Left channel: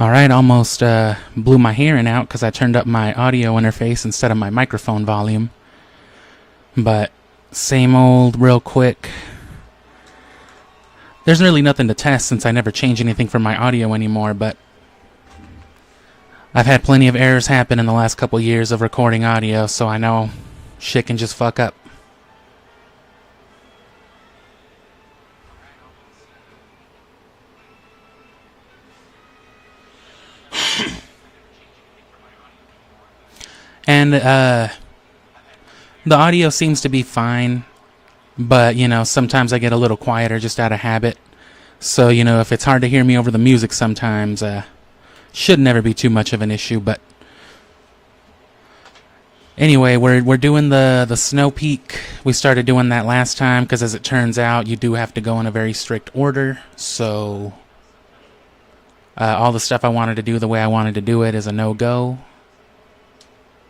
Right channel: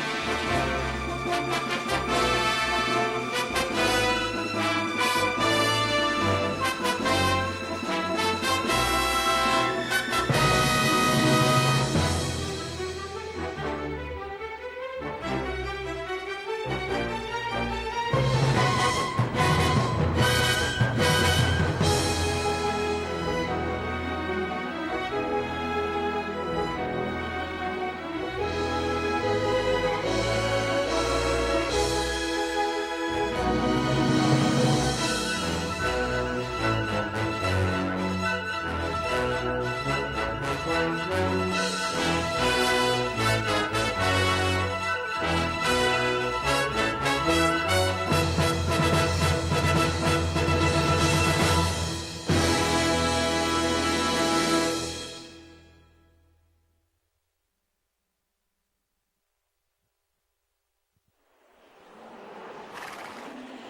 Alright, almost blew my hearing out because I turned up my audio interface instead of my microphone volume. But same old, real quick. There's really nothing to test since I never change anything for my audio anymore, but I've had plenty of errors happen in the last couple years of recording audio, so I know shit can just fuck up. And the audio seems to be fine, but, you know, sometimes I get a little quieter just out of habit. So, you know, if it's hard to hear me over the music sometimes, should never be too much of an issue, but... Anyway, we're doing the Snowpeak. We started doing that last time, because as it turns out, you do have to go in a very strict order, so... all the stuff I wanted to do the way I wanted to do it is a no-go.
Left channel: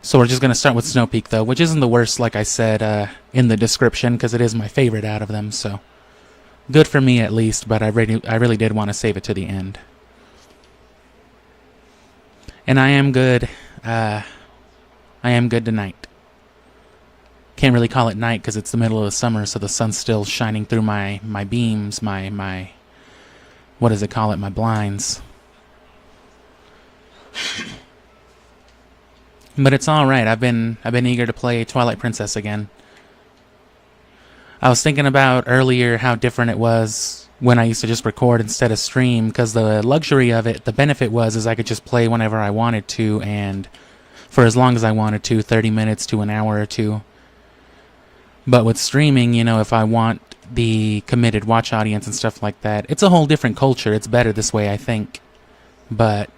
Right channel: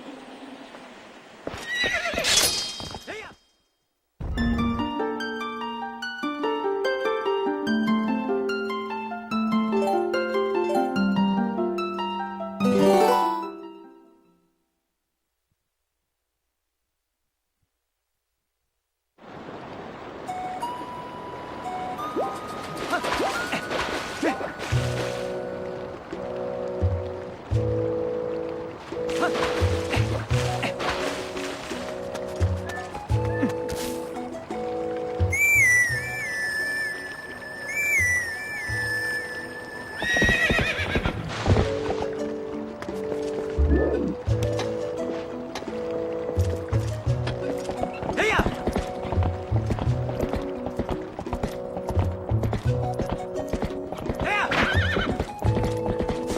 So we're just going to start with Snowpeak, though, which isn't the worst, like I said in the description, because it is my favorite out of them, so... Good for me, at least, but I really did want to save it to the end. And I am good. I am good tonight. Can't really call it night, because it's the middle of the summer, so the sun's still shining through my beams, my... What does it call it? My blinds. But it's alright, I've been eager to play Twilight Princess again. I was thinking about earlier how different it was when I used to just record instead of stream, because the luxury of it, the benefit was I could just play whenever I wanted to, and for as long as I wanted to, 30 minutes to an hour or two. But with streaming, you know, if I want the committed watch audience and stuff like that, it's a whole different culture. It's better this way, I think. But...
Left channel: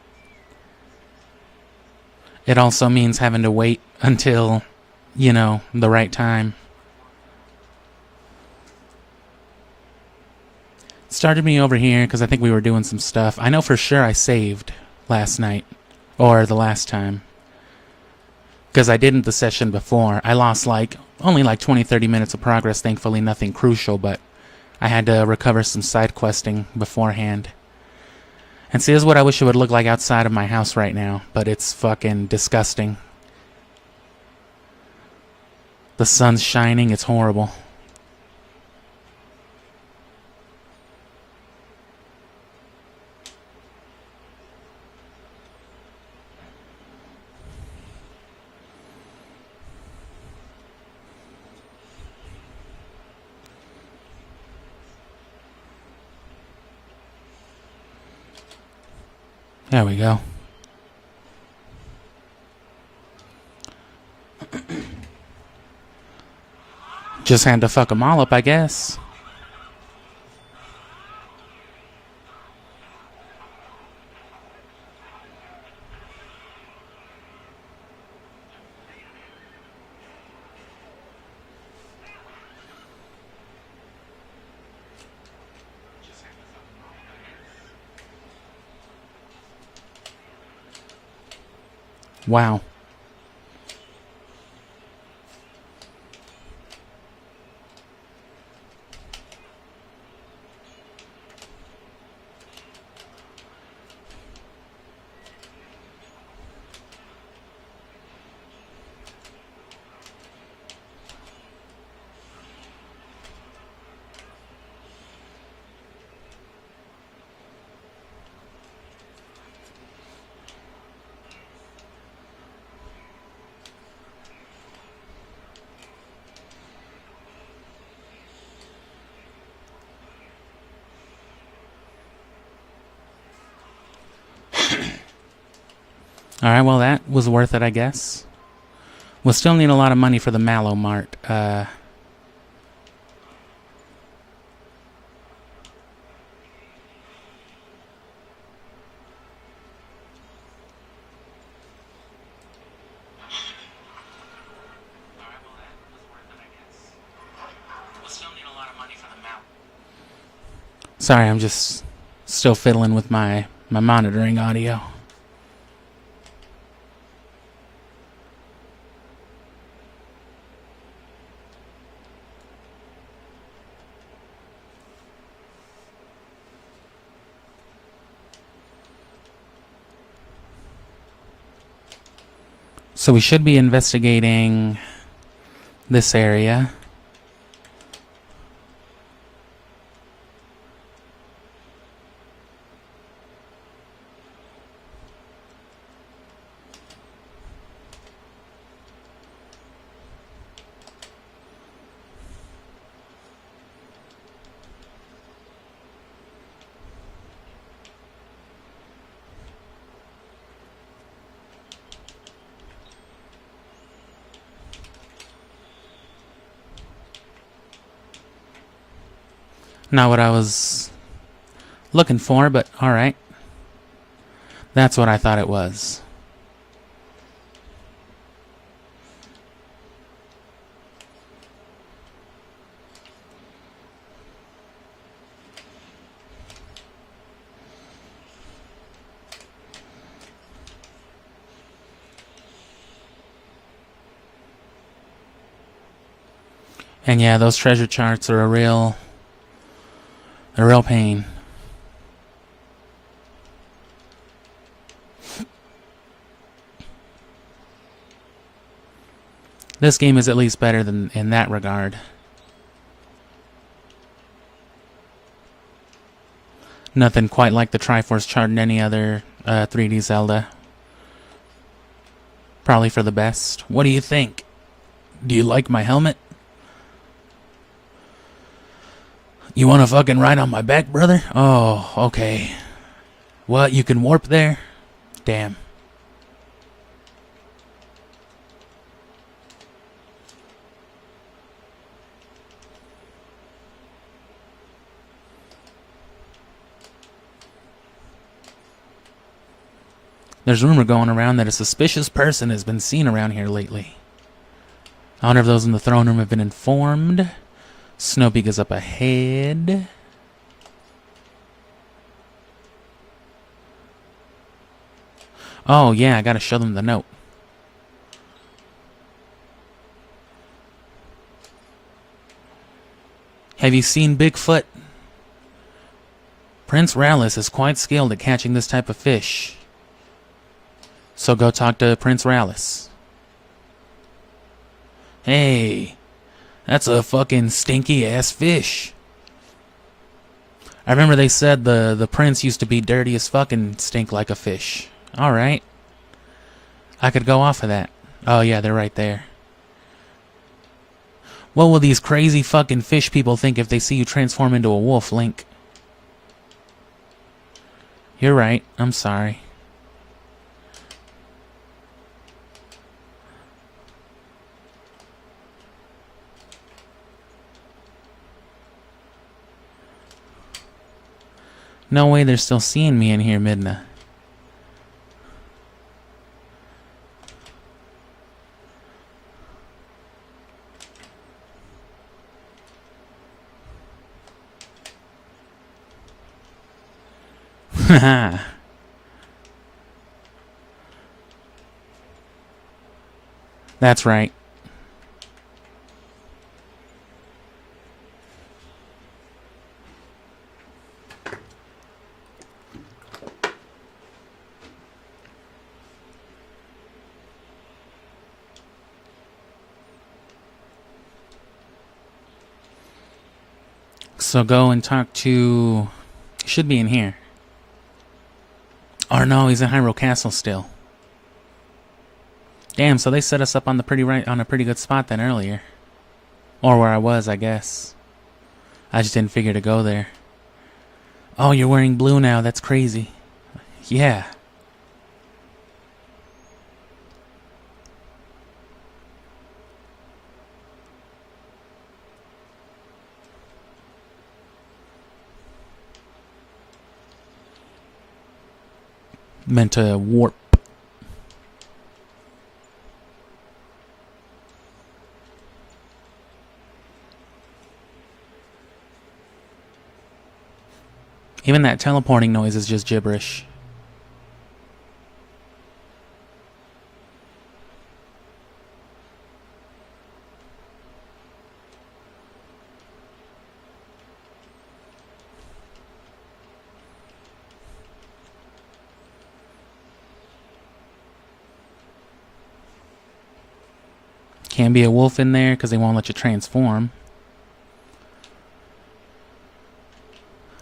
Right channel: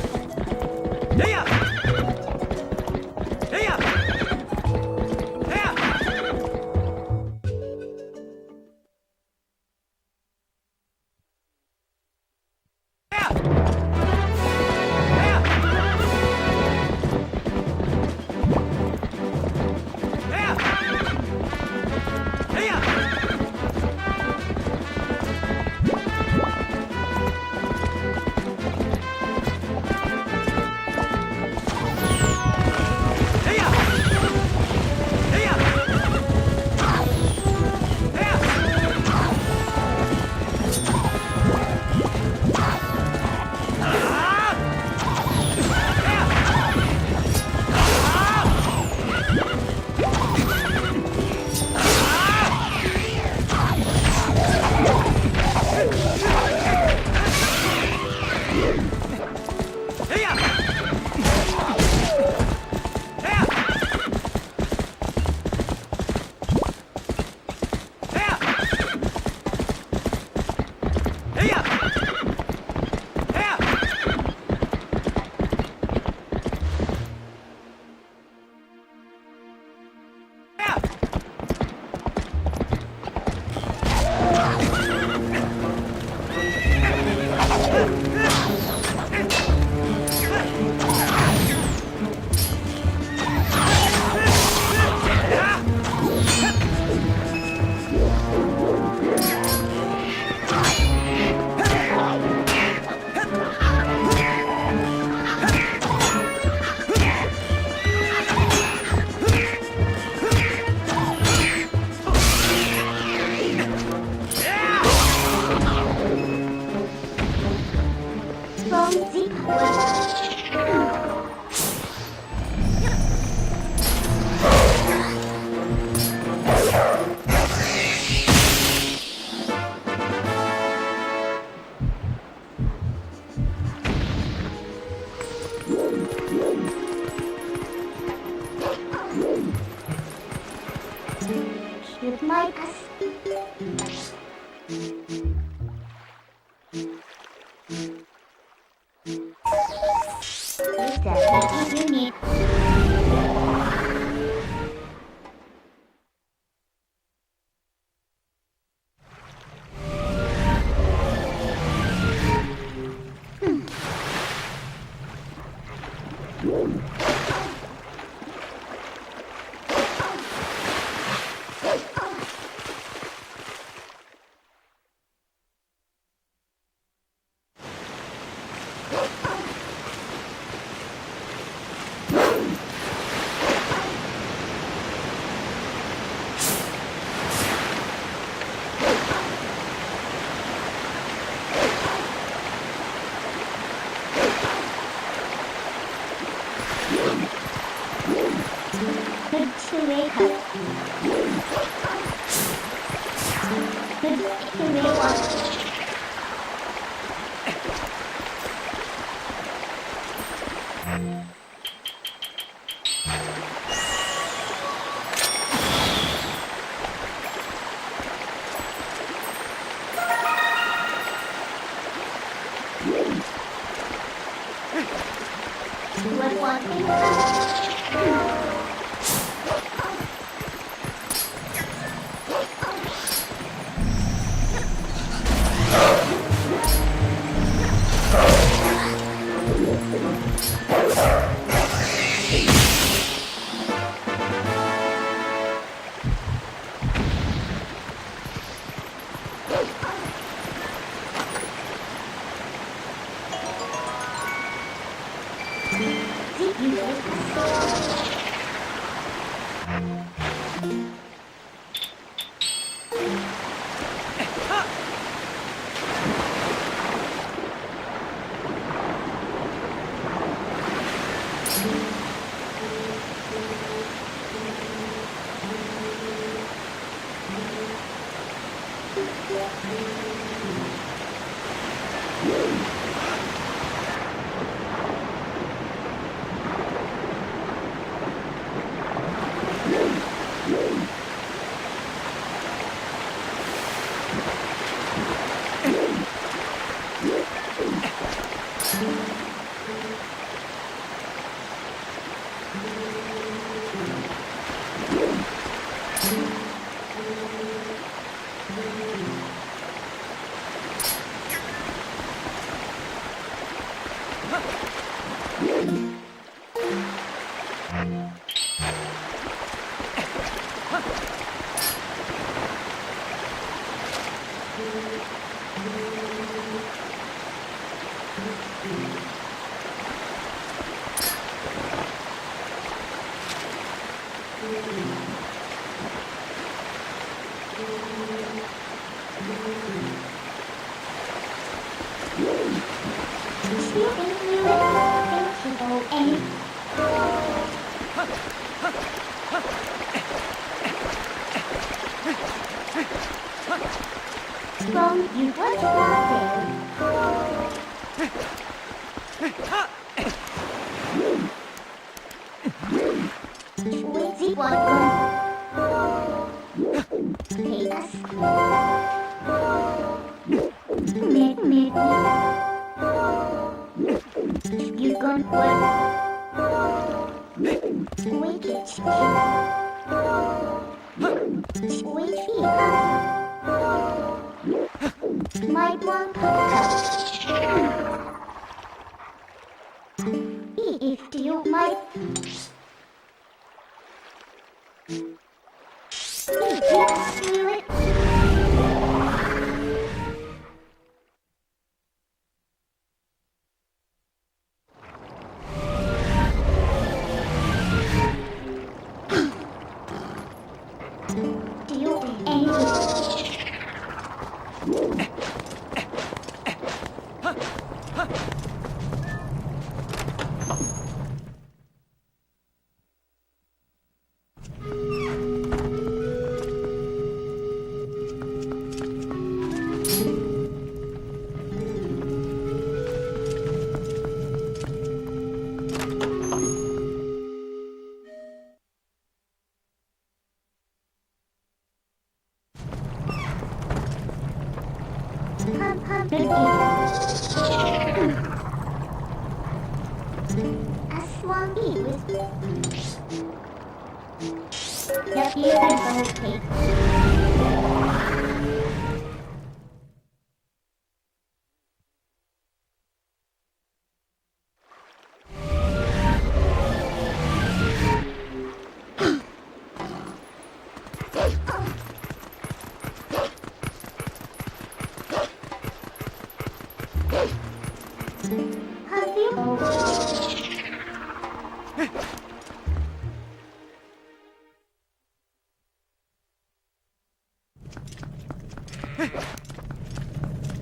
it also means having to wait until, you know, the right time. Started me over here because I think we were doing some stuff. I know for sure I saved last night, or the last time. Because I didn't the session before. I lost only 20-30 minutes of progress, thankfully nothing crucial, but I had to recover some side questing beforehand. And see, this is what I wish it would look like outside of my house right now, but it's fucking disgusting. The sun's shining, it's horrible. There we go. Just had to fuck them all up, I guess. Wow. Alright, well that was worth it, I guess. We'll still need a lot of money for the Mallow Mart. Sorry, I'm just still fiddling with my monitoring audio. So we should be investigating this area. Not what I was looking for, but alright. That's what I thought it was. And yeah, those treasure charts are a real pain. This game is at least better than in that regard. Nothing quite like the Triforce chart in any other 3D Zelda. Probably for the best. What do you think? Do you like my helmet? You wanna fucking ride on my back, brother? Oh, okay. What, you can warp there? Damn. There's rumor going around that a suspicious person has been seen around here lately. I wonder if those in the throne room have been informed. Snowpeak is up ahead. Oh yeah, I gotta show them the note. Have you seen Bigfoot? Prince Rallis is quite skilled at catching this type of fish. So go talk to Prince Rallis. Hey. That's a fucking stinky ass fish. I remember they said the prince used to be dirty as fuck and stink like a fish. Alright. I could go off of that. Oh yeah, they're right there. What will these crazy fucking fish people think if they see you transform into a wolf, Link? You're right. I'm sorry. No way they're still seeing me in here, Midna. If you might That's right. So go and talk to... Should be in here. Or no, he's in Hyrule Castle still. Damn, so they set us up on the on a pretty good spot then earlier. Or where I was, I guess. I just didn't figure to go there. Oh, you're wearing blue now. That's crazy. Yeah. Meant to warp. Even that teleporting noise is just gibberish. Can't be a wolf in there because they won't let you transform.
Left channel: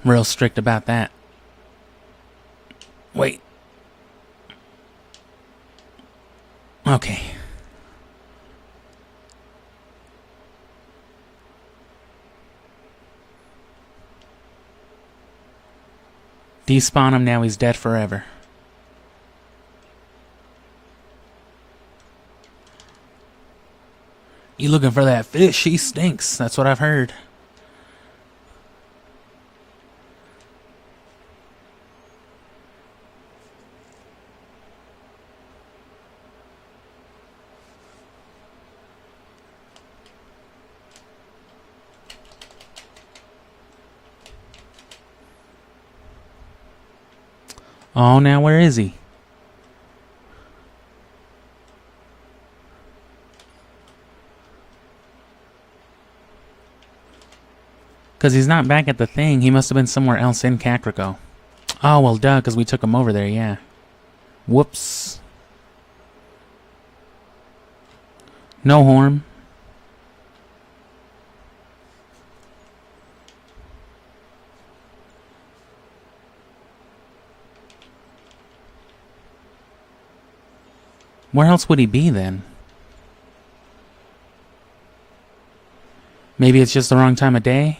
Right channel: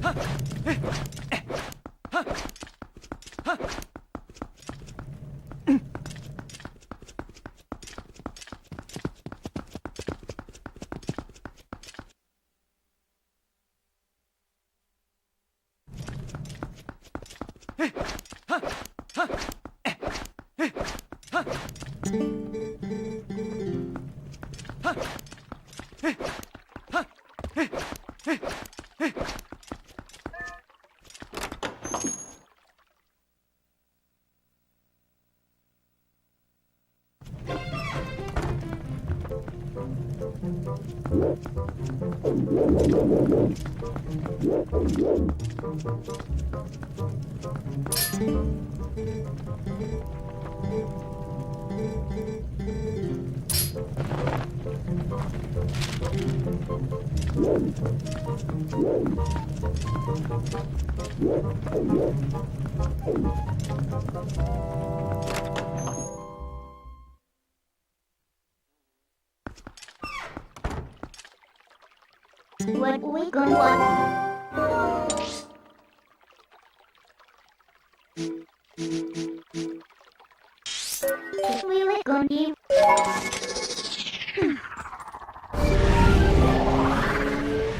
Real strict about that. Wait. Okay. Despawn him, now he's dead forever. You looking for that fish? She stinks. That's what I've heard. Oh, now where is he? Because he's not back at the thing. He must have been somewhere else in Kakariko. Oh, well, duh, because we took him over there, yeah. Whoops. No horn. What we gonna want? Where else would he be then? Maybe it's just the wrong time of day?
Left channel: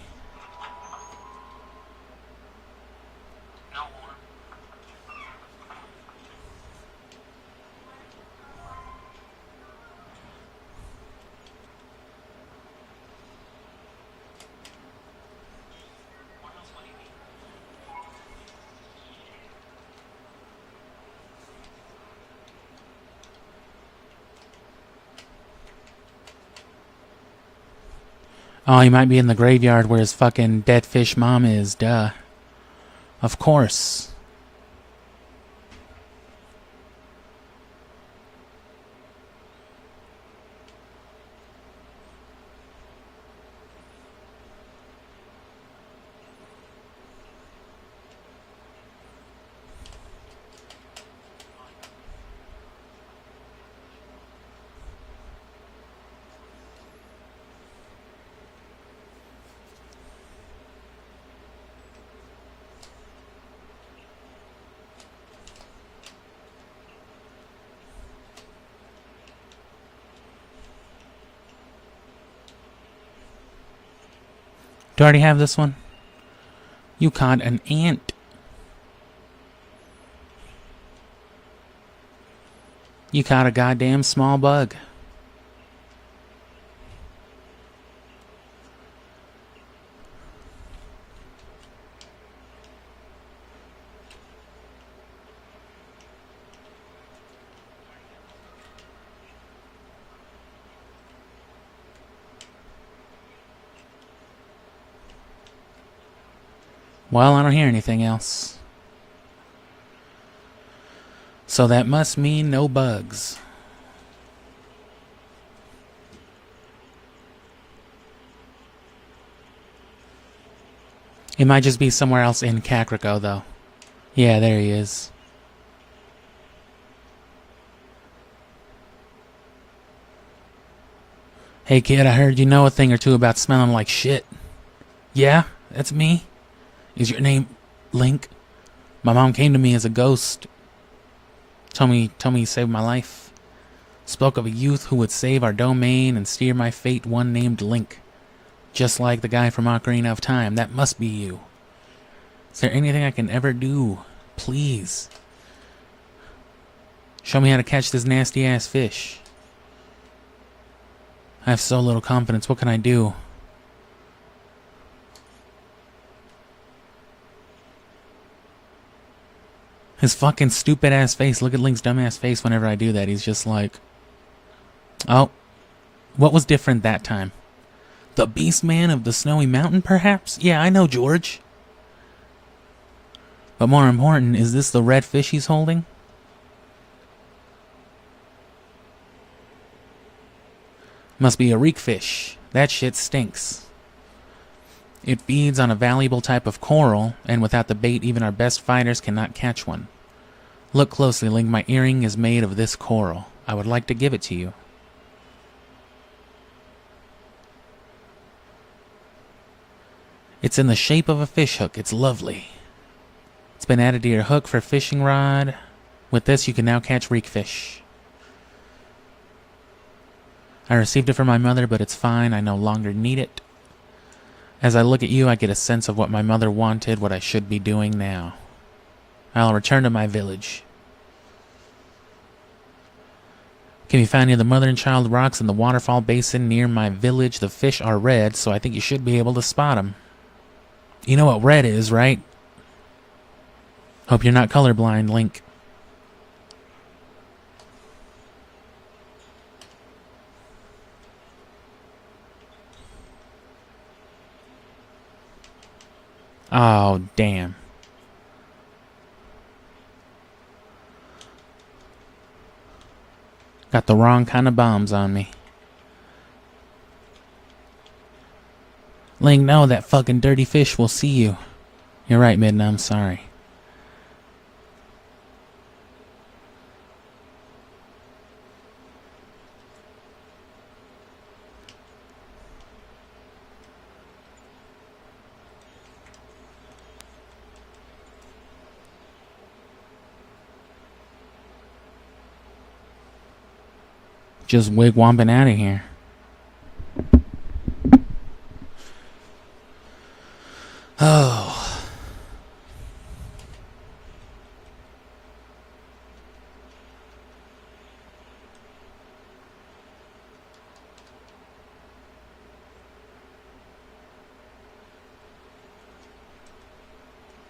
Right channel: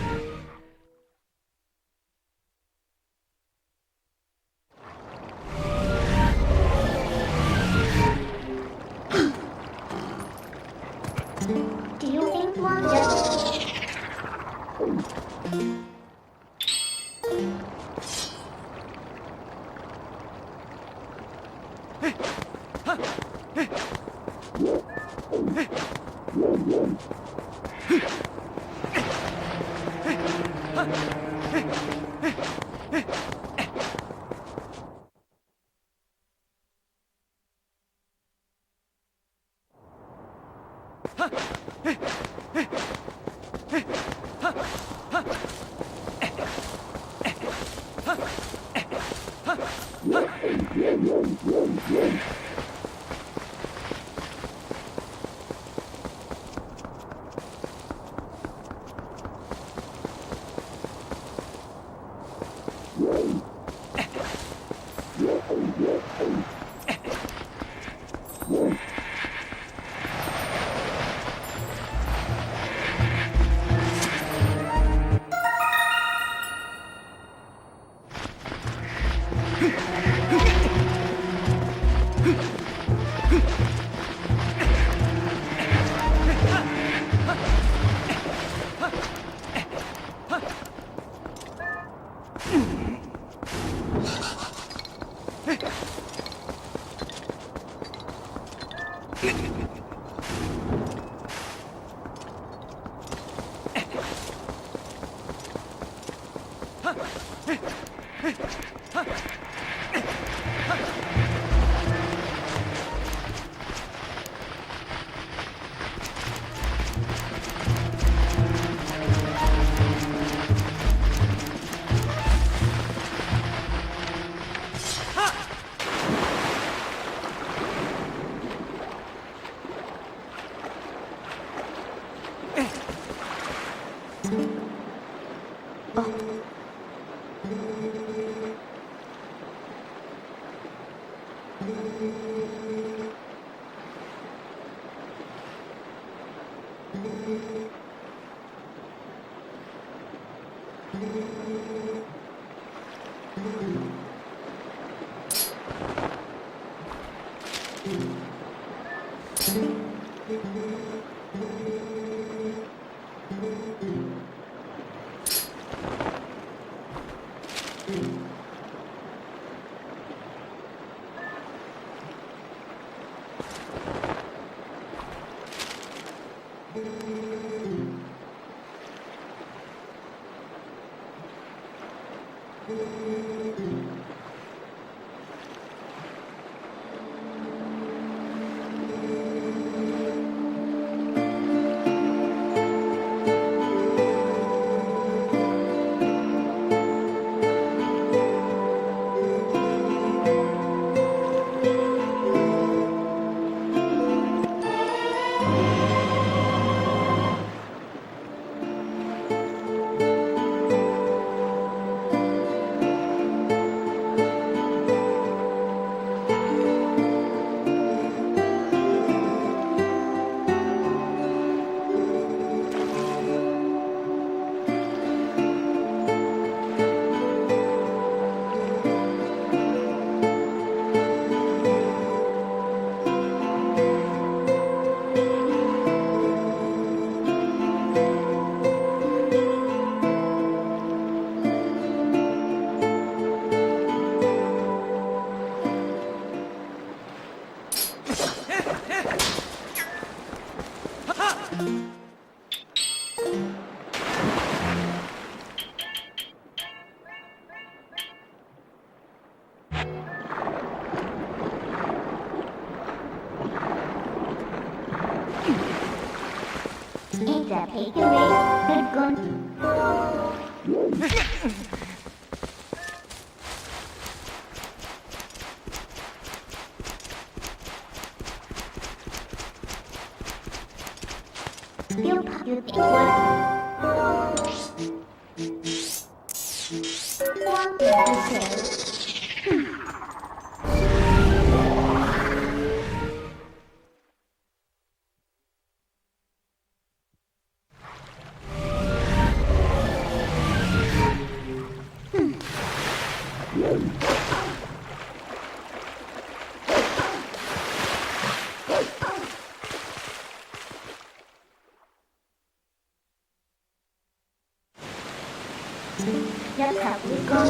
Do you think one just... Oh, he might be in the graveyard where his fucking dead fish mom is, duh. Of course. Do I already have this one? You caught an ant. You caught a goddamn small bug. Well, I don't hear anything else. So that must mean no bugs. He might just be somewhere else in Kakariko, though. Yeah, there he is. Hey kid, I heard you know a thing or two about smelling like shit. Yeah, that's me. Is your name Link? My mom came to me as a ghost. Told me you saved my life. Spoke of a youth who would save our domain and steer my fate, one named Link. Just like the guy from Ocarina of Time. That must be you. Is there anything I can ever do? Please. Show me how to catch this nasty ass fish. I have so little confidence. What can I do? His fucking stupid ass face. Look at Link's dumb ass face whenever I do that. He's just like... Oh. What was different that time? The Beast Man of the Snowy Mountain, perhaps? Yeah, I know, George. But more important, is this the red fish he's holding? Must be a reek fish. That shit stinks. It feeds on a valuable type of coral, and without the bait, even our best fighters cannot catch one. Look closely, Link. My earring is made of this coral. I would like to give it to you. It's in the shape of a fish hook. It's lovely. It's been added to your hook for fishing rod. With this, you can now catch reek fish. I received it from my mother, but it's fine. I no longer need it. As I look at you, I get a sense of what my mother wanted, what I should be doing now. I'll return to my village. Can be found near the mother and child rocks in the waterfall basin near my village. The fish are red, so I think you should be able to spot them. You know what red is, right? Hope you're not colorblind, Link. Oh, damn. Got the wrong kind of bombs on me. Link, no, that fucking dirty fish will see you. You're right, Midna, I'm sorry. Just wigwamping out of here. Oh. Just have to go.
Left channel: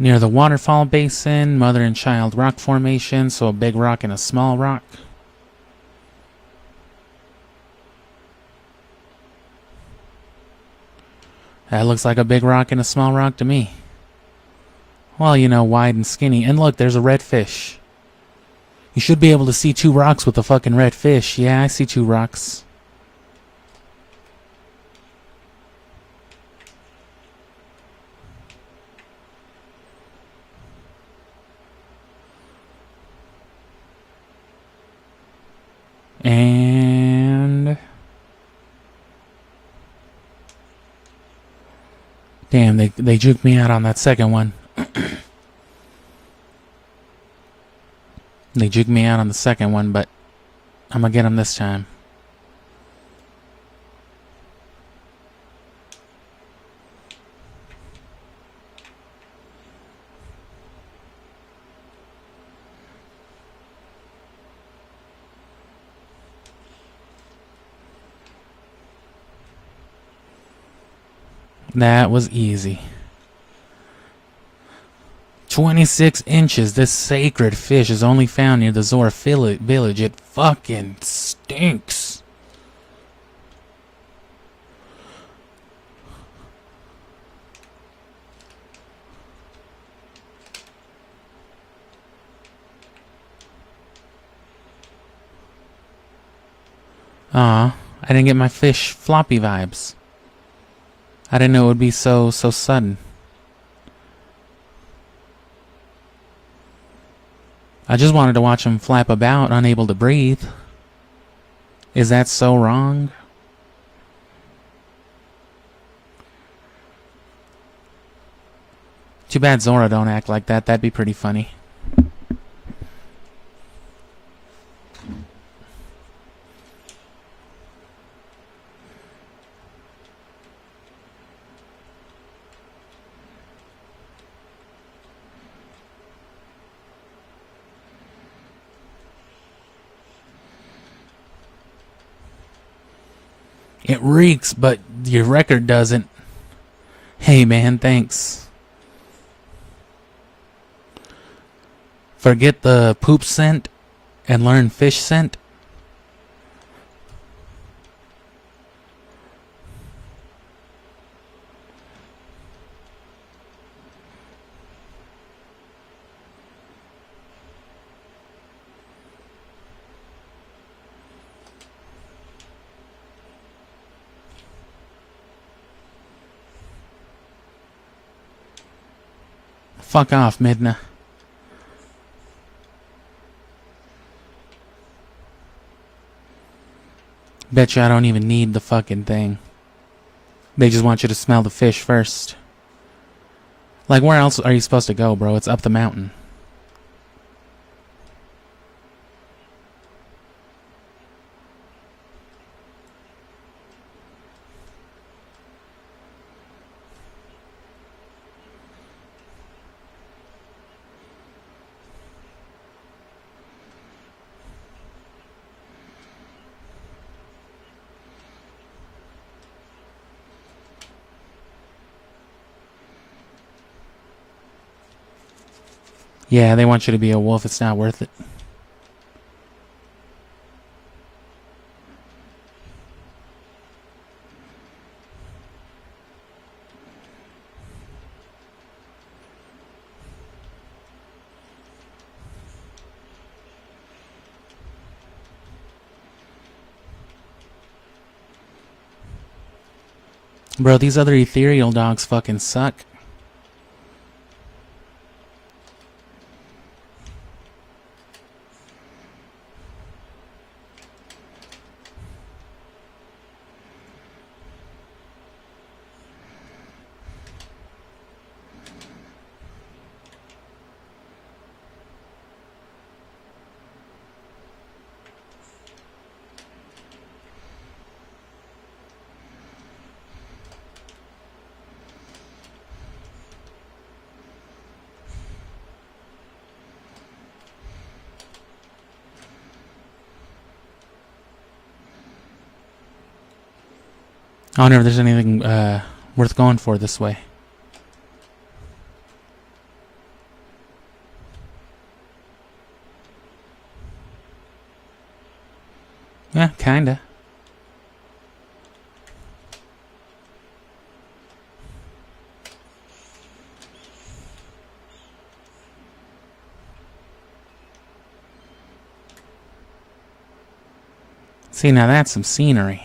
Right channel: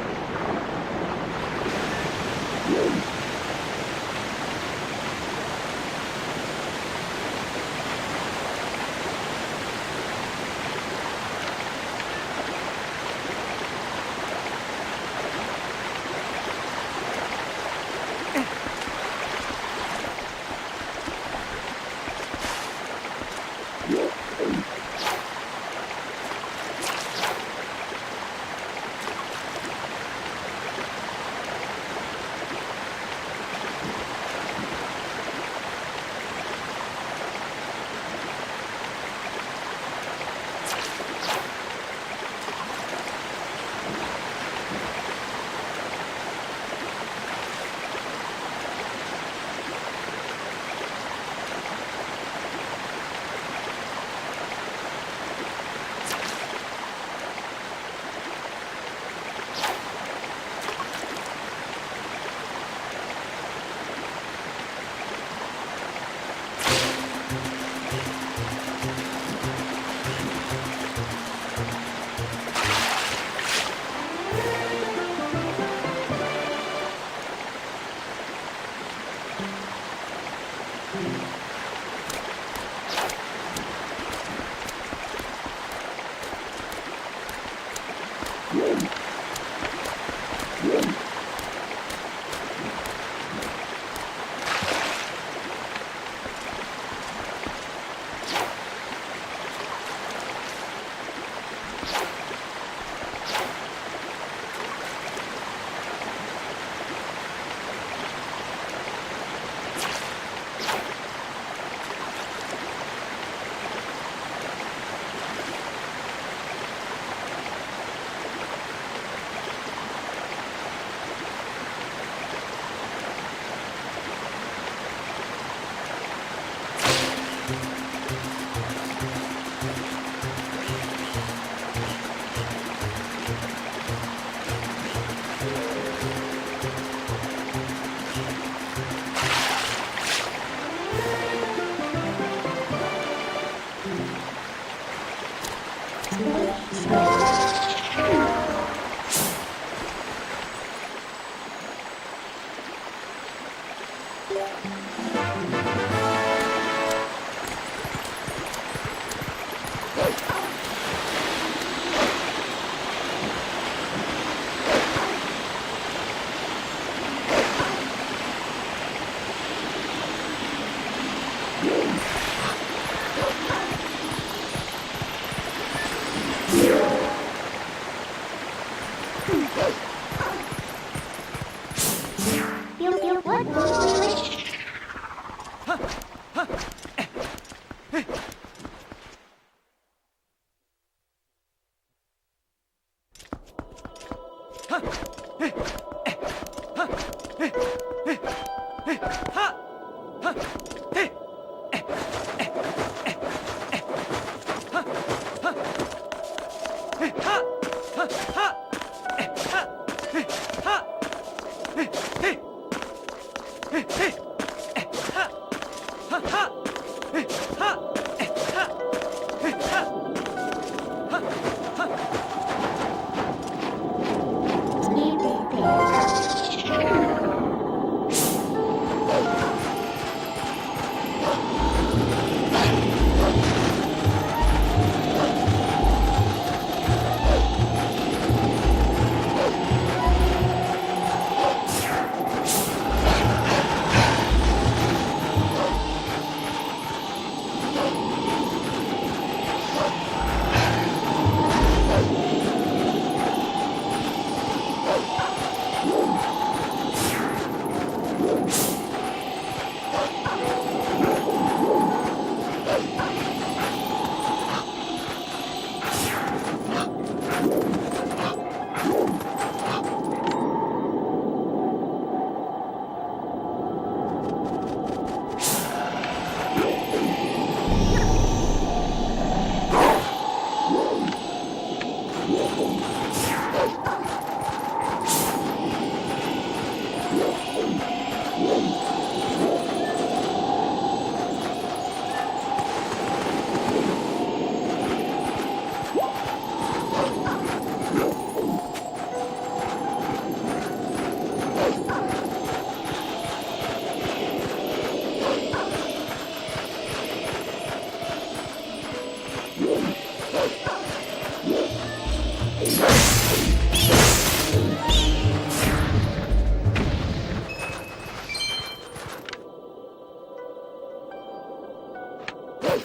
Near the waterfall basin, mother and child rock formation, so a big rock and a small rock. That looks like a big rock and a small rock to me. Well, you know, wide and skinny. And look, there's a red fish. You should be able to see two rocks with a fucking red fish. Yeah, I see two rocks. And... damn, they juked me out on that second one. They juked me out on the second one, but I'm gonna get them this time. That was easy. 26 inches. This sacred fish is only found near the Zora village. It fucking stinks. Aw, I didn't get my fish floppy vibes. I didn't know it would be so sudden. I just wanted to watch him flap about, unable to breathe. Is that so wrong? Too bad Zora don't act like that. That'd be pretty funny. It reeks, but your record doesn't. Hey man, thanks. Forget the poop scent and learn fish scent. Fuck off, Midna. Betcha I don't even need the fucking thing. They just want you to smell the fish first. Like, where else are you supposed to go, bro? It's up the mountain. Yeah, they want you to be a wolf. It's not worth it. Bro, these other ethereal dogs fucking suck. I wonder if there's anything worth going for this way. Kinda. See, now that's some scenery.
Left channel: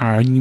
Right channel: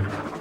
Are you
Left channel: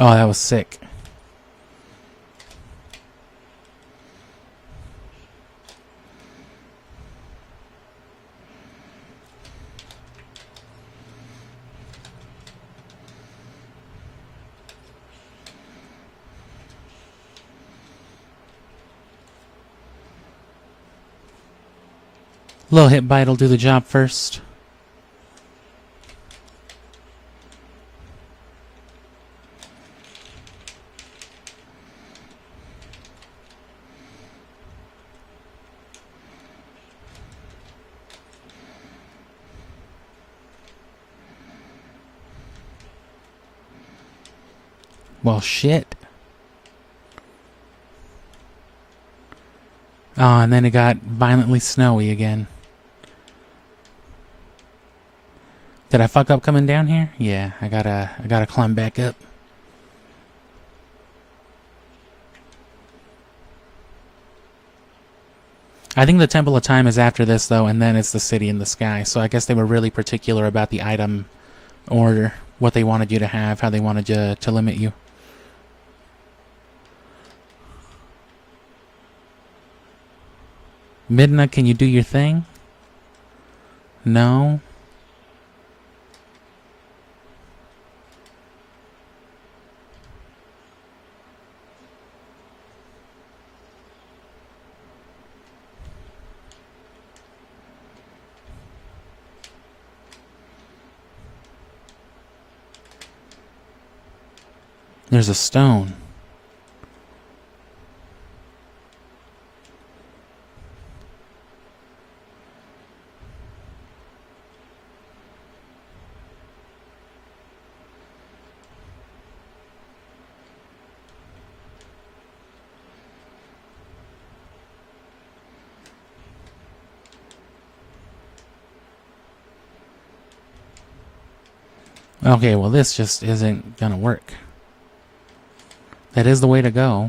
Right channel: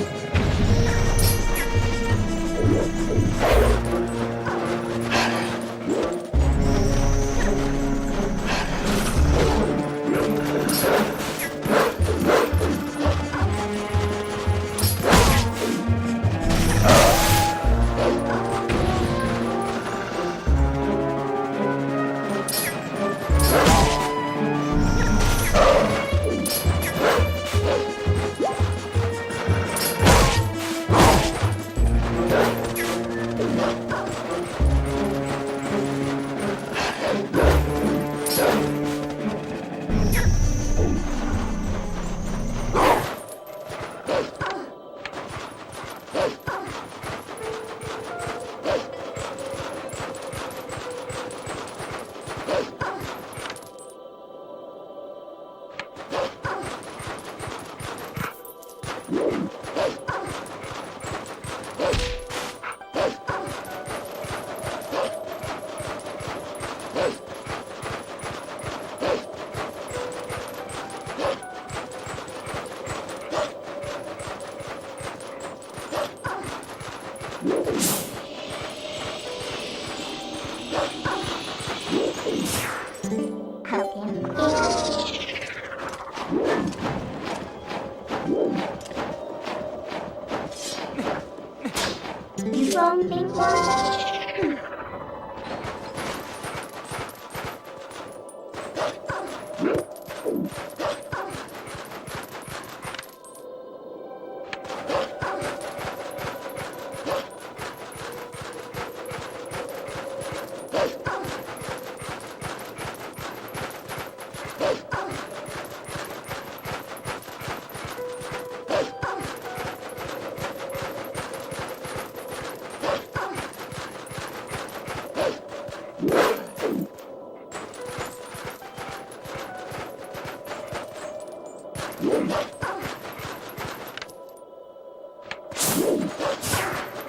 Oh, that was sick. Little hit bite will do the job first. Well, shit. Oh, and then it got violently snowy again. Did I fuck up coming down here? Yeah, I gotta climb back up. I think the Temple of Time is after this, though, and then it's the City in the Sky. So I guess they were really particular about the item order, what they wanted you to have, how they wanted you to limit you. Midna, can you do your thing? No? There's a stone. Okay, well this just isn't gonna work. That is the way to go.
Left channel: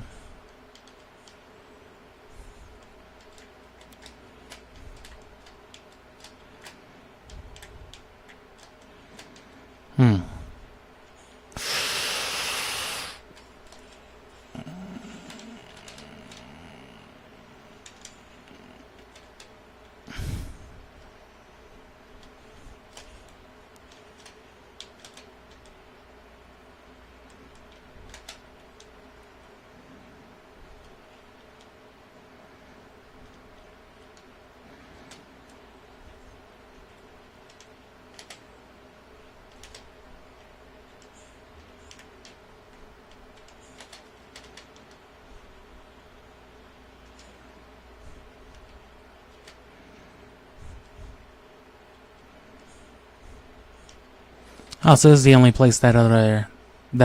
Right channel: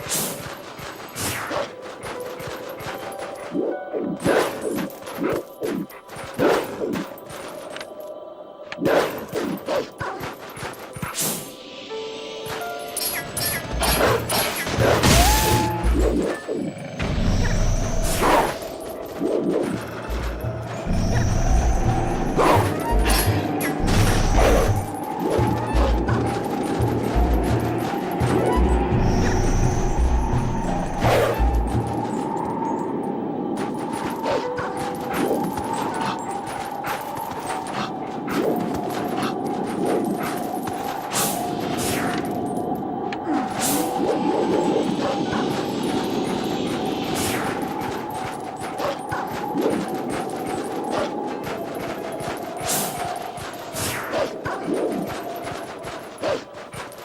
Oh, so this is the only place that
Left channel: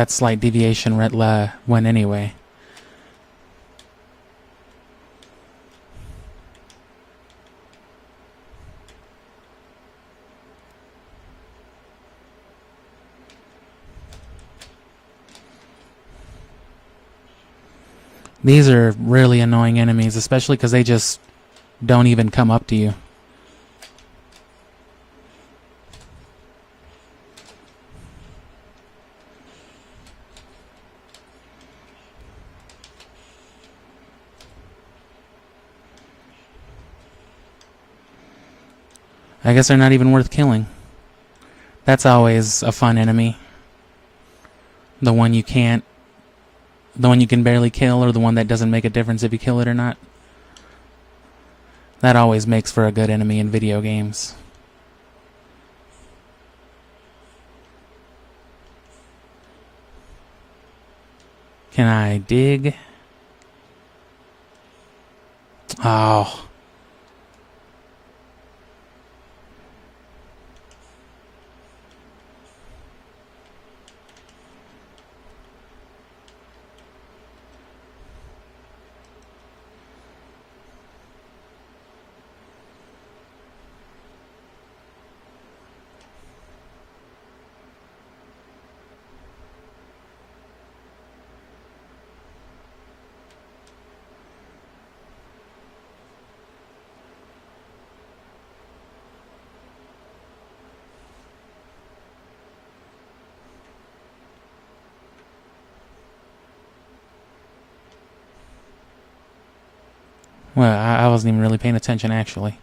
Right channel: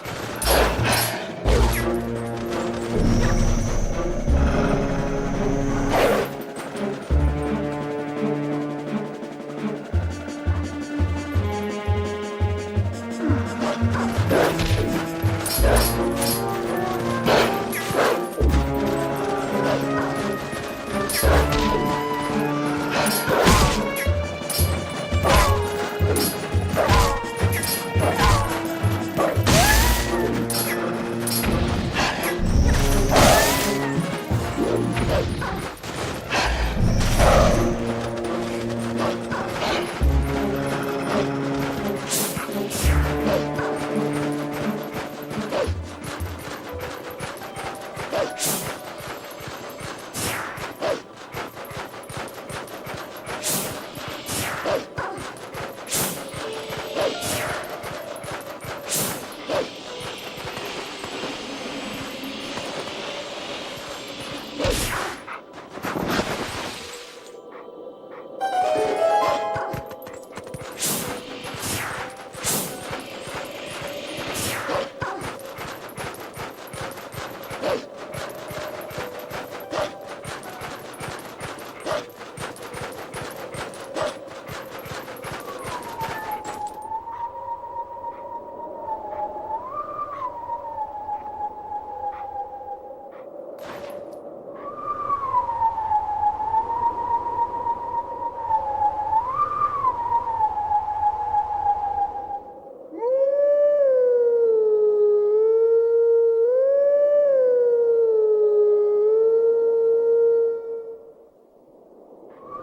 slight deviation that went anyway. These are really annoying enemies, especially because they just don't even come up to you. I guess they're not even worth killing. That's always a fun enemy. The one you can't... The one you can barely kill, or the one that doesn't make a difference if you kill it or not. That always makes for a good enemy in video games. Can I dig? Oh. Well, I wasn't even really paying attention, actually.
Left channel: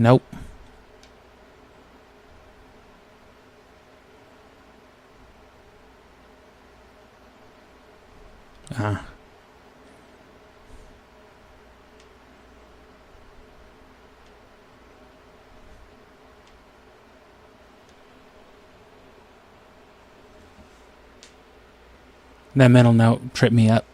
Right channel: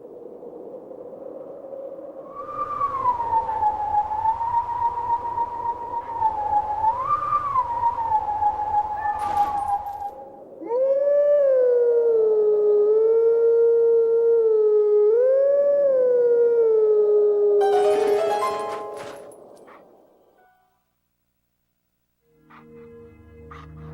Nope. That middle note tripped me up.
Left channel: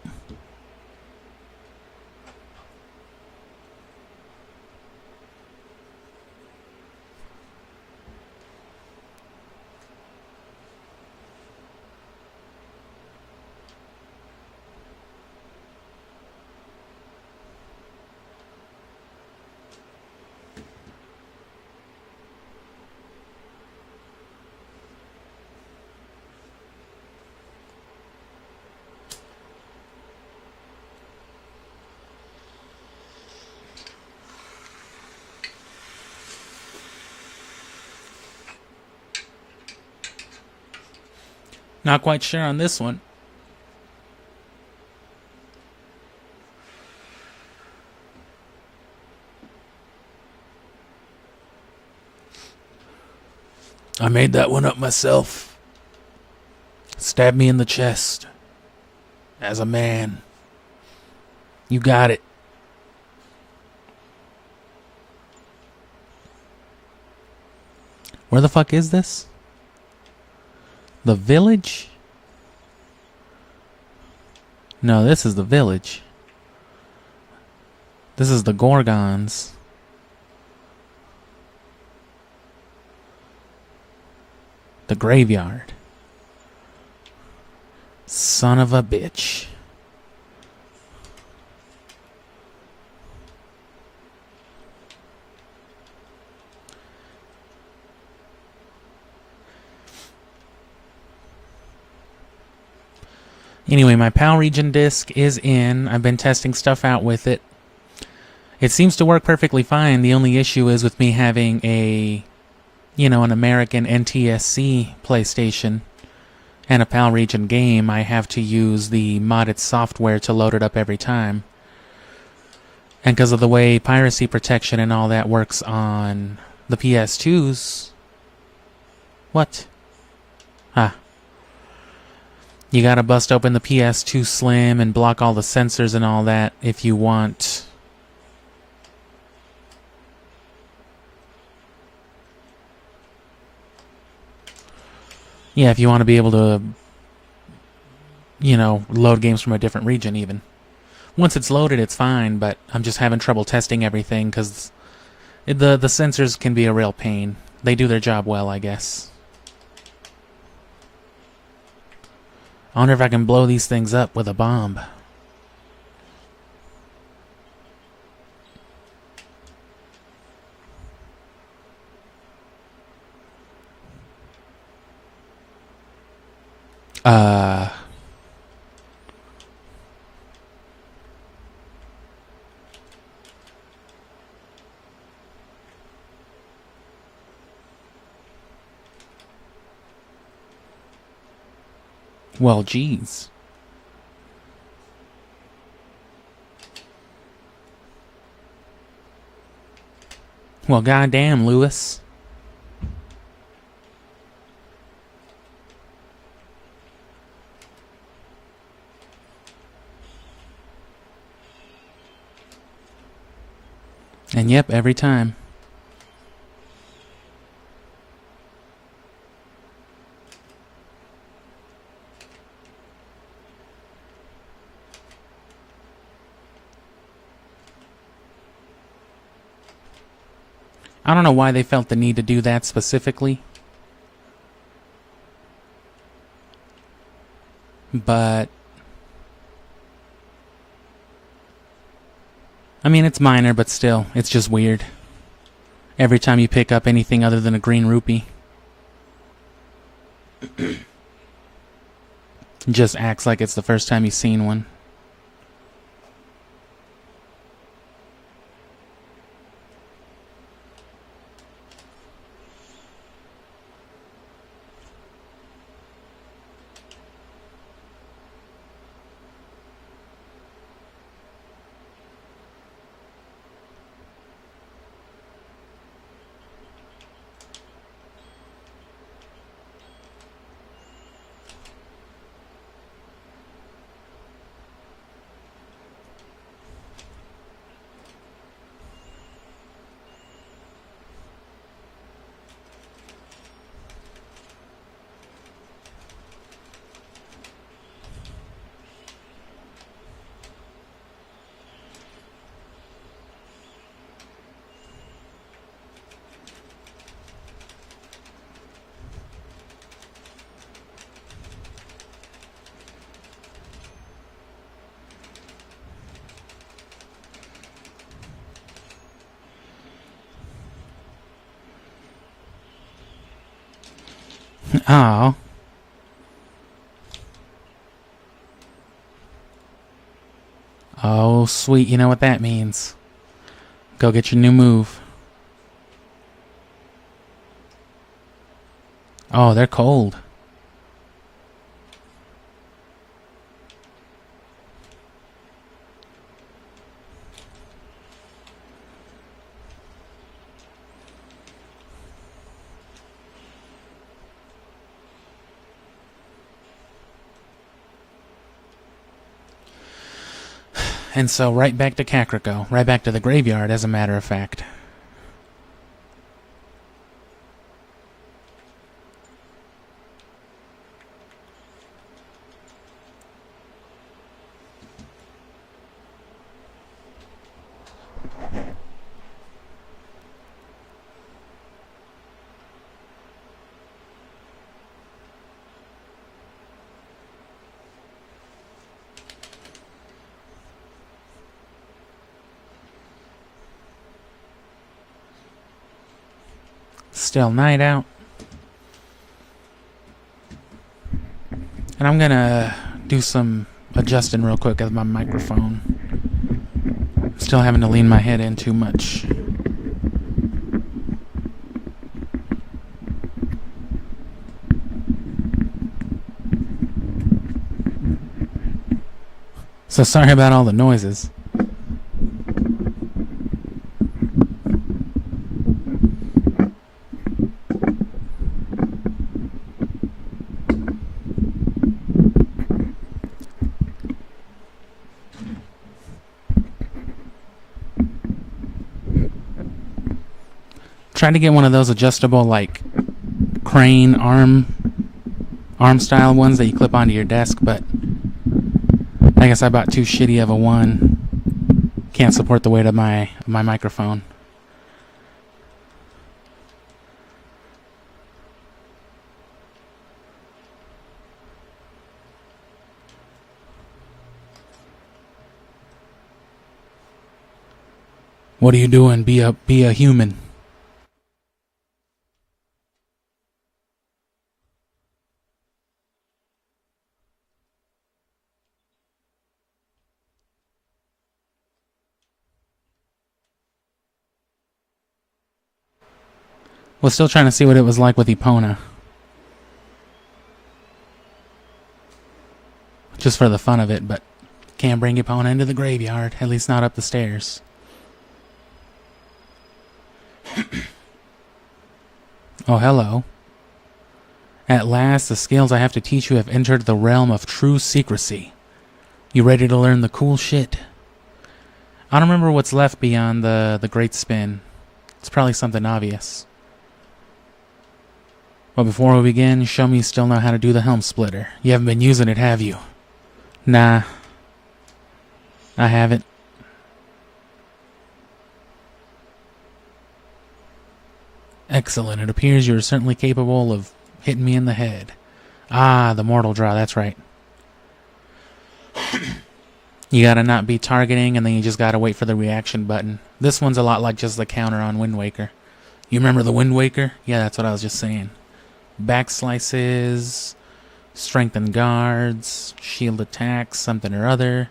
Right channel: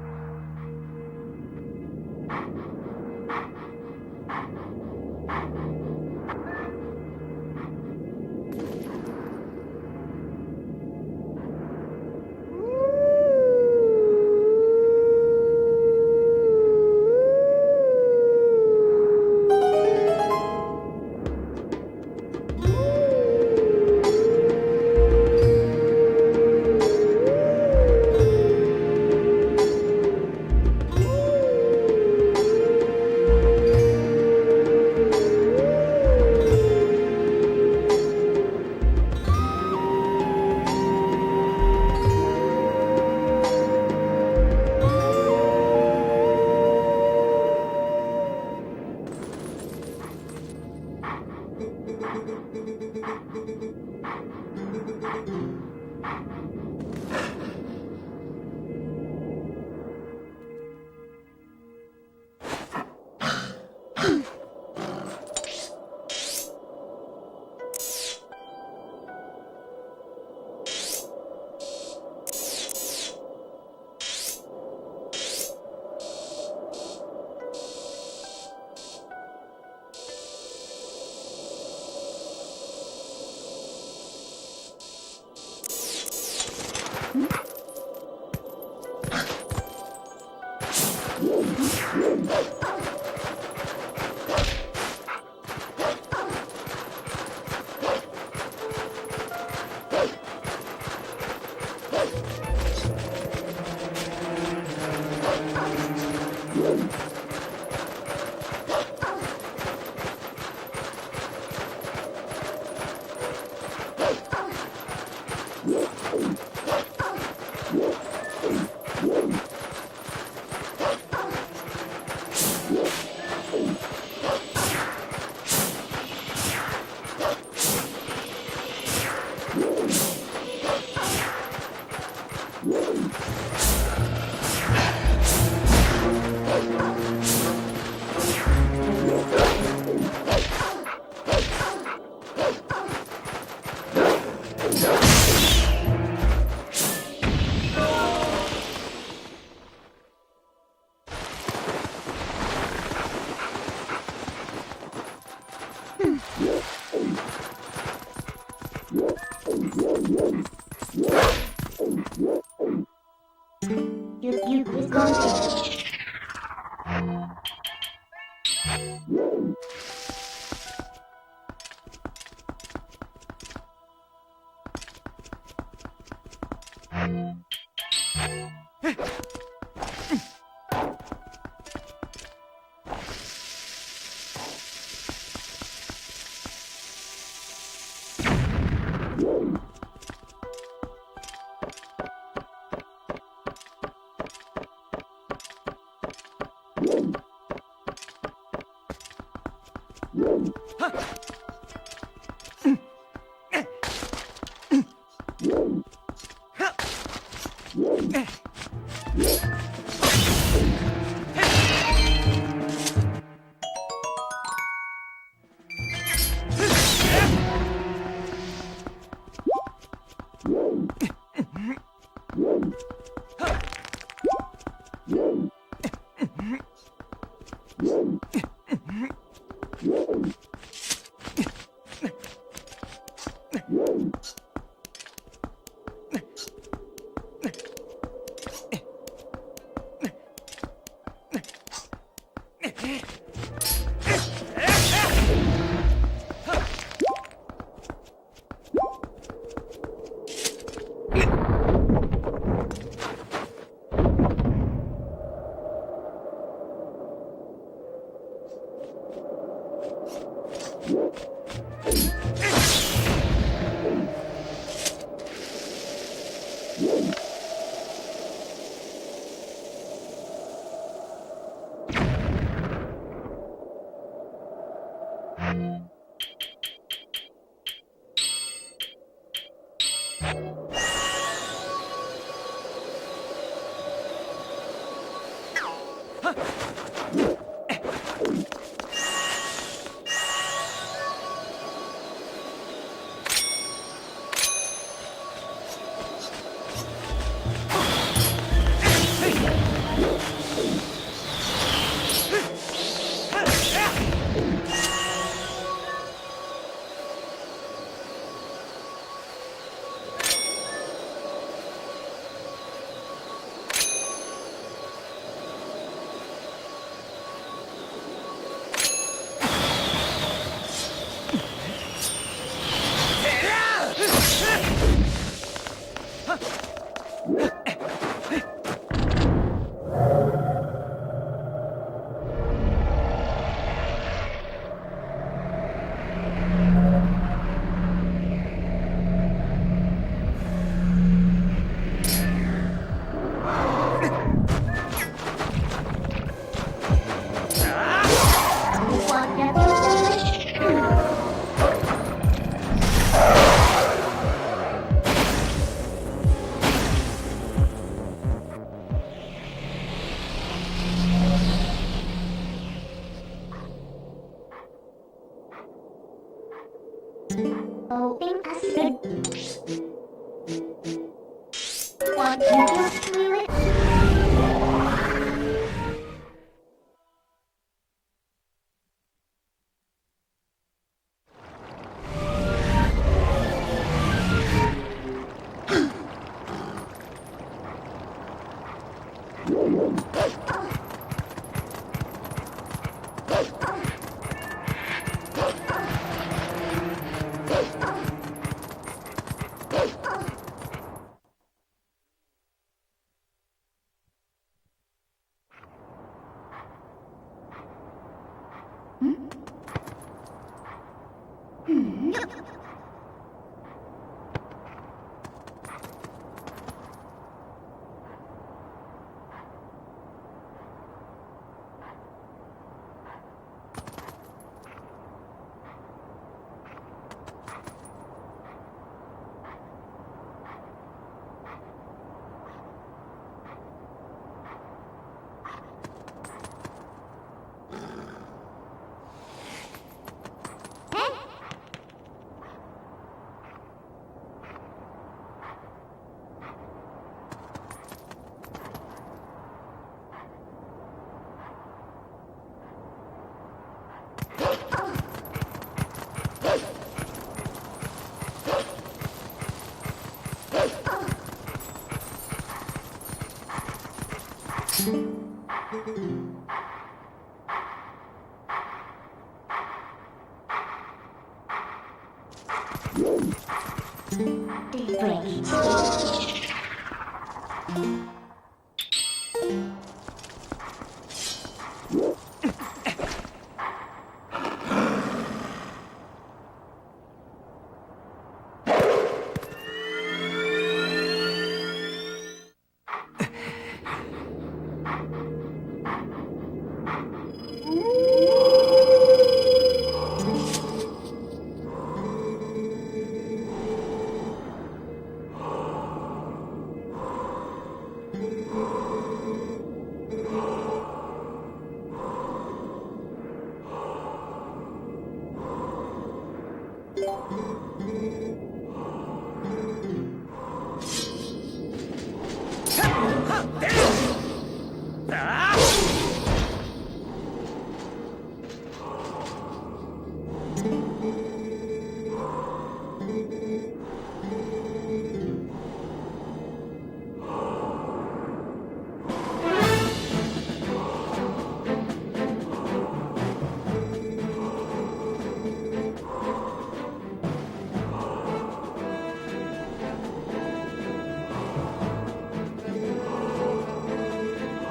Not quite sure on this one. I made that one up myself. Stabbed me in the chest. As a man. You got it. Where the fuck is this? The village? No, this is the village. This is the Gorgons. The graveyard. Son of a bitch. Anyway, my PAL region disc is in. I've been testing stuff out with it. It seems to work perfectly fine. The only issue is with me having a, you know, an American NTSC PlayStation and a PAL region game, I have to use the modded software to load it up every time. And because of the way piracy protection and all that works on the PS2s... What? Ah. You gotta bust open the PS2 Slim and block all the sensors and all that if you want. Yeah, if you want to be able to, you know, load games from a different region even. Once it's loaded, it's fine, but I'm just having trouble testing everything because the sensors can be a real pain. They do their job well, I guess. I wonder if I can blow these things up with a bomb. Well, geez. Well, goddamn, Lewis. And yep, every time. I don't know why they felt the need to do that specifically. But I mean, it's minor, but still, it's just weird. Every time you pick up anything other than a green rupee, it just acts like it's the first time you've seen one. Oh. Oh, sweet. You know what that means. Go get your new move. Oh, they're cold. And so right back to Kakariko. Right back to the graveyard, as a matter of fact. Still night out. And I'm gonna do some adjusting real quick of my microphone. Still having to lean my head in too much. So sorry about all the noises. Tried to get one of those adjustable, like, crane arm style ones that you clip onto your desk, but I guess I bought too shitty of a one. Can't support the weight of my microphone. What are you doing? Be a human. Was still trying to see what it was like with Epona. Just for the fun of it, but can't bring Epona into the graveyard, at least not up the stairs. Oh, hello. At last, the skills I have to teach you have entered the realm of true secrecy. You ready to learn the cool shit? I don't remember what's left beyond the great spin. It's probably something obvious. But before we begin, show me you still know how to do the helm splitter. You haven't been using it, have you? Nah. I haven't. Excellent. It appears you're certainly capable of hitting me in the head. Ah, the mortal draw, that's right. You gotta not be targeting, and then you just gotta wait for the reaction button. This one's a lot like just the counter on Wind Waker. You remember the Wind Waker? Yeah, that's what I was just saying. Back slices, strengthen guards, shield attacks, something or other.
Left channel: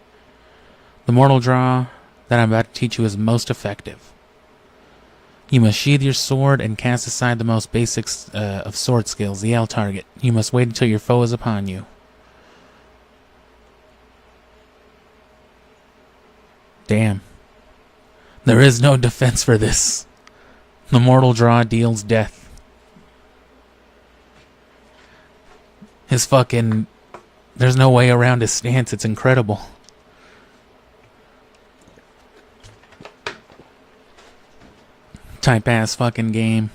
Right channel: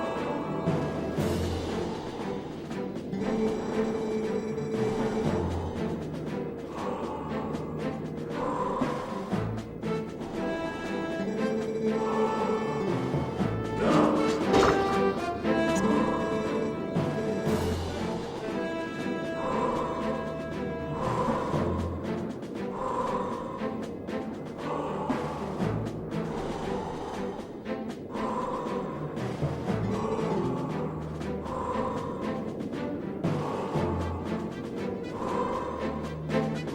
The mortal draw that I'm about to teach you is most effective. You must sheathe your sword and cast aside the most basic of sword skills, the L target. You must wait until your foe is upon you. Damn. There is no defense for this. The mortal draw deals death. His fucking... There's no way around his stance, it's incredible. Type ass fucking game.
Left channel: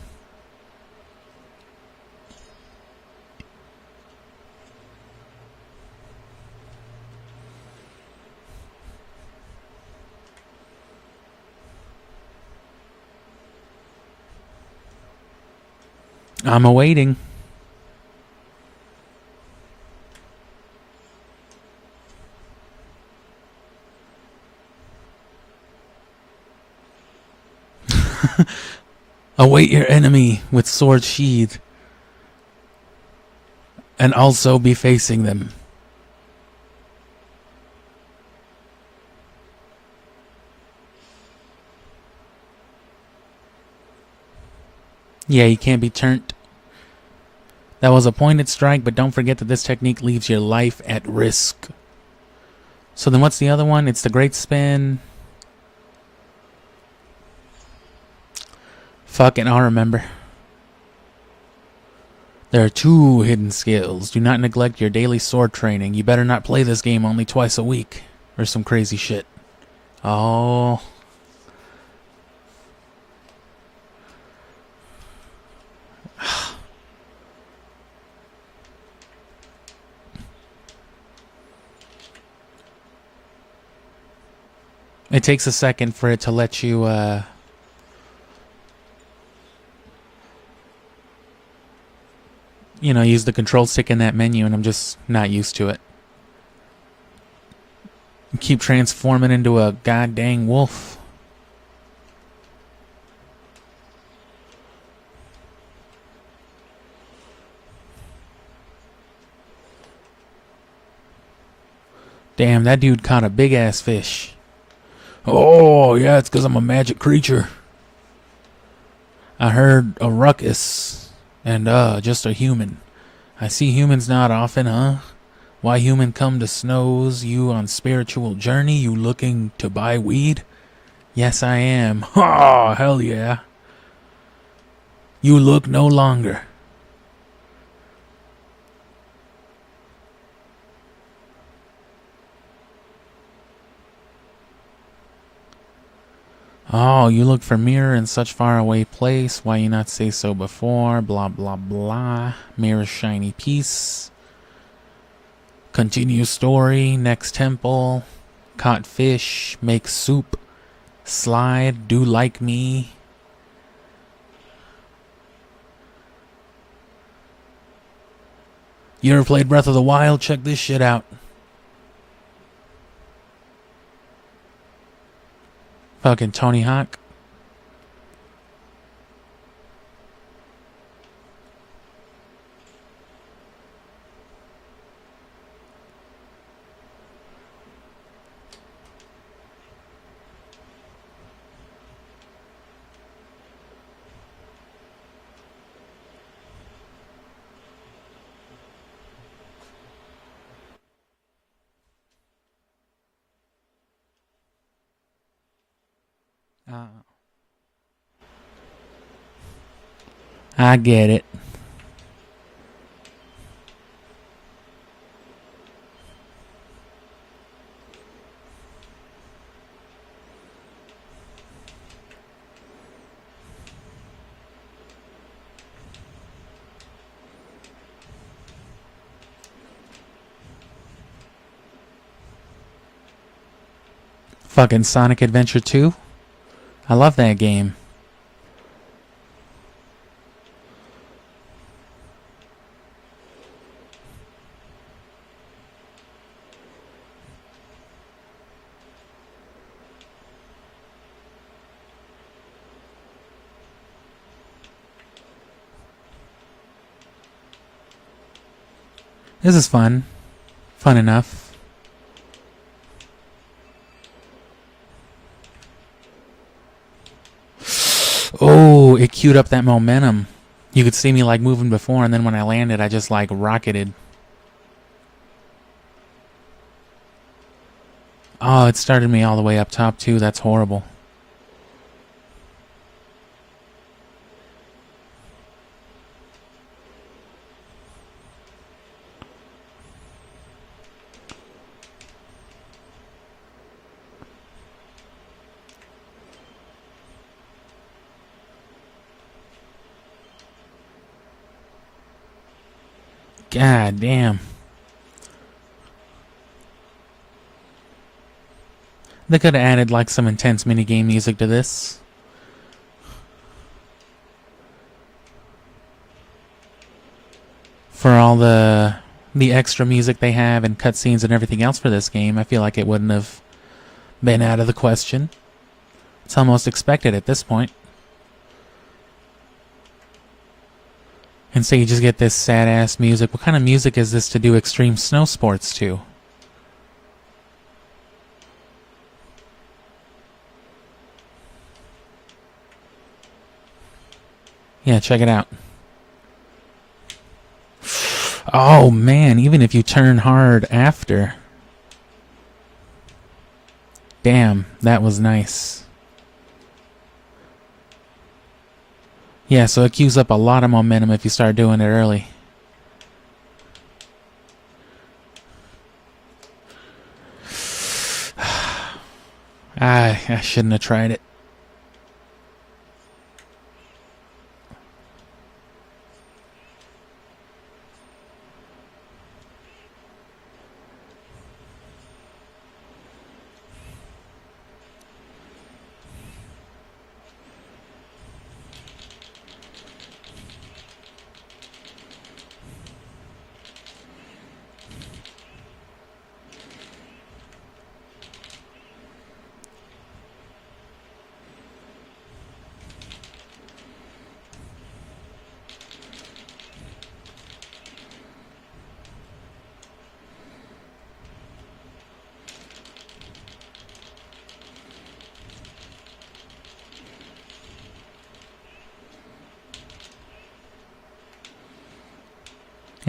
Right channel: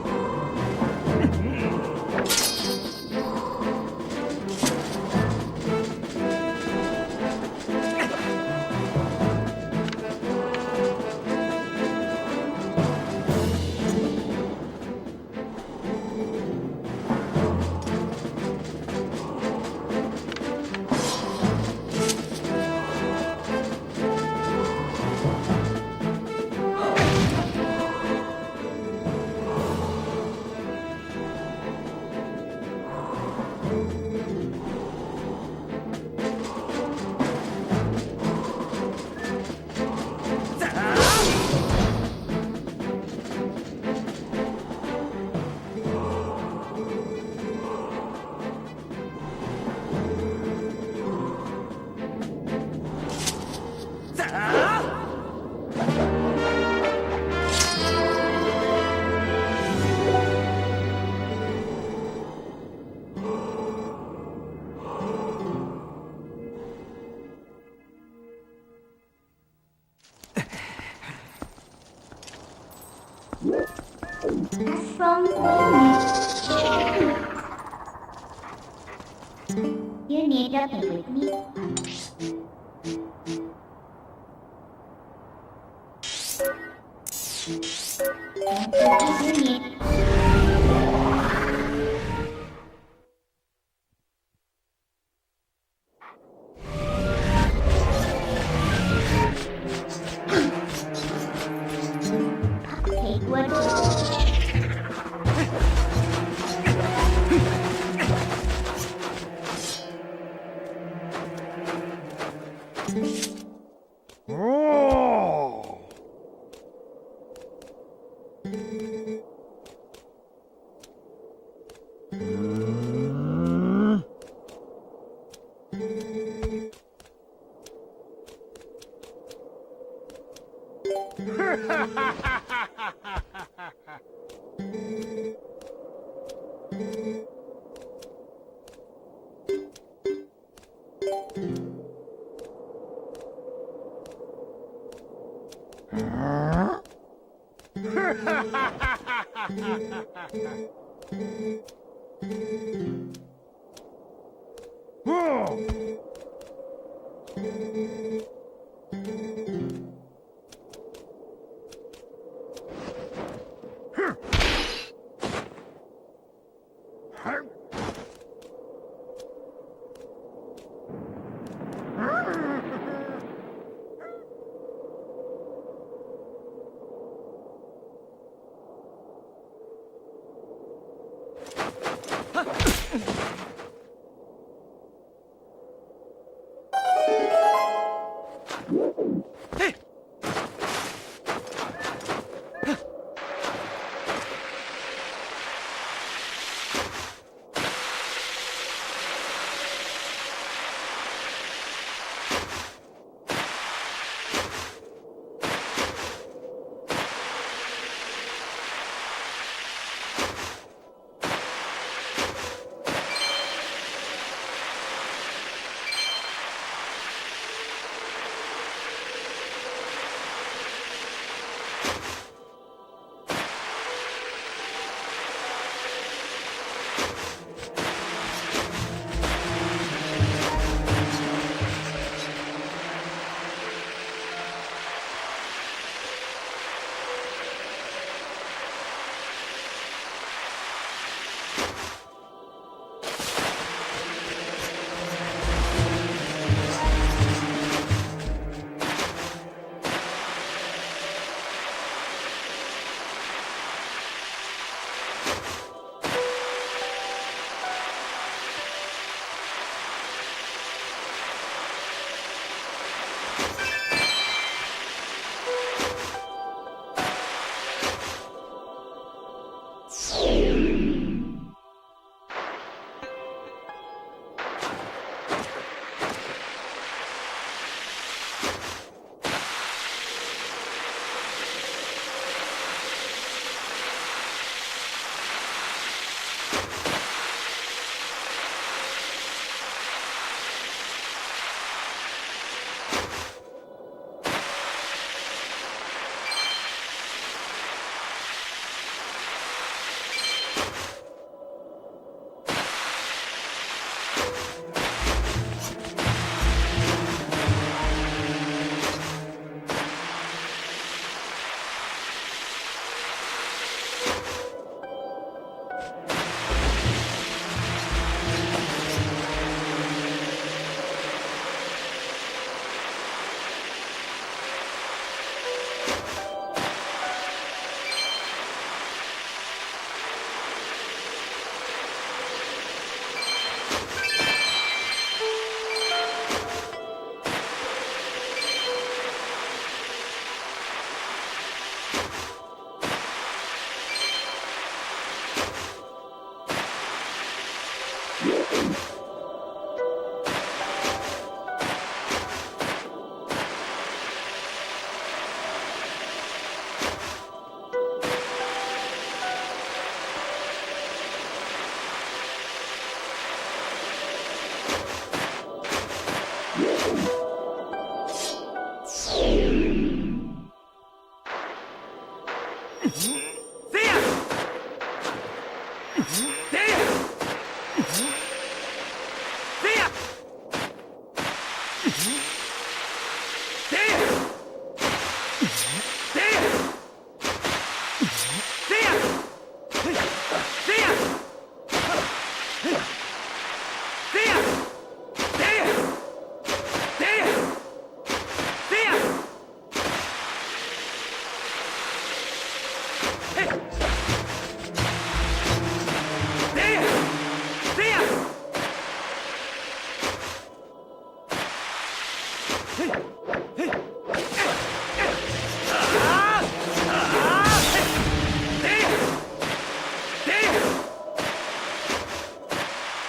I'm awaiting. Await your enemy with sword sheathed. And also be facing them. Yeah, you can't be turned. That was a pointed strike, but don't forget that this technique leaves your life at risk. So then what's the other one? It's the great spin. Fucking, I'll remember. There are 2 hidden skills. Do not neglect your daily sword training. You better not play this game only twice a week. Or some crazy shit. Oh. You need to play with me. It takes a second for it to let you, you know, use the control stick in that menu, and I'm just not used to it. I keep transforming into a goddamn wolf. Take what? Damn, that dude caught a big ass fish. Oh, yeah, it's because I'm a magic creature. I heard a ruckus, and just a human. I see humans not often, huh? Why human come to Snows? You on spiritual journey? You looking to buy weed? Yes, I am. Oh, hell yeah. You look no longer. Oh, you look for mirror in such far away place. Why you not say so before? Blah, blah, blah. Mirror shiny piece. Continue story. Next temple. Caught fish. Make soup. Slide. Do like me. You ever played Breath of the Wild? Check this shit out. Fucking Tony Hawk. I get it. Fucking Sonic Adventure 2. I love that game. This is fun. Fun enough. Oh, it queued up that momentum. You could see me like moving before, and then when I landed, I just like rocketed. Oh, it started me all the way up top too. That's horrible. God damn. They could have added like some intense minigame music to this. For all the extra music they have and cutscenes and everything else for this game, I feel like it wouldn't have been out of the question. It's almost expected at this point. And so you just get this sad-ass music. What kind of music is this to do extreme snow sports to? Yeah, check it out. Oh man, even if you turn hard after. Damn, that was nice. Yeah, so it queues up a lot of momentum if you start doing it early. I shouldn't have tried it.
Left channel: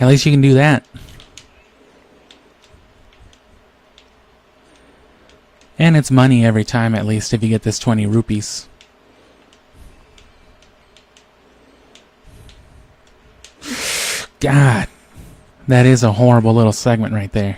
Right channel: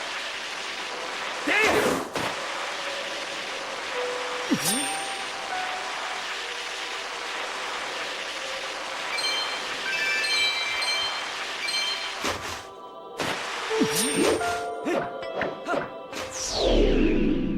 At least you can do that. And it's money every time, at least, if you get this 20 rupees. God, that is a horrible little segment right there.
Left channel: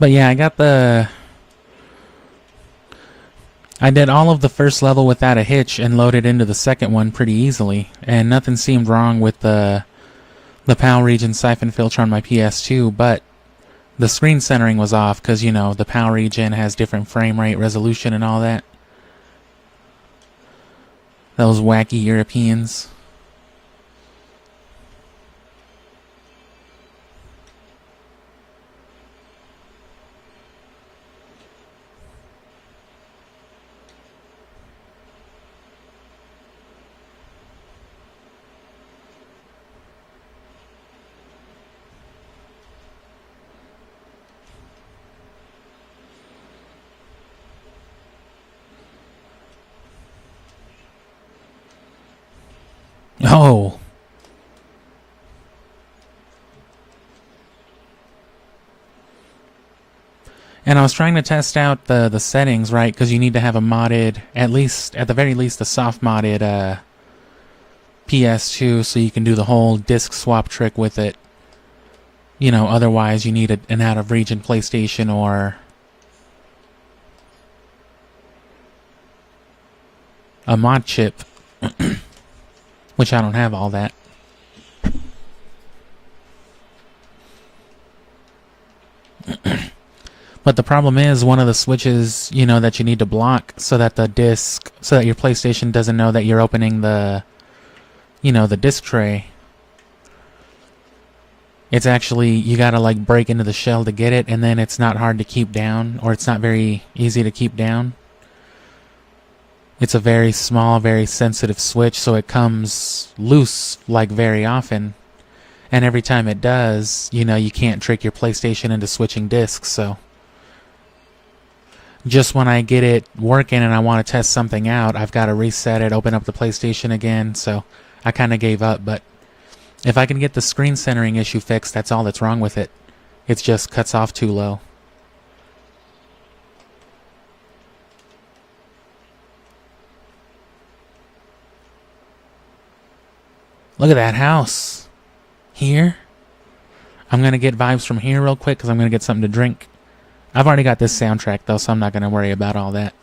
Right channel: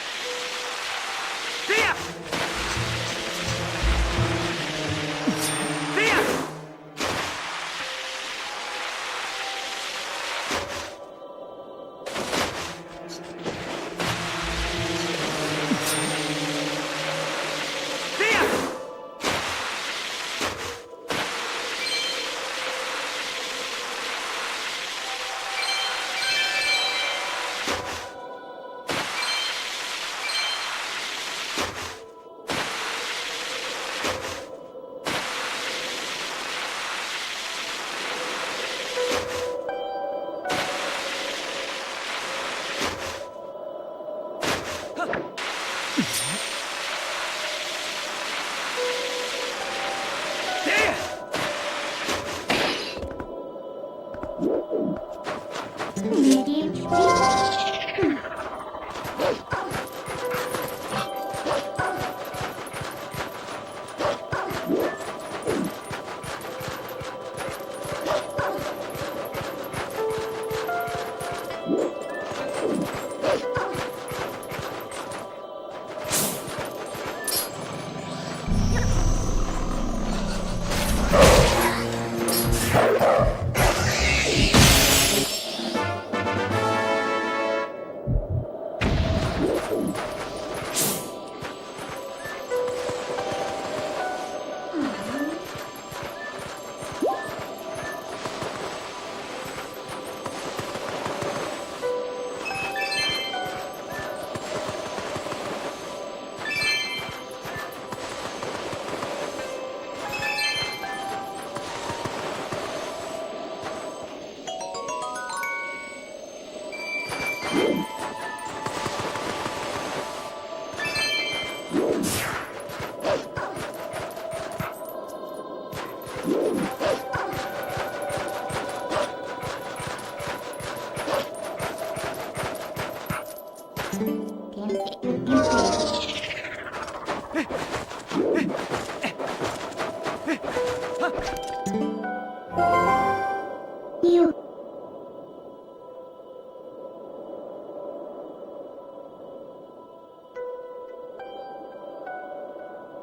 But yeah, I did all of the first level without a hitch and loaded into the second one pretty easily, and nothing seemed wrong with the PAL region siphon filter on my PS2, but the screen centering was off because, you know, the PAL region has different frame rate resolution and all that. Those wacky Europeans. Oh. And I was trying to test out the settings, right? Because you need to have a modded, at the very least, a soft modded PS2, so you can do the whole disc swap trick with it. You know, otherwise you need an out-of-region PlayStation or a mod chip, which I don't have all that. But the problem is one of the switches, you know, that you need to block so that your PlayStation doesn't know that you're opening the, you know, the disc tray. It's actually, you gotta like break into the shell to get it, and then it's not hard to keep down, or it's not very easy to keep down. It's a very small, very sensitive switch, so it comes loose like very often. And every time it does, you know, you can't trick your PlayStation into switching discs, so. Just when I get it working and I want to test something out, I've got to reset it, open up the PlayStation again, so I kind of gave up. But if I can get the screen centering issue fixed, that's all that's wrong with it. It just cuts off too low. You failed. Look at that house. Here. I'm gonna get vibes from here real quick because I'm gonna get something to drink. I've already got this soundtrack though, so I'm not gonna worry about all that.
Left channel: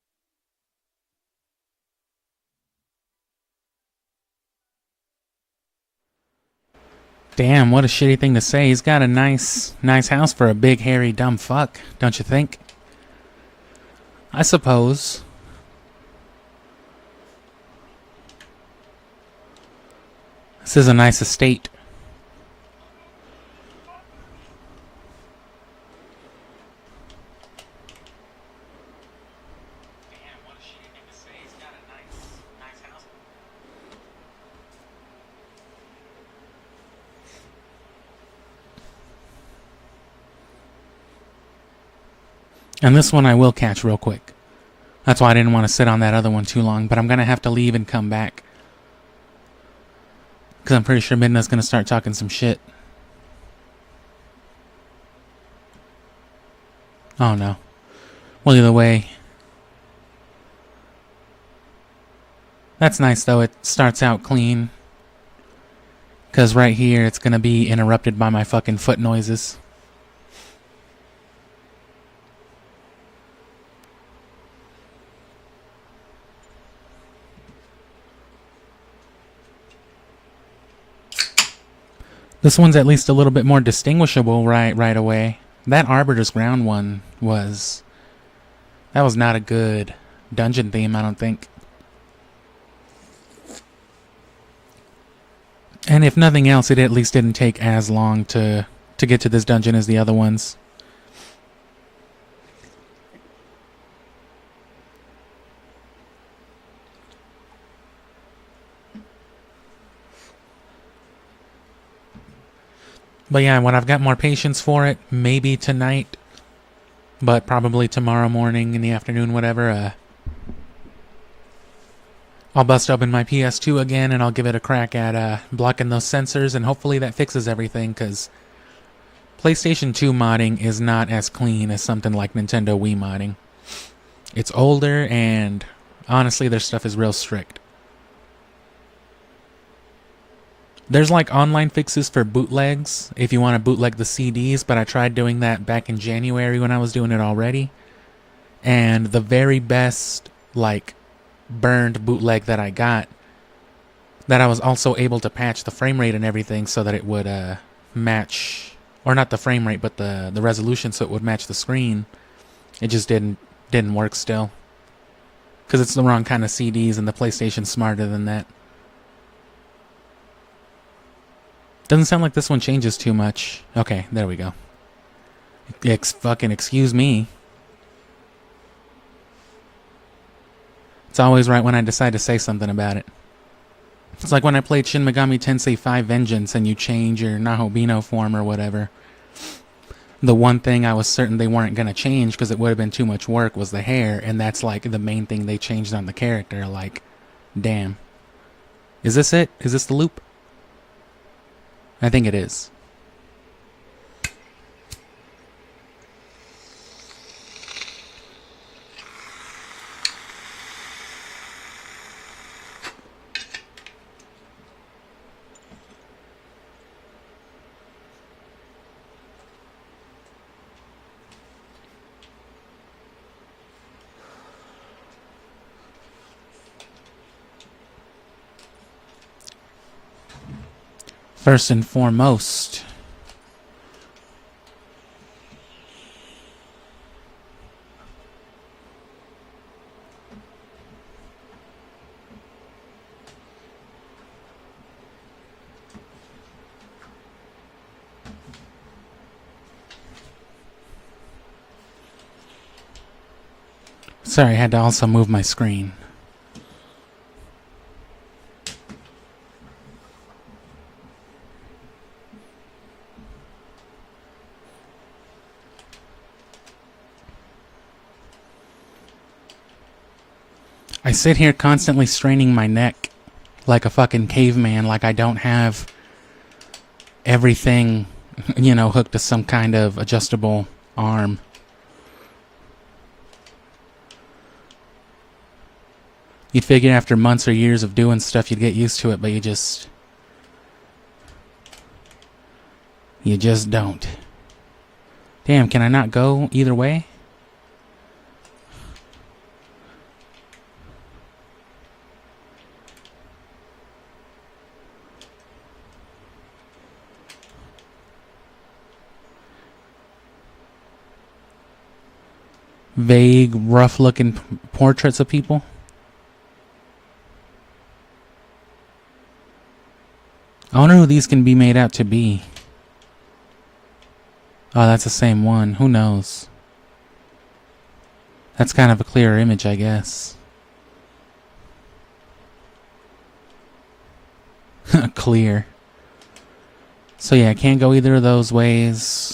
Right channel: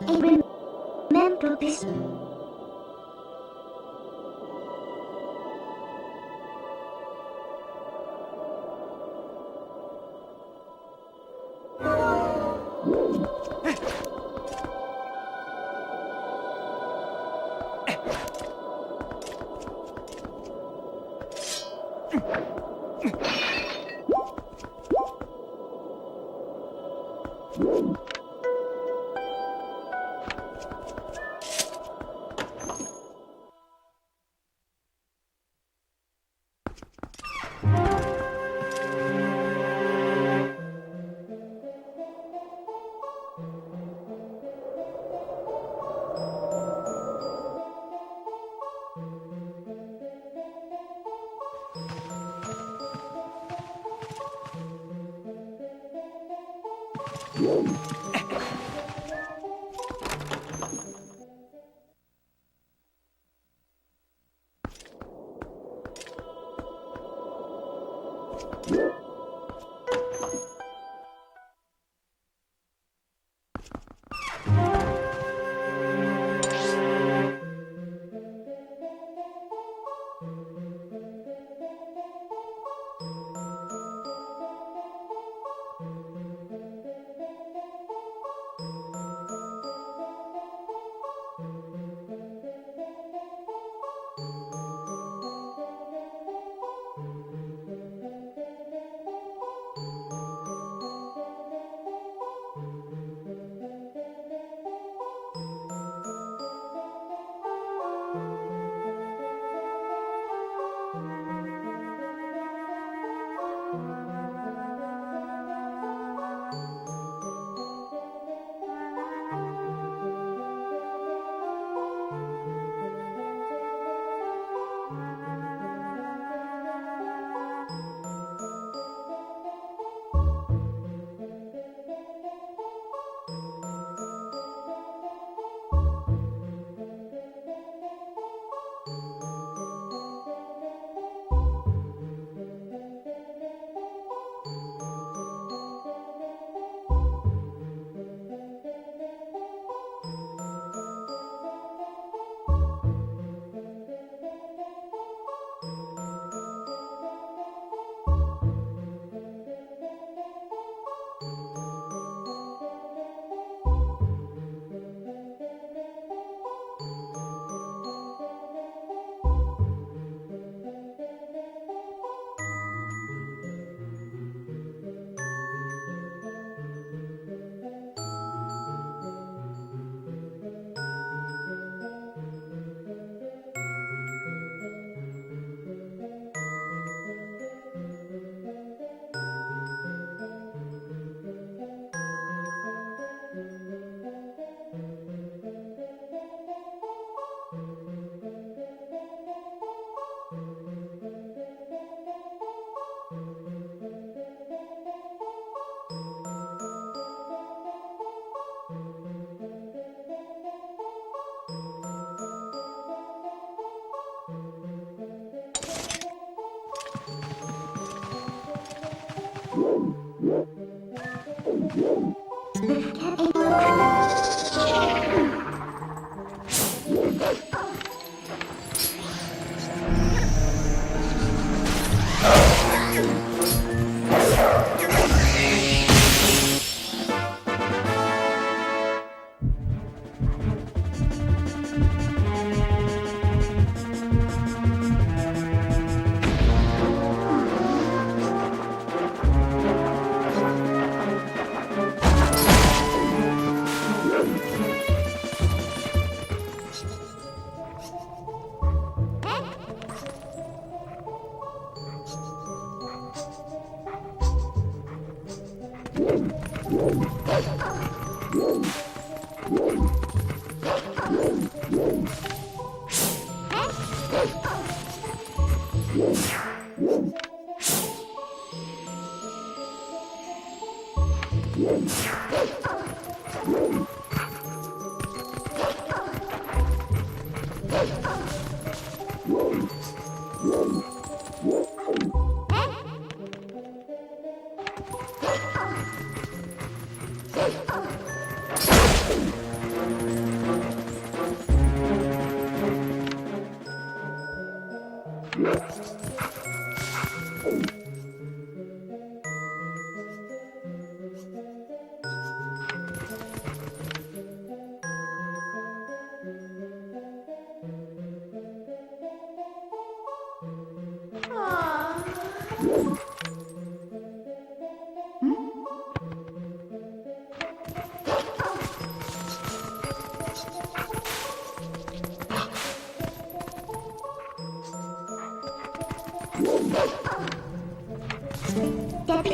And remember this. Damn, what a shitty thing to say. He's got a nice house for a big, hairy, dumb fuck, don't you think? I suppose. This is a nice estate. And this one I will catch real quick. That's why I didn't want to sit on that other one too long, but I'm going to have to leave and come back. Because I'm pretty sure Midna's going to start talking some shit. Oh no. Well, either way. That's nice though, it starts out clean. Because right here it's going to be interrupted by my fucking foot noises. This one's at least a little bit more distinguishable right away. That Arbiter's Ground one was... That was not a good dungeon theme, I don't think. And if nothing else, it at least didn't take as long to get to this dungeon as the other ones. But yeah, when I've got more patience for it, maybe tonight, but probably tomorrow morning, in the afternoon, whatever, I'll bust open my PS2 again and I'll give it a crack at blocking those sensors, and hopefully that fixes everything, because PlayStation 2 modding is not as clean as something like Nintendo Wii modding. It's older, and honestly, their stuff is real strict. There's like online fixes for bootlegs if you want to bootleg the CDs, but I tried doing that back in January when I was doing it already. And the very best like burned bootleg that I got, that I was also able to patch the frame rate and everything so that it would match, or not the frame rate, but the resolution, so it would match the screen. It just didn't work still. Because it's the wrong kind of CDs and the PlayStation's smarter than that. Doesn't sound like this one changes too much. Okay, there we go. Fucking excuse me. It's always right when I decide to say something about it. It's like when I played Shin Megami Tensei 5 Vengeance and you change your Nahobino form or whatever. The one thing I was certain they weren't going to change because it would have been too much work was the hair, and that's like the main thing they changed on the character. Like, damn. Is this it? Is this the loop? I think it is. First and foremost, sorry, I had to also move my screen. I sit here constantly straining my neck like a fucking caveman, like I don't have everything, you know, hooked to some kind of adjustable arm. You'd figure after months or years of doing stuff you'd get used to it, but you just don't. Damn, can I not go either way? Vague, rough-looking portraits of people. I wonder who these can be made out to be. Oh, that's the same one. Who knows? That's kind of a clearer image, I guess. Clear. So yeah, I can't go either of those ways.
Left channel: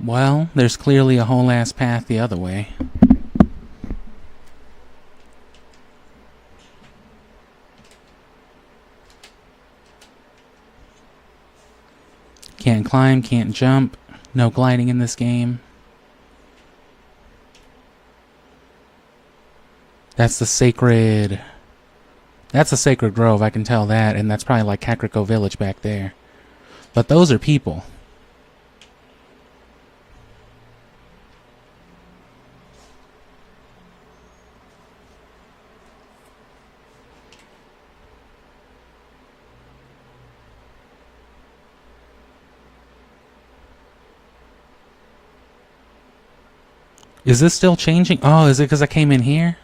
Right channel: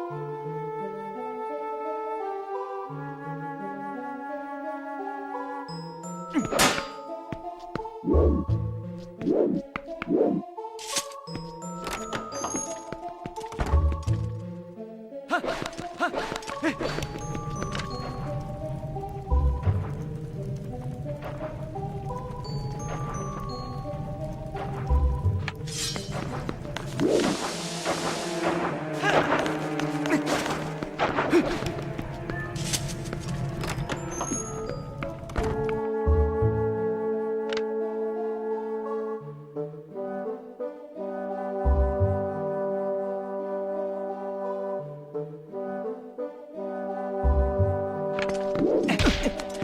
Well, there's clearly a whole ass path the other way. Can't climb, can't jump, no gliding in this game. That's the sacred grove, I can tell that, and that's probably like Kakariko Village back there. But those are people. Is this still changing? Oh, is it because I came in here?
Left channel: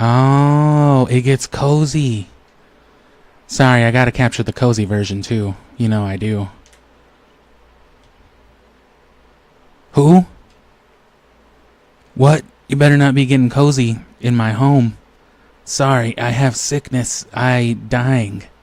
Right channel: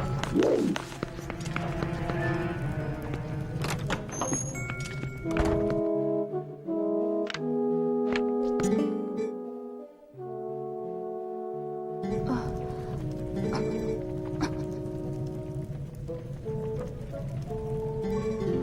Oh, it gets cozy. Sorry, I gotta capture the cozy version too. You know I do. Who? What? You better not be getting cozy in my home. Sorry, I have sickness. I dying.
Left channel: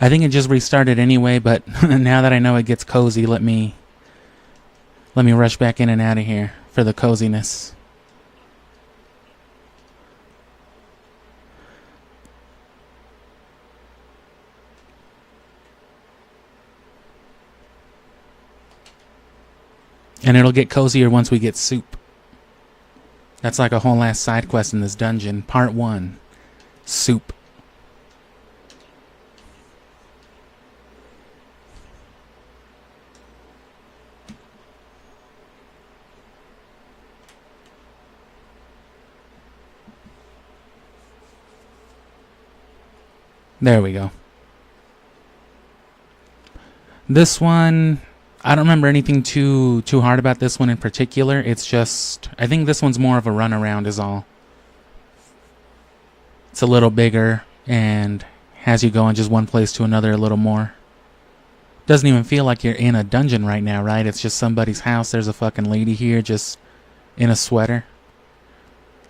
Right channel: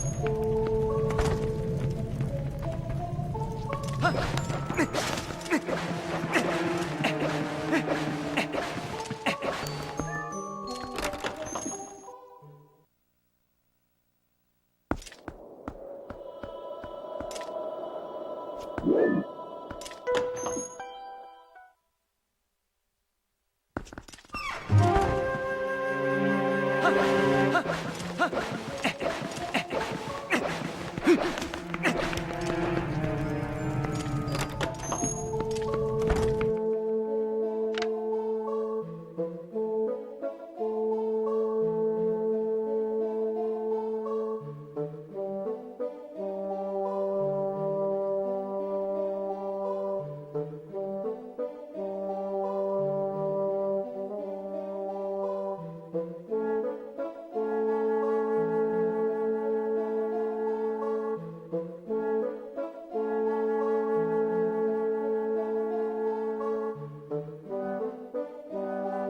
I think it just restarted anyway, but now that I know it gets cozy, let me rush back in and out of here for the coziness. And it'll get cozier once we get soup. That's like a whole last side quest in this dungeon. Part 1. Soup. There we go. This one, I don't remember anything too hard about this one in particular. It's just, I think this one's more of a runaround is all. It's a little bigger and has you going just one place to another a little more. Doesn't even feel like you're in a dungeon right now, right? It's just somebody's house. There's a fucking lady here just in a sweater.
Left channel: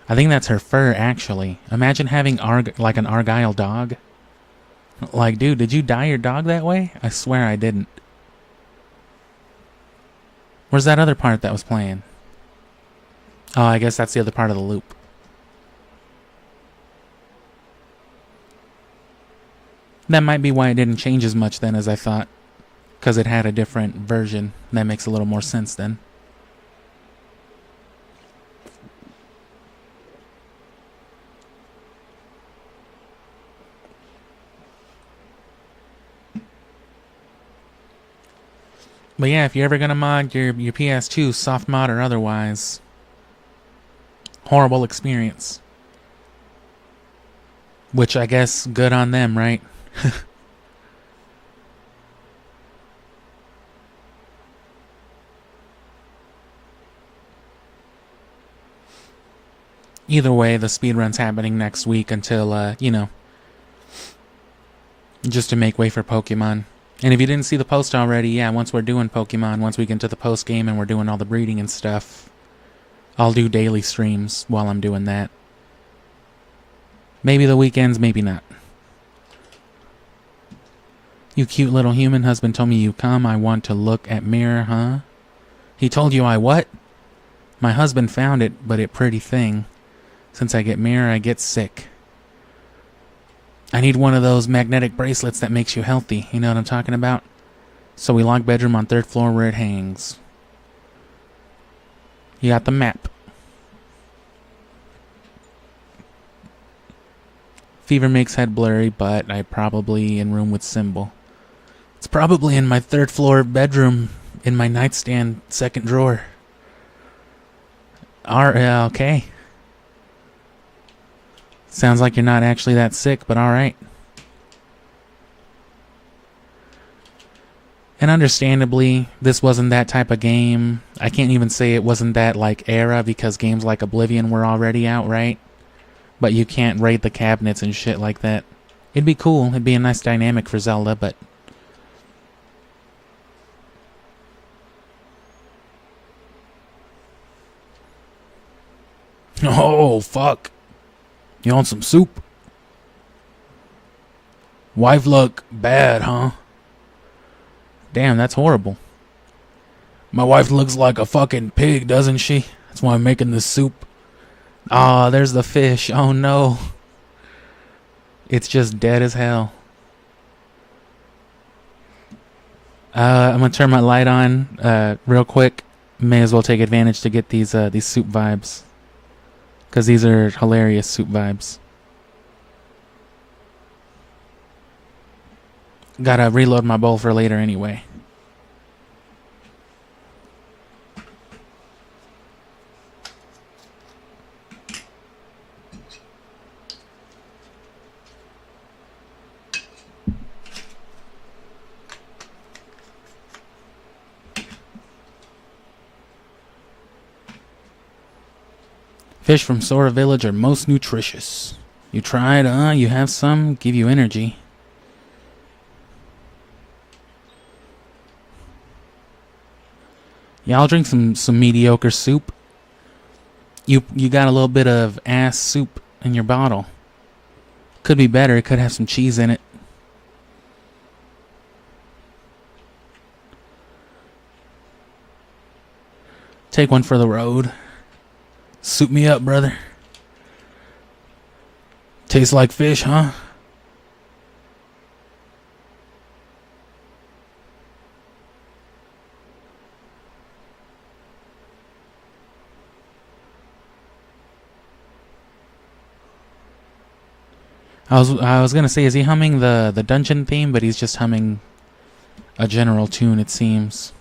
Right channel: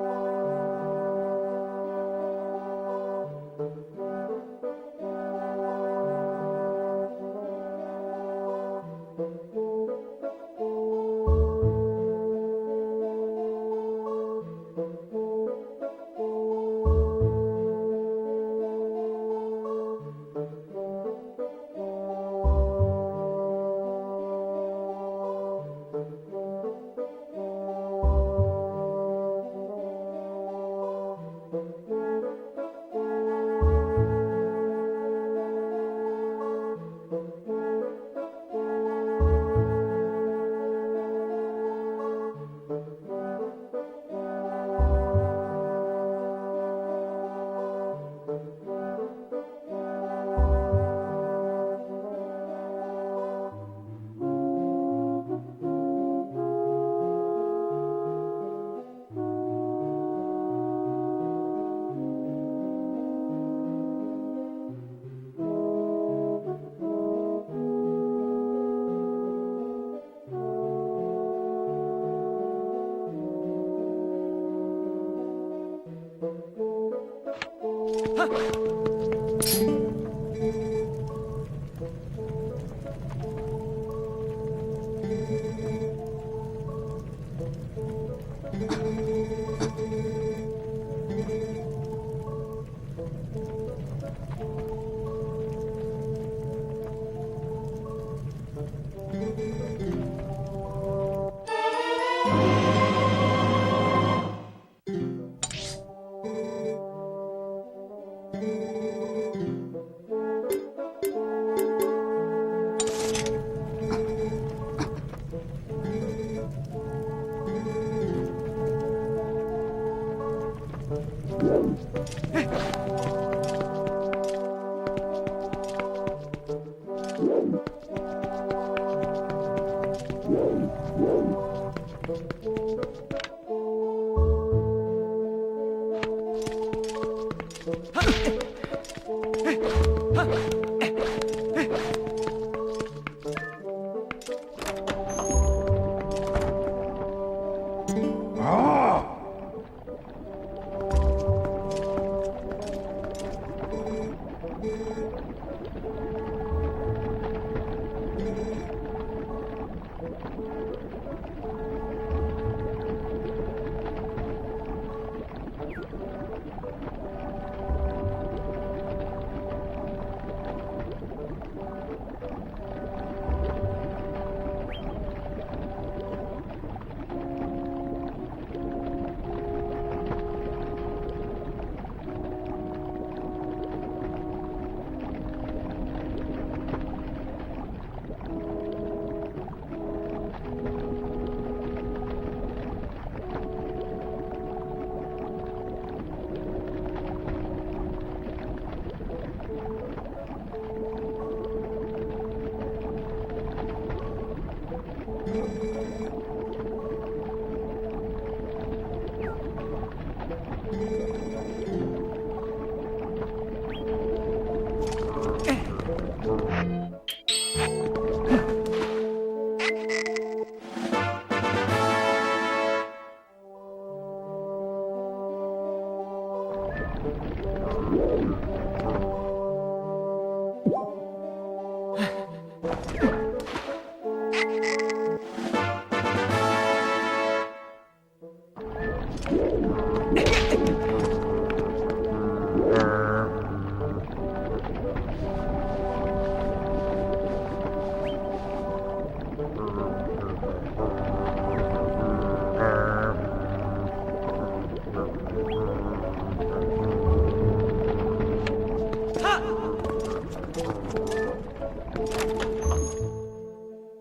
I think that's her fur, actually. Imagine having like an Argyle dog. Like, dude, did you dye your dog that way? I swear I didn't. Where's that other part that was playing? Oh, I guess that's the other part of the loop. That might be why it didn't change as much then as I thought. Because it had a different version. That makes a little more sense then. But yeah, if you're ever gonna mod your PS2, soft mod or otherwise, horrible experience. Which I guess good on them, right? Either way, the speedrun's happening next week until, you know, just to make way for Pokemon. And if you didn't see the post already, yeah, once we're doing Pokemon, once we get into the post game and we're doing all the breeding and stuff, I'll do daily streams while I'm doing that. Maybe the weekends, maybe not. You cute little human husband told me you come. I want to look at mirror, huh? He told you I what? My husband found it, but it pretty thing. Since I get mirror, I get sick. I need one of those magnetic bracelets that makes you healthy. You know what I'm talking about? So we lock bedroom on 3rd floor where it hangs. You got the map. Fever makes head blurry, but I probably in room with symbol. It's probably in my 3rd floor bedroom in my nightstand 2nd drawer. Okay. Sounds like you're not actually that sick, but alright. And understandably, this wasn't that type of game. I can't even say it wasn't that, like, era, because games like Oblivion were already out, right? But you can't raid the cabinets and shit like that. It'd be cool. It'd be a nice dynamic for Zelda, but... Oh, fuck. You want some soup? Wife look bad, huh? Damn, that's horrible. My wife looks like a fucking pig, doesn't she? That's why I'm making this soup. Ah, there's the fish. Oh no. It's just dead as hell. I'm gonna turn my light on real quick. May as well take advantage to get these soup vibes. Because these are hilarious soup vibes. Gotta reload my bowl for later anyway. Fish from Sora Village are most nutritious. You tried, you have some, give you energy. Yeah, I'll drink some mediocre soup. You got a little bit of ass soup in your bottle. Could be better, it could have some cheese in it. Take one for the road. Soup me up, brother. Tastes like fish, huh? I was gonna say, is he humming the dungeon theme? But he's just humming a general tune, it seems.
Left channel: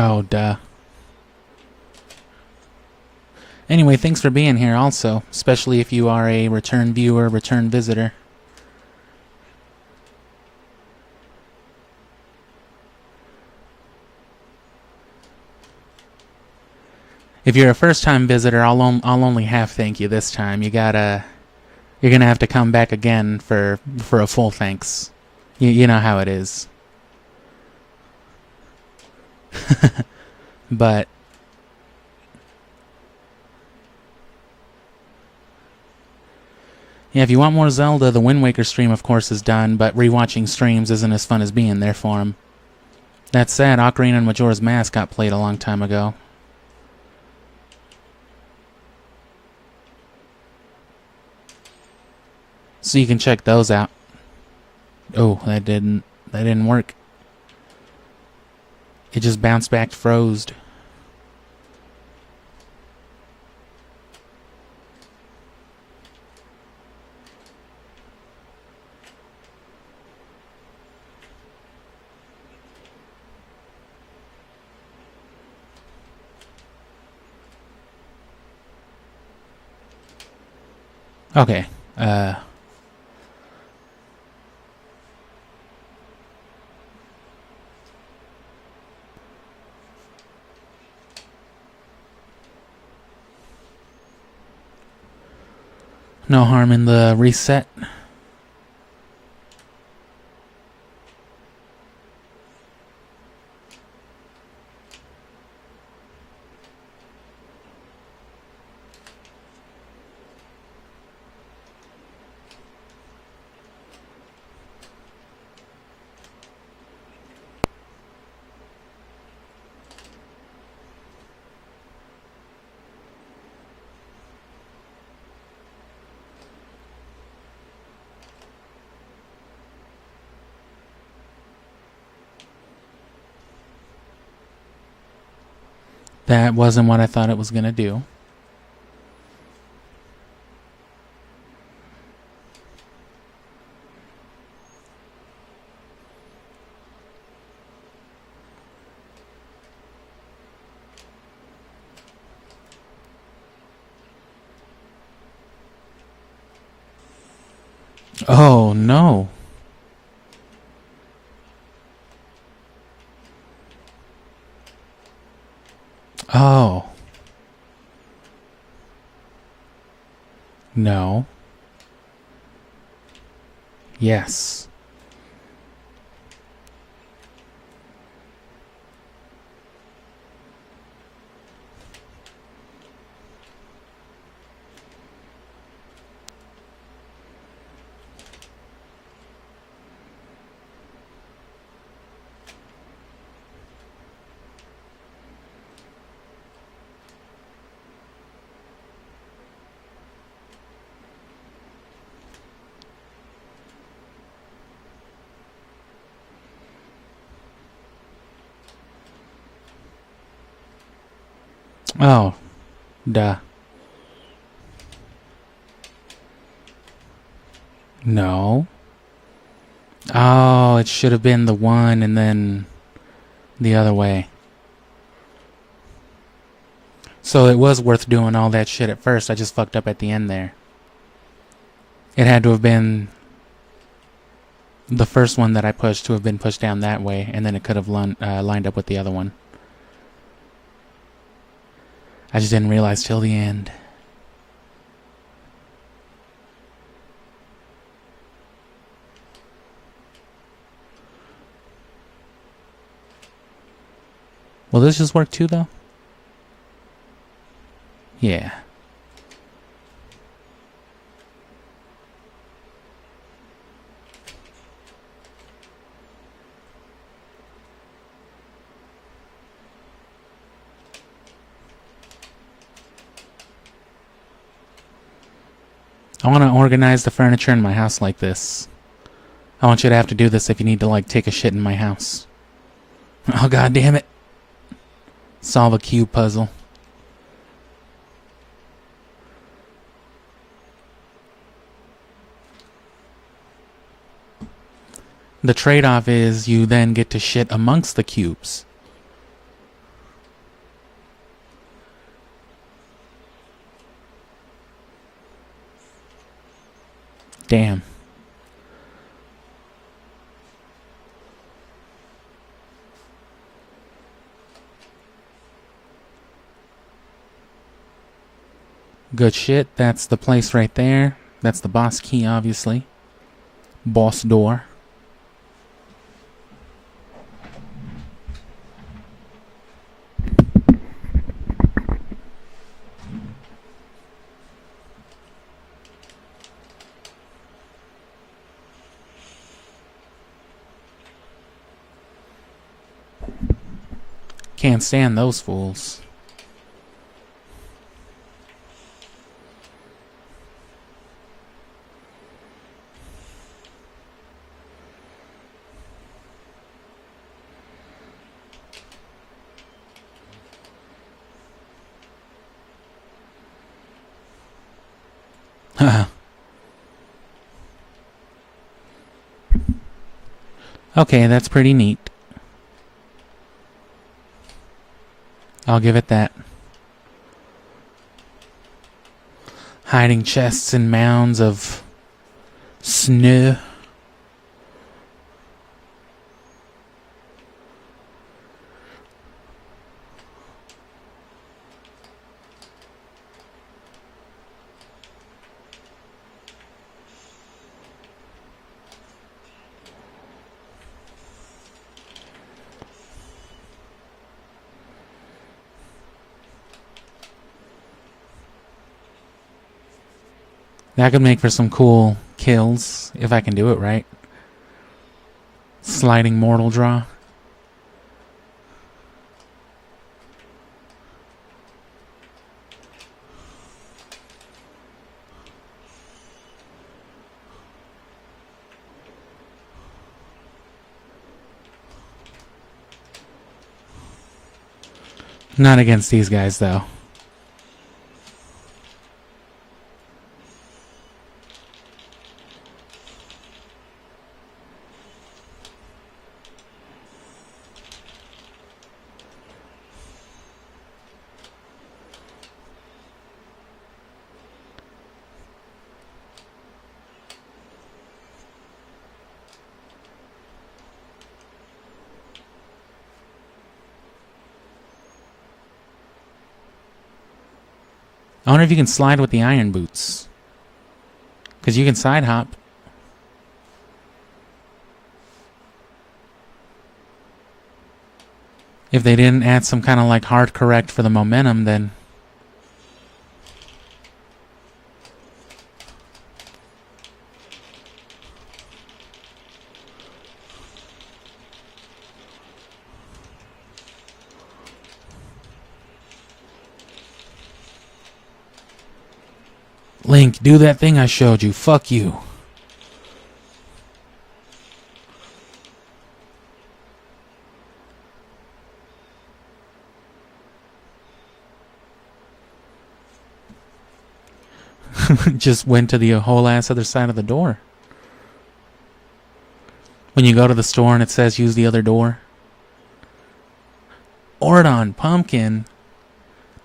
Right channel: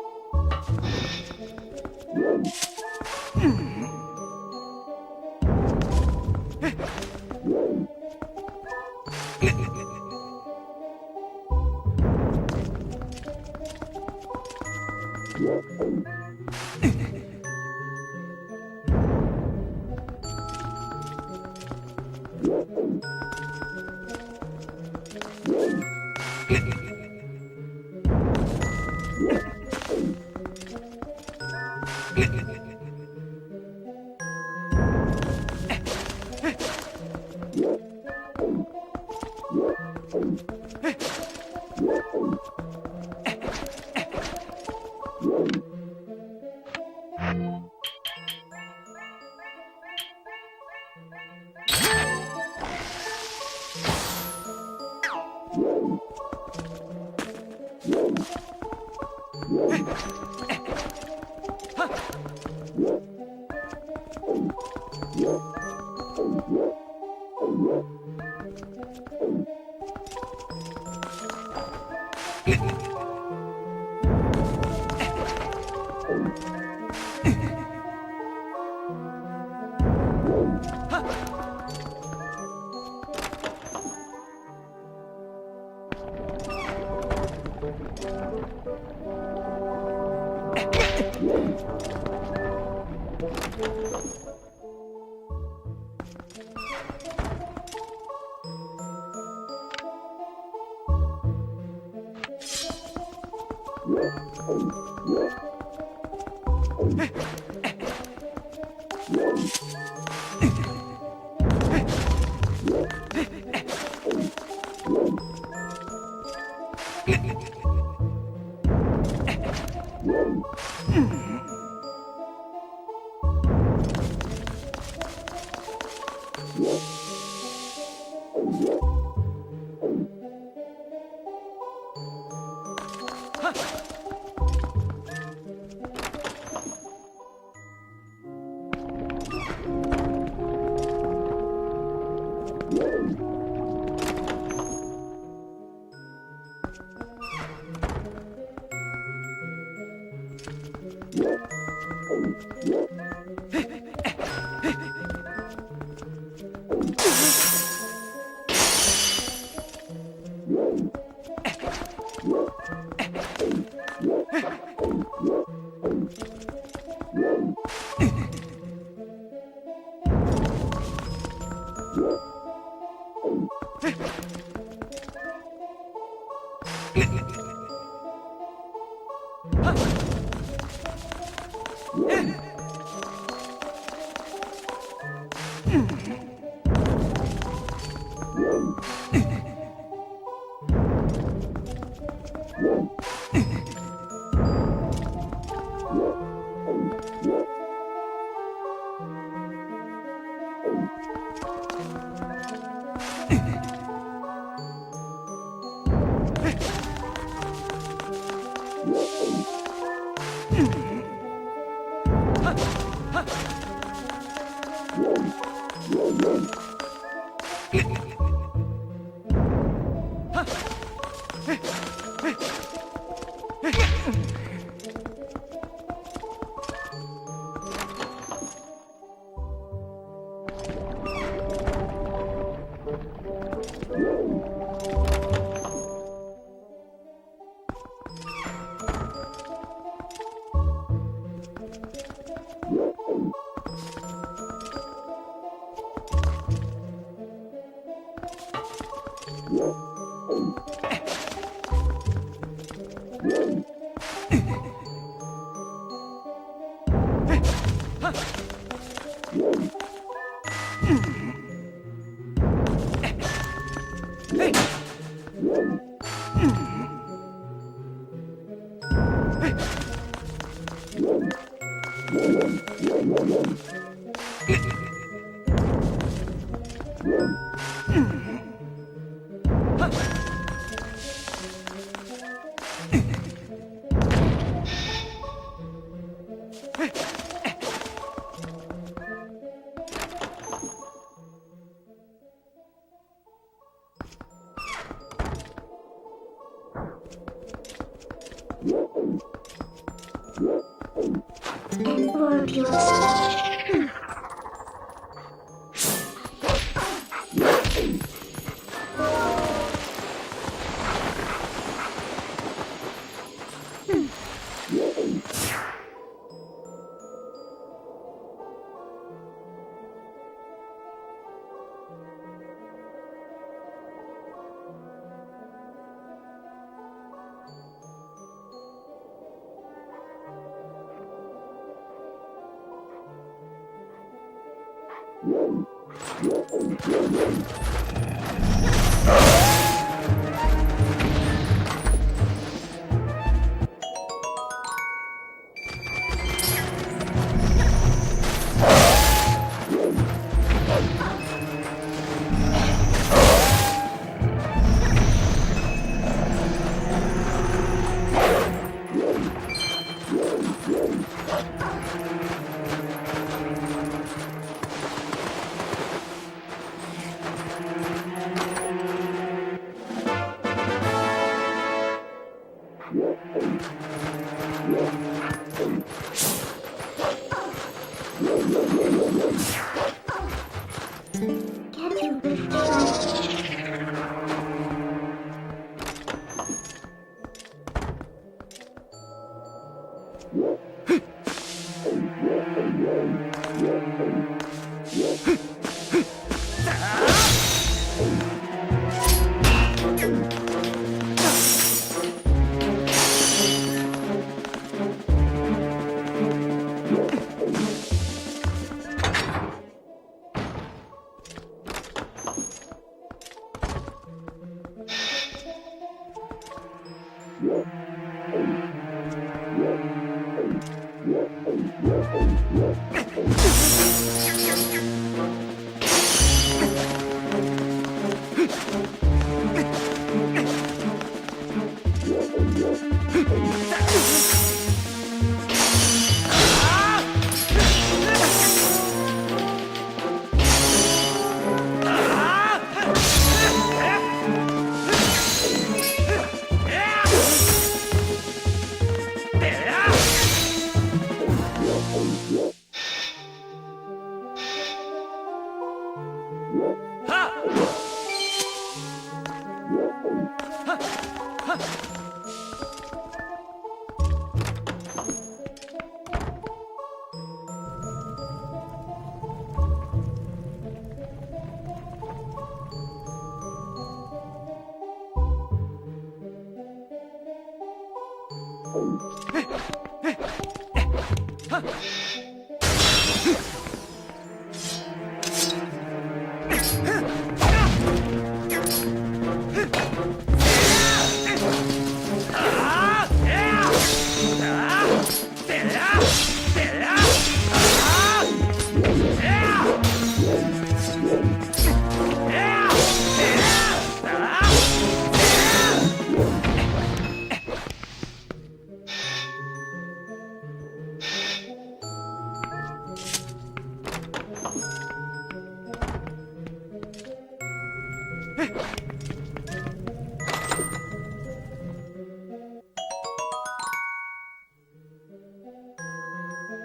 Oh, duh. Anyway, thanks for being here also, especially if you are a return viewer, return visitor. If you're a first-time visitor, I'll only half thank you this time. You're gonna have to come back again for a full thanks. You know how it is. But yeah, if you want more Zelda, the Wind Waker stream, of course, is done, but rewatching streams isn't as fun as being there for him. That said, Ocarina and Majora's Mask got played a long time ago. So you can check those out. Oh, that didn't work. It just bounced back, froze. Okay, no harm in the reset. That wasn't what I thought it was gonna do. Oh no. Oh. No. Yes. Oh, duh. No. Oh, it should have been the one and then the other way. So it was worth doing all that shit at first. I just fucked up at the end there. It had to have been the first one that I pushed to have been pushed down that way, and then it could have lined up with the other one. I just didn't realize till the end. Will this just work too, though? Yeah. I want to organize the furniture in my house like this. I want you to have to do this if you need to, like, take a shit in my house. Oh, god damn it. Solve a cube puzzle. The trade-off is you then get to shit amongst the cubes. Damn. Good shit. That's the place right there. That's the boss key, obviously. Boss door. Can't stand those fools. Okay, that's pretty neat. I'll give it that. Hiding chests and mounds of snow. That could make for some cool kills, if I can do it right. Sliding mortal draw. Not against these guys, though. I wonder if you can slide with the iron boots. Because you can side hop. If they didn't add some kind of like hard correct for the momentum, then... Link, do that thing I showed you. Fuck you. Just went to the whole ass other side of the door. When you go to the store and it says use the other door. Ordon, pumpkin.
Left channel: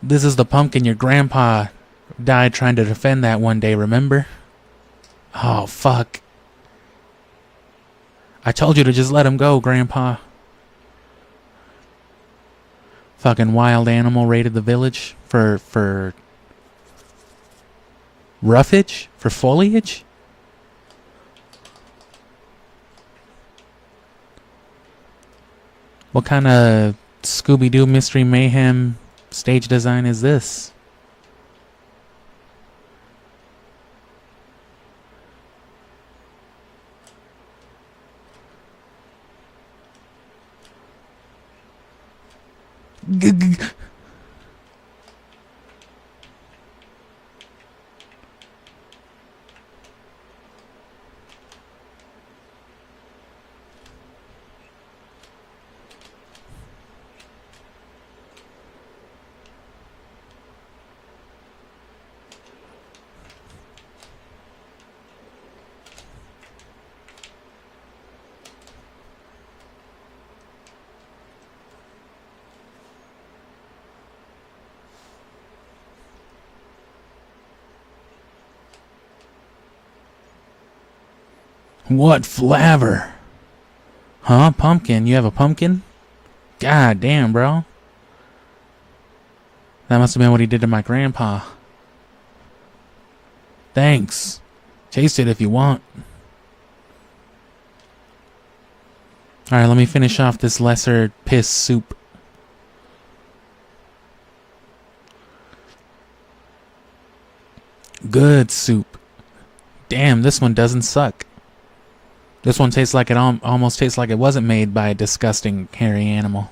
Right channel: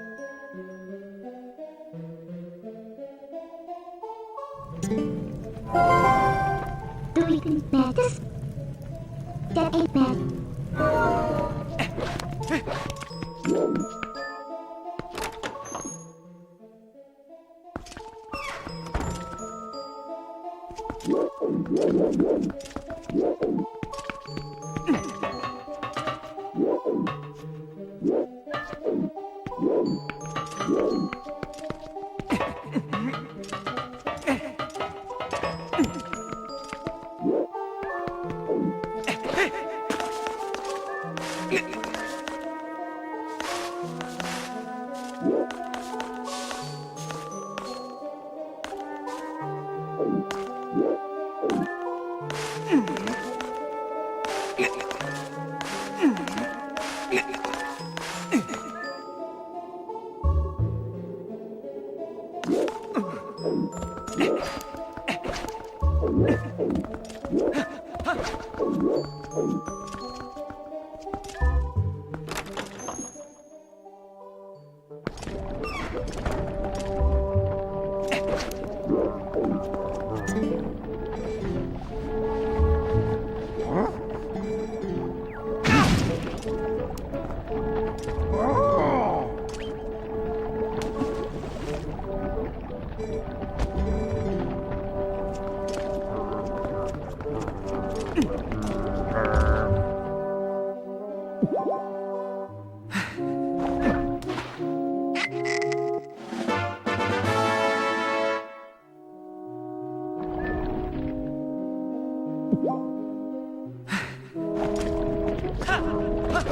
This is the pumpkin your grandpa died trying to defend that one day, remember? Oh, fuck. I told you to just let him go, Grandpa. Fucking wild animal raided the village for roughage? For foliage? What kind of Scooby-Doo Mystery Mayhem stage design is this? What flavor? Huh? Pumpkin? You have a pumpkin? God damn, bro. That must have been what he did to my grandpa. Thanks. Taste it if you want. Alright, let me finish off this lesser piss soup. Good soup. Damn, this one doesn't suck. This one tastes like it almost tastes like it wasn't made by a disgusting hairy animal.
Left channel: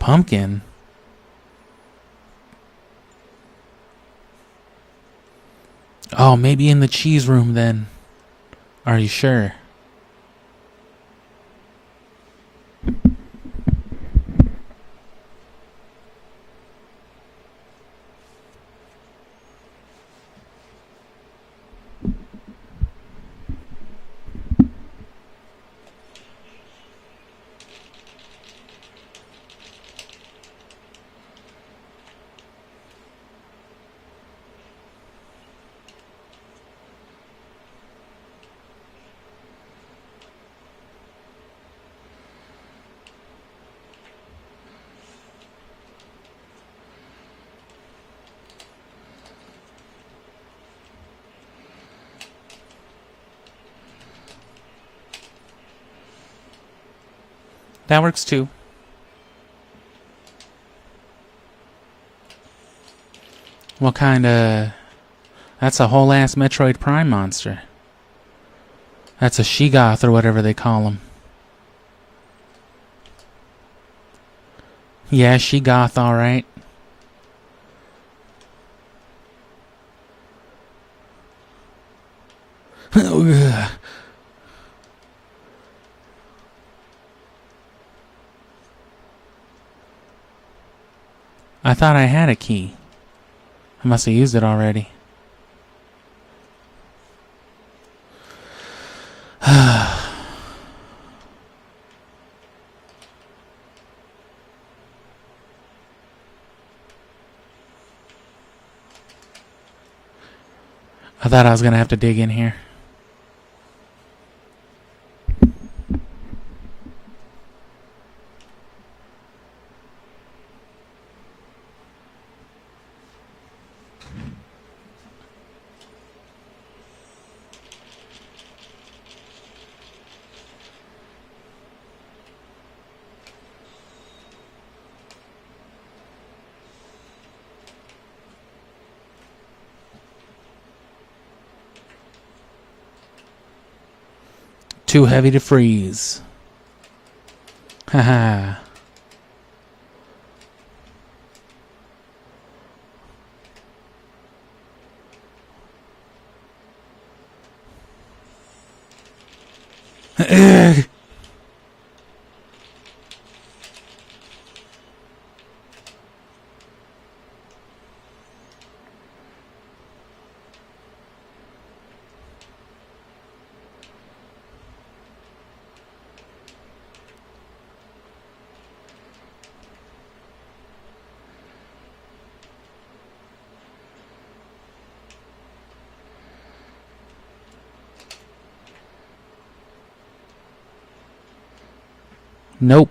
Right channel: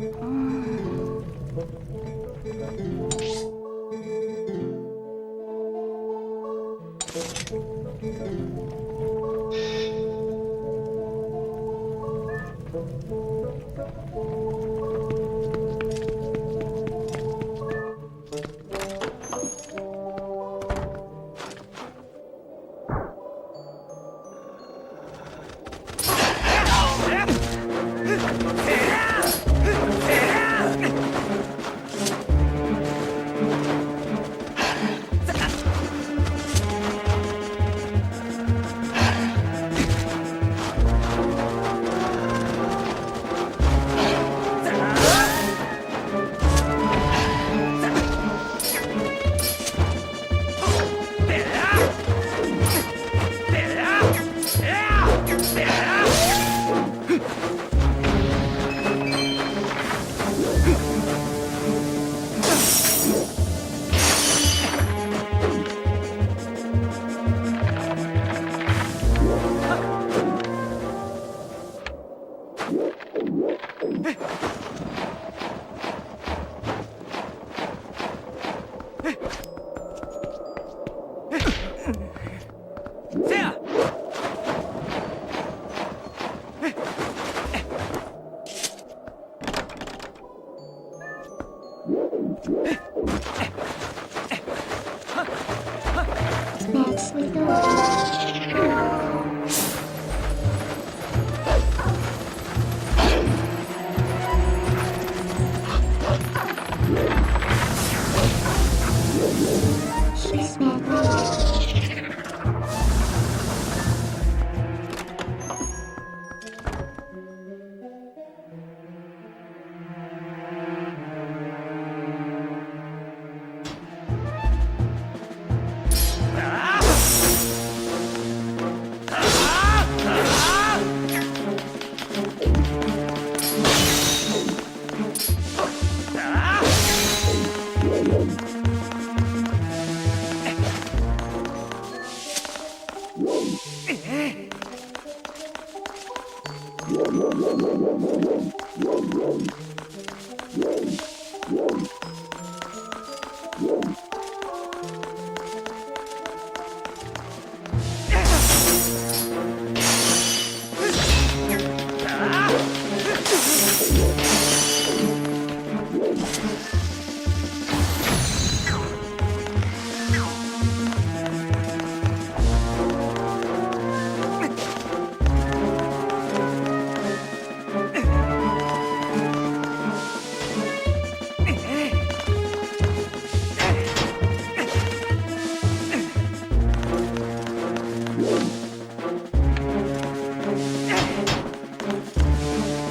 Pumpkin. Oh, maybe in the cheese room then. Are you sure? That works too. What kind of... That's a whole ass Metroid Prime monster. That's a Sheegoth or whatever they call him. Yeah, Sheegoth, alright. Oh, yeah. I thought I had a key. Must have used it already. Next we go. I thought I was gonna have to dig in here. Too heavy to freeze. Haha. Nope.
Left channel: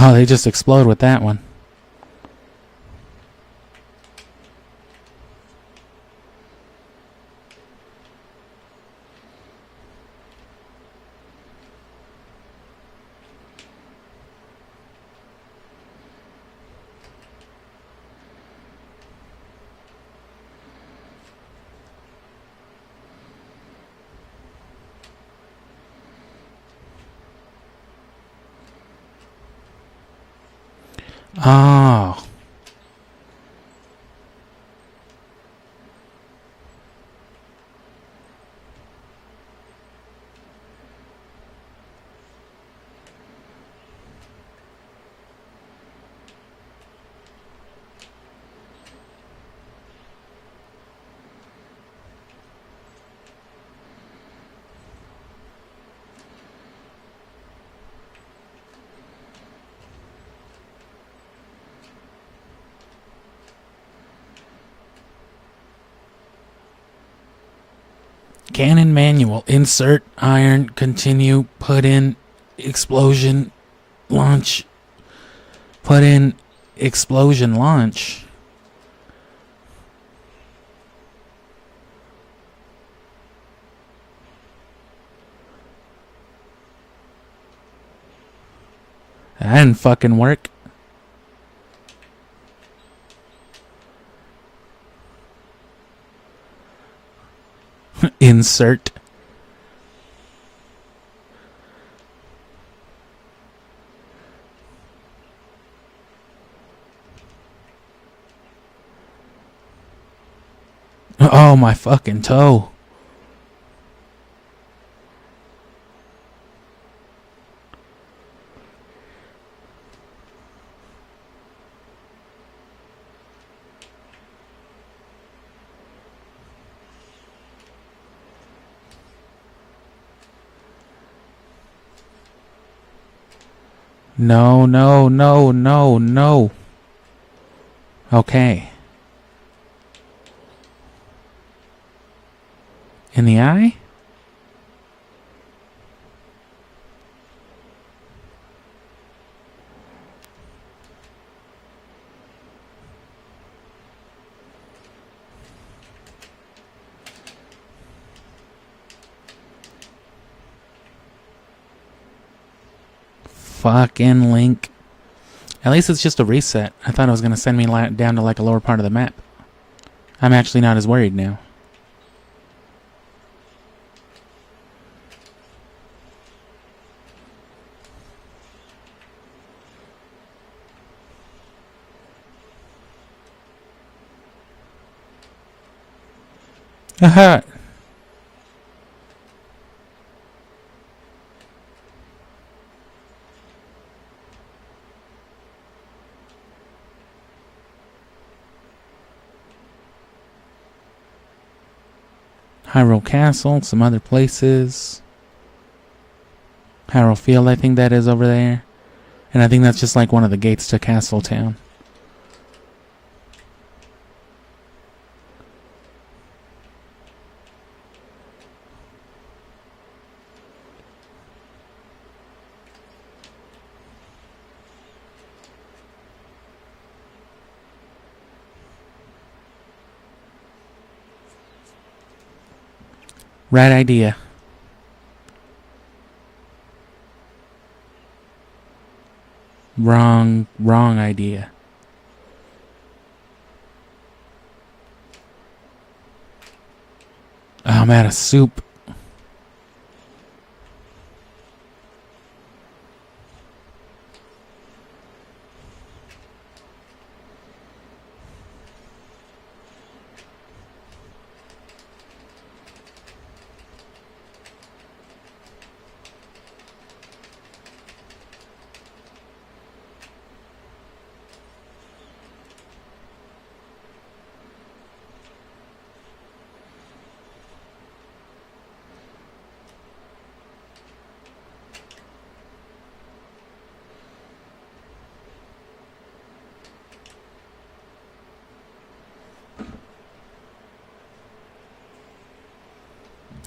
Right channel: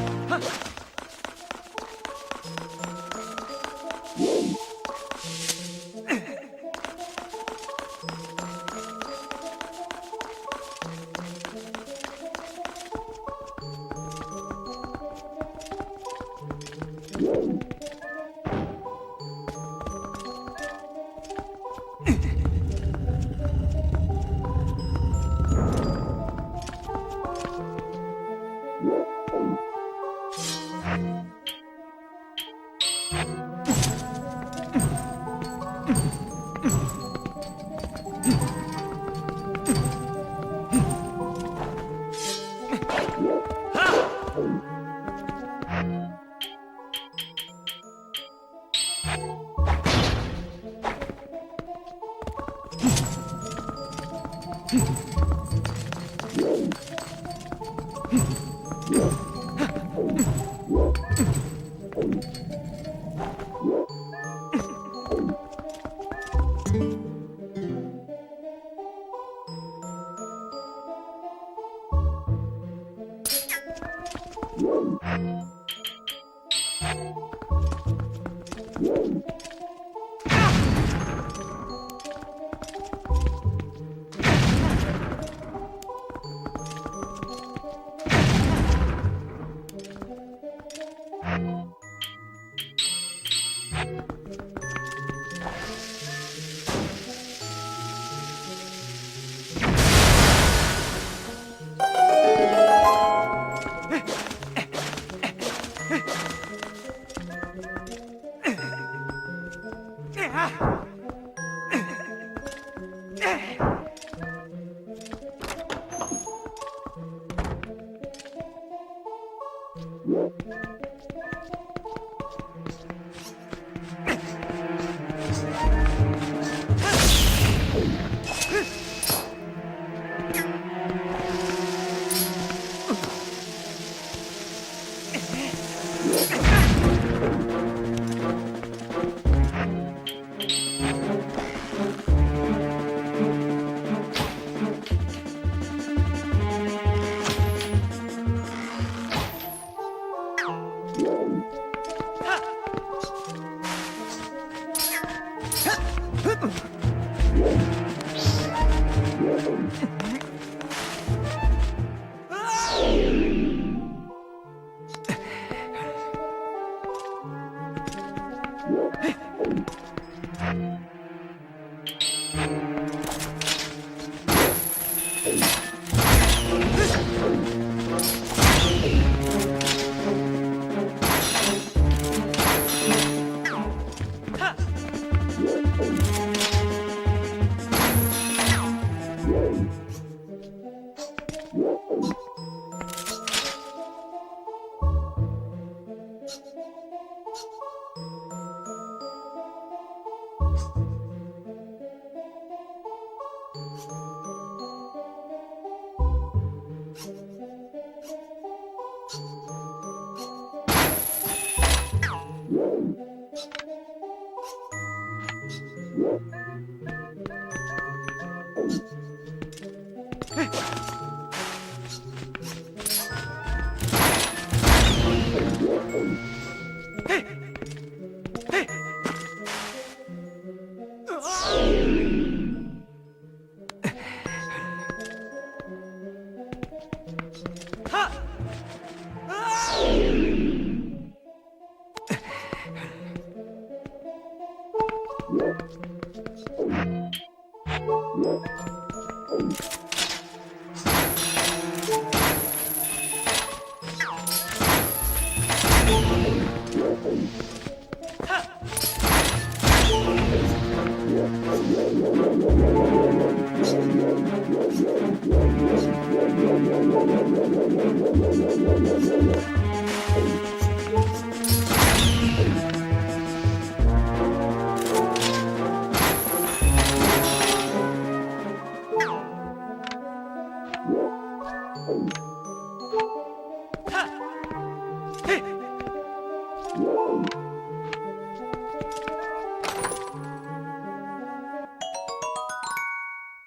Oh, they just explode with that one. Oh. Cannon manual. Insert iron. Continue. Put in explosion. Launch. Put in explosion. Launch. That didn't fucking work. Insert. Oh, my fucking toe. No, no, no, no, no. Okay. In the eye? Fucking Link. At least it's just a reset. I thought it was going to send me down to like a lower part of the map. I'm actually not as worried now. Haha. Hyrule Castle, some other places. Hyrule Field, I think that is over there. And I think that's just like one of the gates to Castle Town. Right idea. Wrong idea. Oh, I'm out of soup.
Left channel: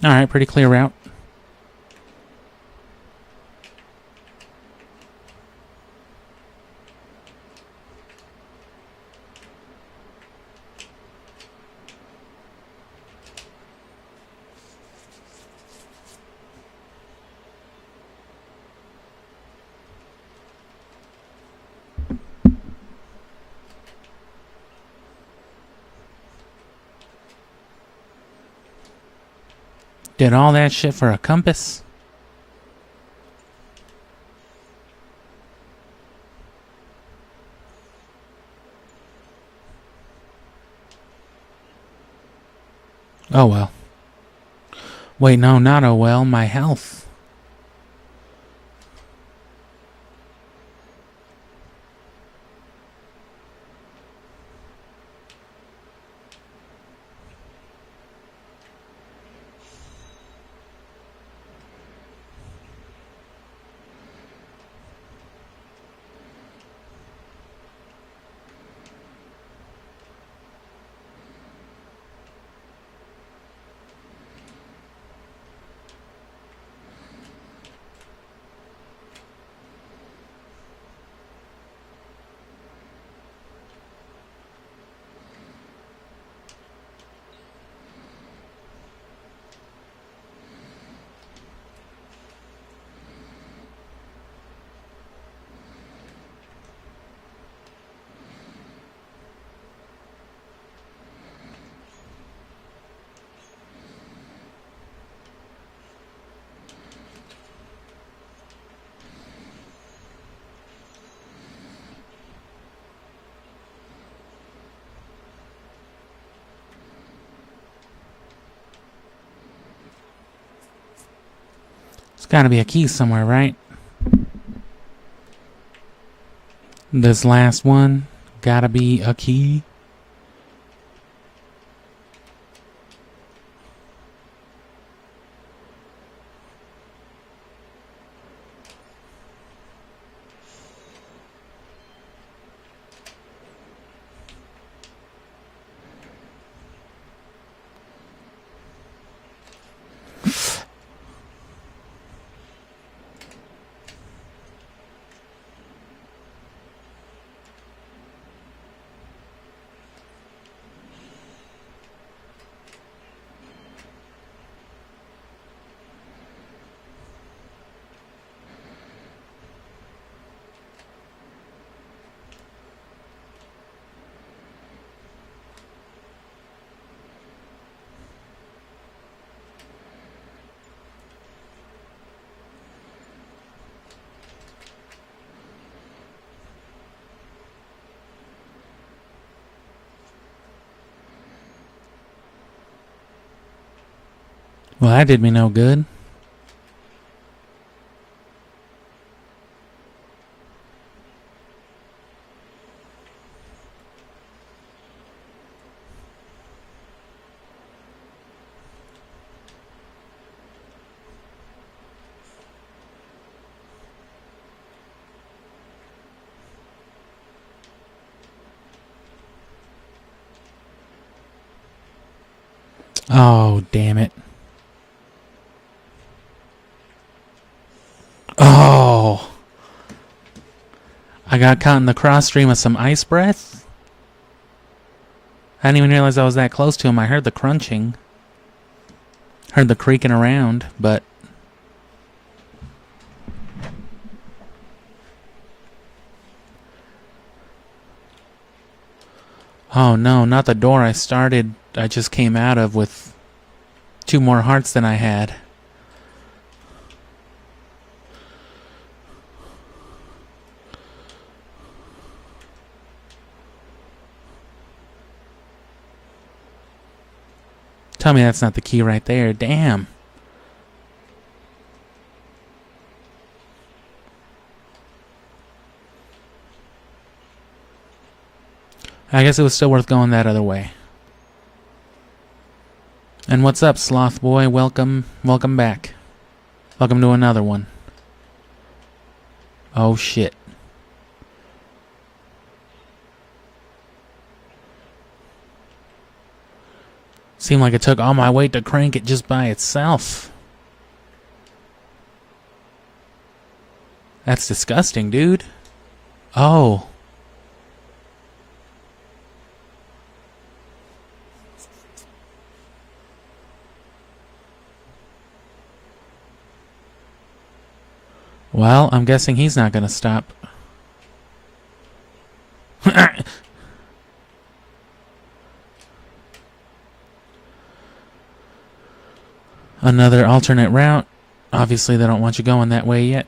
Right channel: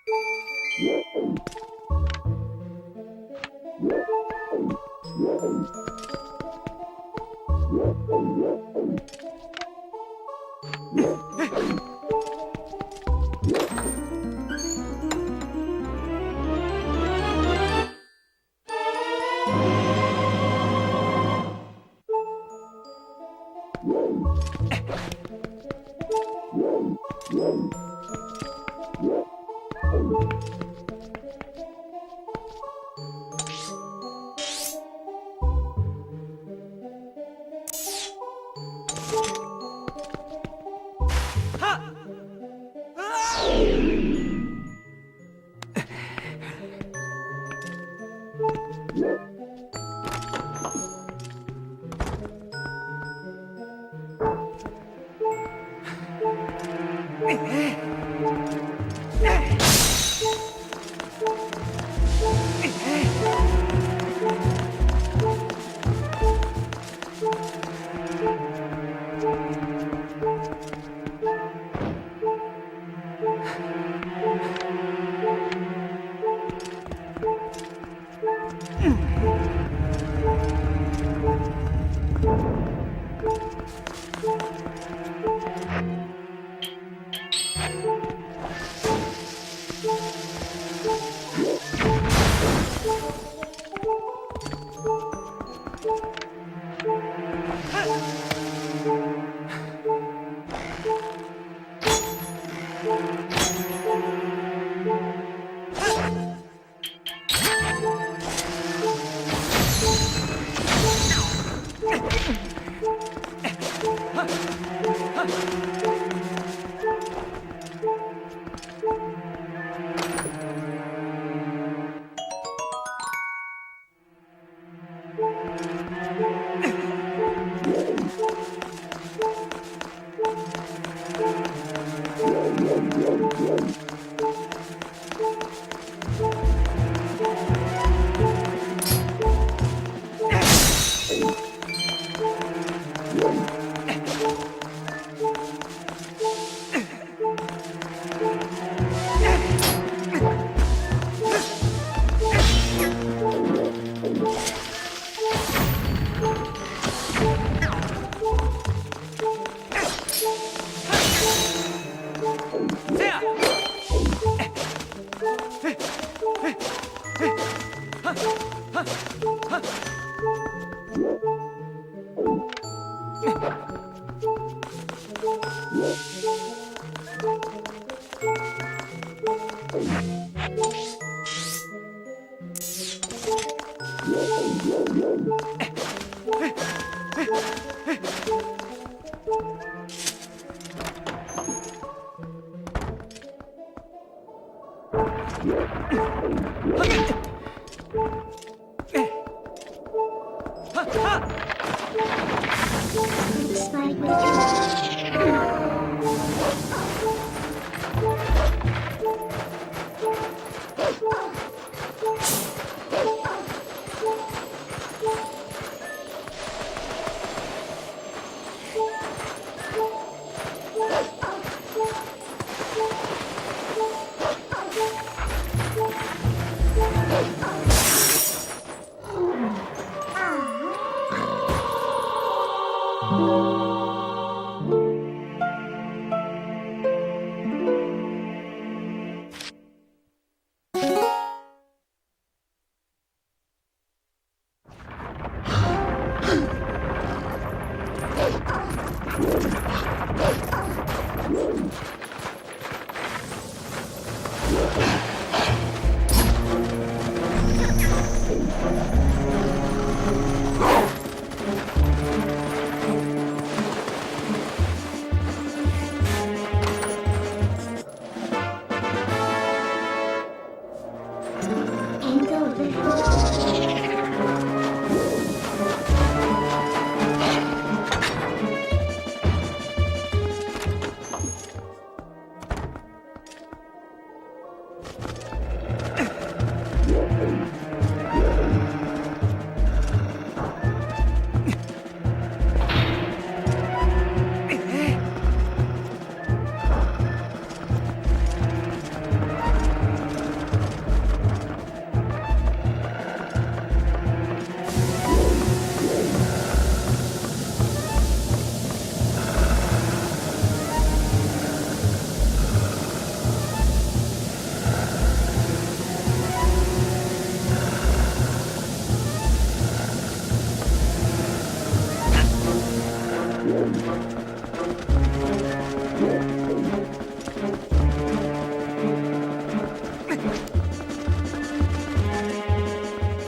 Alright, pretty clear route. Did all that shit for a compass? Oh well. Wait, no, not oh well. My health. There's gotta be a key somewhere, right? This last one, gotta be a key. Well, that did me no good. Oh, damn it. Oh. I got caught in the cross stream of some ice breath. I didn't even realize I was that close to him. I heard the crunching. Heard the creaking around, but... Oh no, not the door I just came out of with 2 more hearts than I had. Tell me that's not the key right there. Damn. I guess it was still worth going that other way. And what's up, Sloth Boy? Welcome back. Welcome to another one. Oh shit. Seemed like it took all my weight to crank it just by itself. That's disgusting, dude. Oh. Well, I'm guessing he's not gonna stop. Another alternate route. Obviously, they don't want you going that way yet.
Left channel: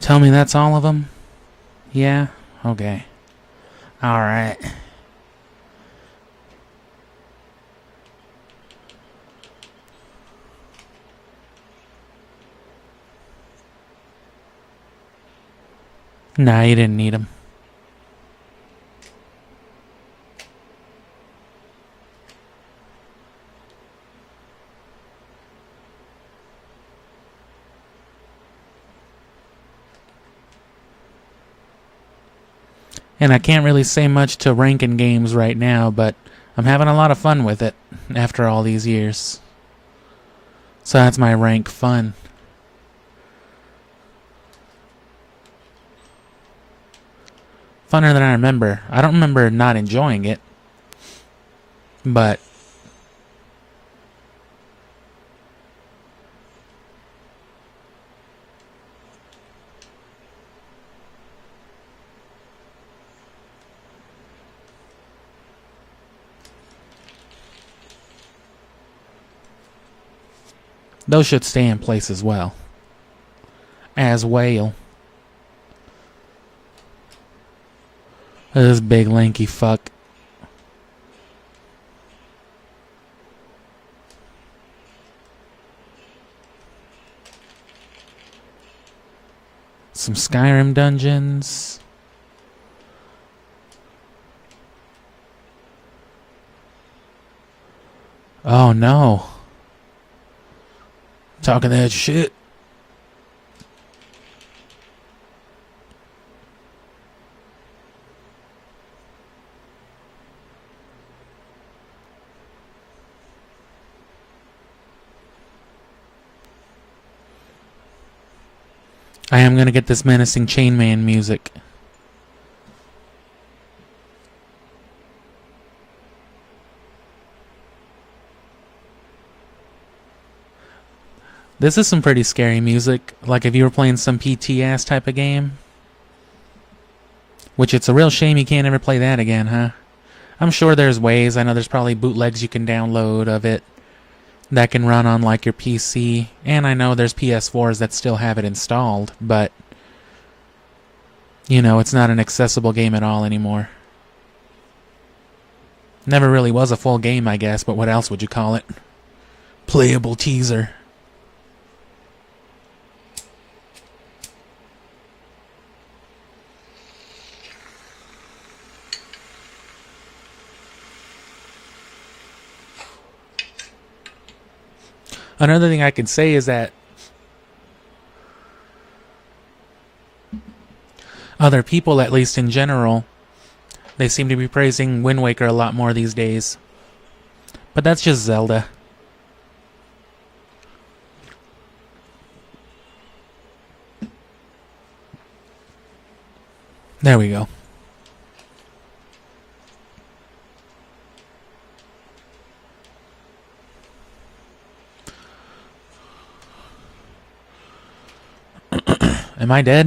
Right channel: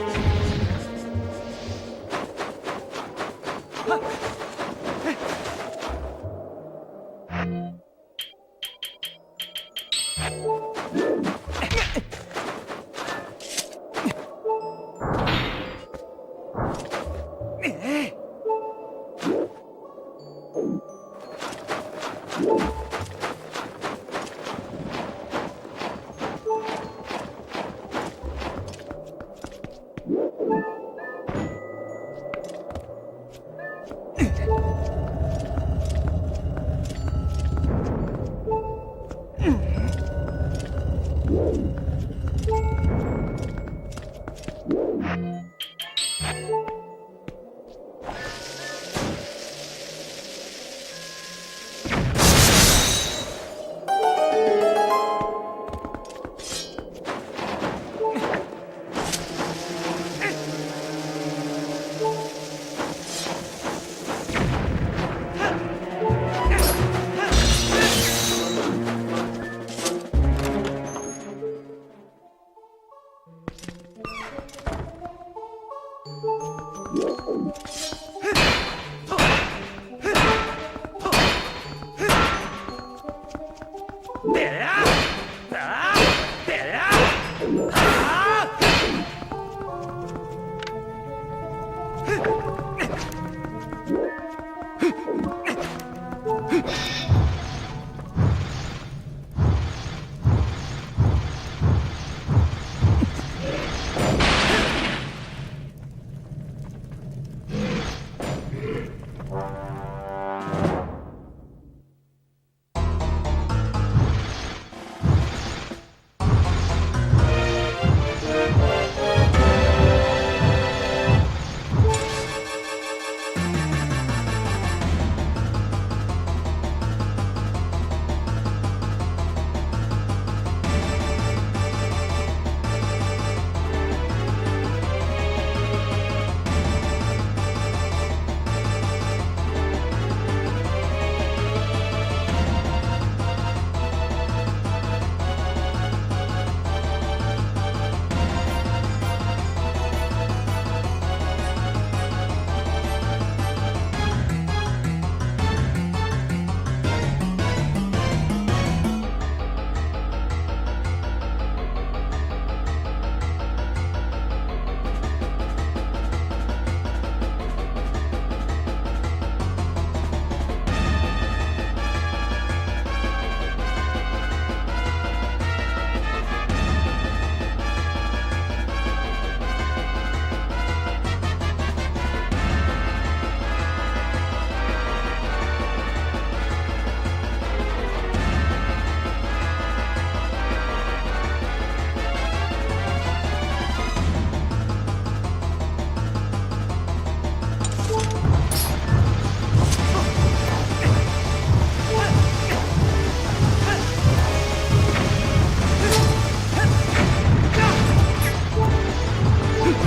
Tell me that's all of them? Yeah? Okay. Alright. Nah, you didn't need them. And I can't really say much to ranking games right now, but I'm having a lot of fun with it after all these years. So that's my rank fun. Funner than I remember. I don't remember not enjoying it, but those should stay in place as well. As well. This big lanky fuck. Some Skyrim dungeons. Oh no. Talking that shit. I am gonna get this menacing chainman music. This is some pretty scary music, like if you were playing some PTS type of game. Which it's a real shame you can't ever play that again, huh? I'm sure there's ways. I know there's probably bootlegs you can download of it that can run on like your PC, and I know there's PS4s that still have it installed, but you know, it's not an accessible game at all anymore. Never really was a full game, I guess, but what else would you call it? Playable teaser. Another thing I could say is that other people, at least in general, they seem to be praising Wind Waker a lot more these days. But that's just Zelda. There we go. Am I dead?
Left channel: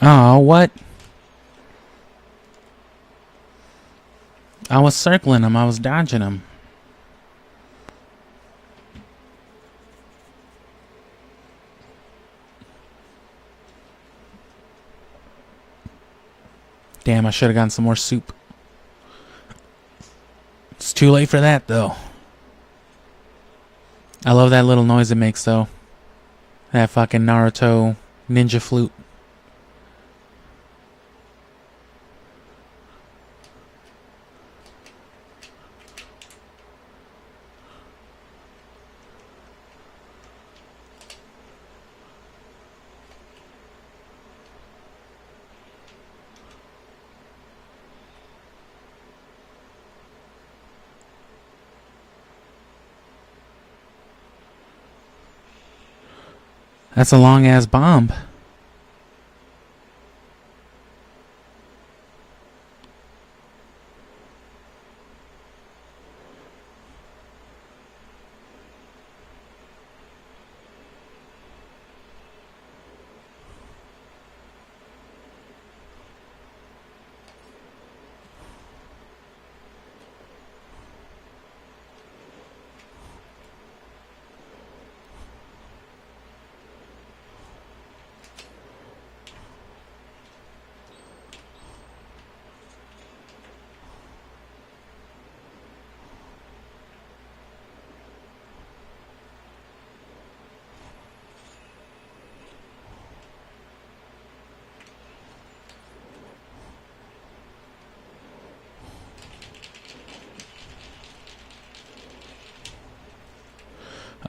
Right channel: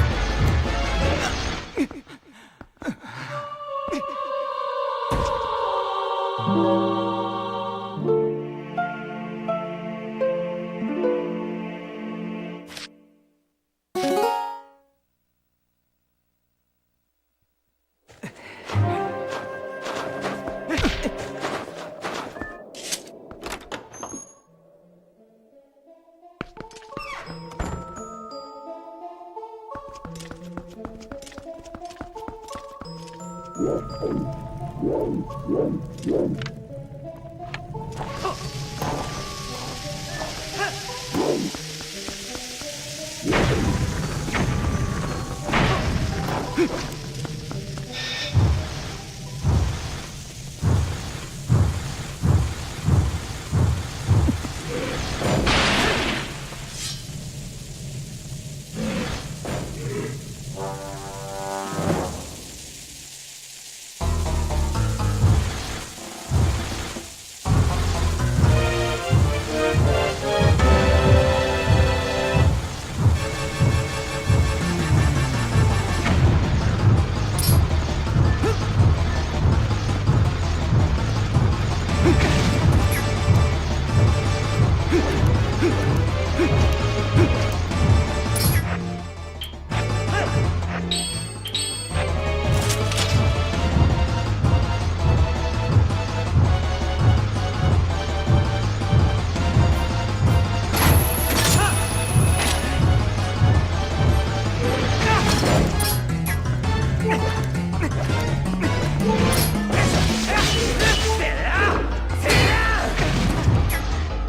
Oh, what? I was circling him. I was dodging him. Damn, I should have gotten some more soup. It's too late for that, though. I love that little noise it makes, though. That fucking Naruto ninja flute. That's a long-ass bomb.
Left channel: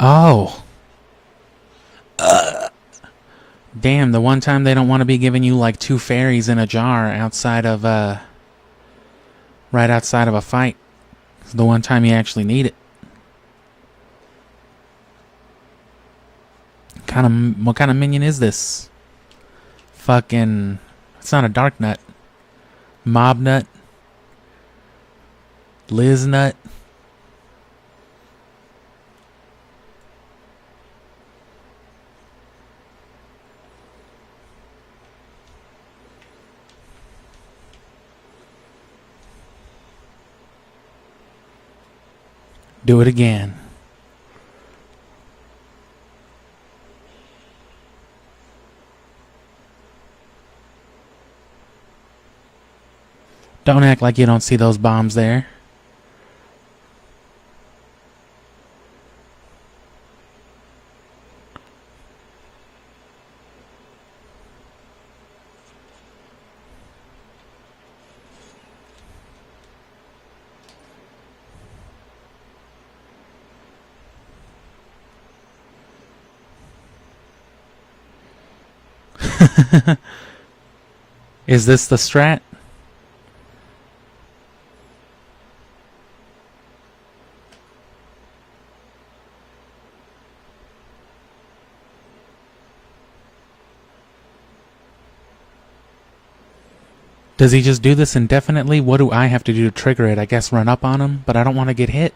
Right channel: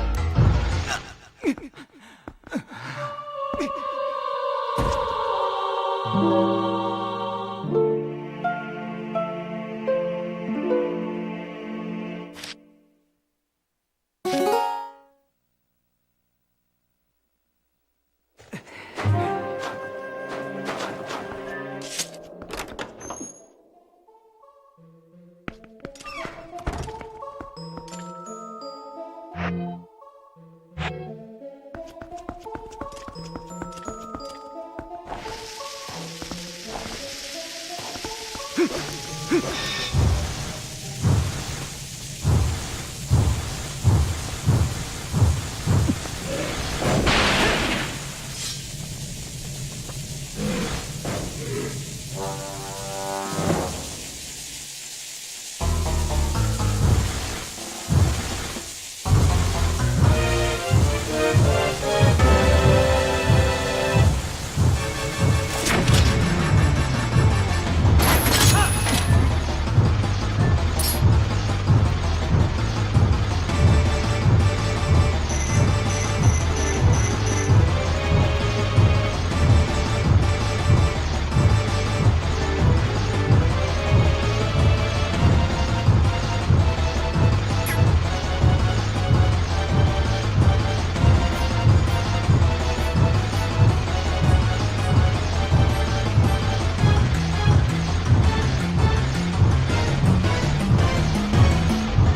Oh. Damn, the one time they don't want to be giving you like 2 fairies in a jar outside of, right outside of a fight. It's the one time you actually need it. What kind of minion is this? Fucking, it's not a dark nut. Mob nut. Liz nut. Do it again. Don't act like you don't see those bombs there. Is this the strat? Does he just do this indefinitely? What do I have to do to trigger it? I guess run up on him, but I don't want to get hit.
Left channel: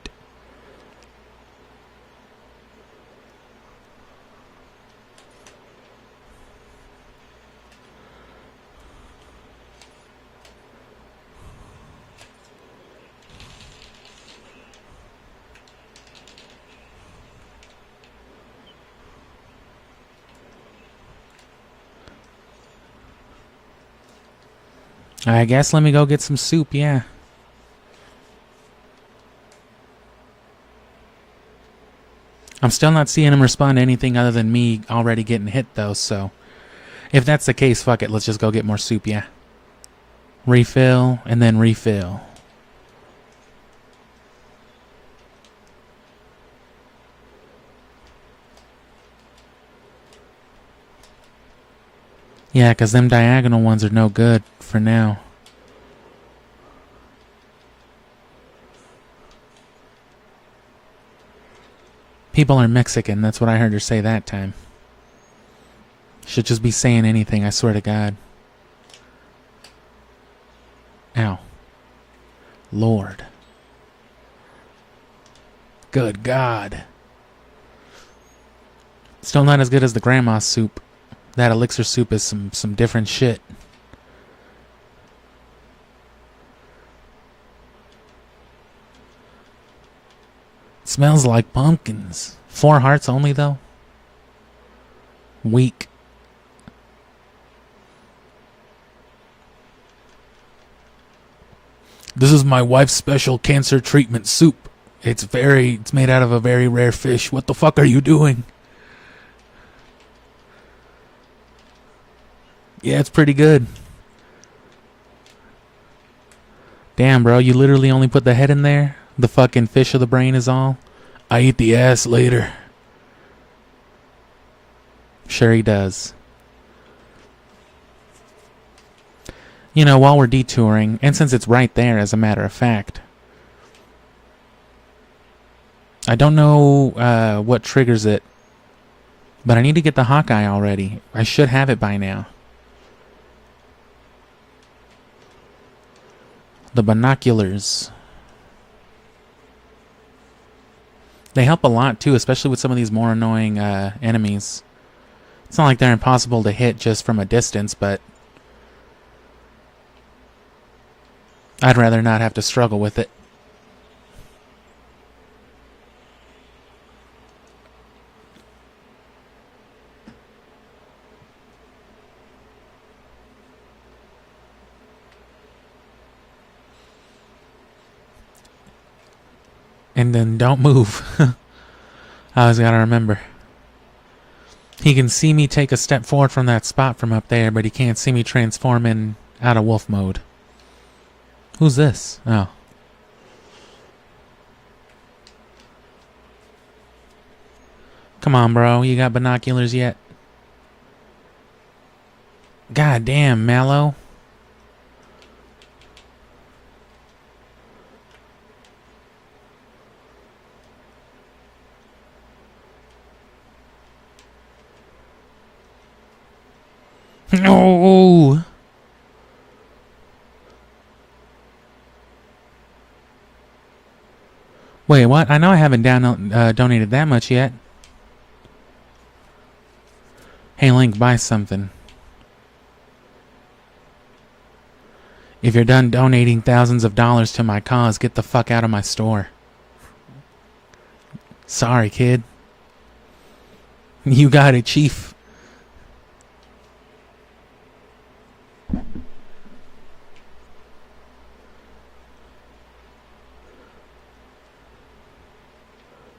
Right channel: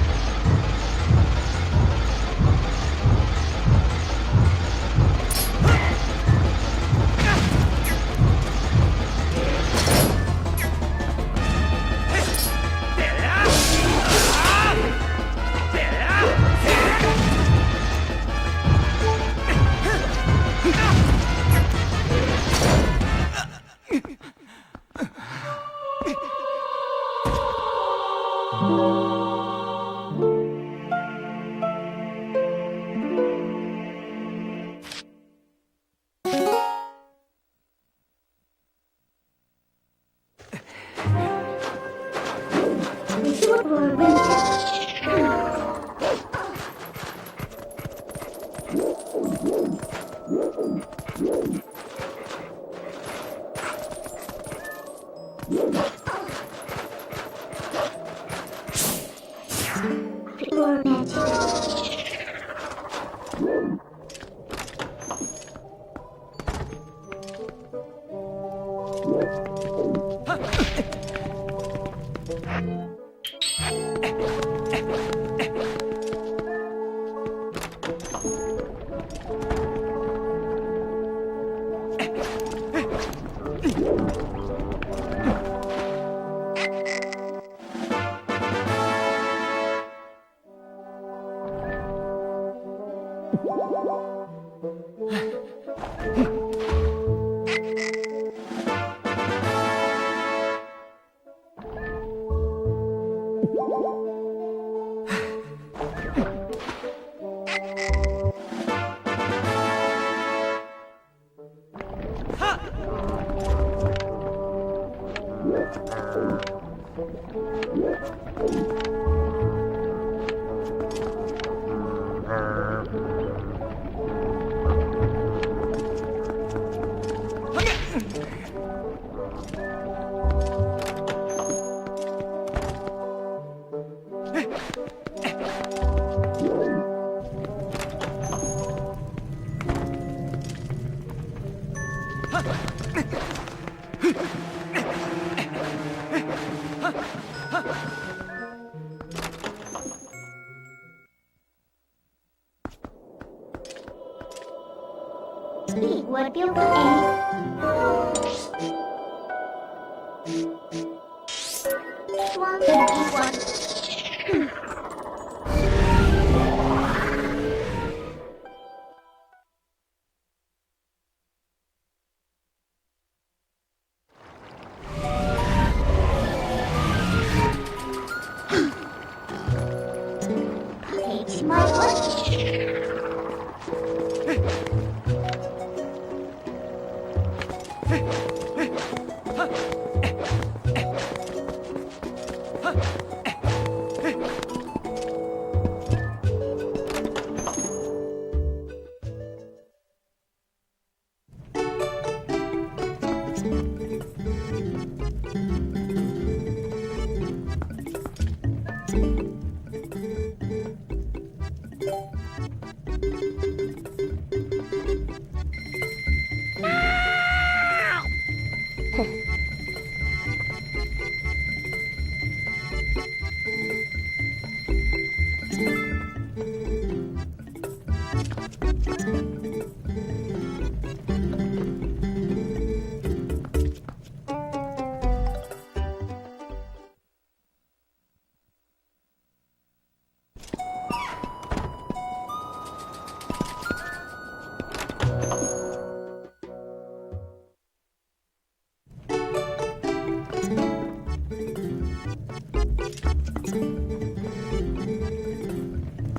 I guess let me go get some soup, yeah. I'm still not seeing him respond to anything other than me already getting hit, though, so... If that's the case, fuck it, let's just go get more soup, yeah. Refill, and then refill. Yeah, because them diagonal ones are no good for now. People are Mexican, that's what I heard her say that time. Should just be saying anything, I swear to God. Ow. Lord. Good God. Still not as good as the grandma's soup. That elixir soup is some different shit. Smells like pumpkins. 4 hearts only though? Weak. This is my wife's special cancer treatment soup. It's made out of a very rare fish. What the fuck are you doing? Yeah, it's pretty good. Damn, bro, you literally only put the head in there? The fucking fish of the brain is all? I eat the ass later. Sure he does. You know, while we're detouring, and since it's right there as a matter of fact, I don't know what triggers it, but I need to get the Hawkeye already. I should have it by now. The binoculars. They help a lot too, especially with some of these more annoying enemies. It's not like they're impossible to hit just from a distance, but I'd rather not have to struggle with it. And then don't move. I always gotta remember. He can see me take a step forward from that spot from up there, but he can't see me transform in out of wolf mode. Who's this? Oh. Come on, bro. You got binoculars yet? God damn, Mallow. No. Wait, what? I know I haven't donated that much yet. Hey, Link, buy something. If you're done donating thousands of dollars to my cause, get the fuck out of my store. Sorry, kid. You got it, Chief.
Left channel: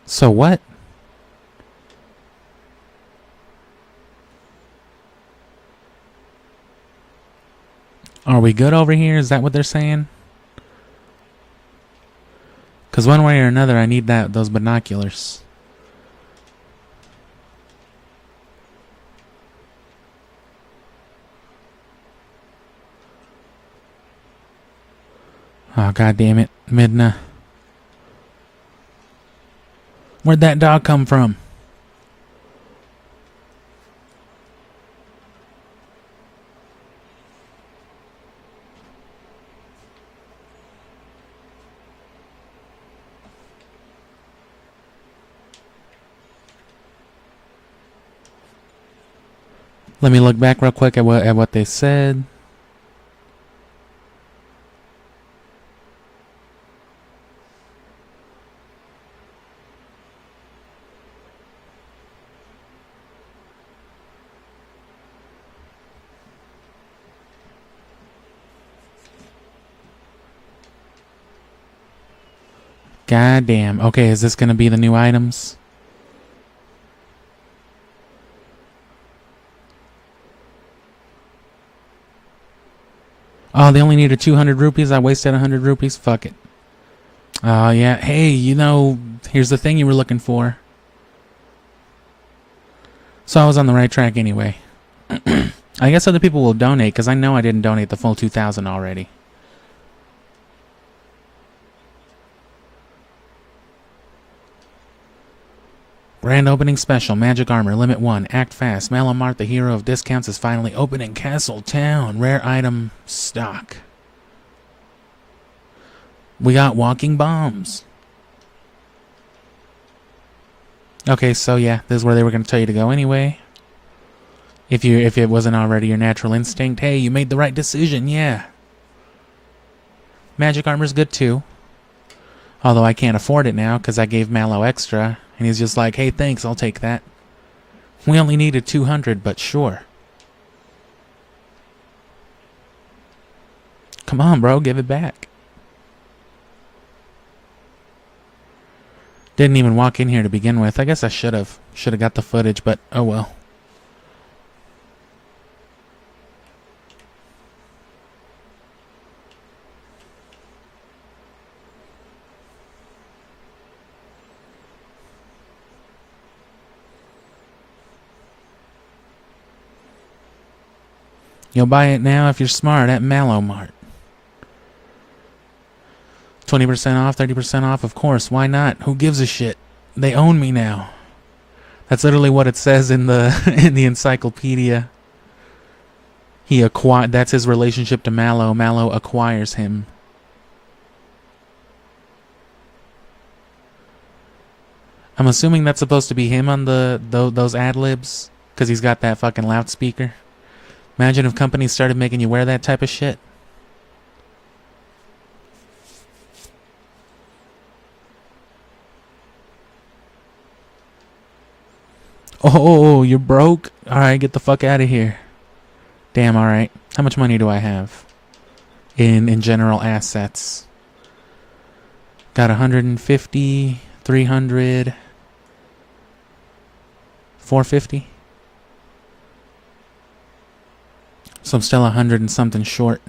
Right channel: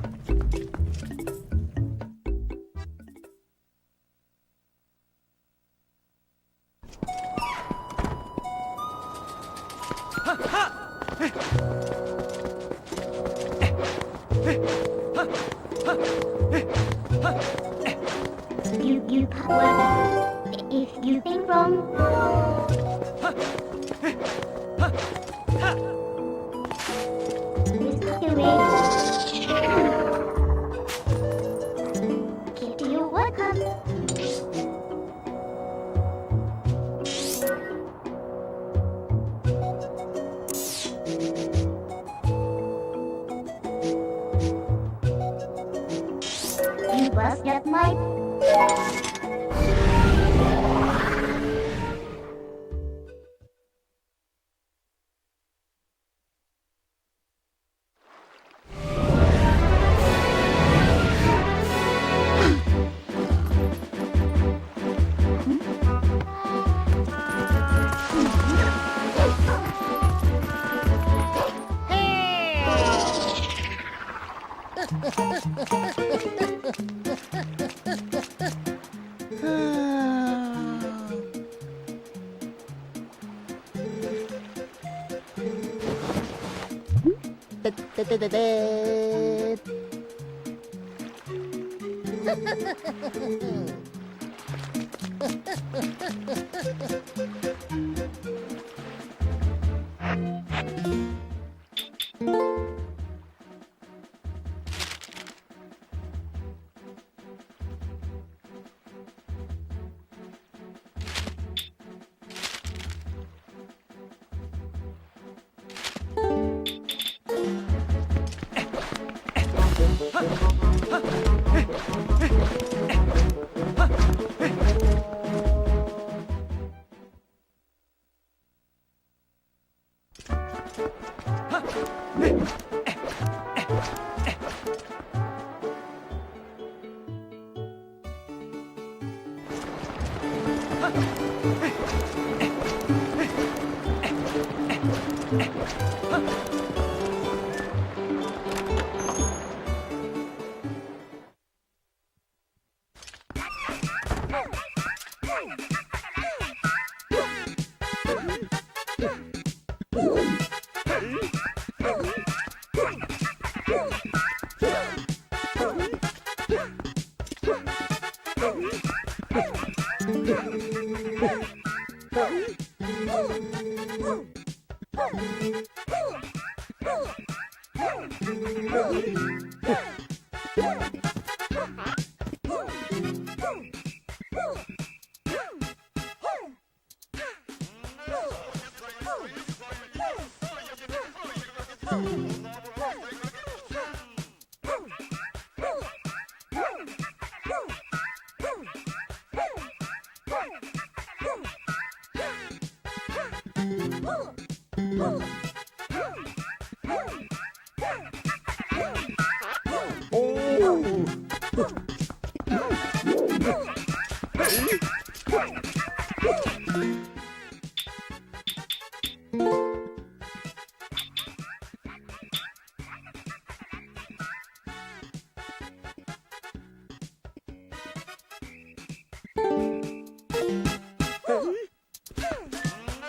So what? Are we good over here? Is that what they're saying? Because one way or another, I need those binoculars. Oh, god damn it, Midna. Where'd that dog come from? Let me look back real quick at what they said. God damn. Okay, is this gonna be the new items? Oh, they only needed 200 rupees. I wasted 100 rupees. Fuck it. Oh, yeah. Hey, you know, here's the thing you were looking for. So I was on the right track anyway. I guess other people will donate, because I know I didn't donate the full 2,000 already. Grand opening special, magic armor, limit 1, act fast. Malamart, the hero of discounts, is finally opening Castle Town. Rare item stock. We got walking bombs. Okay, so yeah, this is where they were going to tell you to go anyway. If it wasn't already your natural instinct, hey, you made the right decision, yeah. Magic armor's good too. Although I can't afford it now because I gave Mallow extra, and he's just like, hey, thanks, I'll take that. We only needed 200, but sure. Come on, bro, give it back. Didn't even walk in here to begin with. I guess I should have. Should have got the footage, but oh well. You'll buy it now if you're smart at Mallow Mart. 20% off, 30% off, of course, why not? Who gives a shit? They own me now. That's literally what it says in the in the encyclopedia. That's his relationship to Mallow. Mallow acquires him. I'm assuming that's supposed to be him on those ad-libs, because he's got that fucking loudspeaker. Imagine if companies started making you wear that type of shit. Oh, you're broke? Alright, get the fuck out of here. Damn, alright. How much money do I have? In general assets. Got 150, 300, 450. So I'm still 100 and something short.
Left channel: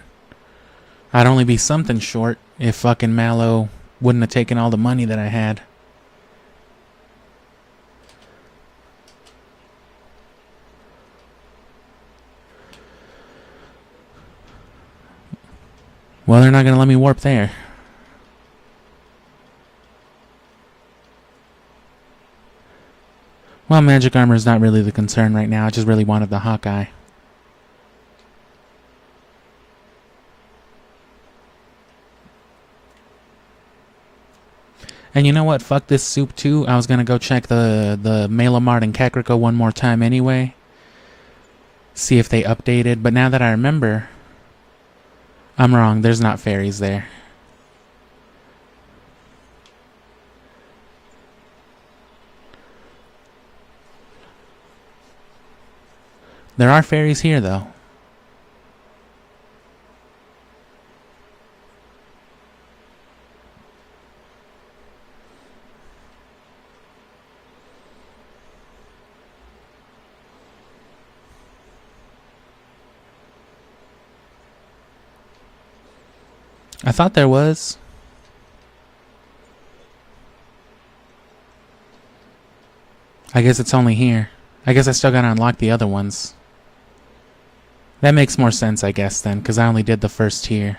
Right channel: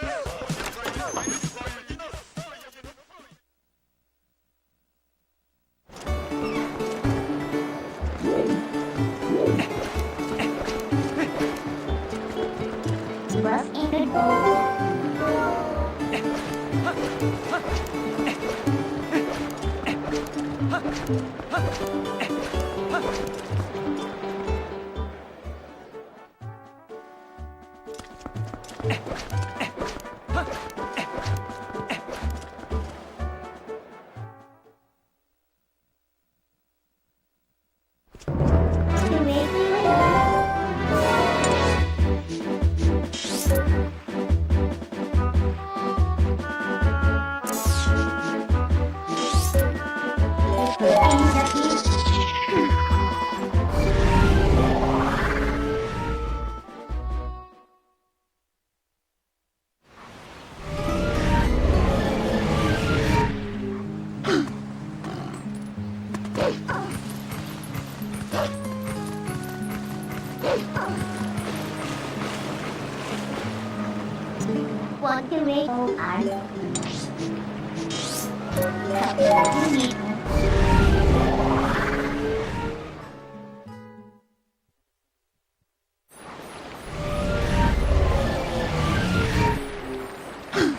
I'd only be something short if fucking Mallow wouldn't have taken all the money that I had. Well, they're not gonna let me warp there. Well, magic armor is not really the concern right now. I just really wanted the Hawkeye. And you know what? Fuck this soup too. I was gonna go check the Mallow Mart and Kakariko one more time anyway. See if they updated. But now that I remember, I'm wrong. There's not fairies there. There are fairies here, though. I thought there was. I guess it's only here. I guess I still gotta unlock the other ones. That makes more sense, I guess, then, because I only did the first tier.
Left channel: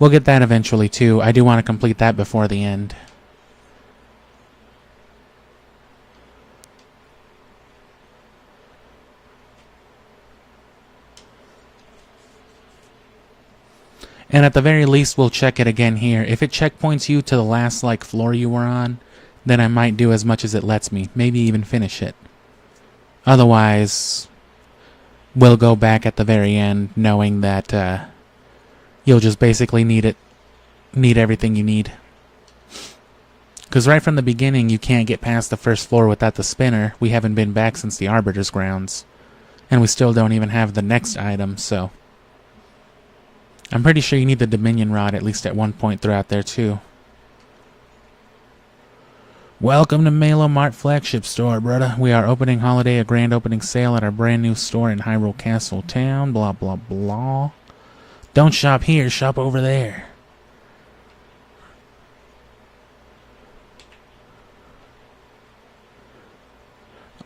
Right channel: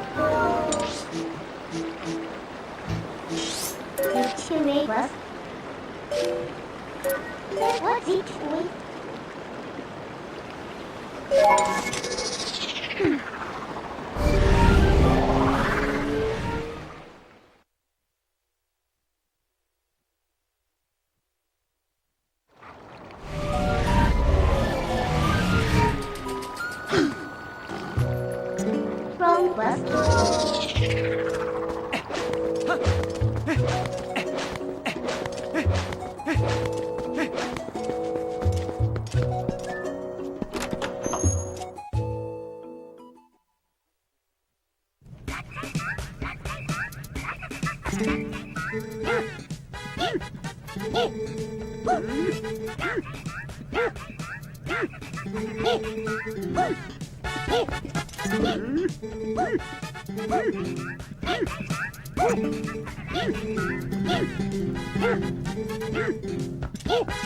We'll get that eventually, too. I do want to complete that before the end. And at the very least, we'll check it again here. If it checkpoints you to the last, floor you were on, then I might do as much as it lets me. Maybe even finish it. Otherwise, we'll go back at the very end, knowing that, you'll just basically need everything you need. Because right from the beginning, you can't get past the first floor without the spinner. We haven't been back since the Arbiter's grounds. And we still don't even have the next item, so... I'm pretty sure you need the Dominion Rod at least at one point throughout there, too. Welcome to Mallow Mart Flagship Store, brother. We are opening a grand opening sale at our brand new store in Hyrule Castle Town, blah, blah, blah. Don't shop here, shop over there.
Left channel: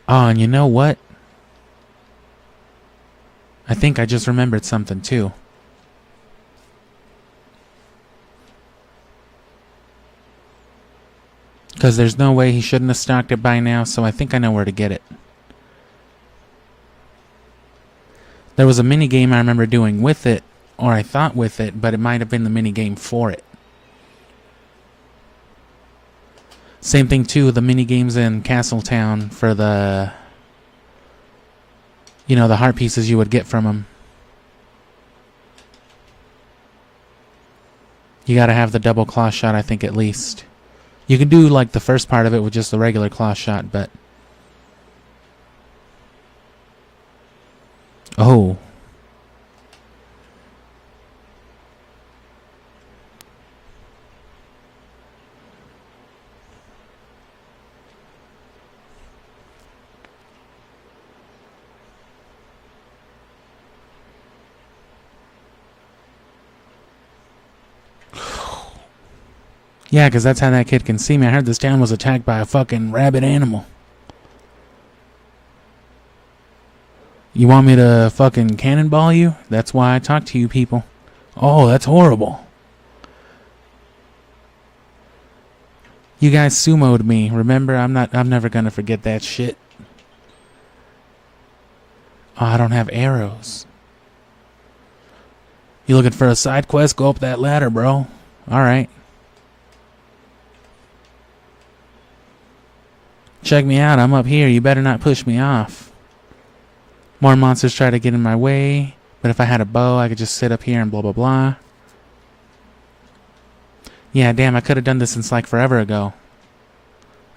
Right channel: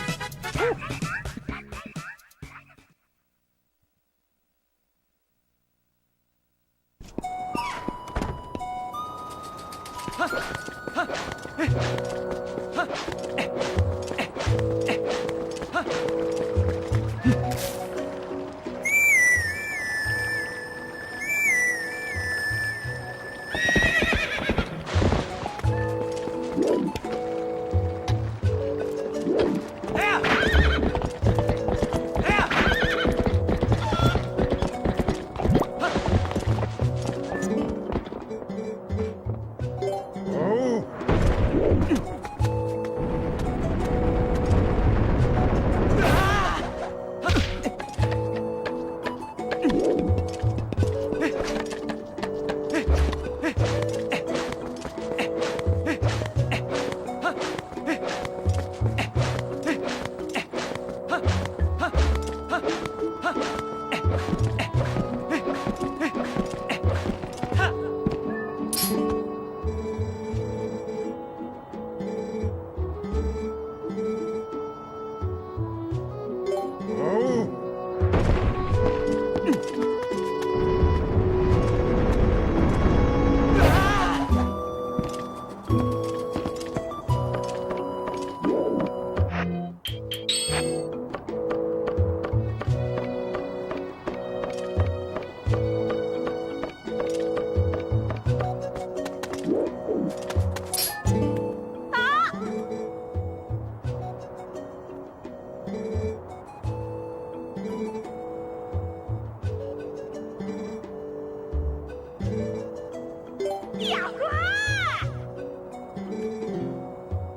Oh, and you know what? I think I just remembered something, too. Because there's no way he shouldn't have stocked it by now, so I think I know where to get it. There was a mini game I remember doing with it, or I thought with it, but it might have been the mini game for it. Same thing too, the mini games in Castletown for the, you know, the heart pieces you would get from them. You gotta have the double claw shot, I think, at least. You can do like the first part of it with just the regular claw shot, but... Oh. Yeah, because that's how that kid can see me. I heard this town was attacked by a fucking rabid animal. You want me to fucking cannonball you? That's why I talk to you people. Oh, that's horrible. You guys sumoed me. Remember, I'm never gonna forget that shit. Oh, I don't have arrows. You looking for a side quest? Go up that ladder, bro. Alright. Check me out, I'm up here. You better not push me off. More monsters try to get in my way, but if I had a bow, I could just sit up here and blah blah blah. Yeah, damn, I could have done this since like forever ago.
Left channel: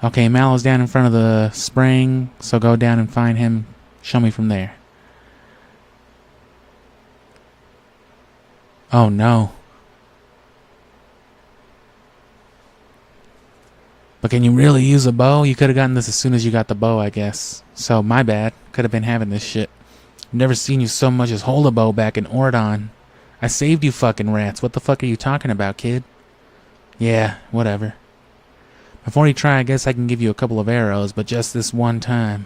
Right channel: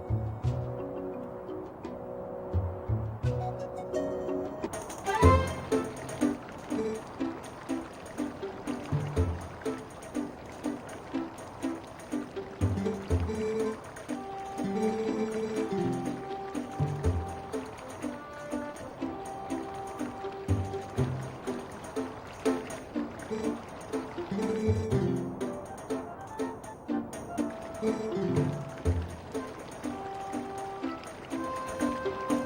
Okay, Mallow's down in front of the spring, so go down and find him. Show me from there. Oh no. But can you really use a bow? You could have gotten this as soon as you got the bow, I guess. So, my bad. Could have been having this shit. I've never seen you so much as hold a bow back in Ordon. I saved you fucking rats. What the fuck are you talking about, kid? Yeah, whatever. Before you try, I guess I can give you a couple of arrows, but just this one time.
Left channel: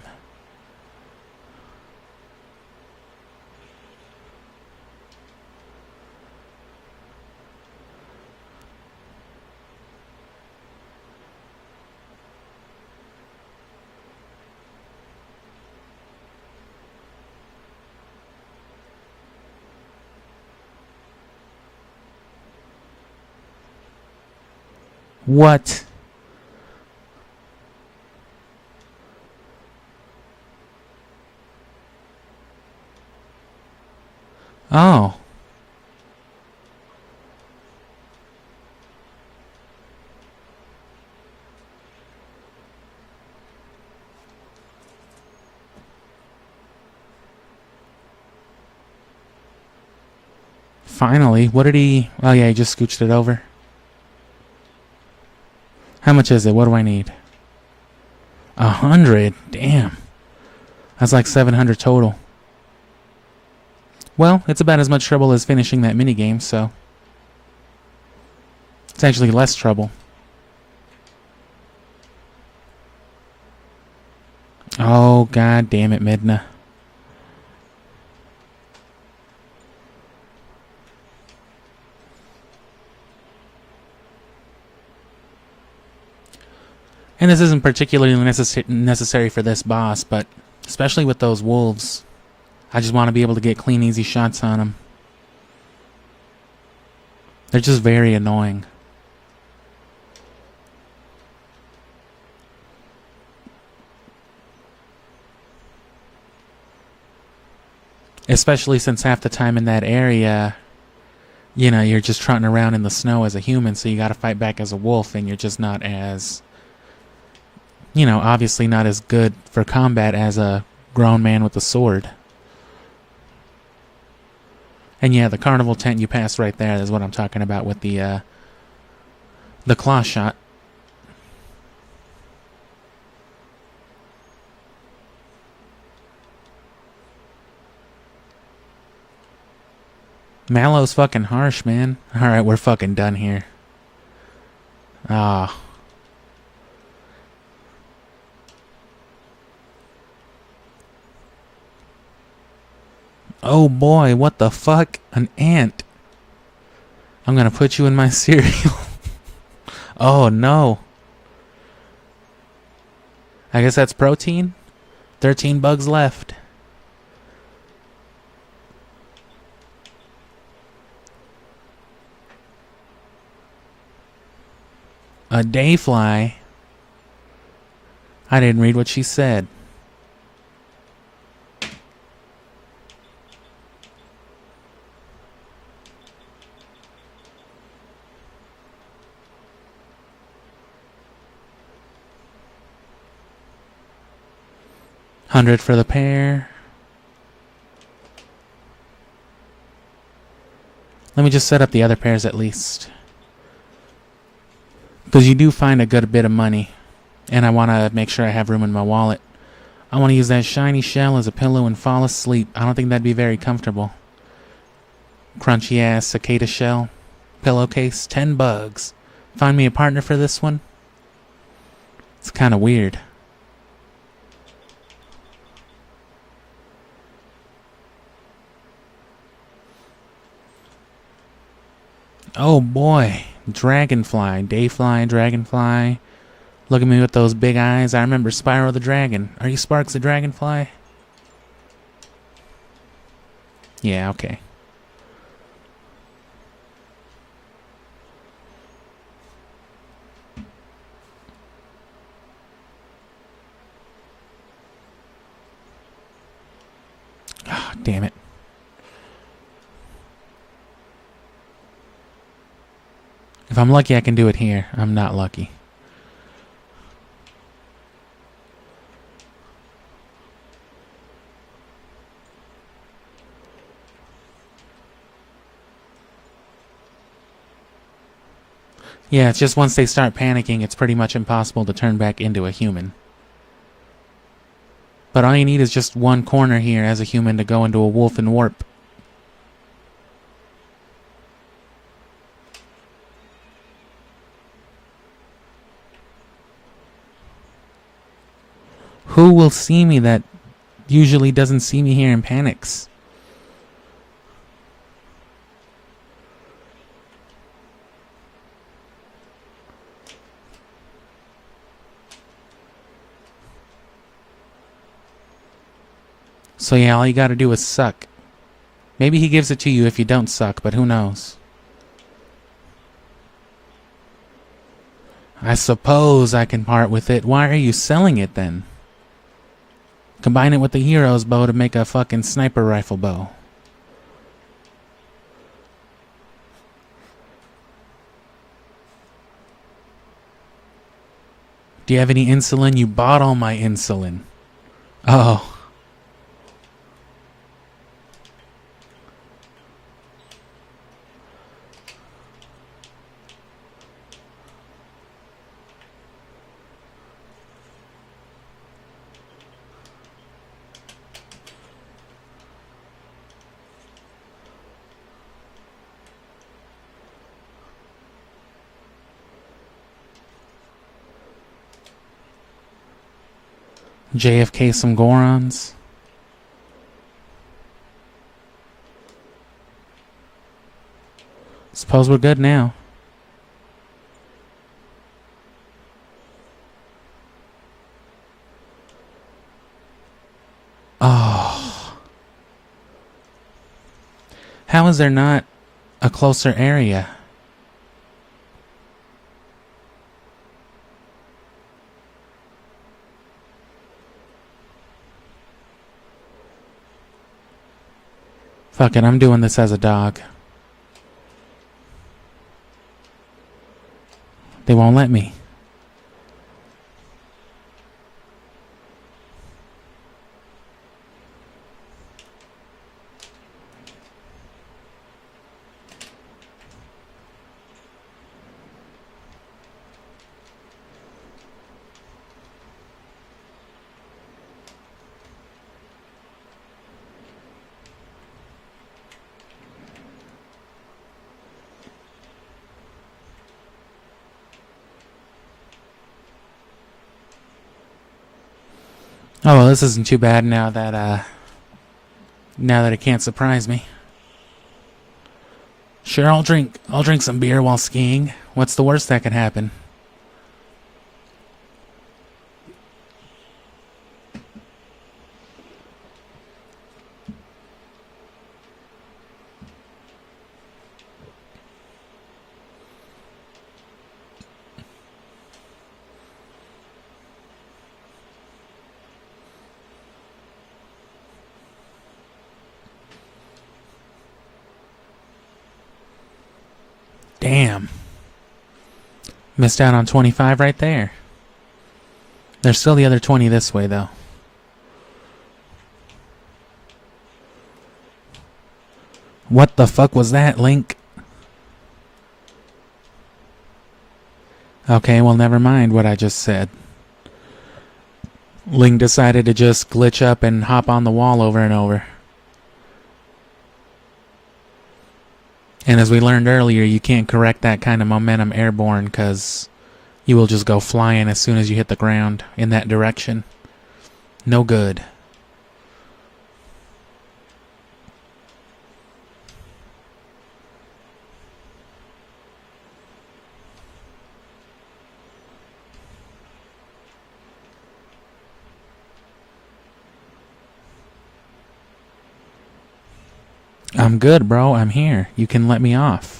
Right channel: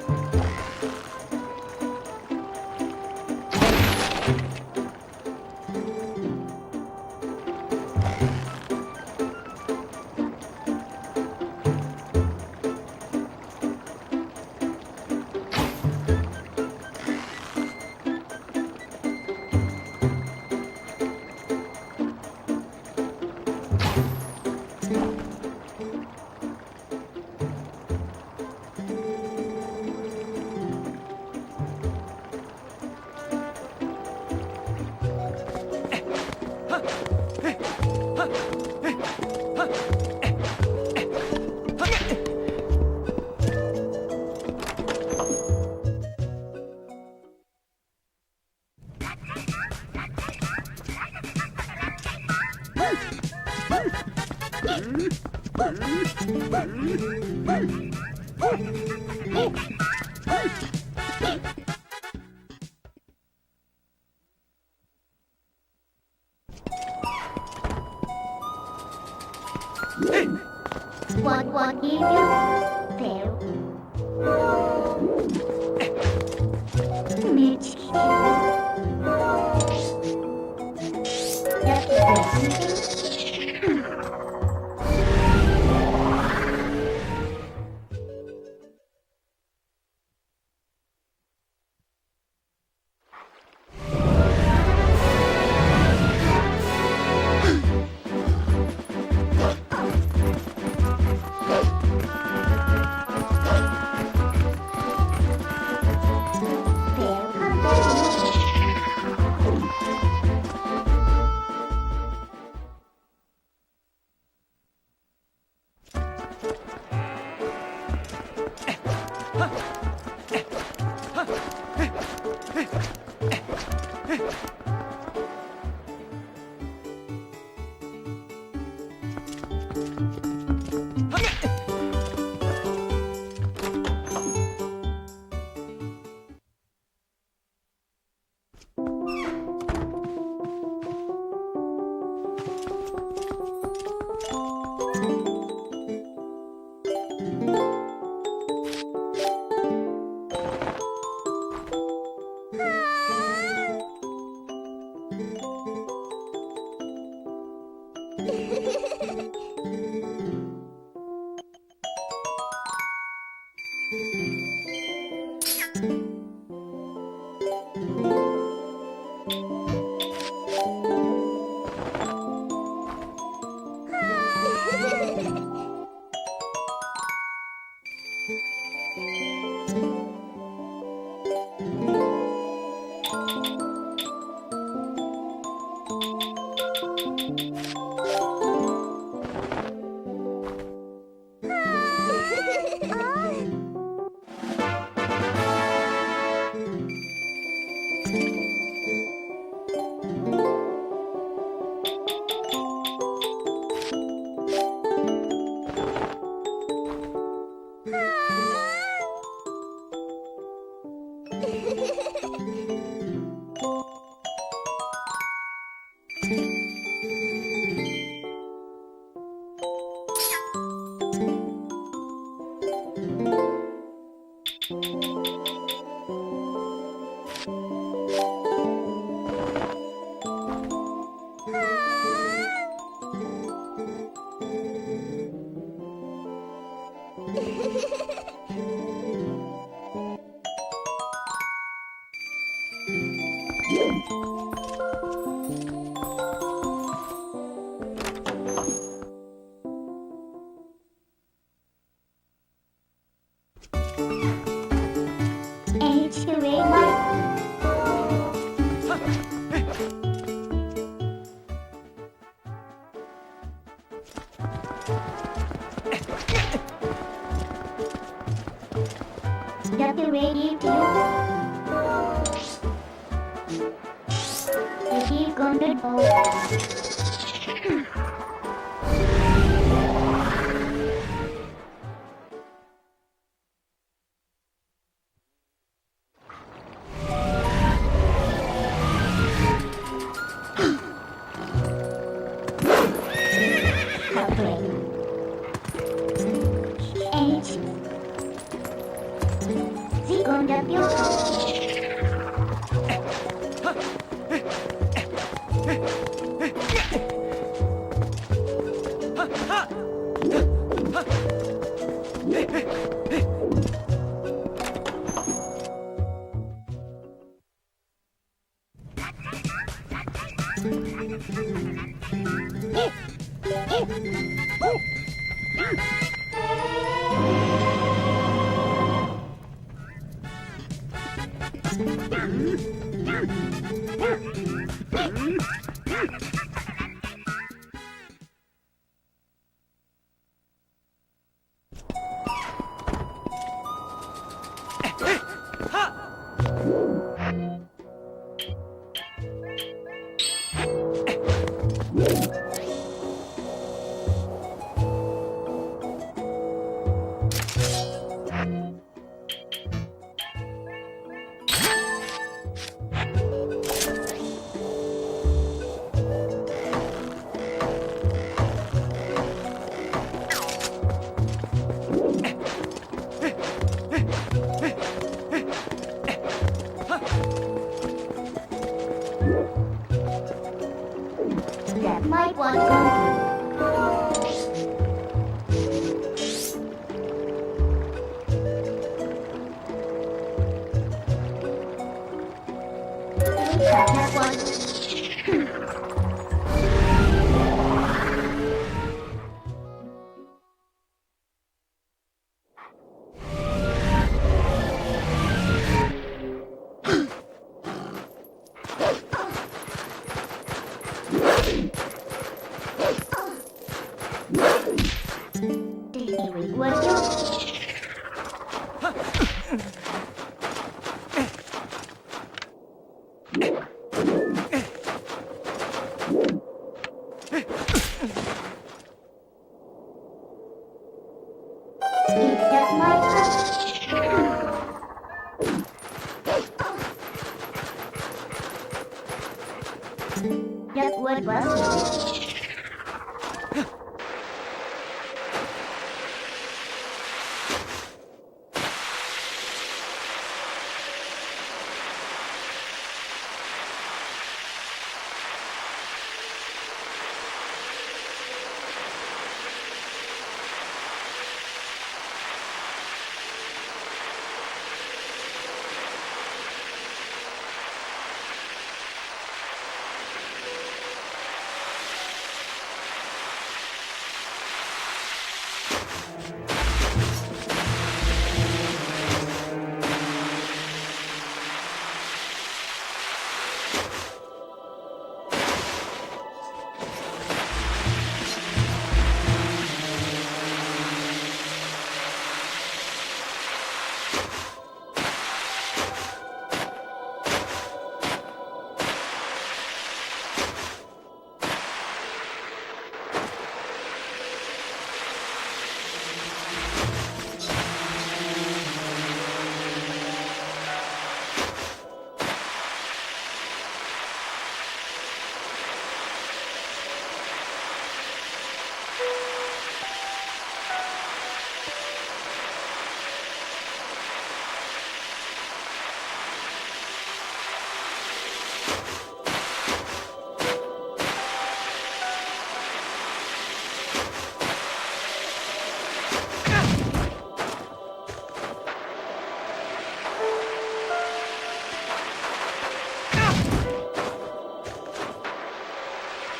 What? Oh. Finally, what did he... Oh yeah, he just scooched it over. How much is it? What do I need? 100? Damn. That's like 700 total. Well, it's about as much trouble as finishing that minigame, so... It's actually less trouble. Oh, god damn it, Midna. And this isn't particularly necessary for this boss, but especially with those wolves, I just want to be able to get clean, easy shots on them. They're just very annoying. Especially since half the time in that area, you know, you're just trotting around in the snow as a human, so you gotta fight back as a wolf, and you're just not as... You know, obviously not as good for combat as a grown man with a sword. And yeah, the carnival tent you passed right there is what I'm talking about with the claw shot. Mallow's fucking harsh, man. Alright, we're fucking done here. Ah. Oh boy, what the fuck? An ant. I'm gonna put you in my cereal. Oh no. I guess that's protein. 13 bugs left. A dayfly. I didn't read what she said. $100 for the pair. Let me just set up the other pairs at least. Because you do find a good bit of money. And I want to make sure I have room in my wallet. I want to use that shiny shell as a pillow and fall asleep. I don't think that'd be very comfortable. Crunchy ass cicada shell. Pillowcase, 10 bugs. Find me a partner for this one? It's kind of weird. Oh boy. Dragonfly. Dayfly, dragonfly. Look at me with those big eyes. I remember Spyro the Dragon. Are you Sparks the Dragonfly? Yeah, okay. Oh, damn it. If I'm lucky, I can do it here. I'm not lucky. Yeah, it's just once they start panicking, it's pretty much impossible to turn back into a human. But all you need is just one corner here as a human to go into a wolf and warp. Who will see me that usually doesn't see me here and panics? So yeah, all you gotta do is suck. Maybe he gives it to you if you don't suck, but who knows? I suppose I can part with it. Why are you selling it then? Combine it with the hero's bow to make a fucking sniper rifle bow. Do you have any insulin? You bought all my insulin. Oh. JFK some Gorons. Suppose we're good now. Oh. How is there not a closer area? Fuck it, I'm doing this as a dog. They won't let me. Oh well, this isn't too bad now that it can't surprise me. Sure, I'll drink some beer while skiing. What's the worst that could happen? Damn. Missed out on 25 right there. There's still the other 20 this way, though. What the fuck was that, Link? Okay, well, never mind what I just said. Link decided to just glitch up and hop on the wall over and over. And as we learned earlier, you can't correct that kind of momentum airborne because you will just go flying as soon as you hit the ground in that direction. No good. I'm good, bro. I'm here. You can let me off.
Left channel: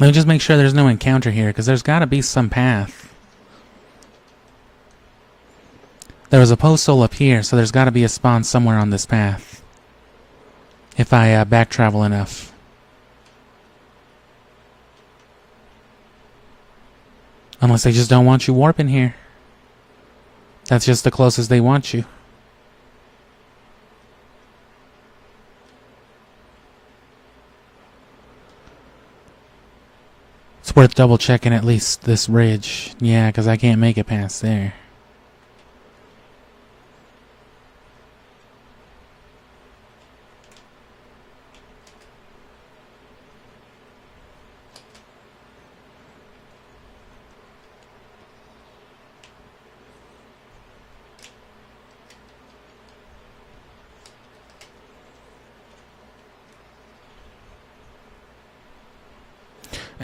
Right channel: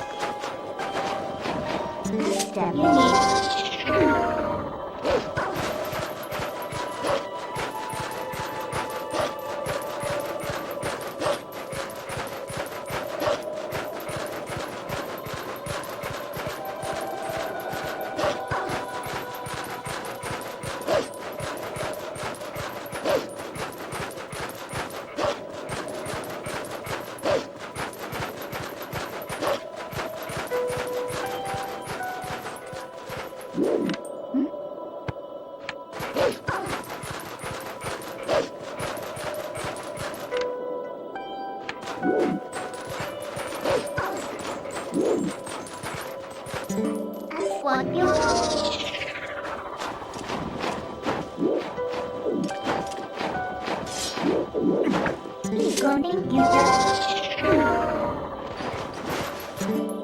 Let me just make sure there's no encounter here, because there's got to be some path. There was a postal up here, so there's got to be a spawn somewhere on this path. If I back travel enough. Unless they just don't want you warping here. That's just the closest they want you. It's worth double checking at least this bridge. Yeah, because I can't make it past there.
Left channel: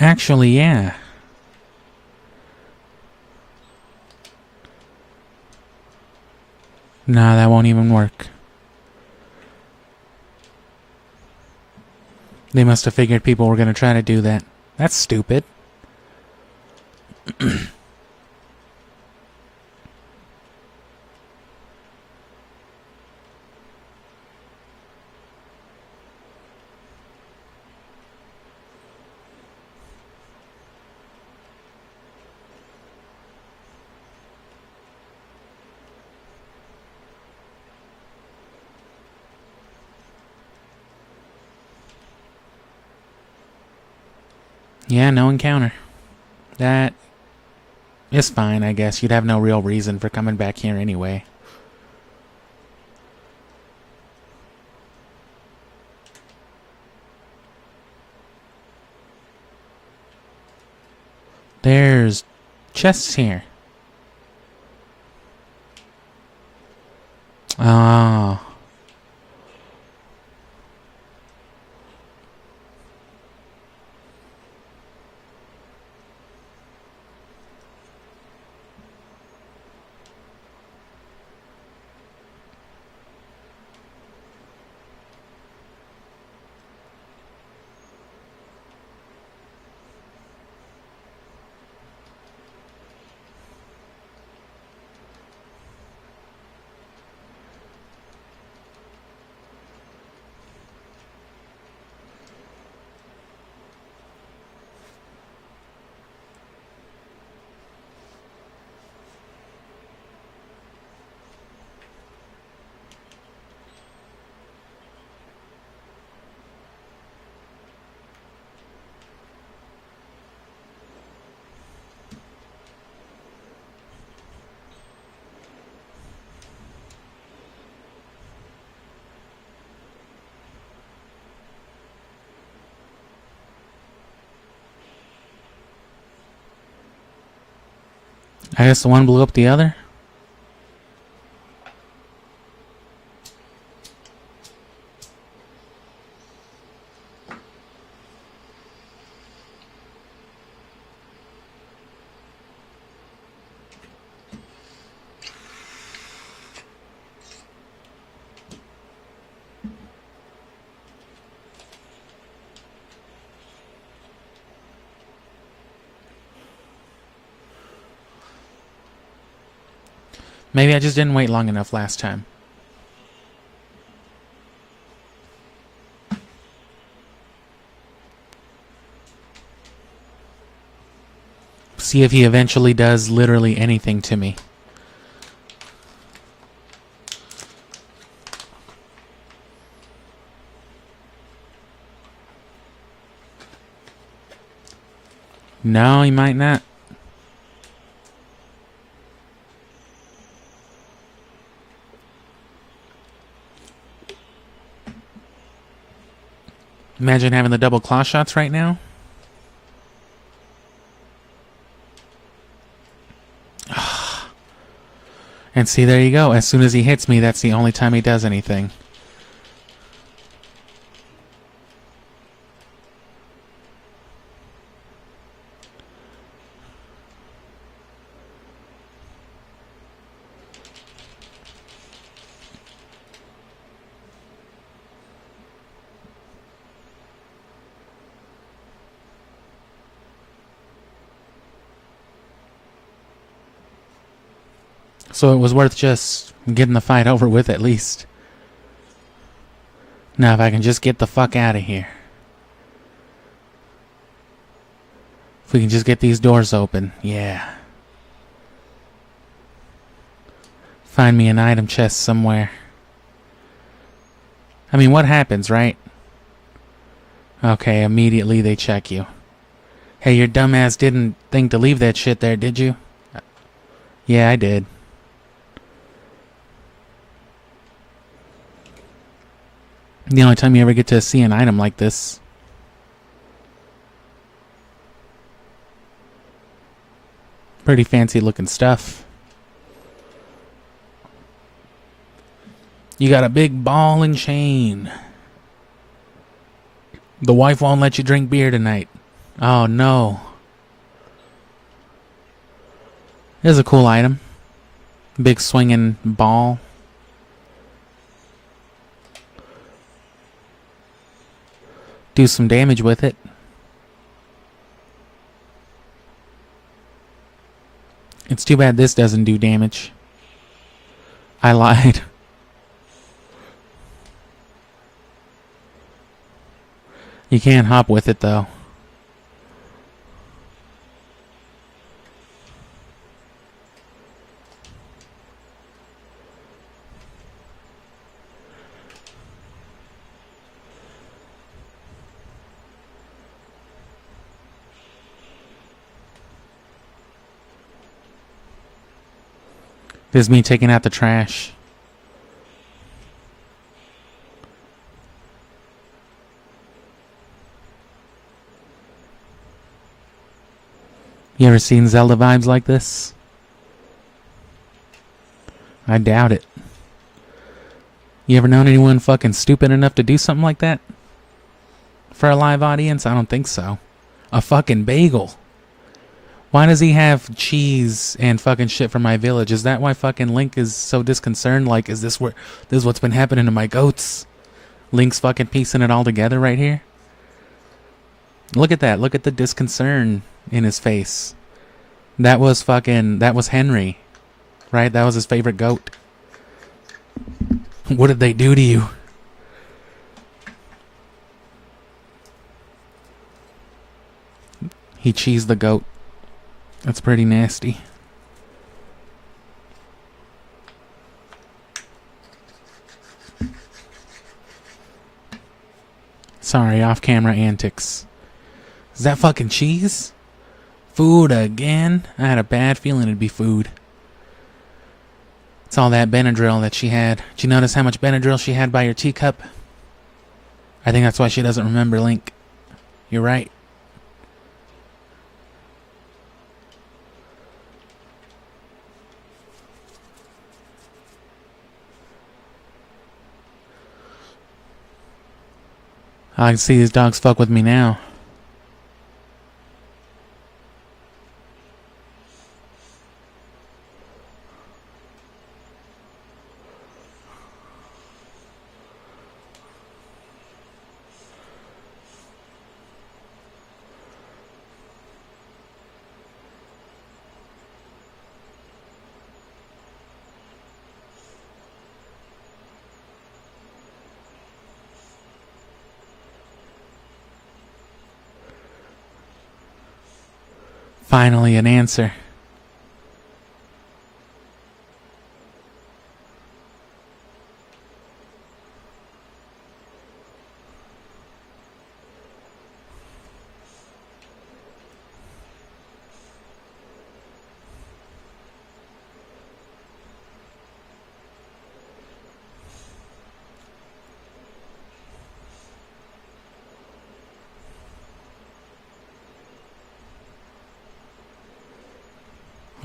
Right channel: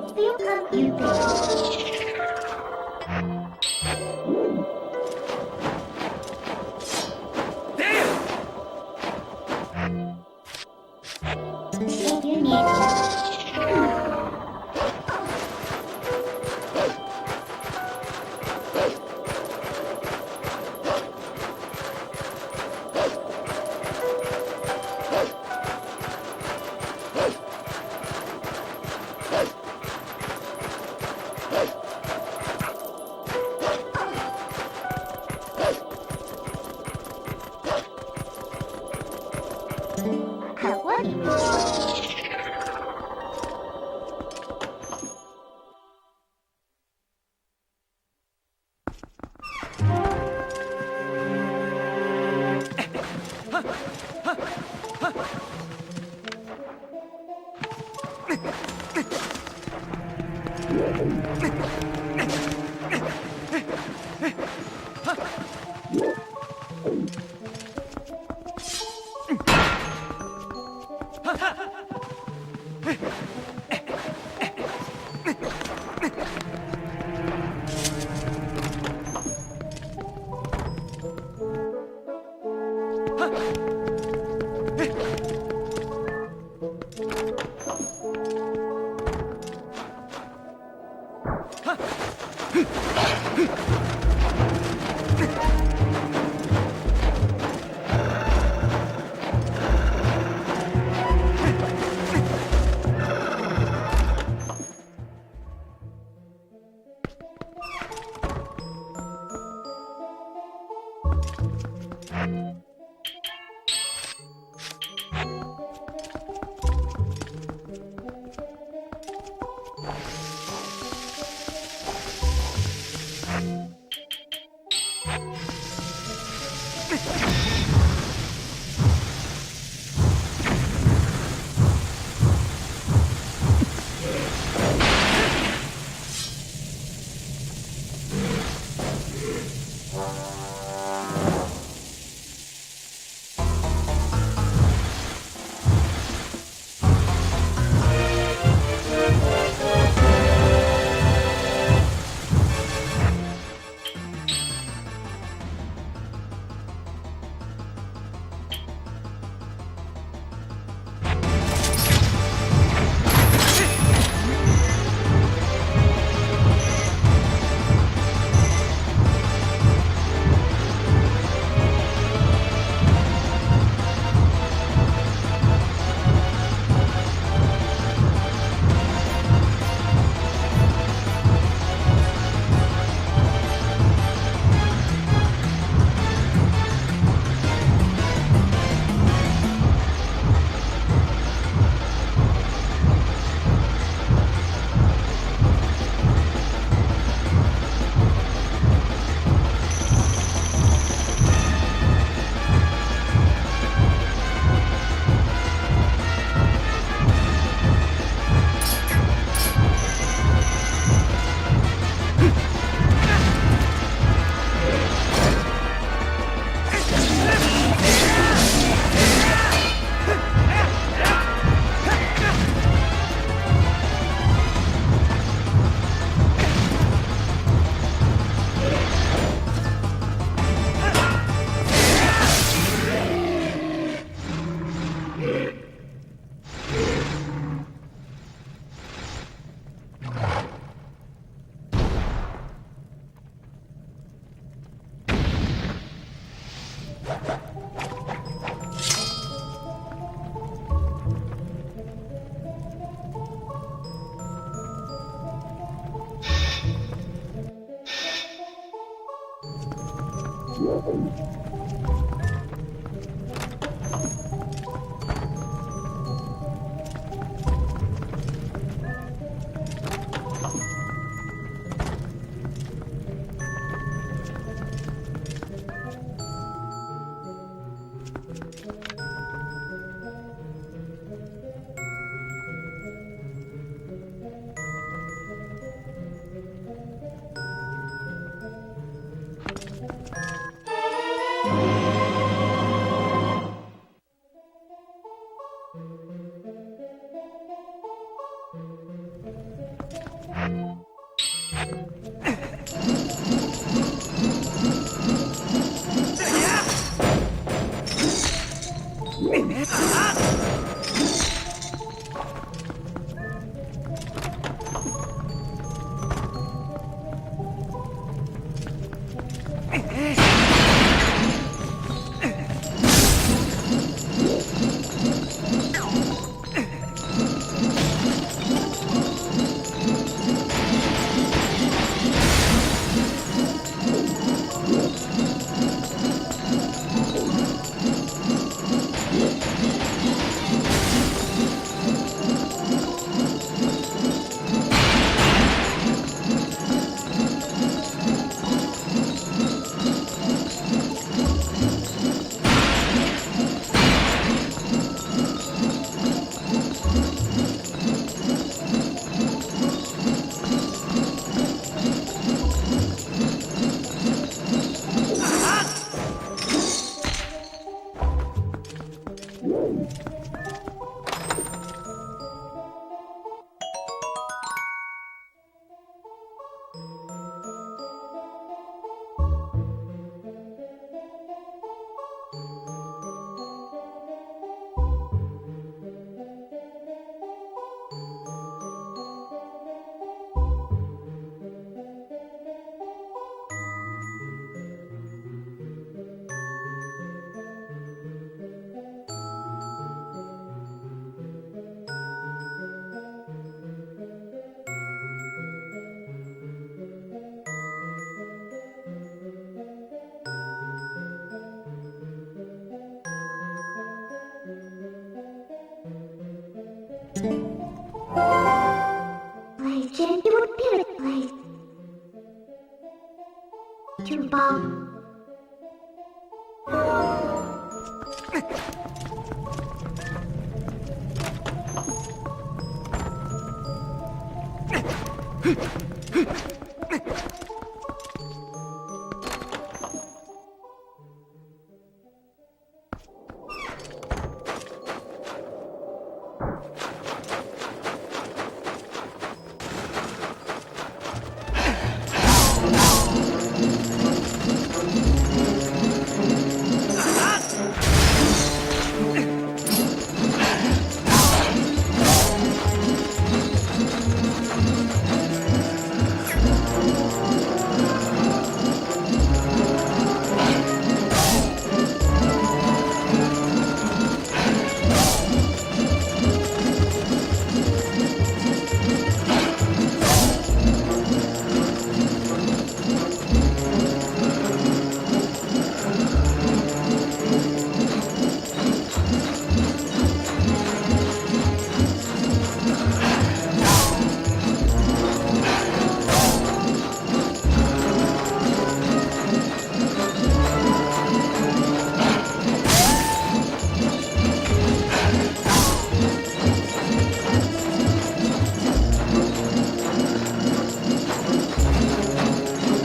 Actually, yeah. Nah, that won't even work. They must have figured people were gonna try to do that. That's stupid. Yeah, no encounter. That is fine, I guess. You'd have no real reason for coming back here anyway. There's chests here. Oh. I guess the one blew up the other? Maybe I just didn't wait long enough last time. See if he eventually does literally anything to me. No, he might not. Imagine having the double claw shots right now. And see, there you go. As soon as he hits me, that's the only time he does anything. So it was worth just getting the fight over with at least. Now if I can just get the fuck out of here. If we can just get these doors open. Yeah. Find me an item chest somewhere. I mean, what happens, right? Okay, immediately they check you. Hey, your dumbass didn't think to leave that shit there, did you? Yeah, I did. The only time you ever get to see an item like this. Pretty fancy looking stuff. You got a big ball and chain. The wife won't let you drink beer tonight. Oh no. There's a cool item. Big swinging ball. Do some damage with it. It's too bad this doesn't do damage. I lied. You can't hop with it though. This is me taking out the trash. You ever seen Zelda vibes like this? I doubt it. You ever known anyone fucking stupid enough to do something like that? For a live audience? I don't think so. A fucking bagel. Why does he have cheese and fucking shit from my village? Is that why fucking Link is so disconcerted? Like, is this what's been happening to my goats? Link's fucking piecing it all together right here. Look at that. Look at the disconcern in his face. That was Henry. Right? That was his favorite goat. What did they do to you? He cheesed the goat. That's pretty nasty. Sorry, off-camera antics. Is that fucking cheese? Food again? I had a bad feeling it'd be food. It's all that Benadryl that she had. Did you notice how much Benadryl she had by your teacup? I think that's why she doesn't remember Link. You're right. I can see these dogs fuck with me now. Finally, an answer.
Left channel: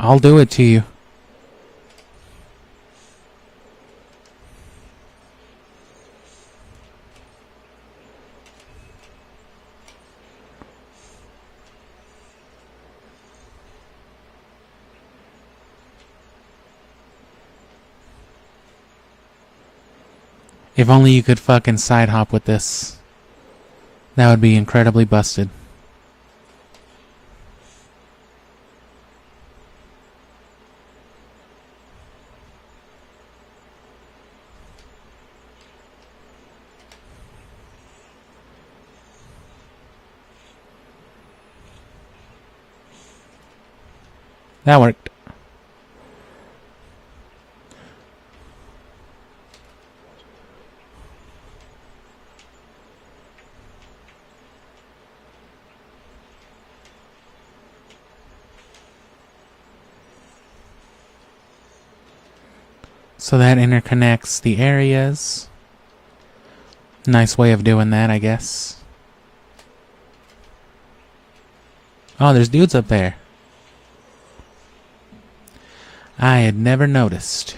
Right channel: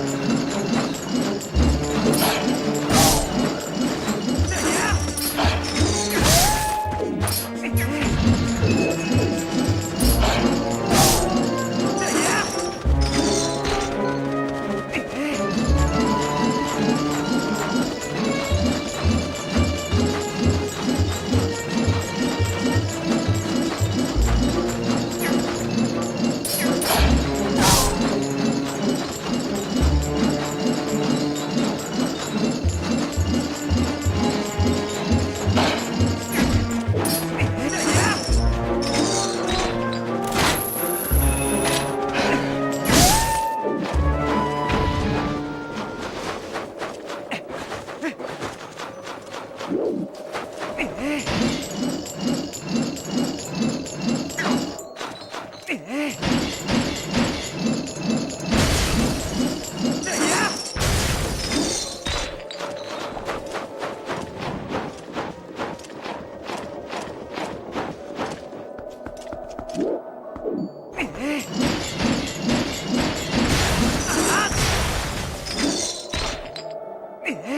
I'll do it to you. If only you could fucking side hop with this. That would be incredibly busted. That worked. So that interconnects the areas. Nice way of doing that, I guess. Oh, there's dudes up there. I had never noticed.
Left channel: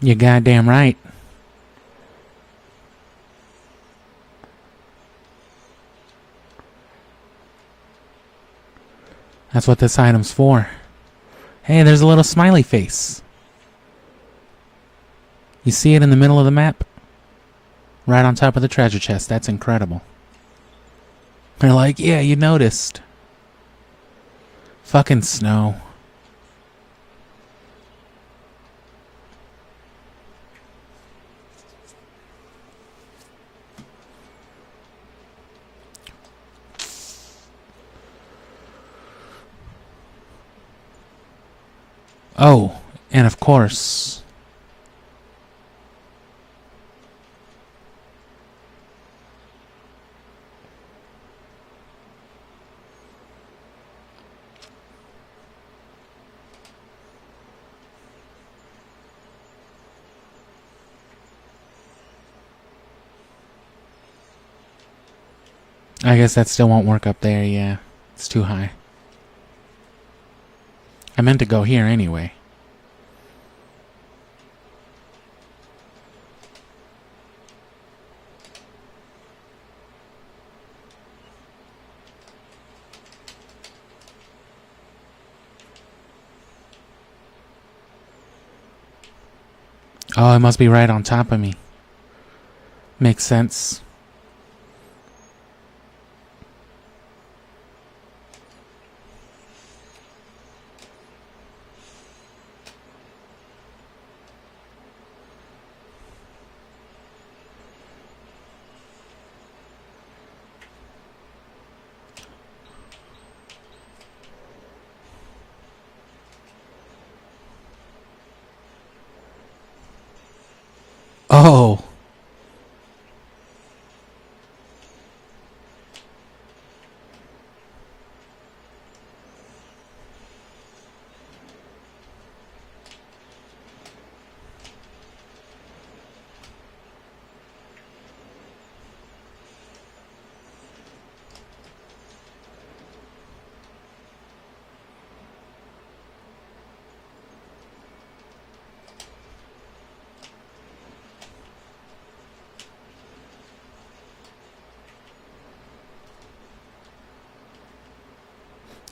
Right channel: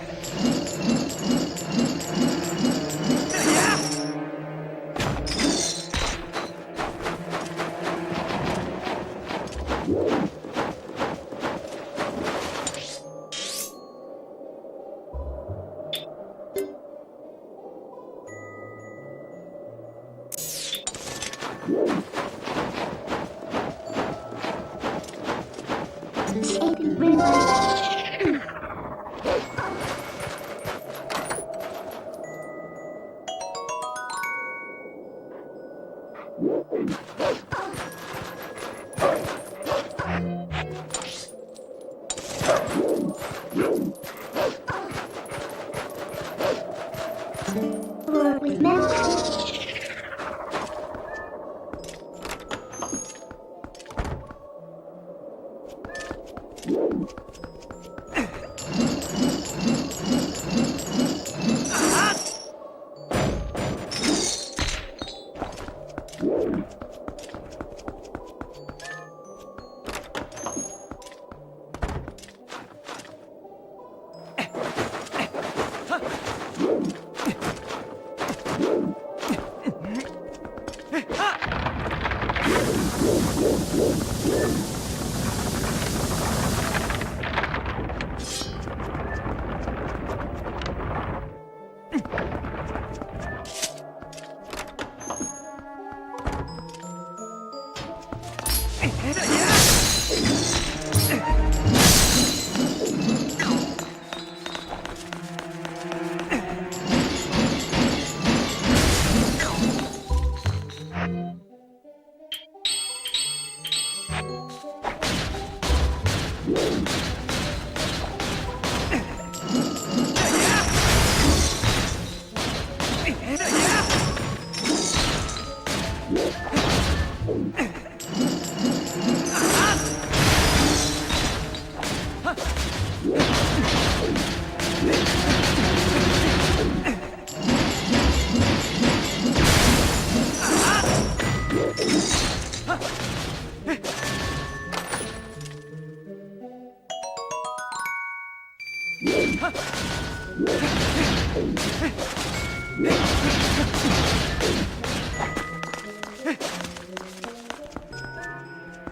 You're goddamn right. That's what this item's for. Hey, there's a little smiley face. You see it in the middle of the map? Right on top of the treasure chest. That's incredible. They're like, yeah, you noticed. Fucking Snow. Oh, and of course. I guess that still won't work up there, yeah. It's too high. I meant to go here anyway. Oh, it must be right on top of me. Makes sense. Oh.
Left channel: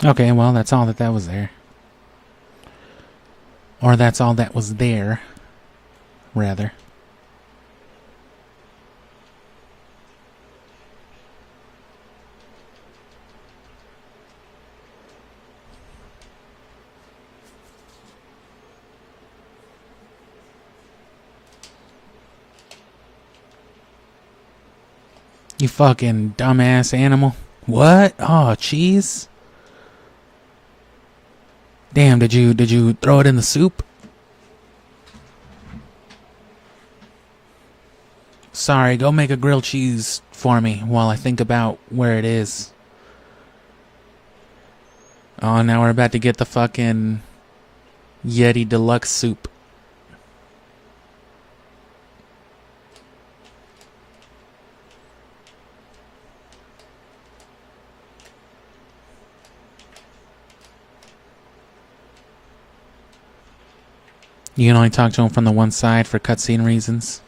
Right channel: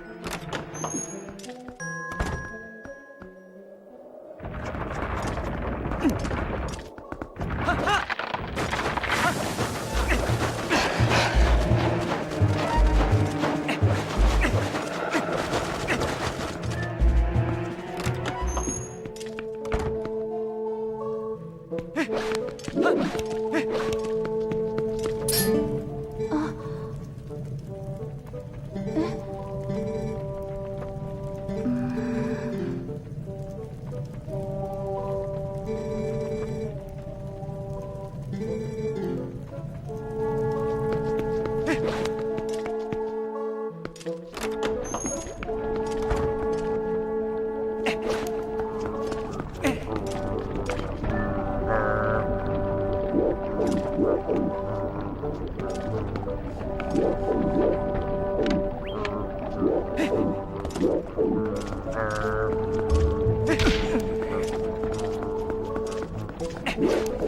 Okay, well, that's all that was there. Or that's all that was there, rather. You fucking dumbass animal. What? Oh, cheese? Damn, did you throw it in the soup? Sorry, go make a grilled cheese for me while I think about where it is. Oh, now we're about to get the fucking Yeti Deluxe soup. You can only talk to him from the one side for cutscene reasons.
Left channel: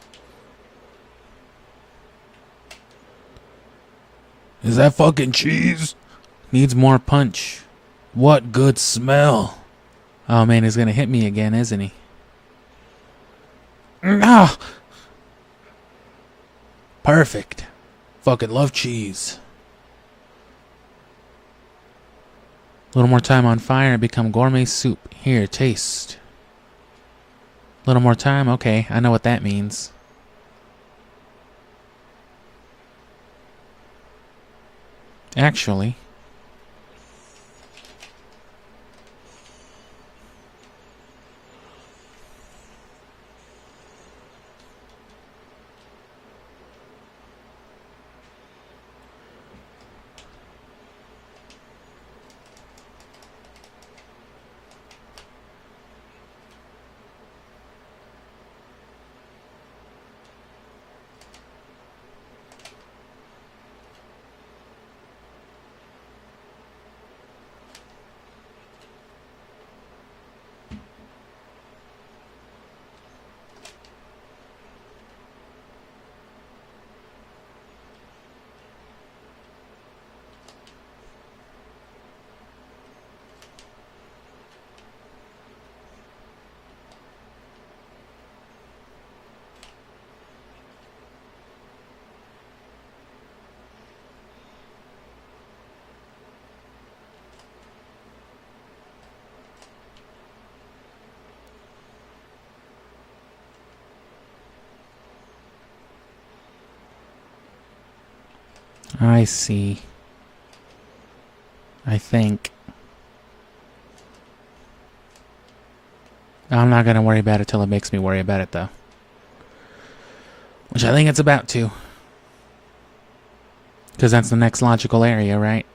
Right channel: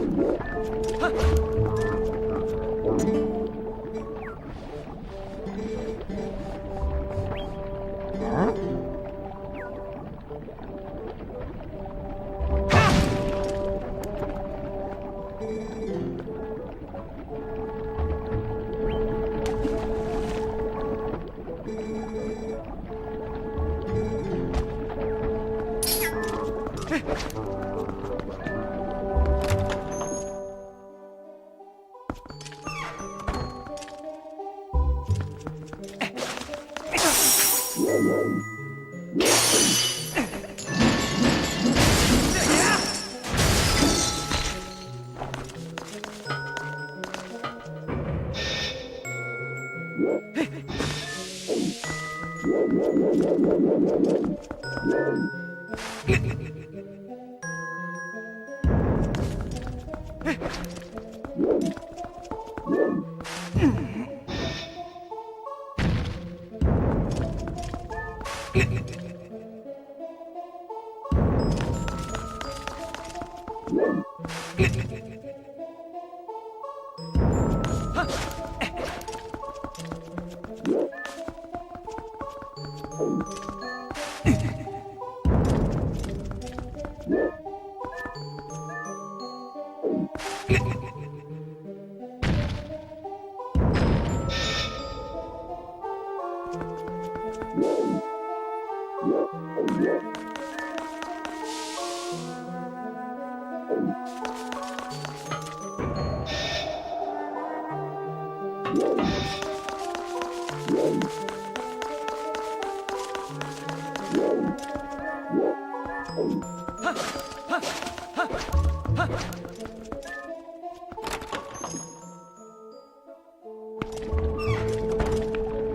Is that fucking cheese? Needs more punch. What good smell. Oh man, he's gonna hit me again, isn't he? Ah! Perfect. Fucking love cheese. A little more time on fire and become gourmet soup. Here, taste. A little more time? Okay, I know what that means. Actually... I see. I think. I'm not gonna worry about it till it makes me worry about it, though. Which I think it's about to. Because that's the next logical area, right?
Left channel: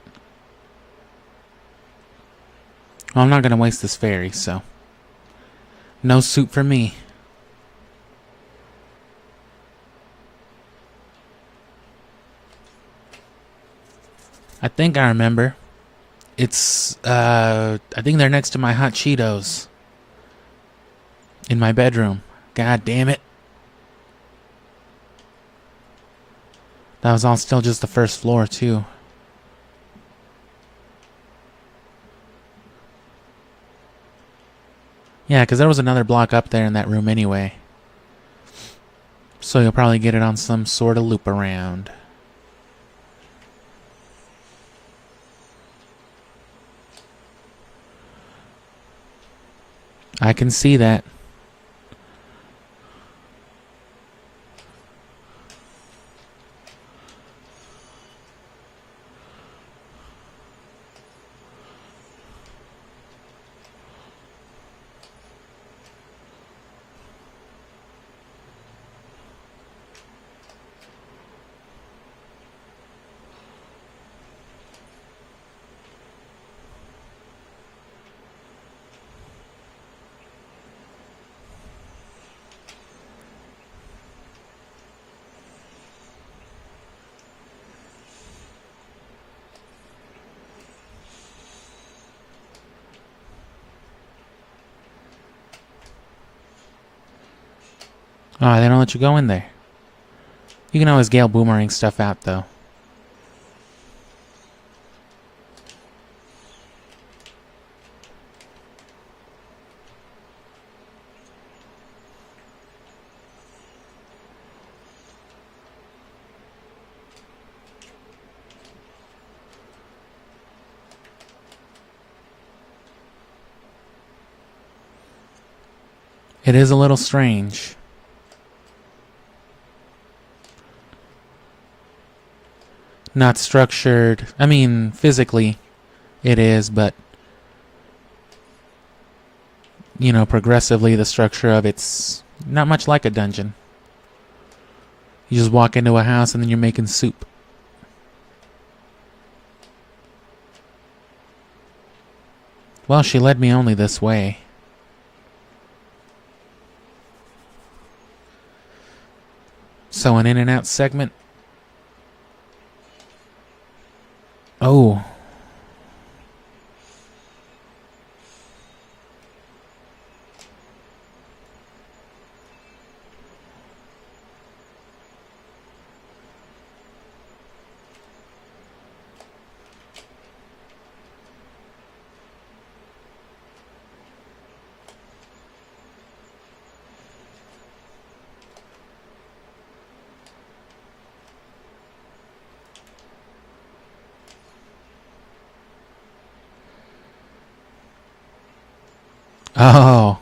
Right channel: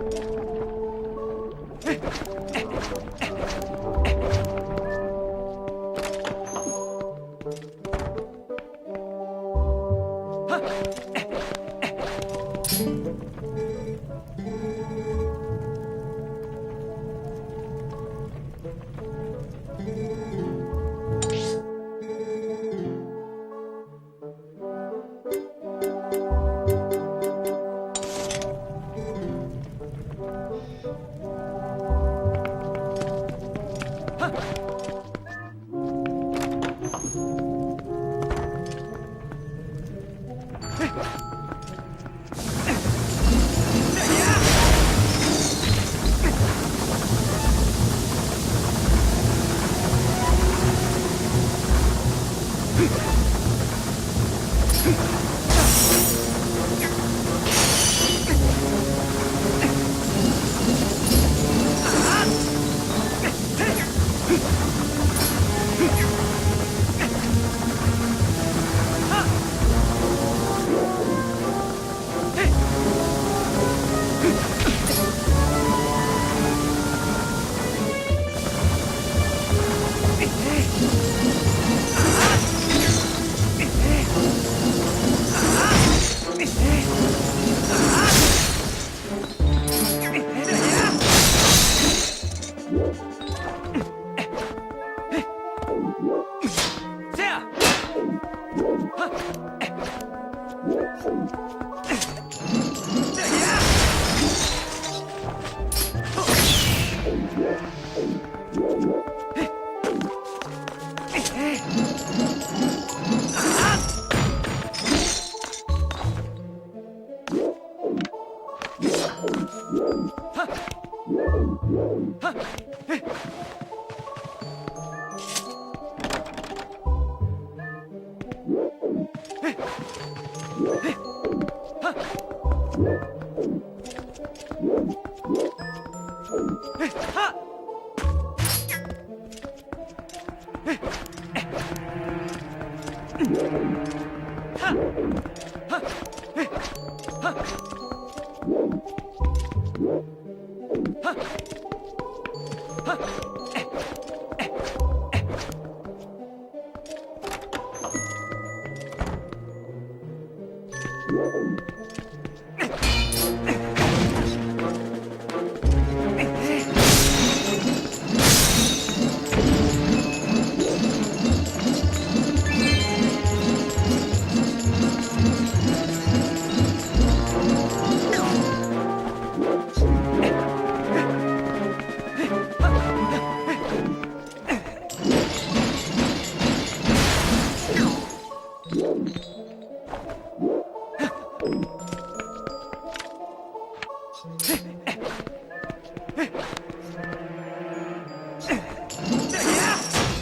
Well, I'm not gonna waste this fairy, so... No soup for me. I think I remember. It's, I think they're next to my hot Cheetos. In my bedroom. God damn it. That was all still just the first floor, too. Yeah, because there was another block up there in that room anyway. So you'll probably get it on some sort of loop around. I can see that. Oh, they don't let you go in there. You can always Gale Boomerang stuff out, though. It is a little strange. Not structured. I mean, physically it is, but you know, progressively the structure of it's not much like a dungeon. You just walk into a house and then you're making soup. Well, she led me only this way. So an in and out segment. Oh. Oh.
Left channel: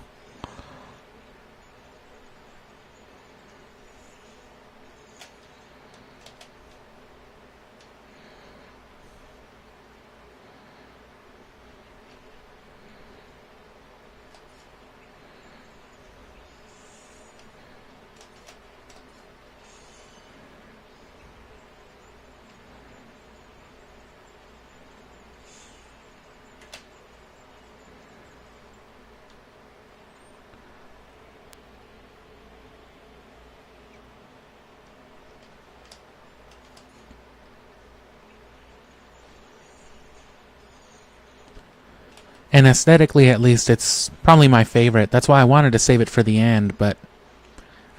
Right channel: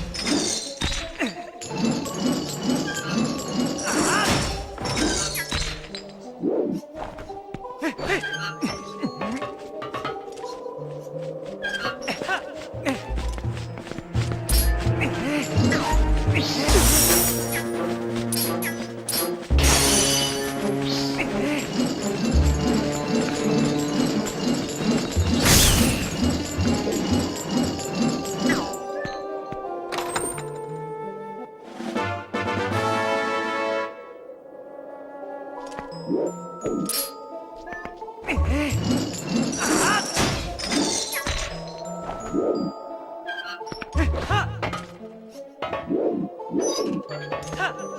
And aesthetically, at least, it's probably my favorite. That's why I wanted to save it for the end, but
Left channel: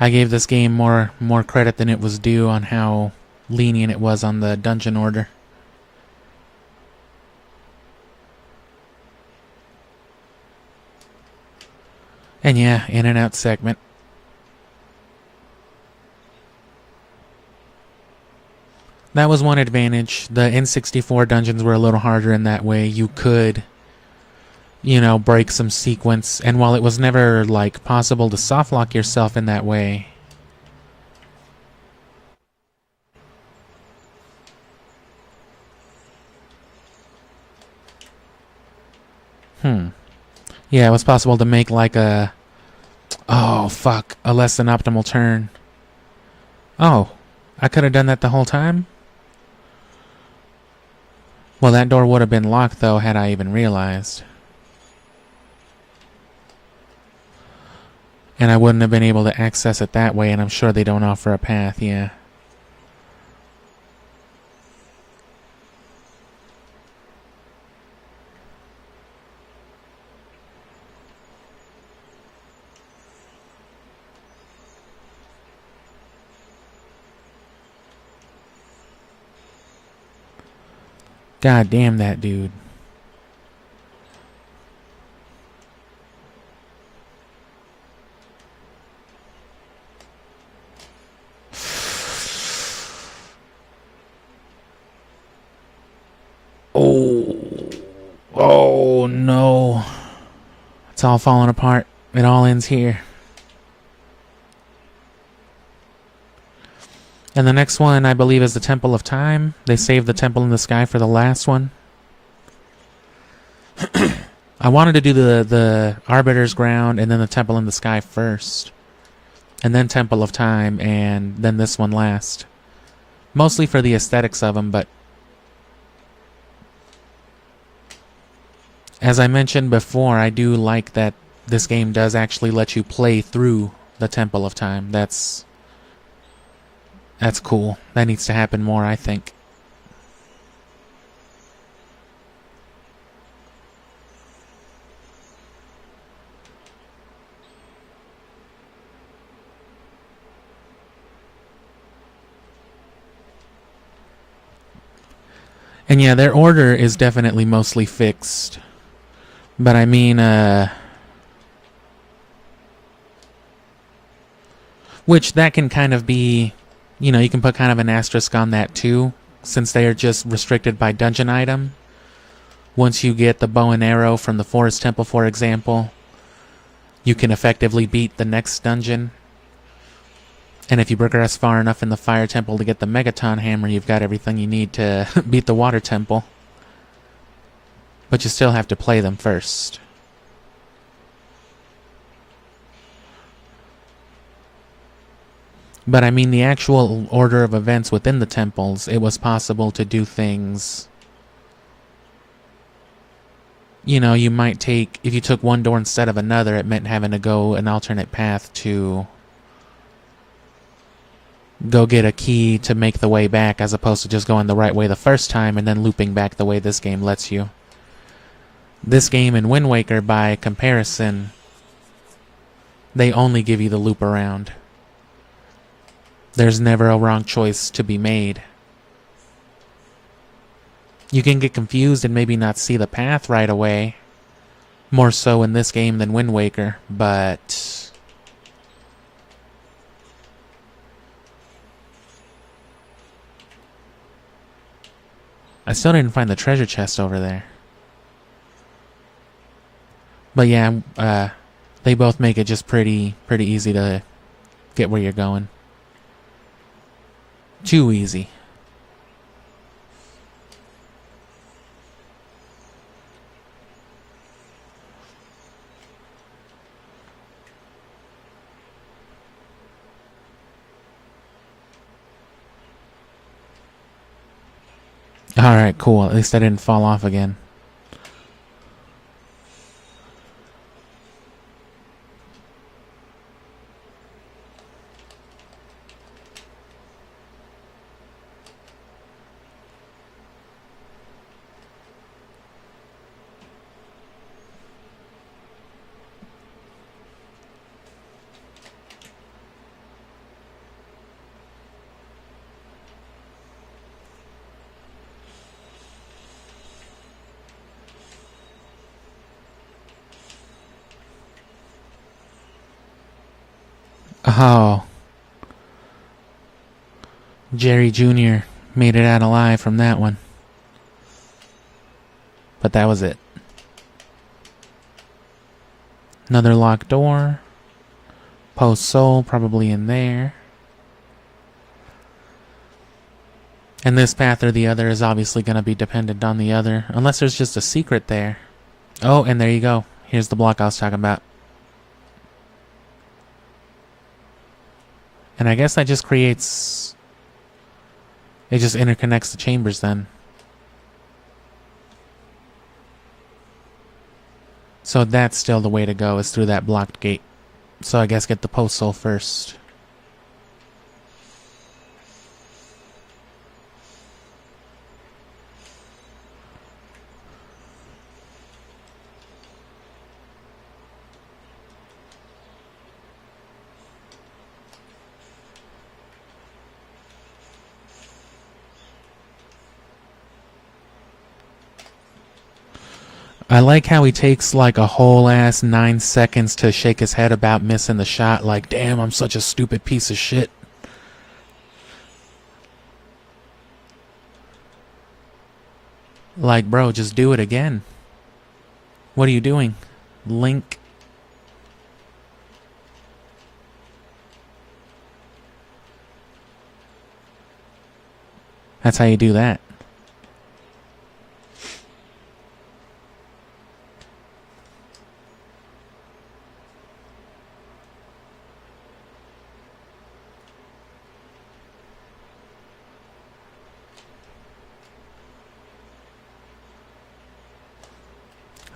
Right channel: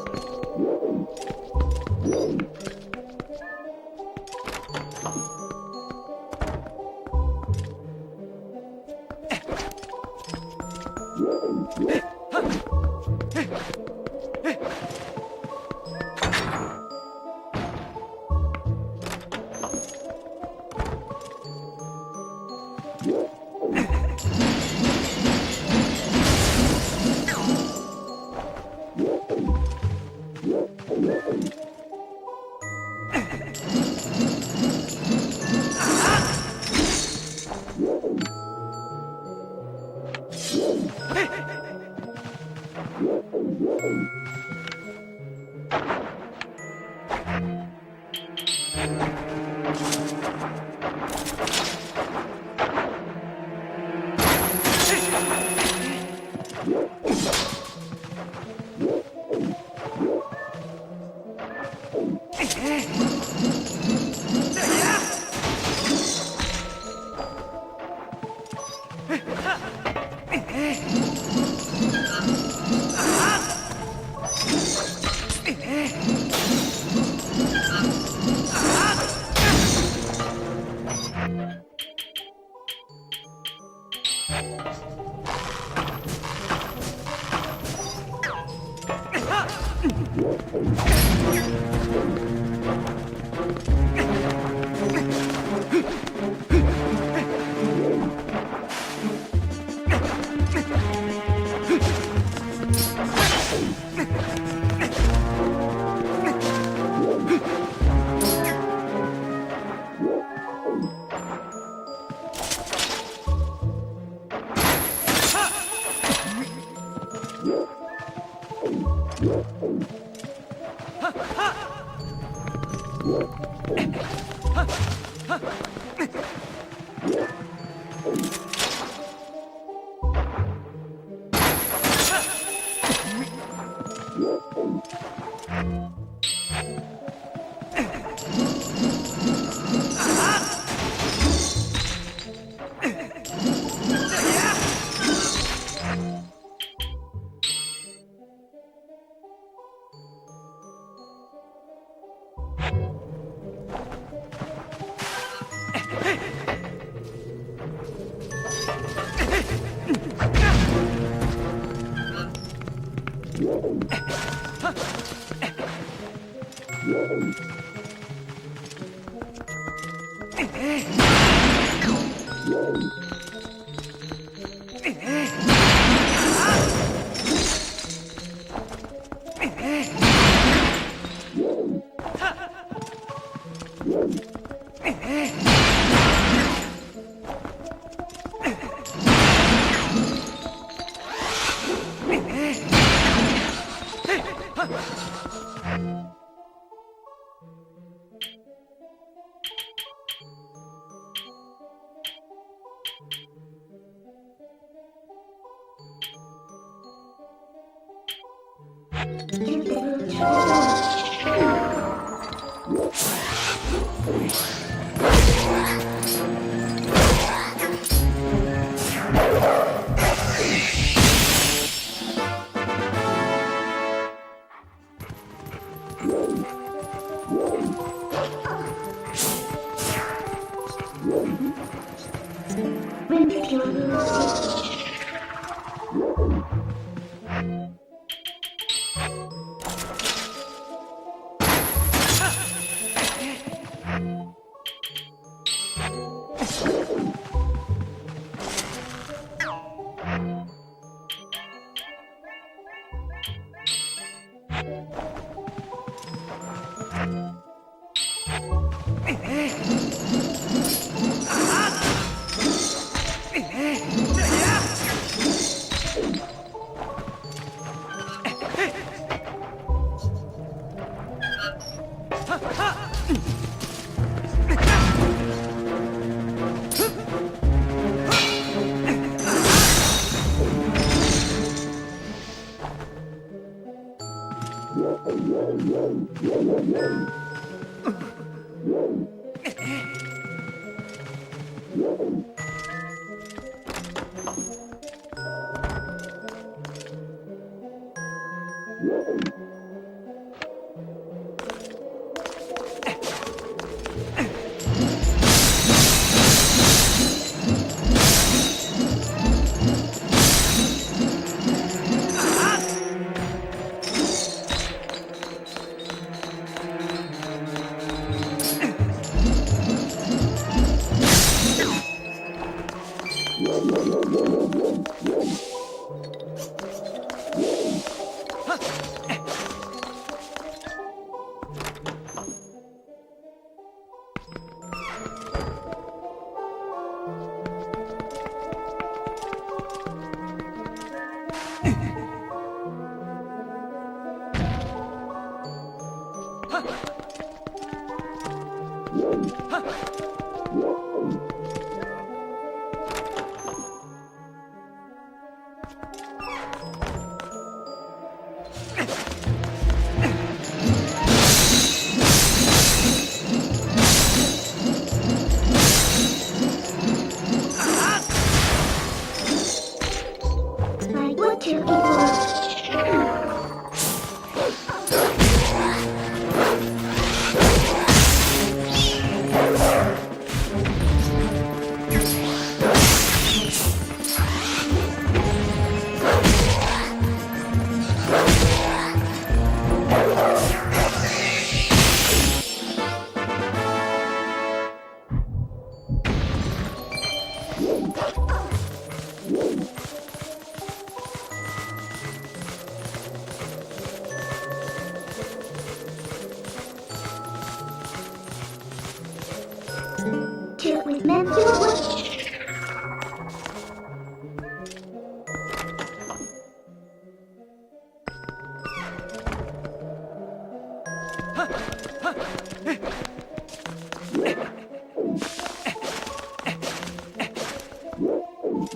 I gave this game more credit than it was due on how lenient it was on the dungeon order. And yeah, in and out segment. That was one advantage. The N64 dungeons were a little harder in that way. You could, you know, break some sequence, and while it was never, like, possible to softlock yourself in that way, yeah, it was possible to make, like, a... Oh, fuck. A less than optimal turn. Oh, I could have done that the whole time? Well, that door would have been locked, though, had I even realized. And I wouldn't have been able to access it that way, and I'm sure they don't offer a path, yeah. God damn that dude. Oh no. It's all falling apart. It all ends here. And the next one, I believe, is the Temple of Time. They saved the Temple in the Sky for the last one. I wanted to do the Arbiter's Ground and then the Temple in the Sky first. And then Temple of Time, and then this one last. Mostly for the aesthetics of them, but... As I mentioned before, I do like that this game does actually let you play through the Temple of Time. That's cool. That needs to happen more, I think. And yeah, their order is definitely mostly fixed. But I mean, which that can kind of be, you know, you can put kind of an asterisk on that too, since they are just restricted by dungeon item. Once you get the bow and arrow from the Forest Temple, for example, you can effectively beat the next dungeon. And if you progress far enough in the Fire Temple to get the Megaton Hammer, you've got everything you need to beat the Water Temple. But you still have to play them first. But I mean, the actual order of events within the temples, it was possible to do things. You know, you might take, if you took one door instead of another, it meant having to go an alternate path to go get a key to make the way back, as opposed to just going the right way the first time and then looping back the way this game lets you. This game and Wind Waker, by comparison, they only give you the loop around. There's never a wrong choice to be made. You can get confused and maybe not see the path right away, more so in this game than Wind Waker, but I still didn't find the treasure chest over there. But yeah, they both make it just pretty easy to get where you're going. Too easy. Alright, cool. At least I didn't fall off again. Oh. Jerry Jr. made it out alive from that one. But that was it. Another locked door. Post soul probably in there. And this path or the other is obviously going to be dependent on the other. Unless there's just a secret there. Oh, and there you go. Here's the block I was talking about. And I guess that just creates... It just interconnects the chambers then. So that's still the way to go, is through that blocked gate. So I guess get the post soul first. I like how he takes like a whole ass 9 seconds to shake his head about missing the shot. Like, damn, I'm such a stupid piece of shit. Like, bro, just do it again. What are you doing, Link? That's how you do that.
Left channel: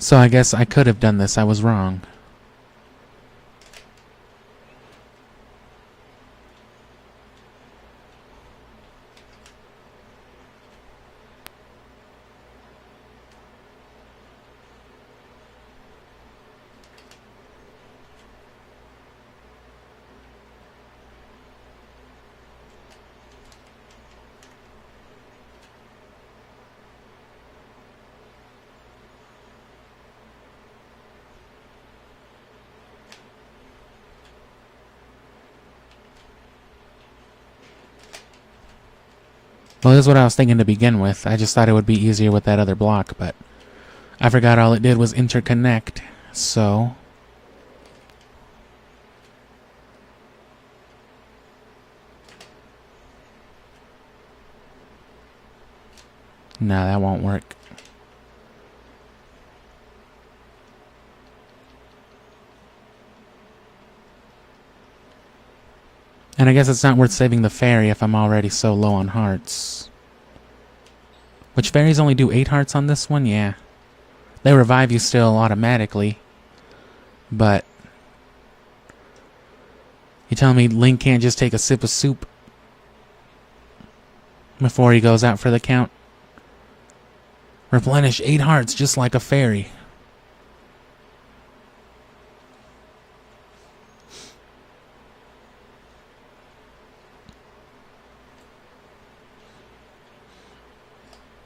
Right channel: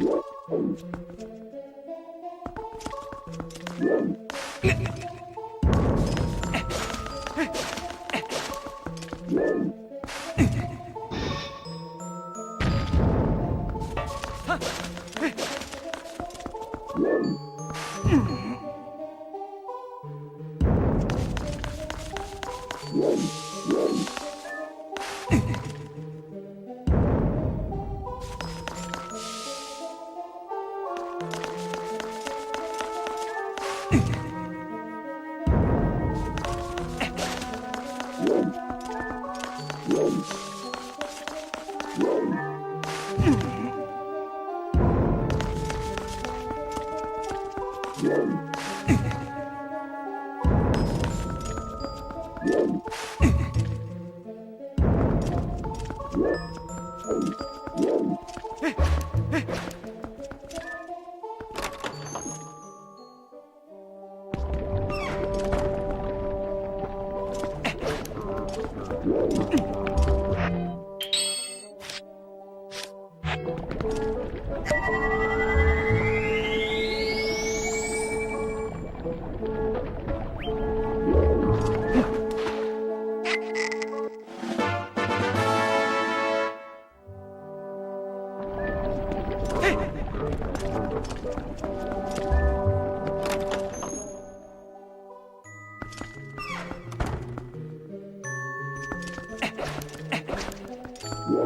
So I guess I could have done this. I was wrong. Well, this is what I was thinking to begin with. I just thought it would be easier with that other block, but I forgot all it did was interconnect, so... No, that won't work. And I guess it's not worth saving the fairy if I'm already so low on hearts. Which fairies only do 8 hearts on this one? Yeah. They revive you still automatically. But you telling me Link can't just take a sip of soup before he goes out for the count? Replenish 8 hearts just like a fairy.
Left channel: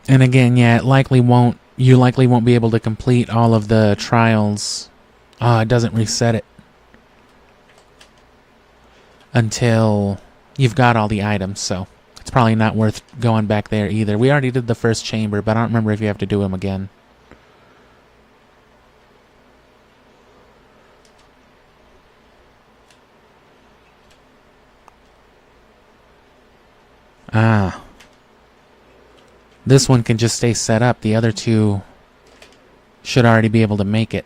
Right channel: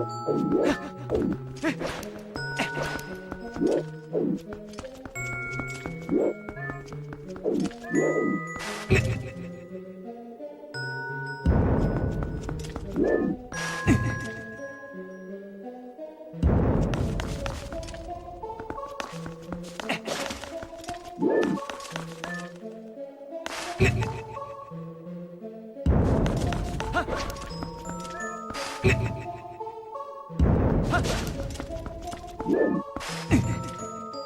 And again, yeah, you likely won't be able to complete all of the trials. It doesn't reset it until you've got all the items, so it's probably not worth going back there either. We already did the first chamber, but I don't remember if you have to do them again. Ah. This one can just stay set up. The other two should already be able to make it.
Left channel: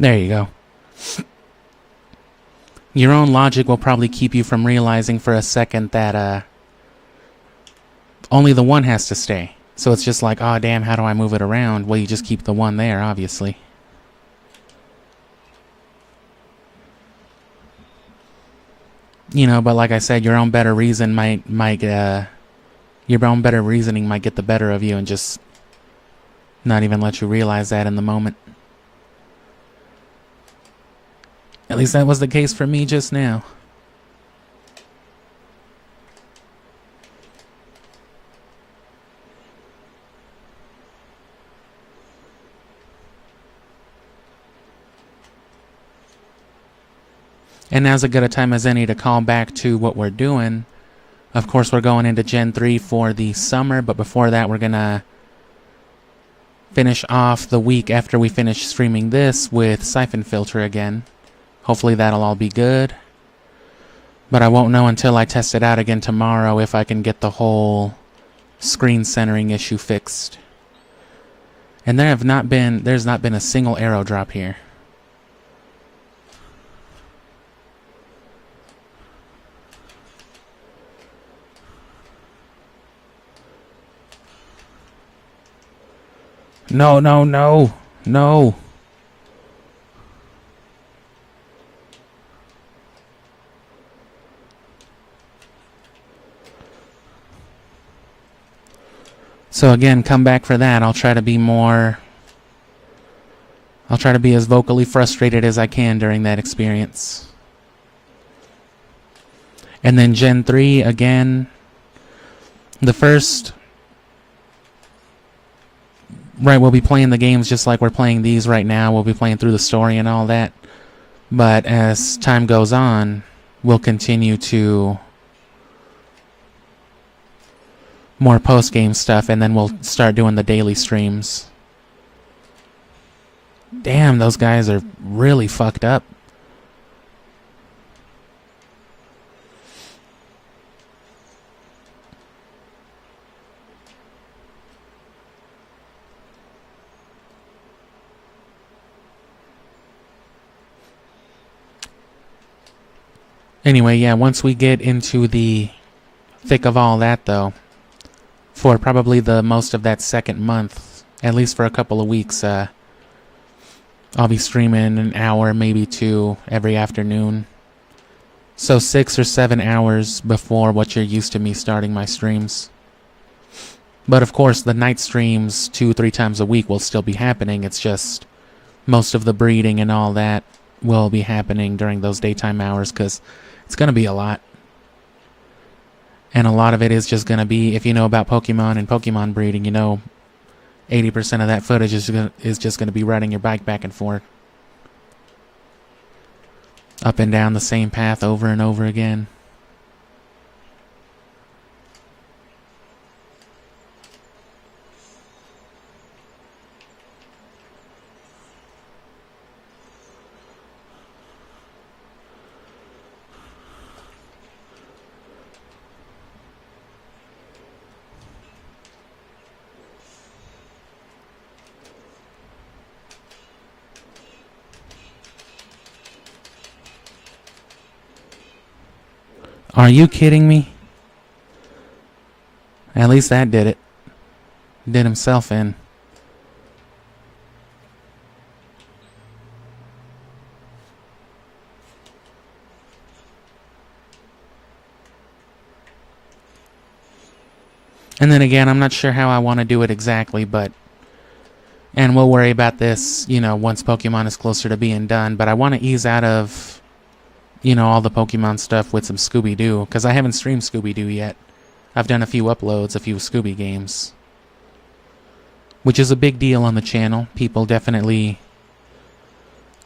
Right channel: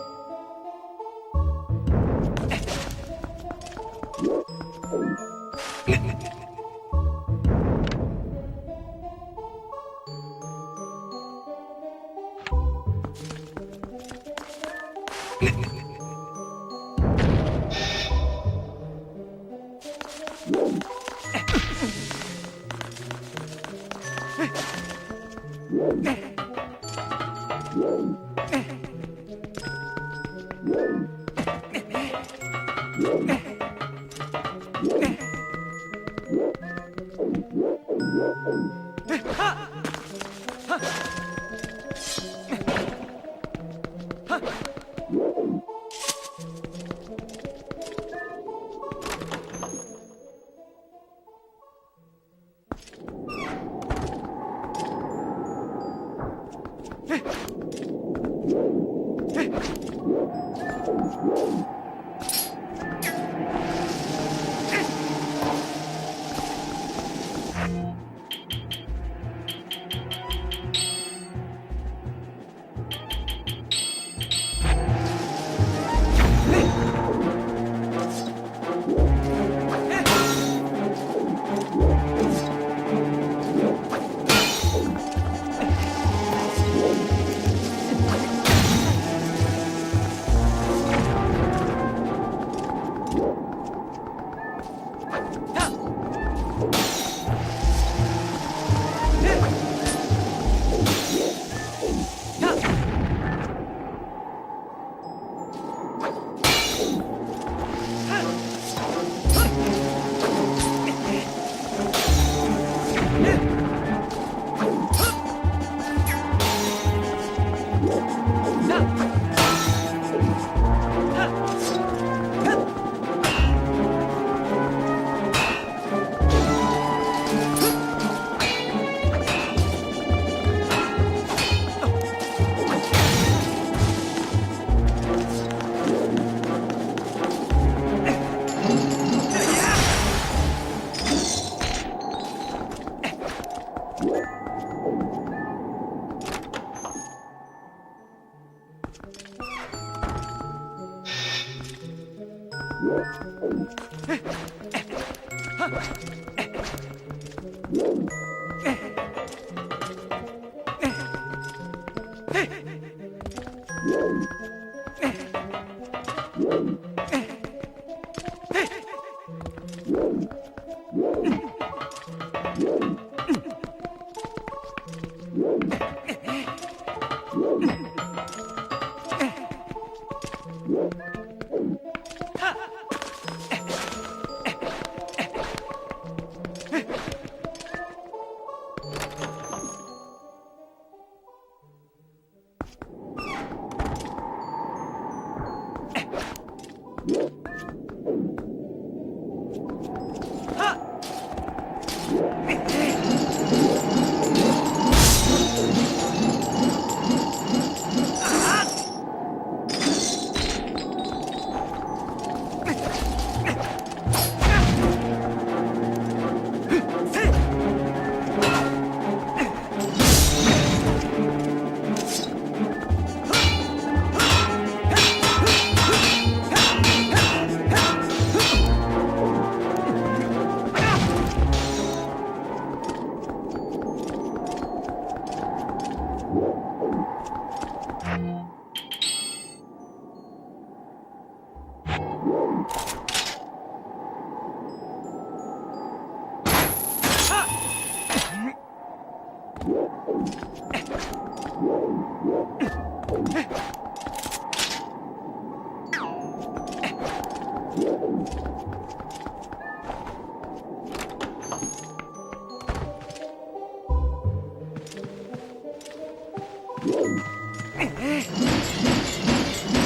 There you go. Your own logic will probably keep you from realizing for a second that only the one has to stay. So it's just like, oh damn, how do I move it around? Well, you just keep the one there, obviously. You know, but like I said, your own better reason your own better reasoning might get the better of you and just not even let you realize that in the moment. At least that was the case for me just now. And now's as good a time as any to call back to what we're doing. Of course, we're going into Gen 3 for the summer, but before that, we're gonna finish off the week after we finish streaming this with Siphon Filter again. Hopefully that'll all be good. But I won't know until I test it out again tomorrow if I can get the whole screen centering issue fixed. And there's not been a single arrow drop here. No, no, no, no. So again, come back for that. I'll try to be as vocally frustrated as I can during that experience. And then Gen 3, again, the first... Right, we'll be playing the games just like we're playing these right now. We'll be playing through the story and all that. But as time goes on, we'll continue to more post-game stuff, and then we'll start doing the daily streams. Damn, those guys are really fucked up. Anyway, yeah, once we get into the thick of all that, though, for probably the most of that second month, at least for a couple of weeks, I'll be streaming an hour, maybe 2 every afternoon. So 6 or 7 hours before what you're used to me starting my streams. But of course, the night streams 2-3 times a week will still be happening. It's just most of the breeding and all that will be happening during those daytime hours because it's going to be a lot. And a lot of it is just going to be, if you know about Pokemon and Pokemon breeding, you know 80% of that footage is just going to be riding your bike back and forth. Up and down the same path over and over again. Are you kidding me? At least that did it. Did himself in. And then again, I'm not sure how I want to do it exactly, but... And we'll worry about this, you know, once Pokemon is closer to being done, but I want to ease out of... you know, all the Pokemon stuff with some Scooby-Doo, because I haven't streamed Scooby-Doo yet. I've done a few uploads, a few Scooby games. Which is a big deal on the channel. People definitely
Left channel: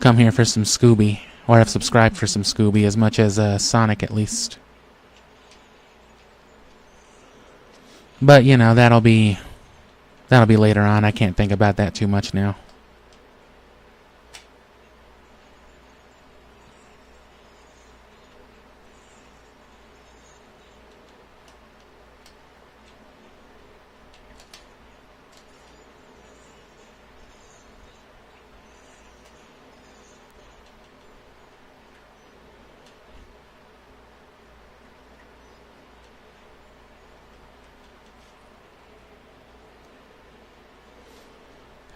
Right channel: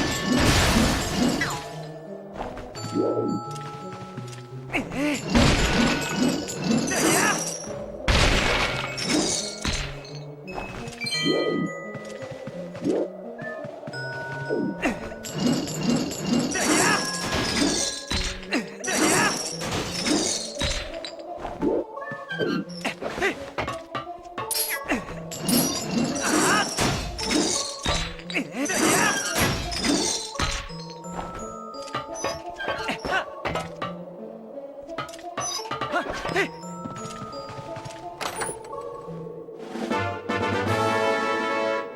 come here for some Scooby, or have subscribed for some Scooby, as much as Sonic at least. But, you know, that'll be later on. I can't think about that too much now.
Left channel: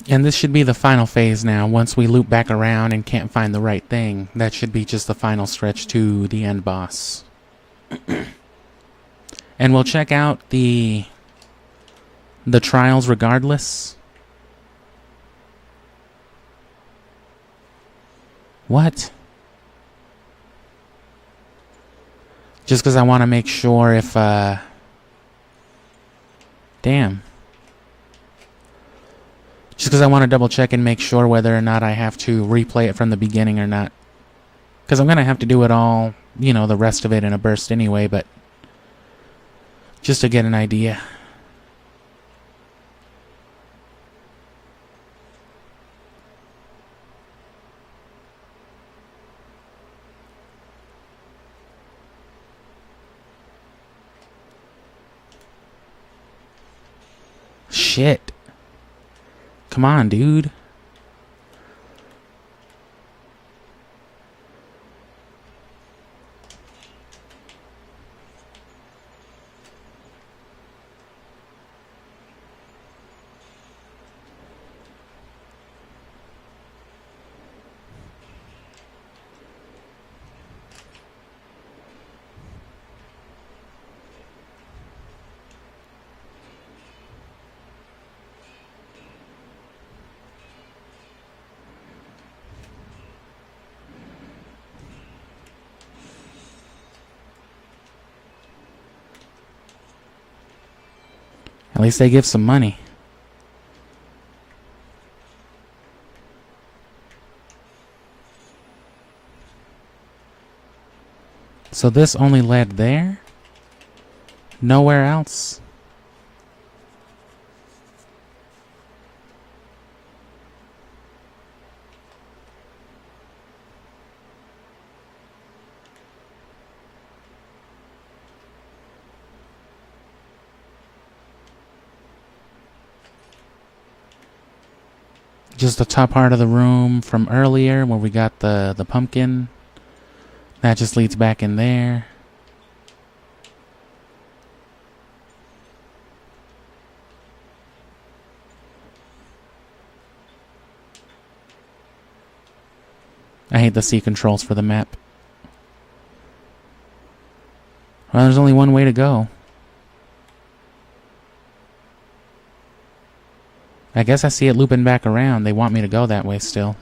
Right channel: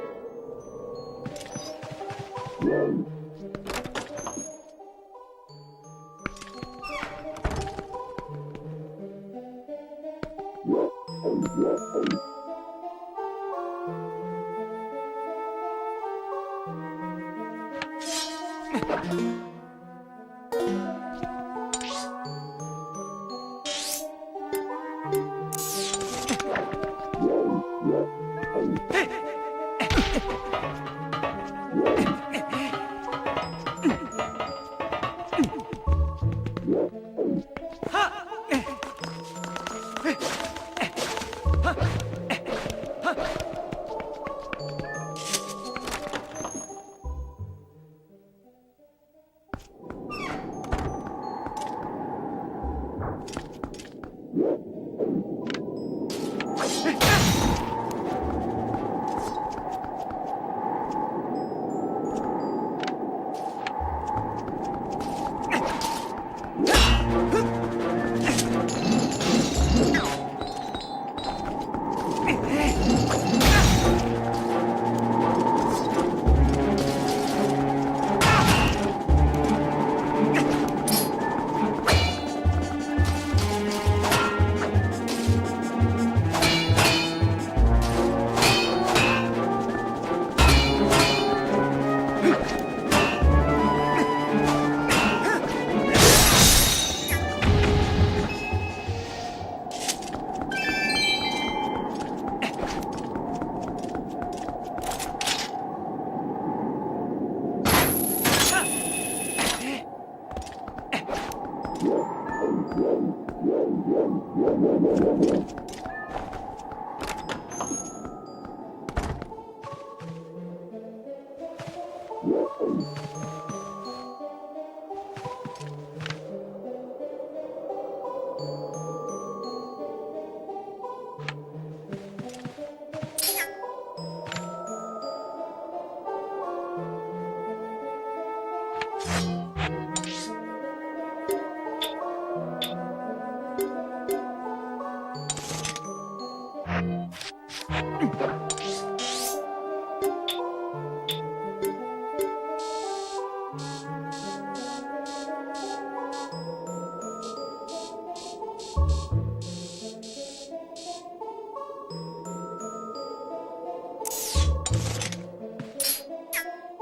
And this should be the final phase now. Once we loop back around and can't find the right thing, that should be just the final stretch to the end boss. And we'll check out the trials regardless. What? Just because I want to make sure if, damn. Just because I want to double check and make sure whether or not I have to replay it from the beginning or not. Because I'm going to have to do it all, you know, the rest of it in a burst anyway, but just to get an idea. Shit. Come on, dude. At least they give some money. So this only led there? Nowhere else? Just the top part of the room from earlier where we got the pumpkin. That just leads back in there. I hate the C controls for the map. Well, there's only one way to go. I guess I see it looping back around. They want me to go that way still.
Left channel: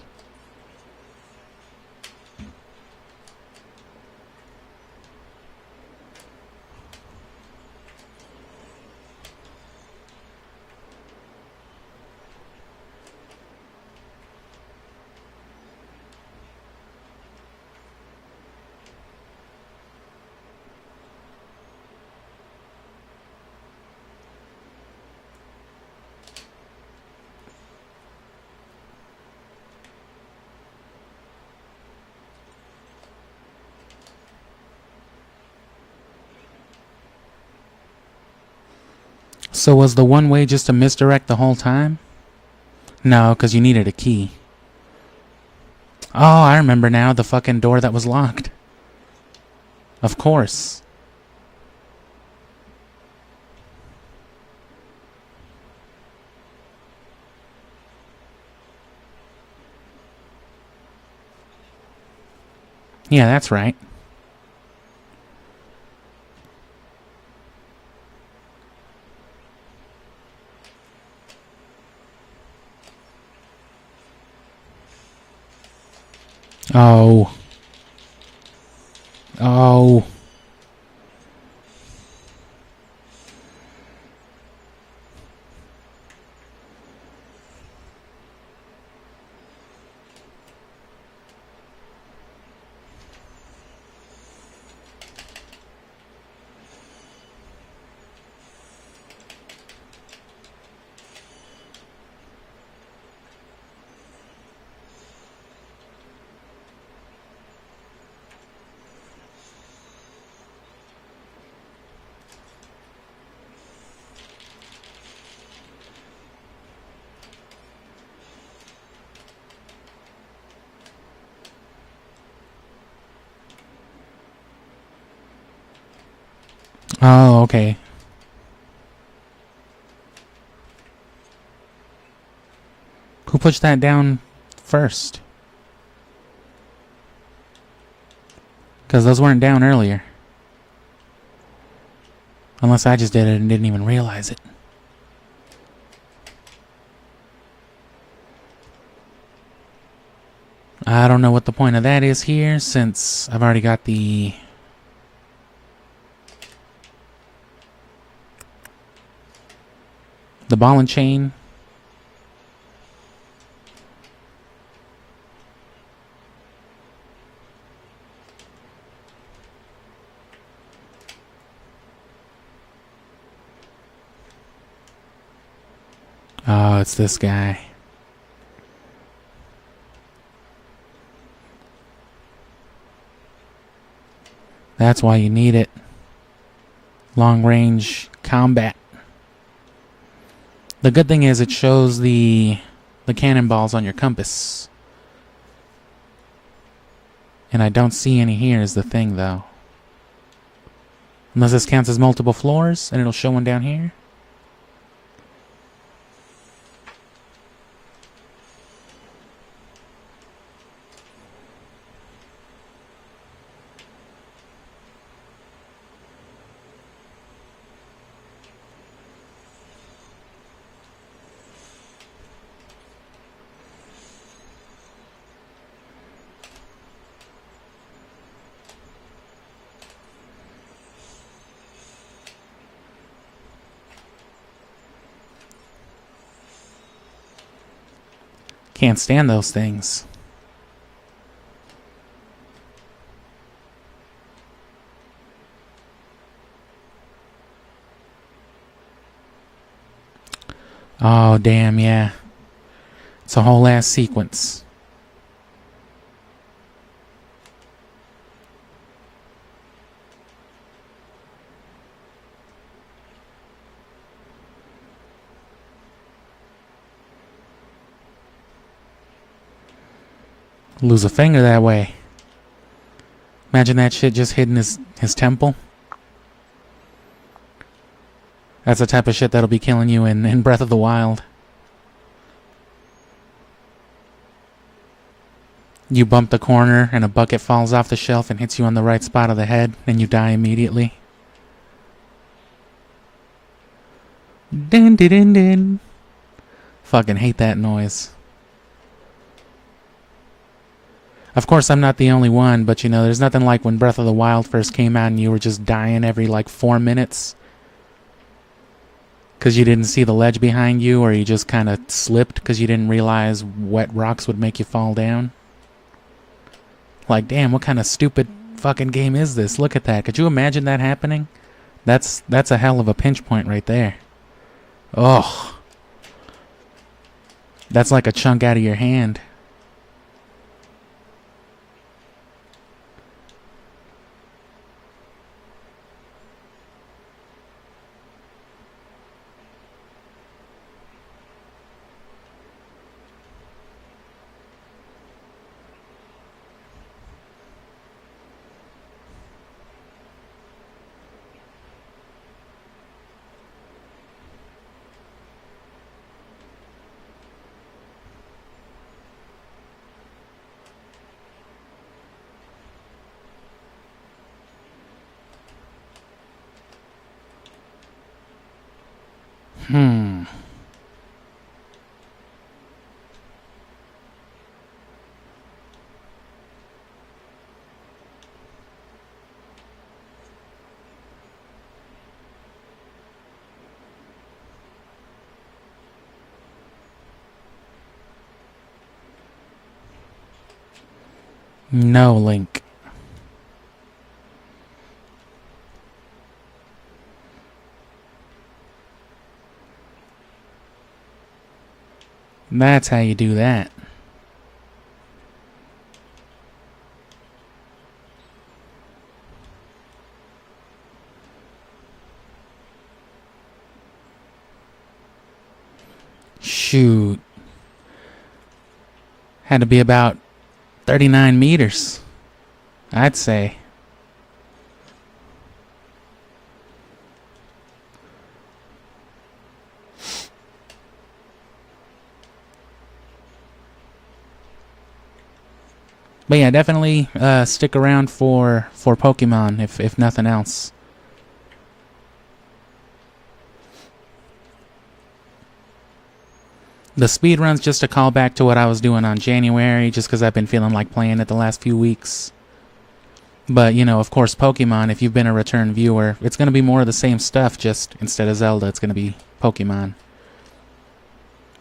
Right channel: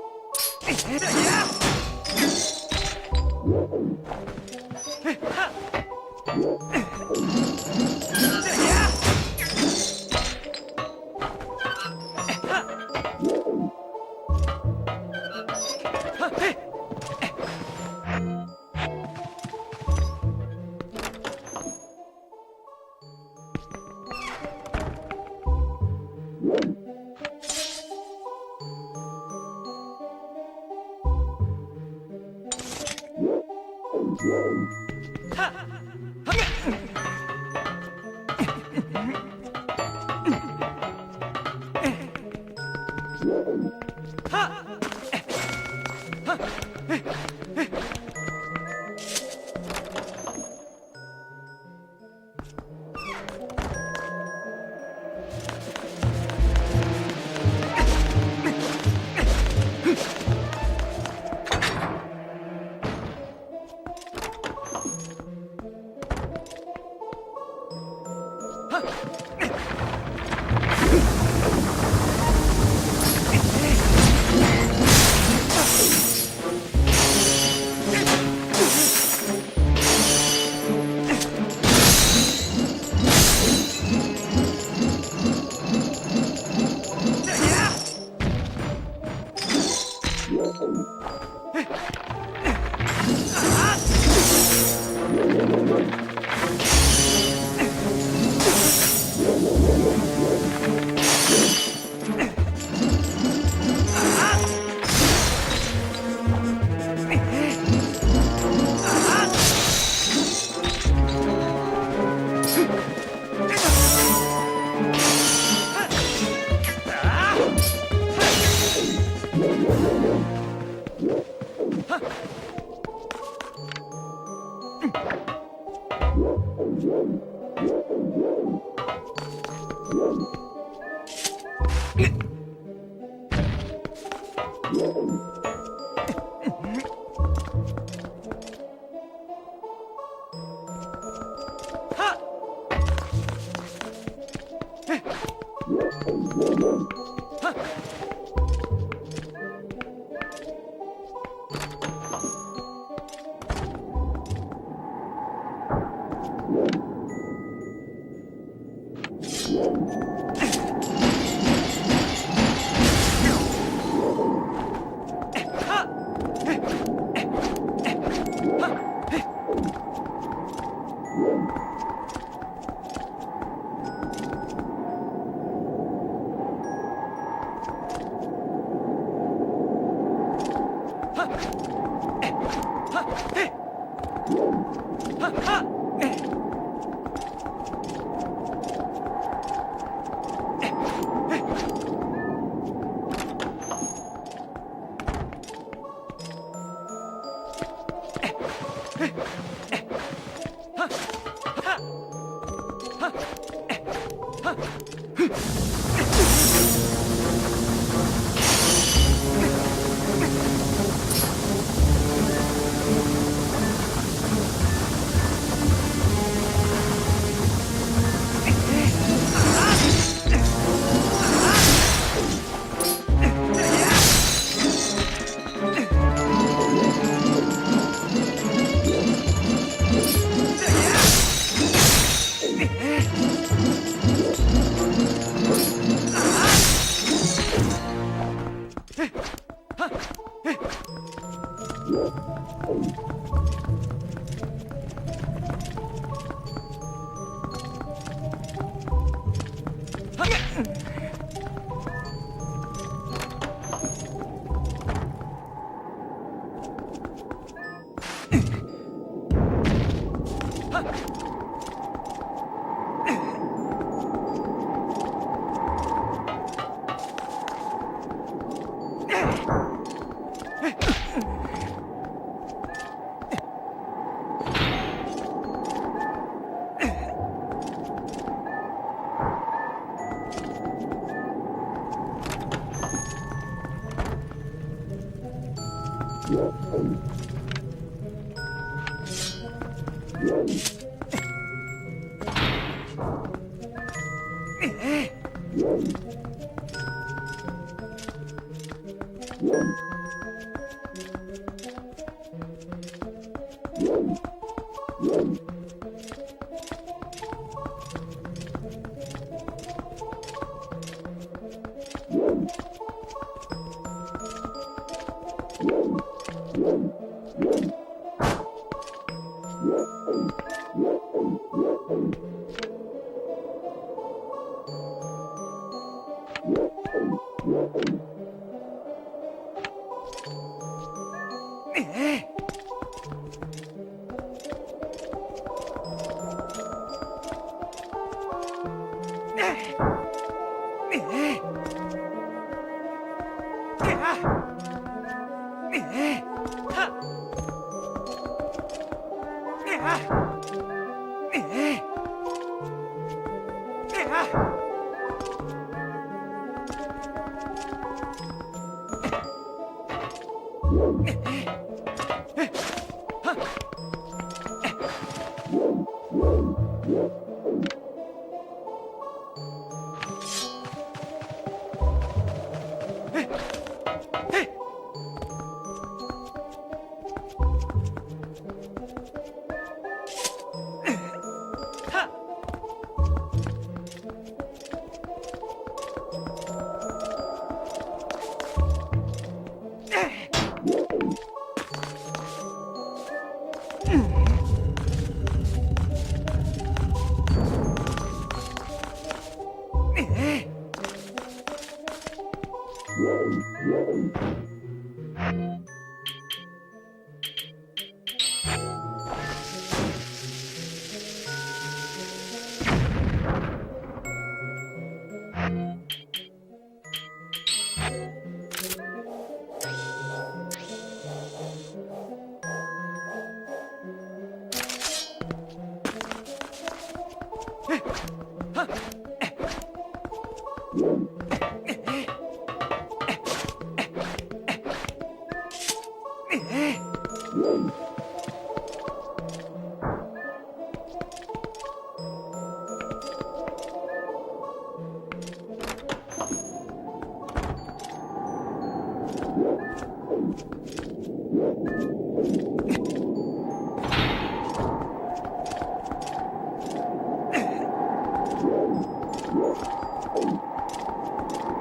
So was the one way just a misdirect the whole time? No, because you needed a key. Oh, I remember now. The fucking door that was locked. Of course. Yeah, that's right. Oh. Oh. Oh, okay. Who pushed that down first? Because those weren't down earlier. Unless I just did it and didn't even realize it. I don't know what the point of that is here, since I've already got the ball and chain. Oh, it's this guy. That's why you need it. Long range combat. The good thing is it shows the cannonballs on your compass. And I don't see any here is the thing though. Unless this counts as multiple floors and it'll show one down here. Can't stand those things. Oh, damn, yeah. It's a whole ass sequence. Lose a finger that way. Imagine that shit just hitting his temple. That's the type of shit that'll be killing you in Breath of the Wild. You bump the corner and a bucket falls off the shelf and hits you on the right spot of the head, and you die immediately. Dun, dun, dun, dun. Fucking hate that noise. Of course, I'm not the only one, but you know, there's nothing like when Breath of the Wild first came out and you were just dying every like 4 minutes. Because you didn't see the ledge behind you, or you just kind of slipped because you didn't realize wet rocks would make you fall down. Like, damn, what kind of stupid fucking game is this? Look at that. Could you imagine that happening? That's a hell of a pinch point right there. Oh. That's like a chunk out of your hand. No, Link. That's how you do that. Shoot. Had to be about 39 meters, I'd say. But yeah, definitely stick around for Pokemon if nothing else. The speedrun's just a callback to what I was doing on January, just because I've been feeling like playing it the last few weeks. But, you know, of course, Pokemon, if you've been a return viewer, it's going to be more of the same stuff, just instead of Zelda, it's going to be Pokemon.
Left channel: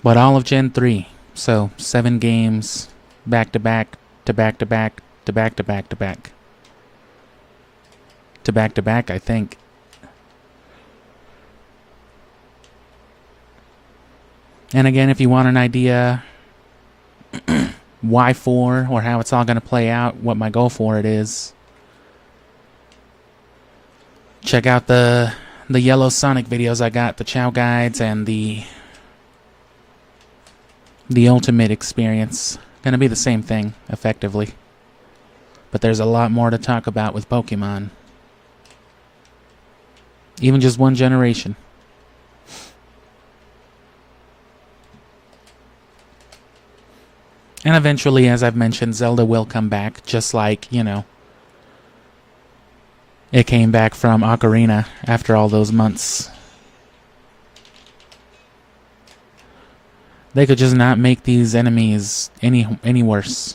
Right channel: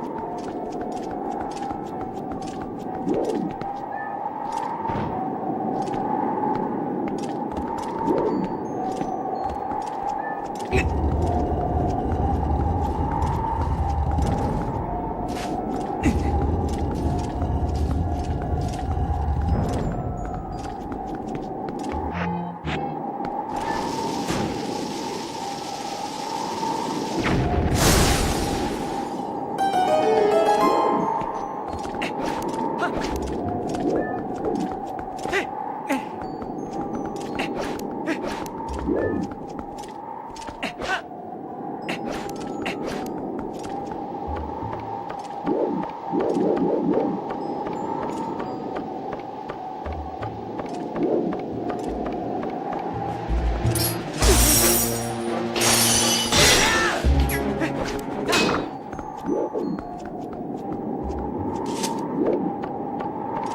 But all of Gen 3, so 7 games, back-to-back, to back-to-back, to back-to-back, to back. To back-to-back, I think. And again, if you want an idea why for, or how it's all going to play out, what my goal for it is, check out the Yellow Sonic videos I got, the Chow Guys and the Ultimate Experience. Gonna be the same thing, effectively. But there's a lot more to talk about with Pokemon. Even just one generation. And eventually, as I've mentioned, Zelda will come back, just like, you know, it came back from Ocarina after all those months. They could just not make these enemies any worse.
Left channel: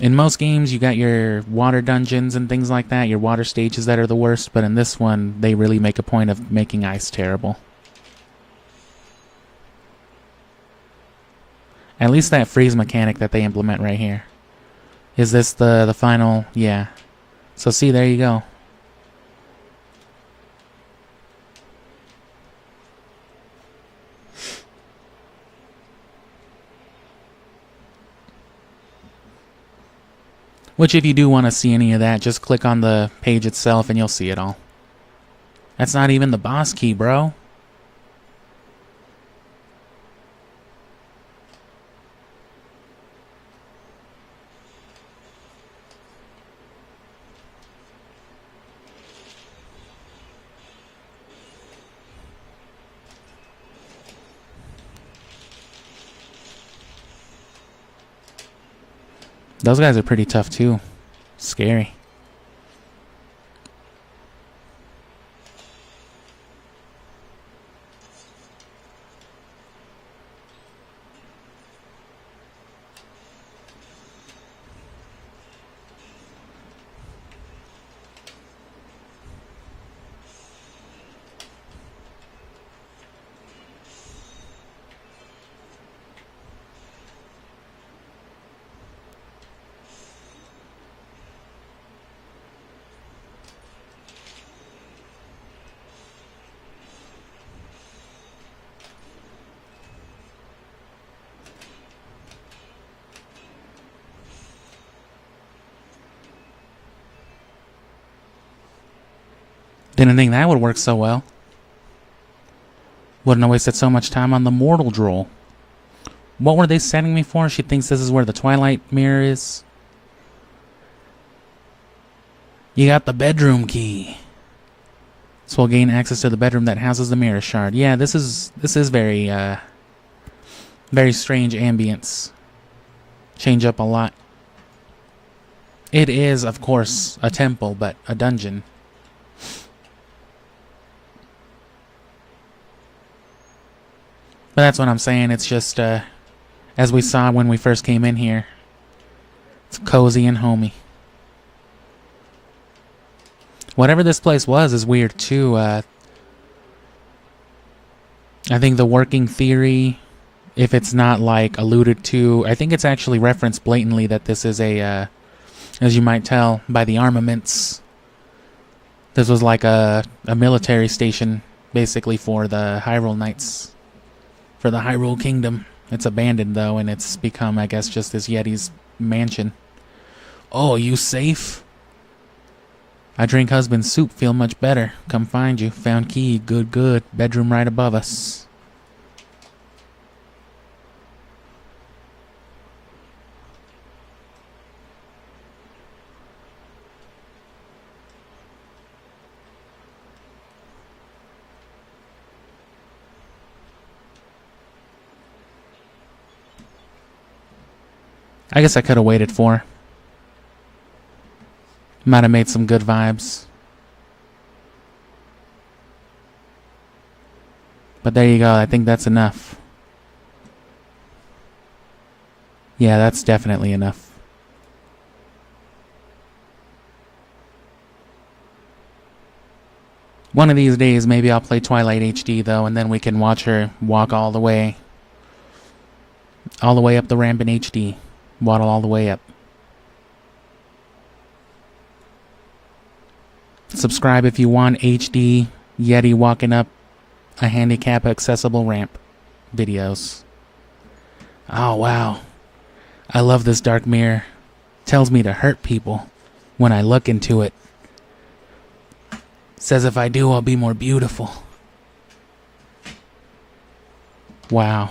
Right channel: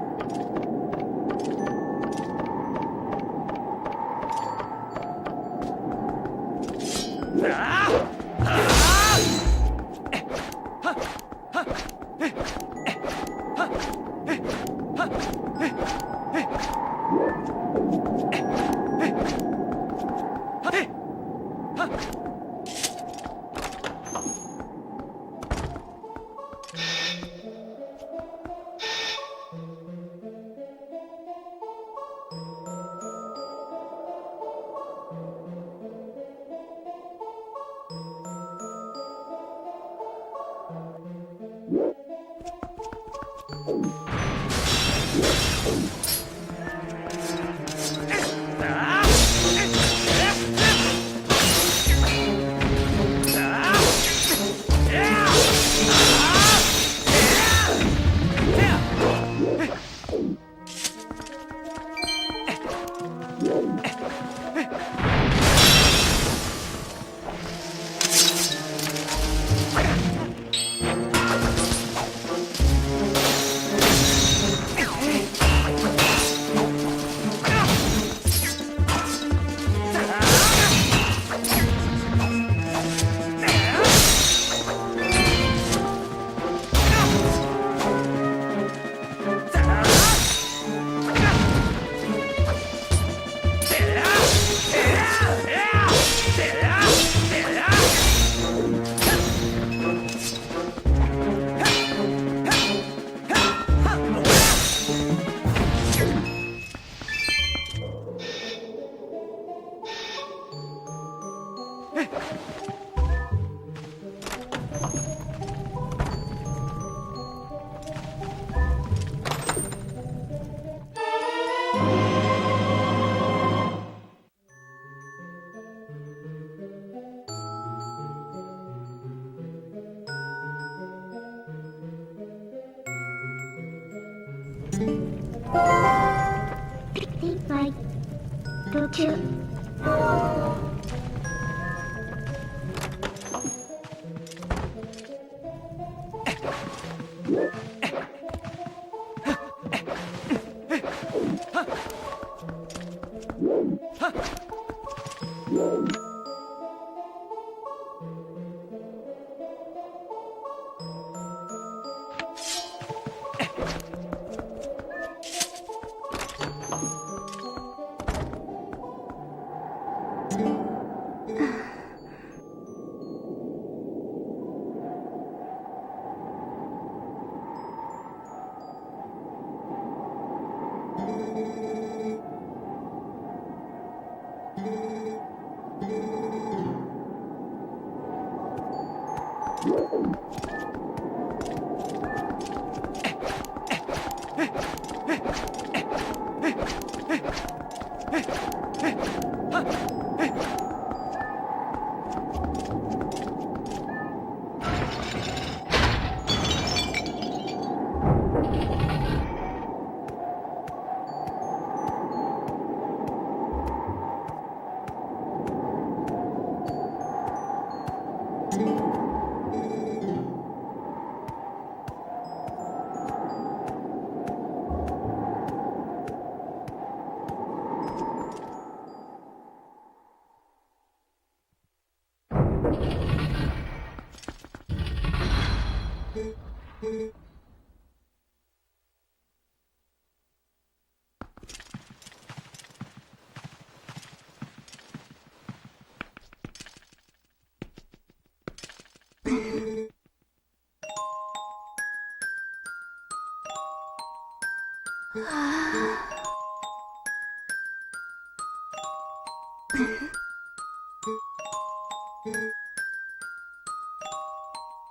In most games, you got your water dungeons and things like that, your water stages that are the worst, but in this one, they really make a point of making ice terrible. At least that freeze mechanic that they implement right here. Is this the final? Yeah. So see, there you go. Which, if you do want to see any of that, just click on the page itself and you'll see it all. That's not even the boss key, bro. Those guys are pretty tough too. Scary. Didn't think that would work so well. Wouldn't have wasted so much time on the mortal droll. What were they setting me for? She thinks this is where the Twilight mirror is. You got the bedroom key. This will gain access to the bedroom that houses the mirror shard. Yeah, this is very very strange ambience. Change up a lot. It is, of course, a temple, but a dungeon. Don't you? But that's what I'm saying. It's just, as we saw when we first came in here, it's cozy and homey. Whatever this place was is weird too. I think the working theory, if it's not like alluded to, I think it's actually referenced blatantly that this is a, as you might tell by the armaments, this was like a military station basically for the Hyrule Knights, for the Hyrule Kingdom. It's abandoned though, and it's become, I guess, just this Yeti's mansion. Oh, you safe? I drink husband's soup, feel much better. Come find you. Found key. Good, good. Bedroom right above us. I guess I could have waited for her. Might have made some good vibes. But there you go, I think that's enough. Yeah, that's definitely enough. One of these days, maybe I'll play Twilight HD though, and then we can watch her walk all the way up the ramp in HD. Waddle all the way up. Subscribe if you want HD Yeti walking up a handicap accessible ramp videos. Oh wow. I love this dark mirror. Tells me to hurt people when I look into it. Says if I do, I'll be more beautiful. Wow.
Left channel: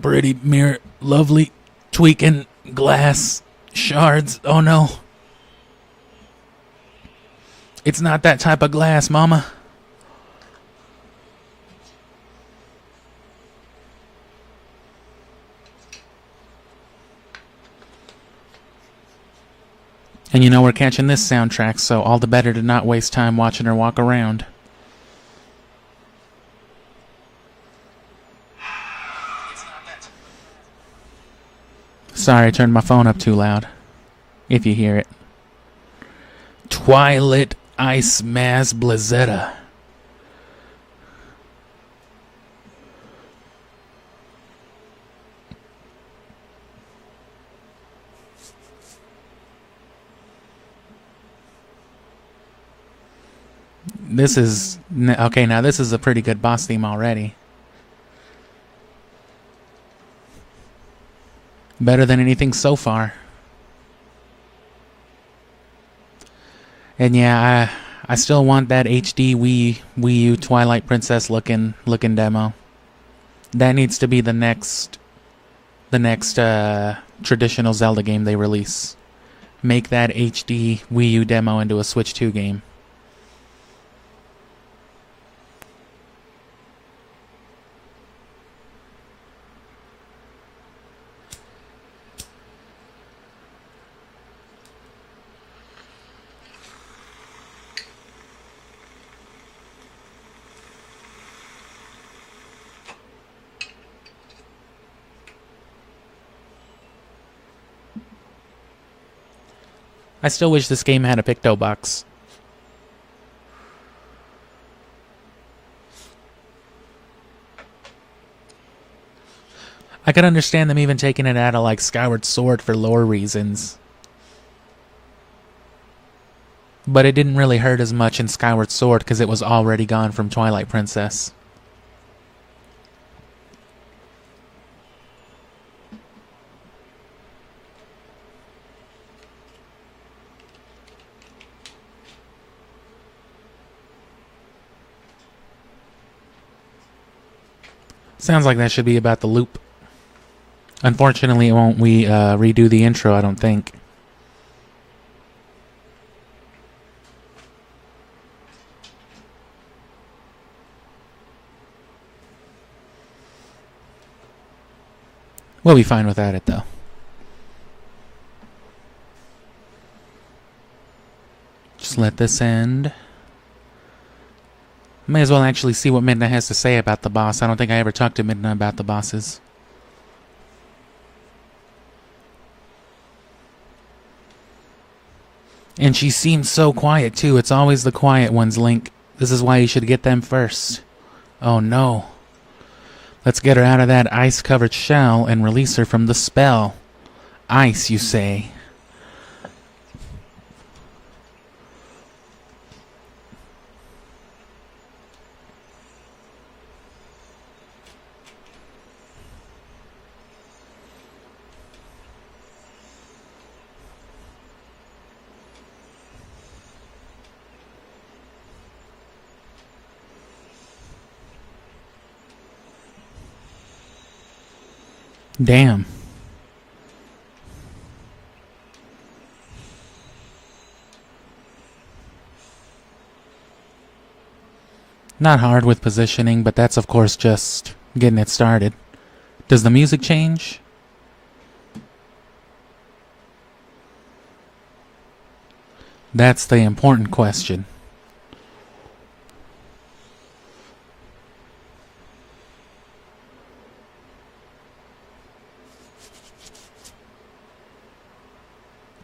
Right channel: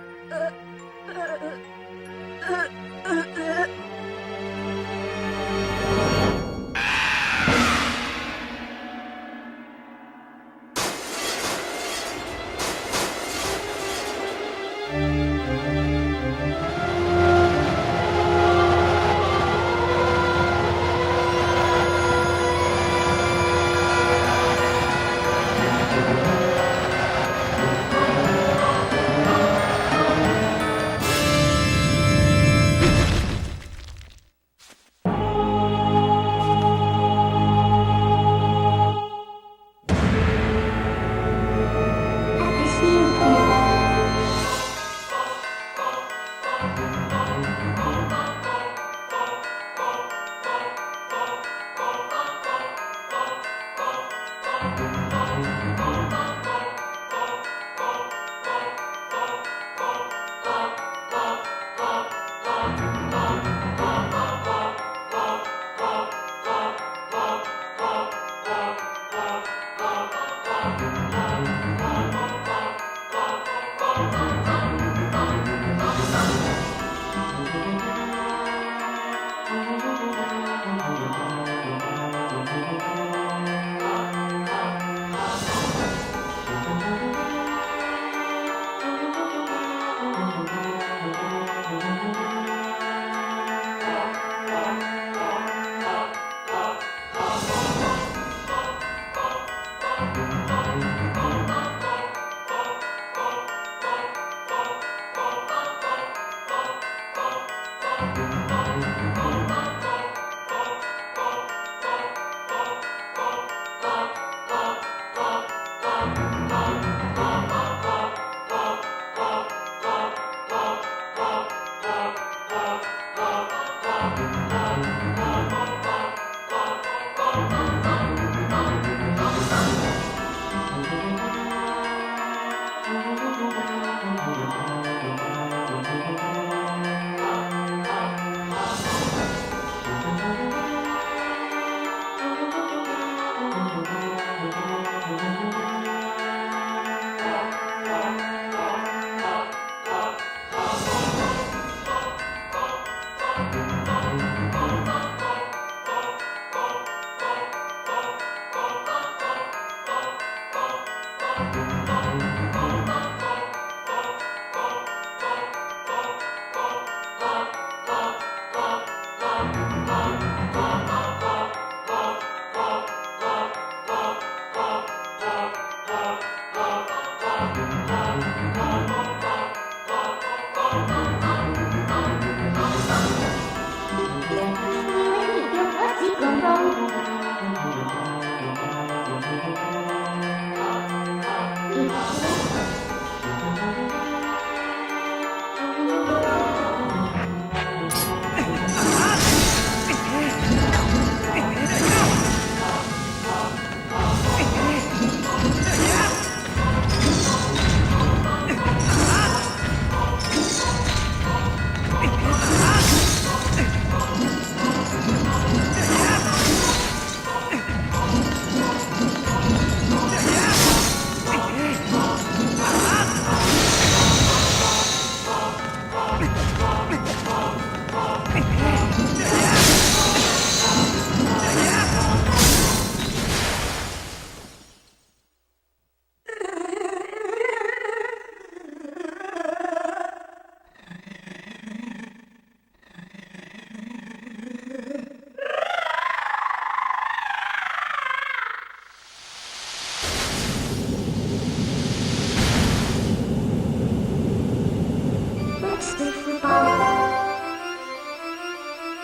Pretty mirror, lovely, tweaking, glass, shards, oh no. It's not that type of glass, mama. And you know we're catching this soundtrack, so all the better to not waste time watching her walk around. Sorry, I turned my phone up too loud. If you hear it. Twilight Ice Maz Blizzetta. Happy seeing you. This is... Okay, now this is a pretty good boss theme already. Better than anything so far. And yeah, I still want that HD Wii U Twilight Princess looking demo. That needs to be the next traditional Zelda game they release. Make that HD Wii U demo into a Switch 2 game. I still wish this game had a Picto box. I could understand them even taking it out of like Skyward Sword for lore reasons. But it didn't really hurt as much in Skyward Sword because it was already gone from Twilight Princess. Sounds like that should be about the loop. Unfortunately, it won't redo the intro, I don't think. We'll be fine without it, though. Just let this end. May as well actually see what Midna has to say about the boss. I don't think I ever talked to Midna about the bosses. And she seems so quiet, too. It's always the quiet ones, Link. This is why you should get them first. Oh, no. Let's get her out of that ice-covered shell and release her from the spell. Ice, you say? Damn. Not hard with positioning, but that's of course just getting it started. Does the music change? That's the important question.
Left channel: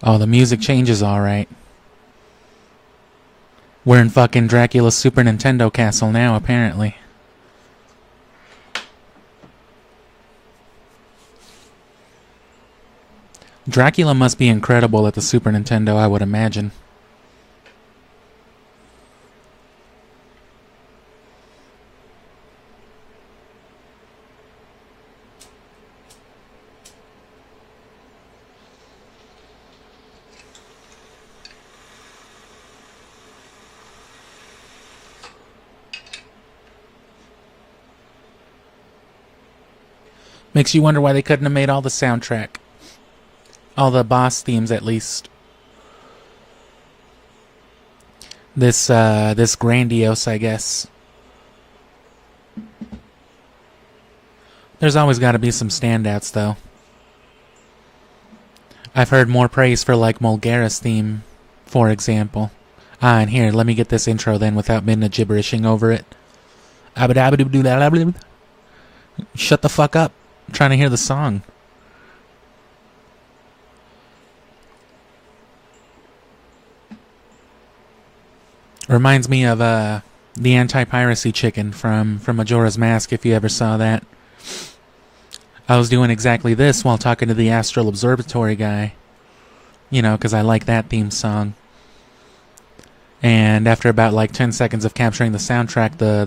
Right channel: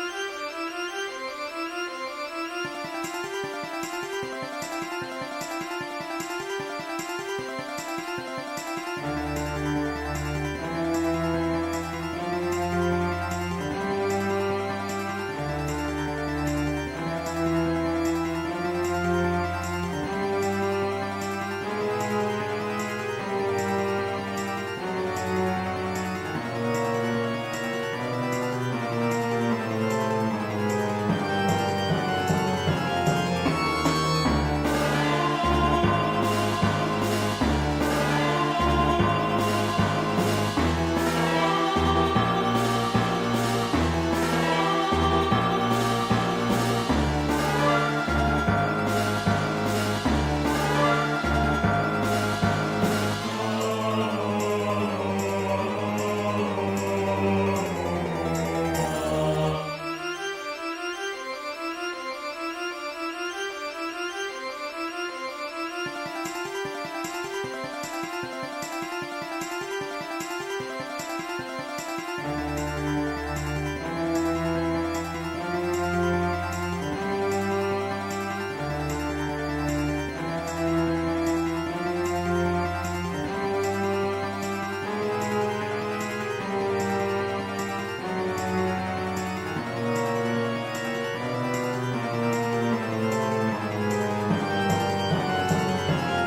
Oh, the music changes alright. We're in fucking Dracula's Super Nintendo castle now, apparently. Dracula must be incredible at the Super Nintendo, I would imagine. Makes you wonder why they couldn't have made all the soundtrack. All the boss themes, at least. This grandiose, I guess. There's always got to be some standouts, though. I've heard more praise for, like, Mulgara's theme, for example. Ah, and here, let me get this intro then without Midna gibberishing over it. Shut the fuck up. I'm trying to hear the song. Reminds me of the anti-piracy chicken from Majora's Mask, if you ever saw that. I was doing exactly this while talking to the Astral Observatory guy. You know, because I like that theme song. And after about like 10 seconds of capturing the soundtrack, the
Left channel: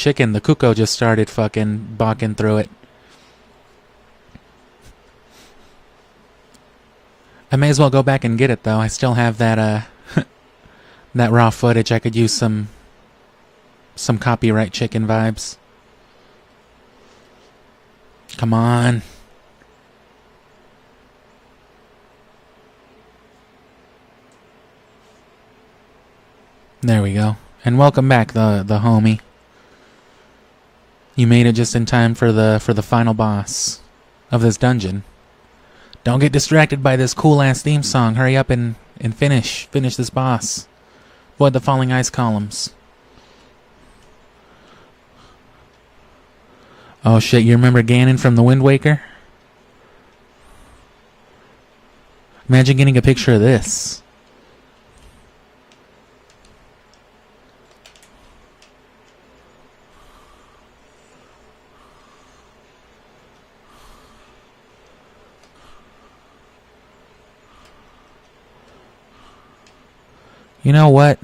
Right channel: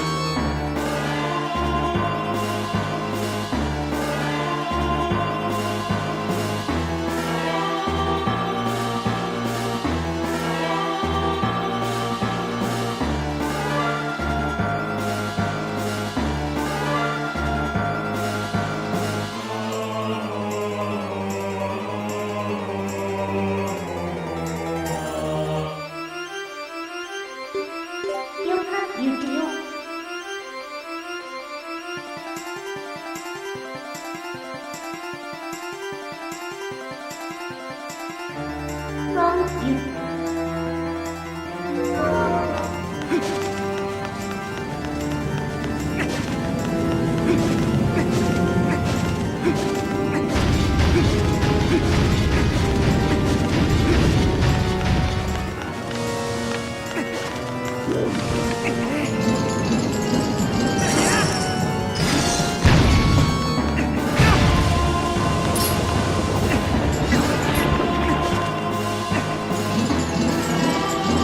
chicken, the cuckoo just started fucking balking through it. I may as well go back and get it though. I still have that that raw footage. I could use some copyright chicken vibes. Come on. There we go. And welcome back, the homie. You made it just in time for the final boss of this dungeon. Don't get distracted by this cool ass theme song. Hurry up and finish this boss. Avoid the falling ice columns. Oh shit, you remember Ganon from the Wind Waker? Imagine getting a picture of this. You know what?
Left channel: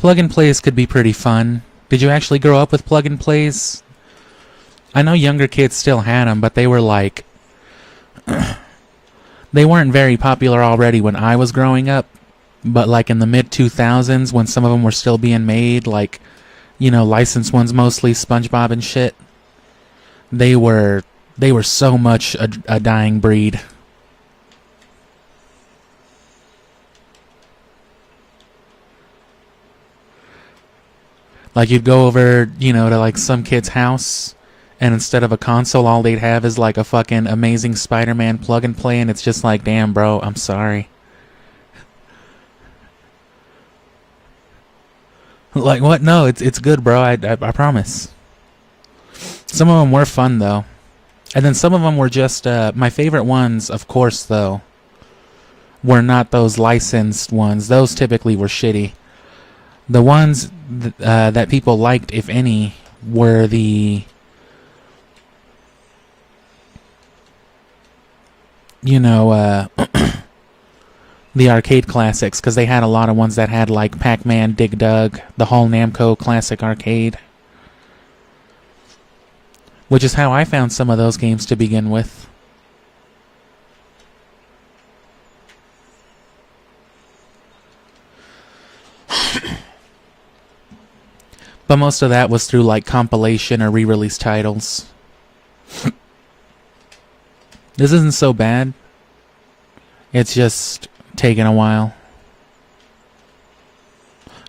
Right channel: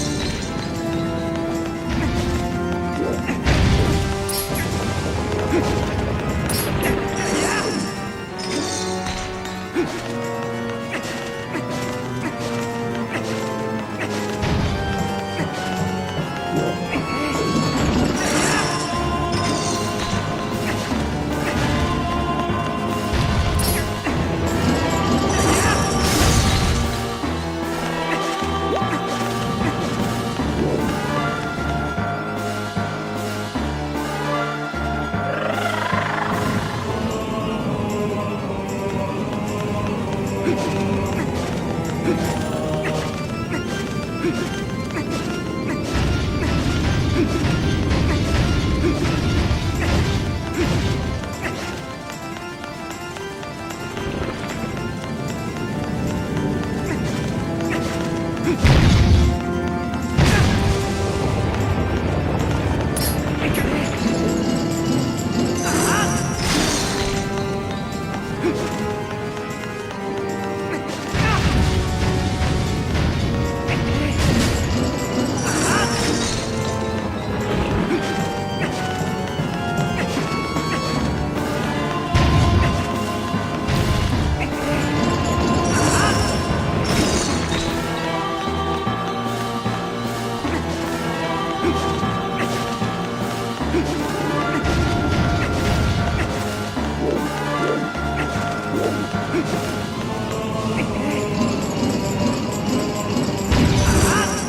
Plug and plays could be pretty fun. Did you actually grow up with plug and plays? I know younger kids still had them, but they were like... they weren't very popular already when I was growing up, but like in the mid-2000s when some of them were still being made, like, you know, licensed ones mostly, SpongeBob and shit, they were so much a dying breed. Like, you'd go over, you know, to like some kid's house, and instead of a console, all they'd have is like a fucking Amazing Spider-Man plug and play, and it's just like, damn, bro, I'm sorry. Like, what? No, it's good, bro. I promise. Some of them were fun, though. And then some of them were just, my favorite ones, of course, though, were not those licensed ones. Those typically were shitty. The ones that people liked, if any, were the, you know, the arcade classics, because they had a lot of ones that had like Pac-Man, Dig Dug, the whole Namco Classic Arcade, which is how I found some of those games to begin with. But most of that was through like compilation or re-release titles. This isn't so bad. It's just taking a while.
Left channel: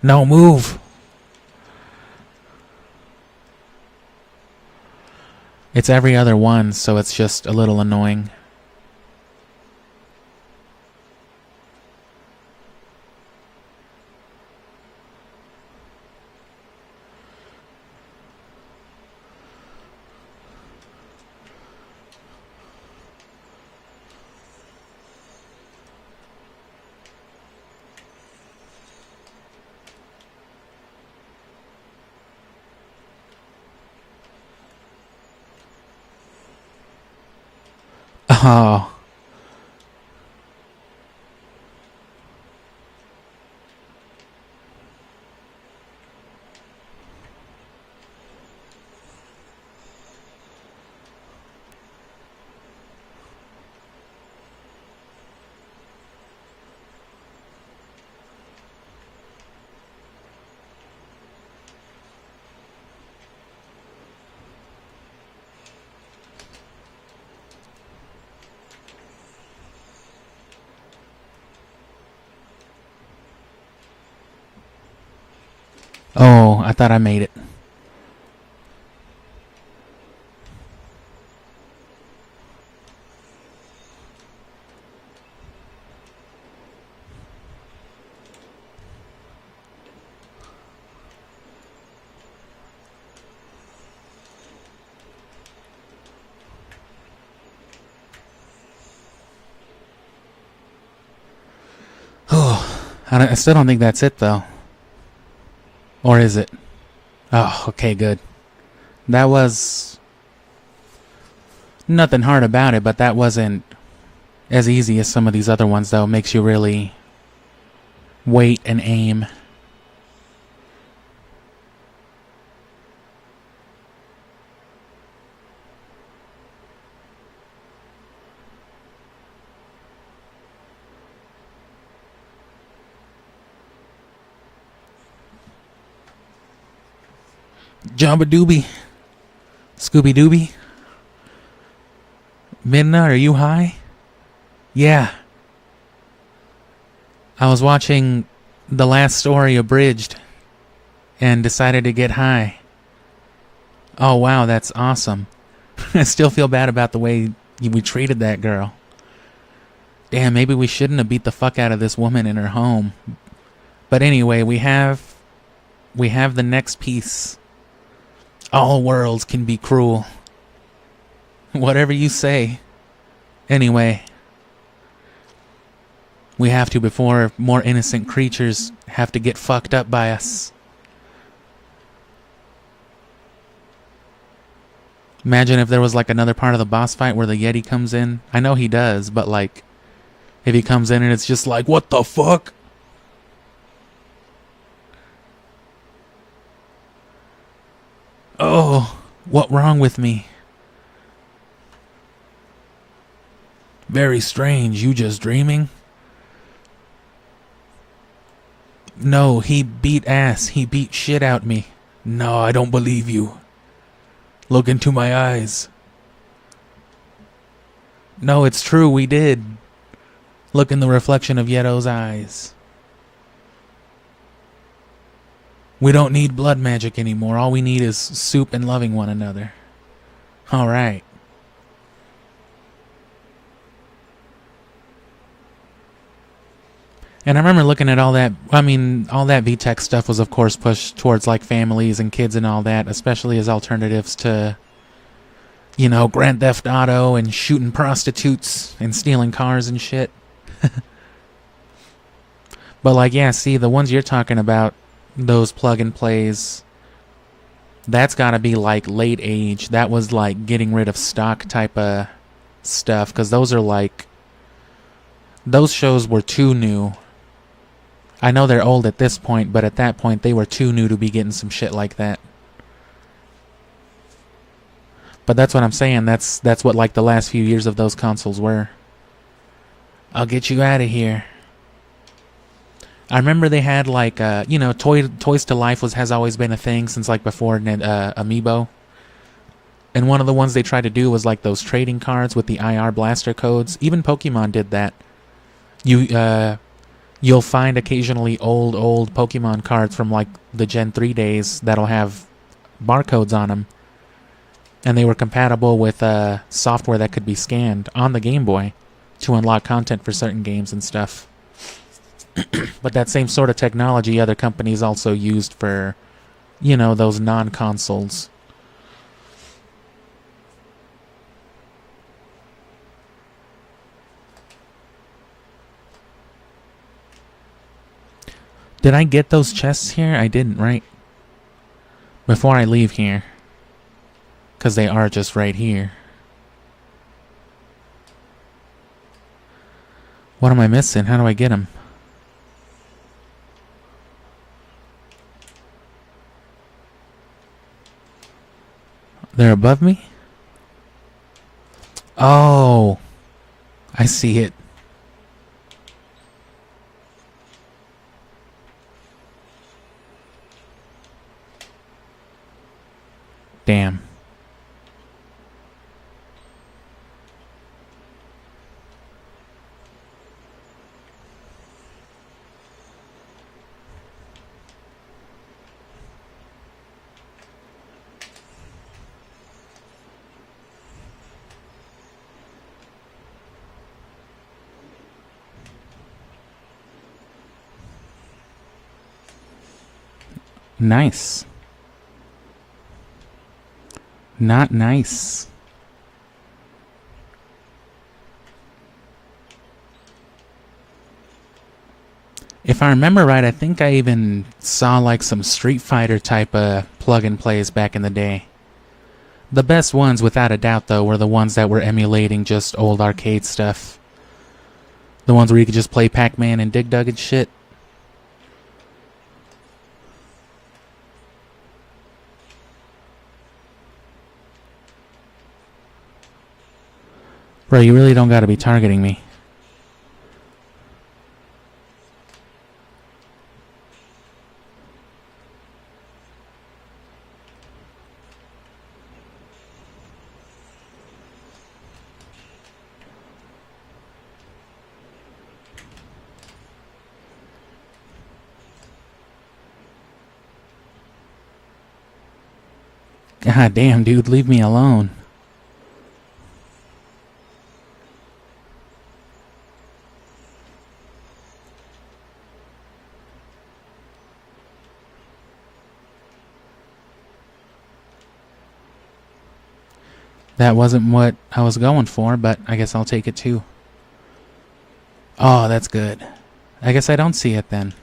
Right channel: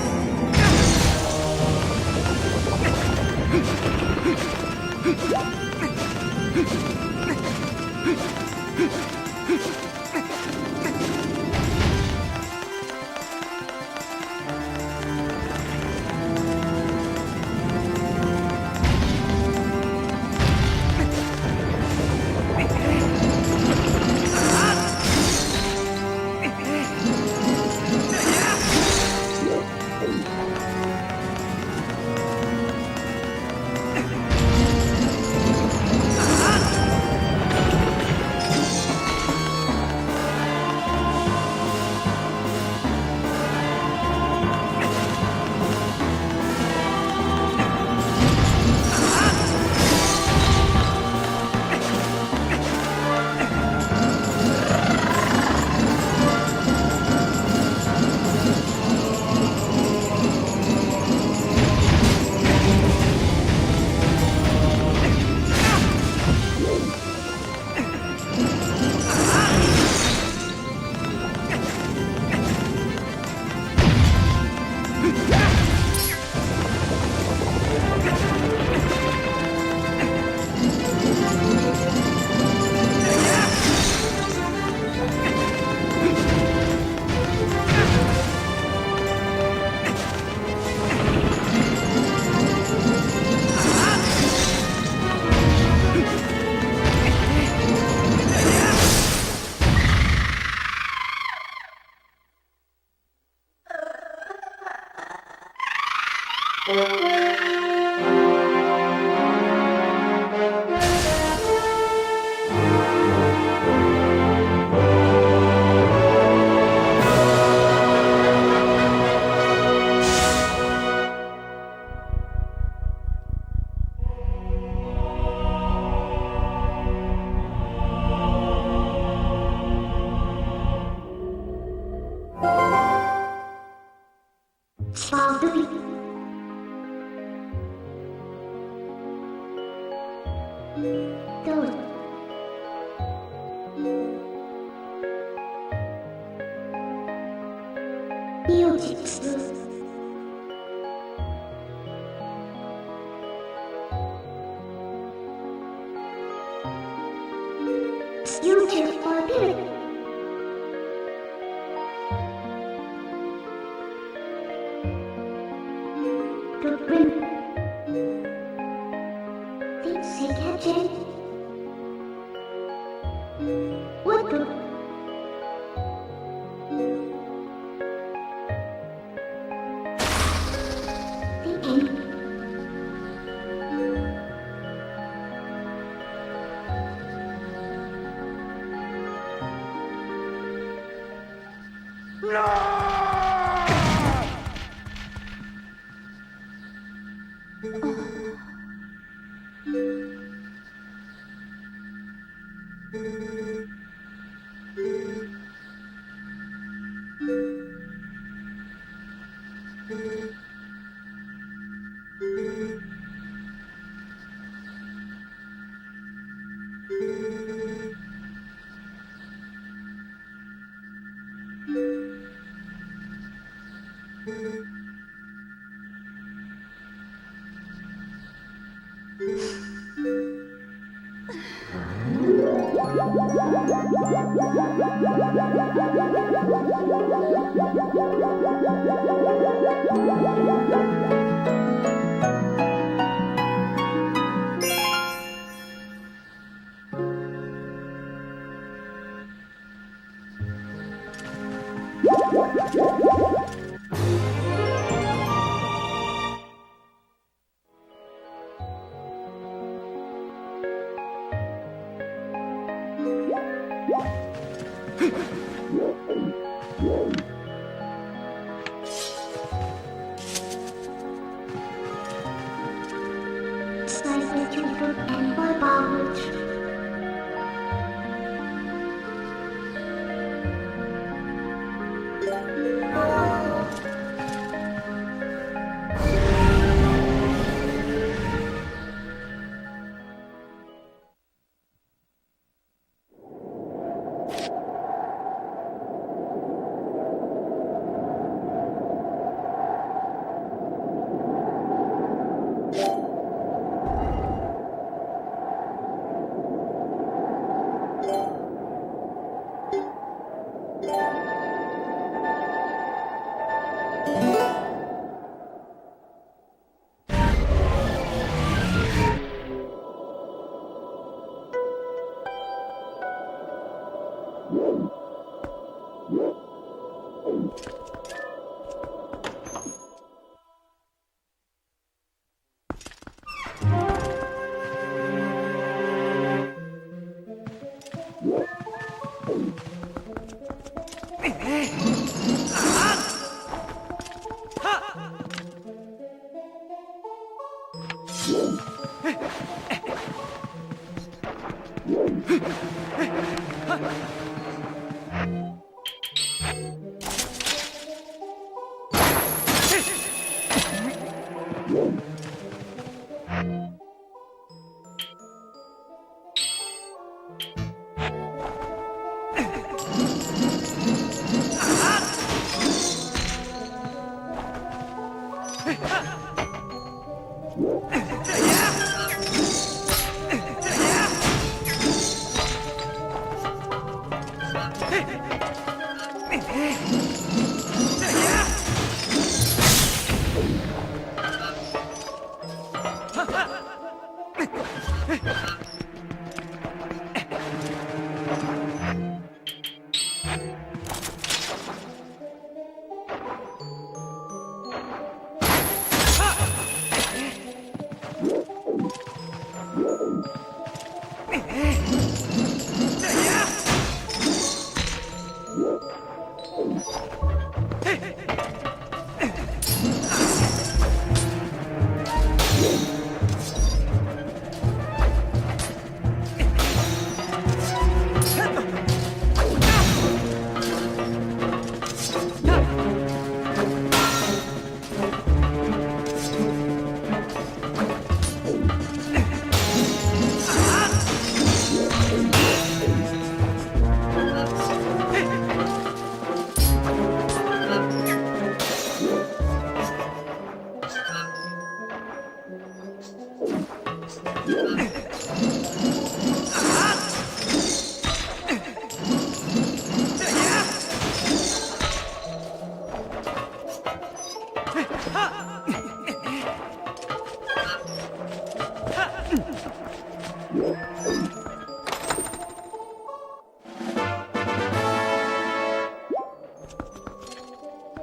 No, move! It's every other one, so it's just a little annoying. Oh. Oh, I thought I made it. Oh, I still don't think that's it though. Or is it? Oh, okay, good. That was nothing hard about it, but that wasn't as easy as some of these other ones that makes you really wait and aim. Jamba Doobie. Scooby Dooby? Go. Midna, are you high? Yeah. I was watching the last story abridged and decided to get high. Oh wow, that's awesome. I still feel bad about the way we treated that girl. Damn, maybe we shouldn't have beat the fuck out of this woman in her home. But anyway, we have the next piece. All worlds can be cruel. Whatever you say. Anyway, we have to before more innocent creatures have to get fucked up by us. Imagine if there was like another part of the boss fight where the Yeti comes in. I know he does, but like if he comes in and it's just like, what the fuck? Oh, what wrong with me? Very strange, you just dreaming? No, he beat ass. He beat shit out me. No, I don't believe you. Look into my eyes. No, it's true, we did. Look in the reflection of Yeto's eyes. We don't need blood magic anymore. All we need is soup and loving one another. Alright. And I remember looking at all that, I mean, all that VTech stuff was of course pushed towards like families and kids and all that, especially as alternatives to, you know, Grand Theft Auto and shooting prostitutes and stealing cars and shit. But like, yeah, see, the ones you're talking about, those plug and plays, that's gotta be like late age. That was like getting rid of stock type of stuff, because those are like, those shows were too new. I know they're old at this point, but at that point they were too new to be getting some shit like that. But that's what I'm saying. That's what like the last few years of those consoles were. I'll get you out of here. I remember they had like you know, Toys to Life has always been a thing since like before Amiibo. And one of the ones they tried to do was like those trading cards with the IR blaster codes. Even Pokemon did that. You'll find occasionally old Pokemon cards from like the Gen 3 days that'll have barcodes on them. And they were compatible with software that could be scanned on the Game Boy to unlock content for certain games and stuff. But that same sort of technology other companies also used for, you know, those non-consoles. Did I get those chests here? I didn't, right? Before I leave here. Because they are just right here. What am I missing? How do I get them? They're above me? Oh, I see it. Damn. Nice. Not nice. If I remember right, I think I even saw like some Street Fighter type of plug and plays back in the day. The best ones, without a doubt, though, were the ones that were emulating just old arcade stuff. The ones where you could just play Pac-Man and Dig Dug and shit. Bro, you really don't gotta be targeting me. God damn, dude, leave me alone. That wasn't what I was going for, but I guess I'll take it too. Oh, that's good. I guess I don't see it then.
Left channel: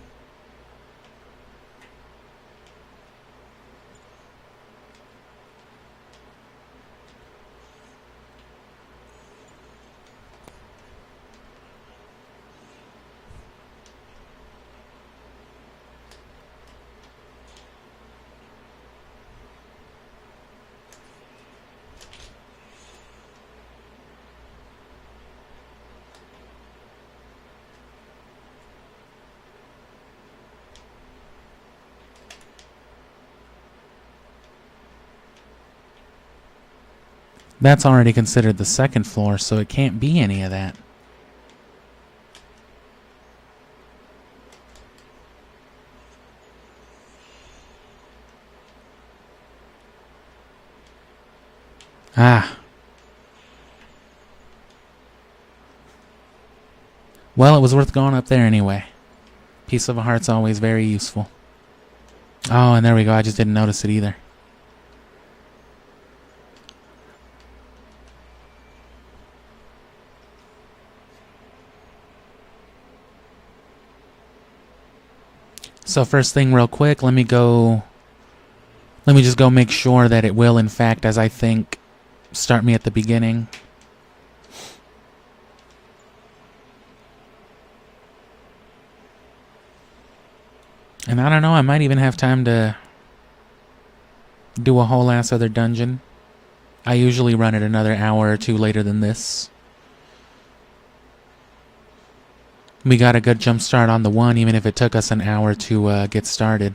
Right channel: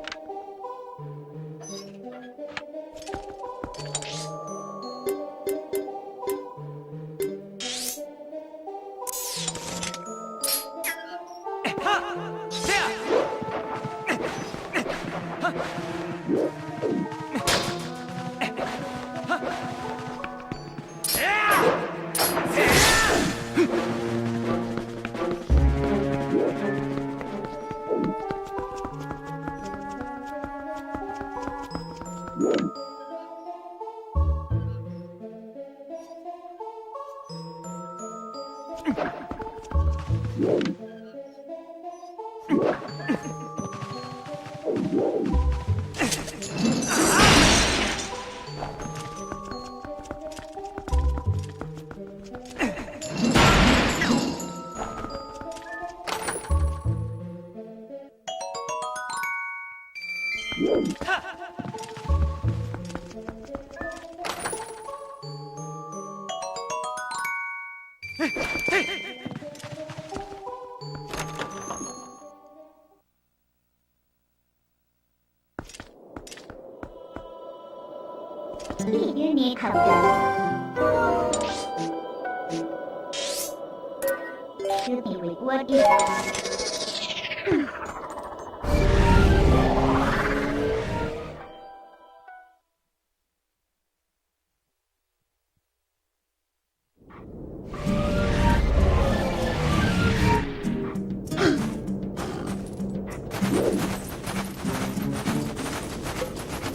That's already considered the second floor, so it can't be any of that. Ah. Well, it was worth going up there anyway. Piece of a heart's always very useful. Oh, and there we go. I just didn't notice it either. So first thing real quick, let me just go make sure that it will, in fact, as I think, start me at the beginning. And I don't know, I might even have time to do a whole ass other dungeon. I usually run it another hour or two later than this. We got a good jump start on the one, even if it took us an hour to get started.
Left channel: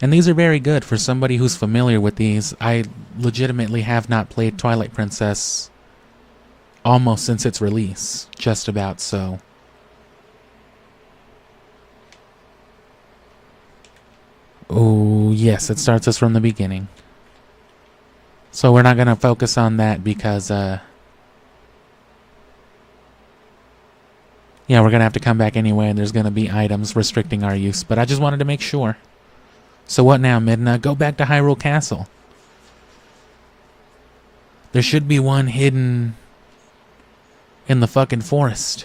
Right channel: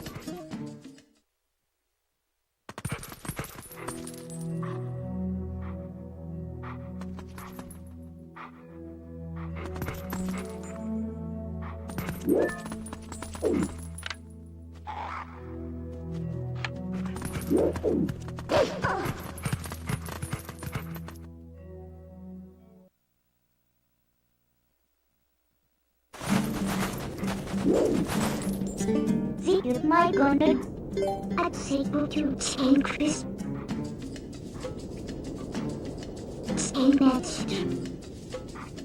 And these are very good for somebody who's familiar with these. I legitimately have not played Twilight Princess almost since its release. Just about so. Oh, yes, it starts us from the beginning. So we're not going to focus on that because, yeah, we're going to have to come back anyway, and there's going to be items restricting our use. But I just wanted to make sure. So what now, Midna? Go back to Hyrule Castle. There should be one hidden in the fucking forest.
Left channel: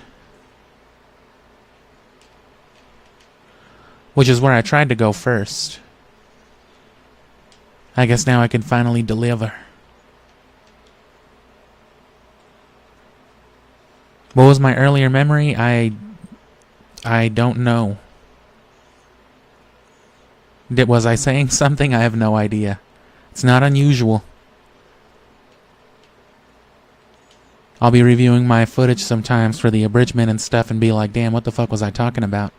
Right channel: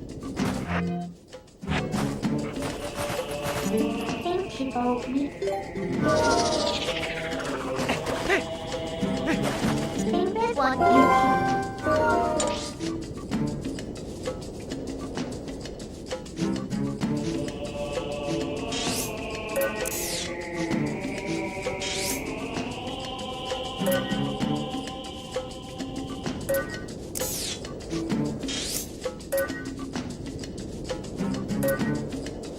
Which is where I tried to go first. I guess now I can finally deliver. What was my earlier memory? I don't know. Was I saying something? I have no idea. It's not unusual. I'll be reviewing my footage sometimes for the abridgment and stuff and be like, damn, what the fuck was I talking about?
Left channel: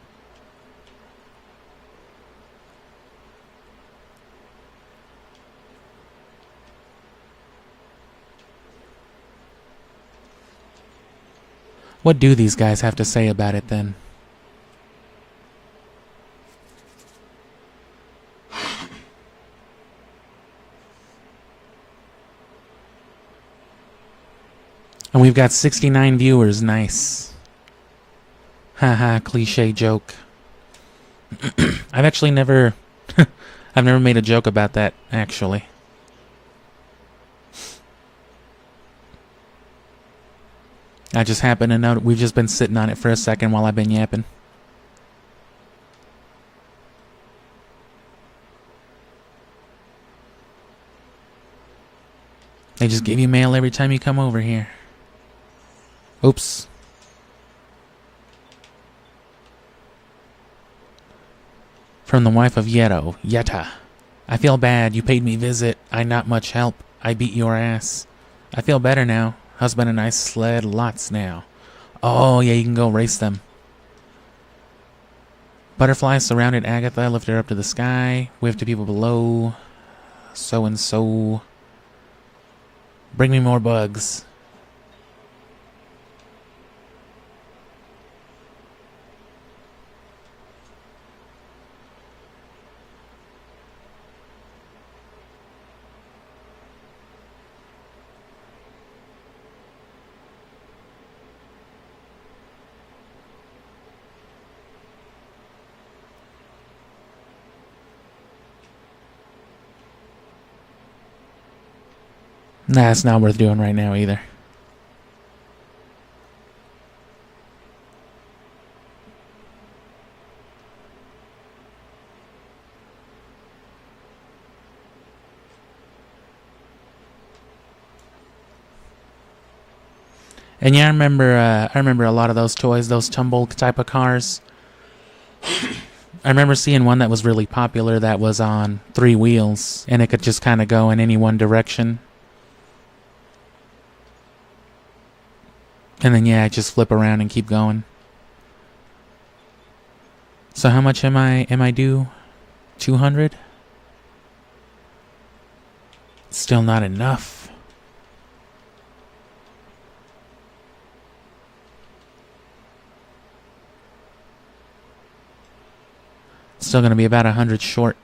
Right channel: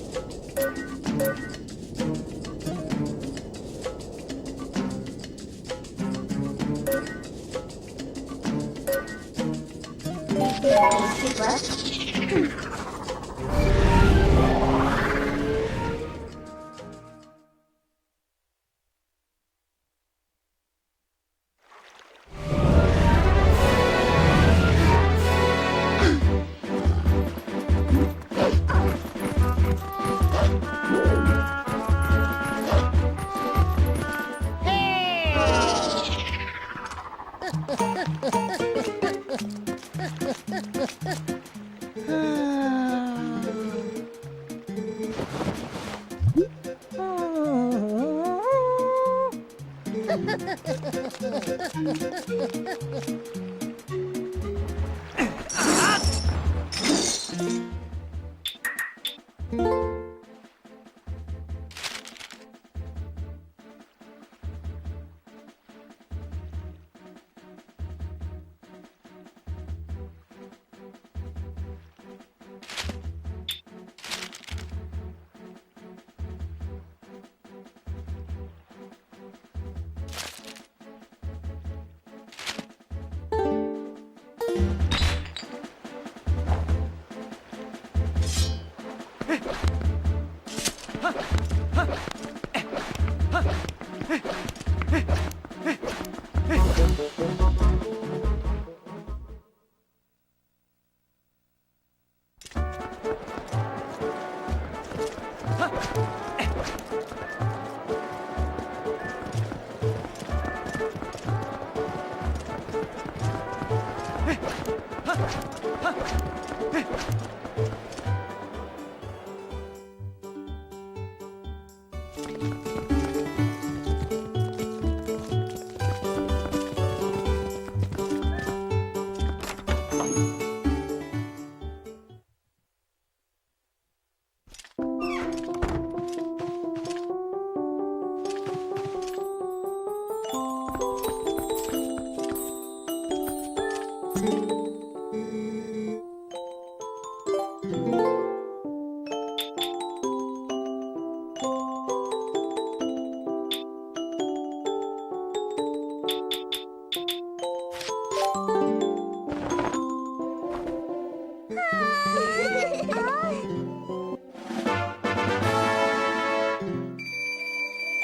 What do these guys have to say about it then? And we've got 69 viewers, nice. Haha, cliche joke. I've actually never... I've never made a joke about that, actually. I just happen to know that we've just been sitting on it for a second while I've been yapping. They just give you mail every time you come over here. Oops. From the wife of Yetta. I feel bad. You paid me visit. I not much help. I beat your ass. I feel better now. Husband and I sled lots now. Oh, yeah, you can go race them. Butterflies surrounded Agatha, lifted her up to the sky, waved to people below. So and so. Bring me more bugs. Nah, it's not worth doing right now either. And yeah, I remember a lot of those toys, those tumble type of cars. I remember seeing one that was really popular that was on 3 wheels, and it could just kind of go in any one direction. And then yeah, just flip around and keep going. So how much am I due? 200? Still not enough. Still gonna be about 100 short.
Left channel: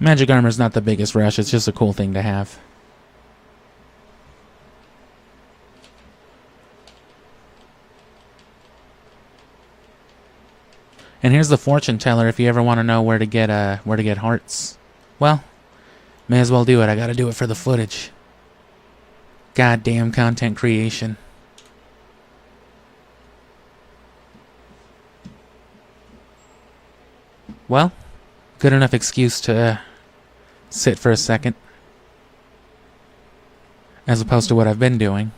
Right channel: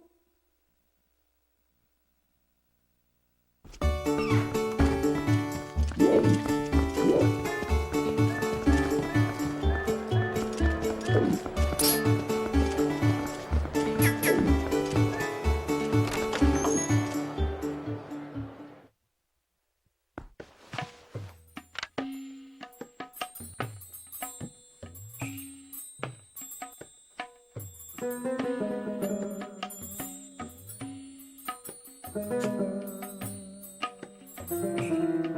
Magic armor's not the biggest rush, it's just a cool thing to have. And here's the fortune teller if you ever want to know where to get hearts. Well, may as well do it. I gotta do it for the footage. Goddamn content creation. Well, good enough excuse to sit for a second. As opposed to what I've been doing.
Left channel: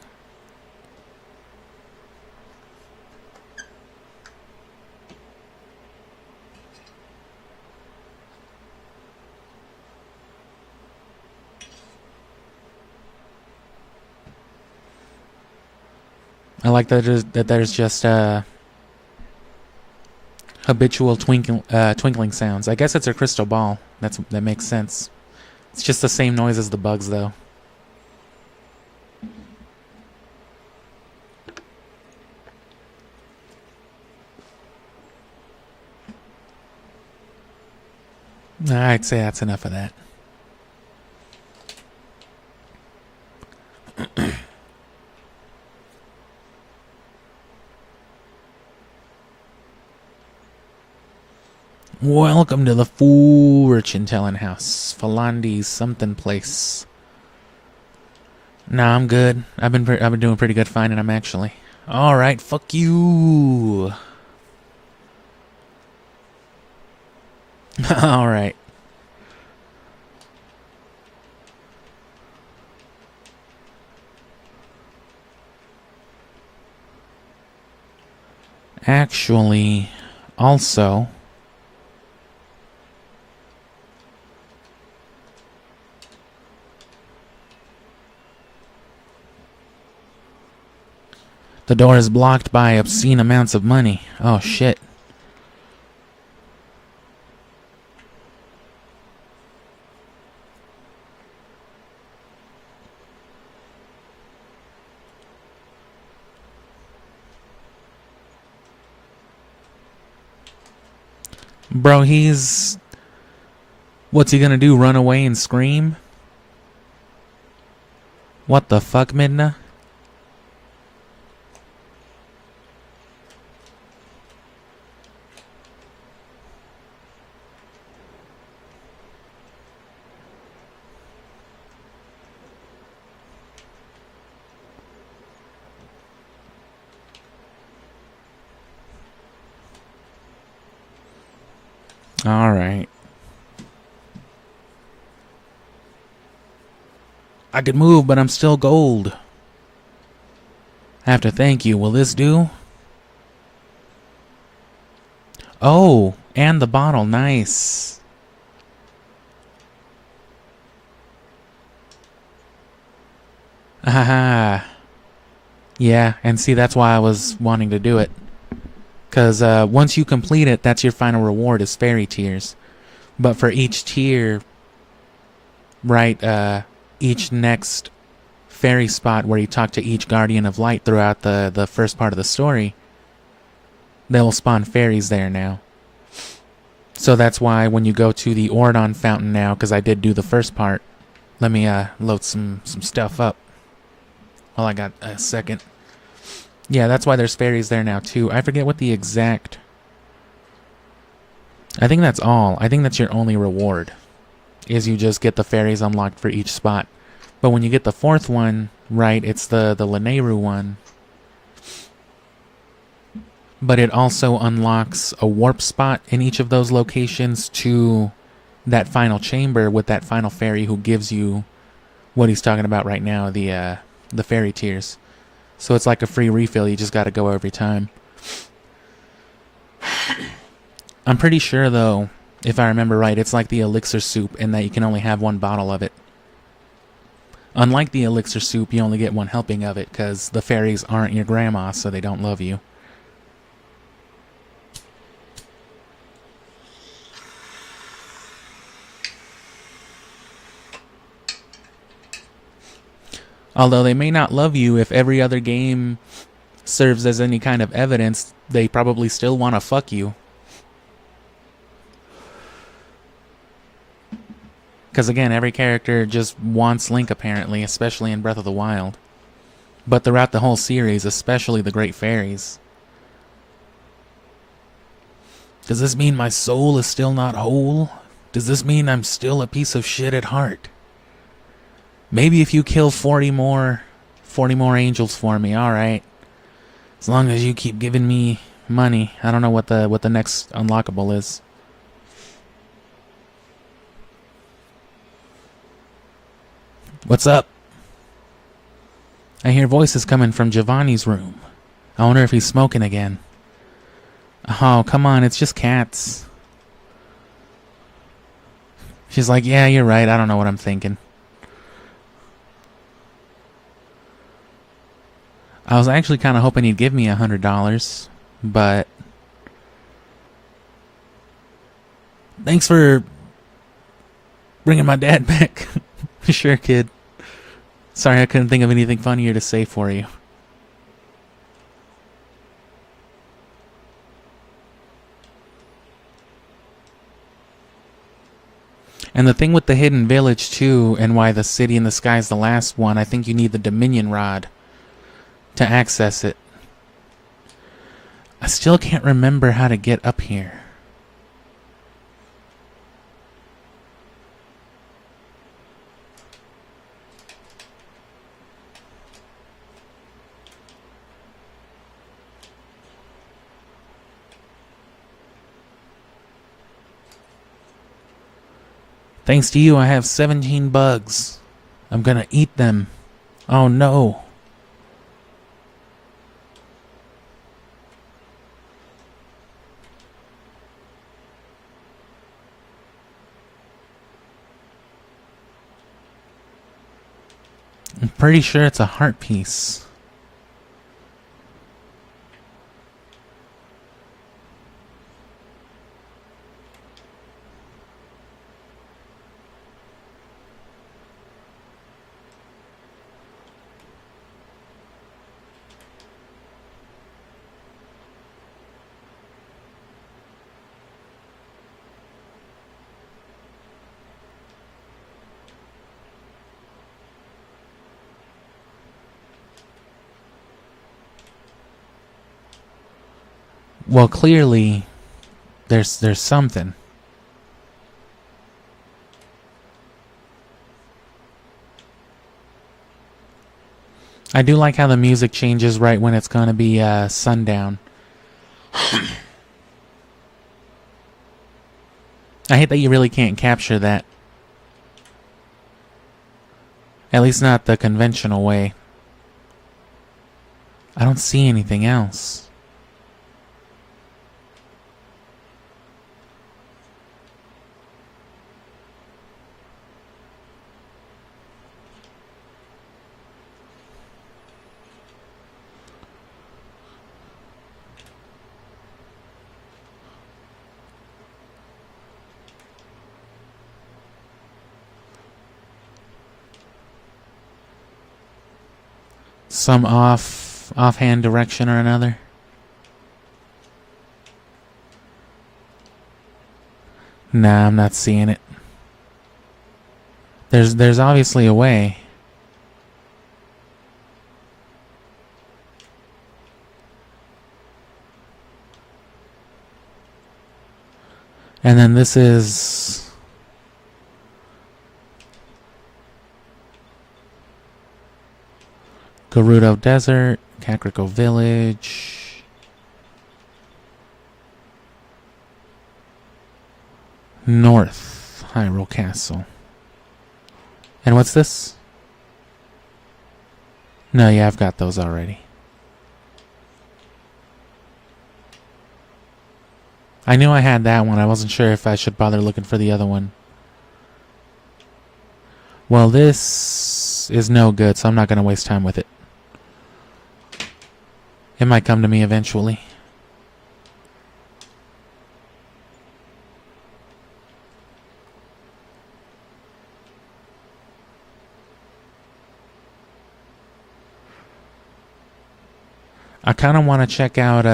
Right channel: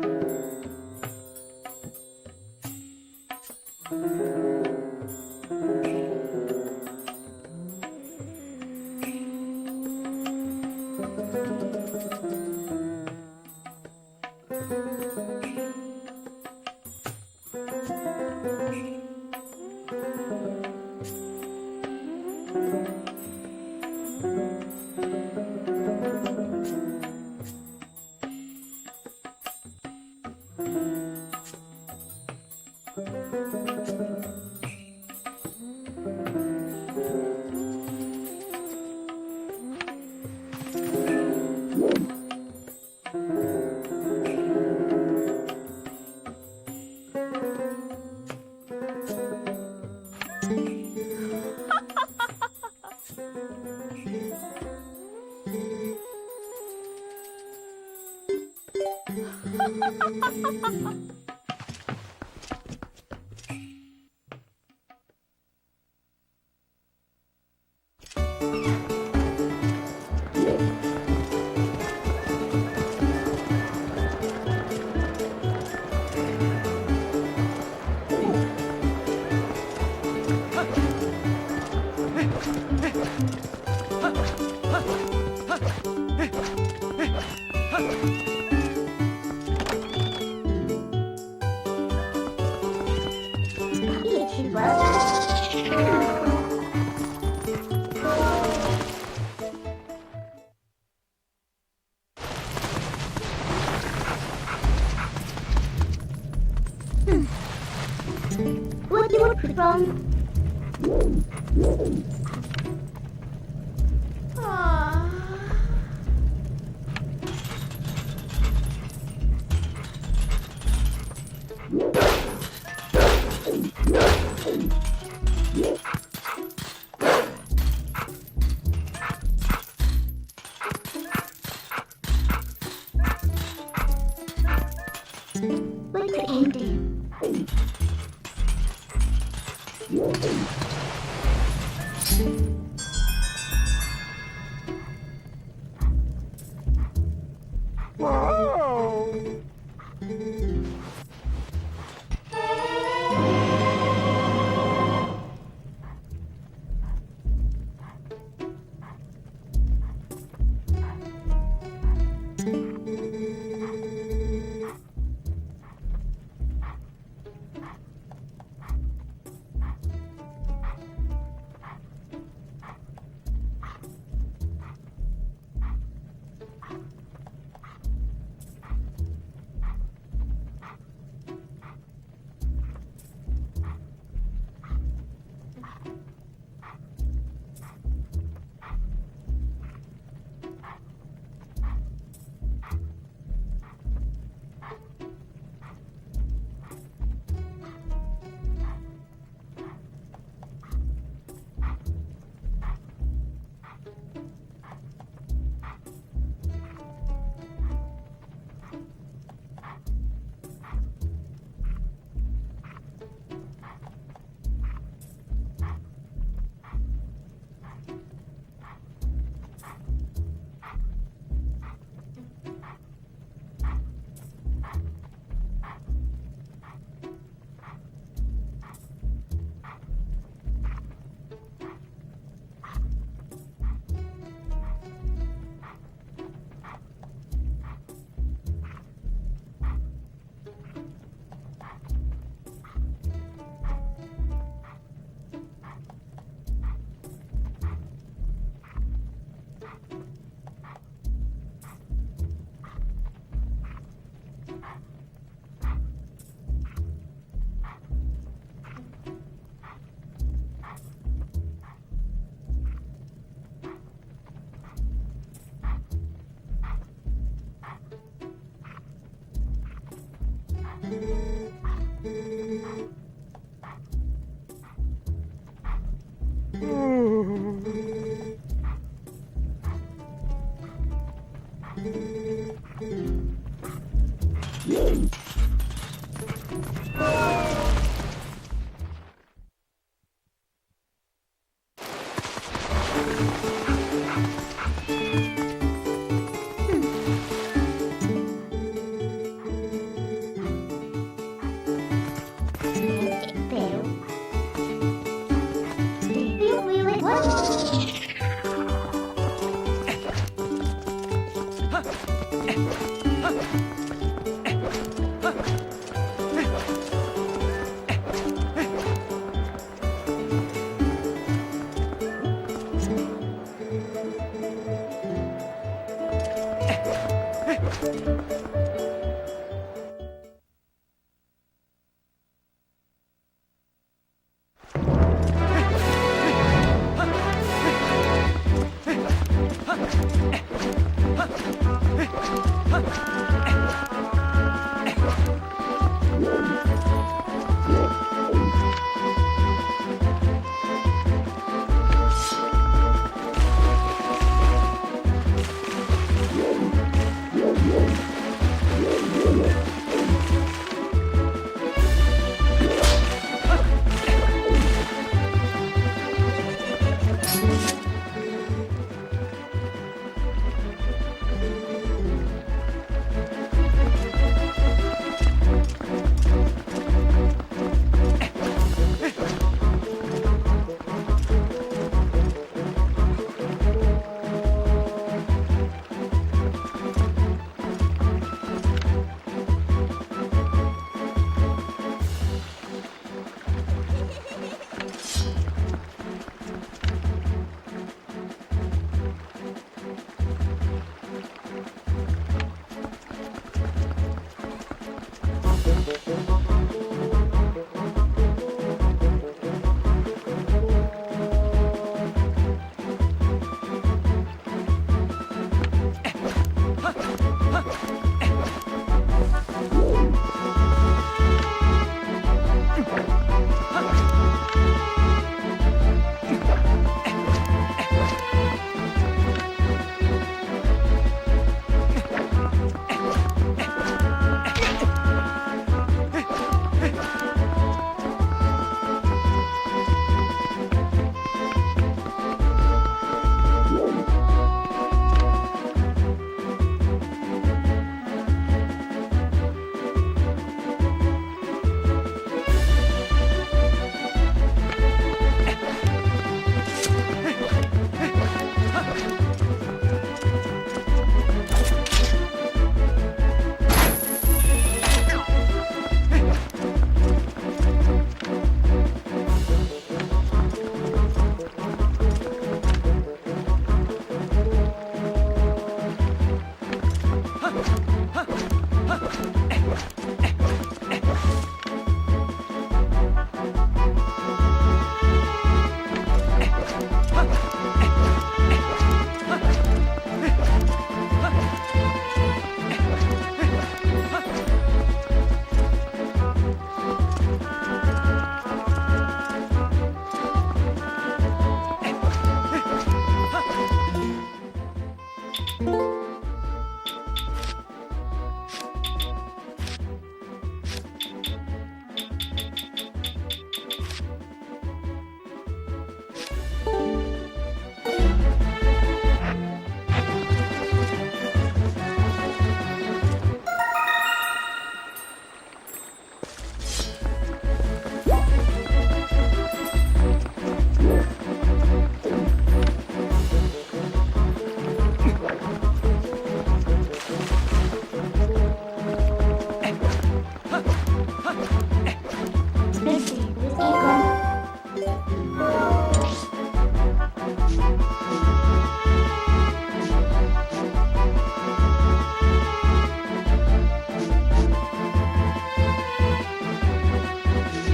I like that there's just habitual twinkling sounds. I guess it's a crystal ball. That makes sense. It's just the same noise as the bugs, though. I'd say that's enough of that. Welcome to the fortune-telling house. Falandi's something place. Nah, I'm good. I've been doing pretty good finding them, actually. Alright, fuck you. Alright. Actually, also... the door is blocked by obscene amounts of money. Oh, shit. What do you want from? Bro, he's... What's he gonna do, run away and scream? What the fuck, Midna? What's the ending? Alright. I could move, but I'm still gold. I have to thank you. Will this do? Oh, and the bottle. Nice. Haha. Yeah, and see, that's why I was wanting to do it. Because once you complete it, that's your final reward is fairy tears. But for each tier, right, each next fairy spot where you talk to each guardian of light throughout the first part of the story, they will spawn fairies there now. So that's why when you go to the Ordon fountain now, because I did do the first part, let me load some stuff up while I got a second. Yeah, that's why there's fairies there now too. I forget what the exact... I think that's all. I think that's your only reward, is you just get the fairies unlocked for each spot. But when you get the fourth one, right, it's the Lanayru one. But it also unlocks a warp spot in each of those locations to that final chamber with that final fairy who gives you what he's talking about right now, the fairy tears. So it's like a free refill, you just gotta go every time. I'm pretty sure though, if I remember right, it's like the elixir soup in that you can only have one bottle of it. Unlike the elixir soup, you only get one helping of it because the fairies aren't your grandma, so they don't love you. Although they may not love you, if every other game serves as any kind of evidence, they probably still want to fuck you. Because again, every character just wants Link apparently, especially in Breath of the Wild. But throughout the whole series, especially the Great Fairies. Does this mean my soul is still not whole? Does this mean I'm still a piece of shit at heart? Maybe if you kill 40 more angels for me, alright. As long as you keep giving me money. I don't know what the next unlockable is. What's up? I hear voices coming from Giovanni's room. I wonder if he's smoking again. Oh, come on, it's just cats. She's like, yeah, you're right, I don't know what I'm thinking. I was actually kind of hoping he'd give me $100, but... Thanks for bringing my dad back. Sure, kid. Sorry, I couldn't think of anything funnier to say for you. And the thing with the hidden village too, and why the city in the sky is the last one, I think you need the Dominion Rod to access it. I still can't remember how to get up here. Thanks to you, I have 17 bugs. I'm gonna eat them. Oh no. I'm pretty sure it's a heart piece. Well, clearly, there's something. I do like how the music changes right when it's gonna be sundown. I hate that you really can't capture that. At least not the conventional way. I don't see anything else. Some offhand direction or another. Nah, I'm not seeing it. There's obviously a way. And then this is... Gerudo Desert, Kakariko Village. North, Hyrule Castle. And what's this? No, yeah, I've got those already. I knew I had that one. I wasn't sure if I should bother looking for the other one. Well, this is no good, so I'm not going to waste time with it. It might come to me eventually. I kind of want to check out,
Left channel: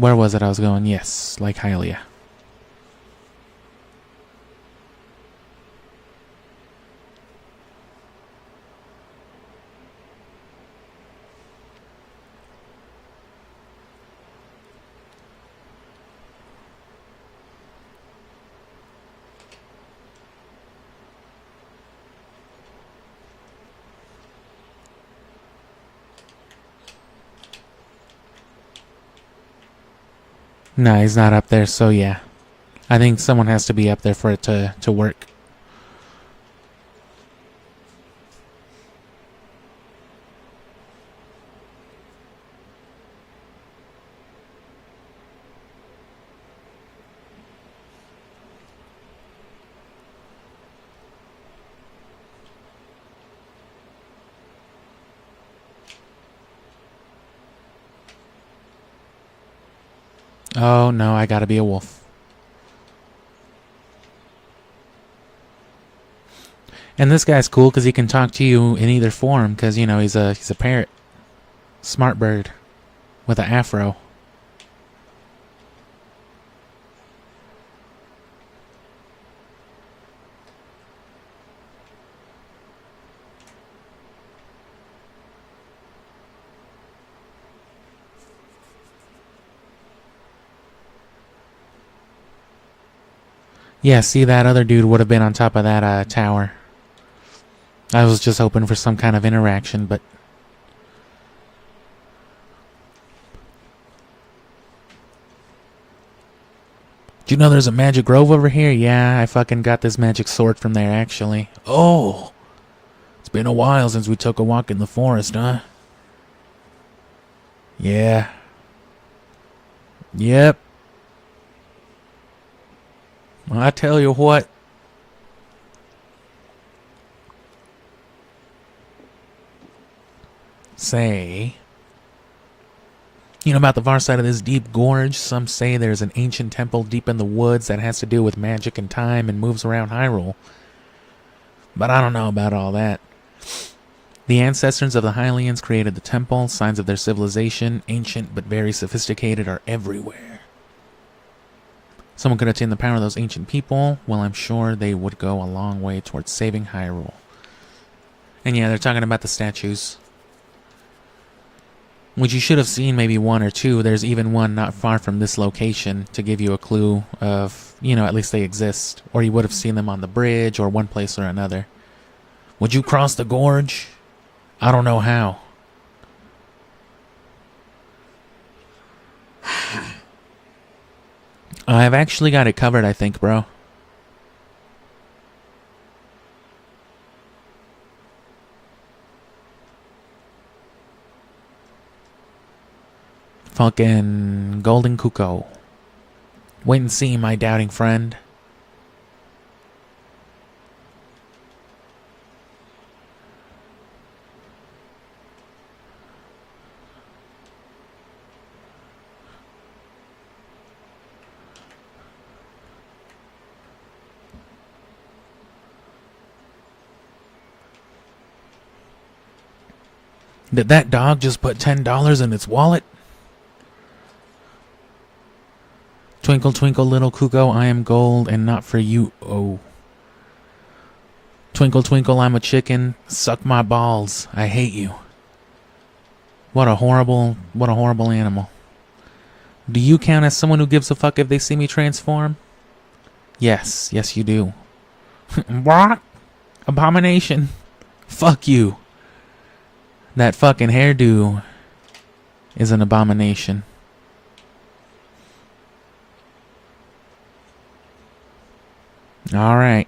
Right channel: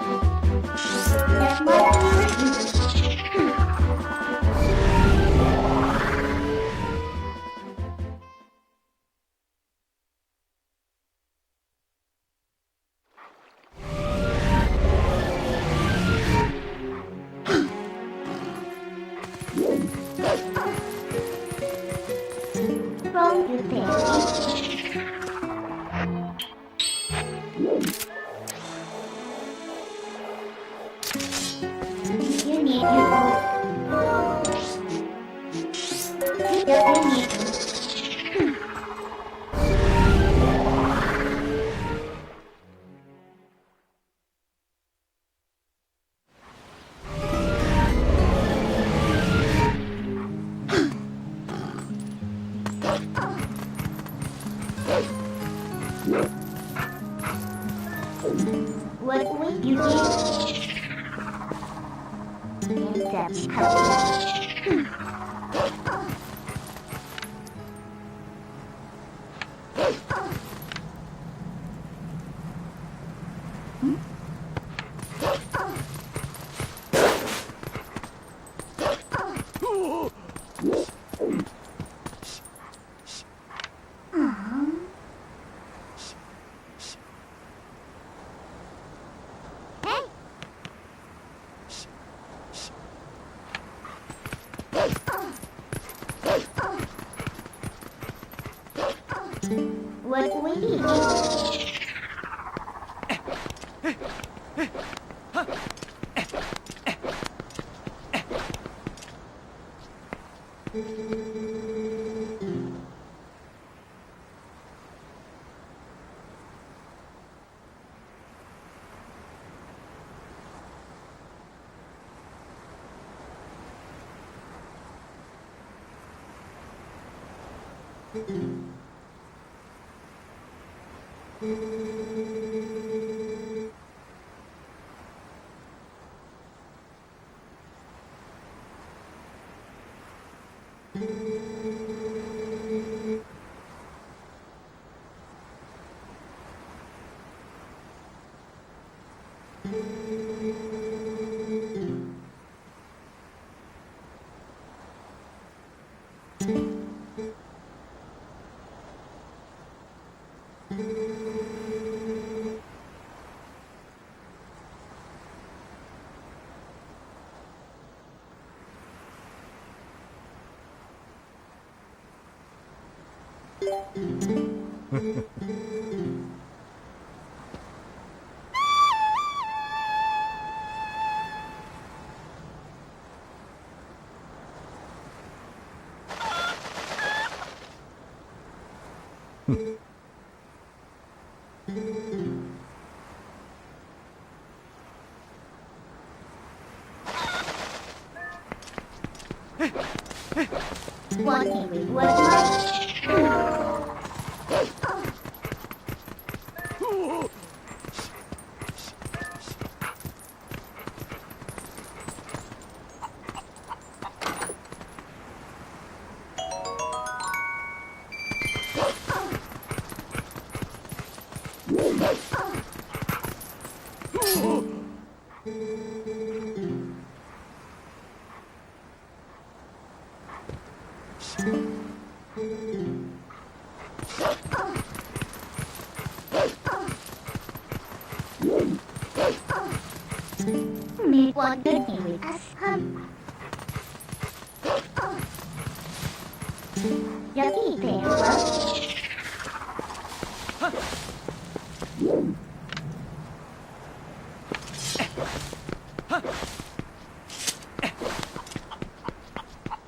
where was it I was going? Yes, like Hyrule. No, he's not up there, so yeah. I think someone has to be up there for it to work. Oh no, I gotta be a wolf. And this guy's cool because he can talk to you in either form because, you know, he's a parrot. Smart bird with an afro. Yeah, see, that other dude would have been on top of that tower. I was just hoping for some kind of interaction, but... Do you know there's a magic grove over here? Yeah, I fucking got this magic sword from there, actually. Oh! It's been a while since we took a walk in the forest, huh? Yeah. Yep. Well, I tell you what. Say, you know about the far side of this deep gorge? Some say there's an ancient temple deep in the woods that has to do with magic and time and moves around Hyrule. But I don't know about all that. The ancestors of the Hylians created the temple. Signs of their civilization, ancient but very sophisticated, are everywhere. Someone could attain the power of those ancient people. Well, I'm sure they would go a long way towards saving Hyrule. And yeah, they're talking about the statues. Which you should have seen maybe one or two. There's even one not far from this location to give you a clue of, you know, at least they exist. Or you would have seen them on the bridge or one place or another. Would you cross the gorge? I don't know how. I've actually got it covered, I think, bro. Fucking Golden Cuckoo. Wait and see, my doubting friend. Did that dog just put $10 in its wallet? Twinkle, twinkle, little cuckoo, I am gold and not for you. Oh. Twinkle, twinkle, I'm a chicken. Suck my balls. I hate you. What a horrible animal. Do you count as someone who gives a fuck if they see me transform? Yes, yes you do. What? Abomination. Fuck you. That fucking hairdo is an abomination. Alright.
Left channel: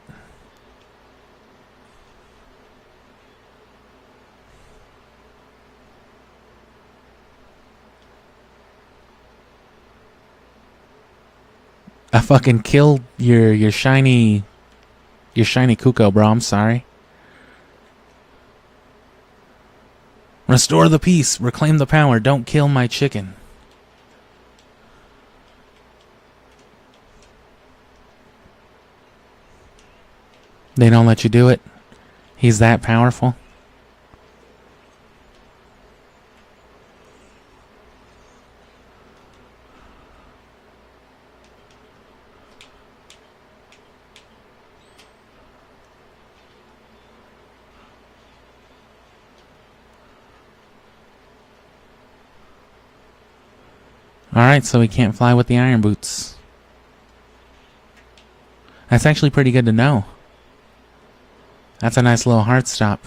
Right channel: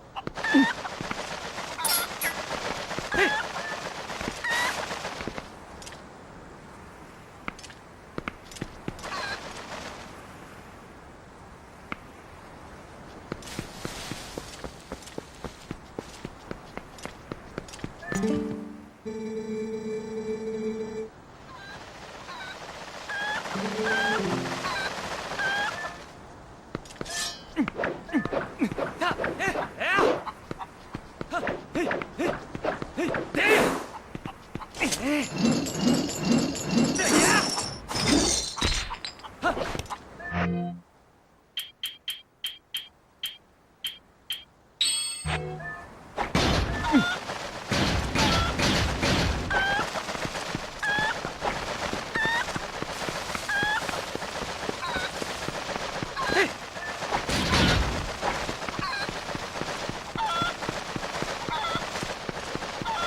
I fucking killed your shiny cuckoo, bro. I'm sorry. Restore the peace. Reclaim the power. Don't kill my chicken. They don't let you do it? He's that powerful? Alright, so he can't fly with the iron boots. That's actually pretty good to know. That's a nice little heart stop.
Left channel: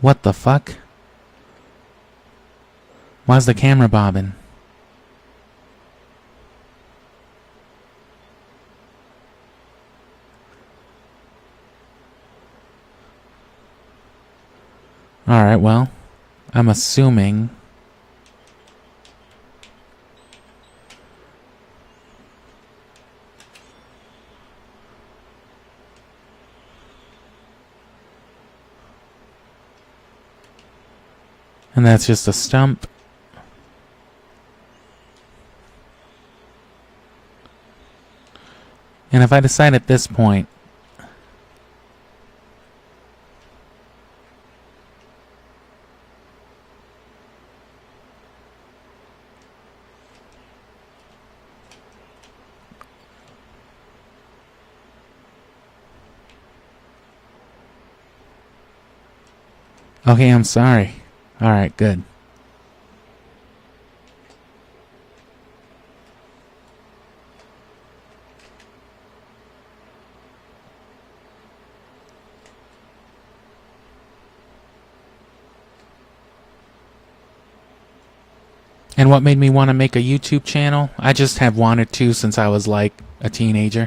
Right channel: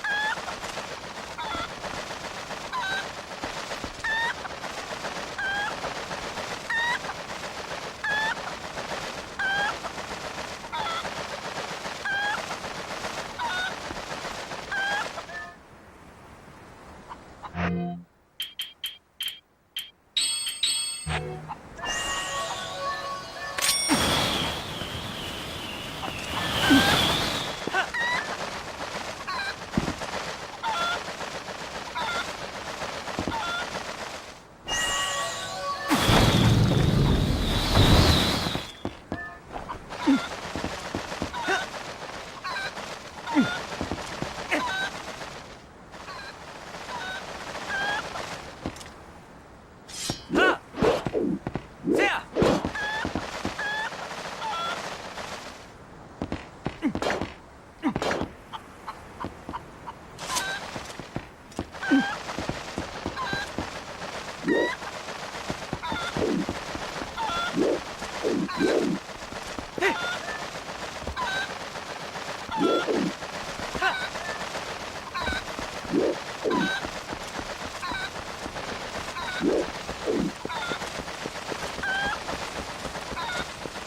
What the fuck? Why's the camera bobbing? Alright, well, I'm assuming... And that's just a stump. And if I decide at this point... Okay, I'm sorry. Alright, good. And what made me want to make a YouTube channel? I just have wanted to since I was like a teenager.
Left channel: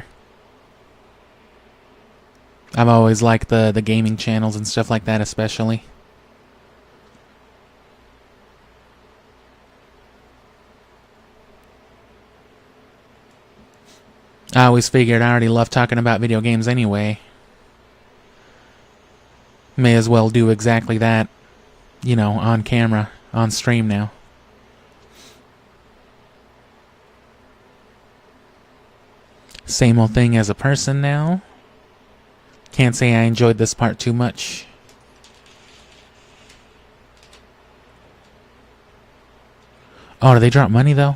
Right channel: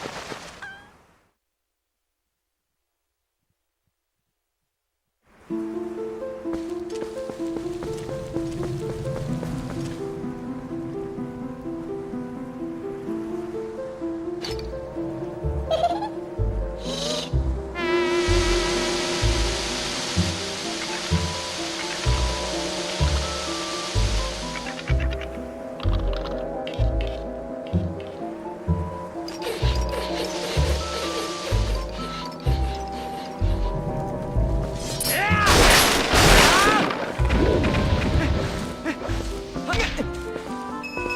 I've always liked the gaming channels and stuff like that especially. I always figured I already love talking about video games anyway. May as well do exactly that, you know, on camera, on stream now. Same old thing as a person now. Can't say I enjoyed this part too much. Oh, do they drop money though?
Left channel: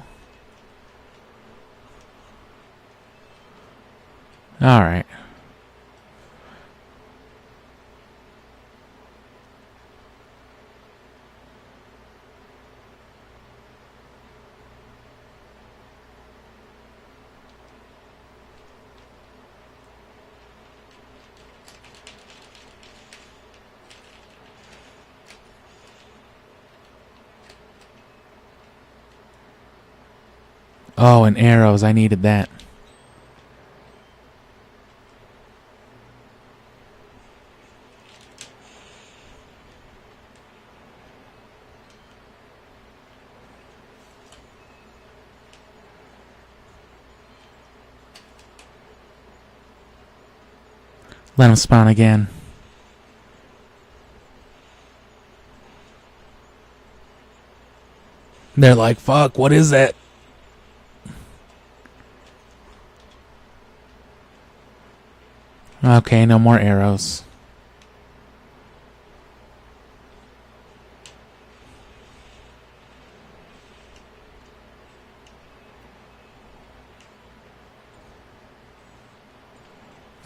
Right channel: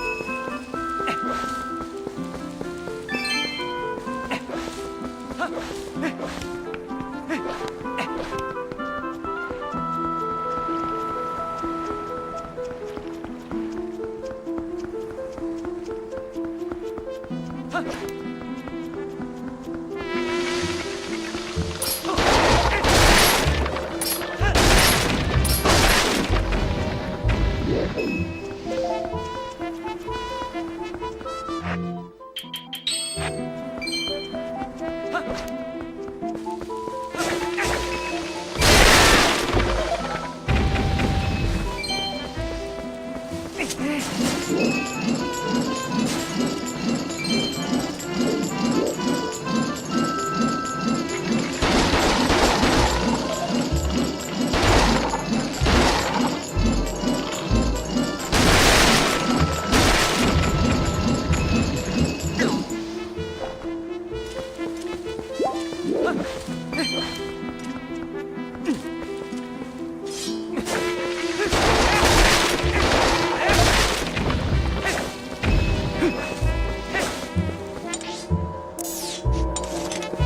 Alright. Oh, and arrows. I needed that. Let him spawn again. They're like, fuck, what is that? Okay, no more arrows.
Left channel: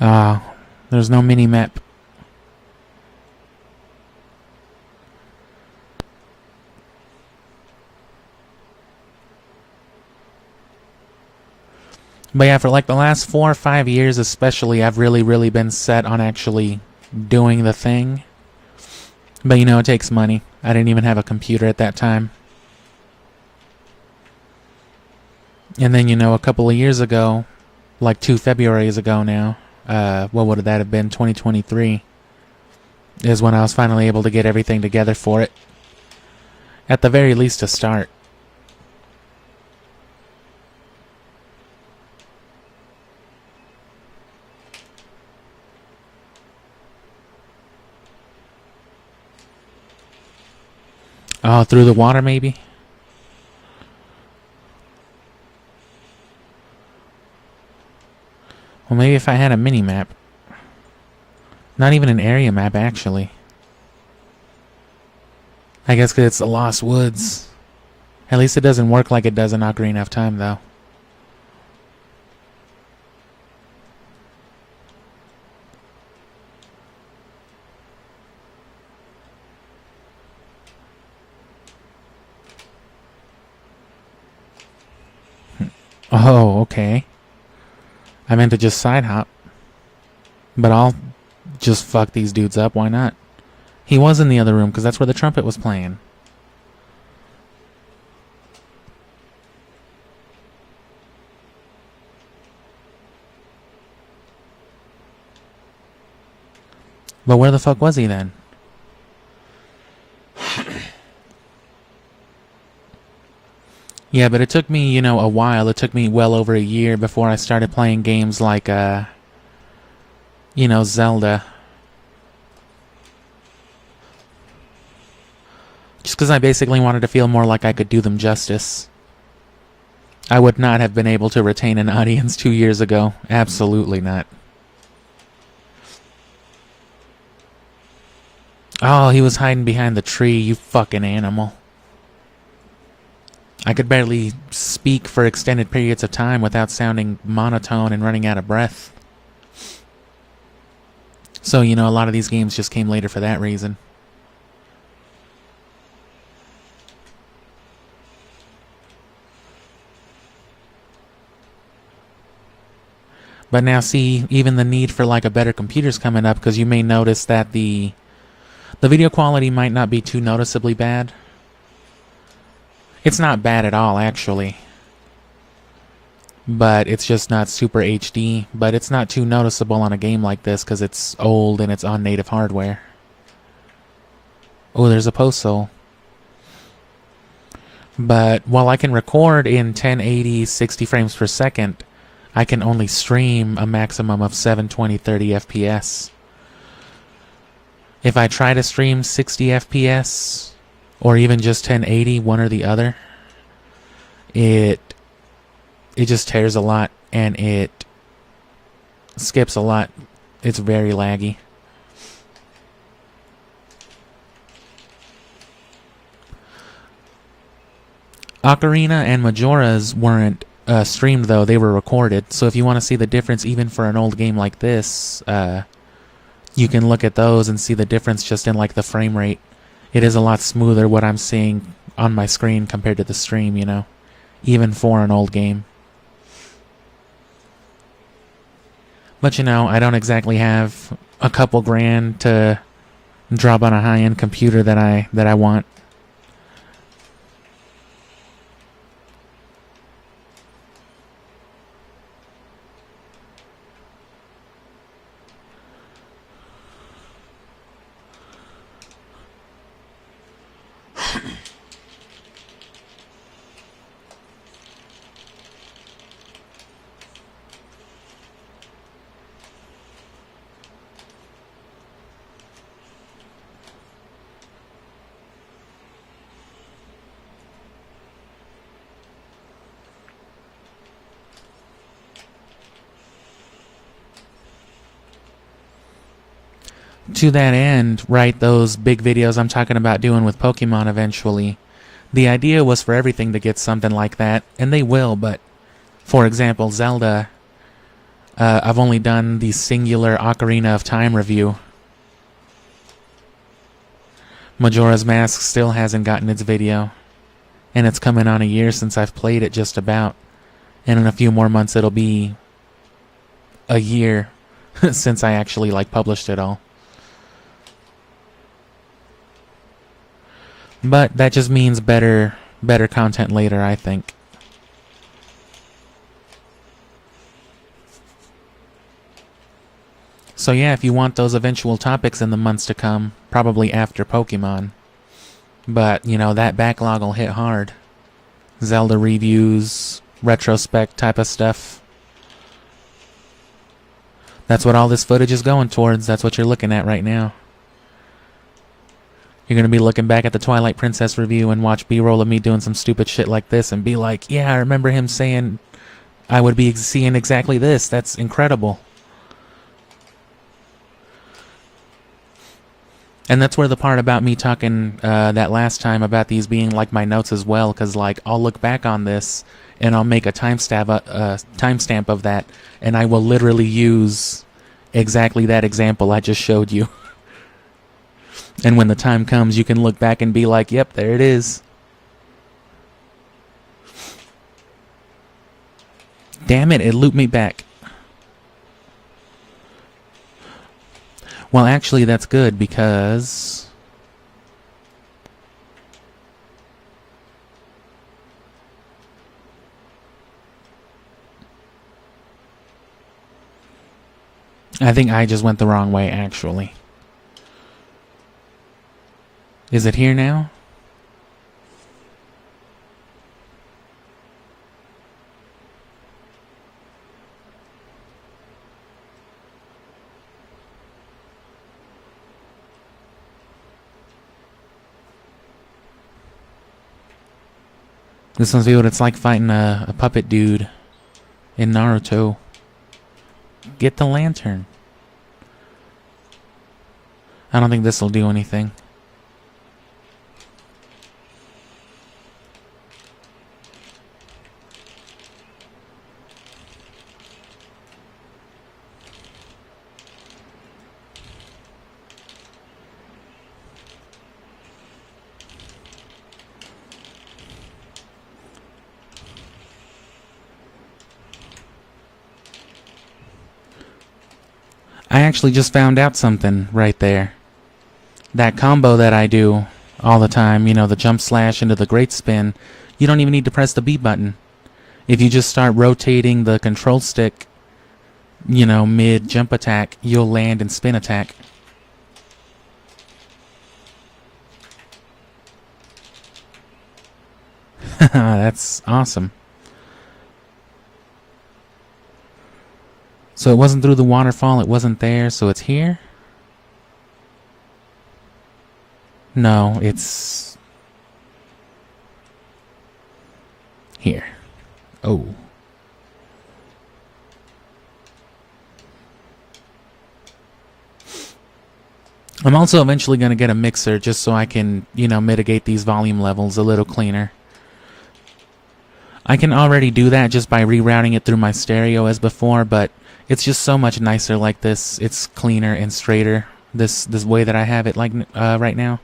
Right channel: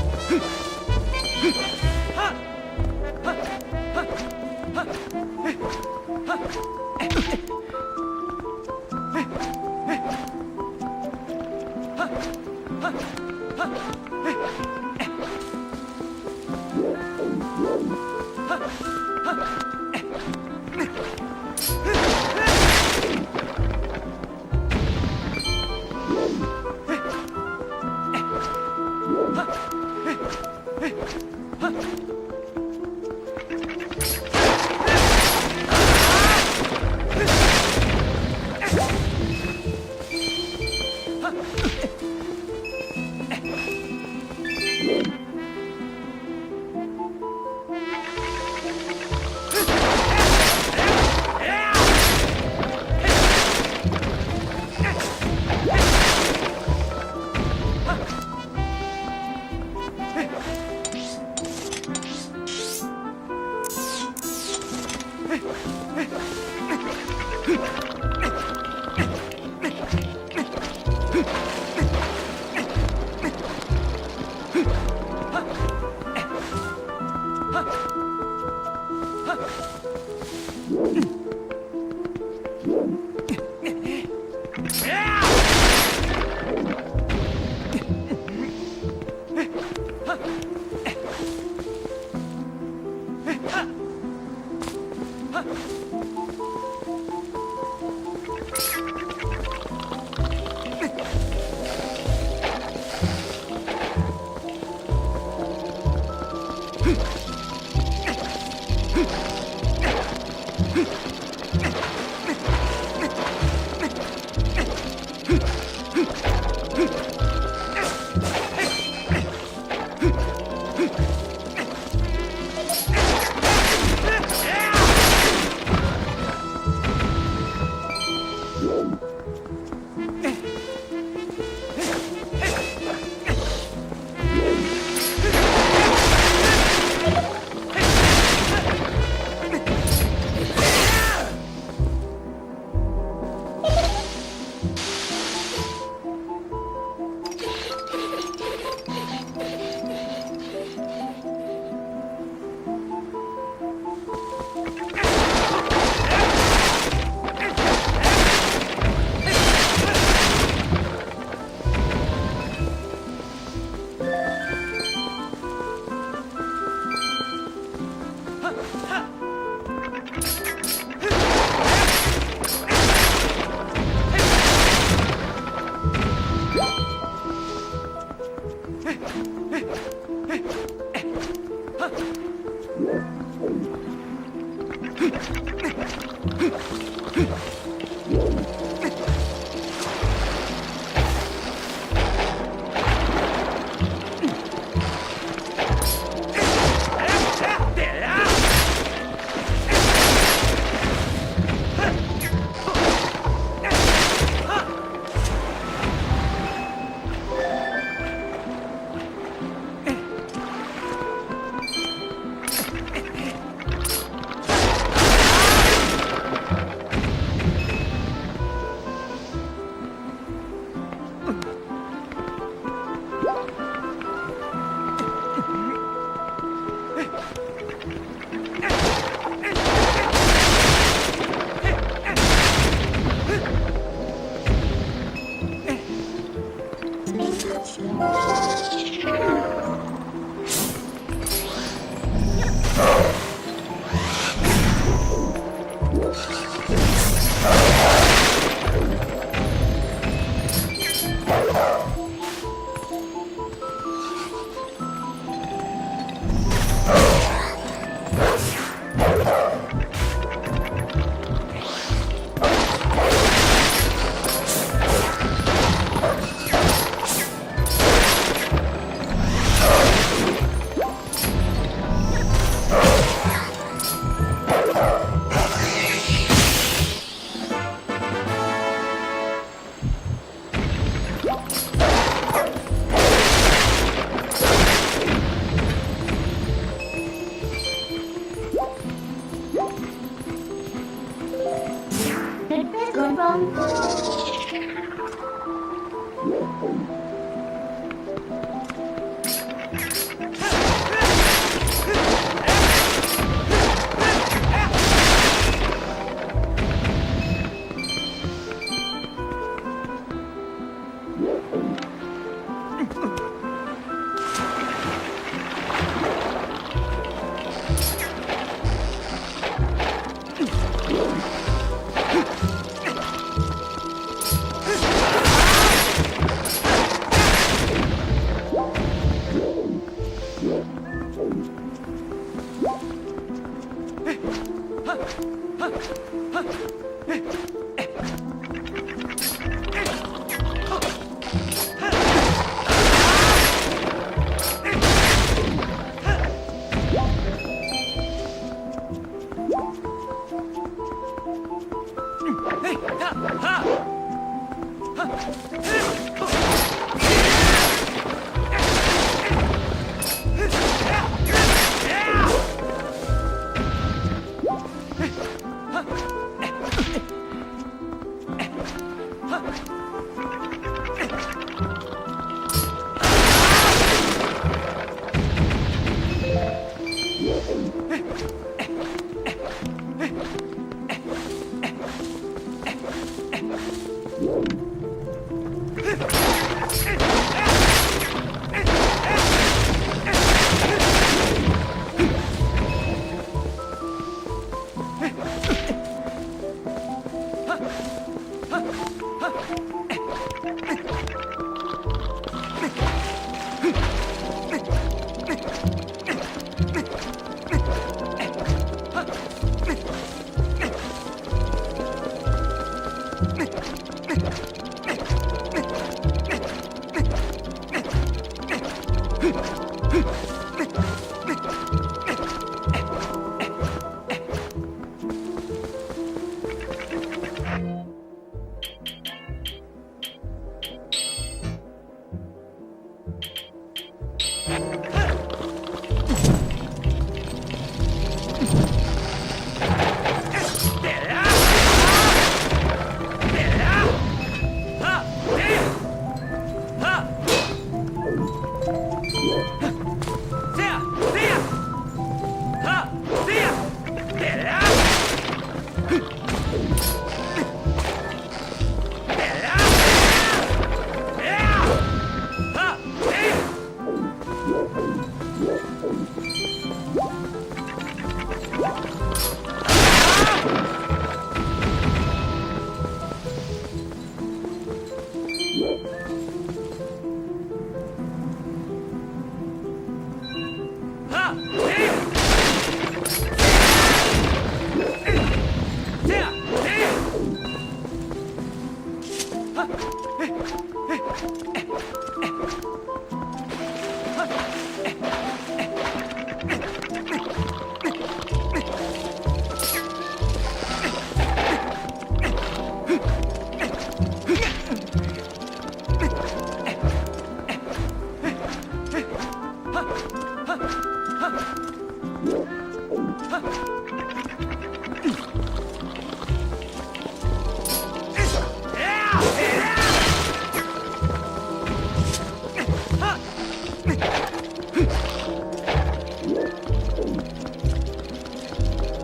Ah, there's no mini-map. But yeah, for like the last 4 or 5 years especially, I've really been set on actually doing the thing. But you know, it takes money. I didn't even have a computer at that time. And then, you know, a couple of years ago, like 2 Februarys ago now, what would that have been, 2023, is when I was finally able to get everything together for it. At the very least, to start. Oh, through the water, maybe? Well, maybe if I had a mini-map. Not even an area map, actually. I guess because it's the Lost Woods. At least it doesn't work like it does in Ocarina of Time, though. Oh, okay. I meant to just side hop. But I'll just fuck these dudes up, why not? He was in the other room, because that's where the trumpet was playing. But where the fuck was he then? Yeah, but it took me, you know, a while. It took me well over a year before I started playing games like, you know, Zelda. Just because I basically wanted to feel more like I could do them justice. I would not have been able to retain an audience 2 years ago. Absolutely not. Oh, he was hiding behind the tree, you fucking animal. I could barely speak for extended periods of time without sounding monotone and running out of breath. So, you know, a lot of these games just came later for that reason. But now see, even the need for like a better computer's coming up, because you may notice that the video quality might not be too noticeably bad. It's not bad at all, actually. But it's just not super HD. But it's not too noticeable on a game like this because it's old and it's on native hardware. Oh, there's a post soul. But while I can record in 1080 60 frames per second, I can only stream a maximum of 720 30 FPS. If I try to stream 60 FPS, or even just 1080, one or the other, it just tears a lot, and it skips a lot. It's very laggy. Ocarina and Majora's weren't streamed though, they were recorded, so if you want to see the difference even for an old game like this, you can look at those and see the difference just in like the frame rate. It is a lot smoother what I'm seeing on my screen compared to the stream, you know, even for an old game. But you know, I don't exactly have a couple grand to drop on a high-end computer that I want. to that end, right, those big videos I'm talking about doing with Pokemon eventually, the idea was for everything to get something like that, and they will, but for example, Zelda, I've only done the singular Ocarina of Time review. Majora's Mask still hasn't gotten its video, and it's coming on a year since I've played it just about, and in a few more months it'll be a year since I actually like published it all. But that just means better content later, I think. So yeah, if you want those eventual topics in the months to come, probably after Pokemon. But, you know, that backlog will hit hard. Zelda reviews, retrospect type of stuff. That's what all this footage is going towards. That's what you're looking at right now. You're gonna be looking back at the Twilight Princess review and watch B-roll of me doing some stupid shit like this and be like, yeah, I remember him saying I would be seeing exactly this. That's incredible. And that's where the part about me talking that last time about these being like my notes as well, because like I'll look back on this and I'll make a timestamp of that, and I will literally use exactly that example I just showed you. And when the time comes, you can look back and be like, yep, there it is. Damn it, it looped me back. Well, actually, that's good because... I think I just went the wrong way, actually. Is it here now? This must be what it's like fighting a puppet dude in Naruto. Get the lantern. I don't think this will do anything. I actually just found out something right there. That combo that I do all the time, you know, the jump slash into the great spin, you don't even need to press the B button. If you just start rotating the control stick, you know, mid jump attack, you'll land and spin attack. That's awesome. So it wasn't through the waterfall, it wasn't there, so it's here? No, it's... here. Oh. I'm also eventually going to get a mixer just so I can, you know, mitigate these volume levels a little cleaner. I can already do that just by rerouting it through my stereo as before, but it's just so much nicer like this. It's cleaner and straighter this way that I have it like right now.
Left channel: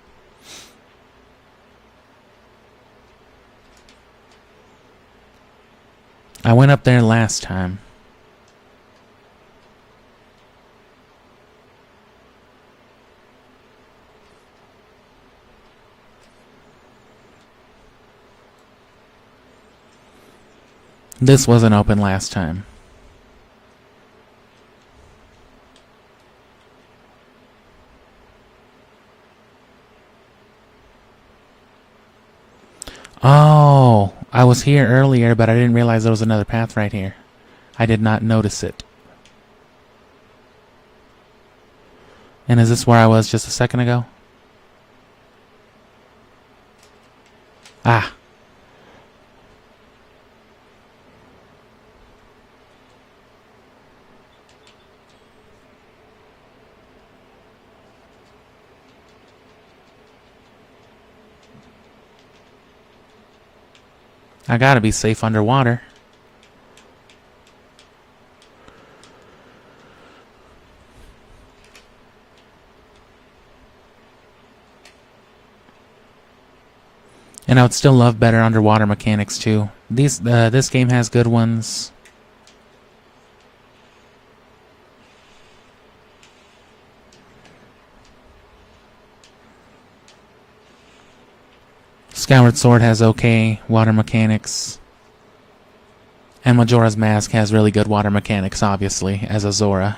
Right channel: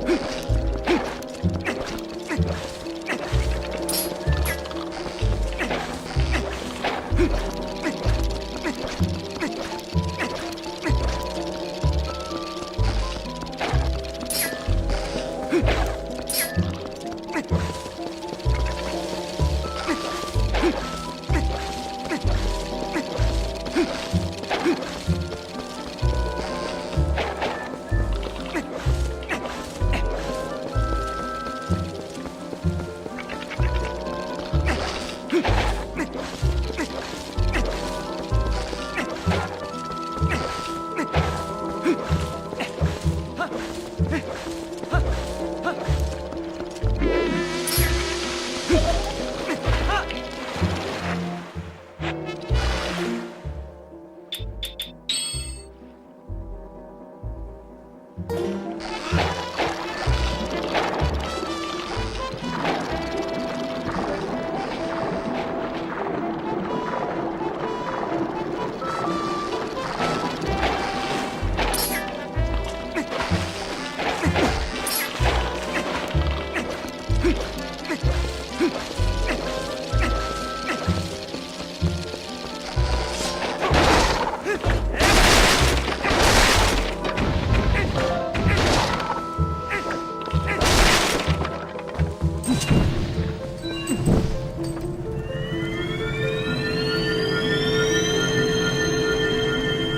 I went up there last time. This wasn't open last time. Oh, I was here earlier, but I didn't realize there was another path right here. I did not notice it. And is this where I was just a second ago? Ah. I gotta be safe underwater. And I would still love better underwater mechanics too. This game has good ones. Skyward Sword has okay water mechanics. And Majora's Mask has really good water mechanics, obviously, as a Zora.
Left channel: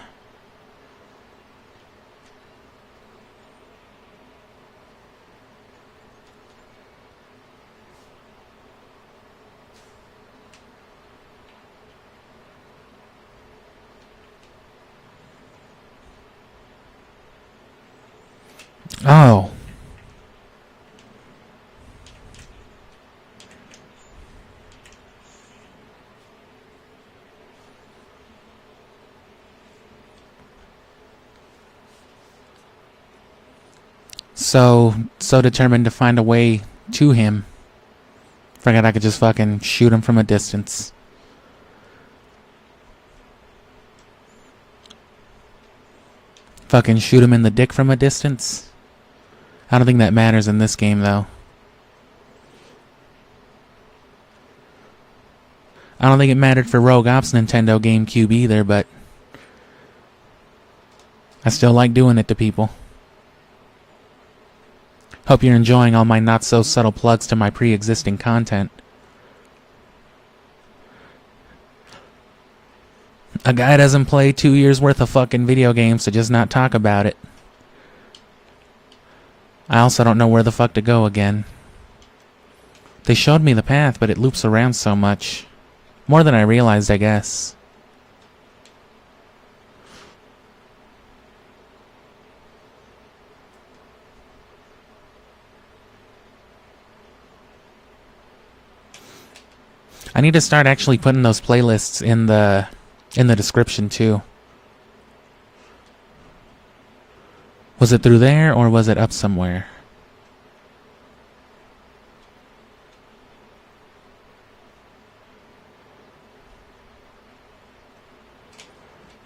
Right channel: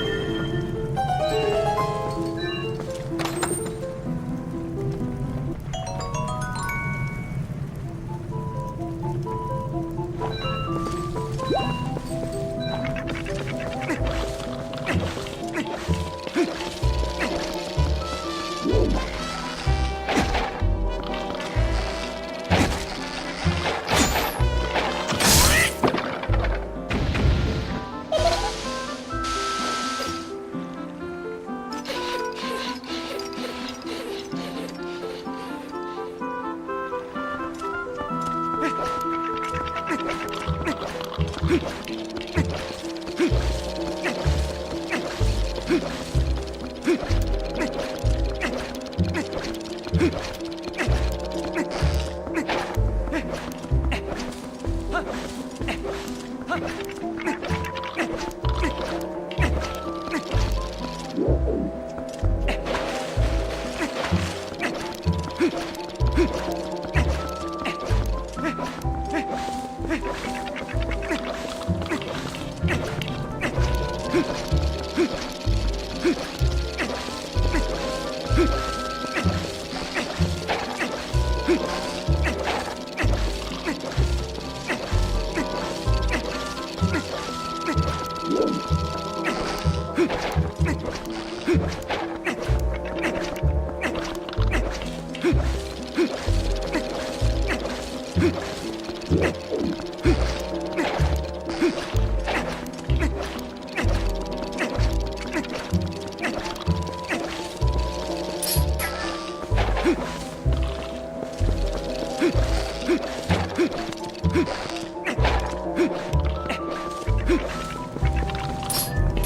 Oh. So determined to find a way to him. Figured I could just fucking shoot him from a distance. Fucking shoot him in the dick from a distance. I don't think that matters in this game, though. I don't think it mattered for Rogue Ops Nintendo GameCube either, but I still like doing it to people. Hope you're enjoying all my not-so-subtle plugs to my pre-existing content. A guy doesn't play 2 years worth of fucking video games to just not talk about it. I also don't know where the fuck to go again. They showed me the path, but it loops around so much. More than I realized, I guess. I need to start actually putting those playlists in the description too. Was it through there or was it up somewhere?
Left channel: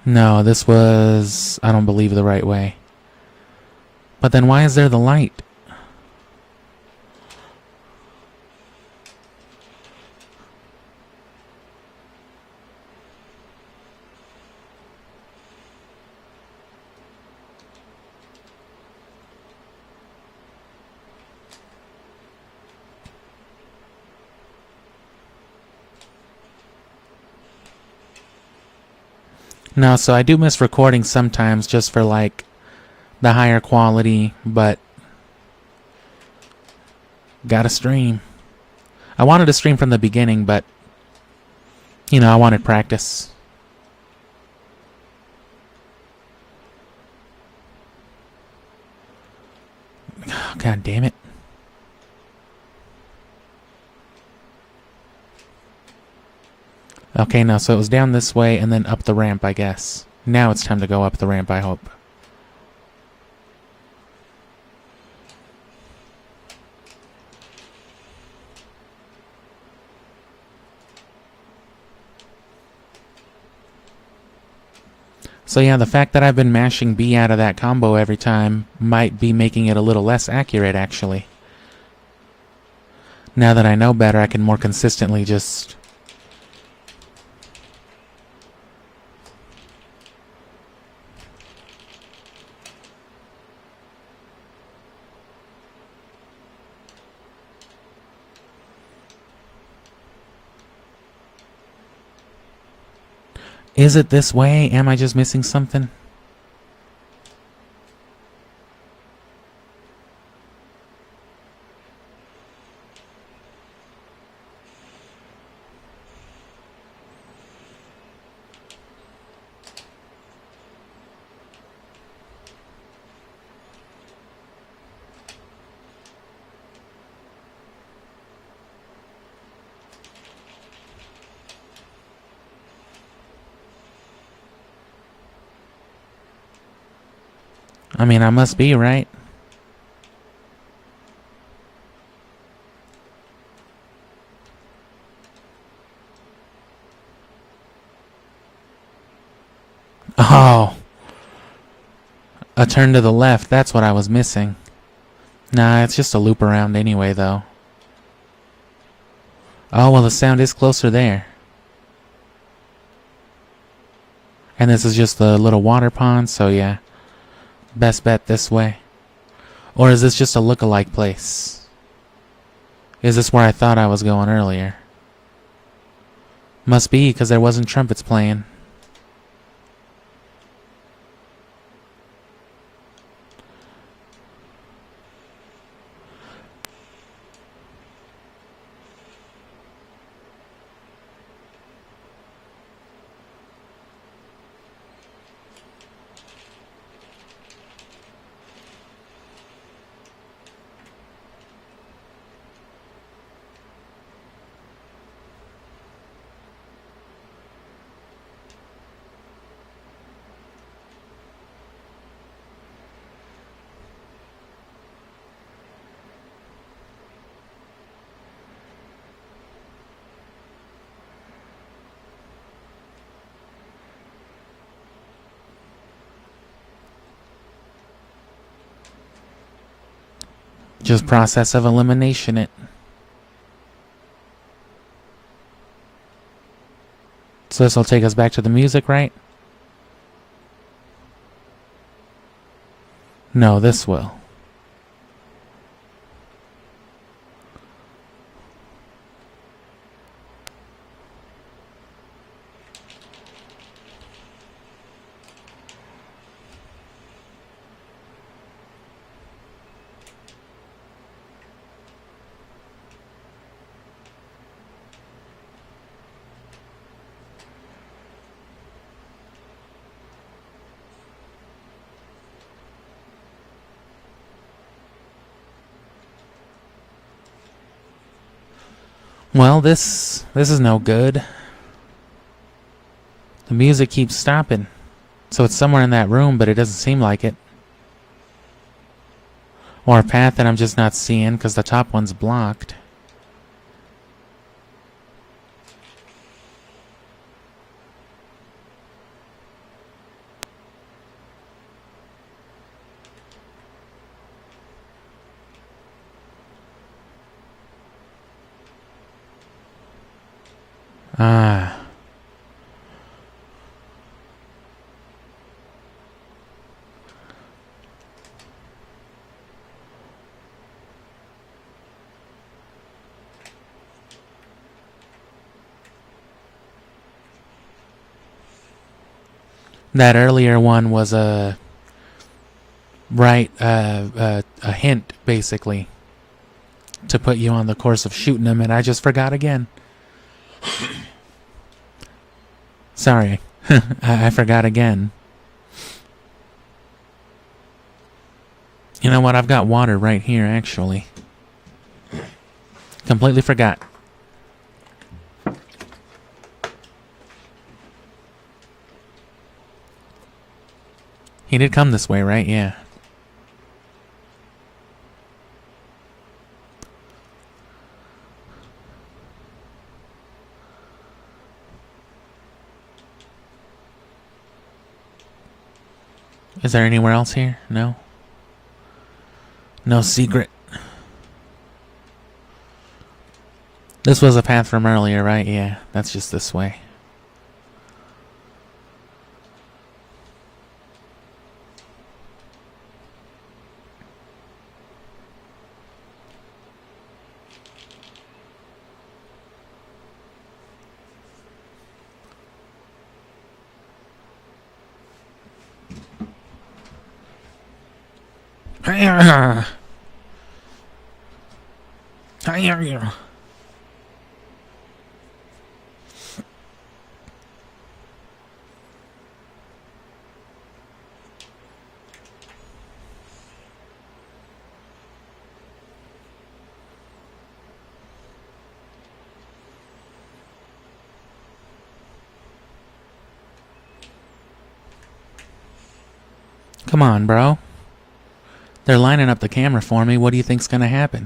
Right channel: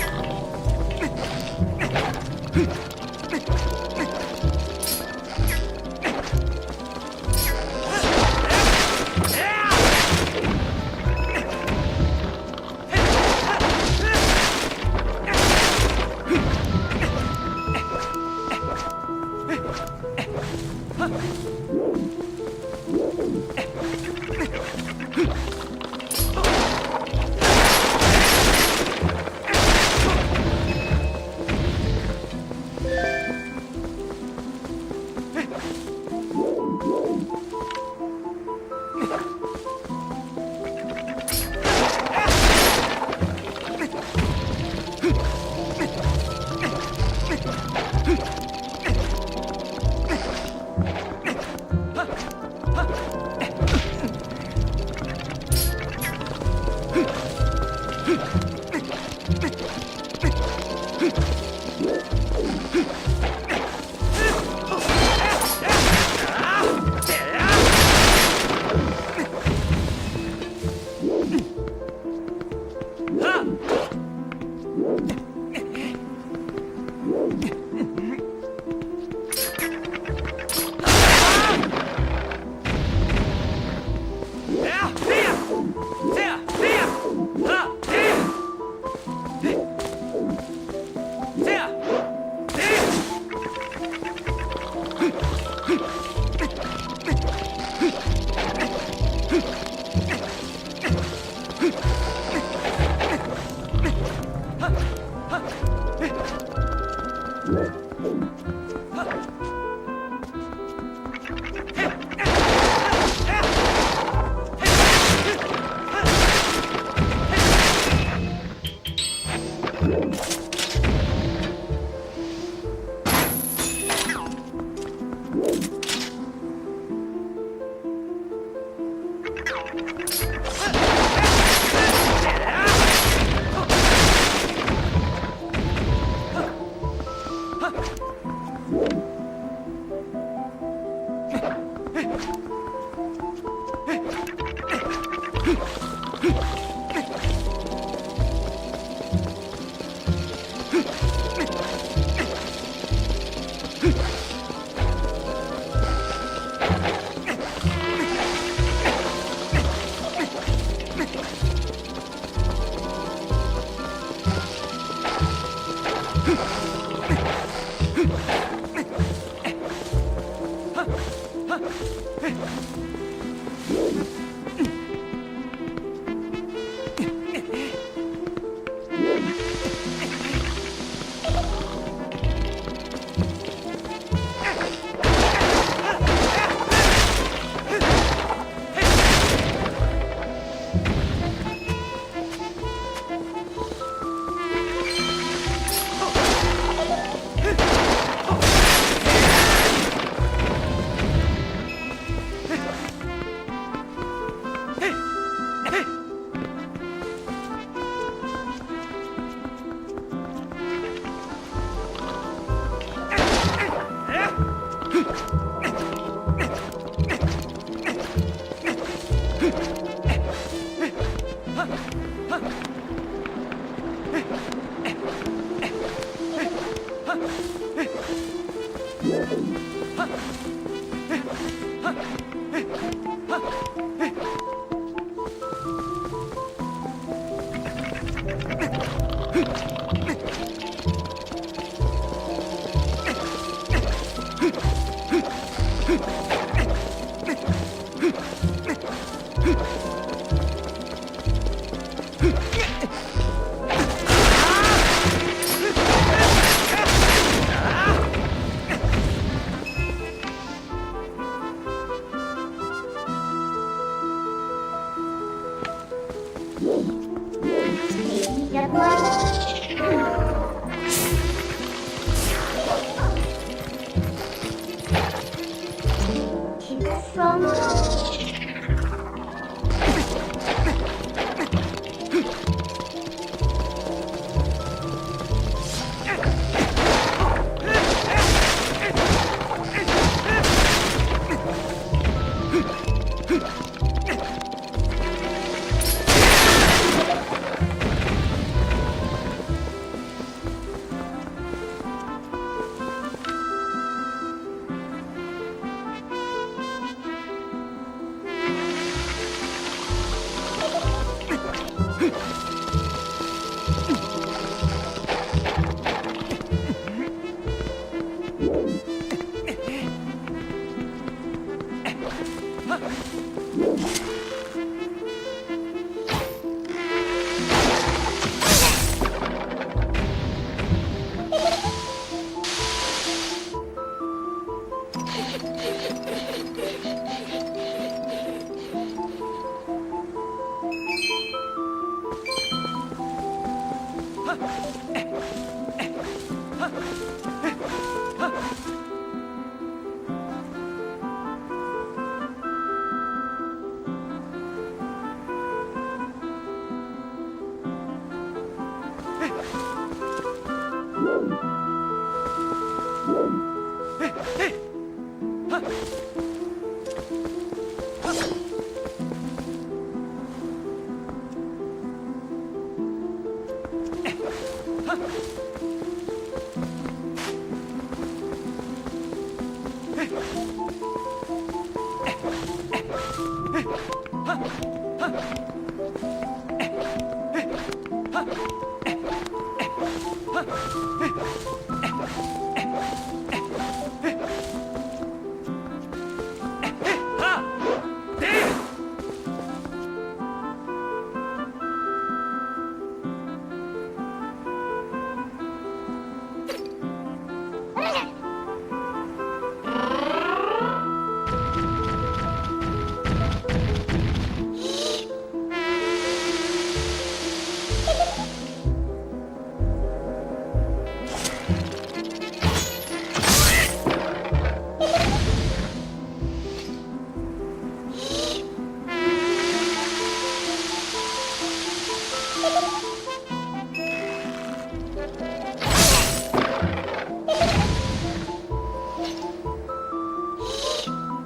No, this was, I don't believe, the right way. But then why is there the light? No, so I do miss recording sometimes just for like the higher quality, but gotta stream. I wanted to stream from the beginning, but you know, I want to practice. God damn it. Okay, no, so it was down this way and then up the ramp, I guess. Now it's time to go up the ramp, I hope. So yeah, the fact that I've been mashing B out of that combo every time might be making it a little less accurate, actually. Now that I know better, I can more consistently just... Is it this way? Am I just missing something? I mean, I must be, right? Oh. A turn to the left, that's what I was missing. Nah, it's just a loop around anyway, though. Oh, well, the sound is closer there. And this is just the little water pond, so yeah. Best bet this way. Or is this just a look-alike place? Is this where I thought I was going earlier? Must be, because there wasn't trumpets playing. Just process of elimination it. So this will take us back to the music, right? No, this will. Well, this is no good. The music keeps stopping. So it's somewhere in that room, but it doesn't seem like it. Or a path that I'm just not seeing because the top one's blocked. Ah. That earlier one was a hint, basically, to put you on the course of shooting them, and I just forgot again. Sorry, I forgot again. You know what? I've got water right here, actually. Completely forgot. He did come this way, right? Yeah. Is there anywhere else here? No? No secret. This was a path from earlier, right? Yeah, that's just this way. Come on, bro. They're lining up the camera for me. What do you think's gonna happen?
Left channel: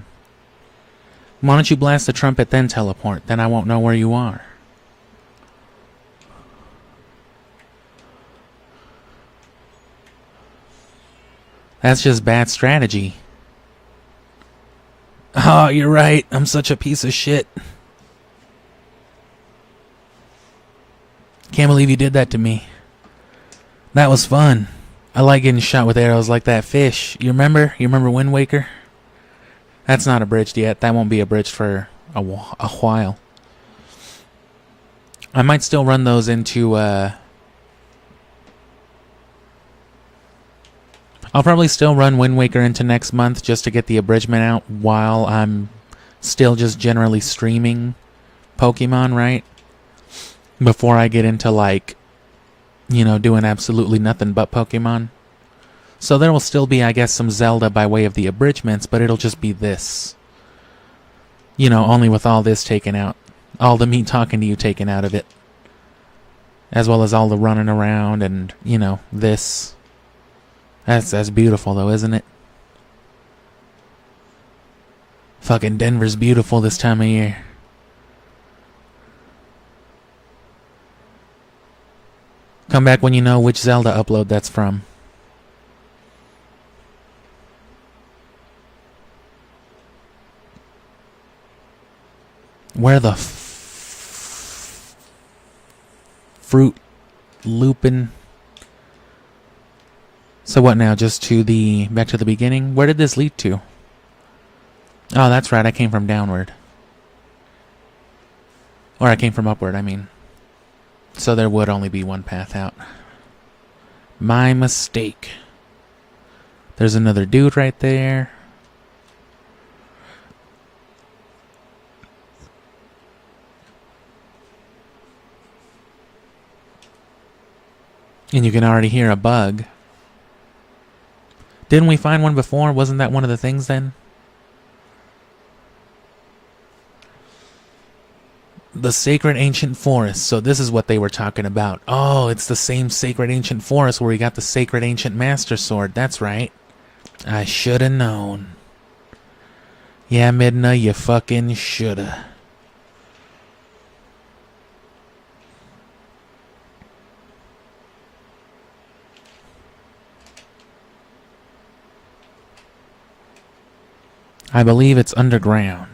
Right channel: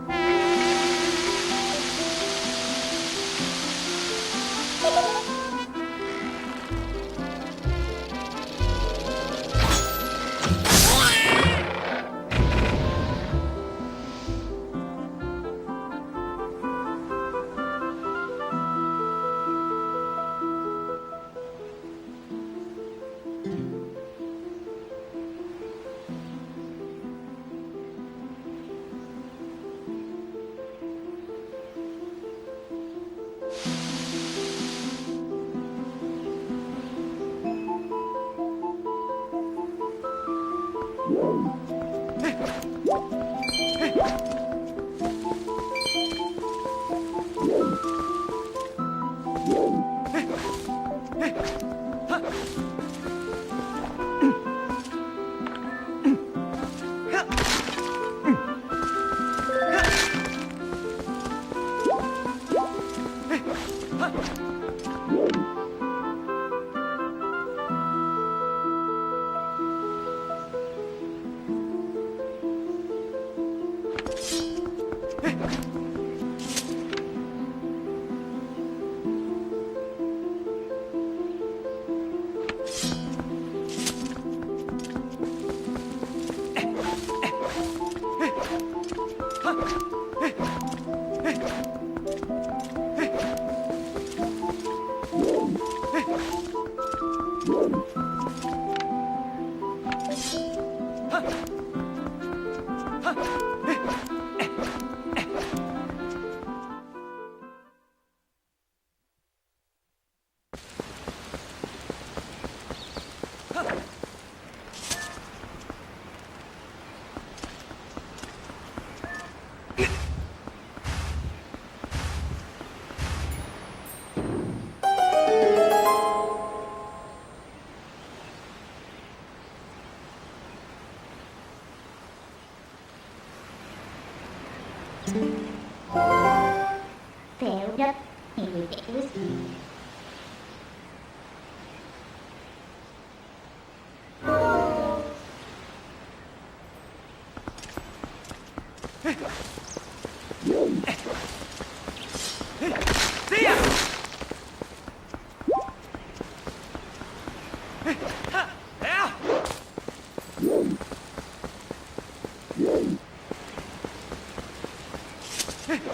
Why don't you blast the trumpet then teleport? Then I won't know where you are. That's just bad strategy. Oh, you're right. I'm such a piece of shit. Can't believe you did that to me. That was fun. I like getting shot with arrows like that fish. You remember? You remember Wind Waker? That's not abridged yet. That won't be abridged for a while. I might still run those into, I'll probably still run Wind Waker into next month just to get the abridgment out while I'm still just generally streaming Pokemon, right? Before I get into, like, you know, doing absolutely nothing but Pokemon. So there will still be, I guess, some Zelda by way of the abridgments, but it'll just be this. You know, only with all this taken out. All the me talking to you taken out of it. As well as all the running around and, you know, this. That's beautiful though, isn't it? Fucking Denver's beautiful this time of year. Come back when you know which Zelda upload that's from. Where the fruit looping? So what now? Just to the back to the beginning? Where did this lead to? Oh, that's right. I came from downward. Or I came from upward, I mean. So there would only be one path out. My mistake. There's another dude right there. And you can already hear a bug. Didn't we find one before? Wasn't that one of the things then? The Sacred Ancient Forest. So this is what they were talking about. Oh, it's the same Sacred Ancient Forest where we got the Sacred Ancient Master Sword. That's right. I shoulda known. Yeah, Midna, you fucking shoulda. I believe it's underground.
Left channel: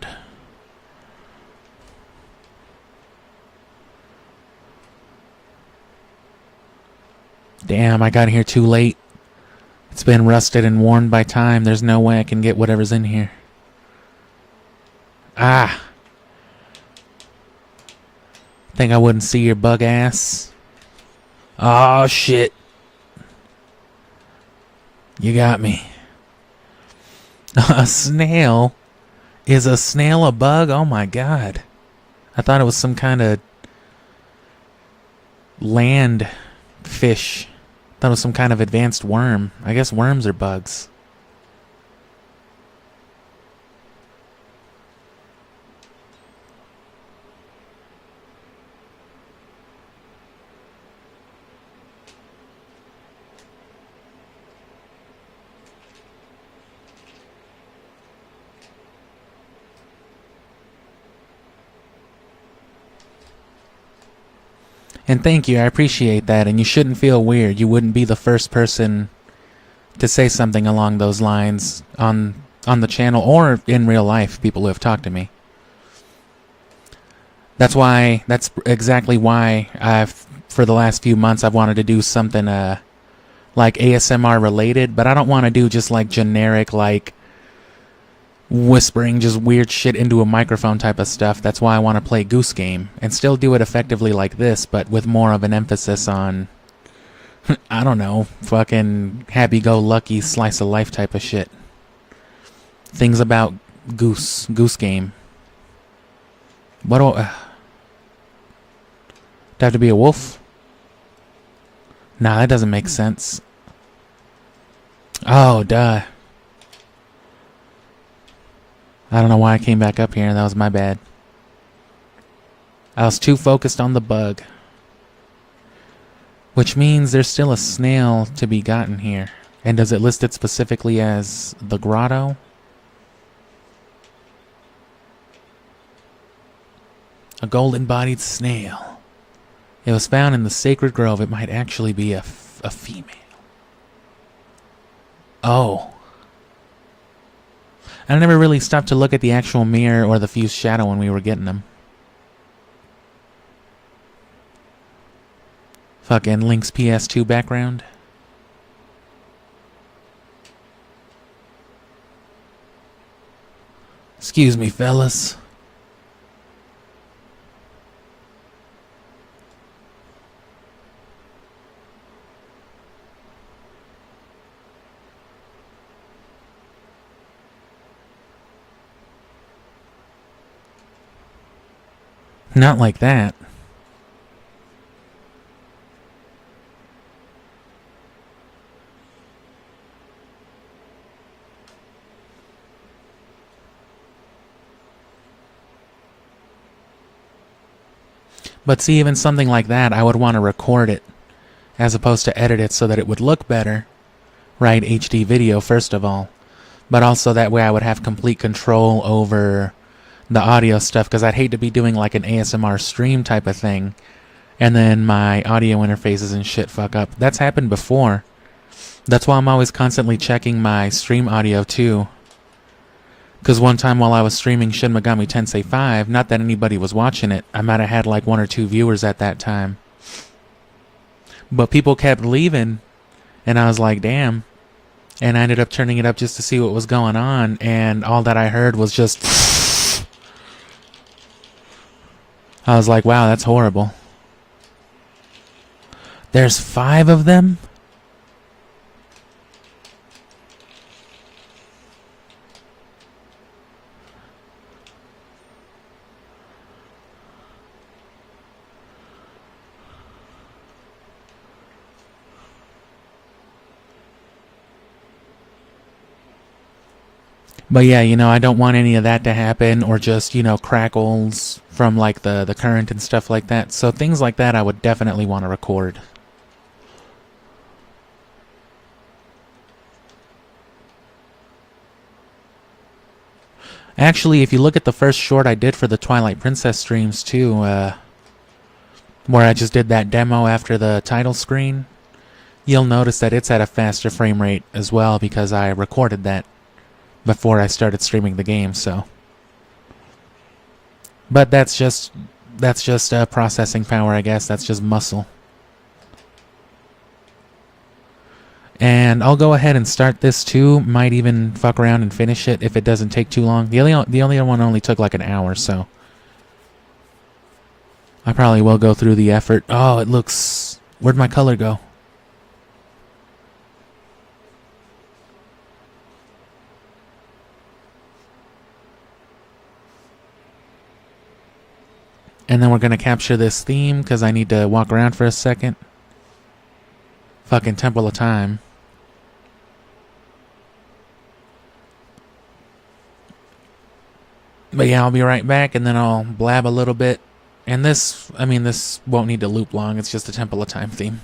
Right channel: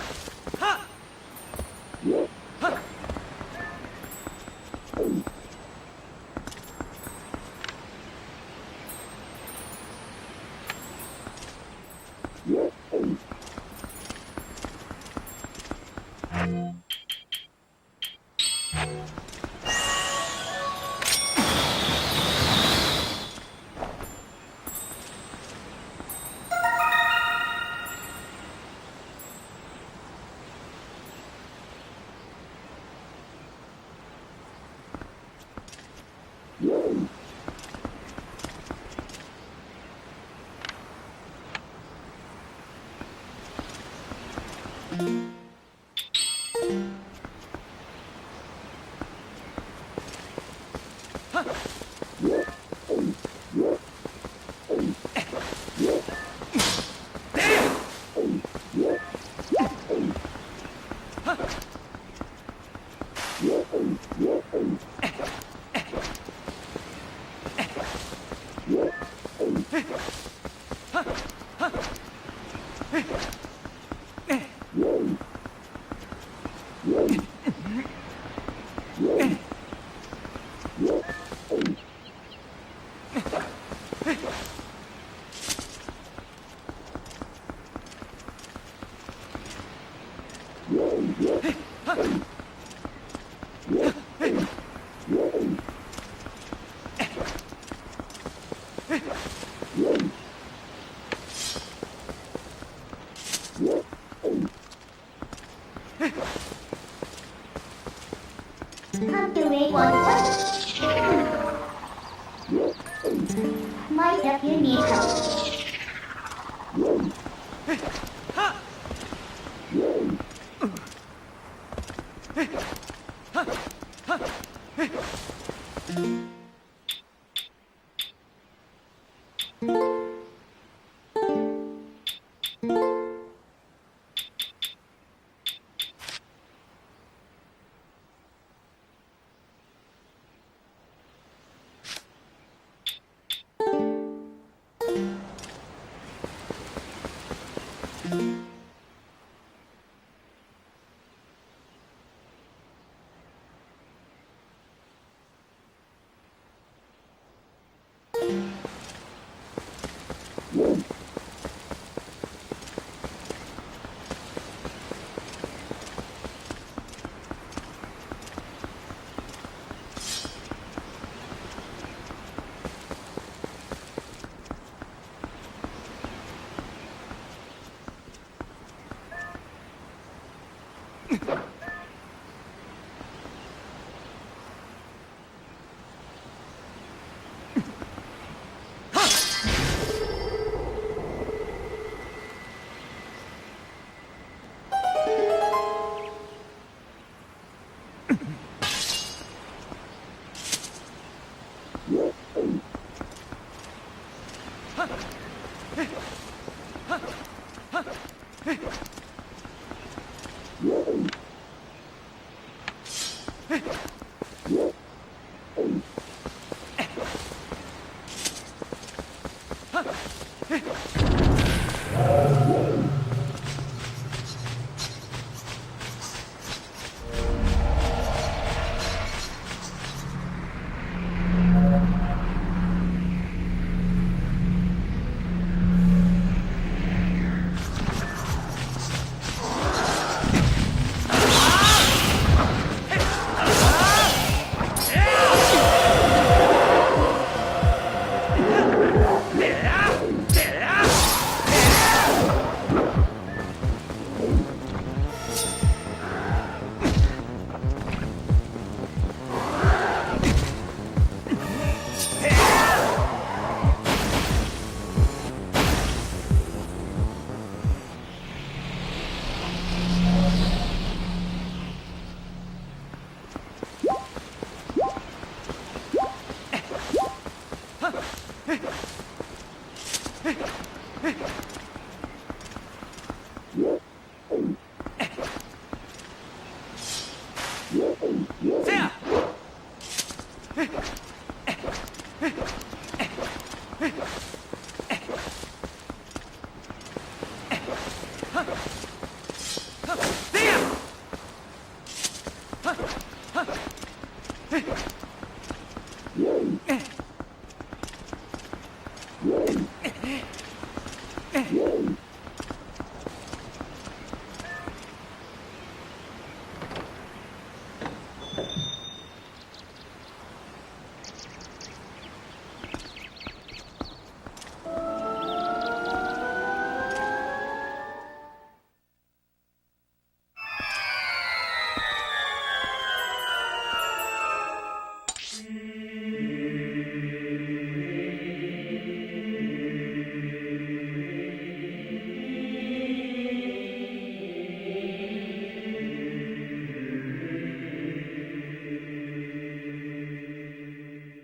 Damn, I got here too late. It's been rusted and worn by time. There's no way I can get whatever's in here. Ah. Think I wouldn't see your bug ass. Oh, shit. You got me. A snail? Is a snail a bug? Oh my god. I thought it was some kind of land fish. Thought it was some kind of advanced worm. I guess worms are bugs. And thank you, I appreciate that, and you shouldn't feel weird. You wouldn't be the first person to say something along those lines on the channel or in real life, people who have talked to me. That's exactly why for the last few months I've wanted to do something like ASMR related, but I don't want to do just like generic, like whispering just weird shit into a microphone type of stuff. That's why I want to play Goose Game and still do it effectively like this, but with more of an emphasis on, I don't know, fucking happy-go-lucky slice of life type of shit. Things about Goose Game. What do have to be a wolf? Nah, that doesn't make sense. Oh, duh. I don't know why I came back up here. That was my bad. I was too focused on the bug. Which means there's still a snail to be gotten here. And does it list it specifically as the grotto? A golden-bodied snail. It was found in the sacred grove. It might actually be a female. Oh. I never really stopped to look at the actual mirror or the fused shadow when we were getting them. Fucking Link's PS2 background. Excuse me, fellas. Not like that. But see, even something like that, I would want to record it as opposed to edit it so that it would look better. Right, HD video, first of all. But also that way I would have complete control over the audio stuff, because I'd hate to be doing like an ASMR stream type of thing and then my audio interfaces and shit fuck up. That's happened before. That's why I'm always constantly checking my stream audio too. Because one time while I was streaming Shin Megami Tensei 5, not that anybody was watching it, I might have had like 1 or 2 viewers at that time. But people kept leaving, and I was like, damn. And I ended up turning it up just to see what was going on, and all that I heard was just... I was like, wow, that's horrible. There's 5 of them? But yeah, you know, I don't want any of that to happen, or just, you know, crackles from like the current and stuff like that. So things like that I would definitely want to record. Actually, if you look at the first short I did for the Twilight Princess streams too, where I just did that demo after the title screen, you'll notice that it's at a faster frame rate as well, because I recorded that before I started streaming the game, so. But that's just processing power, I guess. That's just muscle. And I'll go ahead and start this too. Might even fuck around and finish it if it doesn't take too long. The only one only took like an hour, so I probably will go through the effort. Oh, it looks... Where'd my color go? And then we're gonna capture this theme, because I need to walk around for a second. Fucking Temple of Time. But yeah, I'll be right back, and then I'll blab a little bit. And this, I mean, this won't need to loop long, it's just a Temple of Time theme.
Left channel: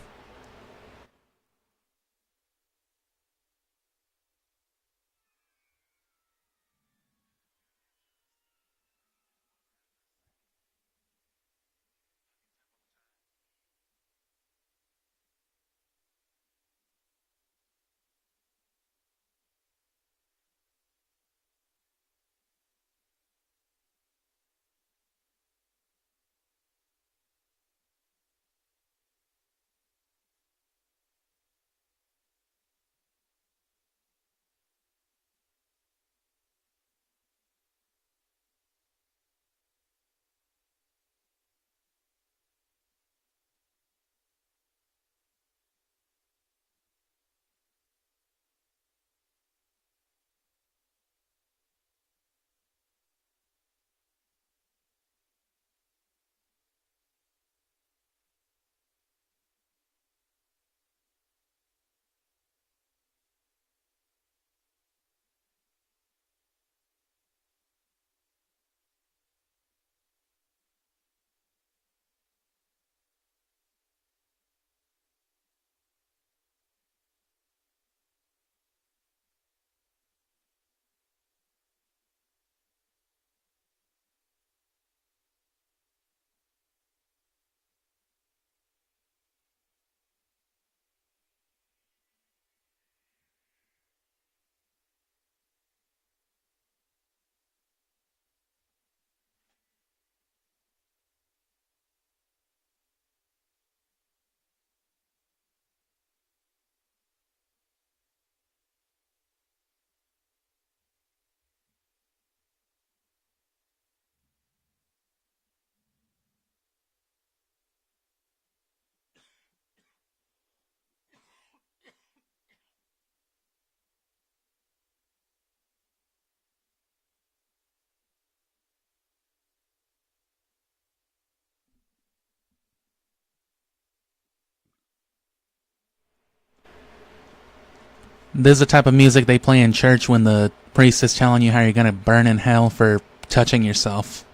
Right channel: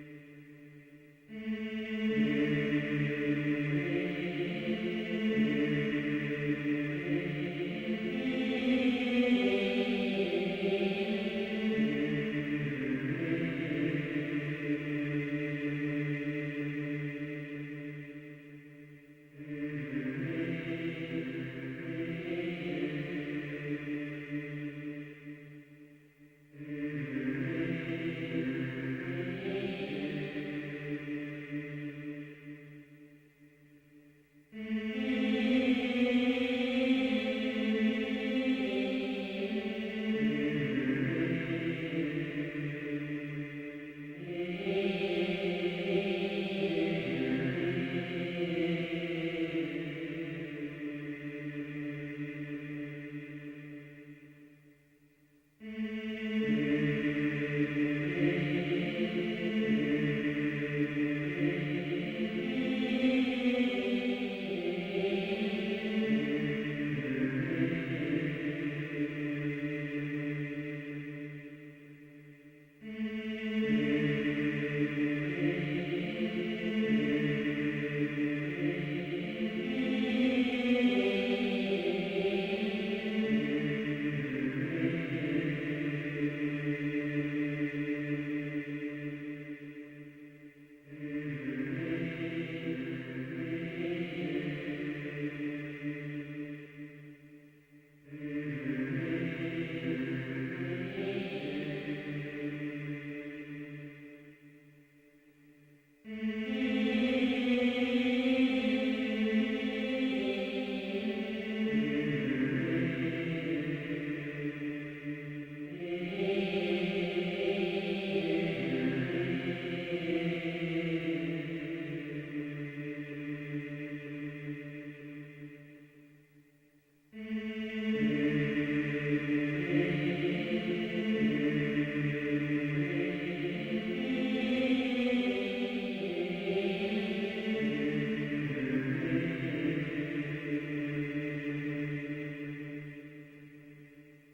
This is the type of music they play in church when the priest is telling you how you're gonna burn in hell for touching yourself.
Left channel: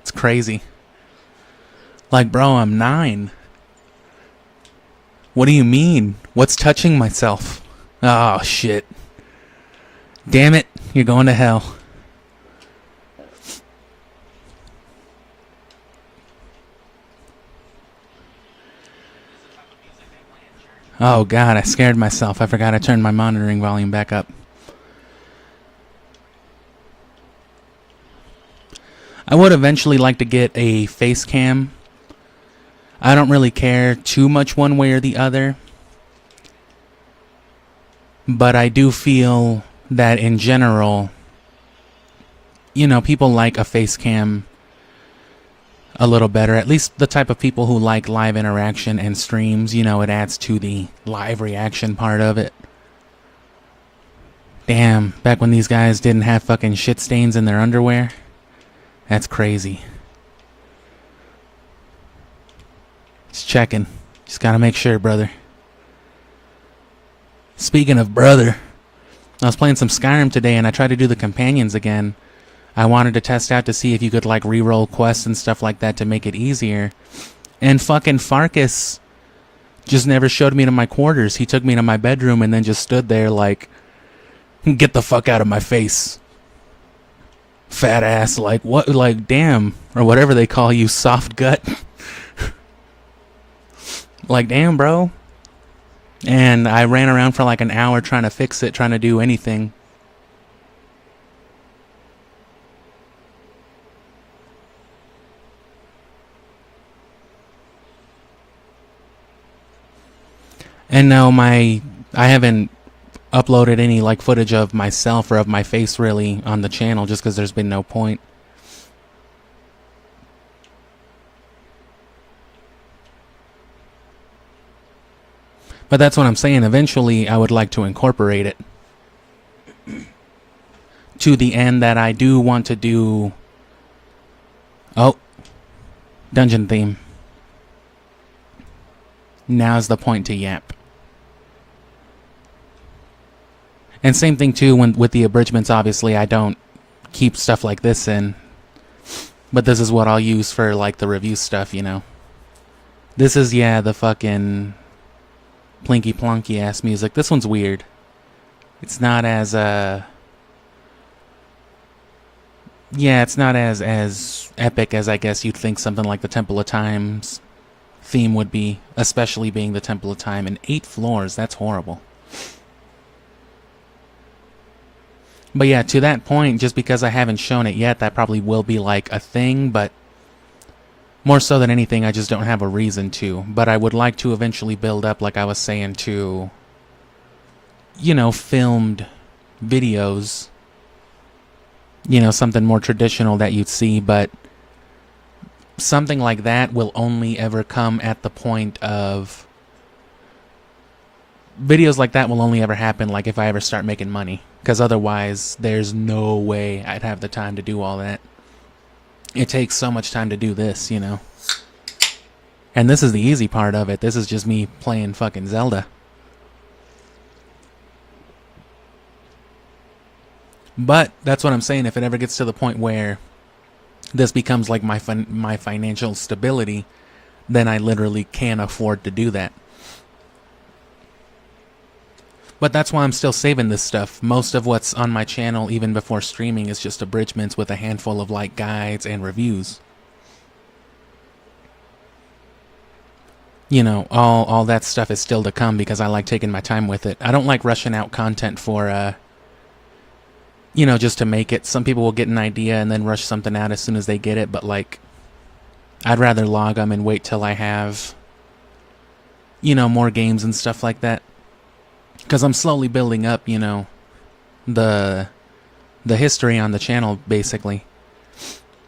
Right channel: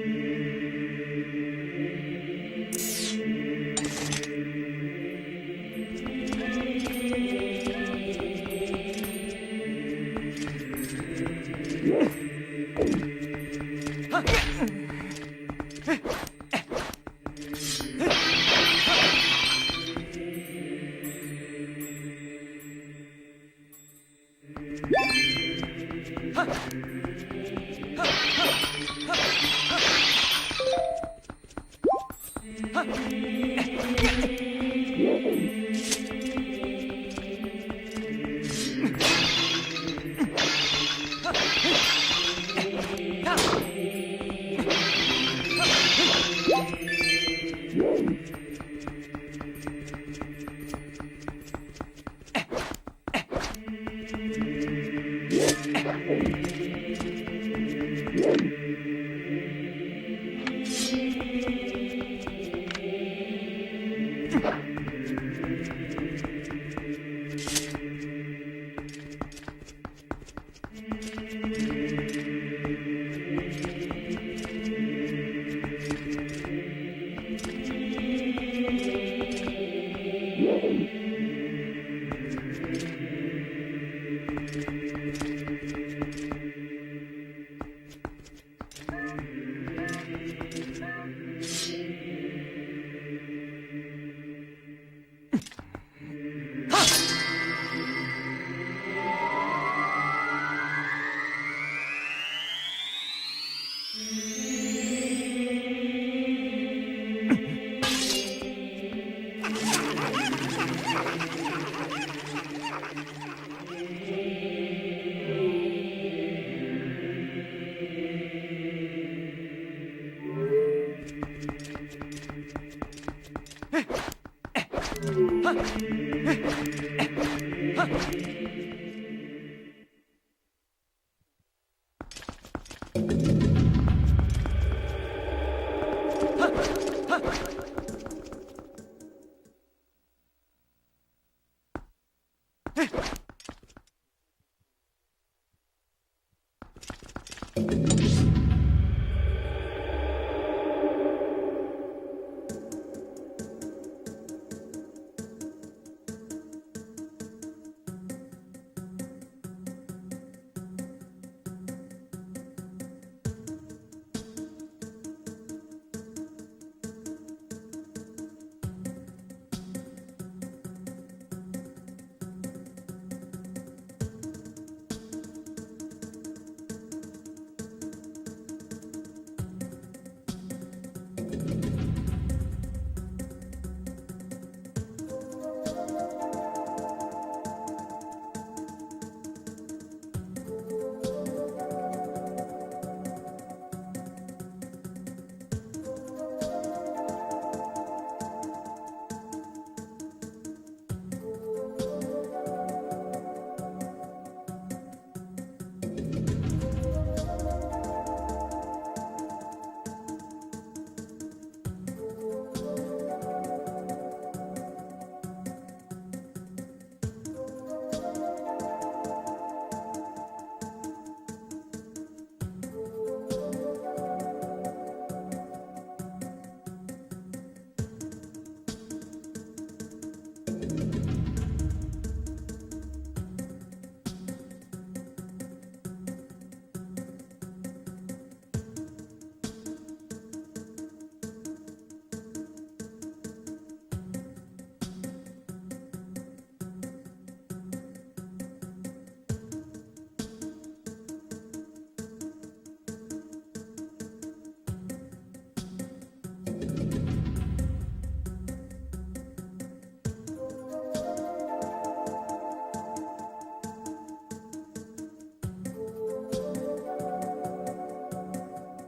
It's crazy. Like, bro, I'm 9. What do you mean? What's touching myself? Oh, shit. Damn it, you're going to hell. Oh god, I scared myself. I forgot I turned my monitoring volume back up. I would eventually like to get a face cam. I don't really care too much one way or the other. But I do feel that in general, you know, people like a face cam a little better. At least the type of people who like live interaction and streams, you know, it adds to the live reaction part of it. Damn, back when these guys didn't have fucking shit stains in their underwear. That's crazy. Just checking. Just gotta make sure, brother. Speaking of brother, I was playing some Skyrim today and I tried to do the companions again. I wanted to test out to see if you could like re-roll quests and stuff like that to make it easier. And fucking Farkas just never showed me to my quarters. He took me to my bedroom and then just stood there like, get the fuck out of my face. Fat ass, like what, like damn, or whatever they call you, soft gut. Like damn, bro. And I ran around for like an hour trying to fix it, trying to do anything. And now I haven't uploaded any like footage of myself or of my face really on the channel just because there's been no point. But that's what I'm saying. Eventually I would like to incorporate it to the end that I do want to do. Oh, dungeon theme. Now's the point to yap. And same thing too when with the abridgments. Obviously I don't keep stuff like this in, but this is what I'll use for like the review stuff, you know. This is, yeah, the fucking plinky plonky ass music. This one's weird. It's not as yeah, it's not as epic as I guess you'd think something like the Temple of Time's theme would be, especially being the Temple of Time. And 8 floors, that's horrible. But yeah, to that point, just because I haven't shown it yet, that probably will be like a thing, but more so than anything, I just don't have a reason to. But I would like to eventually build up, like I was saying, to, you know, filmed videos. You know, something more traditional that you'd see, but something like that will only ever come at the point of... Videos like that will only ever happen like if I ever start making money, because otherwise there's no way I'd have the time to do all that. It takes so much time to do this, you know. And this is the easy part of it. This is just me playing fucking Zelda. But that's what I'm saying. If it ever gets to the point where this becomes like my financial stability, then I literally can't afford to do that. But that's why I'm still saving this stuff. Most of what's on my channel, even before streaming, is just abridgments with a handful of like guides and reviews. You know, all that stuff is still to come because I like taking my time with it. I don't like rushing out content for, you know, just to make it. Some people will get an idea and then rush something out as soon as they get it, but like, I'd rather log them and wait till I have you know, more games and stuff like that. Because I'm slowly building up, you know, the history on the channel, basically.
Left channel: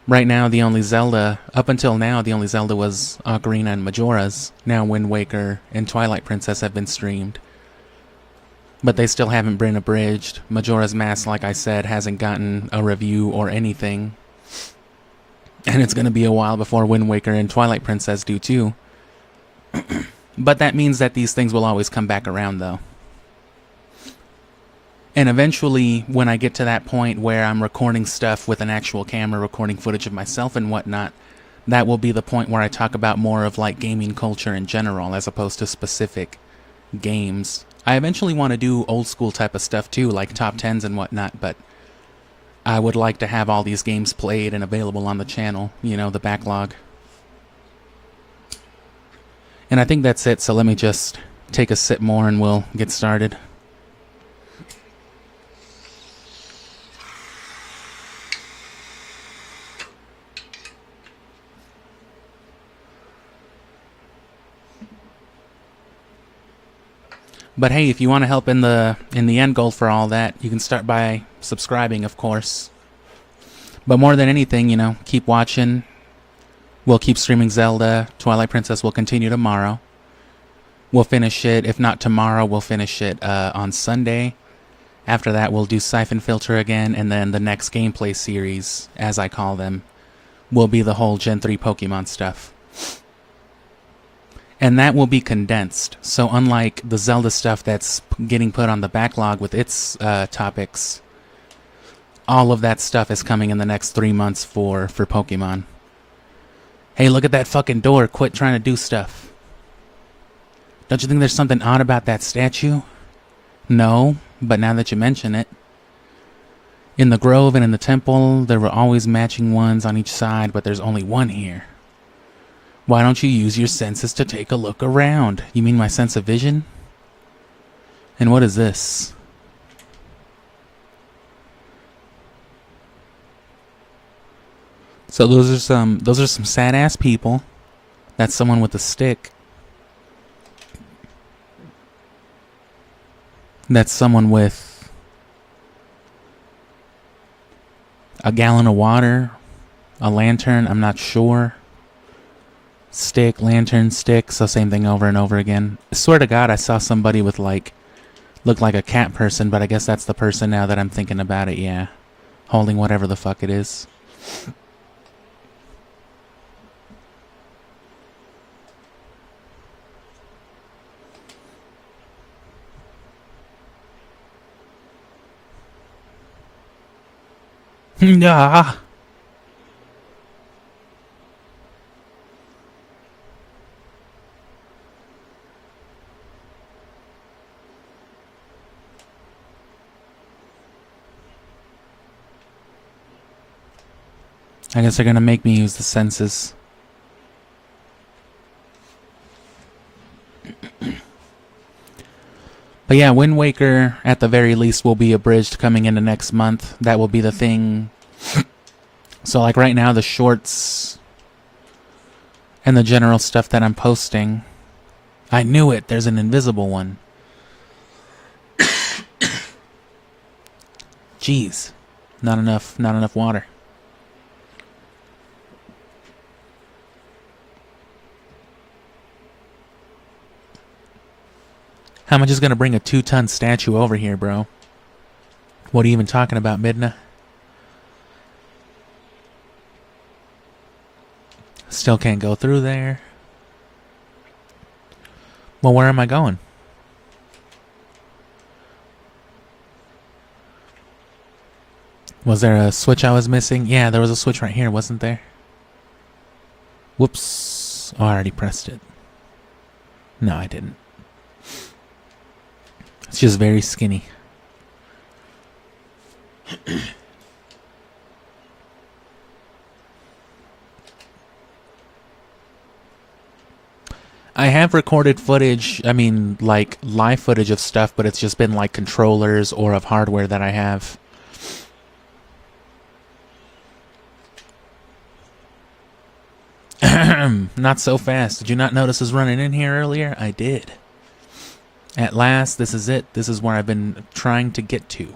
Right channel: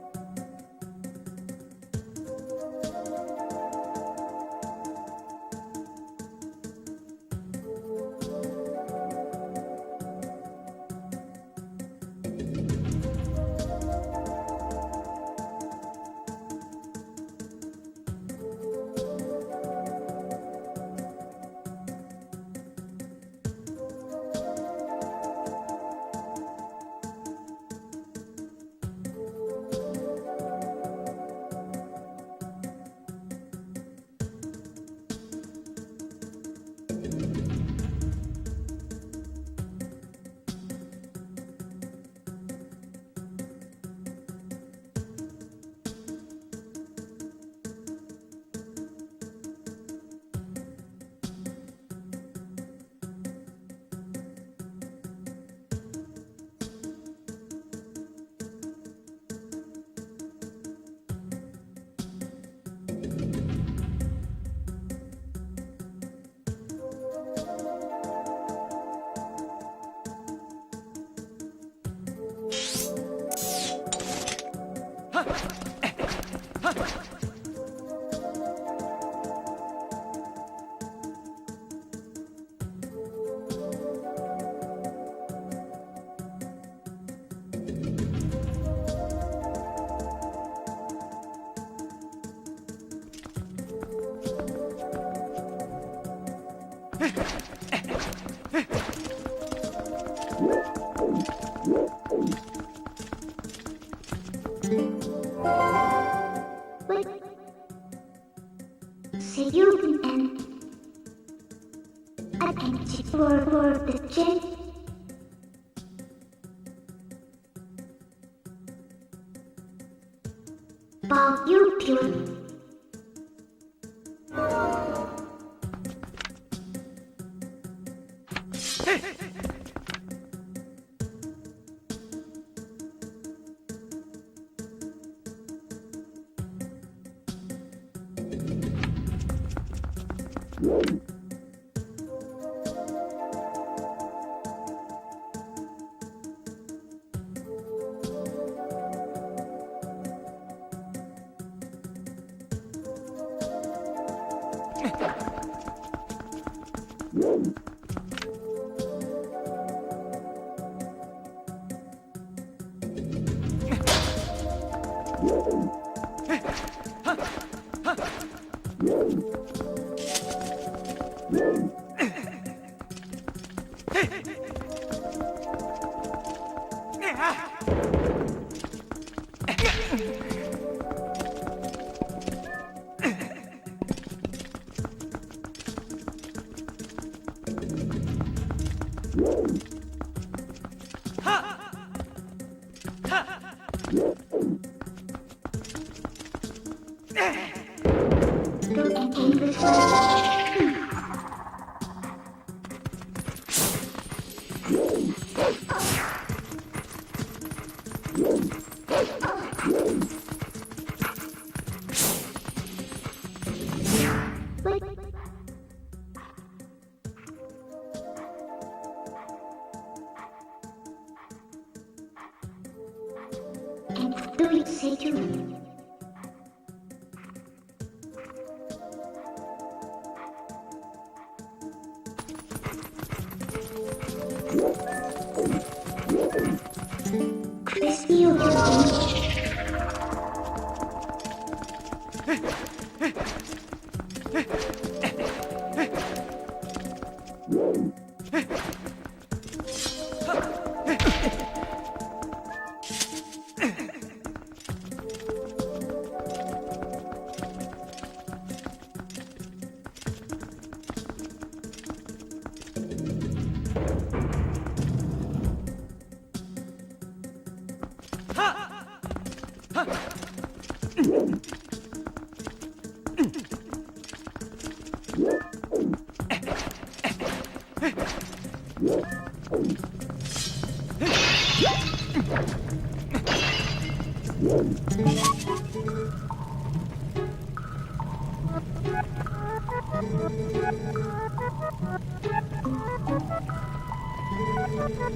Right now, the only Zelda, up until now, the only Zelda was Ocarina and Majora's. Now Wind Waker and Twilight Princess have been streamed. But they still haven't been abridged. Majora's Mask, like I said, hasn't gotten a review or anything. And it's going to be a while before Wind Waker and Twilight Princess do too. But that means that these things will always come back around, though. And eventually, when I get to that point where I'm recording stuff with an actual camera, recording footage of myself and whatnot, that will be the point where I talk about more of like gaming culture in general, as opposed to specific games. I eventually want to do old school type of stuff too, like top 10s and whatnot, but I would like to have all these games played and available on the channel, you know, the backlog. And I think that's it, so let me just take a sip more and we'll get started. But hey, if you want to help in the end goal for all that, you can start by subscribing, of course. But more than anything, you know, keep watching. We'll keep streaming Zelda. Twilight Princess will continue tomorrow. We'll finish it. If not tomorrow, we'll finish it on Sunday. After that, we'll do Siphon Filter again, and then the next gameplay series, as I call them, will be the whole Gen 3 Pokemon stuff. And that will be condensed, so unlike the Zelda stuff that's getting put on the backlog with its topics, all of that stuff is coming in the next 3 months for Pokemon. Hey, look at that fucking door, quit trying to do stuff. Don't you think there's something odd about that statue? No, but now that you mention it. In the grove and in the temple, there were always matching ones on each side, but there's only one here. Why don't you use your senses to take a look around? You mean my sense of vision? And what is this? So those are some sad ass people. That's someone with a stick. That's someone with a gallon of water, a lantern, I'm not sure. Stick, lantern, stick, so same thing over and over again. I swear to God, I saw somebody with like, looked like a cat person, but I guess that's the person now that I'm thinking about it, yeah. Holding whatever the fuck it is. Ah. I guess they're gonna make me use the senses. But yeah, Wind Waker, at the very least, will be abridged coming into next month. That will be the thing. So like right now, the shorts and the general stuff that I'm posting. I knew it, there's an invisible one. Jeez, not enough water. How am I just gonna bring a 2-ton statue over here, bro? What are you even talking about, Midna? Still can't go through there. Well, where am I going? Was there a switch I was missing? Yeah, there was a switch right here, wasn't there? Whoops. Oh, I already pressed it. No, I didn't. It's just very skinny. I have recorded footage, I mean, like, live footage of stuff, but it's just been, like, controllers or of hardware that I have. Not so fast. Did you not notice us running in here earlier? I did. At last, this is it. This is where I've been trying to get to.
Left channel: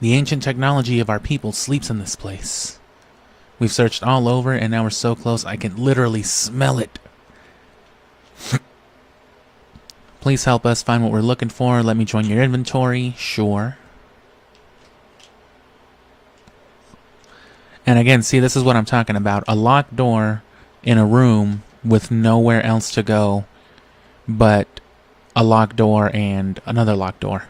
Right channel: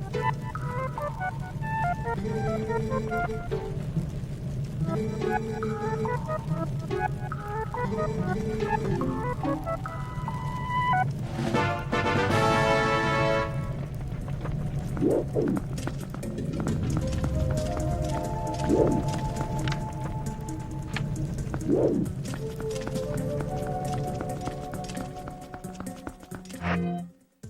The ancient technology of our people sleeps in this place. We've searched all over, and now we're so close I can literally smell it. Please help us find what we're looking for. Let me join your inventory. Sure. And again, see, this is what I'm talking about. A locked door in a room with nowhere else to go but a locked door and another locked door.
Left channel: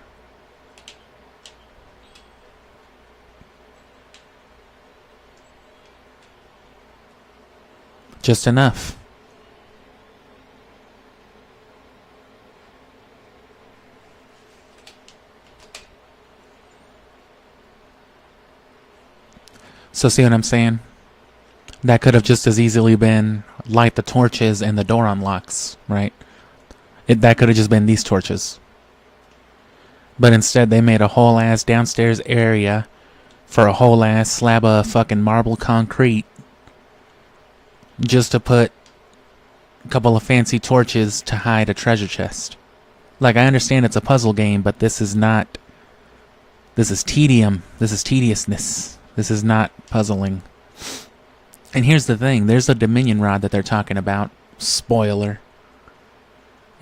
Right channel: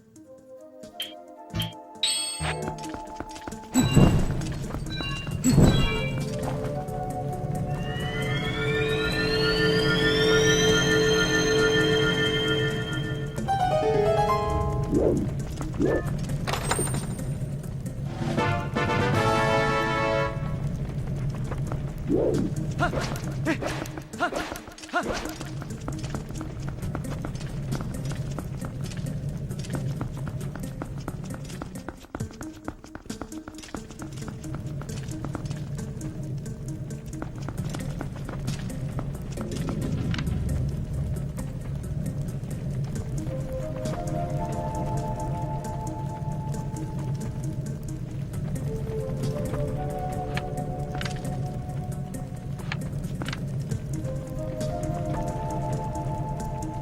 Just enough. So see what I'm saying? That could have just as easily been light the torches and the door unlocks, right? That could have just been these torches. But instead they made a whole ass downstairs area for a whole ass slab of fucking marble concrete just to put a couple of fancy torches to hide a treasure chest. Like, I understand it's a puzzle game, but this is not... This is tedium. This is tediousness. This is not puzzling. And here's the thing. There's a Dominion rod that they're talking about. Spoiler.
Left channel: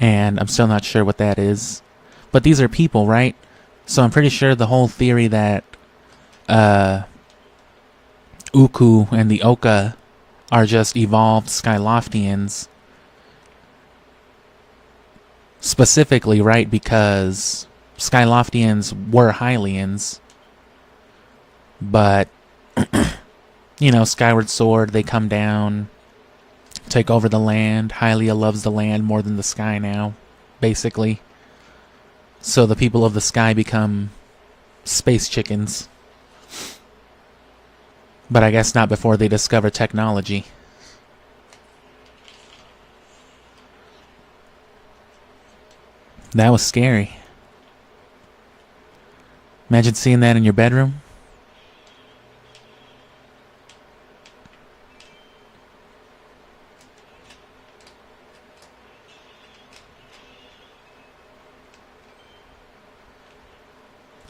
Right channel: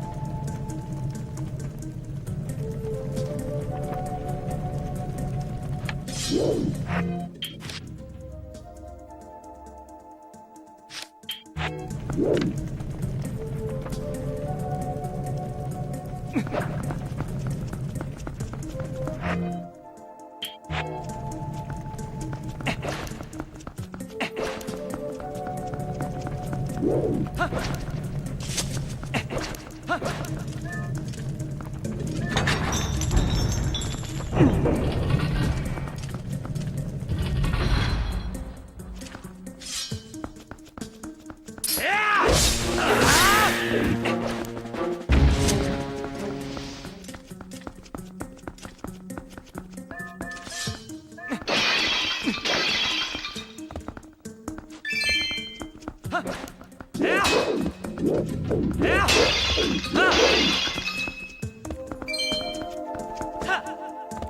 And I'm still not sure what that is. But these are people, right? So I'm pretty sure the whole theory that Uku and the Oka are just evolved Skyloftians. Specifically, right? Because Skyloftians were Hylians. But, you know, Skyward Sword, they come down, take over the land. Hylia loves the land more than the sky now, basically. So the people of the sky become space chickens. But I guess not before they discover technology. That was scary. Imagine seeing that in your bedroom.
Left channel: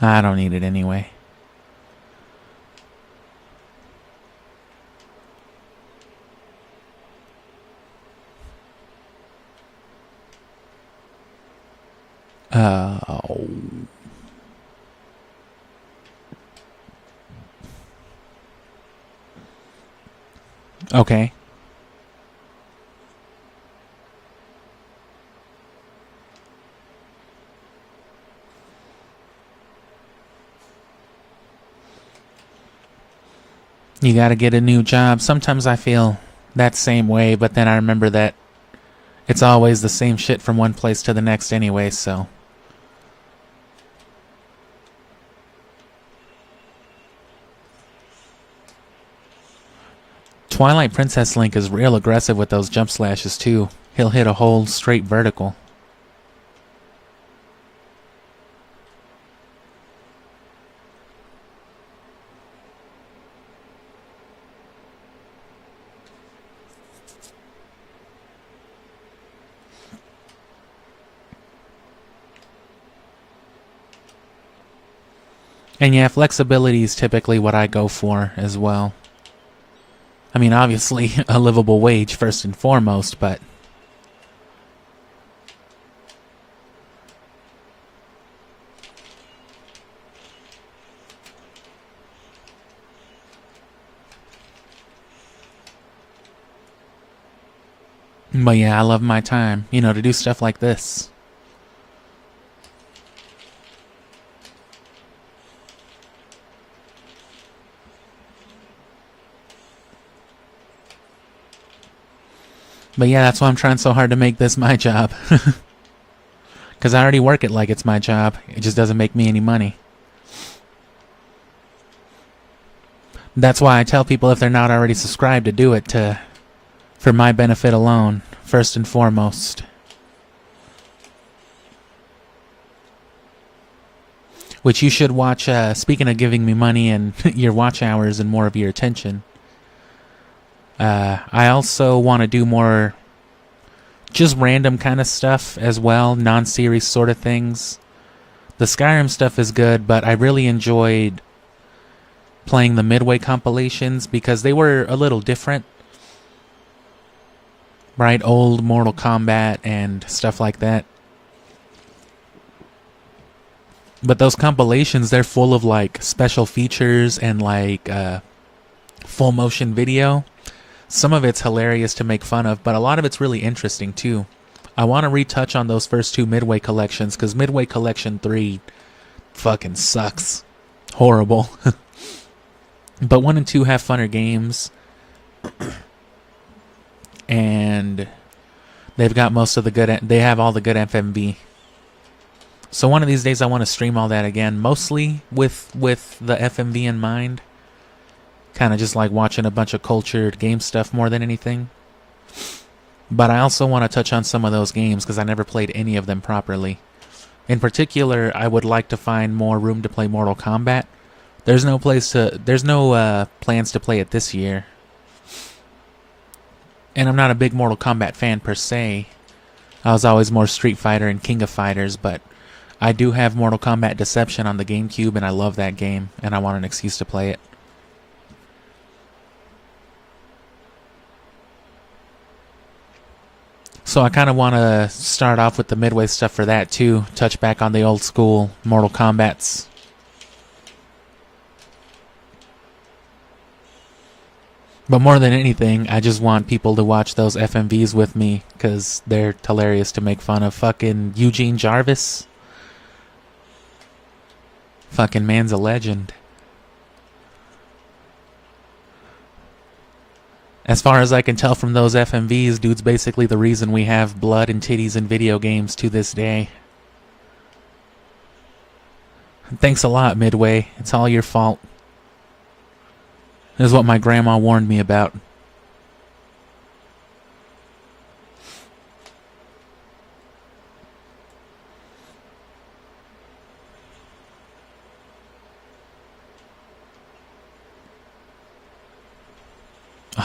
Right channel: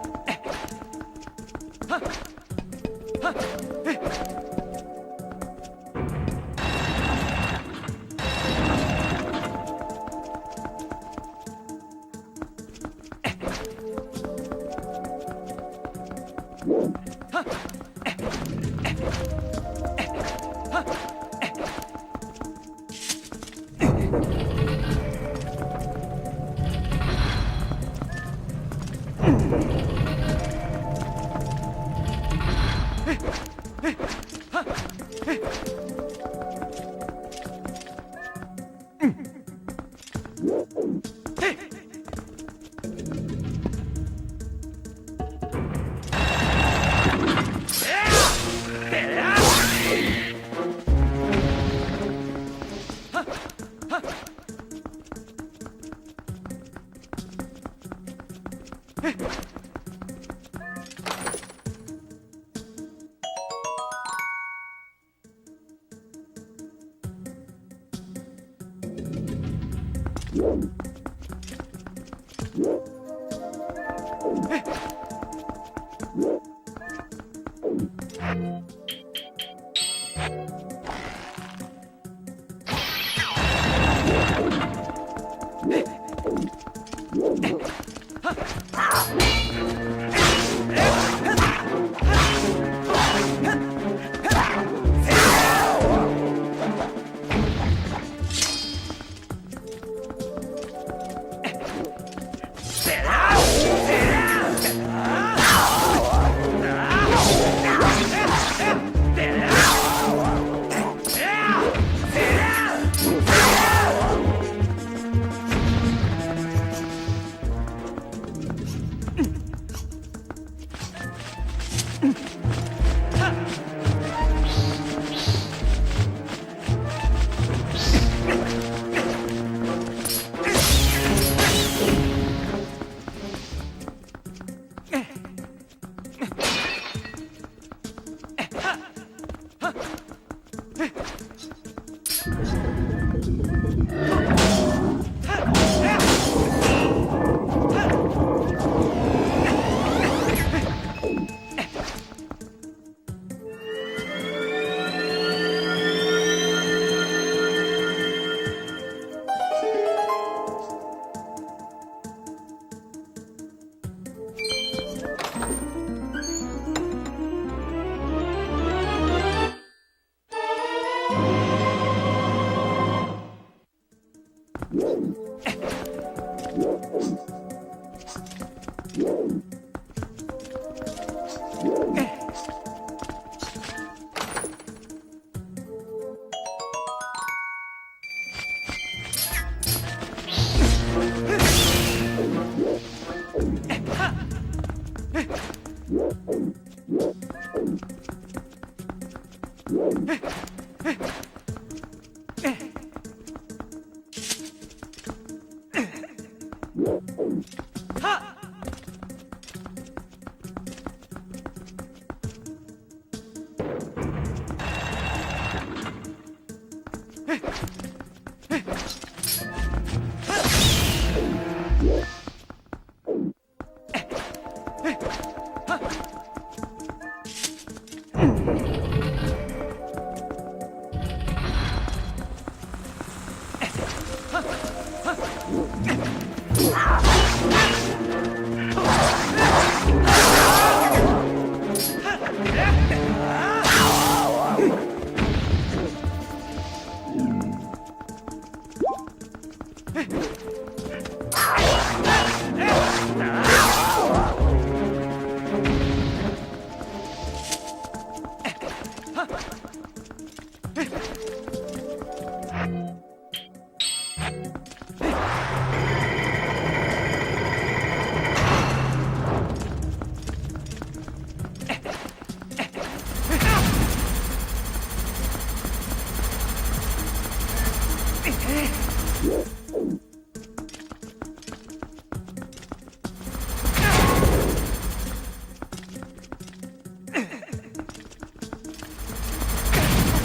I don't need it anyway. Oh. Okay. You gotta get a new job. Sometimes I feel that same way, but then I remember that it's always the same shit from one place to the next anyway, so. Twilight Princess Link is real aggressive with those jump slashes too. He'll hit a whole straight vertical. And yeah, flexibility is typically what I go for as well. I mean, obviously, a livable wage first and foremost, but... But yeah, I love my time, you know, to do stuff like this. But yeah, that's why I'm trying so hard to make this my job. Because I already work it like it's my job. It just doesn't make me any money. That's why I tell people if they're not already subscribed to do it for my benefit alone, first and foremost. Which you should watch, speaking of giving you money and your watch hours and more of your attention. I also want to do more just random kind of stuff as well, non-series sort of things. The Skyrim stuff is good, but I really enjoyed playing the Midway compilations because they were a little different. Right? Old Mortal Kombat and stuff like that. But those compilations, they're full of like special features and like full motion video. Some of it's hilarious to make fun of, but a lot of it's really interesting too. I want to retouch on those first two Midway collections because Midway Collection 3 fucking sucks. Horrible. But 1 and 2 have funner games. And they've got most of the good, they have all the good FMV. So one of these days I want to stream all that again, mostly with the FMV in mind. Kind of just like watching a bunch of culture game stuff more than anything. But I also want to touch on some of those games because I never played any of them properly. In particular, I would like to find more room to play Mortal Kombat. There's no plans to play it this year. And I'm not a big Mortal Kombat fan per se. I was always more Street Fighter and King of Fighters, but I do have Mortal Kombat Deception on the GameCube and I love that game and I want an excuse to play it. So I kind of want to start off with the Midway stuff for that too. Touch back on the old school Mortal Kombats. But more than anything, I just want people to watch those FMVs with me because they're hilarious to make fun of. Fucking Eugene Jarvis. Fucking man's a legend. As far as I can tell from those FMVs, dude's basically the reason we have blood and titties in video games to this day. Thanks a lot, Midway. It's all your fault. This is what my grandma warned me about.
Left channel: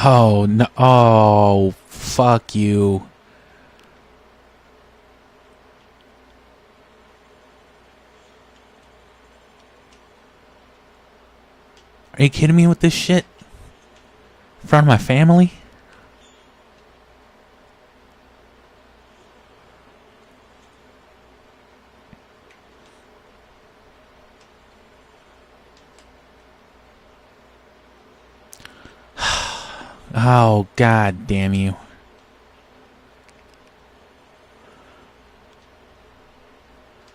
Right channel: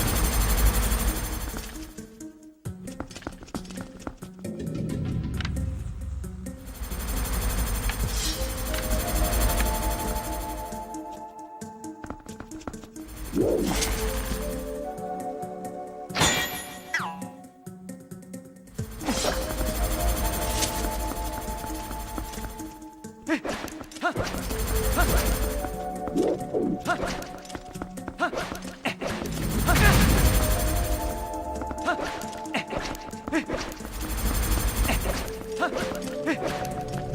Oh, no. Oh, fuck you. Are you kidding me with this shit? In front of my family? Oh, god damn you.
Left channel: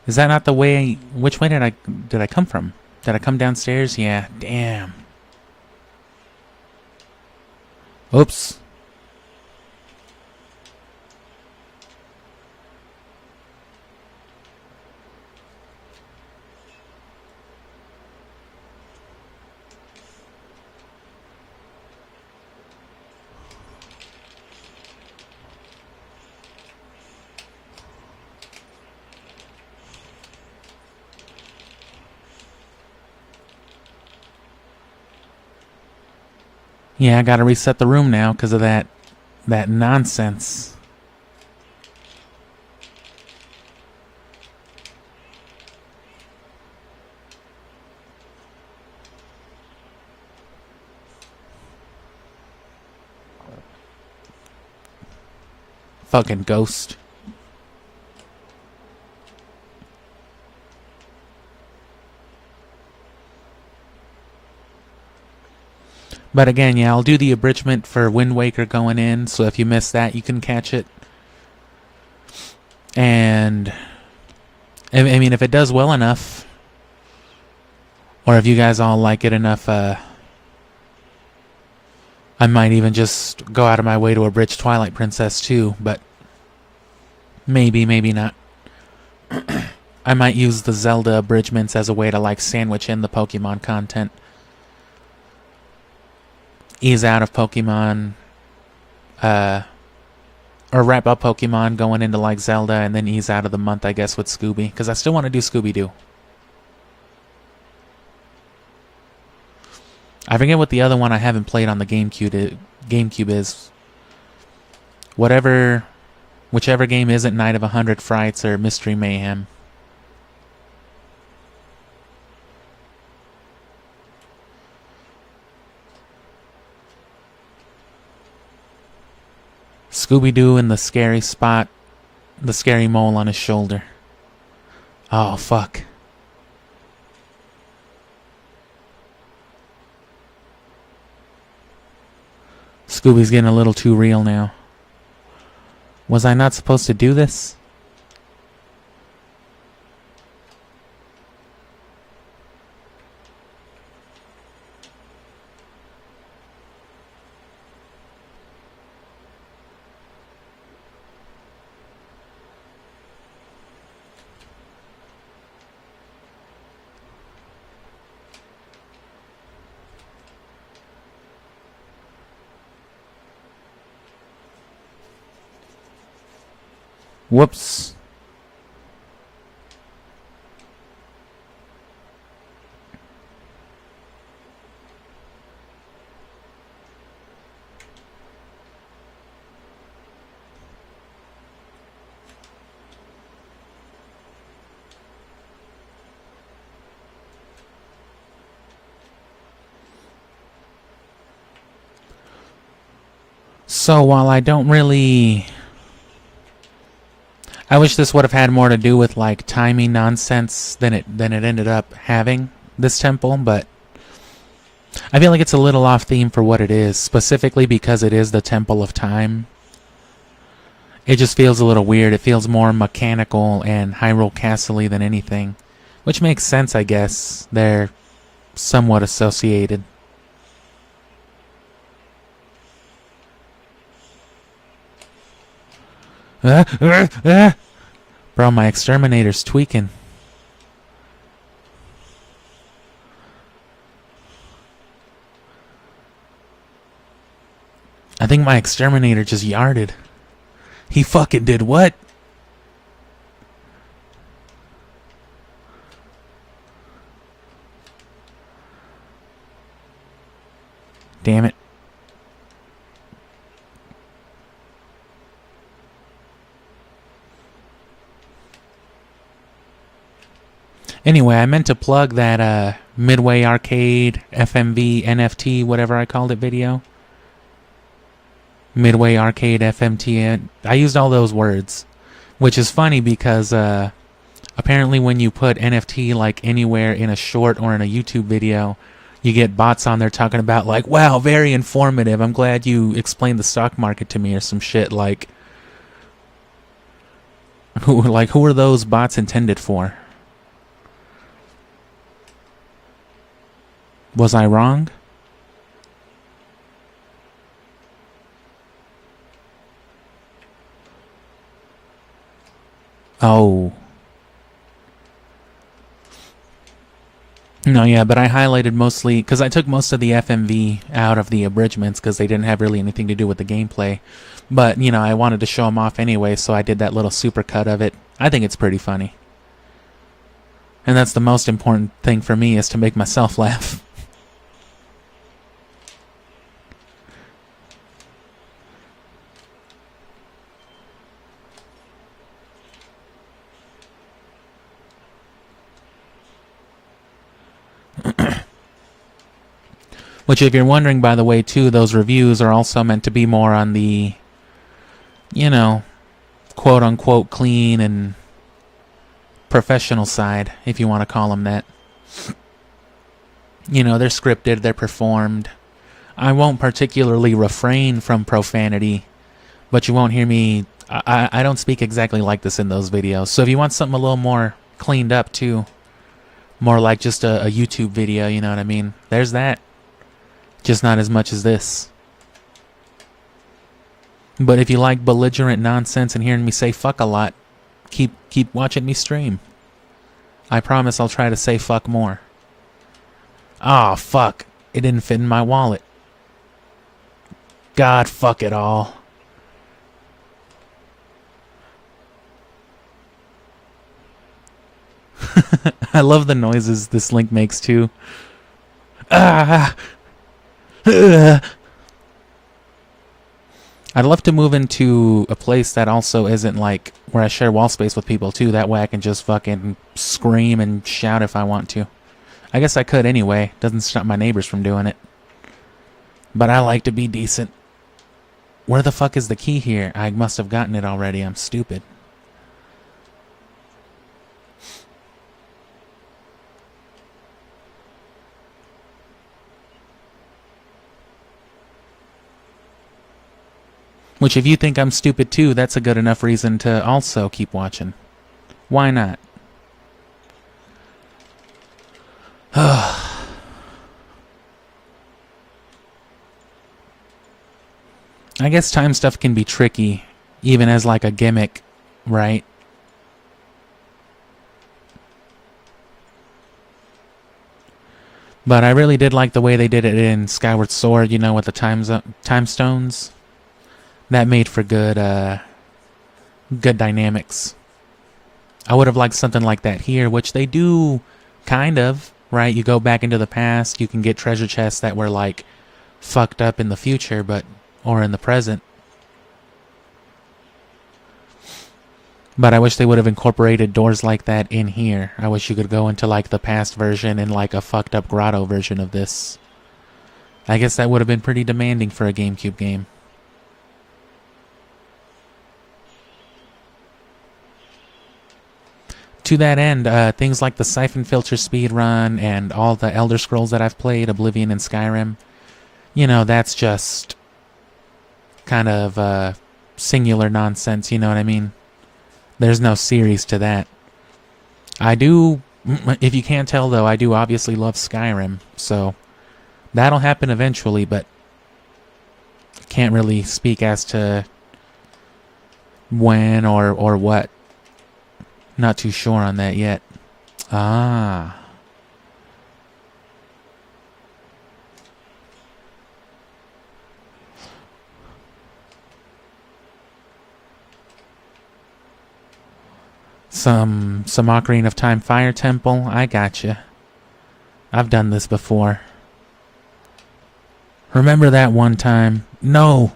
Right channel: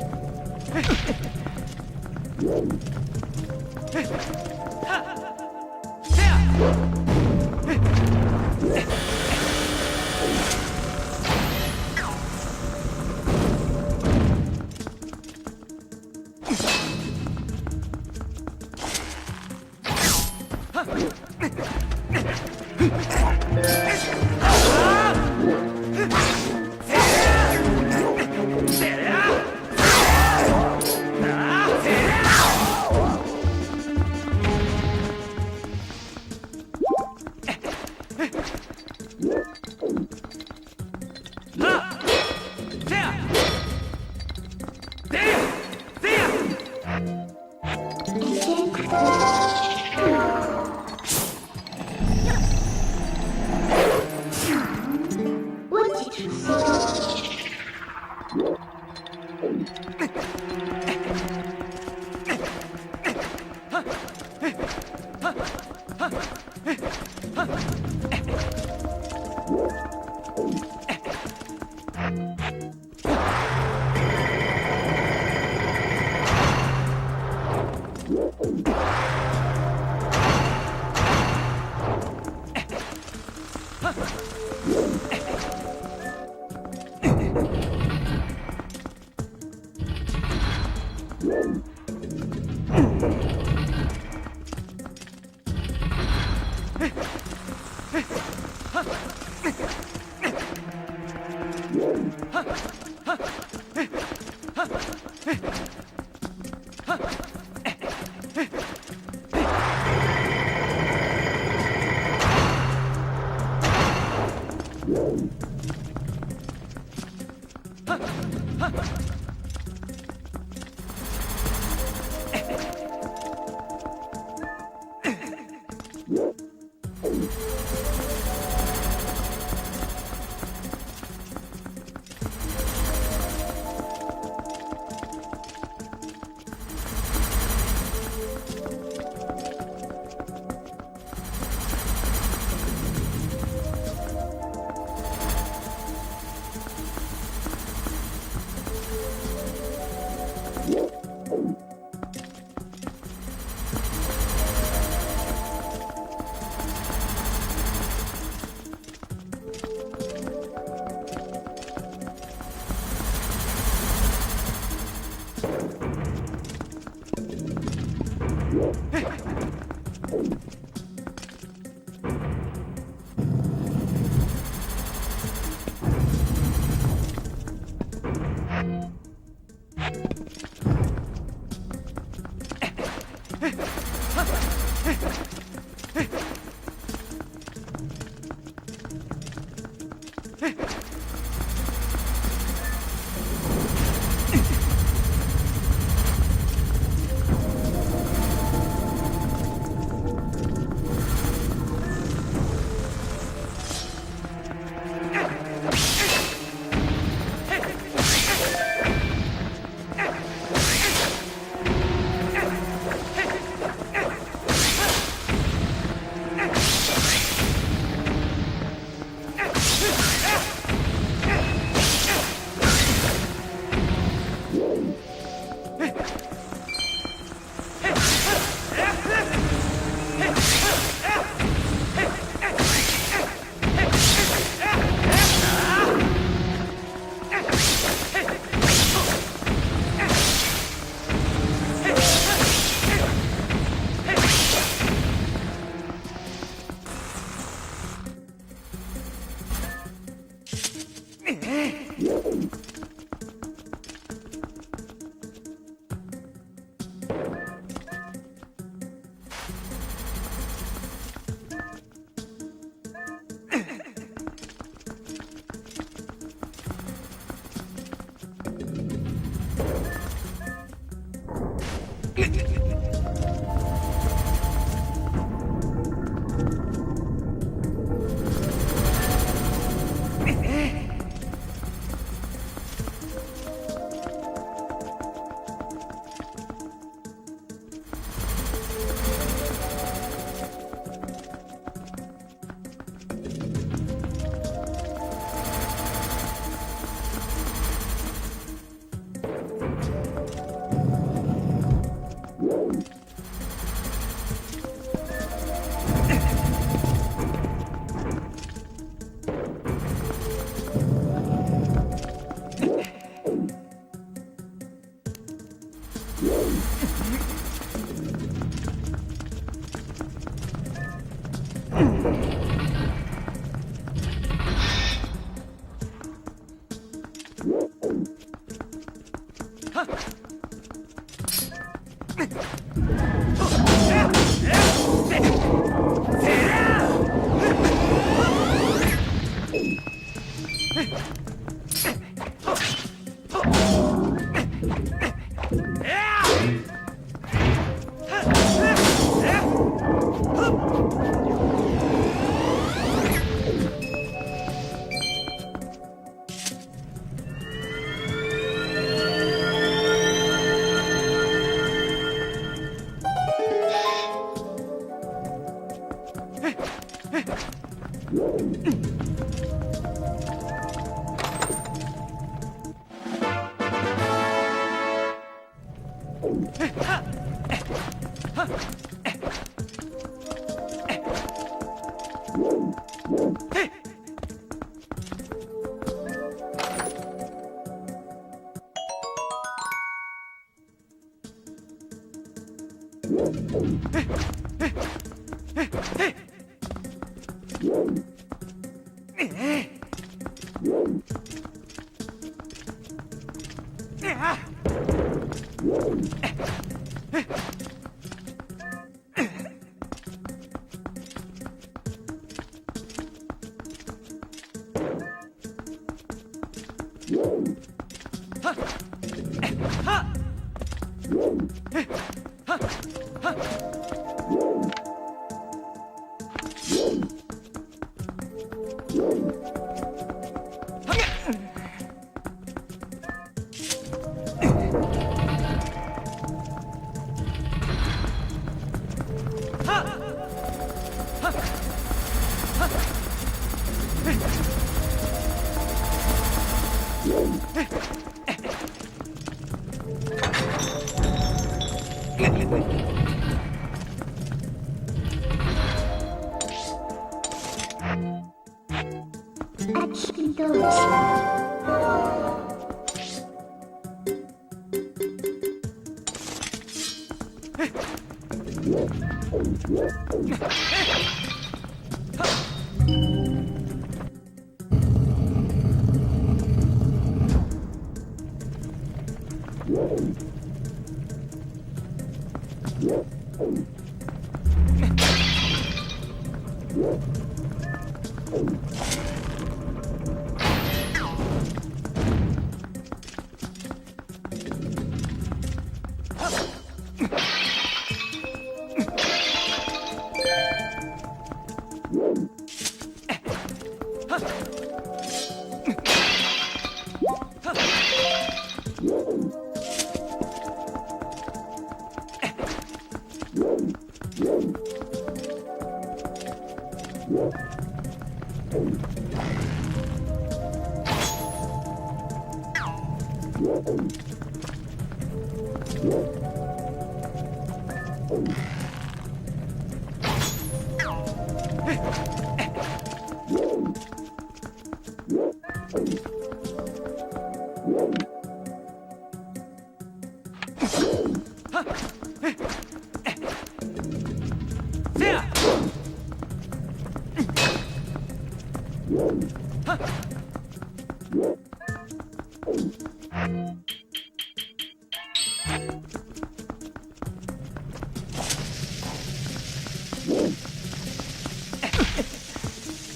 Is that not the way? Which way did I come from? Did I come downstairs? Yeah, damn. Oops. Yeah, I gotta reset the room now because of that nonsense. Fucking ghost. But again, yeah, I'll do the abridgment for Wind Waker going in, so if you missed that, you can catch it. And, I mean, if it does well enough, or if you guys all like it enough, I might even just go out of my way to abridge Twilight Princess too, but maybe, maybe not. I might use the Zelda abridgments as a way to, like, sandwich in the Pokemon content. Ease out of Pokemon, or wrap up Pokemon going into like Zelda, and then ease out of the month, I guess, with Scooby, because I still want to do Scooby-Doo. I forget what the other one I haven't played on the GameCube GameCube is. Whichever game isn't Night of 100 Frights or Mystery Mayhem. Scooby-Doo in the scary spot. The scary mole on his shoulder. Oh, fuck. Scooby's getting a little too real now. Was I not supposed to do this? Whoops. So while I don't really... I wish this would have had more to do with like timing nonsense than it ended up having, this temple, but I feel like it's a little off theme for what it is, specifically because it is the Temple of Time. It just feels a little weird. It feels more mechanical and Hyrule Castle-y than anything, which makes sense, I guess. They're somewhat associated. Bro, my exterminator's tweaking. I think my exterminator just yarded. He fucking did what? Damn it. Anyway, I meant to plug that Midway Arcade, FMV, NFT, whatever I called it video. Midway Arcade, FMT. I used all those words. Which is funny because apparently when you put NFT like anywhere in a short or in a YouTube video, you get bots on there talking about like, wow, very informative. I'm glad you explained the stock market to me or some shit like... Who are those bots intended for? Was I wrong? Oh. No, yeah, but I highlighted mostly... because I took most of the FMV out of the abridgments because they didn't have really anything to do with the gameplay. But, you know, I wanted to show them off anyway, so I did that little supercut of it. I think it's pretty funny. And that's the most important thing for me, is to make myself laugh. Which, if you're wondering, by the way, too, those reviews are also meant to be more on the, you know, quote-unquote clean and professional side, if you want to call them that. You know, they're scripted, they're performed. I won't particularly refrain from profanity, but you won't hear me... I don't speak exactly like this in those videos. So if you want something a little more cleaned up, too, more like just a YouTube video, you know what I mean? There's that. Just not as much as this. But if you like belligerent nonsense and hearing me say fuck a lot, keep watching me stream. I promise I'll try to say fuck more. Oh, fuck. It didn't fit in my wallet. God, fuck it all. I love the noises this Link makes too. Ah! I'd love to move into a place that also isn't like where I share wall space with people too. That way I can just fucking scream and shout if I want to. I guess I could anyway. Doesn't stop my neighbors from doing it. But I like to be decent. Where the fuck is the key here? I must have gotten it already. I'm stupid. Which, if you think I'm stupid too, that's a good enough reason to also keep watching. Why not? I guess time stuff can be tricky, even as like a gimmick, right? But I really did like the way they did it in Skyward Sword, you know, with the time stones. That made for good dynamics. I would have liked something like that here, which they do, kind of, right? You go back into the past, you can get treasure chests that were like fucked up in the future, or in the present. But I wish they would have incorporated doors like that in here. I wish you could go into like the past version and like a fucked up grotto version of this. I guess that would have been pretty demanding for a GameCube game. To that end, things like the Siphon Filter speedrun and all the Elder Scrolls that I've played, Oblivion and Skyrim, you know, that's just kind of singular nonsense, you know what I mean? There's no series to that. I do, if you can't tell though, I do obviously love Skyrim, so that'll happen eventually, but can't really speak as to when or what. Not too sure on that yet. Ah. Some Ocarina of Time Fire Temple. I gotcha. I've done this before. Remember that one time? No.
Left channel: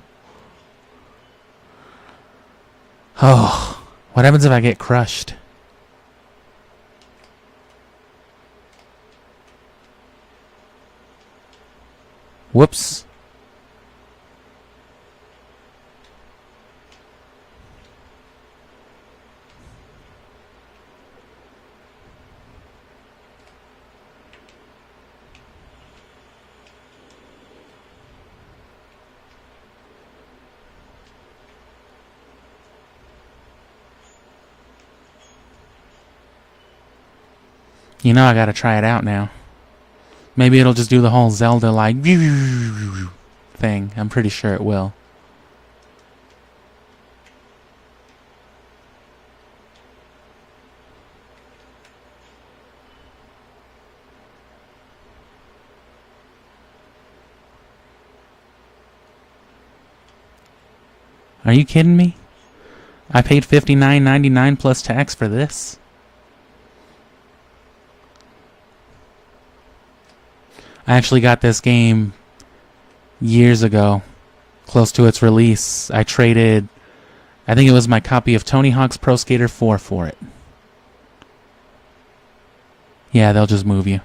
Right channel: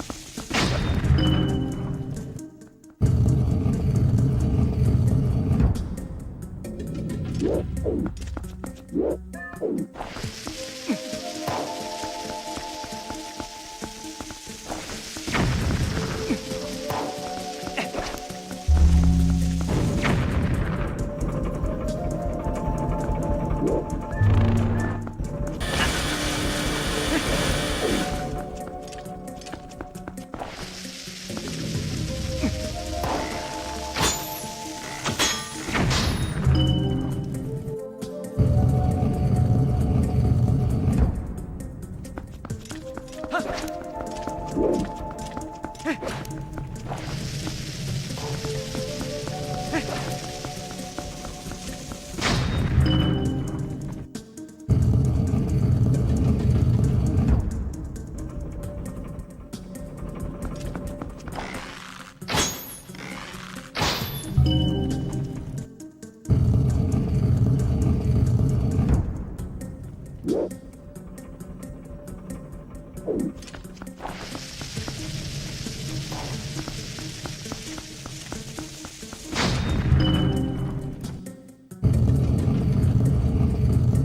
Oh. What happens if I get crushed? Whoops. You know I gotta try it out now. Maybe it'll just do the whole Zelda like thing. I'm pretty sure it will. Are you kidding me? I paid $59.99 plus tax for this. I actually got this game years ago, close to its release. I traded, I think it was my copy of Tony Hawk's Pro Skater 4 for it. Yeah, they'll just move you.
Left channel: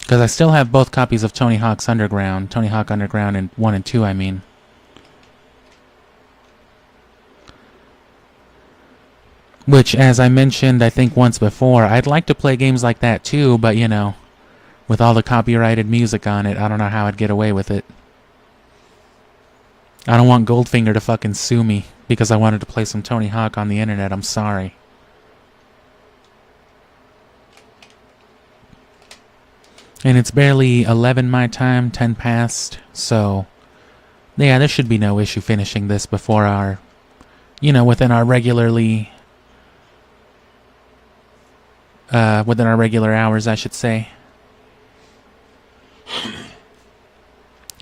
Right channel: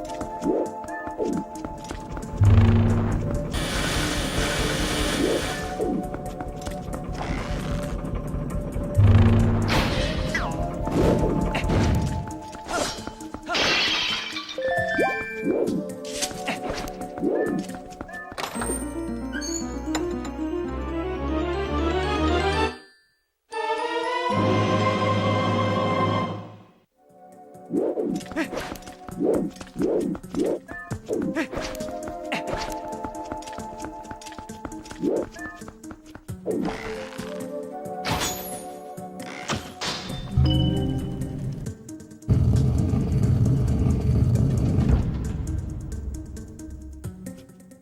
Because I still have both copies of Tony Hawk's Underground, Tony Hawk Underground and 1 and 2, I mean. Which, as I mentioned, I think once before, I'd like to play games like that too, but you know, with all the copyrighted music on it, I don't know how I'd get away with it. I don't want Goldfinger to fucking sue me because I wanted to play some Tony Hawk on the internet, I'm sorry. And it's barely 11 my time, 10 past, so yeah, there should be no issue finishing this before our, you know, within our regular hours, I should say.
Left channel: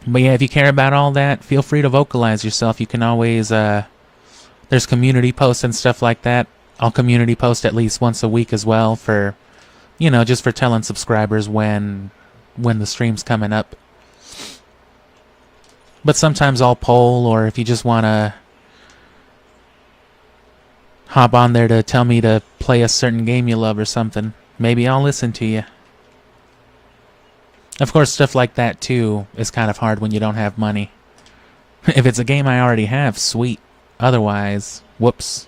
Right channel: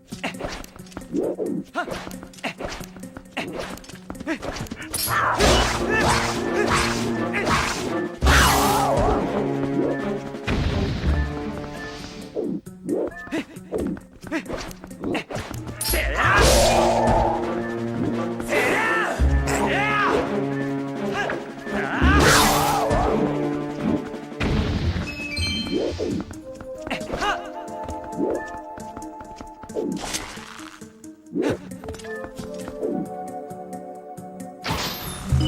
But yeah, if you care about all that, feel free to vocalize yourself. You can always, there's community posts and stuff like that. I'll community post at least once a week as well for, you know, just for telling subscribers when the stream's coming up. But sometimes I'll poll, or if you just want to hop on there to tell me to play a certain game you love or something, maybe I'll listen to you. Of course, stuff like that too is kind of hard when you don't have money. If it's a game I already have, sweet. Otherwise, whoops.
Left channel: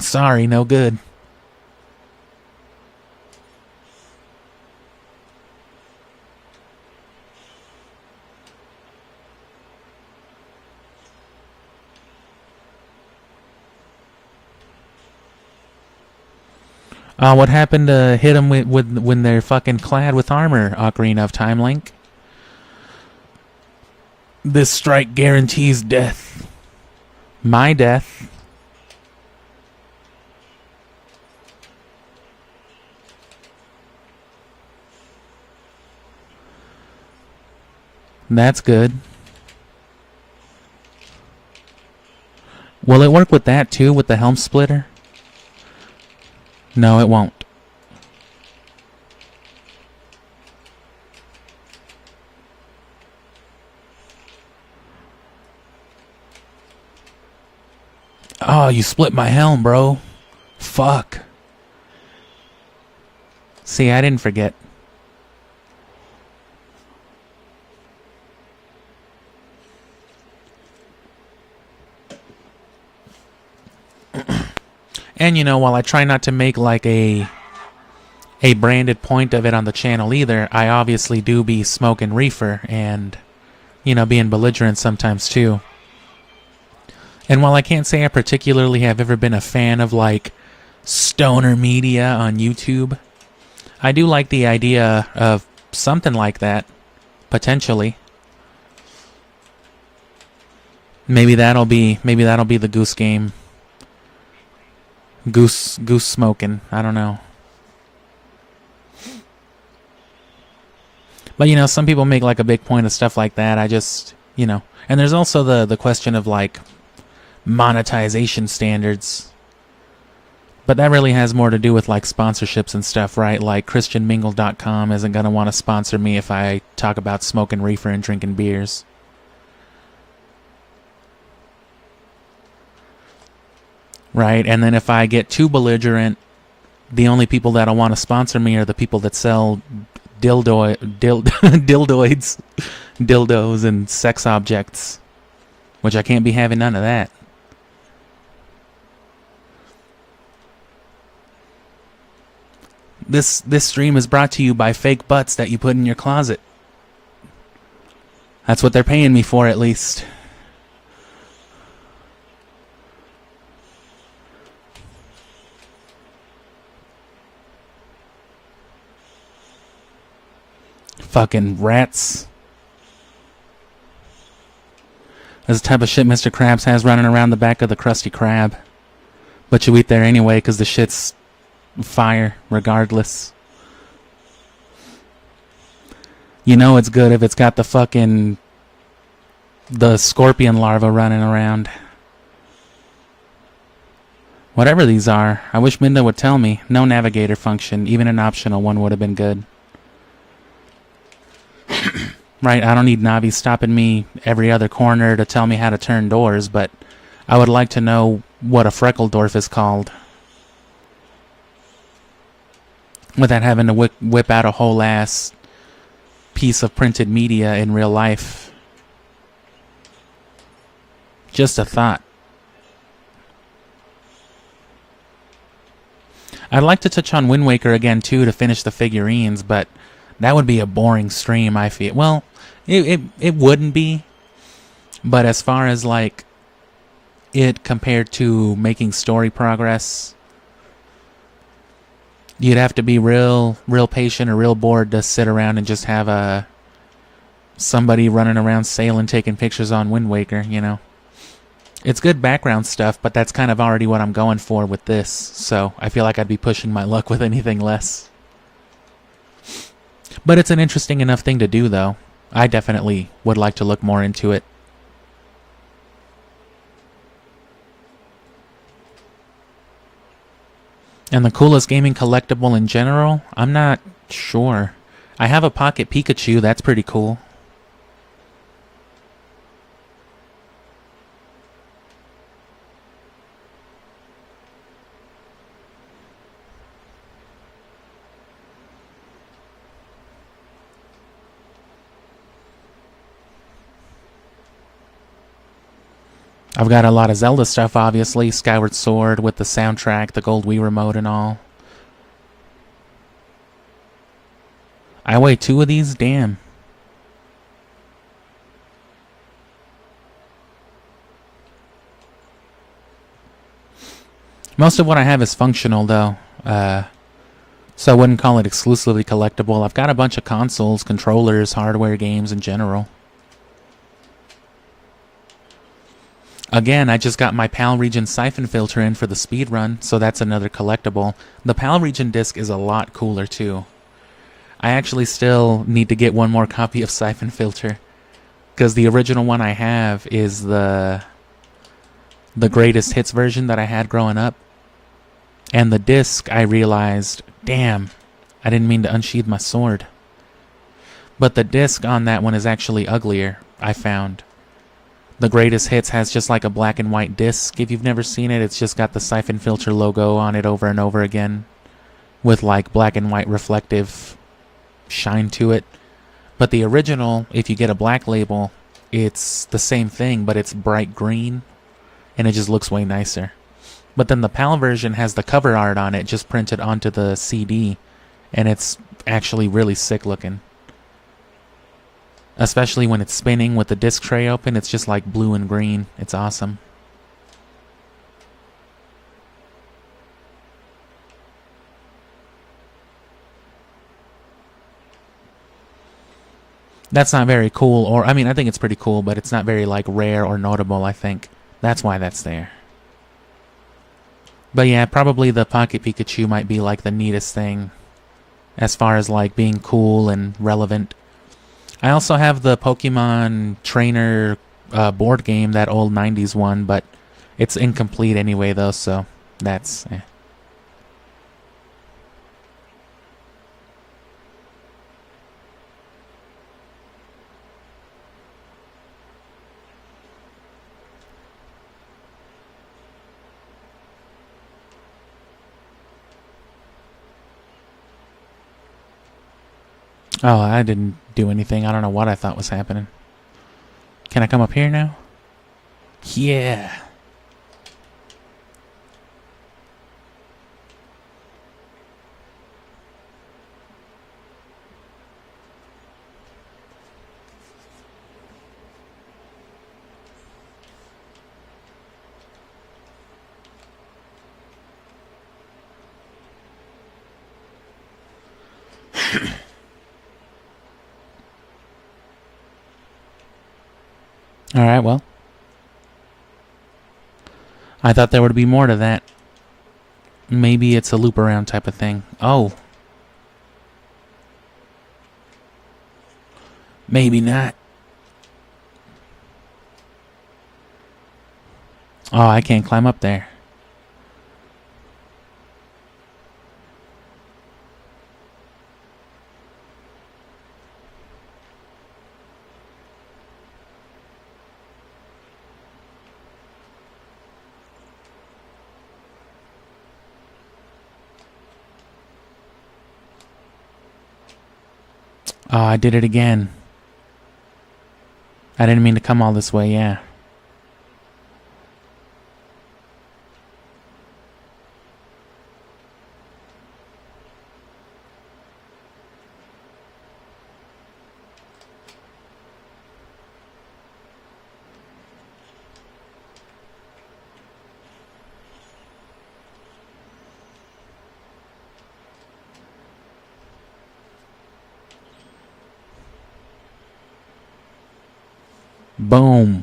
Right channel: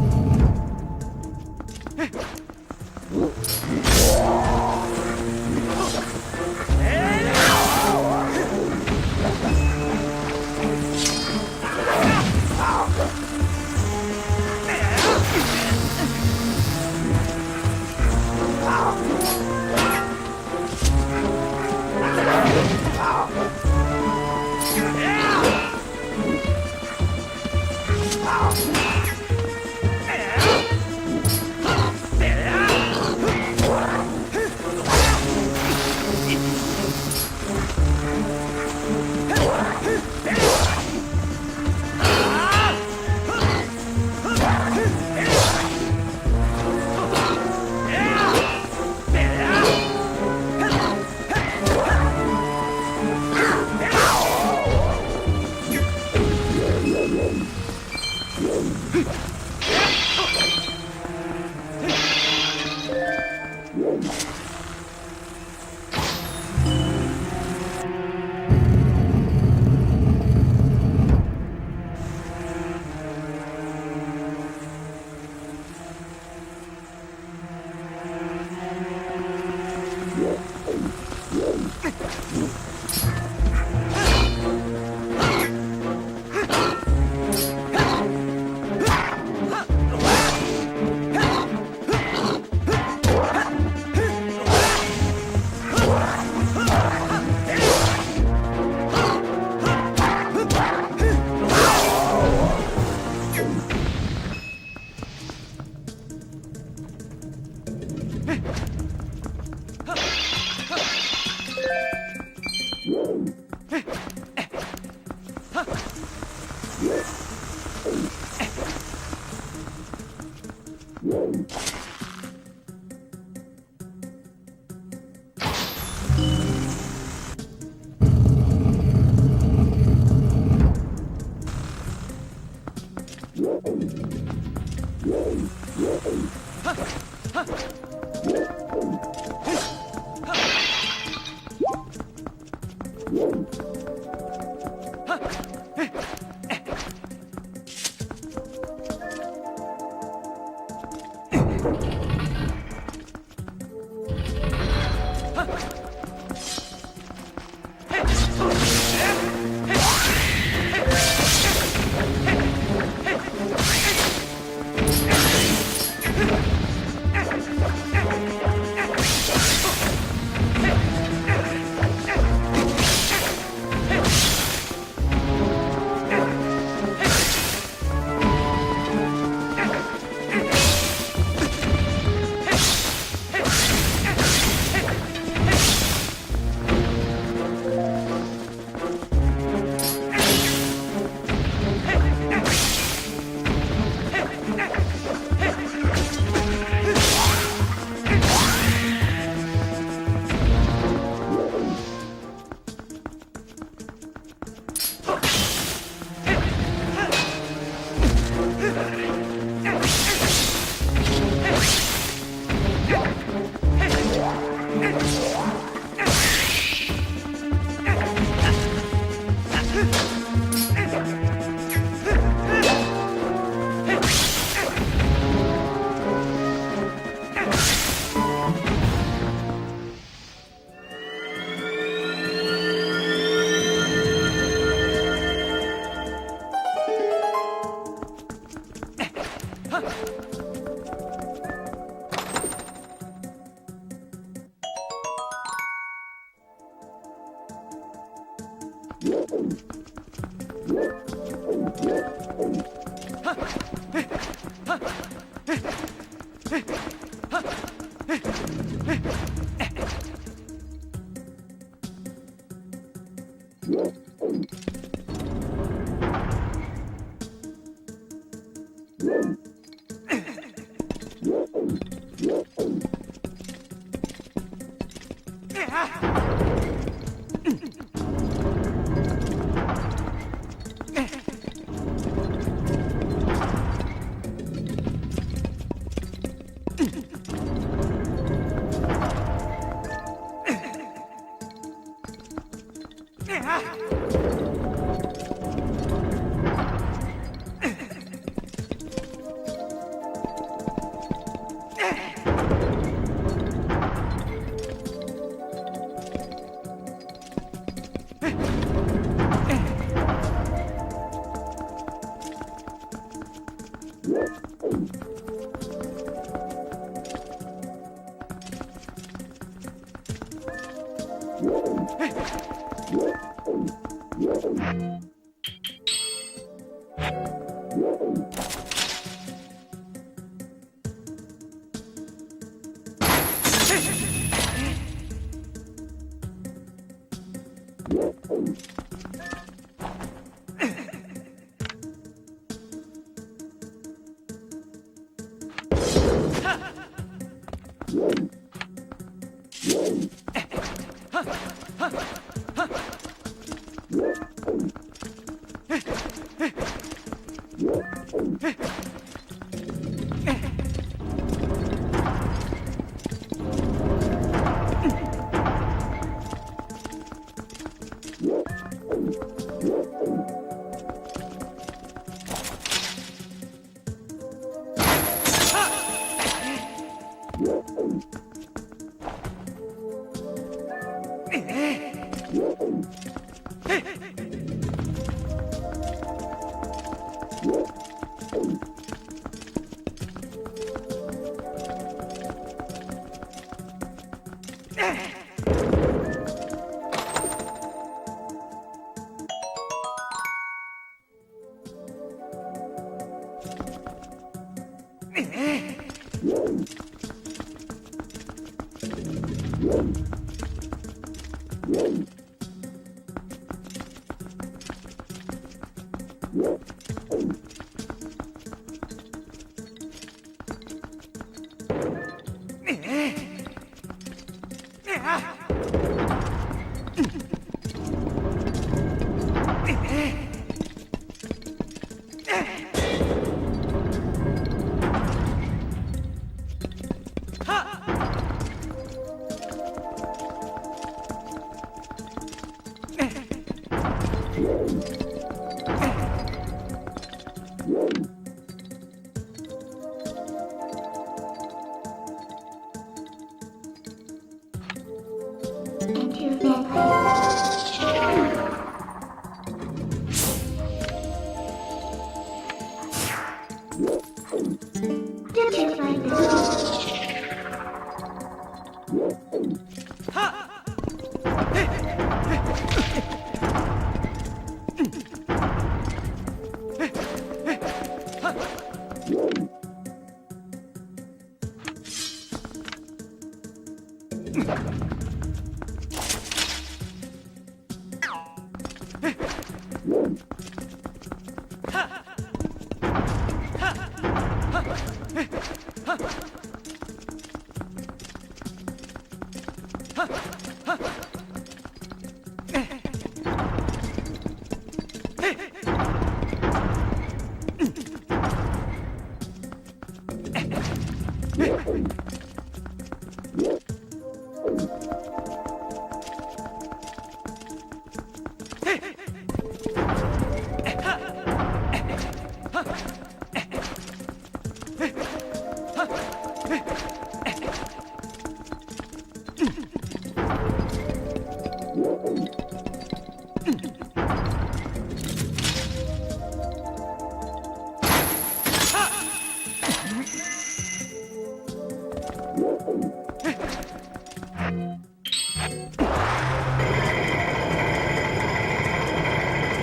Sorry, no good. What happened to hit them when they're fucking clad with armor, Ocarina of Time Link? This strike guarantees death. My death. That's good. Will it work with that too, with the helm splitter? No, it won't. Oh, you split my helm, bro. Fuck. See, I didn't forget. And you know, while I try not to make like a branded point of it on the channel either, I obviously do be smoking reefer and, you know, being belligerent sometimes too. And while I can't say I particularly have ever been a fan of like stoner media on YouTube, I do like the idea of something like that, potentially. Maybe that'll be the goose game. Goose smoking. I don't know. But you know, some people make like a big point of stuff like that. I just, you know. And there's also the question of like monetization standards. But that really has more to do with like sponsorships and stuff, right? Like ChristianMingle.com isn't gonna want to sponsor me if I talk about smoking reefer and drinking beers. Right, and then if I get too belligerent, the only people that'll want to sponsor me are the people that sell dildos and sex objects, which I can't be having none of that. This stream is brought to you by fake butts that you put in your closet. That's what they're paying me for, at least. Fucking rats. This is the type of shit Mr. Krabs has running around the back of the Krusty Krab. But you eat there anyway because the shit's fire regardless. You know it's good if it's got the scorpion larva running around. Whatever these are, I wish Minda would tell me. No navigator function, even an optional one would have been good. Right, I don't need Navi stopping me every other corner to tell me how to turn doors, but I would like to know what a Freckledorf is called. Without having to whip out a whole ass piece of printed media in real life. Just a thought. I'd like to touch on Wind Waker again too to finish the figurines, but that would be a boring stream, I feel. Well, it wouldn't be, but as far as like it compared to making story progress, you'd have to be real patient or real bored to sit around and just have somebody running around sailing, taking pictures on Wind Waker, you know. It's good background stuff, but that's kind of already what I'm going for with this, so I feel like I'd be pushing my luck with anything less. But it's an interesting enough thing to do, though. I definitely would like to look more into it. And the coolest gaming collectible in general? I'm not sure. I have a pocket Pikachu. That's pretty cool. I've got a lot of Zelda stuff, obviously. Skyward Sword with the soundtrack, the gold Wii remote and all. I weigh 2 of these? Damn. Most of what I have is functional, though. So I wouldn't call it exclusively collectible. I've got a bunch of consoles, controllers, hardware, games in general. Again, I just got my PAL Region Siphon Filter in for the speed run, so that's another collectible. The PAL Region disc is a lot cooler, too. I actually still need to get one more copy of Siphon Filter, because the original one I have is the greatest hits version that I had growing up. And the disc, I realized, damn, I didn't mean to unsheath my sword. But the disc on that one is actually uglier, I found. The greatest hits has just like a black and white disc. If you've never seen it, it's just got the Siphon Filter logo on it over and over again, with like black and white reflective shine to it. But the original, if you get a black label, it's the same thing, but it's bright green, and it just looks way nicer. But then the PAL version has the cover art on it, just printed onto the CD, and it's actually really sick looking. Especially when it's spinning with the disc tray open, it's just like blue and green. It's awesome. That's not very cool, or I mean, I think it's pretty cool, but it's not very like rare or notable, I think. That's why that's there. But yeah, probably the Pocket Pikachu might be like the neatest thing as far as like being cool and relevant. I also have the Pokemon Trainer board game, that old 90s one, but it's incomplete anyway though, so that's... Oh, I didn't do anything. I don't know what I thought was happening. Can I come up here now? Yeah. Alright, well. I thought there would be more to that. Maybe it's a loop around type of thing. Oh. Maybe not. Oh, I can't climb up there. Oh, I did it again. I didn't mean to come all this way, yeah. Boom.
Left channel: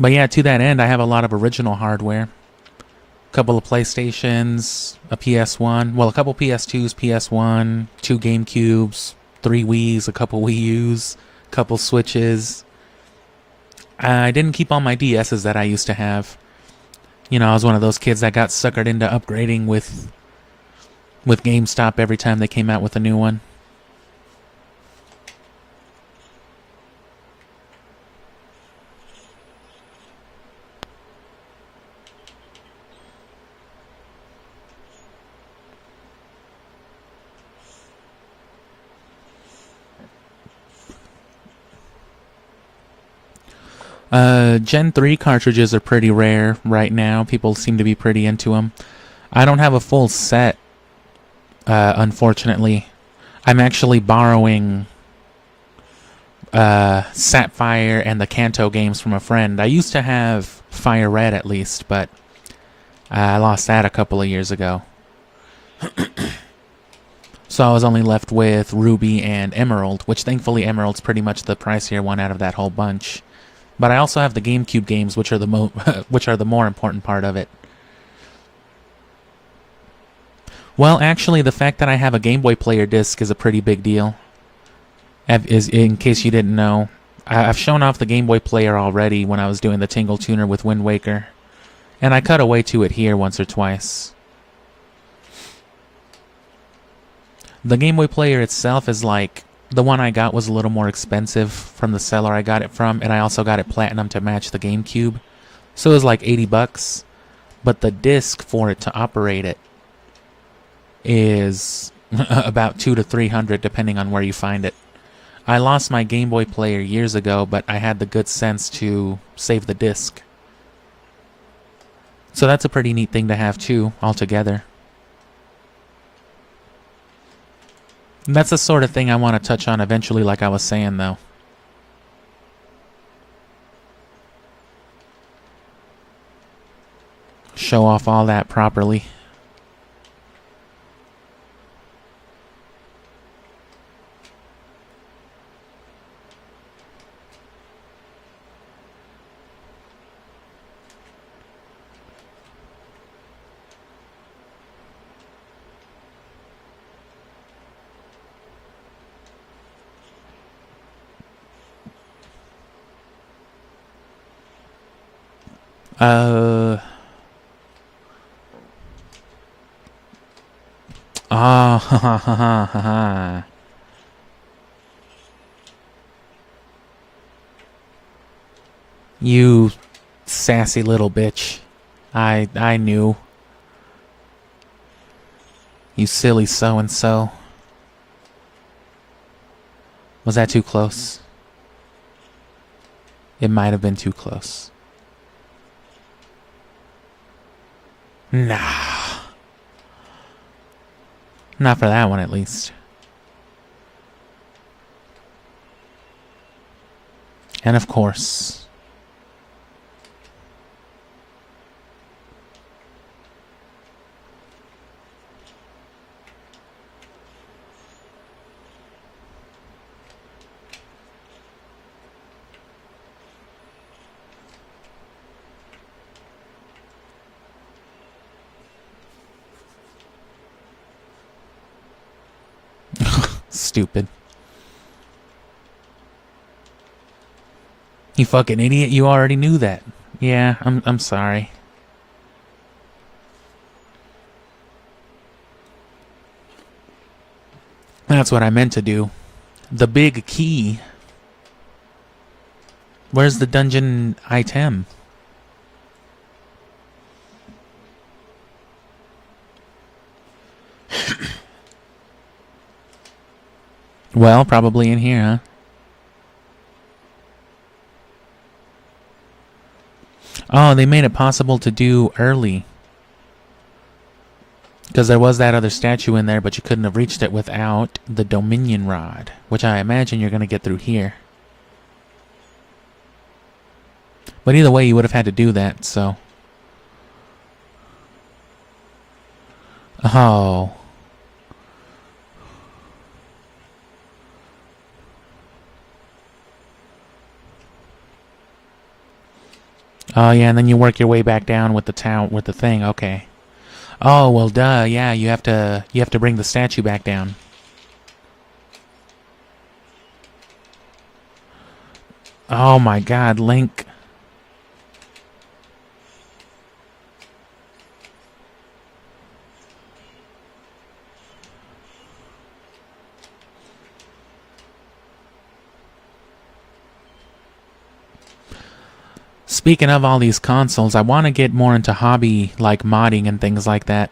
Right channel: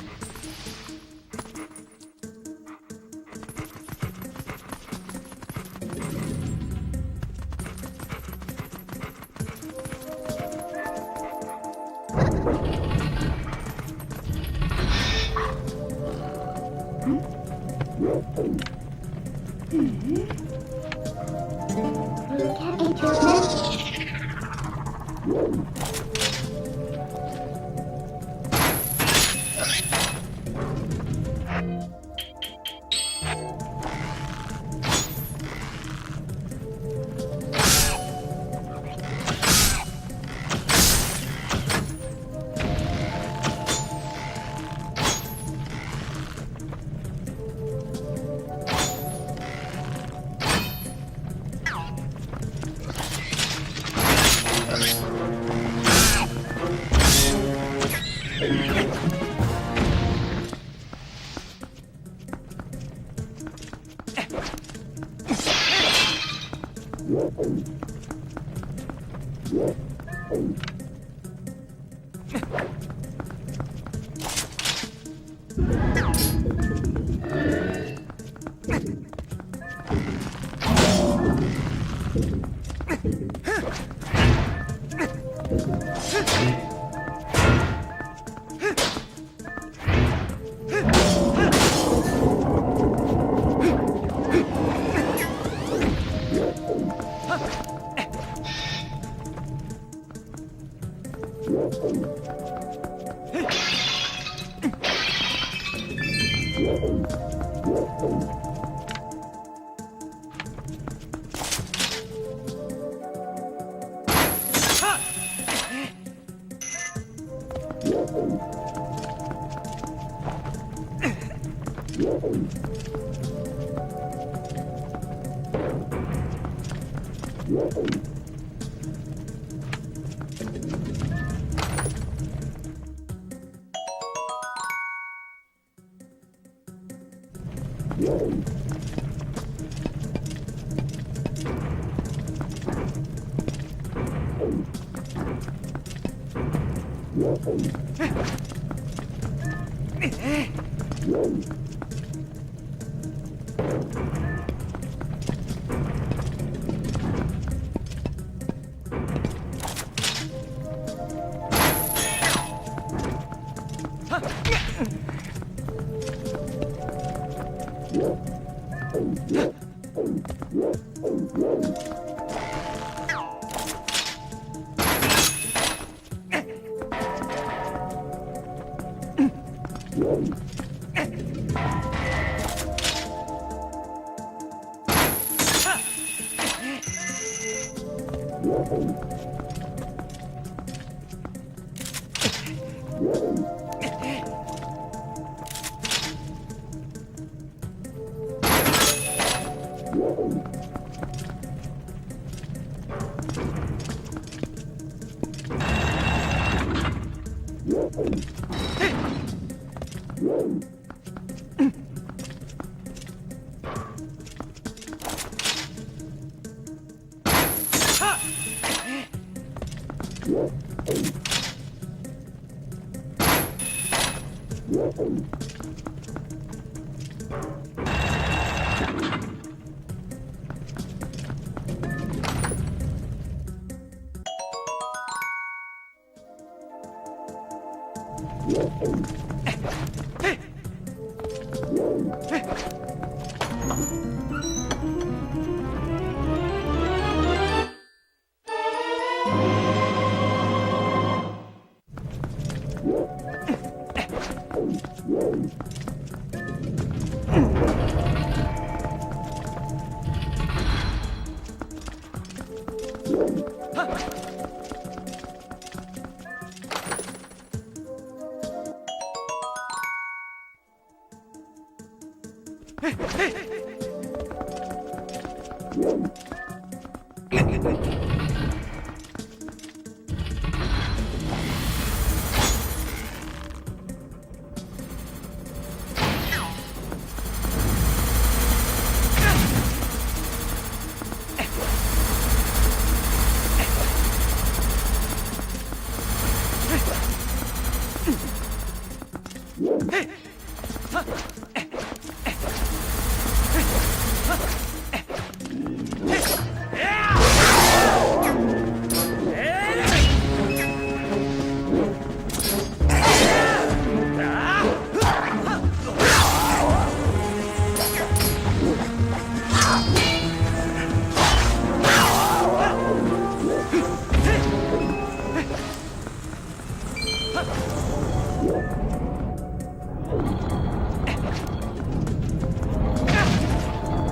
But yeah, to that end, I have a lot of original hardware. A couple of PlayStations, a PS1, well, a couple PS2s, PS1, 2 GameCubes, 3 Wiis, a couple Wii U's, a couple Switches. I didn't keep all my DSs that I used to have. You know, I was one of those kids that got suckered into upgrading with GameStop every time they came out with a new one. Gen 3 cartridges are pretty rare right now. People seem to be pretty into them. I don't have a full set, unfortunately. I'm actually borrowing Sapphire and the Kanto games from a friend. I used to have Fire Red at least, but I lost that a couple of years ago. So I was only left with Ruby and Emerald, which thankfully Emerald's pretty much the pricier one out of that whole bunch. But I also have the GameCube games, which are the more important part of it. Well, actually, the fact that I have a Game Boy Player disc is a pretty big deal. In case you didn't know, I've shown off the Game Boy Player already when I was doing the Tingle Tuner with Wind Waker, and I cut away to it here once or twice. The Game Boy Player itself is like, the one I got was a little more expensive from the seller I got it from, and I also got it platinum to match the GameCube. So it was like $80, but the disc for it to operate it is about $200 to $300 depending on where you find it. I lost my Game Boy Player years ago, but I had the good sense to save the disc. So that's a pretty neat thing to have too, altogether. And that's the sort of thing I want to touch on eventually, like I was saying, though. Show off all that properly. Ah, ha ha ha ha ha. You sassy little bitch. I knew. You silly so-and-so. Was that too close? It might have been too close. Nah. Not for that one, at least. And of course. Stupid. You fucking idiot, you already knew that. Yeah, I'm sorry. That's what I meant to do. The big key. Where's the dungeon item? Well, probably in here, huh? Oh, they made it possible to do early. Because there was that other statue in there, but you couldn't have reached it without the Dominion Rod, which I imagine you're going to get through here. But either way, you would have had to do that, so... Oh... Oh yeah, and then you work your way back down with the town with the thing. Okay. Oh well, duh. Yeah, you have to bring the statue back down. Oh my God, Link. Speaking of all these consoles, I want to get more into hobby like modding and things like that.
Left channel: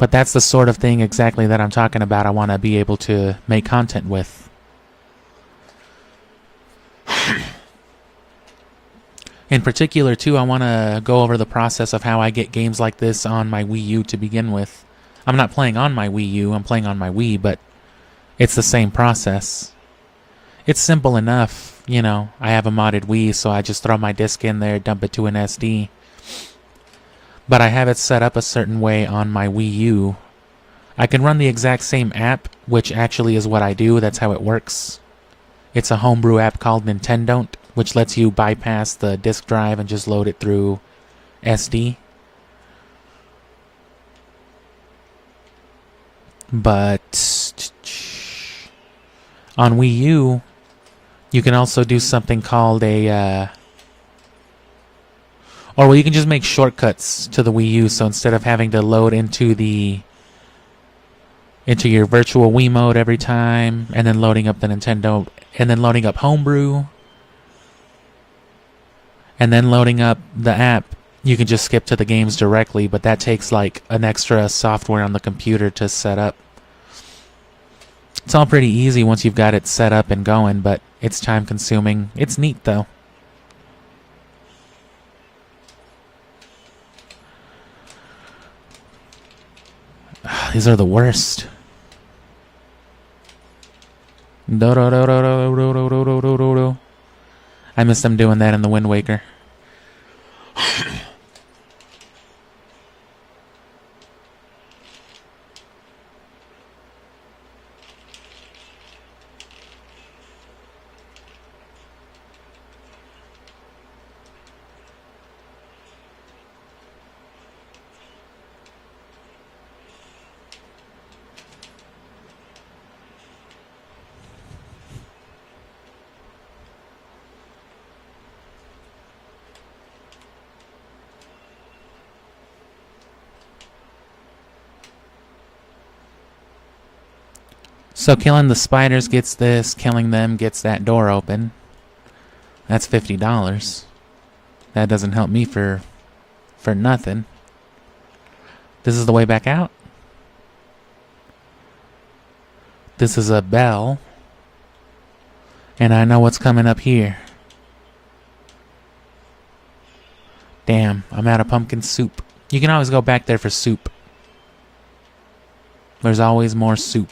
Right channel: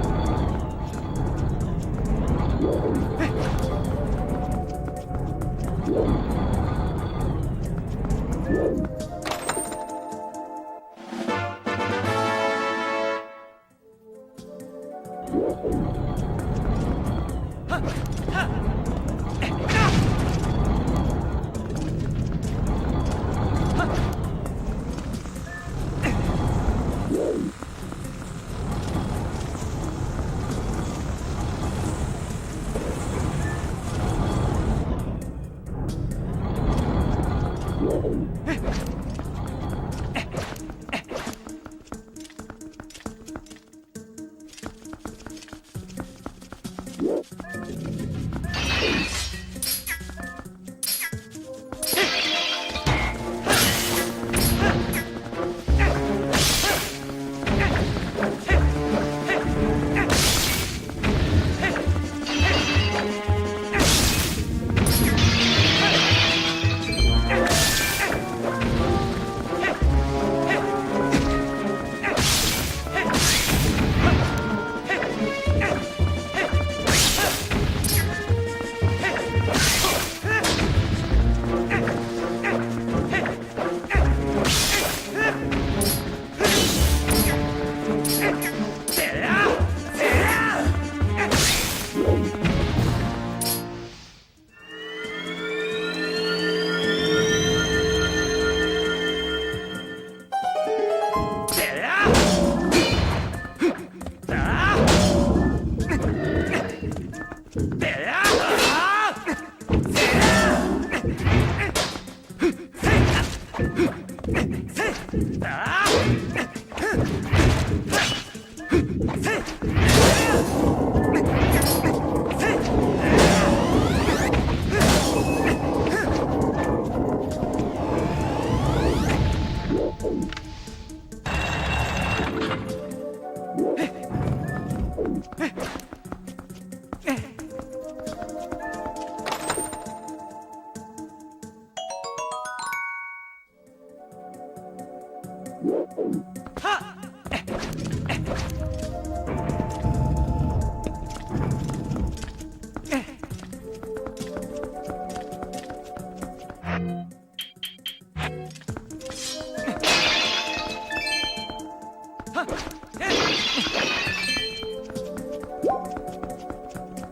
But that's the sort of thing exactly that I'm talking about I want to be able to make content with. In particular, too, I want to go over the process of how I get games like this on my Wii U to begin with. I'm not playing on my Wii U, I'm playing on my Wii, but it's the same process. It's simple enough. You know, I have a modded Wii, so I just throw my disc in there, dump it to an SD. But I have it set up a certain way on my Wii U. I can run the exact same app, which actually is what I do, that's how it works. It's a homebrew app called Nintendo, which lets you bypass the disk drive and just load it through SD. But on Wii U, you can also do something called or well, you can just make shortcuts to the Wii U. So instead of having to load into your virtual Wii mode every time, and then loading up the Nintendo, and then loading up Homebrew, and then loading up the app, you can just skip to the games directly. But that takes like an extra software on the computer to set up. It's all pretty easy once you've got it set up and going, but it's time consuming. It's neat though. These are the worst. I miss them doing that in the Wind Waker. So killing the spiders gets this, killing them gets that door open. That's $50. That doesn't help me for nothing. This is the way back out. This is a bell. And I know what's coming up here. Damn, I'm out of pumpkin soup. You can always go back there for soup. There's always more soup.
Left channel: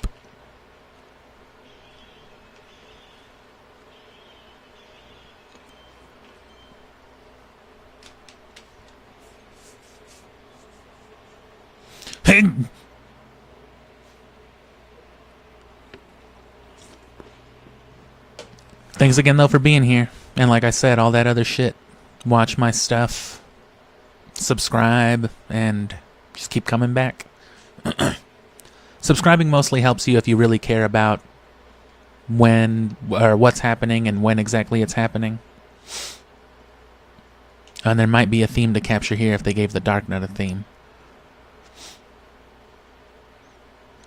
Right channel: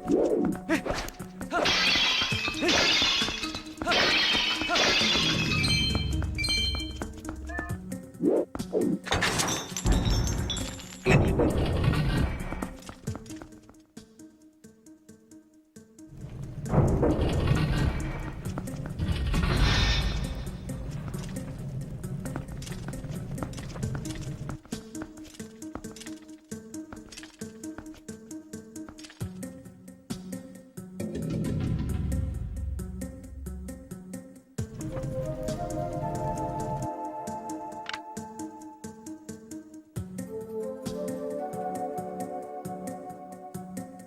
Thanks again though for being here. And like I said, all that other shit. Watch my stuff. Subscribe. And just keep coming back. Subscribing mostly helps you if you really care about when or what's happening and when exactly it's happening. And there might be a theme to capture here if they gave the Dark Knight a theme.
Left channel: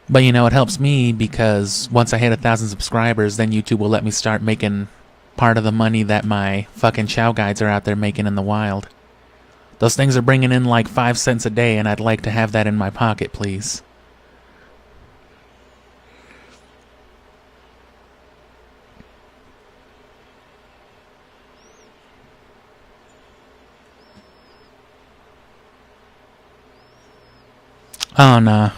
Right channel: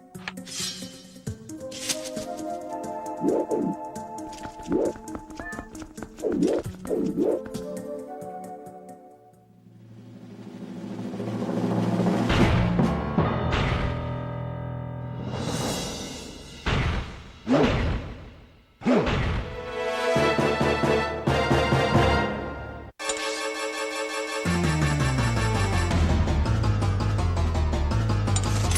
But you know, it helps me because once I hit 1,000 subscribers, then YouTube will let me start making part of the money that my fucking Chow Guides are out there making in the wild. Those things are bringing in like 5 cents a day, and I'd like to have that in my pocket, please. Oh, no.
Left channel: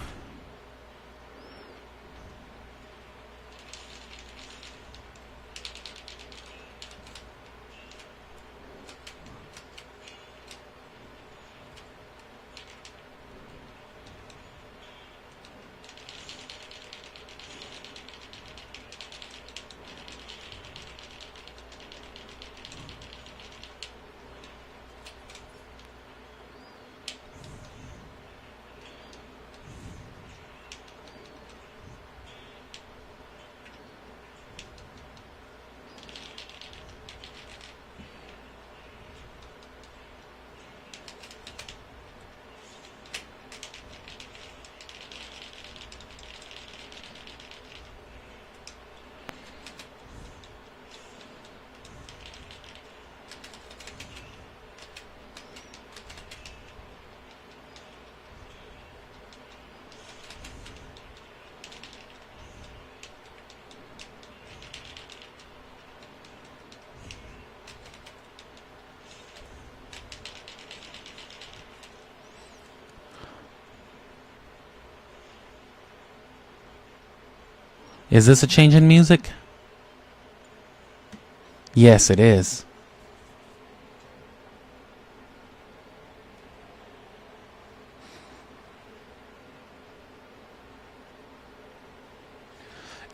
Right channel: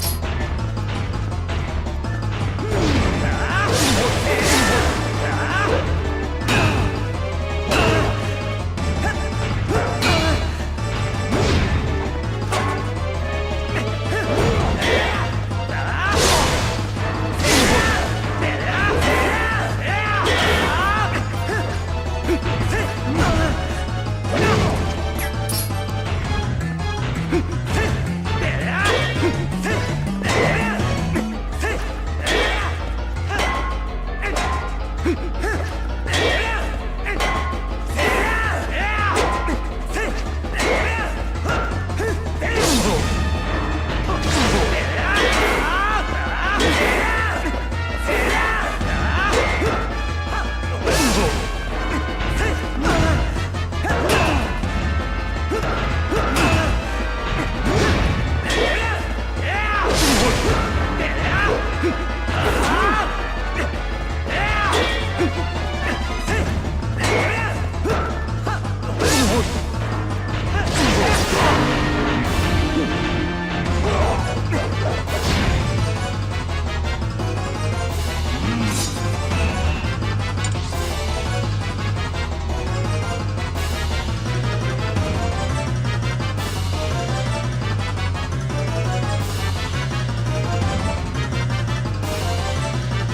Is this a change in music? Yes, it is.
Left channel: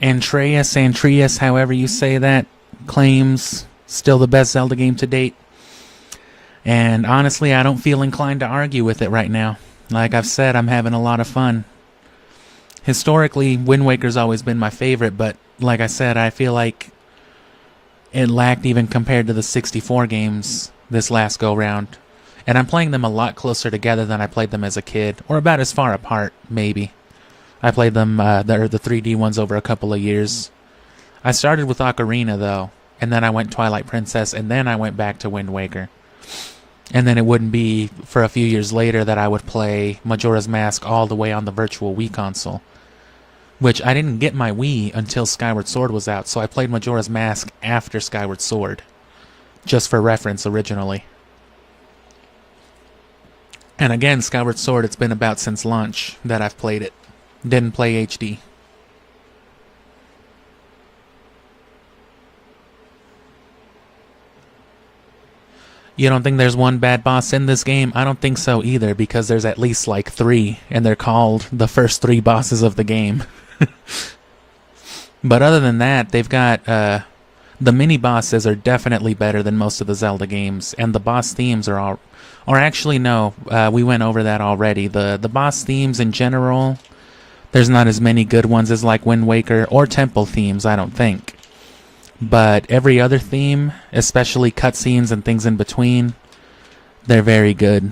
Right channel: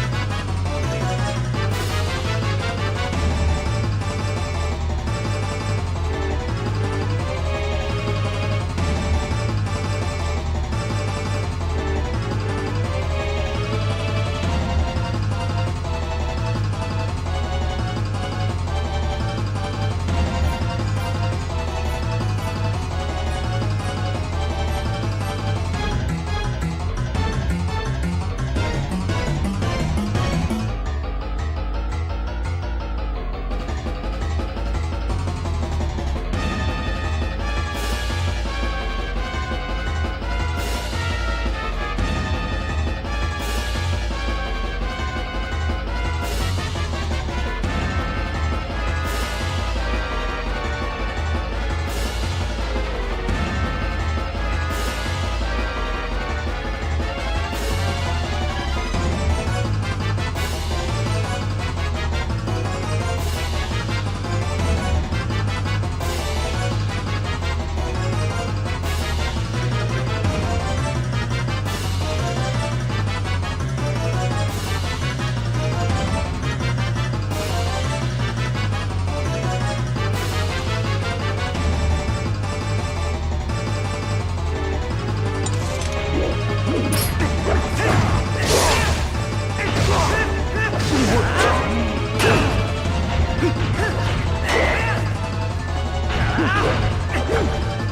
Andreas, however you say that, claims still the best Zelda game to date. And honestly, I don't feel inclined to argue with it right now. Like I've said, I'm having a lot of fun. Historically, Wind Waker's always been my favorite, but like I said, I feel like it lacked even compared to the 64 games this last go-round. And I'm playing them a lot closer together than I played them as a kid, or about as far apart, maybe. I played them, the 3D ones, over a couple of years. I started with Ocarina, though, and then I went Twilight Princess, and then I went back to Wind Waker. And then it wouldn't be for a few years later that I would play Majora's Mask all the way on the Virtual Wii console. Which I didn't get my Wii until Skyward Sword was out, so I played Majora's Mask after Skyward Sword. Just for reference, originally. And again, Skyward Sword, it's been about since launch that I've played it. Didn't play HD. You don't think there's one bad boss in this game? I don't think so either, because there's at least like 3, and they're called the first 3 bosses of the game. But other than that, they've got, the mini-bosses are definitely better than most of the Zelda games, and the boss themes are all... Or actually, no, we went over that already. The boss themes in general, there's not as many good ones as like Wind Waker or temple themes, I don't think. But every other theme, especially cutscenes and things in between, they're very good.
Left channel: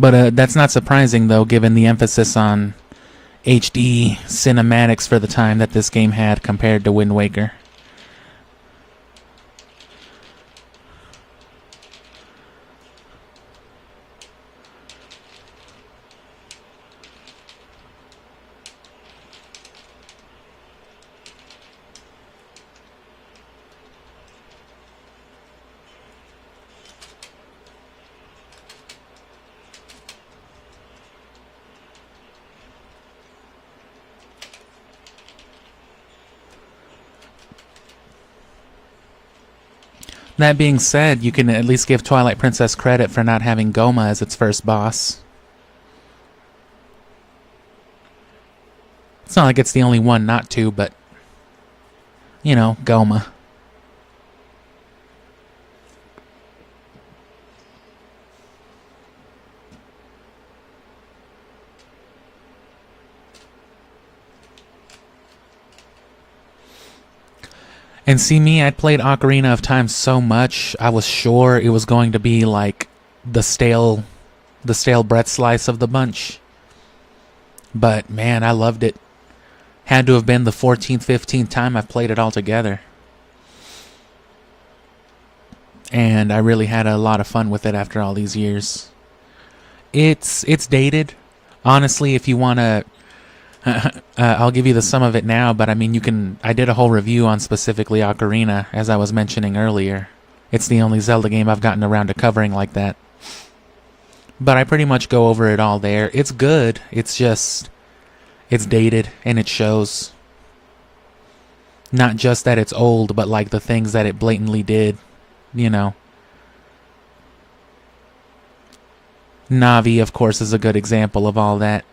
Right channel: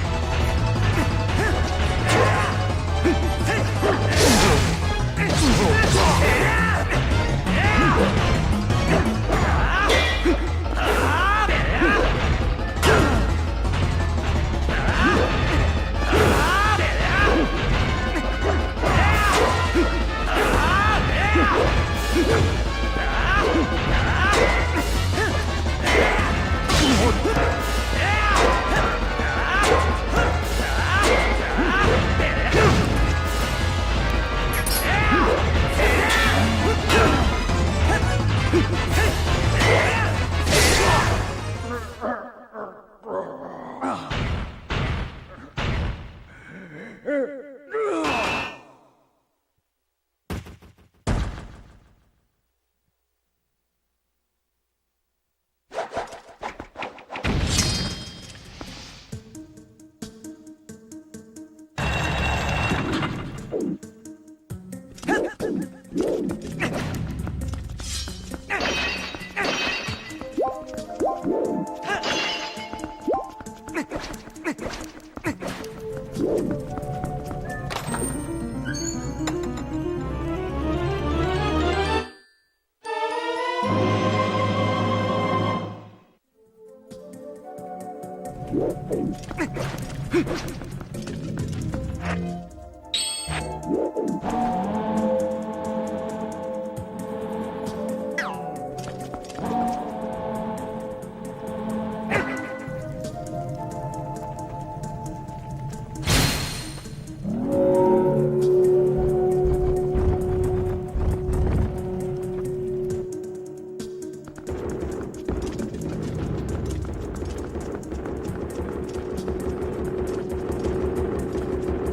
But that's not surprising, though, given the emphasis on HD cinematics for the time that this game had compared to Wind Waker. That being said, you can at least give Twilight Princess credit for not having Goma as its first boss. It's not like it's the only one not to, but, you know, Goma. And see me, I played Ocarina of Time so much, I was sure it was going to be like the stale bread slice of the bunch. But man, I loved it. Had to have been the 14th, 15th time I've played it all together. And I really had a lot of fun with it after all these years. It's dated. Honestly, if you want to... I'll give you the sum of it now, but I mean, I did a whole review on specifically Ocarina, as I was mentioning earlier. It's the only Zelda game I've gotten around to covering like that. But I pretty much go over it all there. It's good, it's just... it's dated, and it shows. Not just that it's old, but like the things that it blatantly did, you know. Navi, of course, is a good example of all that.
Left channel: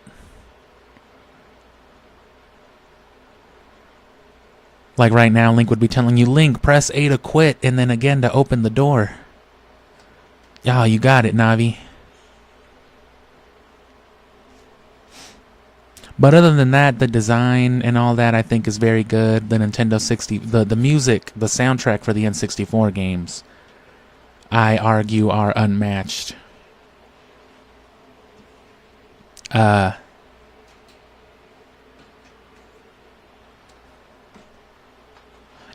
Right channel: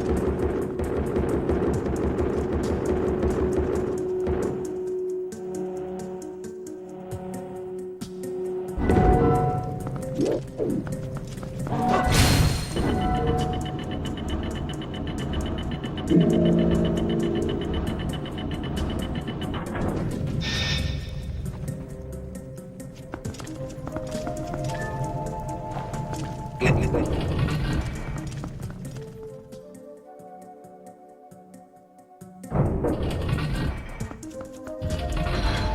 Like right now, Link would be telling you, Link, press A to quit, and then again to open the door. Oh, you got it, Navi. But other than that, the design and all that I think is very good. The Nintendo 60, the music, the soundtrack for the N64 games, I argue are unmatched.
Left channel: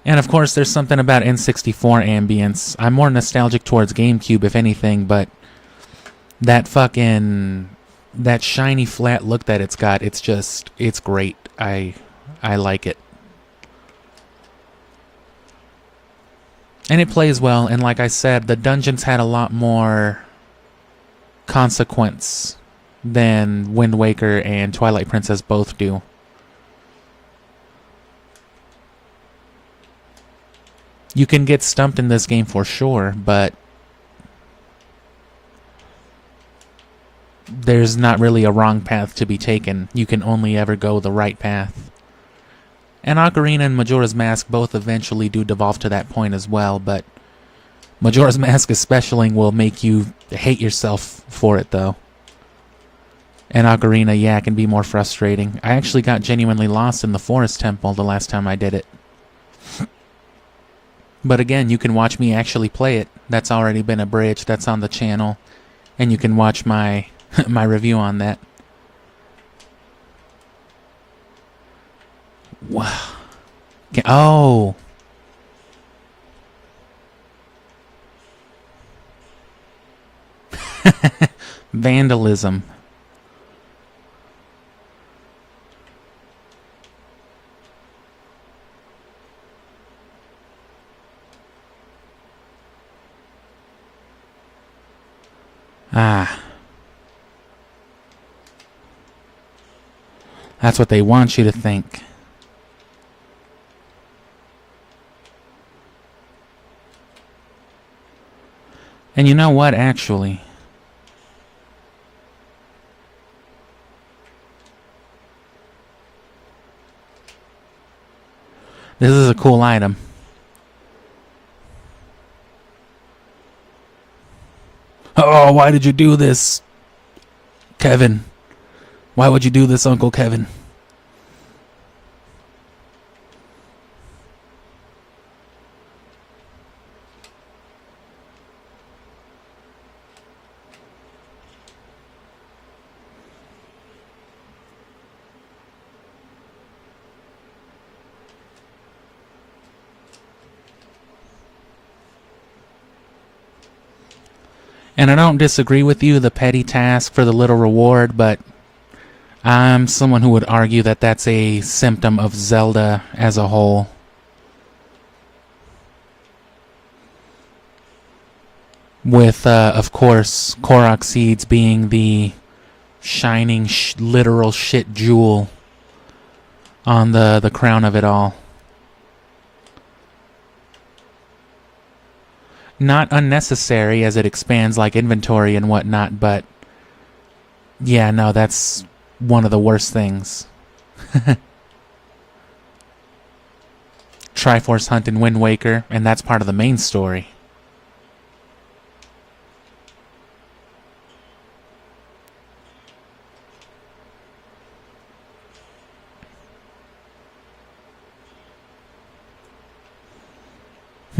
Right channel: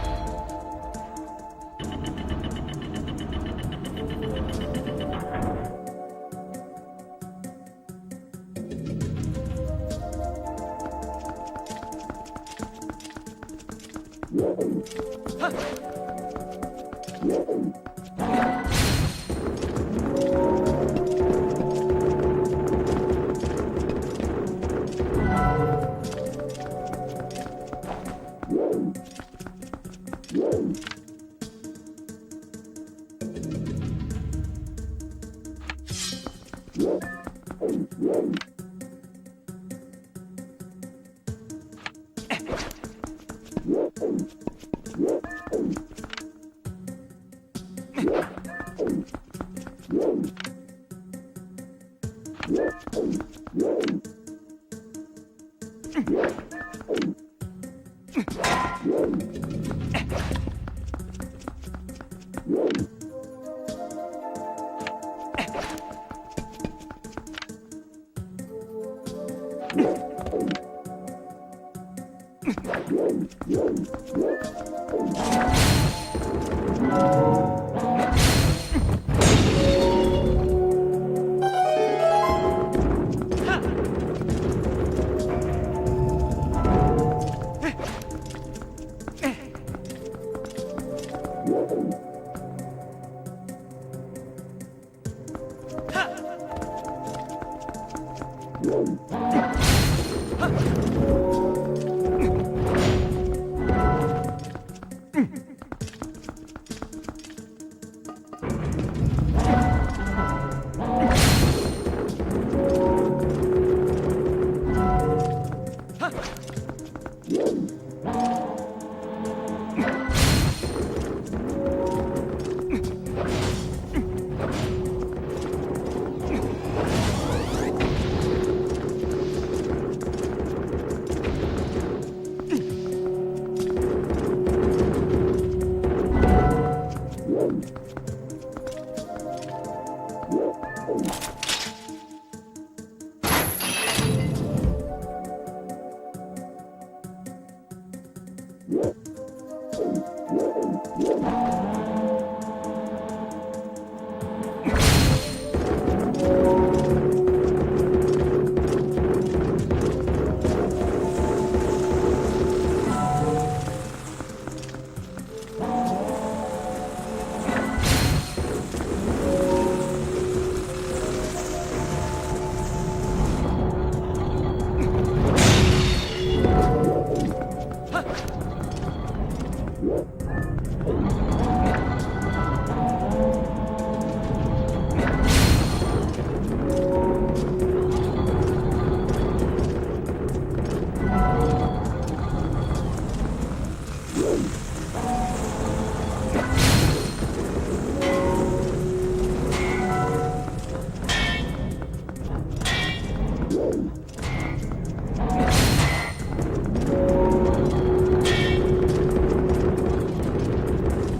And of course, there's something about N64 ambience. I'm more nostalgic towards GameCube, if anything, but that shiny flat look that it's got, it's great. I like it. And it plays well, and like I said, the dungeons had a lot more consequence than Wind Waker and Twilight Princess both do. You can get stumped in this game for sure, but there's not really a wrong path to be taken. You can only ever go the right path. And Ocarina and Majora's Mask both eventually do devolve to that point as well, but Majora's Mask especially will make you hate yourself for it, though. And Ocarina, yeah, can be more frustrating. I actually got genuinely lost in the Forest Temple the last time I did it. But again, you can watch me actually play it. That's already been abridged. That's on the channel. And you can watch my my review on that. Wow. Okay. Oh. Vandalism. Ah. That's what they want you to think. And you know what, actually? This is a cool item. Oh, why did you do this, Kevin? Why would you do this, Uncle Kevin? And I don't disagree with you, the petty task for the little reward, but I'm someone who would argue that that's a symptom of Zelda as a whole. With, of course, Korok Seeds being the shining, literal shit jewel on the crown of it all. Not unnecessary as it expands like inventory and whatnot, but yeah, no, that's one of the worst things. Triforce Hunt in Wind Waker, and that's part of the main story.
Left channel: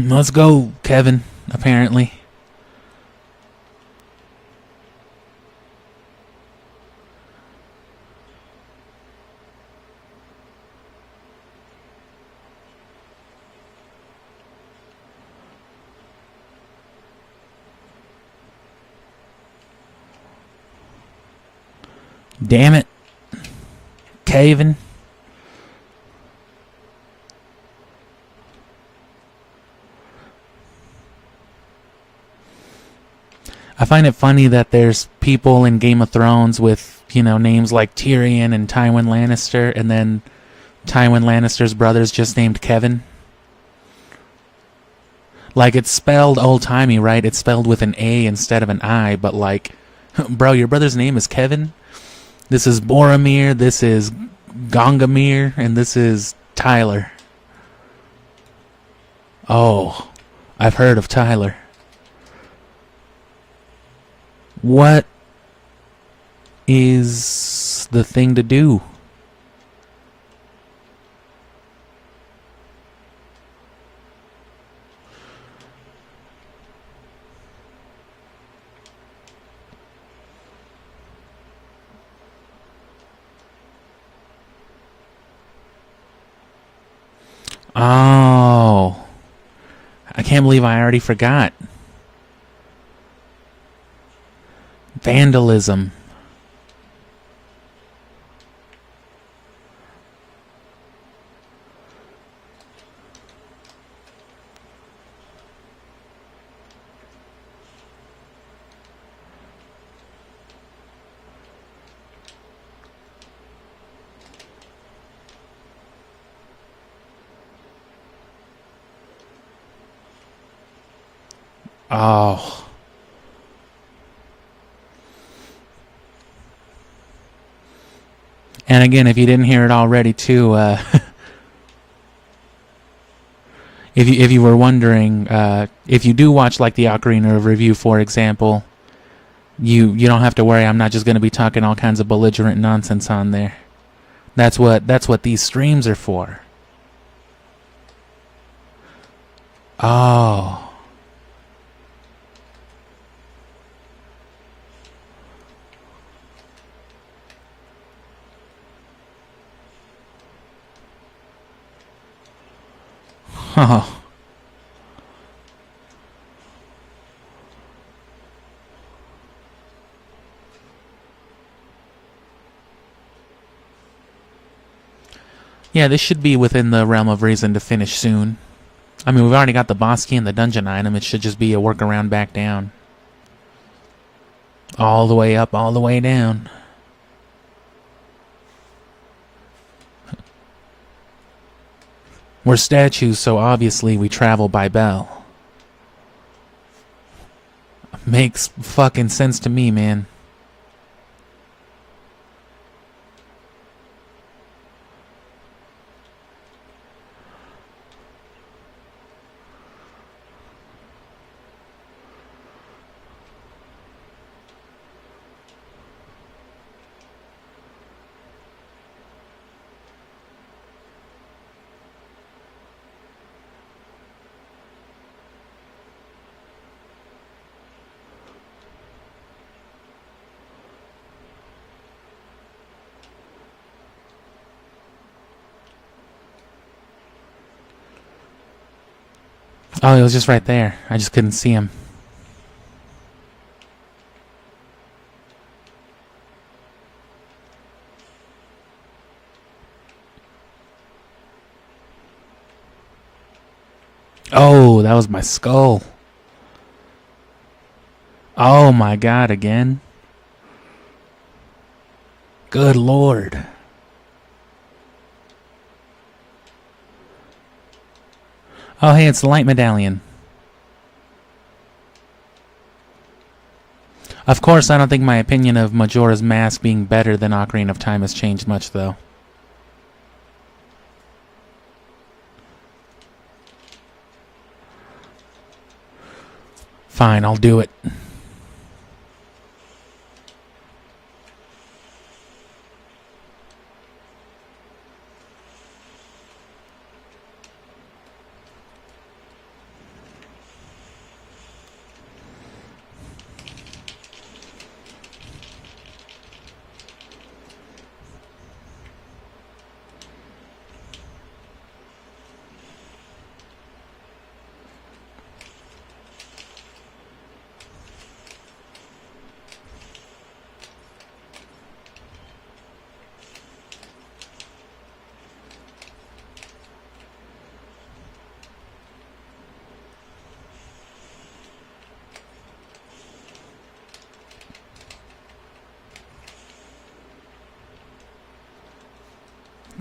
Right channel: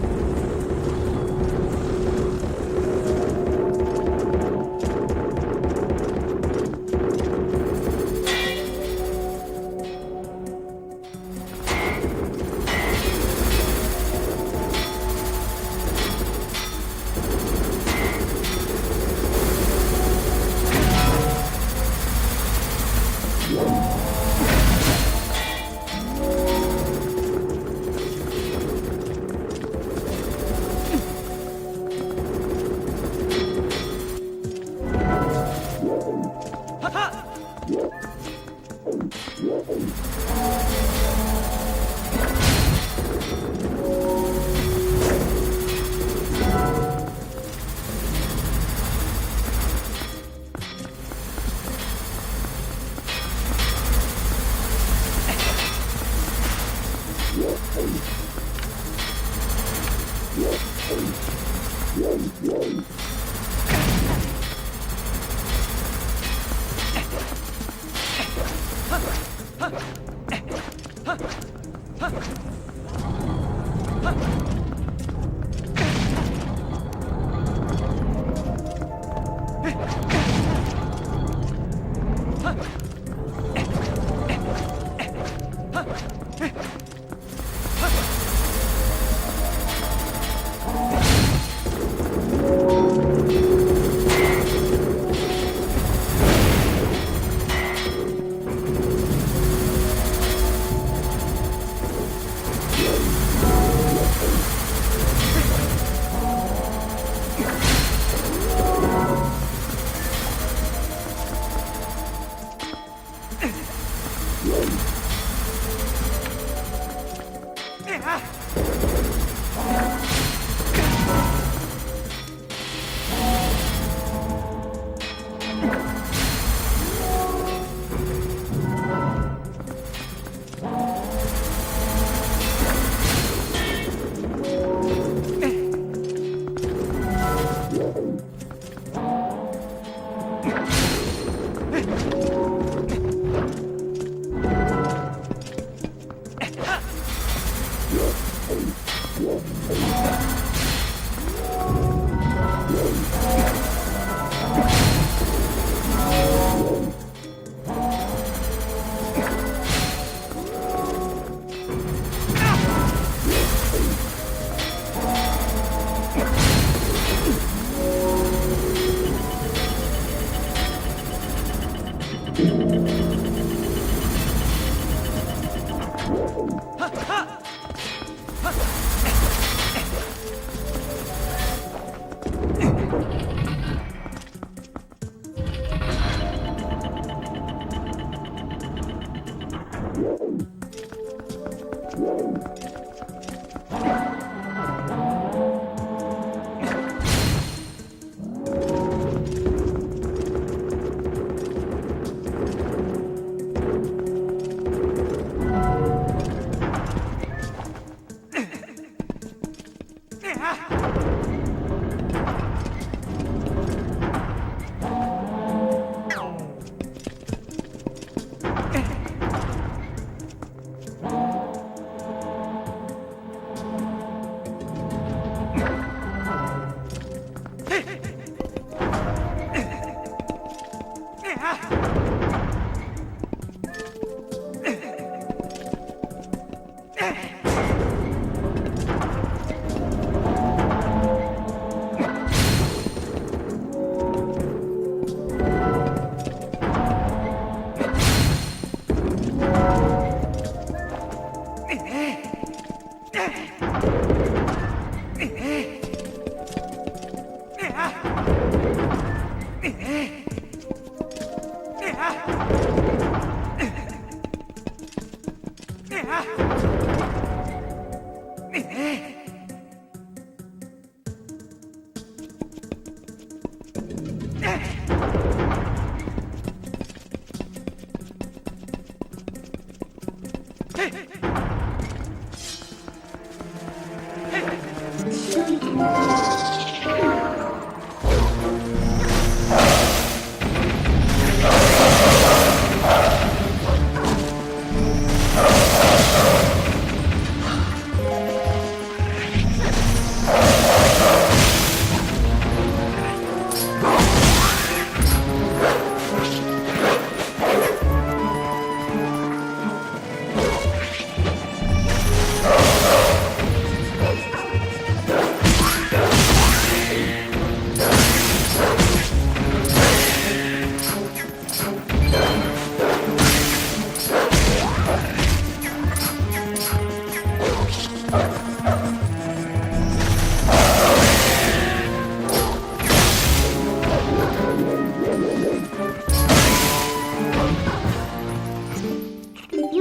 Let's go, Kevin, apparently. Damn it. Kevin. I find it funny that there's people in Game of Thrones with, you know, names like Tyrion and Tywin Lannister, and then Tywin Lannister's brother's just named Kevin. Like, it's spelled old-timey, right? It's spelled with an A instead of an I, but like, bro, your brother's name is Kevin? This is Boromir, this is Gongamir, and this is Tyler. Oh, I've heard of Tyler. What is the thing to do. Oh, I can't believe I already forgot. Vandalism. Oh. And again, if you didn't hear it already, too, if you were wondering, if you do watch like the Ocarina review, for example, you don't have to worry. I'm not just going to be talking all kinds of belligerent nonsense on there. That's what these streams are for. Oh. Oh. Yeah, this should be within the realm of reason to finish soon. I mean, we've already got the boss key and the dungeon item. It should just be a workaround back down. All the way up, all the way down. We're statues, so obviously we travel by bell. Makes fucking sense to me, man. Oh, he was just right there. I just couldn't see him. Oh, that was my skull. Oh my god, again. Good lord. Oh, hey, it's the light medallion. Of course, I don't think my opinion of Majora's Mask being better than Ocarina of Time has changed much, though. Fine, I'll do it.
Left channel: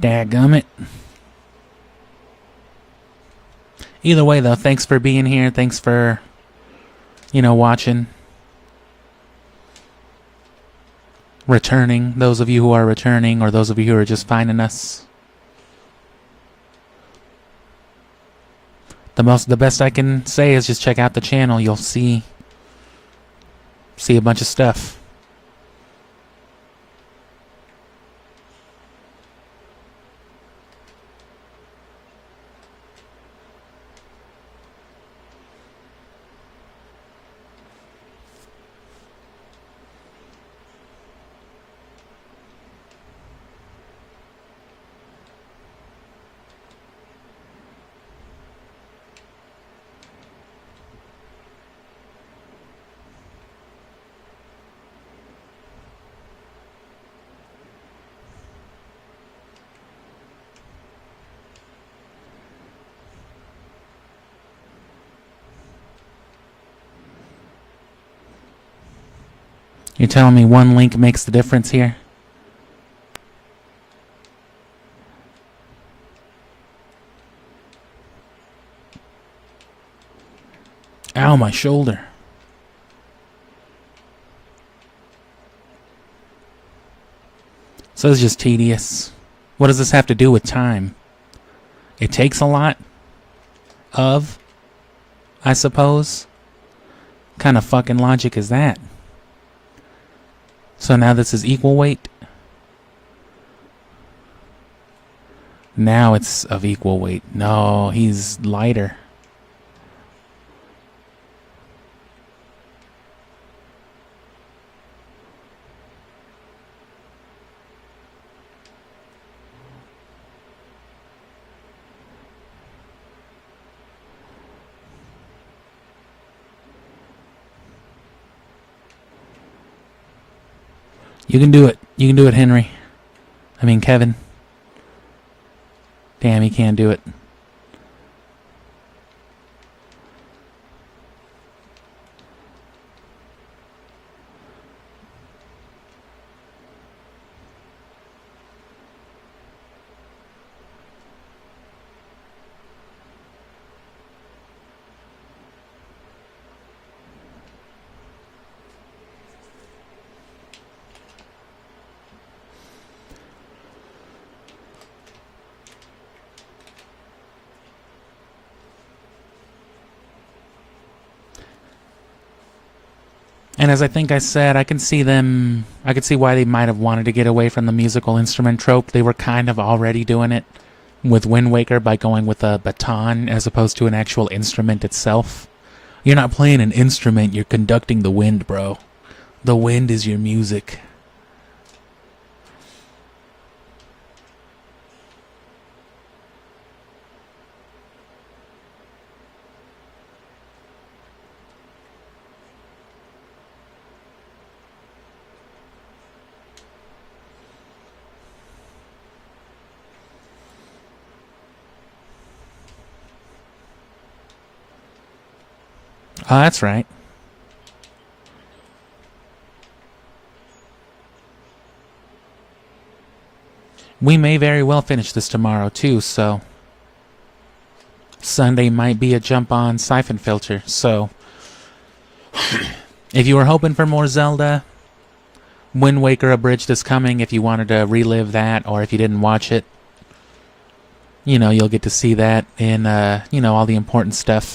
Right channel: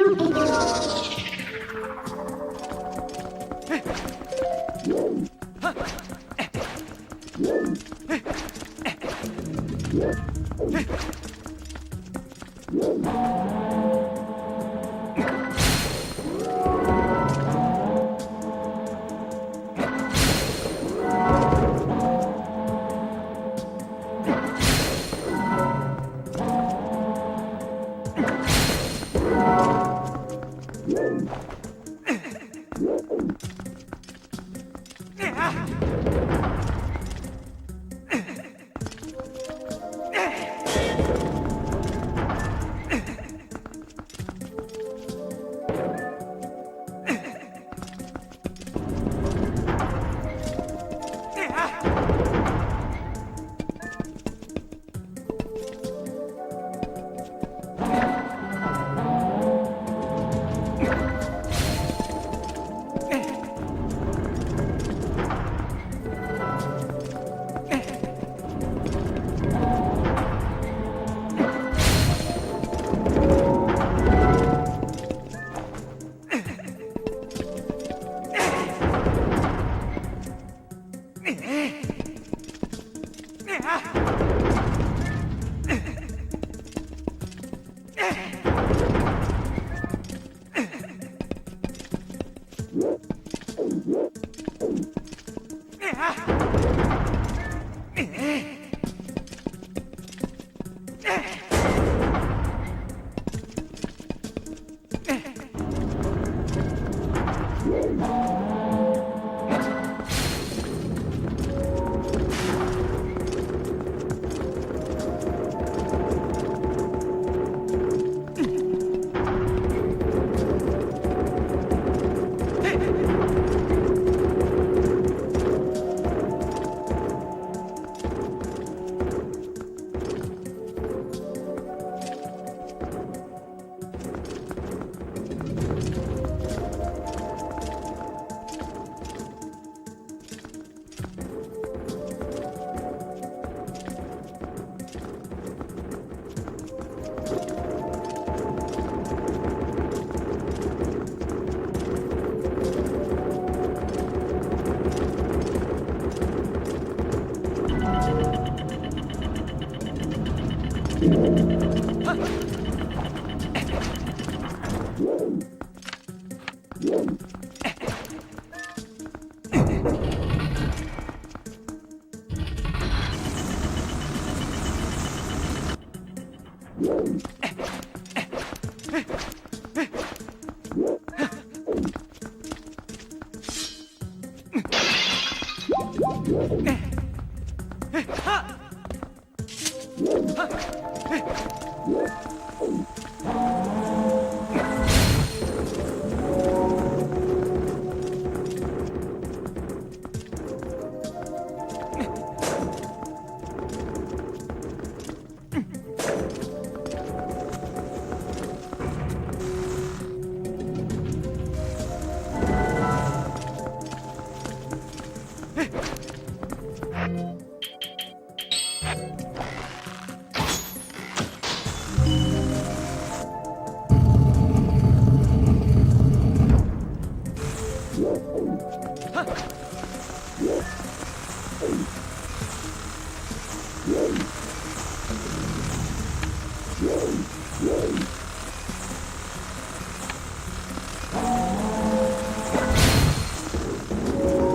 Dadgummit. Either way, though, thanks for being here. Thanks for, watching. Returning. Those of you who are returning, or those of you who are just finding us. The best I can say is just check out the channel. You'll see a bunch of stuff. You're telling me one link makes the difference here? Ow, my shoulder. So it's just tedious. What does this have to do with time? It takes a lot of, I suppose. What kind of fucking logic is that? So now this is equal weight? Now it's of equal weight. No, he's lighter. You can do it. You can do it, Henry. I mean, Kevin. Damn, he can't do it. And as I think I said, I can see why they might have wanted to get away from the musical instrument trope. They were kind of already doing it with Wind Waker by going with a baton as opposed to an actual instrument itself. You're not playing an instrument, you're conducting the wind, bro. The wind is your music. Oh, that's right. We may very well finish this tomorrow too, so Sunday might be a jump on Siphon Filter. So if you were hoping for more Zelda, Wind Waker Abridged is coming. If you wanted to relive that, or if you didn't watch it, you know, you'll get to see that in, you know, all the important stuff.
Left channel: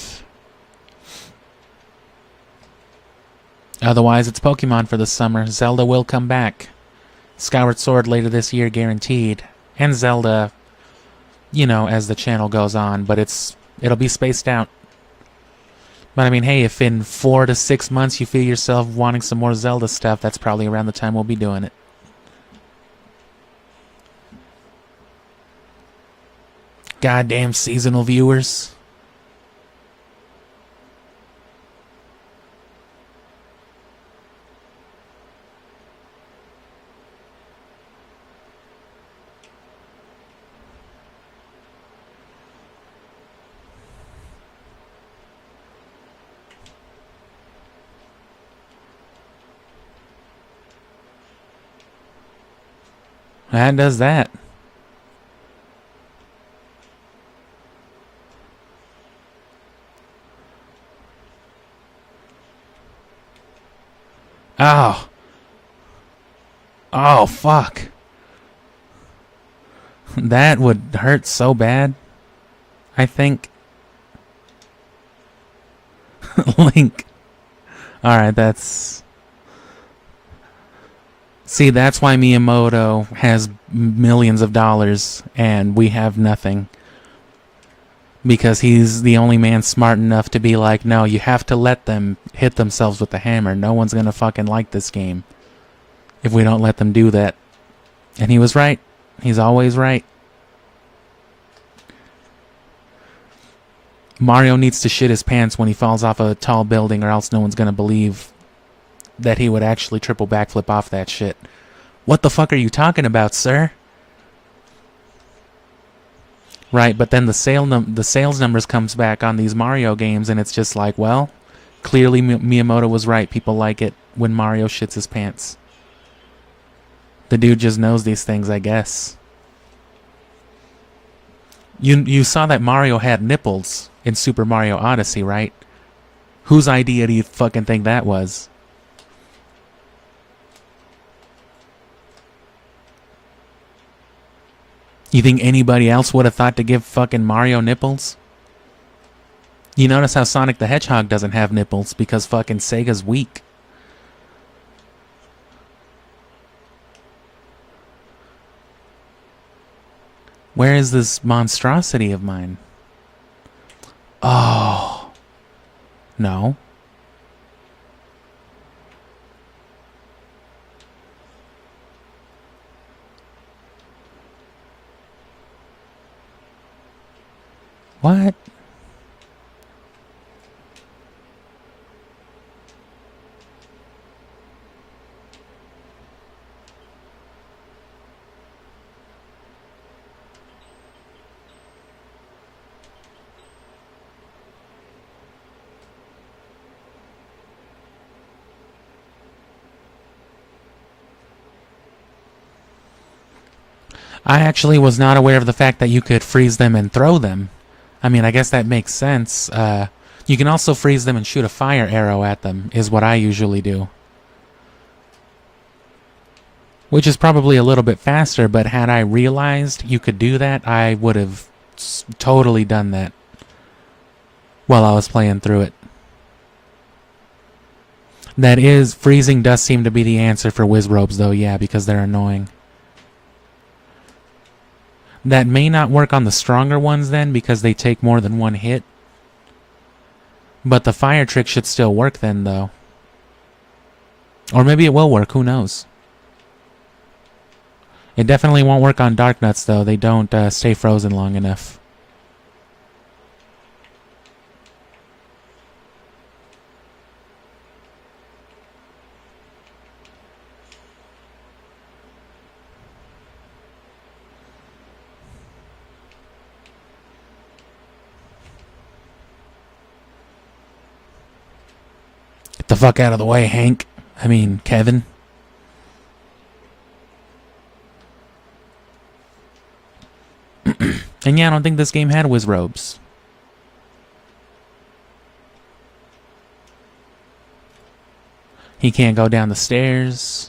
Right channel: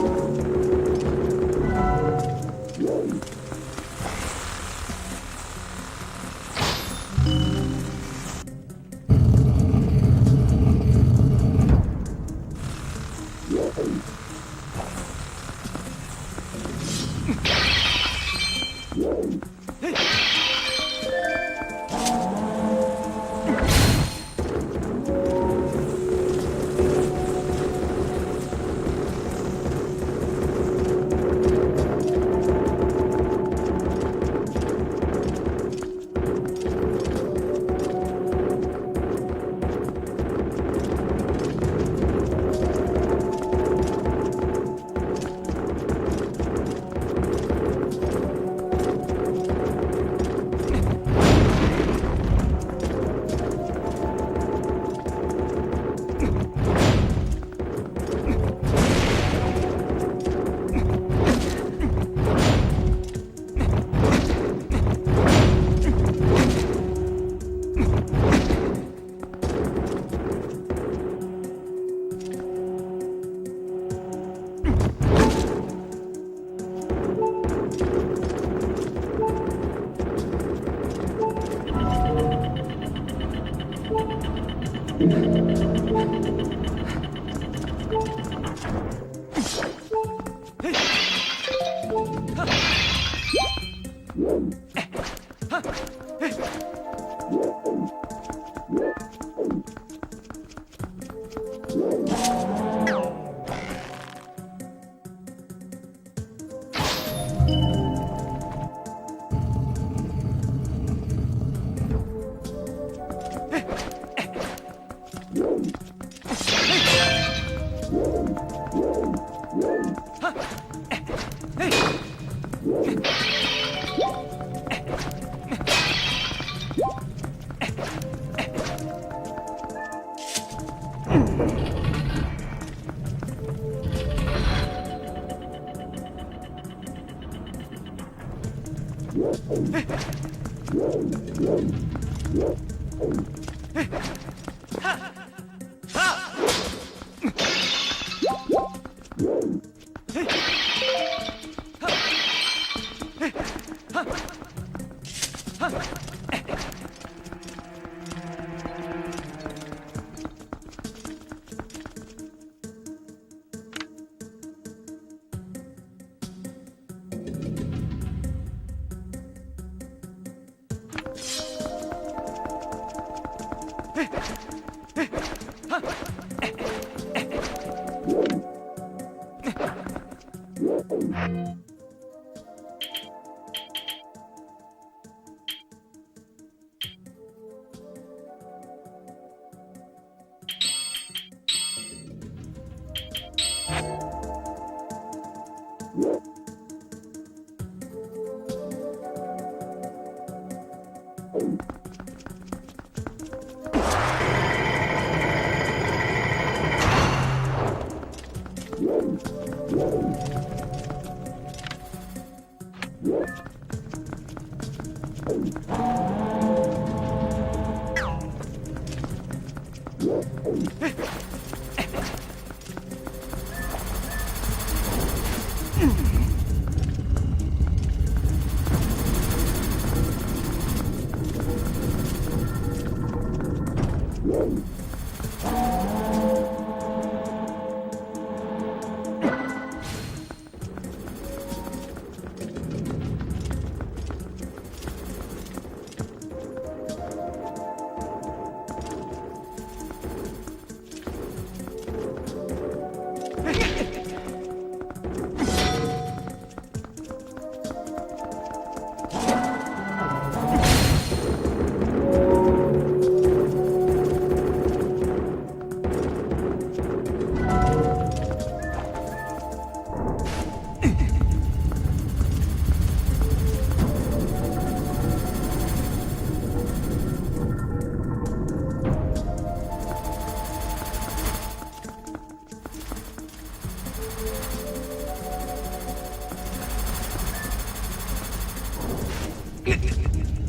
Otherwise, it's Pokemon for the summer. Zelda will come back. Skyward Sword later this year, guaranteed. And Zelda, you know, as the channel goes on. But it'll be spaced out. But I mean, hey, if in 4 to 6 months you feel yourself wanting some more Zelda stuff, that's probably around the time we'll be doing it. Goddamn seasonal viewers. That does that. Oh. Oh, fuck. That would hurt so bad. I think. Link. Alright, that's... See, that's why Miyamoto has millions of dollars and we have nothing. Because he's the only man smart enough to be like, no, you have to let them hit themselves with the hammer. No one's gonna fucking like this game if we don't let them do that. And he was right. He's always right. Mario needs to shit his pants when he falls off a tall building, or else no one's gonna believe that he would actually triple backflip off that shit. What the fuck are you talking about, sir? Right, but then the sales numbers comes back on these Mario games, and it's just like, well, clearly Miyamoto was right. People like it. when Mario shits his pants. The dude just knows these things, I guess. You saw that Mario had nipples in Super Mario Odyssey, right? Whose idea do you fucking think that was? You think anybody else would have thought to give fucking Mario nipples? You notice how Sonic the Hedgehog doesn't have nipples because fucking Sega's weak. Where is this monstrosity of mine? Oh. No. What? I actually was not aware of the fact that you could freeze them and throw them. I mean, I guess that makes sense. You can also freeze them and shoot a fire arrow at them, is what I usually do. Which is probably a little bit faster, but had I realized you could do that, I would have totally done that while I was playing through it. That is, freezing does seem to be the answer for Wizzrobes though, yeah, because they're annoying. That may not work on the stronger ones then, because they take more than one hit. But the fire trick should still work then, though. Or maybe it will work, who knows? It definitely won't work on Dark Nuts, though. They don't stay frozen long enough. Get the fuck out of the way, Hank. I mean, Kevin. And yeah, I don't think this game had Wizzrobes. He can't go down the stairs.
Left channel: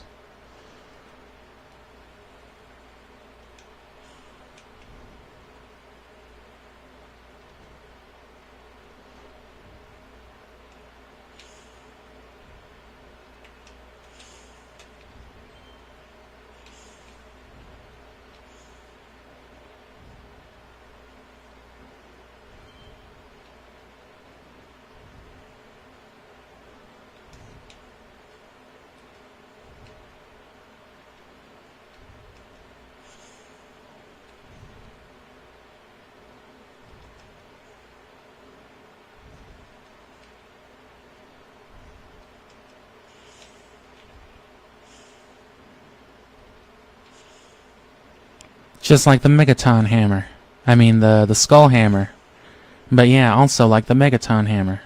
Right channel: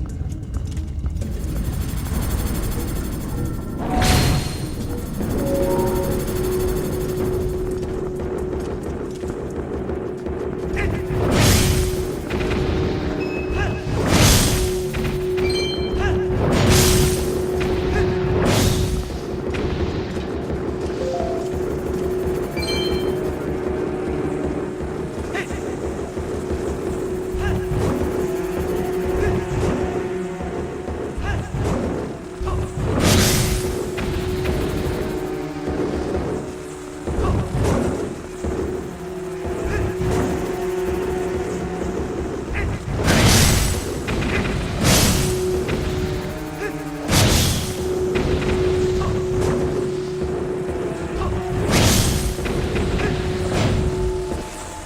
Just like the Megaton Hammer. I mean, the Skull Hammer. But yeah, also like the Megaton Hammer.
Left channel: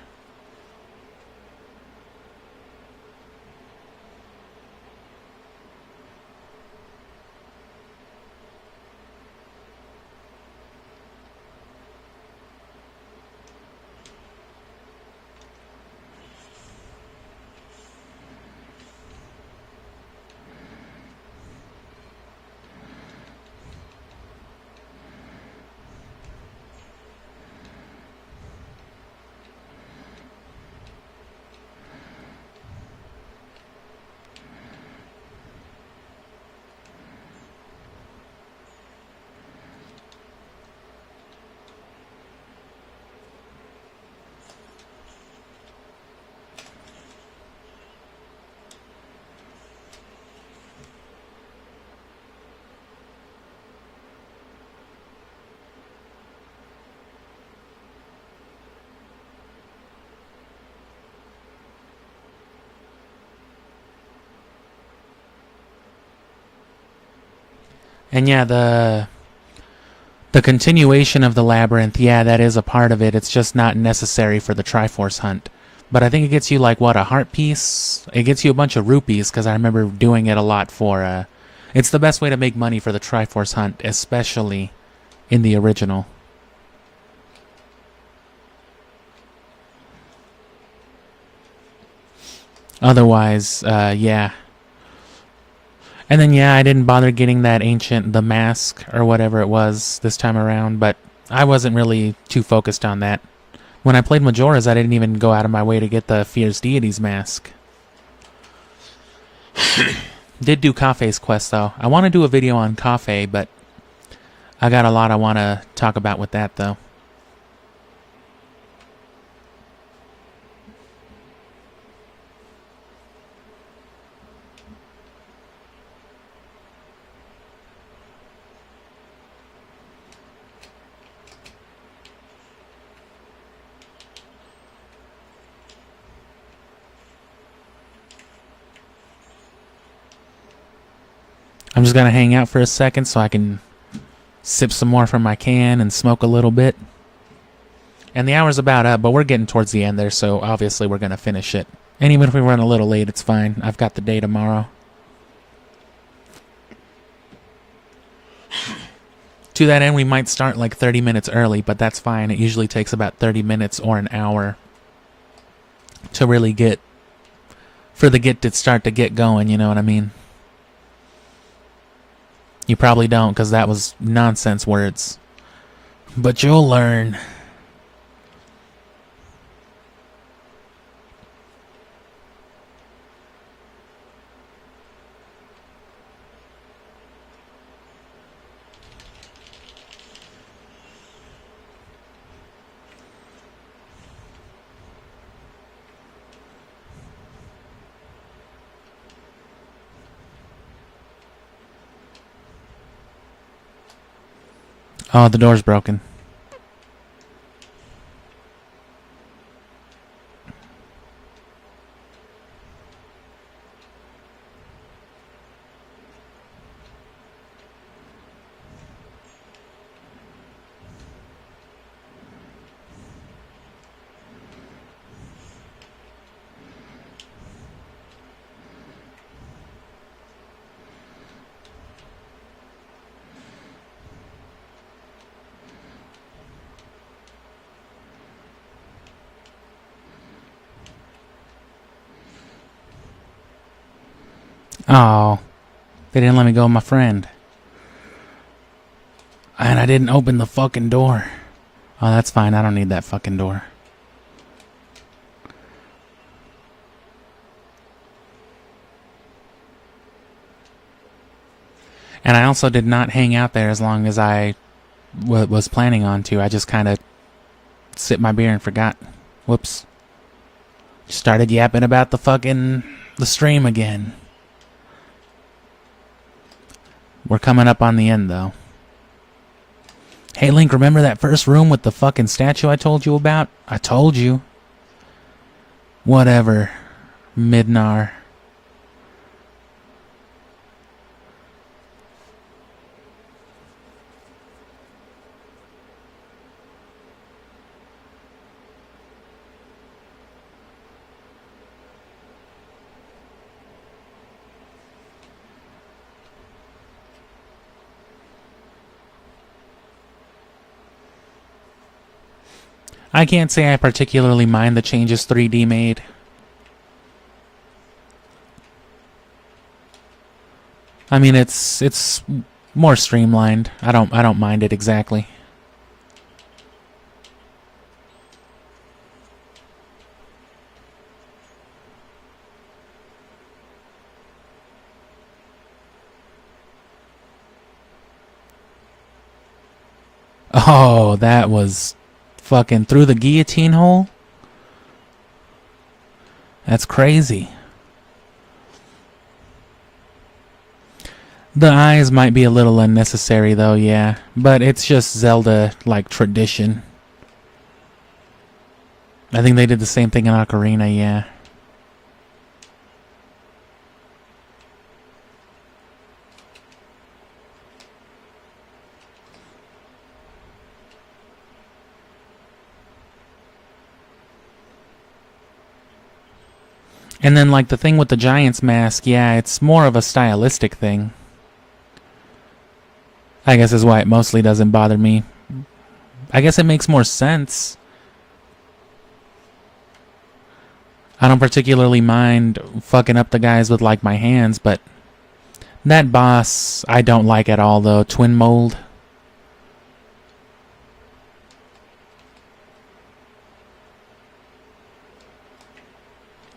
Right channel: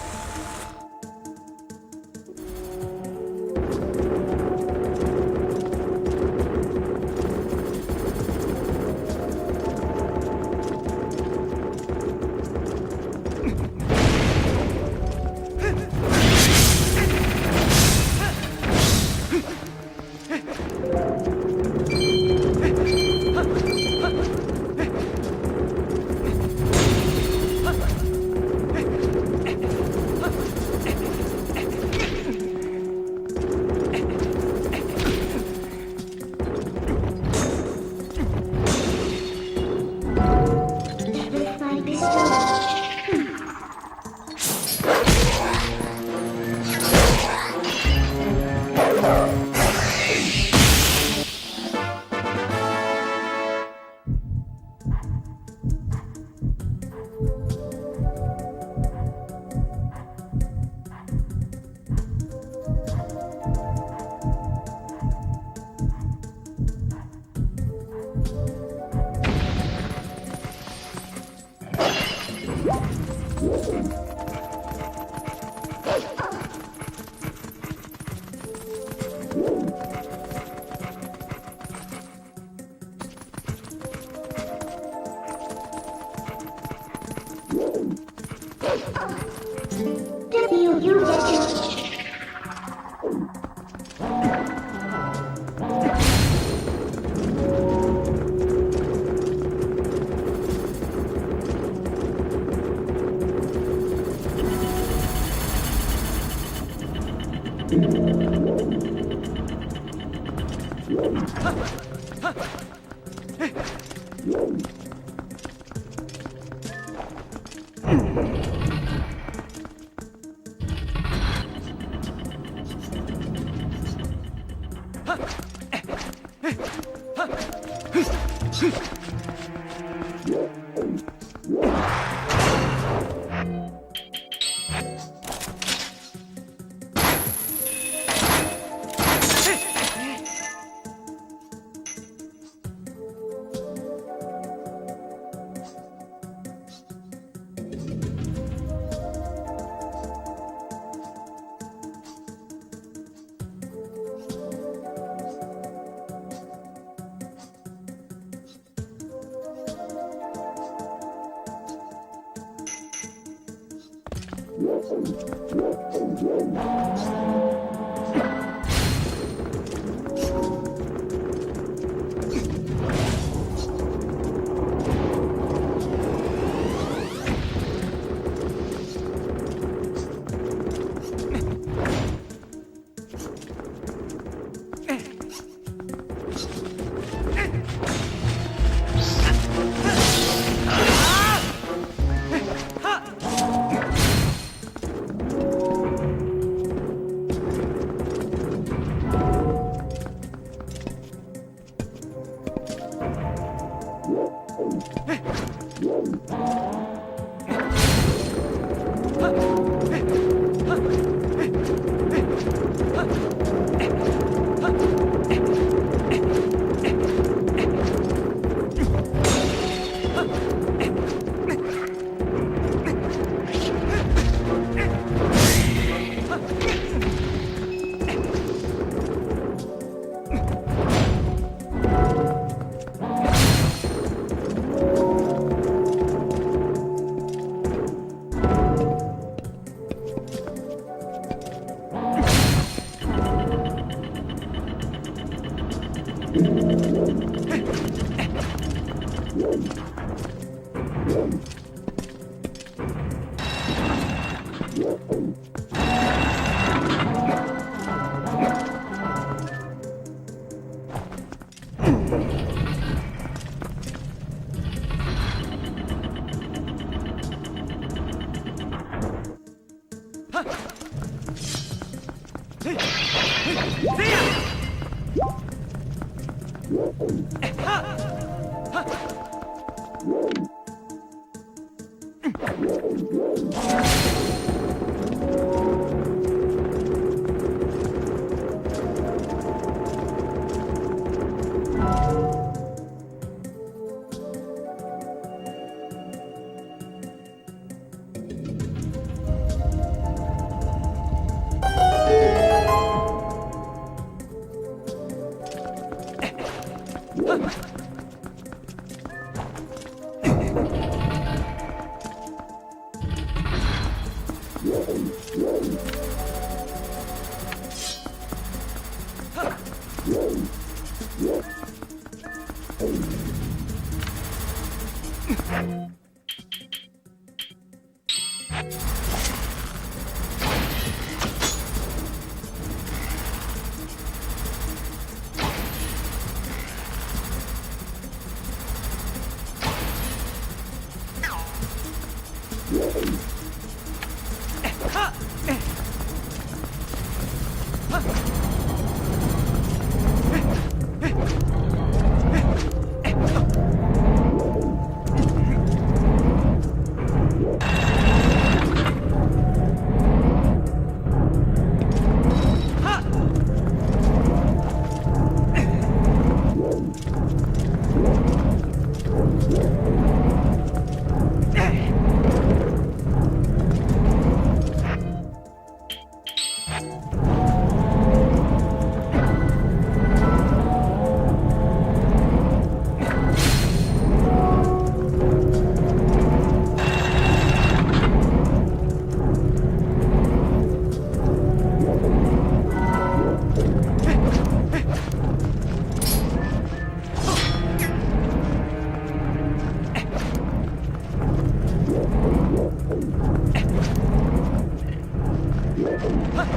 And yeah, the continuation of the labyrinth, yeah, that is a part of it. It's just not necessary for the Triforce hunt. But I think it gets you like, what, a heart piece? It gets you a bunch of rupees, because I remember doing it a lot for, it's the best way to make money for the Triforce Hunt, especially in the original. Otherwise, yeah. And then, yeah, I didn't bother getting that the mask, or whatever it was this time around, but I wasn't really too focused on that. When I played Majora's, I didn't even go out of my way to get the Fierce Deities mask. Did do Kafei's quest, though. I want to do a video on Kafei, but I got a lot I want to talk about with that, though. I'm just gonna hang out for a second so I can sip some more from my can and smoke a little bit. And the hour's about up, but we're getting towards the end there, so obviously we're gonna finish it. And even if we run a little late, it's fine. I've got the day tomorrow. To that end, we might start like 30 minutes early, but that's fine. It usually takes about 30 minutes or an hour to really start to get going, you know what I mean? You probably don't, because that was nonsense words. But you'll learn. Oh, the door's broken. Oh, they didn't let me go with my friend. And I didn't open the fucking door. Oh, that's fine. I don't need that fucking door. And I also did not hang out there as long as I was planning on to. I just kind of sipped my beer and forgot. Whoops. Started yapping about the stream again. We're coming up on the end, though. Hey, Link, remember that first room with the fucking statue I told you about? I told you. Whatever. Midnar. I can't say I particularly mind the changes 3D made. I mean, it's more streamlined. I don't mind it exactly. Oh, that was fucking through the guillotine hole? That's crazy. The eyes might be a little unnecessary though, yeah. But it's just Zelda, like, tradition. I think they did the same thing in Ocarina, yeah. And then, like, the thing with the Giant's Mask, yeah, it's more of a stylistic thing. I guess is why it mostly doesn't bother me. I guess it makes more sense. I don't particularly mind fucking up the guys with, like, my hands, but that boss I don't like at all, though. Twin Mold.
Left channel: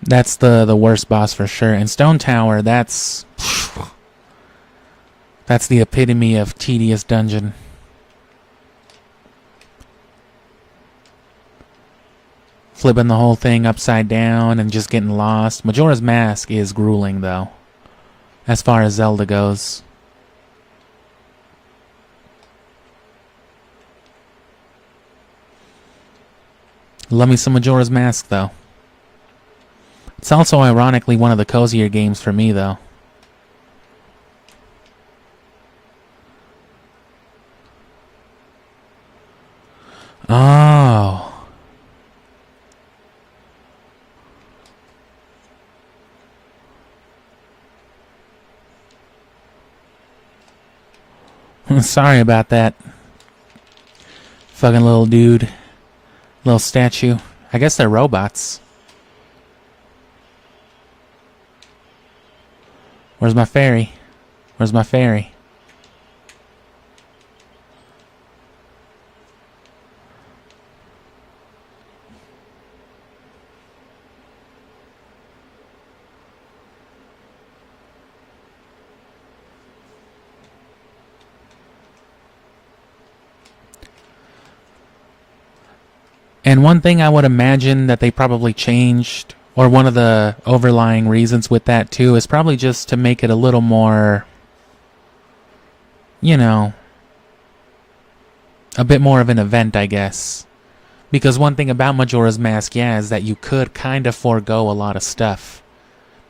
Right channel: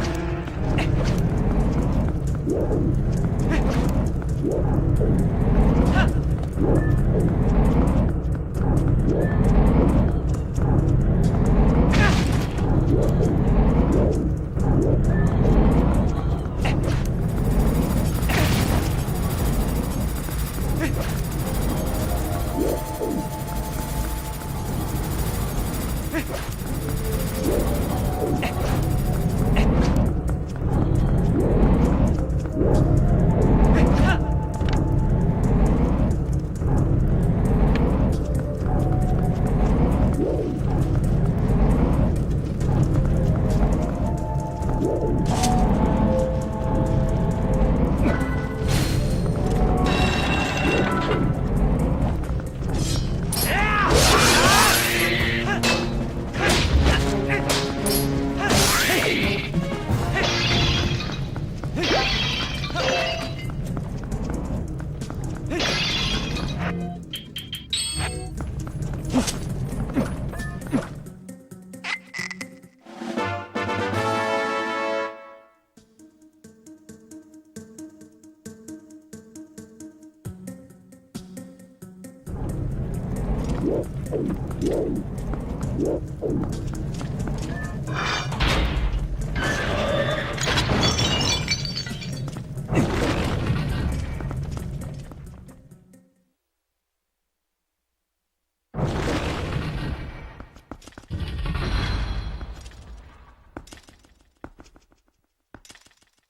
That's the worst boss for sure. And Stone Tower, that's the epitome of tedious dungeon. Flipping the whole thing upside down and just getting lost. Majora's Mask is grueling, though, as far as Zelda goes. Love me some Majora's Mask, though. It's also ironically one of the cozier games for me, though. Oh. Sorry about that. Fucking little dude. Little statue. I guess they're robots. Where's my fairy? Where's my fairy? And one thing I would imagine that they probably changed, or one of the overlying reasons with that too, is probably just to make it a little more, you know, a bit more of an event, I guess. Because one thing about Majora's Mask, yeah, is that you could kind of forego a lot of stuff.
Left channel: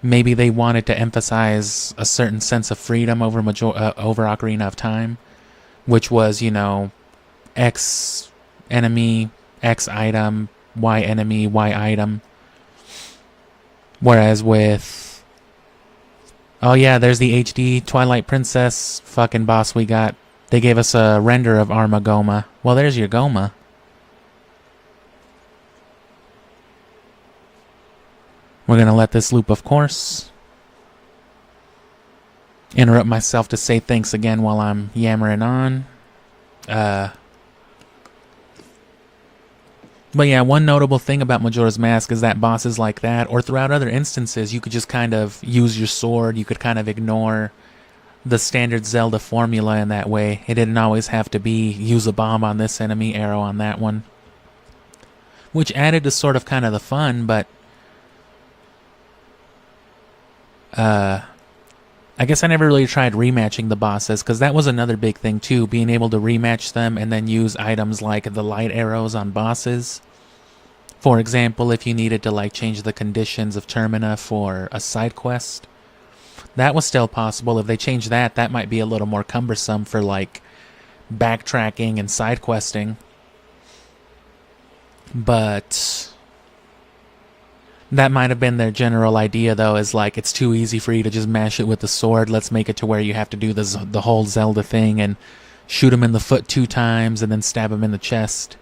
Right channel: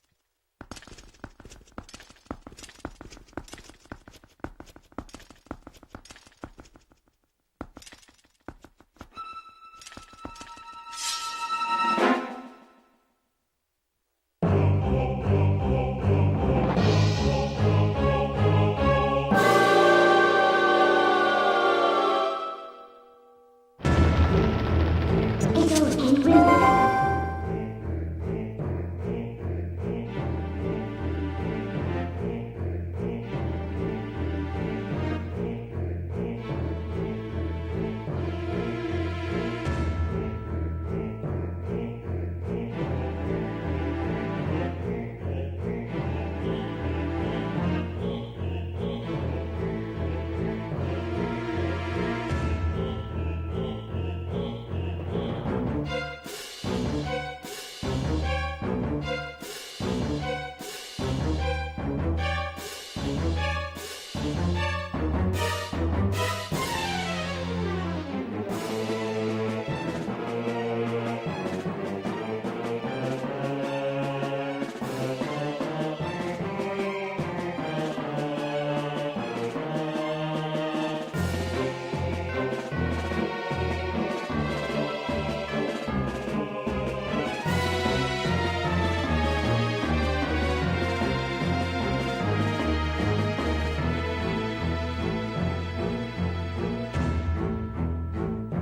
Maybe they wanted to emphasize a certain sense of freedom over over Ocarina of Time, which was, you know, X enemy, X item, Y enemy, Y item. Whereas with... oh yeah, there's the HD Twilight Princess fucking boss we got. They gave us a render of Armagoma. Well, there's your Goma. We're gonna let this loop, of course. Interrupt myself to say thanks again while I'm yammering on. But yeah, one notable thing about Majora's Mask is that bosses like that, or throughout other instances, you could just kind of use your sword, you could kind of ignore the standard Zelda formula in that way. It didn't always have to be use a bomb on this enemy, arrow on that one. Which added to sort of kind of the fun, but... I guess I never really tried rematching the bosses, because that was another big thing too, being able to rematch them and then use items like the light arrows on bosses. For example, if you needed to like change the conditions of Termina for a side quest, that was still possible. If they changed that, that might be a little more cumbersome for like backtracking and side questing. But that might have been their general idea, though, is like, it's too easy for you to just mash it with the sword. Let's make it to where you have to do the whole Zelda thing and shoot him in the foot 2 times and then stab him in the chest.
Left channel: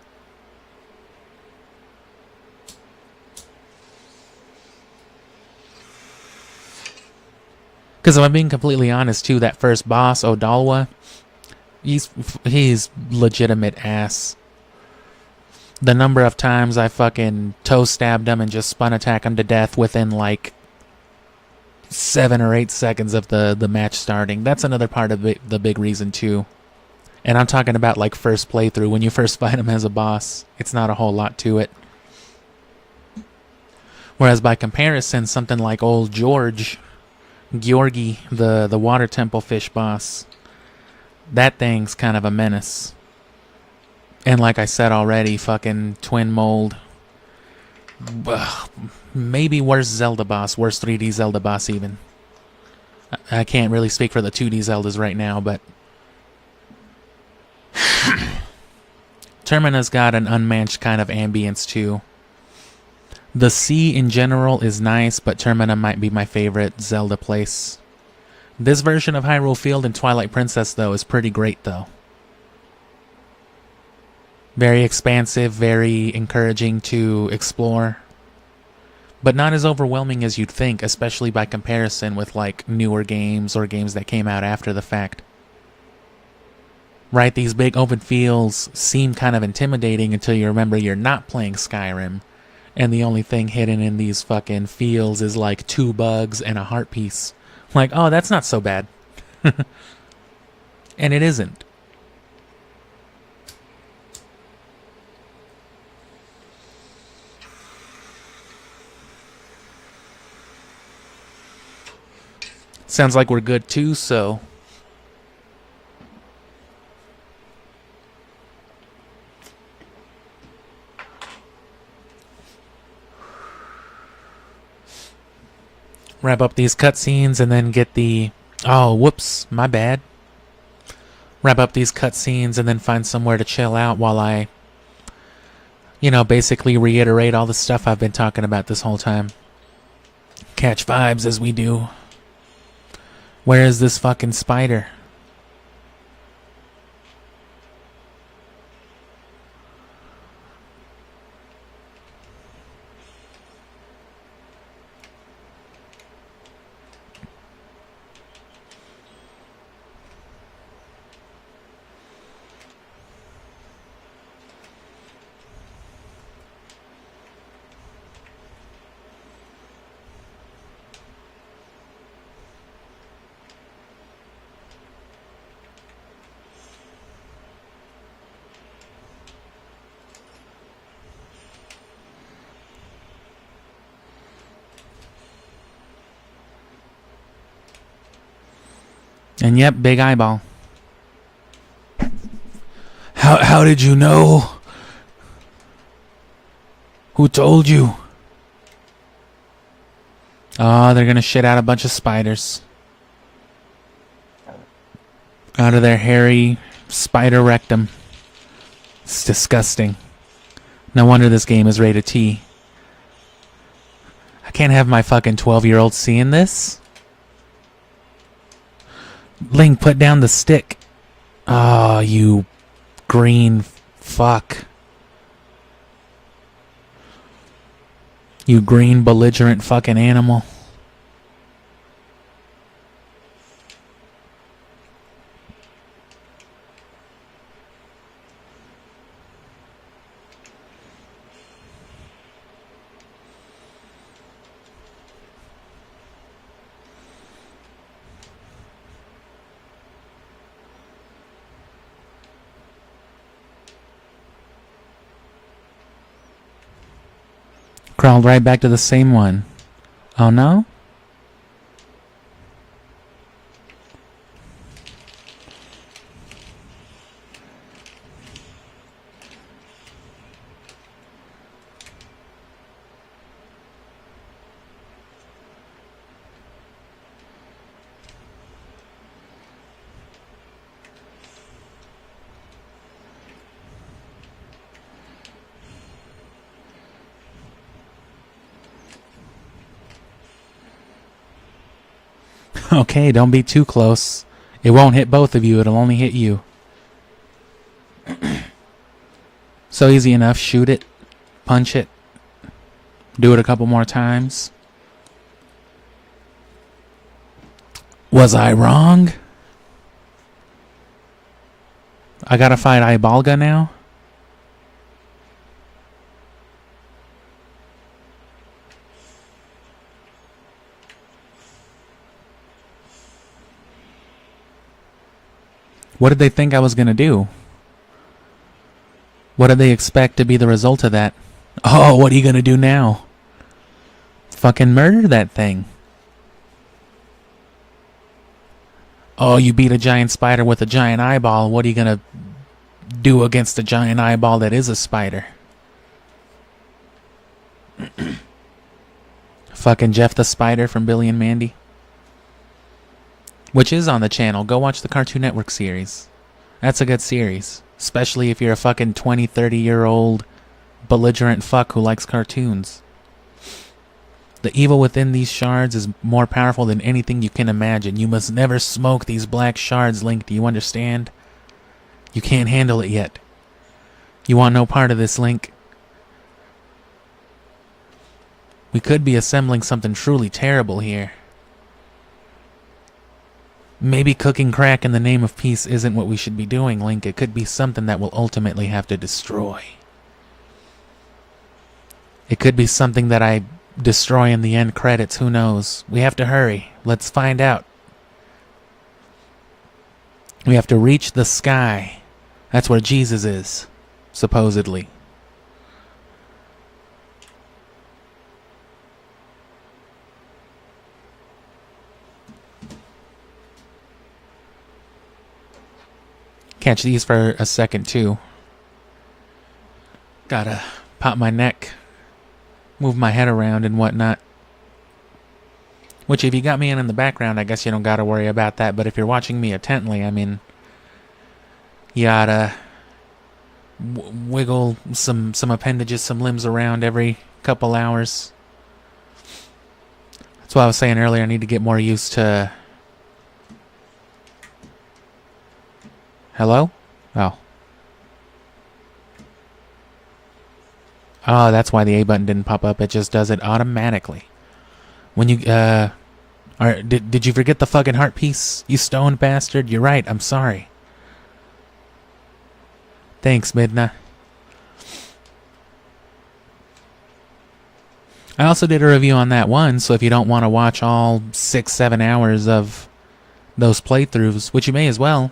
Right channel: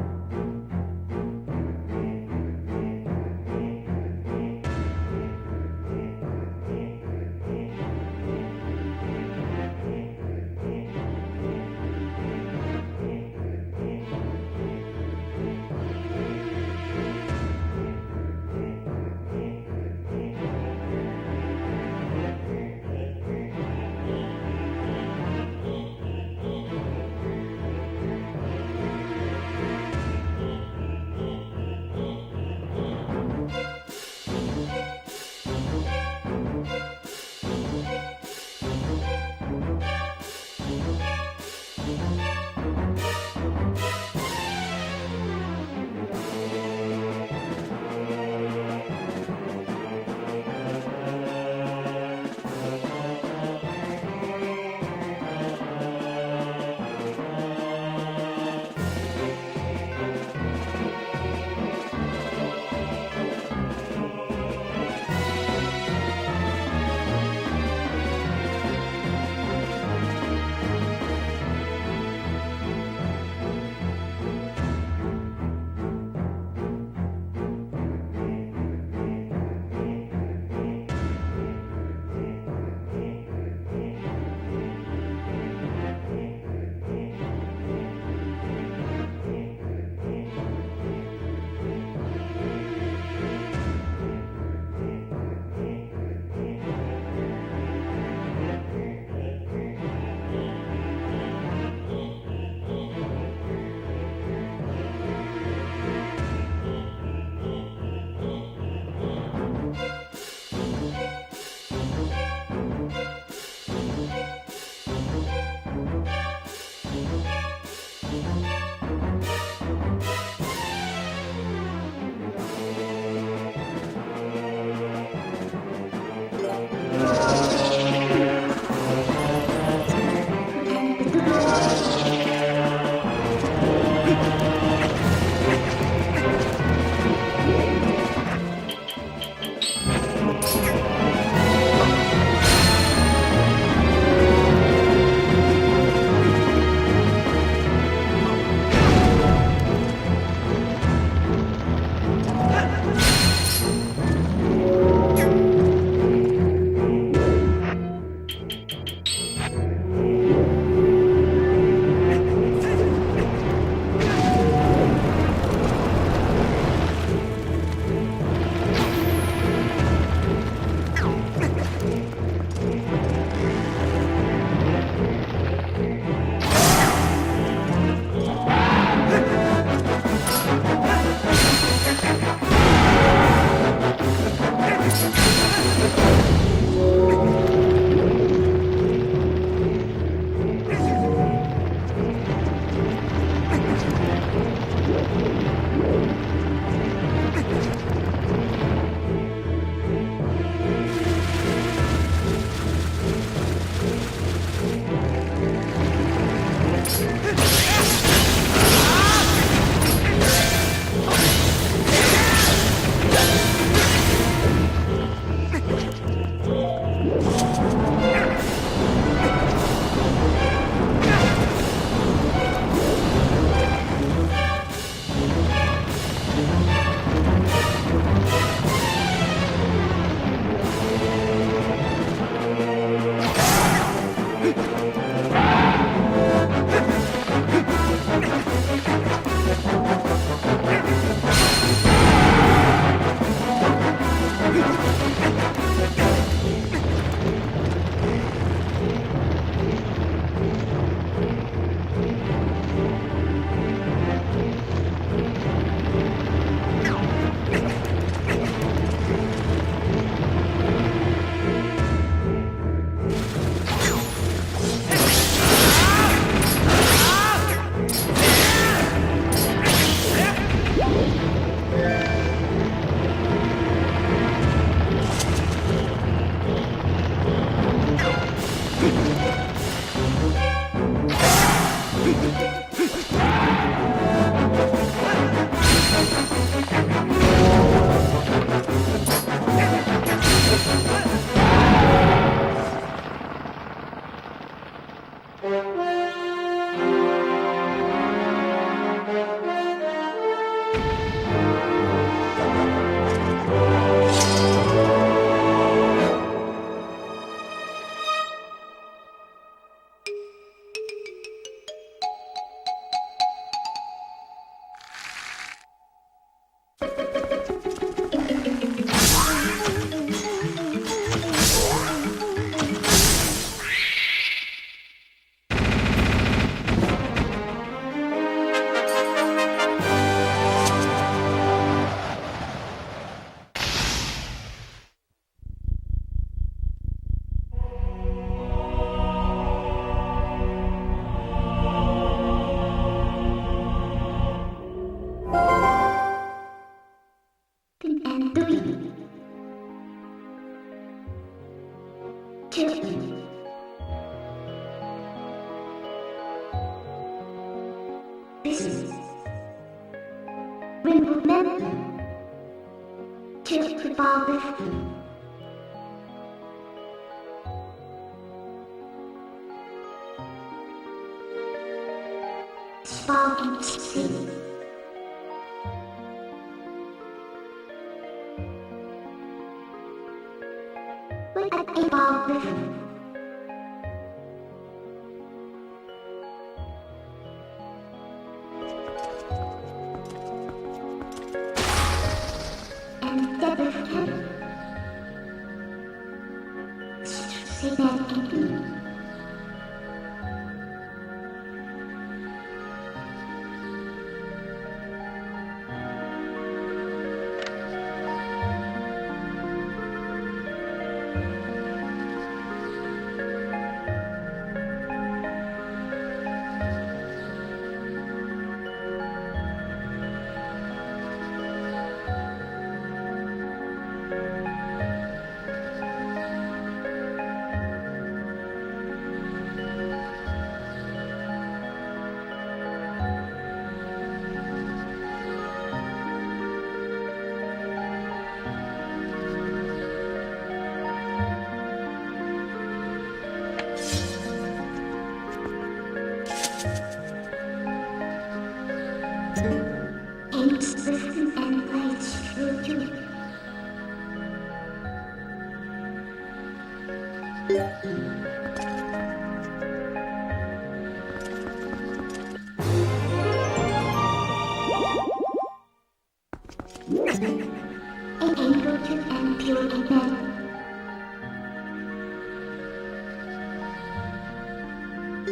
Because if I'm being completely honest, too, that first boss, Odalwa, he's legitimate ass. The number of times I fucking toe stabbed him and just spun attack him to death within like 7 or 8 seconds of the match starting. That's another part of it, the big reason too. And I'm talking about like first playthrough, when you first fight him as a boss. It's not a whole lot to it. Whereas by comparison, something like old Georgi, the water temple fish boss, that thing's kind of a menace. And like I said already, fucking Twin Mold. Ugh, maybe worst Zelda boss, worst 3D Zelda boss even. I can't really speak for the 2D Zeldas right now, but... Termina's got an unmatched kind of ambience too. The sea in general is nice, but Termina might be my favorite Zelda place. This version of Hyrule Field and Twilight Princess, though, is pretty great, though. Very expansive, very encouraging to explore, but not as overwhelming as you'd think, especially by comparison with like newer games or games that came out after the fact. Right, these big open fields seem kind of intimidating until you remember you're not playing Skyrim, and the only thing hidden in these fucking fields is like 2 bugs and a heart piece. Like, oh, that's not so bad. And it isn't. Sounds like we're good too, so... Wrap up these cutscenes and then get the... Oh, whoops, my bad. Wrap up these cutscenes and then find somewhere to chill out while I... You know, basically reiterate all the stuff I've been talking about this whole time. Catch vibes as we do. Where is this fucking spider? And yep, big eyeball. How did you know? Who told you? Oh, they're gonna shit out a bunch of spiders. Out of their hairy spider rectum. It's disgusting. No wonder this game is rated T. Can't have my fucking 12-year-old seeing this. Link, put down the stick. Oh, you green fuck. You green belligerent fucking animal. Crawled right back to the same one. Oh no? Okay, don't be too close. It won't hit both of you, it'll only hit you. So easy enough, shoot it, punch it, do it a couple more times. Was I wrong? I gotta fight Ibalga now? What did they think I was gonna do? What did they expect to be the result of that? Oh, what are you gonna do now? Fucking murder that thing. Oh, you beat a giant spider with a giant eyeball. What are you gonna do against a giant eyeball that is a spider? Fucking Jeff the Spider from Billy and Mandy. Which is on the channel. Go watch the Cartoon Network series. That's a good series. Especially if you're a fucking 20, 30-year-old belligerent fuck who likes cartoons. The evil within these shards is more powerful than anything you can imagine. You must never smoke these black shards, Link. Do you understand? You can't handle it yet. You want no part of this, Link. We could be assembling something truly terrible here. Maybe cooking crack in the name of peace isn't what we should be doing, Link. It could be something that we'll ultimately have to destroy. It could be something that I destroy in the end credits, who knows? We have to hurry. Let's find out. We have to reach the sky. That's where Jesus is, supposedly. Catch these for a second too. Gotta pop my neck, move my head around and whatnot. Which if you got me in the background, I guess you don't gotta worry about that. But if you're watching me intently, I mean, you gotta wiggle some appendages, some limbs around every couple hours. That's what I was saying earlier. I need to get more used to... Hello? Oh. Oh, that's why the A button didn't pop up. It just does it automatically. When you, did you forget the fucking heart piece? You stoned bastard. You're right. I'm sorry. Thanks, Midna. I also did a review on that one, so if you don't want to watch all 6-7 hours of those playthroughs, which you may as well,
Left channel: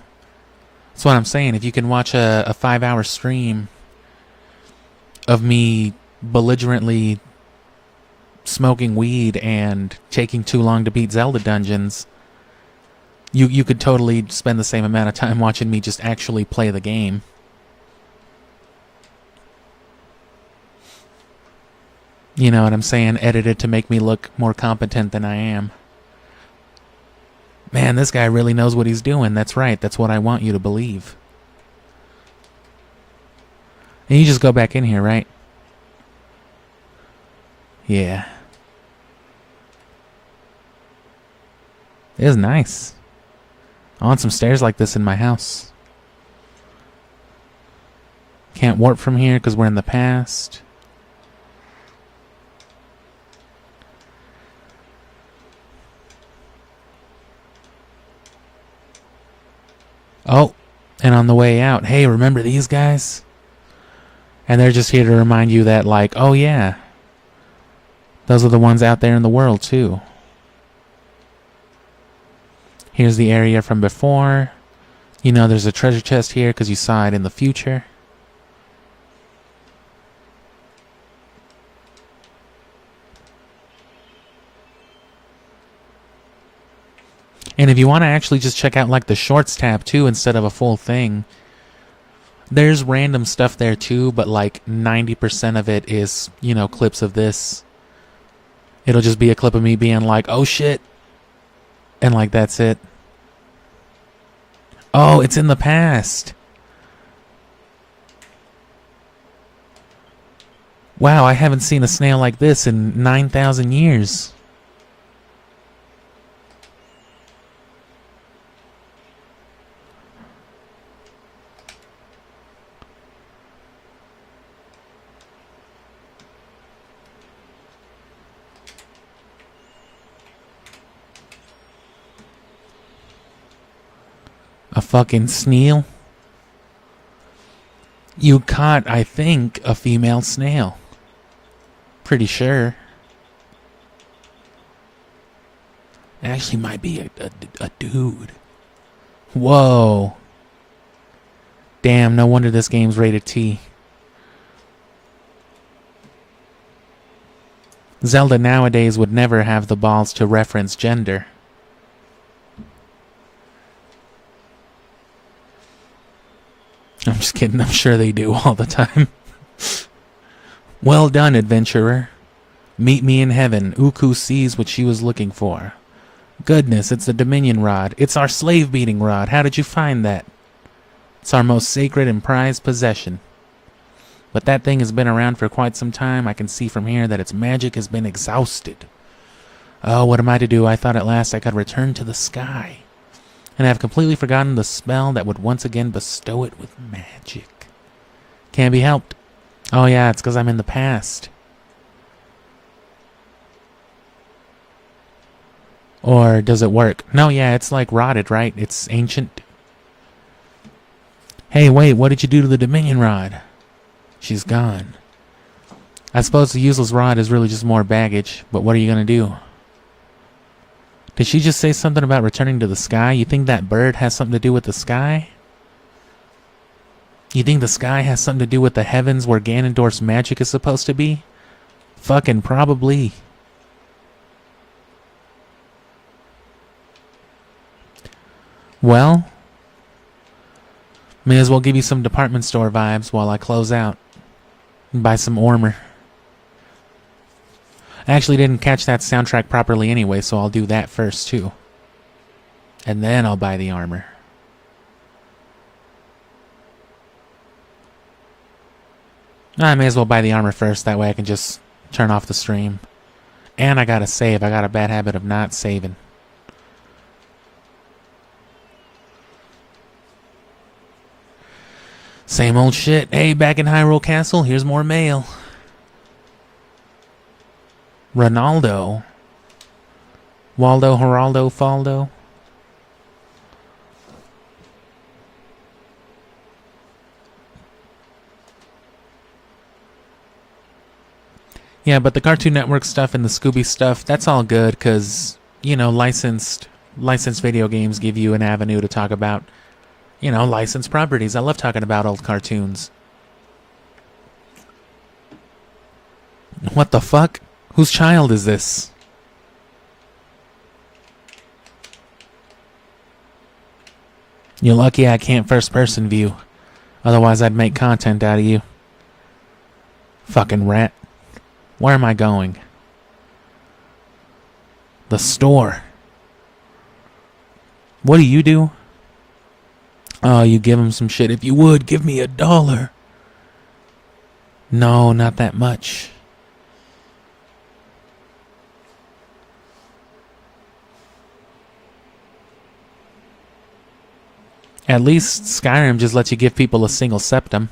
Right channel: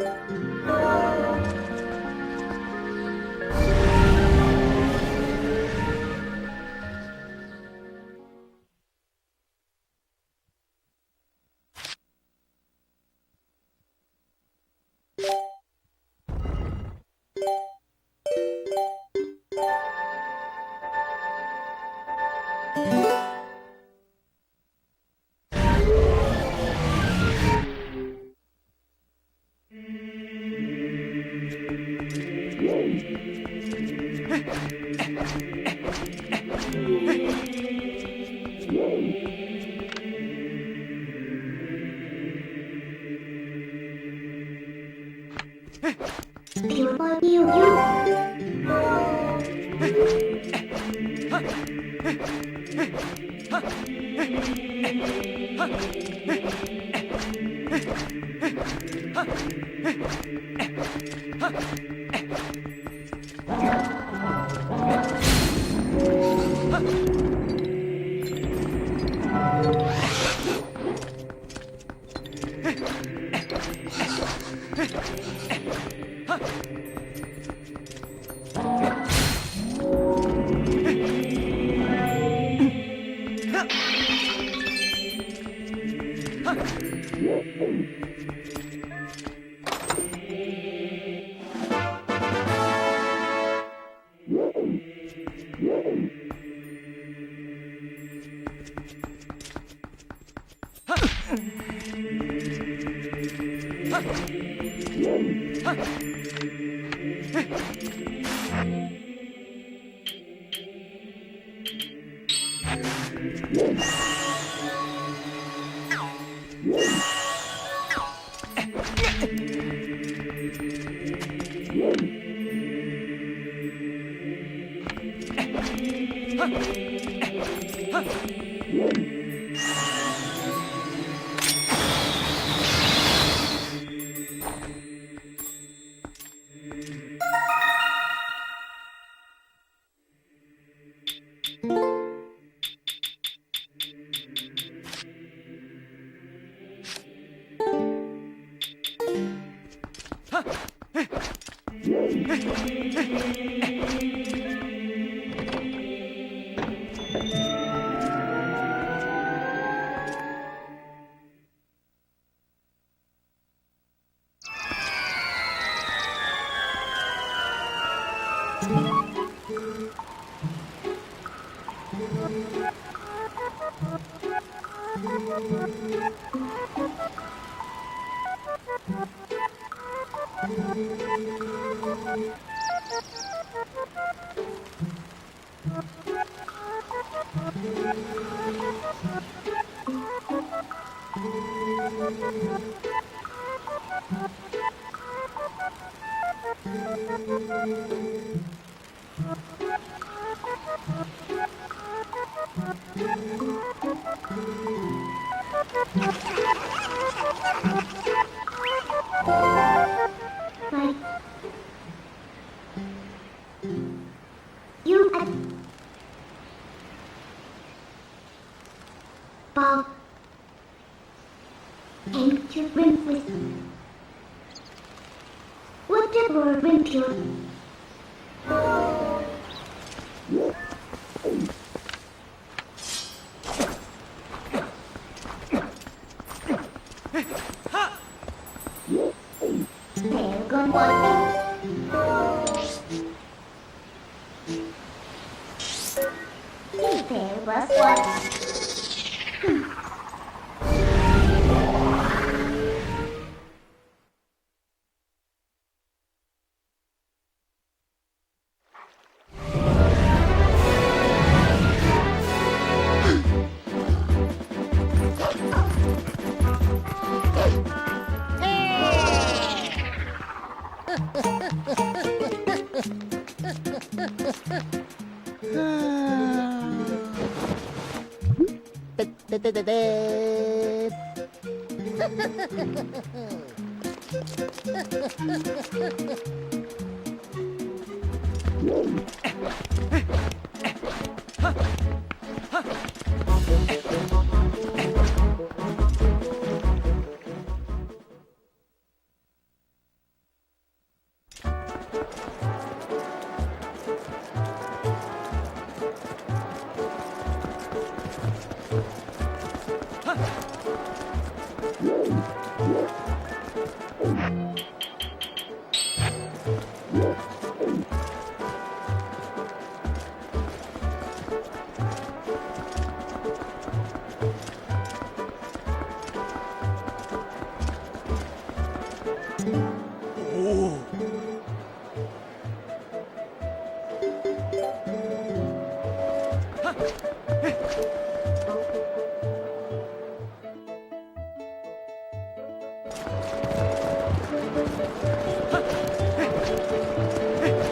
that's what I'm saying. If you can watch a 5-hour stream of me belligerently smoking weed and taking too long to beat Zelda dungeons, you could totally spend the same amount of time watching me just actually play the game. You know what I'm saying? Edited to make me look more competent than I am. Man, this guy really knows what he's doing. That's right. That's what I want you to believe. And you just go back in here, right? Yeah. It is nice. I want some stairs like this in my house. Can't warp from here because we're in the past. Oh, and on the way out, hey, remember these guys? And they're just here to remind you that, like, oh yeah, those are the ones out there in the world too. Here's the area from before. You know there's a treasure chest here because you saw it in the future. And if you want to actually just check out like the shorts tab too instead of a full thing, there's random stuff there too, but like 90% of it is, you know, clips of this. It'll just be a clip of me being like, oh shit, and like that's it. Oh, it's in the past. Wow, I haven't seen a snail like this in 9,000 years. A fucking snail? You caught, I think, a female snail. Pretty sure. It actually might be a dude. Whoa. Damn, no wonder this game's rated T. Zelda nowadays would never have the balls to reference gender. I'm just kidding, I'm sure they do all the time. Well done, adventurer. Meet me in heaven. Uku sees what she was looking for. Goodness, it's the Dominion Rod. It's our slave-beating rod. How did you find that? It's our most sacred and prized possession. But that thing has been around for quite some time. I can see from here that its magic has been exhausted. Oh, what am I to do? I thought at last I could return to the sky. And I have completely forgotten the spell that would once again bestow it with magic. Can't be helped. Oh yeah, it's because I'm in the past. Or does it work? No, yeah, it's like rotted, right? It's ancient. Right. Hey, wait, what did you do to the Dominion rod? She's gone. I suppose the useless rod is really just more baggage, but what are you gonna do? Bob. Did she just say something about returning to the sky? You think that bird has something to do with the sky? Whatever went to. You think the sky has something to do with the heavens where Ganondorf's magic is supposed to be? Fucking probably. Well, may as well give you some department store vibes while I close out. Buy some armor. I actually didn't catch that soundtrack properly anyway, so I'll do that first too. And then I'll buy the armor. I may as well buy the armor first, that way I can just turn off the stream. And I gotta save. I got a bad habit of not saving. Same old shit. Hey, back in Hyrule Castle, here's more mail. Ronaldo. Waldo, Geraldo, Faldo. Yeah, but the Cartoon Network stuff and the Scooby stuff, that's all good because, you know, licensed video games give you an avenue to talk about, you know, licensed properties. I love talking about old cartoons. What the fuck? Whose child is this? You're lucky I can't first-person view. Otherwise, I'd make content out of you. Fucking rat. Where am I going? The store. What do you do? Oh, you give him some shit. If you would, give me $1. No, not that much. At least Skyrim just lets you give people a single septum.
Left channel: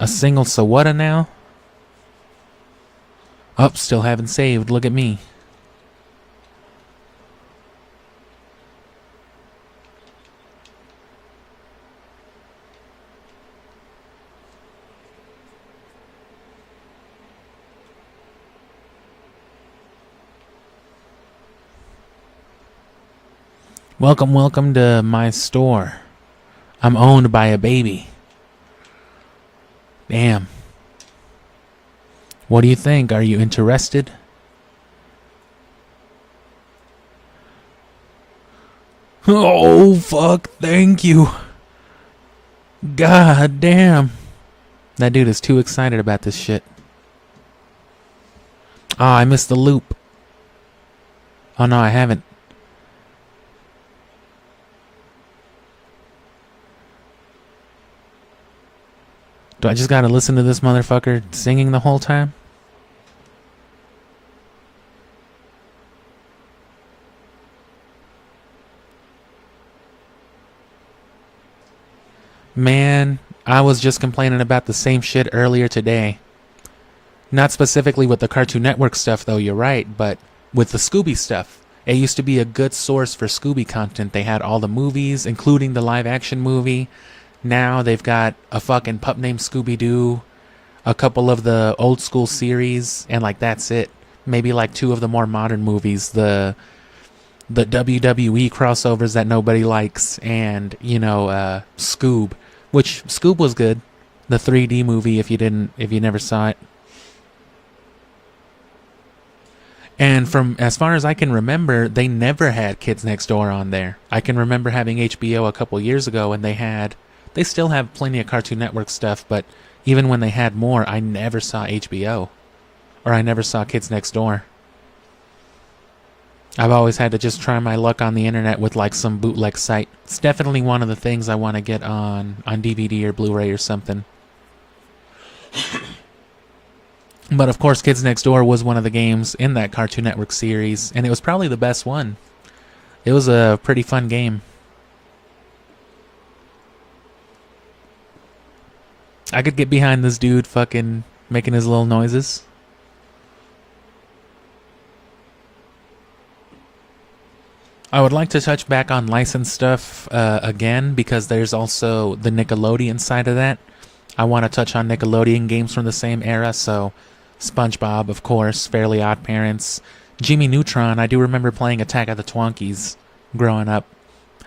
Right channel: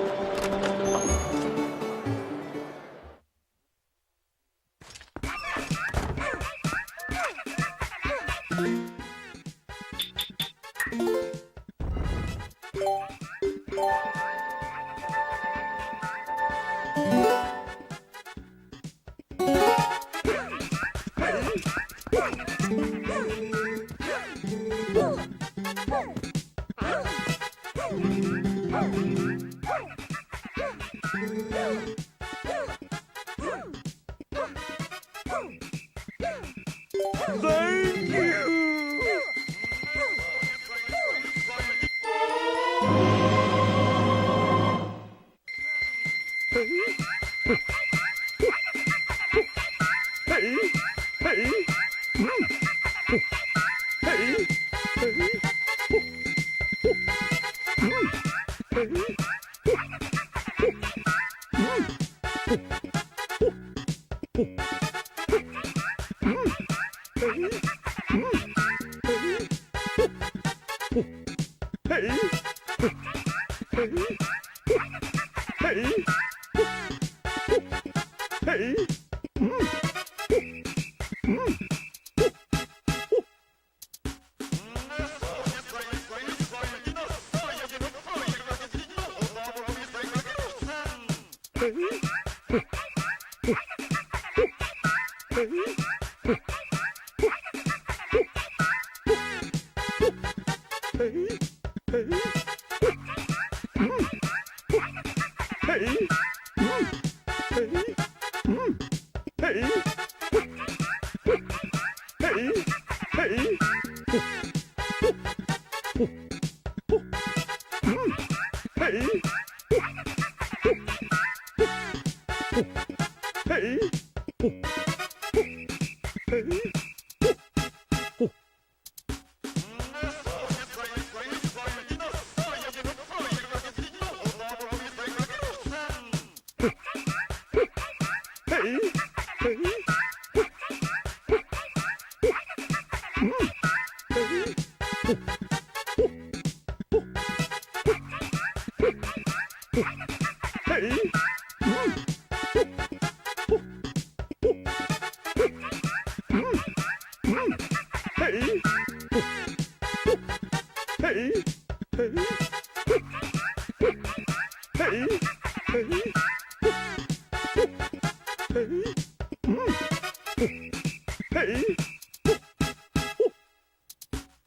A single Sawada now? Oh, still haven't saved. Look at me. Welcome, welcome to my store. I'm owned by a baby. Damn. What do you think? Are you interested? Thank you. Oh, fuck, thank you. God damn. That dude is too excited about this shit. Oh, I missed the loop. Oh no, I haven't. Do I just gotta listen to this motherfucker singing the whole time? Man, I was just complaining about the same shit earlier today. Not specifically with the Cartoon Network stuff though, you're right, but with the Scooby stuff. It used to be a good source for Scooby content. They had all the movies, including the live action movie. Now they've got a fucking pup named Scooby-Doo, a couple of the old school series, and like that's it. Maybe like 2 of the more modern movies, the WWE crossovers that nobody likes, and you know, Scoob, which Scoob was good. The 3D movie, if you never saw it. And from as far as I can remember, they never had Kids Next Door on there. I can remember having HBO a couple years ago, and they still have plenty of Cartoon Network stuff, but even when they had more, I never saw HBO. Or I never saw Kids Next Door. I've always had to just try my luck on the internet with like some bootleg site. It's definitely one of the things I want to get on DVD or Blu-ray or something. But of course, Kids Next Door was one of the games in that Cartoon Network series, and it was probably the best one. It was a pretty fun game. I could get behind this dude fucking making his little noises. I would like to touch back on licensed stuff again, because there's also the Nickelodeon side of that. I want to touch on Nickelodeon games from the same era, so SpongeBob, of course, Fairly Odd Parents, Jimmy Neutron. I do remember playing Attack of the Twonkies growing up.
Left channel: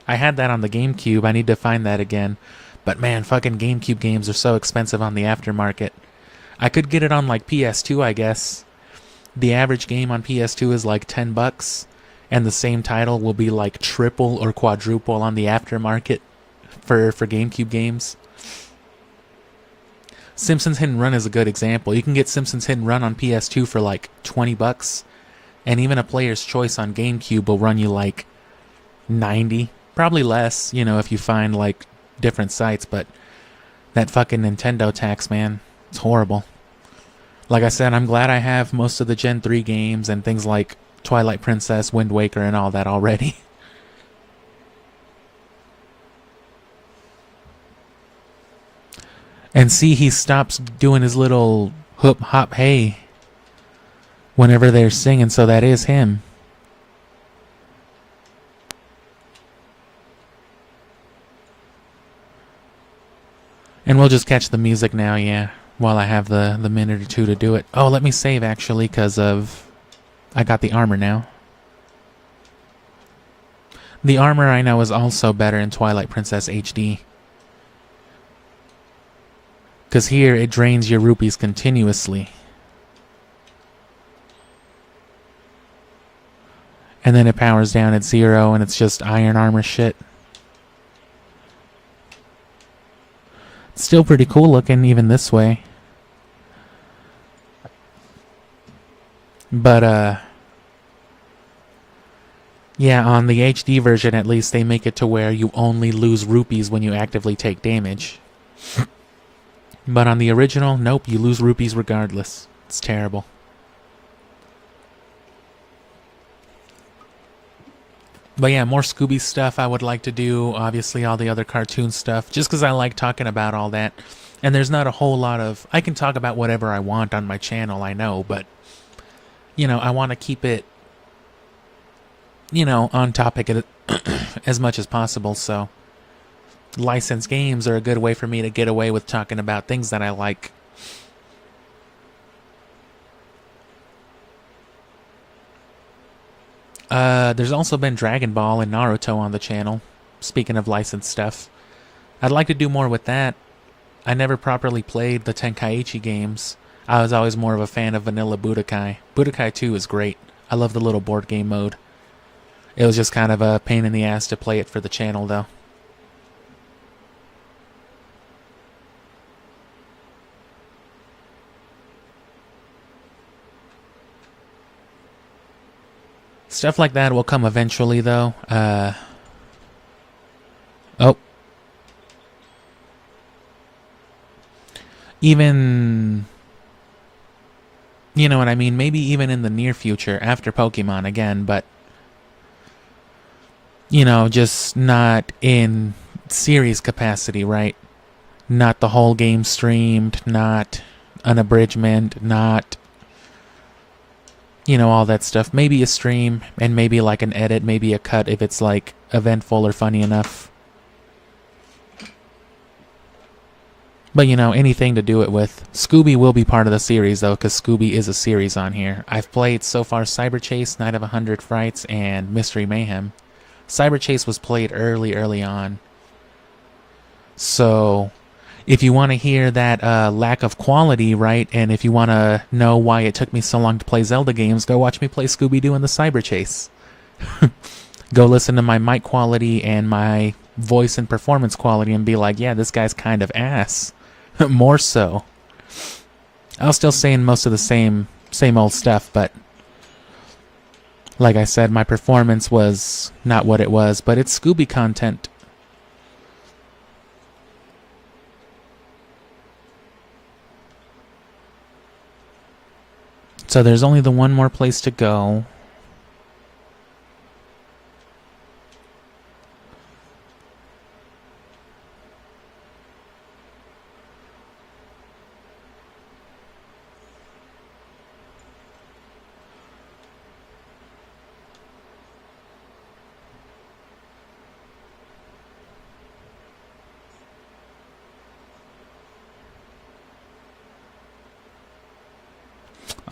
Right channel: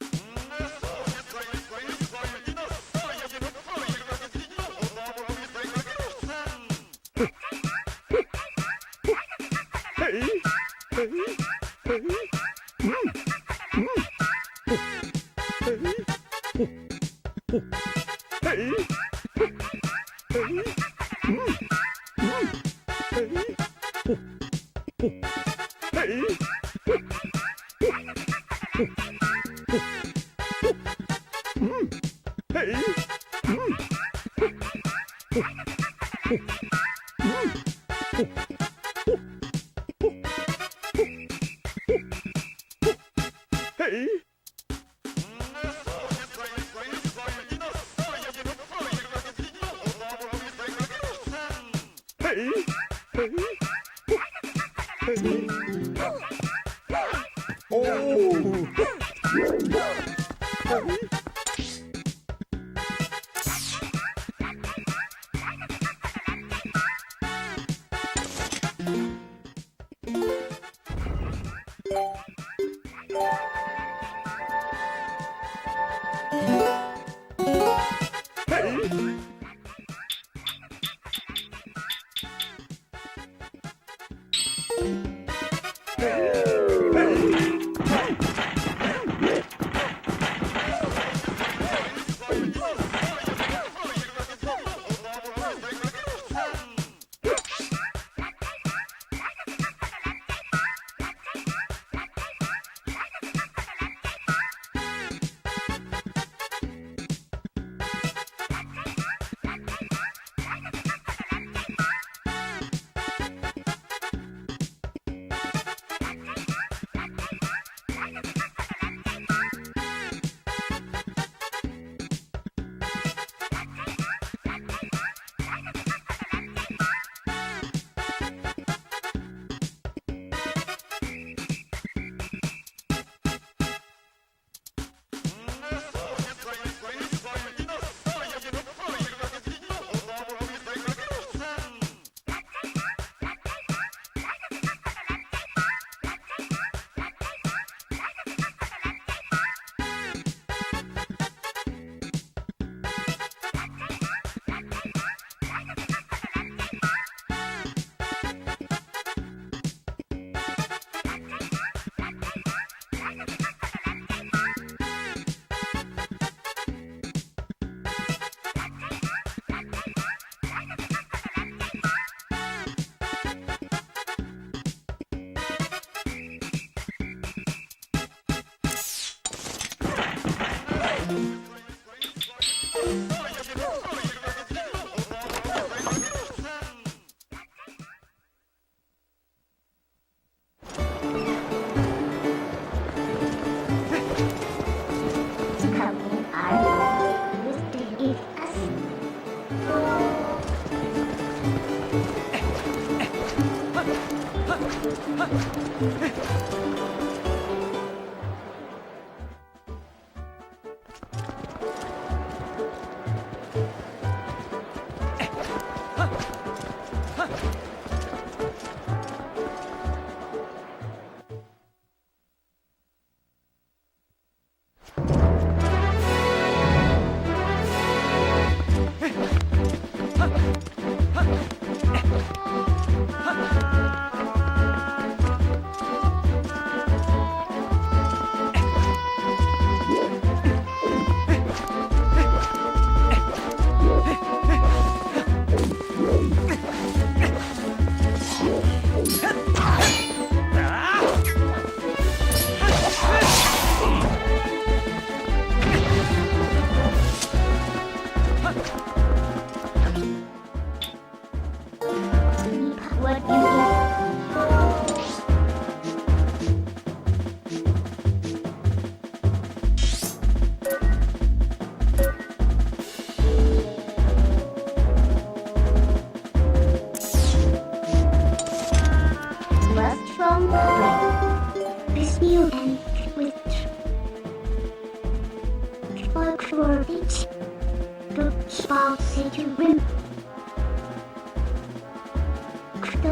I had that on the GameCube. I need to find that again. But man, fucking GameCube games are so expensive on the aftermarket. I could get it on like PS2, I guess. The average game on PS2 is like $10, and the same title will be like triple or quadruple on the aftermarket for GameCube games. Simpsons Hit and Run is a good example. You can get Simpsons Hit and Run on PS2 for like $20, and even a Player's Choice on GameCube will run you like 90, probably less, you know, if you find like different sites. But that fucking Nintendo tax, man, it's horrible. Like I said, I'm glad I have most of the Gen 3 games and things like Twilight Princess, Wind Waker, and all that already. And see, he stops doing his little hoop hop hey whenever they're singing, so that is him. And we'll just catch the music now, yeah, while I have the minute or two to do it. Oh, let me save, actually, because of... I got the armor now. The armor, I know, is also better in Twilight Princess HD. Because here, it drains your rupees continuously. And then it powers down at 0, and it's just iron armor shit. Still pretty cool looking, even this way. But, yeah, on the HD version, at least, they make it to where you only lose rupees when you actively take damage. But on the original, nope, you lose rupees regardless. It's terrible. But yeah, more Scooby stuff I would like to do. Obviously, all the other cartoon stuff. Just because I like talking about all that. And there's not a whole lot of... I can talk about whatever I want on my channel, I know. But, you know, I want to keep it, you know, on topic as much as possible. So, licensed games are a good way for me to get away with talking about things that I like. There's also been Dragon Ball and Naruto on the channel, speaking of licensed stuff. I'd like to do more with that. I never properly played the Tenkaichi games. I was always more of a fan of vanilla Budokai. Budokai 2 is great. I love the little board game mode. It was just kind of a pain in the ass to play it for the channel, though. Stuff like that will come eventually, though. Oh. Even... You know what I mean? Maybe even in the near future, after Pokemon again, but... You know, just not in series capacity, right? Not the whole game streamed, not an abridgment, not... You know, all that stuff. Maybe a stream, and maybe like an edit, maybe a cut if it's like eventful or funny enough. But you know, anything to do it with. Scooby will be part of the series though, because Scooby is a series on here. I've played so far Cyber Chase, Night of 100 Frights, and Mystery Mayhem. Cyber Chase was played early on. So... if you want to hear that lack of quality, right, and if you want to know why it took me so long to play Zelda games, go watch me play Scooby-Doo and the Cyber Chase. Go listen to my mic quality and my voice and performance quality and be like, yeah, this guy's kind of ass. More so. I was still saying most of the same old stuff, but like I said, my performance was not what it was, but it's Scooby content. So there's only the one more place to go.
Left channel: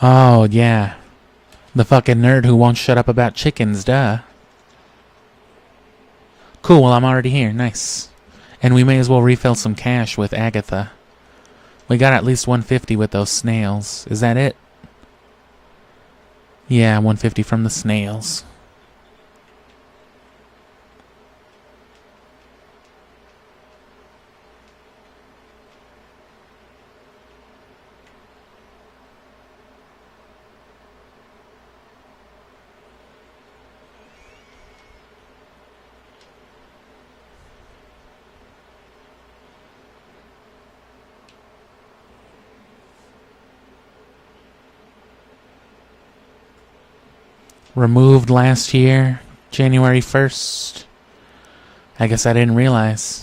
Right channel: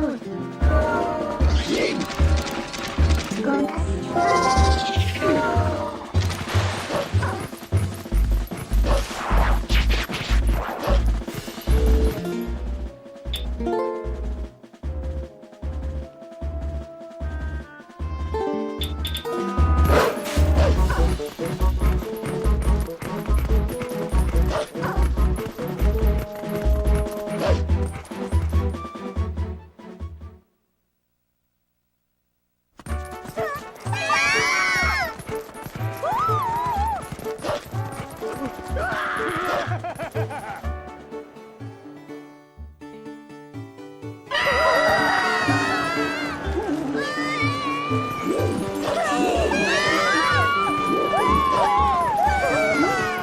Oh, yeah. The fucking nerd who won't shut up about chickens, duh. Cool, well, I'm already here. Nice. And we may as well refill some cash with Agatha. We got at least 150 with those snails. Is that it? Yeah, 150 from the snails. Removed last year, January 1st. I guess I didn't realize.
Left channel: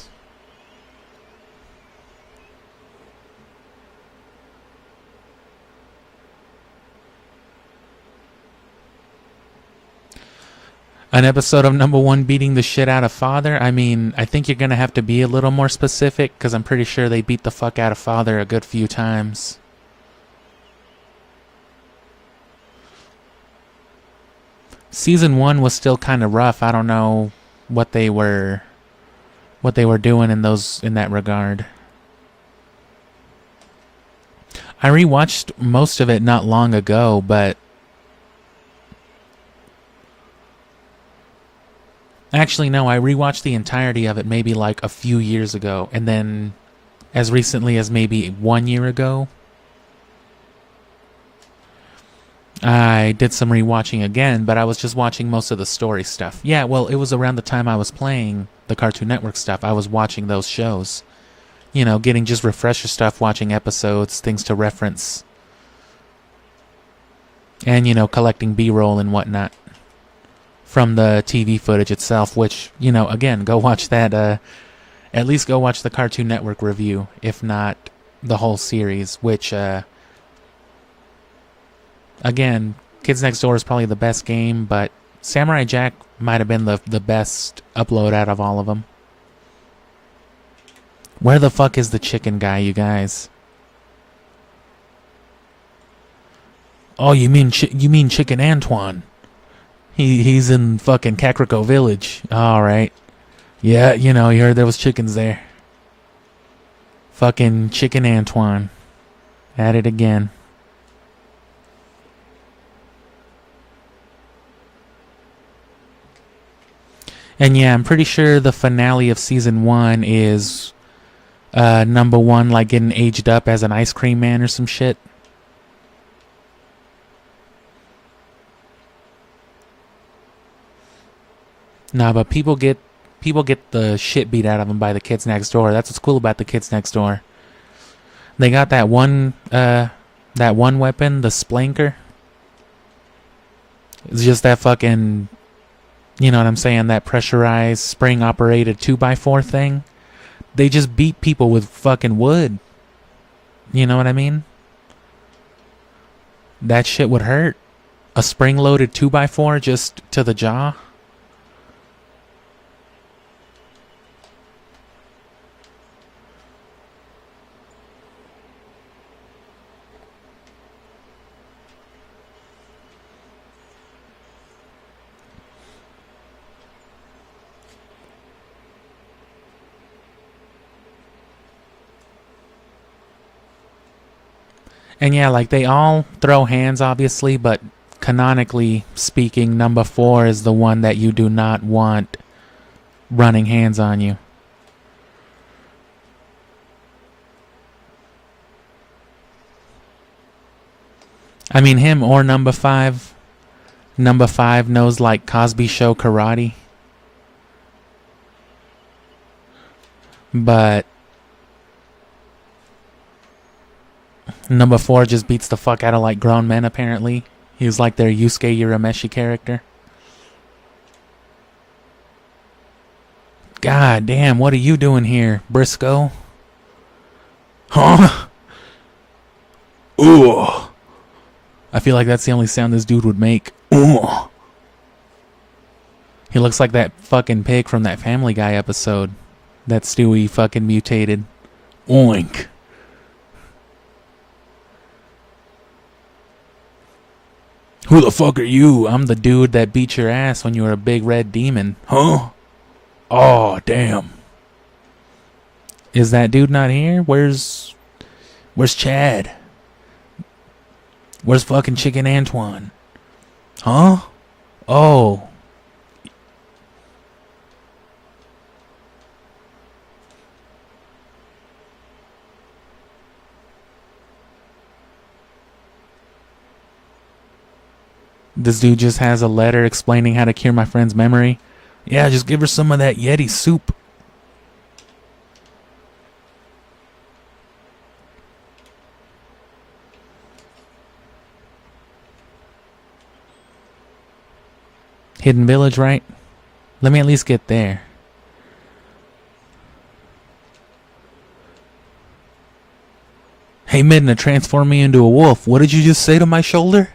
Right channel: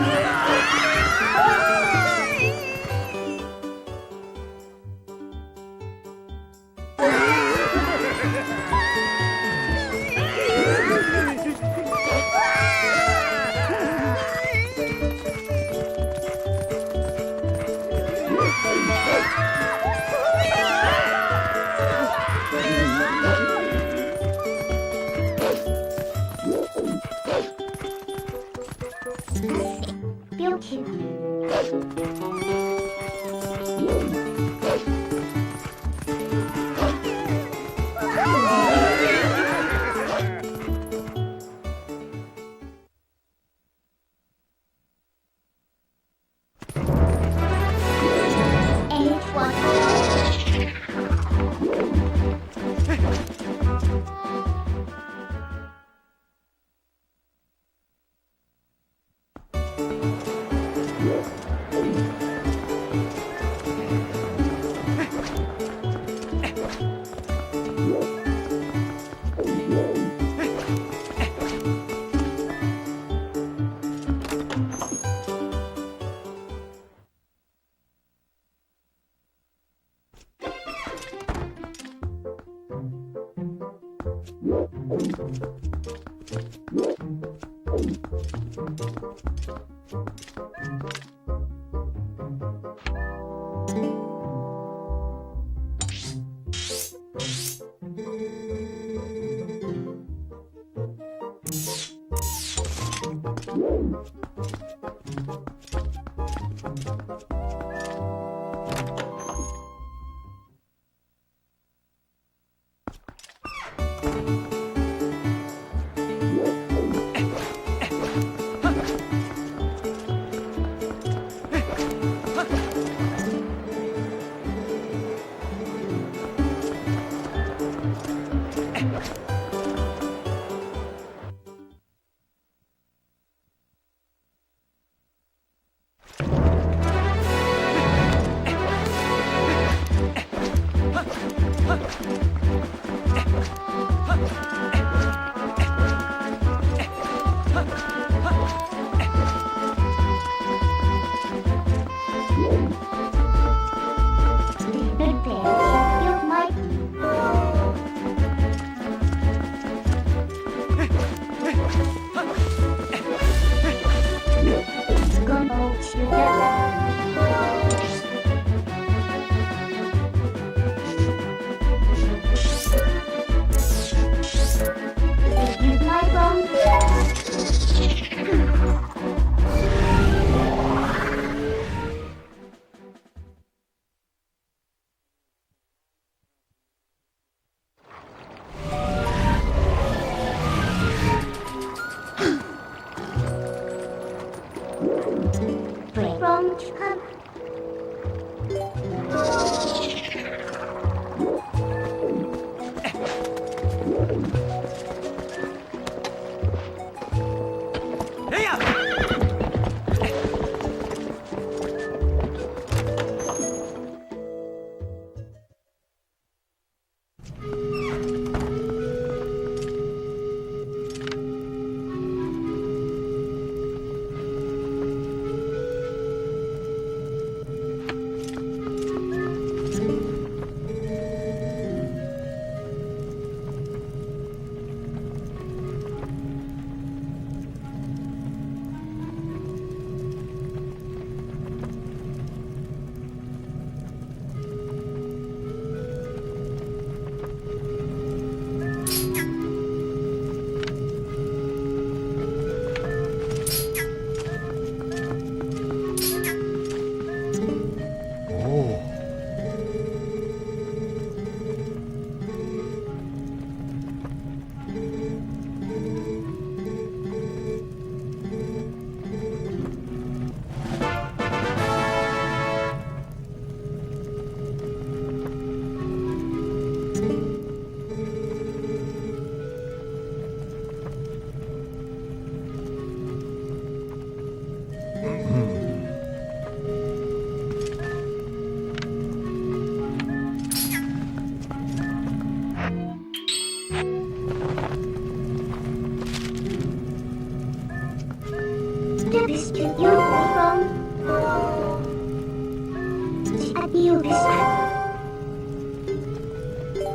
An episode of number 1 beating the shit out of Father? I mean, I think you're gonna have to be a little more specific, because I'm pretty sure they beat the fuck out of Father a good few times. Season 1 was still kind of rough. I don't know what they were doing in that regard. I rewatched most of it not long ago, but actually no, I rewatched the entirety of it maybe like a few years ago, and then as recently as maybe 1 year ago, I did some rewatching again, but I was just watching most of the story stuff. Yeah, well, it was around the time I was playing the Cartoon Network stuff. I was watching those shows. You know, getting just refresher stuff, watching episodes, things to reference. And, you know, collecting B-roll and whatnot from the TV footage itself, which, you know, again, go watch that, at least go watch the Cartoon Network review, if not the whole series, which, again, Kids Next Door is probably the best game, but Samurai Jack might have been the best upload out of all of them. Where the fuck is the chicken guy, you guys? Oh, you mean Chicken Antoine? He's in fucking Kakariko Village. All right. Yeah, you know, you heard there was chickens there. Fucking Chicken Antoine. At it again. And yeah, I'm pretty sure the finale of season 1 is number 1 like getting aged up as an ice cream man or some shit. Nah, but people get the shit beat out of them by the Kids Next Door. That's what's cool about the Kids Next Door. They got that one weapon, the Splanker. It's just that fucking, you know what I'm saying, that pressurized, spring-operated 2x4 thing. They just beat people with fucking wood. You know what I mean? That shit would hurt. A spring-loaded 2x4 just to the jaw. And yeah, like they all throw hands obviously, but canonically speaking, number 4 is the one that you do not want running hands on you. I mean, him or number 5. Number 5 knows like Cosby Show karate. But number 4 just beats the fuck out of like grown men apparently. He was like their Yusuke Urameshi character. God damn, what are you doing here, Briscoe? Huh? Ooh. I feel like that's the only sound this dude would make. Ooh. He looks like that fucking pig from that Family Guy episode that Stewie fucking mutated. Oink. Who the fuck are you? I'm the dude that beat your ass when you were a big red demon. Huh? Oh, damn. Is that dude not here? Where's Chad? Where's fucking Chicken Antoine? Huh? Oh. This dude just has a letter explaining how to cure my friend's memory. Yeah, just give her some of that Yeti soup. Hidden village, right? Let me at least get there. Hey Midna, transform me into a wolf. What did you just say to my shoulder?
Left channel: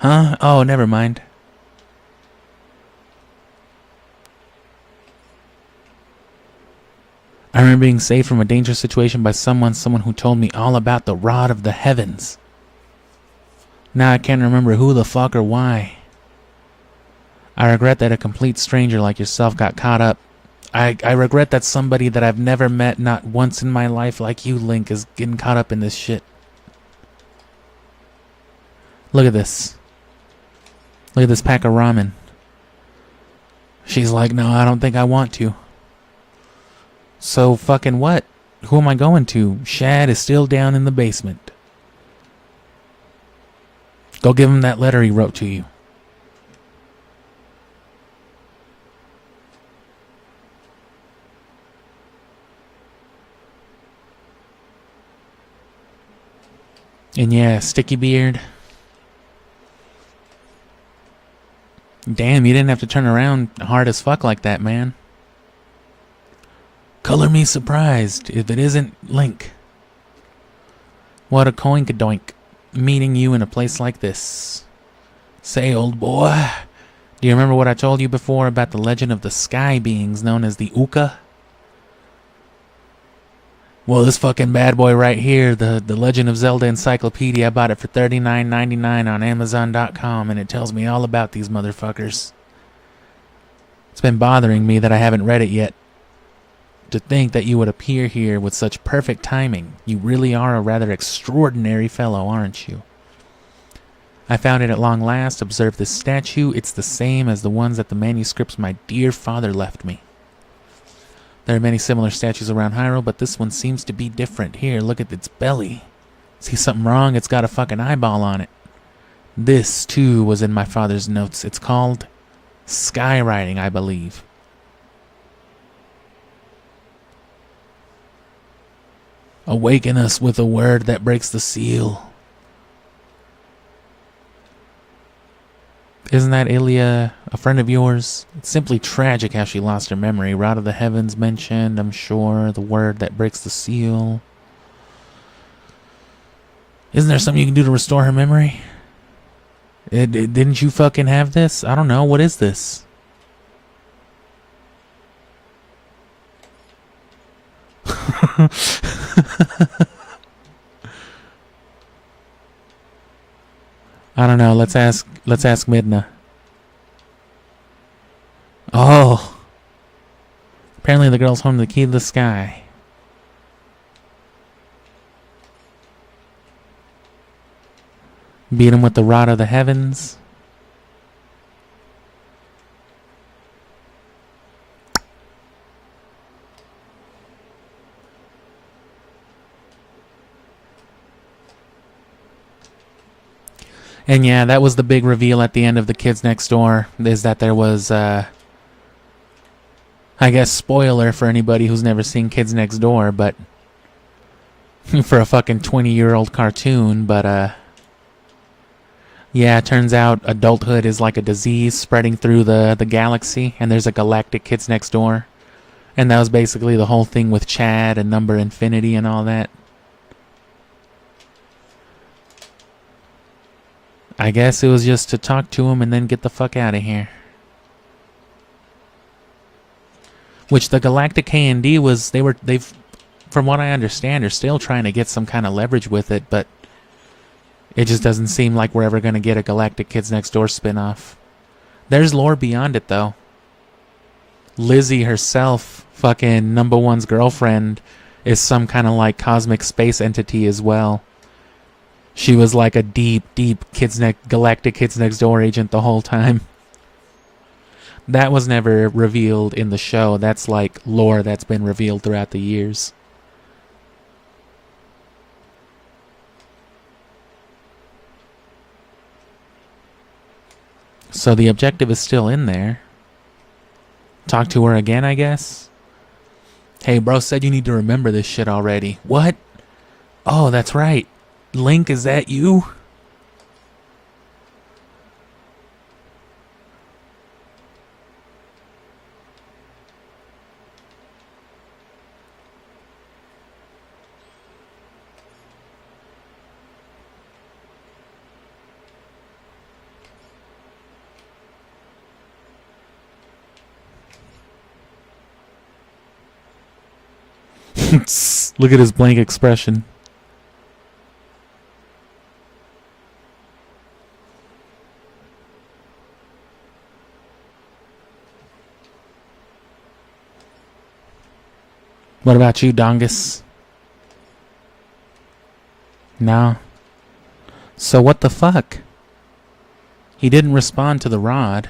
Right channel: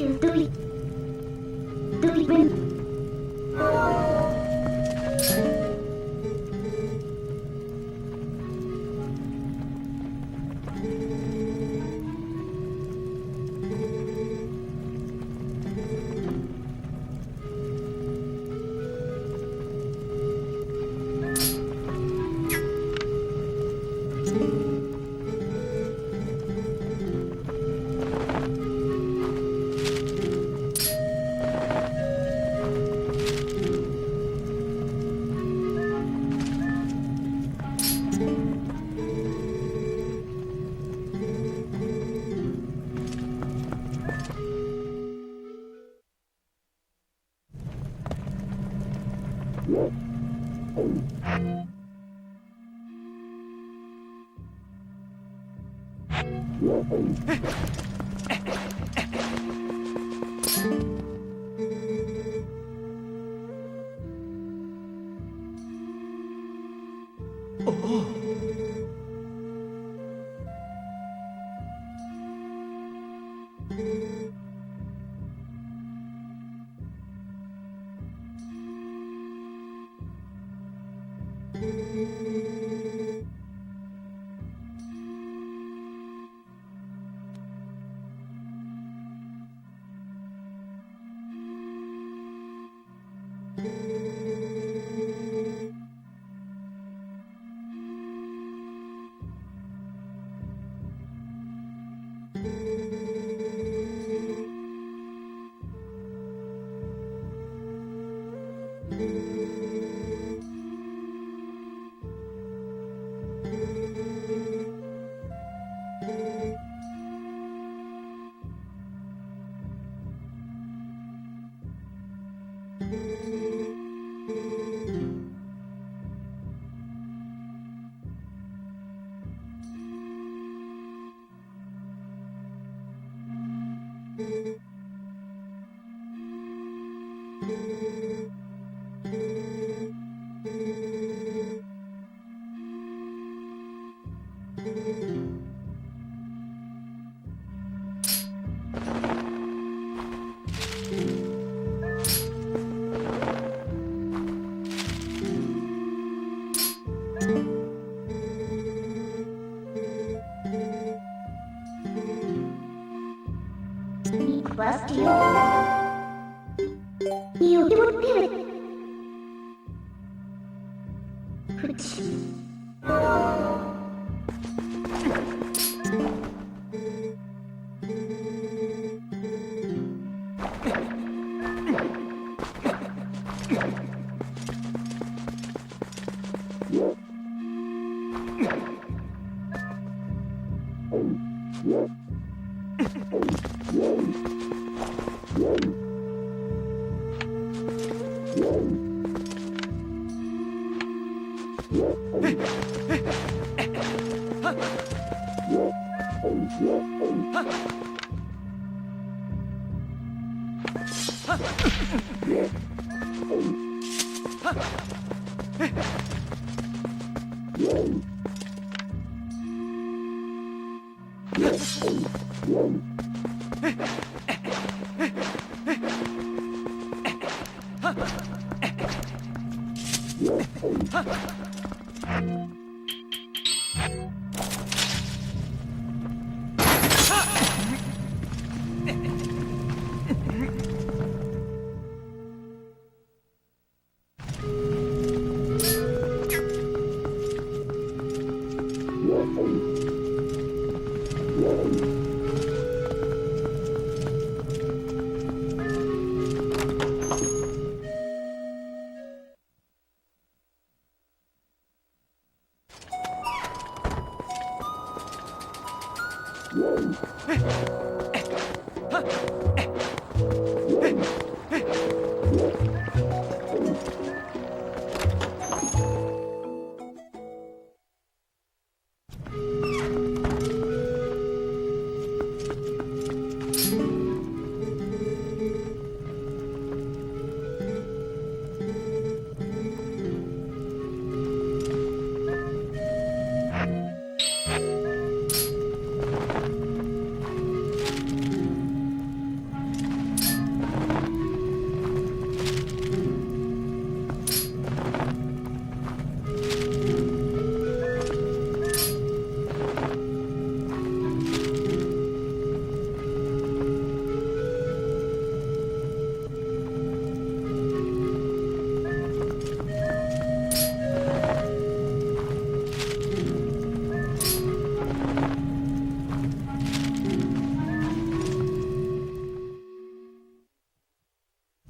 Huh? Oh, never mind. I remember being saved from a dangerous situation by someone who told me all about the rod of the heavens. Now I can't remember who the fuck or why. I regret that a complete stranger like yourself got caught up. I regret that somebody that I've never met not once in my life like you, Link, is getting caught up in this shit. Look at this. Look at this pack of ramen. She's like, no, I don't think I want to. So fucking what? Who am I going to? Shad is still down in the basement. Go give him that letter he wrote to you. And yeah, Sticky Beard. Damn, you didn't have to turn around hard as fuck like that, man. Color me surprised if it isn't Link. What a coinkadoink, meeting you in a place like this. Say, old boy, do you remember what I told you before about the legend of the sky beings known as the Uka? Well, this fucking bad boy right here, the Legend of Zelda Encyclopedia, I bought it for $39.99 on Amazon.com, and it tells me all about these motherfuckers. It's been bothering me that I haven't read it yet. To think that you would appear here with such perfect timing. You really are a rather extraordinary fellow, aren't you? I found it at long last. Observe this statue. It's the same as the ones at the manuscripts my dear father left me. There are many similar statues around Hyrule, but this one seems to be different. Here, look at its belly. See something wrong? It's got a fucking eyeball on it. This, too, was in my father's notes. It's called skywriting, I believe. Awaken us with a word that breaks the seal. Isn't that Ilya a friend of yours? It's simply tragic how she lost her memory. Rod of the Heavens mentioned, I'm sure. The word that breaks the seal. Isn't there something you can do to restore her memory? Didn't you fucking have this? I don't know. What is this? I don't know. Let's ask Midna. Oh. Apparently the girl's home to the key to the sky. Beat him with the rod of the heavens. And yeah, that was the big reveal at the end of The Kids Next Door, is that there was, I guess, spoiler for anybody who's never seen Kids Next Door, but for a fucking 20-year-old cartoon, but, yeah, it turns out adulthood is like a disease spreading through the galaxy, and there's a galactic Kids Next Door. And that was basically the whole thing with Chad and Number Infinity and all that. I guess it was just to talk to him and then get the fuck out of here. Which the Galactic K&D was, they've, from what I understand, are still trying to get some kind of leverage with it, but it just doesn't seem like we're ever going to get a Galactic Kids Next Door spin-off. There's lore beyond it, though. Lizzie herself, fucking number one's girlfriend, is some kind of like cosmic space entity as well. She was like a deep Galactic Kids Next Door agent the whole time. That was never revealed in the show. That's like lore that's been revealed throughout the years. So the objective is still in there. Talk to her again, I guess? Hey, bro said you need to remember this shit already. What? Oh, that's right. Link, is that you? Look at his blank expression. What about you, Dongus? No. So what the fuck? He didn't respond to the rod.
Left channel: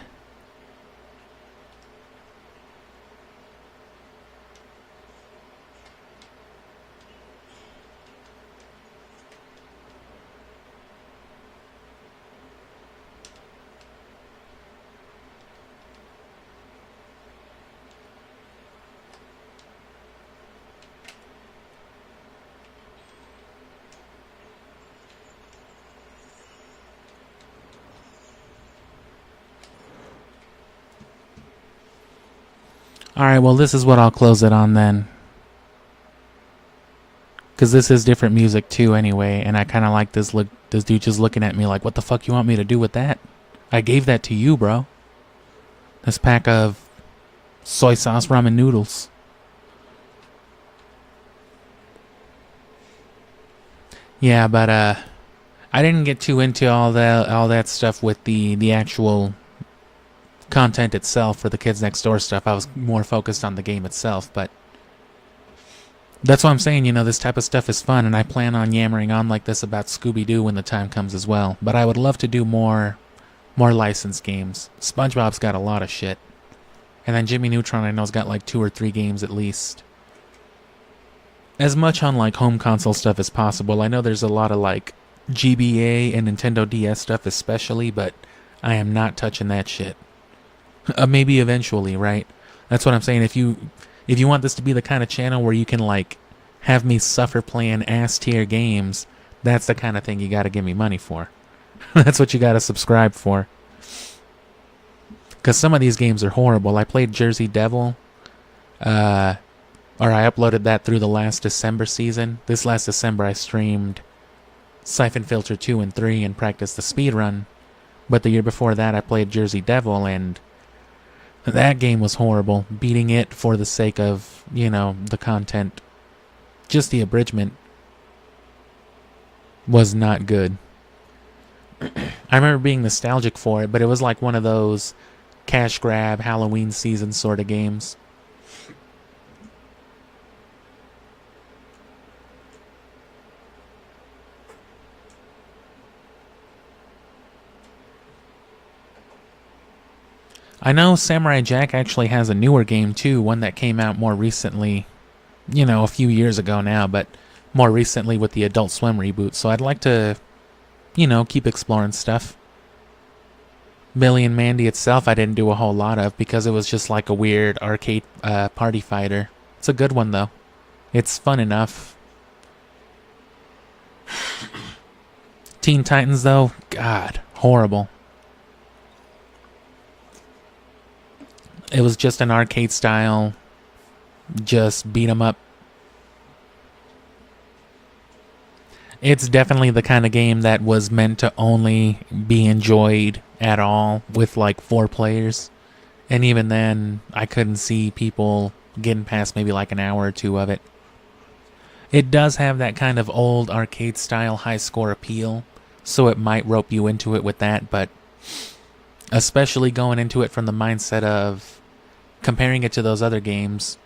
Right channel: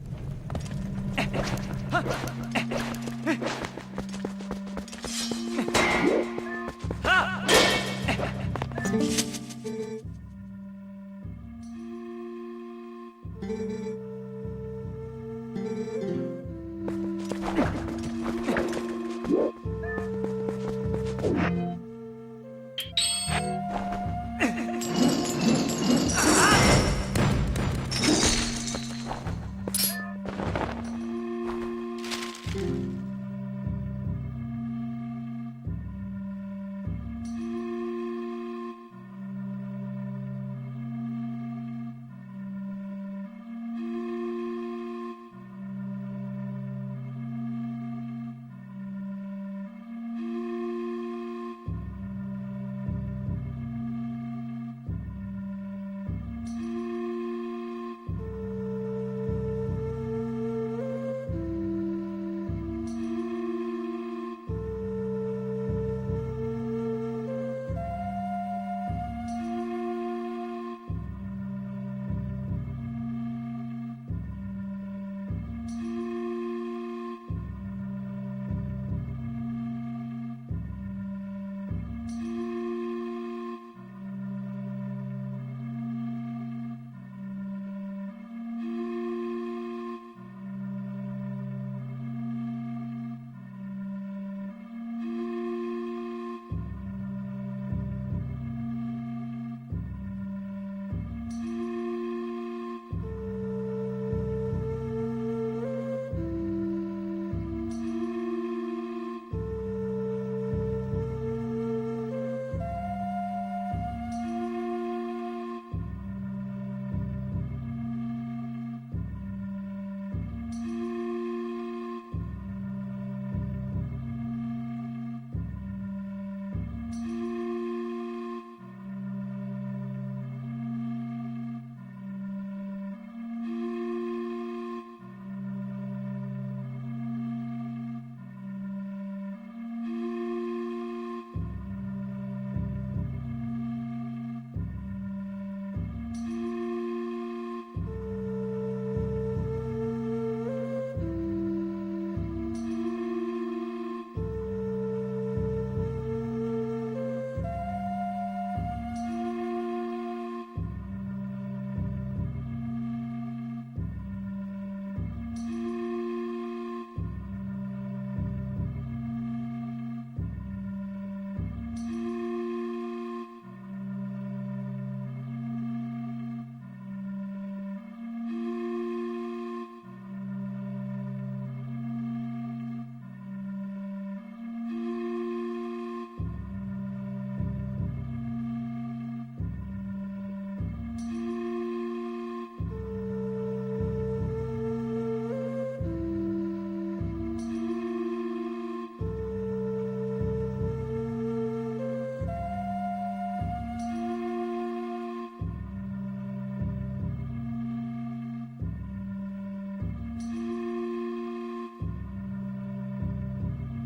Alright, well this is what I'll close it on then. Because this is different music too anyway, and I kind of like this dude just looking at me like, what the fuck you want me to do with that? I gave that to you, bro. This pack of soy sauce ramen noodles. Yeah, but I didn't get too into all that stuff with the actual content itself for the Kids Next Door stuff. I was more focused on the game itself, but that's what I'm saying, you know, this type of stuff is fun, and I plan on yammering on like this about Scooby-Doo when the time comes as well. But I would love to do more licensed games. SpongeBob's got a lot of shit. And then Jimmy Neutron I know's got like 2 or 3 games at least. As much on like home console stuff as possible. I know there's a lot of like GBA and Nintendo DS stuff especially, but I am not touching that shit. Maybe eventually, right? That's what I'm saying. If you want this to be the kind of channel where you can like have me suffer playing ass tier games, that's the kind of thing you gotta give me money for. That's what you gotta subscribe for. Because some of these games are horrible. I played Jersey Devil, or I uploaded that through the last December season. This last December I streamed Siphon Filter 2 and 3 and practiced the speedrun. But the year before that I played Jersey Devil, and that game was horrible. Beating it for the sake of, you know, the content, just the abridgment, was not good. I remember being nostalgic for it, but it was like one of those cash grab Halloween season sort of games. I know Samurai Jack actually has a newer game too, one that came out more recently, you know, a few years ago now, but more recently with the Adult Swim reboot, so I'd like to you know, keep exploring stuff. Billy and Mandy itself I didn't do a whole lot of because it was just like a weird arcade party fighter. It's a good one though. It's fun enough. Teen Titans though, God, horrible. It was just an arcade style, just beat 'em up. It's definitely the kind of game that was meant to only be enjoyed at all with like 4 players. And even then, I couldn't see people getting past maybe like an hour or 2 of it. It does have that kind of old arcade style high score appeal, so it might rope you into it with that, but especially going into it from the mindset of comparing it to those other games,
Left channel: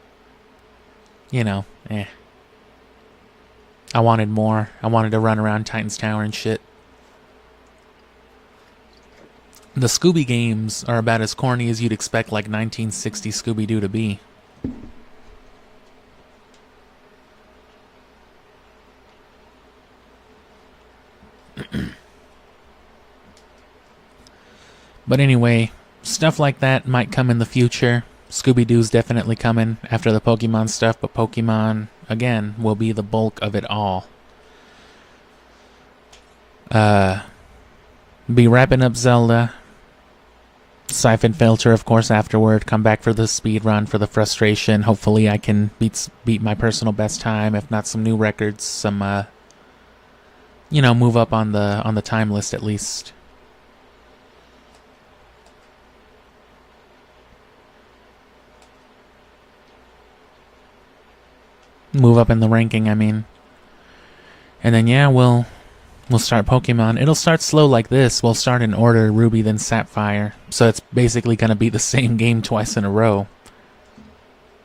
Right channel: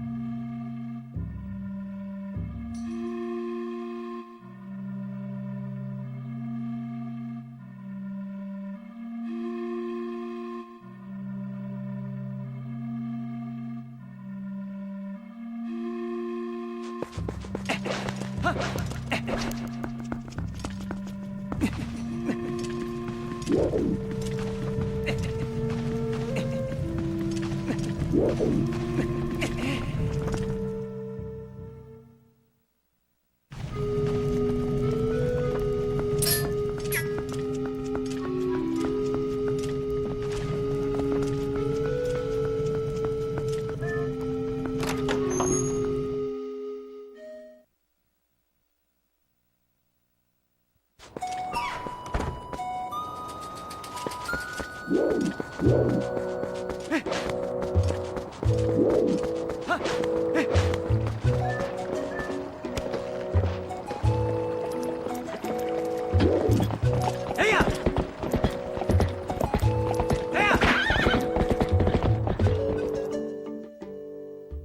you know, I wanted more. I wanted to run around Titan's Tower and shit. The Scooby games are about as corny as you'd expect like 1960 Scooby-Doo to be. But anyway, stuff like that might come in the future. Scooby-Doo's definitely coming after the Pokemon stuff, but Pokemon, again, will be the bulk of it all. Be wrapping up Zelda. Siphon Filter, of course, afterward. Come back for the speed run, for the frustration. Hopefully I can beat my personal best time, if not some new records, some, you know, move up on the time list at least. Move up in the ranking, I mean. And then yeah, we'll start Pokemon. It'll start slow like this. We'll start in order, Ruby then Sapphire. So it's basically gonna be the same game twice in a row.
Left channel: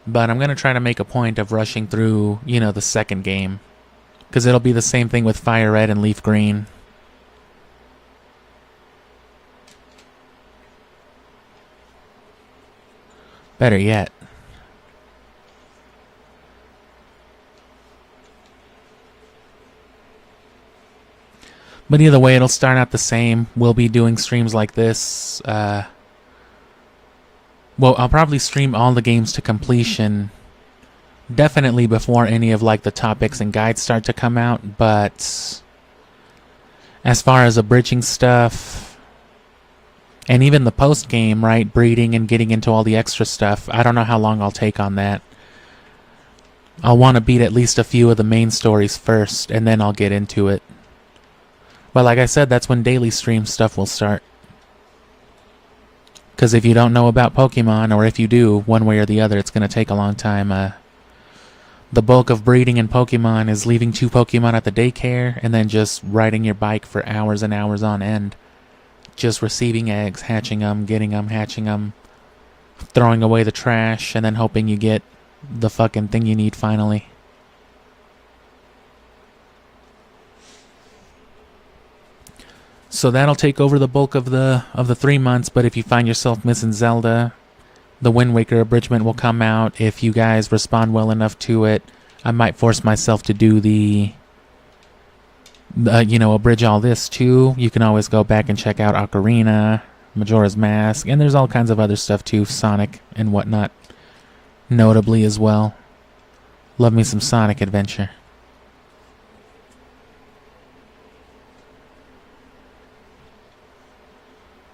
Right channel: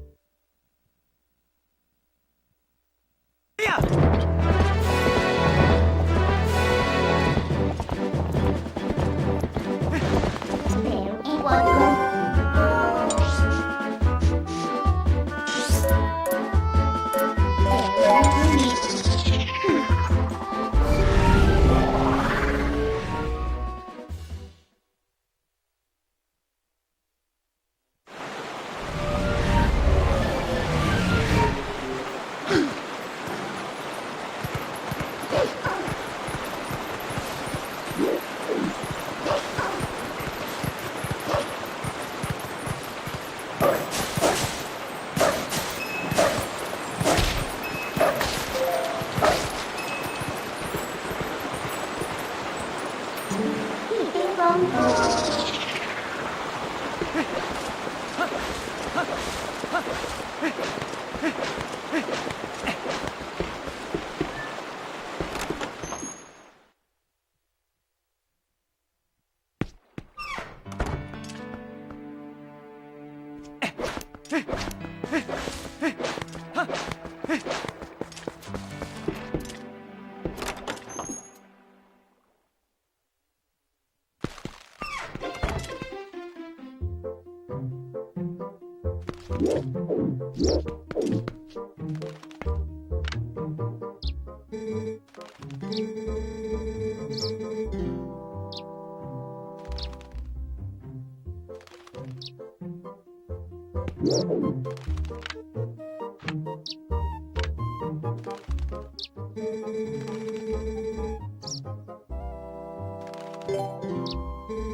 But I'm gonna try to make a point of rushing through, you know, the second game. Because it'll be the same thing with Fire Red and Leaf Green. Better yet. But either way, it'll start out the same. We'll be doing streams like this. Well, I'll probably stream all the games to completion. Definitely before any of like the topics and guides start to come out. But as far as abridging stuff, and even the post-game, right, breeding and getting into all the extra stuff, I don't know how long I'll take on that. I'll want to beat at least a few of the main stories first, and then I'll get into it. But like I said, that's when daily stream stuff will start. Because if you don't know about Pokemon, or if you do, one way or the other, it's going to take a long time. The bulk of breeding in Pokemon is leaving 2 Pokemon at the daycare, and then just riding your bike for hours and hours on end. Just receiving eggs, hatching them, getting them, hatching them, throwing away the trash, and then hoping you get the fucking thing you need finally. So that'll take over the bulk of the 3 months, but if you find yourself missing Zelda, the Wind Waker abridgment will come out. If you guys respond well enough to it, I might force myself to do the you know, abridge all this too. You can always go back and check out Ocarina, Majora's Mask, and there's all kinds of other stuff too, Sonic and whatnot, notably as well. Love me some Sonic Adventure.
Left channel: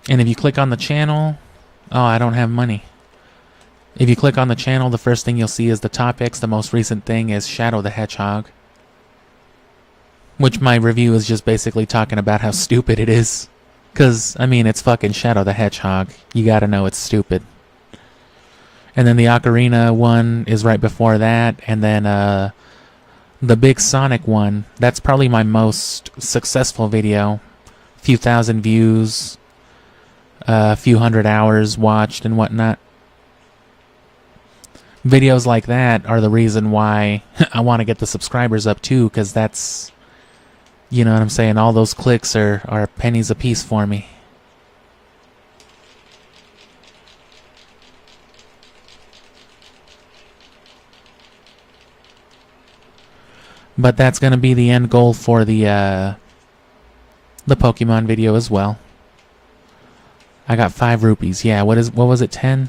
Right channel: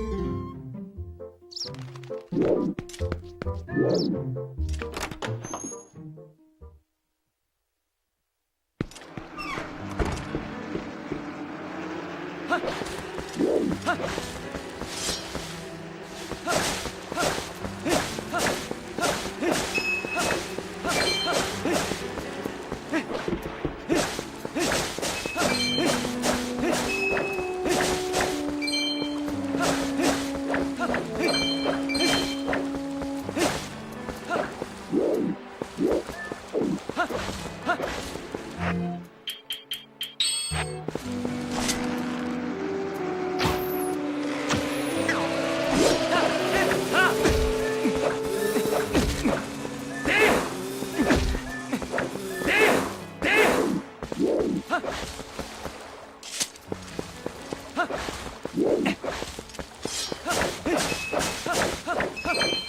And if you click on the channel, oh, I don't have money. If you click on the channel, the first thing you'll see is the topics. The most recent thing is Shadow the Hedgehog, which my review is just basically talking about how stupid it is. Because, I mean, it's fucking Shadow the Hedgehog. You gotta know it's stupid. And then the Ocarina one is right before that. And then the big Sonic one, that's probably my most successful video. A few thousand views, a few hundred hours watched and whatnot. Videos like that are the reason why I want to get the subscribers up too, because that's, you know what I'm saying, all those clicks are pennies a piece for me. But that's going to be the end goal for the the Pokemon video as well. I got 5 rupees. Yeah, what was it, 10?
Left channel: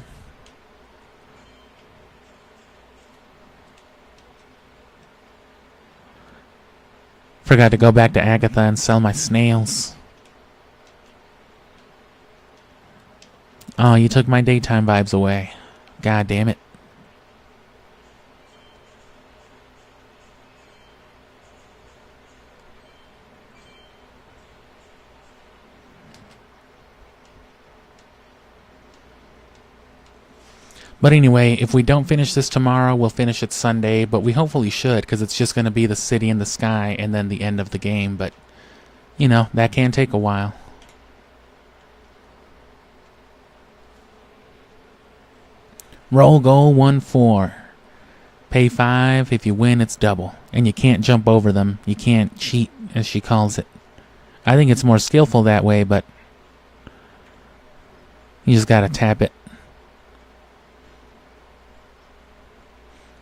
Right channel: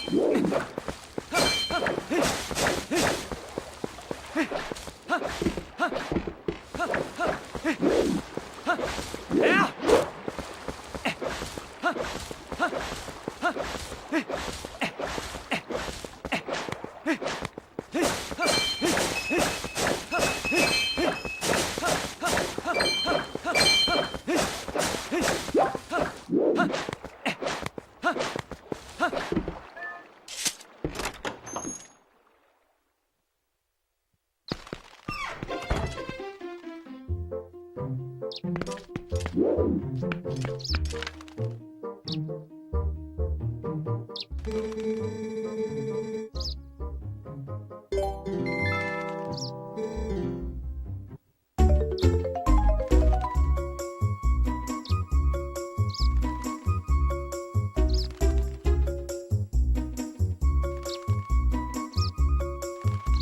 Forgot to go back to Agatha and sell my snails. Oh, you took my daytime vibes away. God damn it. But anyway, if we don't finish this tomorrow, we'll finish it Sunday, but we hopefully should, because it's just going to be the city in the sky and then the end of the game, but, you know, that can take a while. Roll goal 1-4. Pay 5, if you win, it's double. And you can't jump over them. You can't cheat, as she calls it. I think it's more skillful that way, but you just gotta tap it.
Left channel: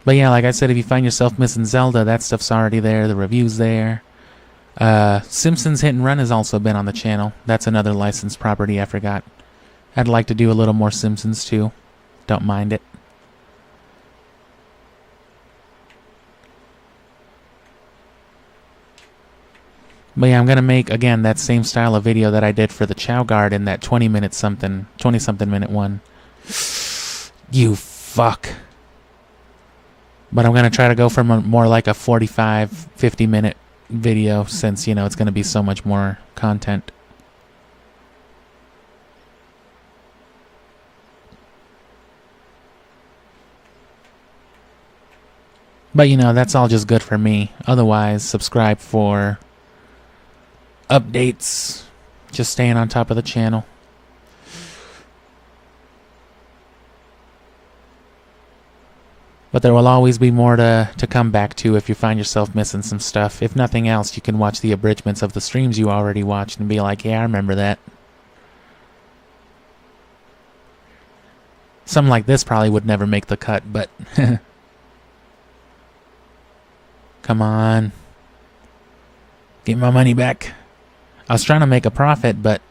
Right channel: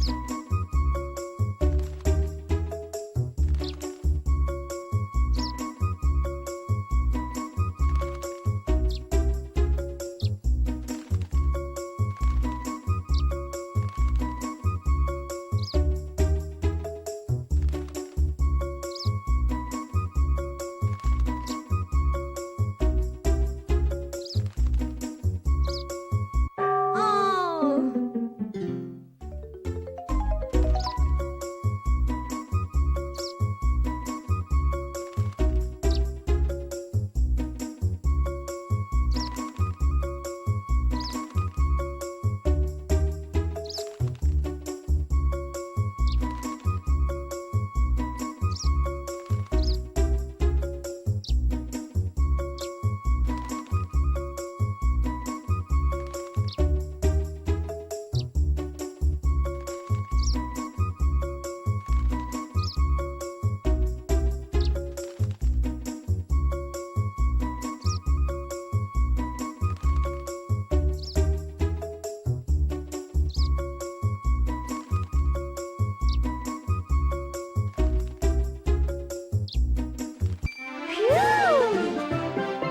But yeah, like I said, if you find yourself missing Zelda, that stuff's already there. The review's there. Simpsons Hit and Run has also been on the channel. That's another licensed property I forgot. I'd like to do a little more Simpsons too. Don't mind it. But yeah, I'm gonna make, again, that same style of video that I did for the Chow Guard in that 20-something minute one. You fuck. But I'm gonna try to go for more like a 45, 50-minute video since, you know, it's gonna be so much more content. But, you know, that's all just good for me. Otherwise, subscribe for updates. Just staying on top of the channel. But there will always be more to come back to if you find yourself missing some stuff. If nothing else, you can watch the abridgments of the streams you already watched and be like, yeah, I remember that. Something like this probably would never make the cut, but... Come on. Get my money back. I was trying to make a profit, but...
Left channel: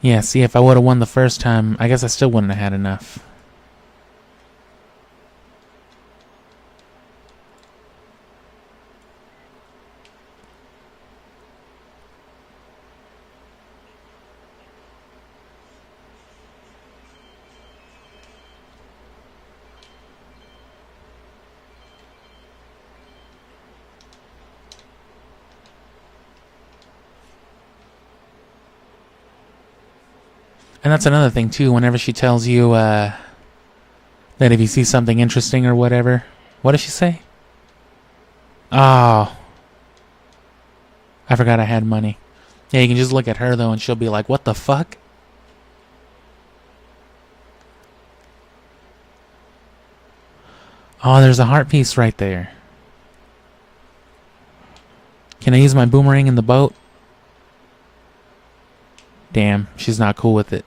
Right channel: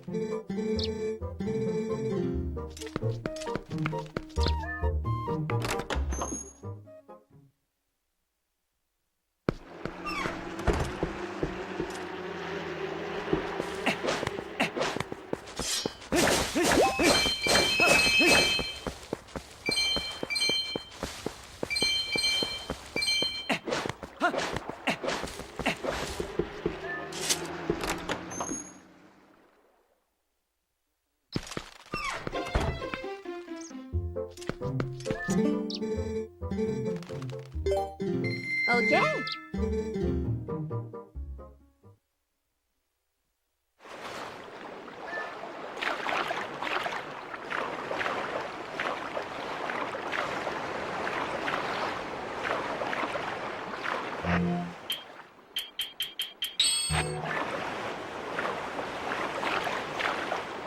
Yeah, see, if I would have won the first time, I guess I still wouldn't have had enough. And that's another thing, too, whenever she tells you, that if you see something interesting or whatever... What does she say? Oh. I forgot I had money. Yeah, you can just look at her, though, and she'll be like, what the fuck? Oh, there's a heart piece right there. Can I use my boomerang in the boat? Damn, she's not cool with it.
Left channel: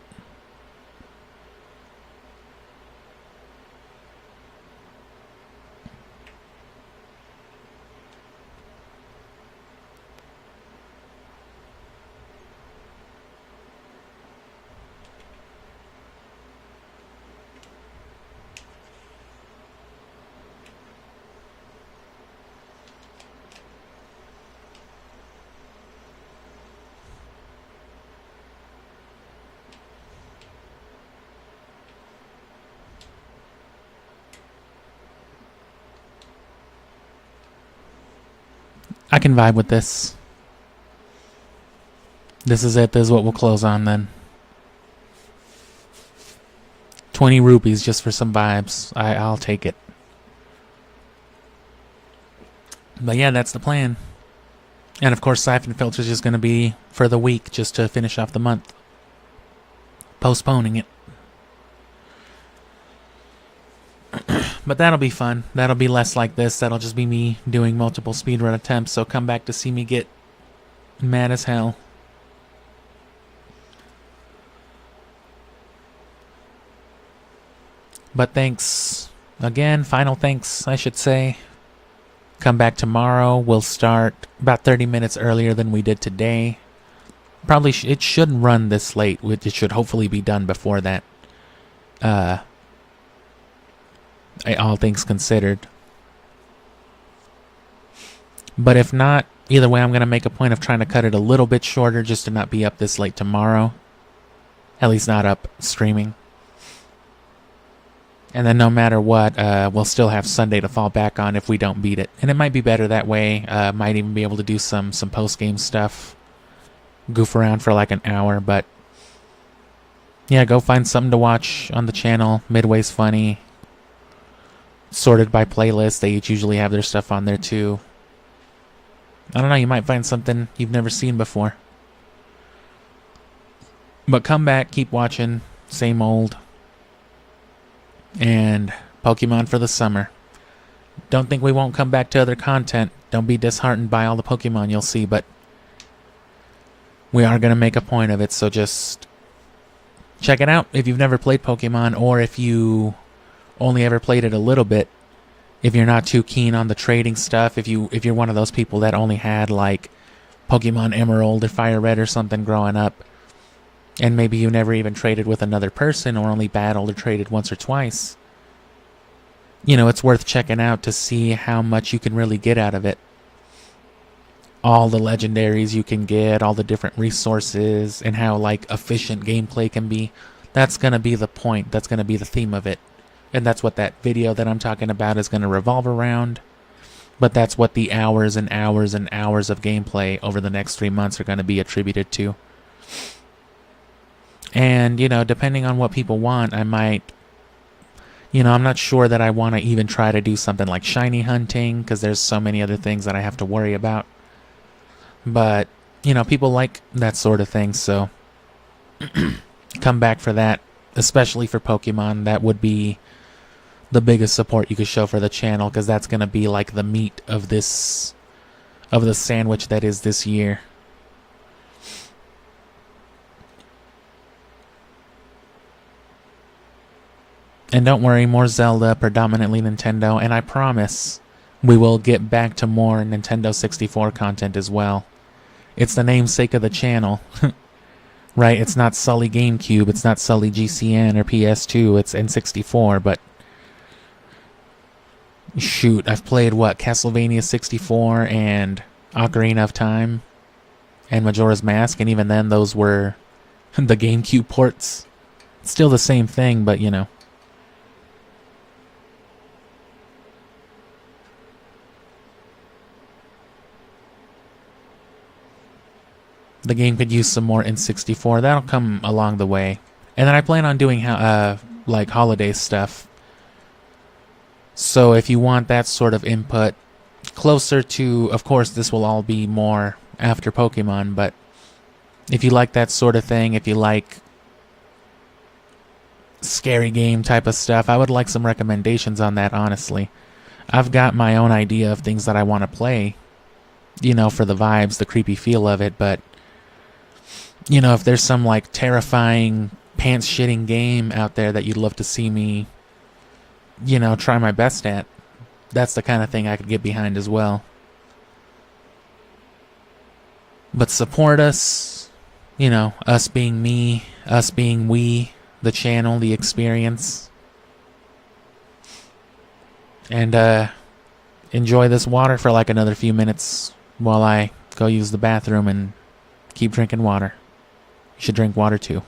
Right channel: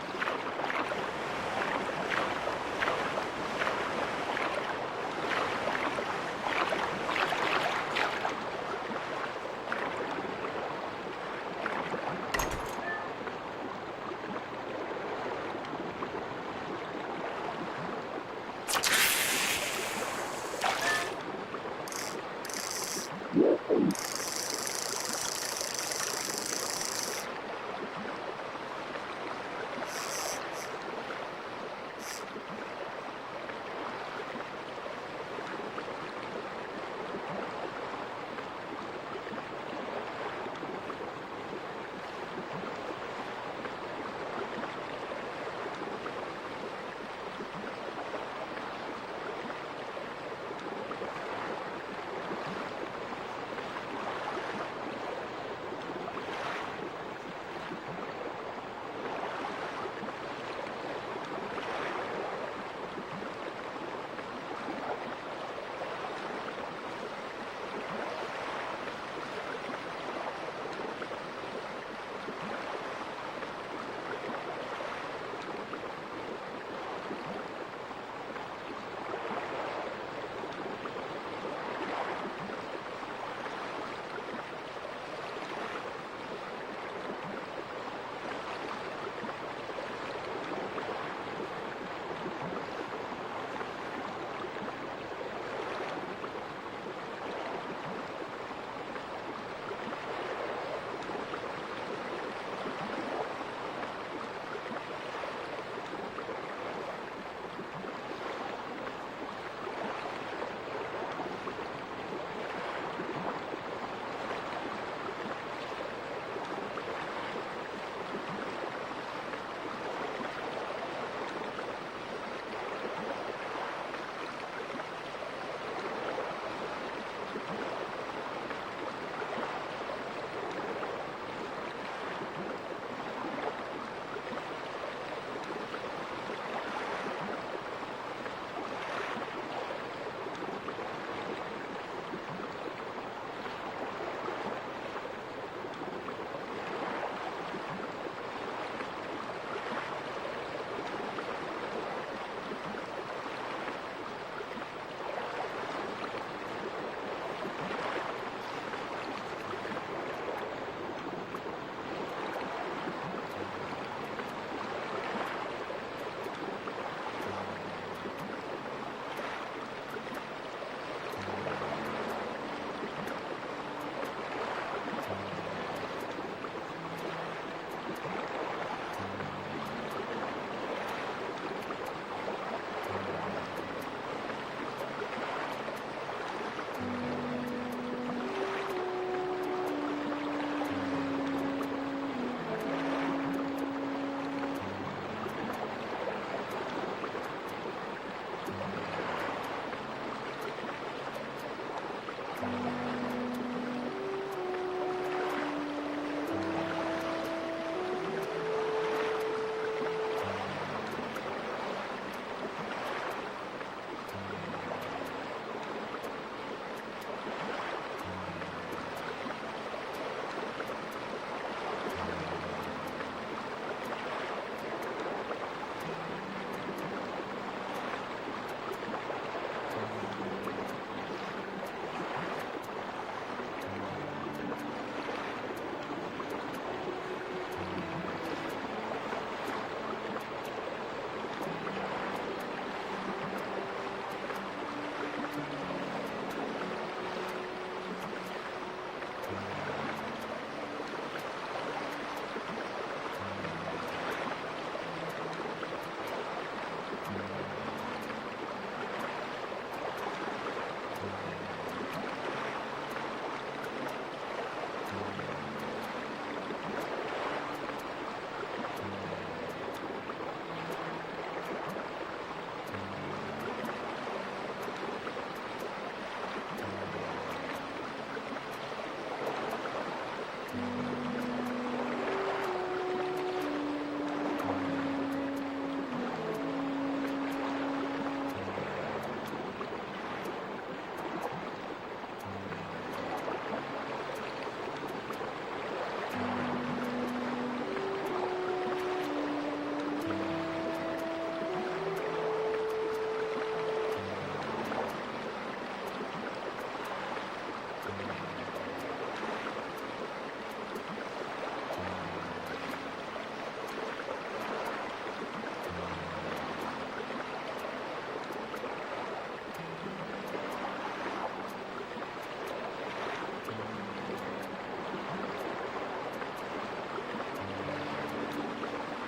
I can vibe with this. This is it. This is what we'll close on then. 20 rupees just for some vibes. I'll take it. But yeah, that's the plan. And of course, Siphon Filter is just going to be for the week just to finish off the month. Postponing it. But that'll be fun. That'll be less like this. That'll just be me doing multiple speedrun attempts. So come back to see me get mad as hell. But thanks again, final thanks, I should say. Come back tomorrow. We'll start about 30 minutes earlier than we did today. Probably it shouldn't run this late. It should hopefully be done before that. All things considered. But if not, either way, I'm going to make a point of trying to cut it a little bit shorter just to not be up this late tomorrow. At least not up streaming. And then no matter what, we'll still have Sunday to fall back on if we don't beat it. And it might be better that way. Might even be able to do some post-game stuff. Goof around for like an hour, but... yeah, go find something to watch on the channel. Midway's funny. Sorted by playlist. They each usually have their stuff on there too. I don't know, you might find something you've never seen before. But come back, keep watching. Same old. And Pokemon for the summer. Don't think we won't come back to other content. Don't be disheartened by all the Pokemon you'll see, but we are going to make a point of it, so just check it out if you've never played Pokemon, or if you only ever played it a little bit. If you're not too keen on the trading stuff, if you're one of those people that only had like Pokemon Emerald or Fire Red or something growing up, and maybe you never even traded with another person or only battled or traded once or twice, you know, it's worth checking out to see how much you can really get out of it. All the legendaries you can get, all the different resources, and how like efficient gameplay can be. That's going to be the point. That's going to be the theme of it. And that's what that video that I'm talking about is going to revolve around. But that's what the hours and hours and hours of gameplay over the next 3 months are going to be attributed to. And, you know, depending on what people want, I might... you know, I'm not sure that I want to even try to do something like shiny hunting, because there's so many other things that I have to worry about. But, you know, people like that sort of thing, so come back for that, especially for Pokemon. That would be the biggest support you could show for the channel, because that's going to be like the meat of this, of the sandwich that is this year. And don't worry, more Zelda, predominantly Nintendo, and I promise we will get back to more Nintendo 64 content as well. It's the namesake of the channel, right? It's not Sully GameCube, it's not Sully GCN or PS2, it's N64, but shoot, I've played, what, Castlevania 64 and Ocarina of Time and Majora's Mask, and even then those were the GameCube ports. It's still the same thing, but you know. The game could use some more N64. That'll come along the way. And then I plan on doing like holiday stuff. So if you want that sort of input, closer to, of course this will all be more after Pokemon, but if you like that sort of thing, if you like scary game type of stuff, I would like some recommendations on that, honestly. I've got my own idea of things that I want to play, you know, for the vibes, the creepy feel of it, but you know, if there's some like terrifying pants-shitting game out there that you'd love to see me, you know, try my best at, that's the kind of thing I could get behind as well. But support us, you know, us being me, us being we, the channel, the experience. And enjoy this water for like another few minutes while I go use the bathroom and keep drinking water. Should drink water too.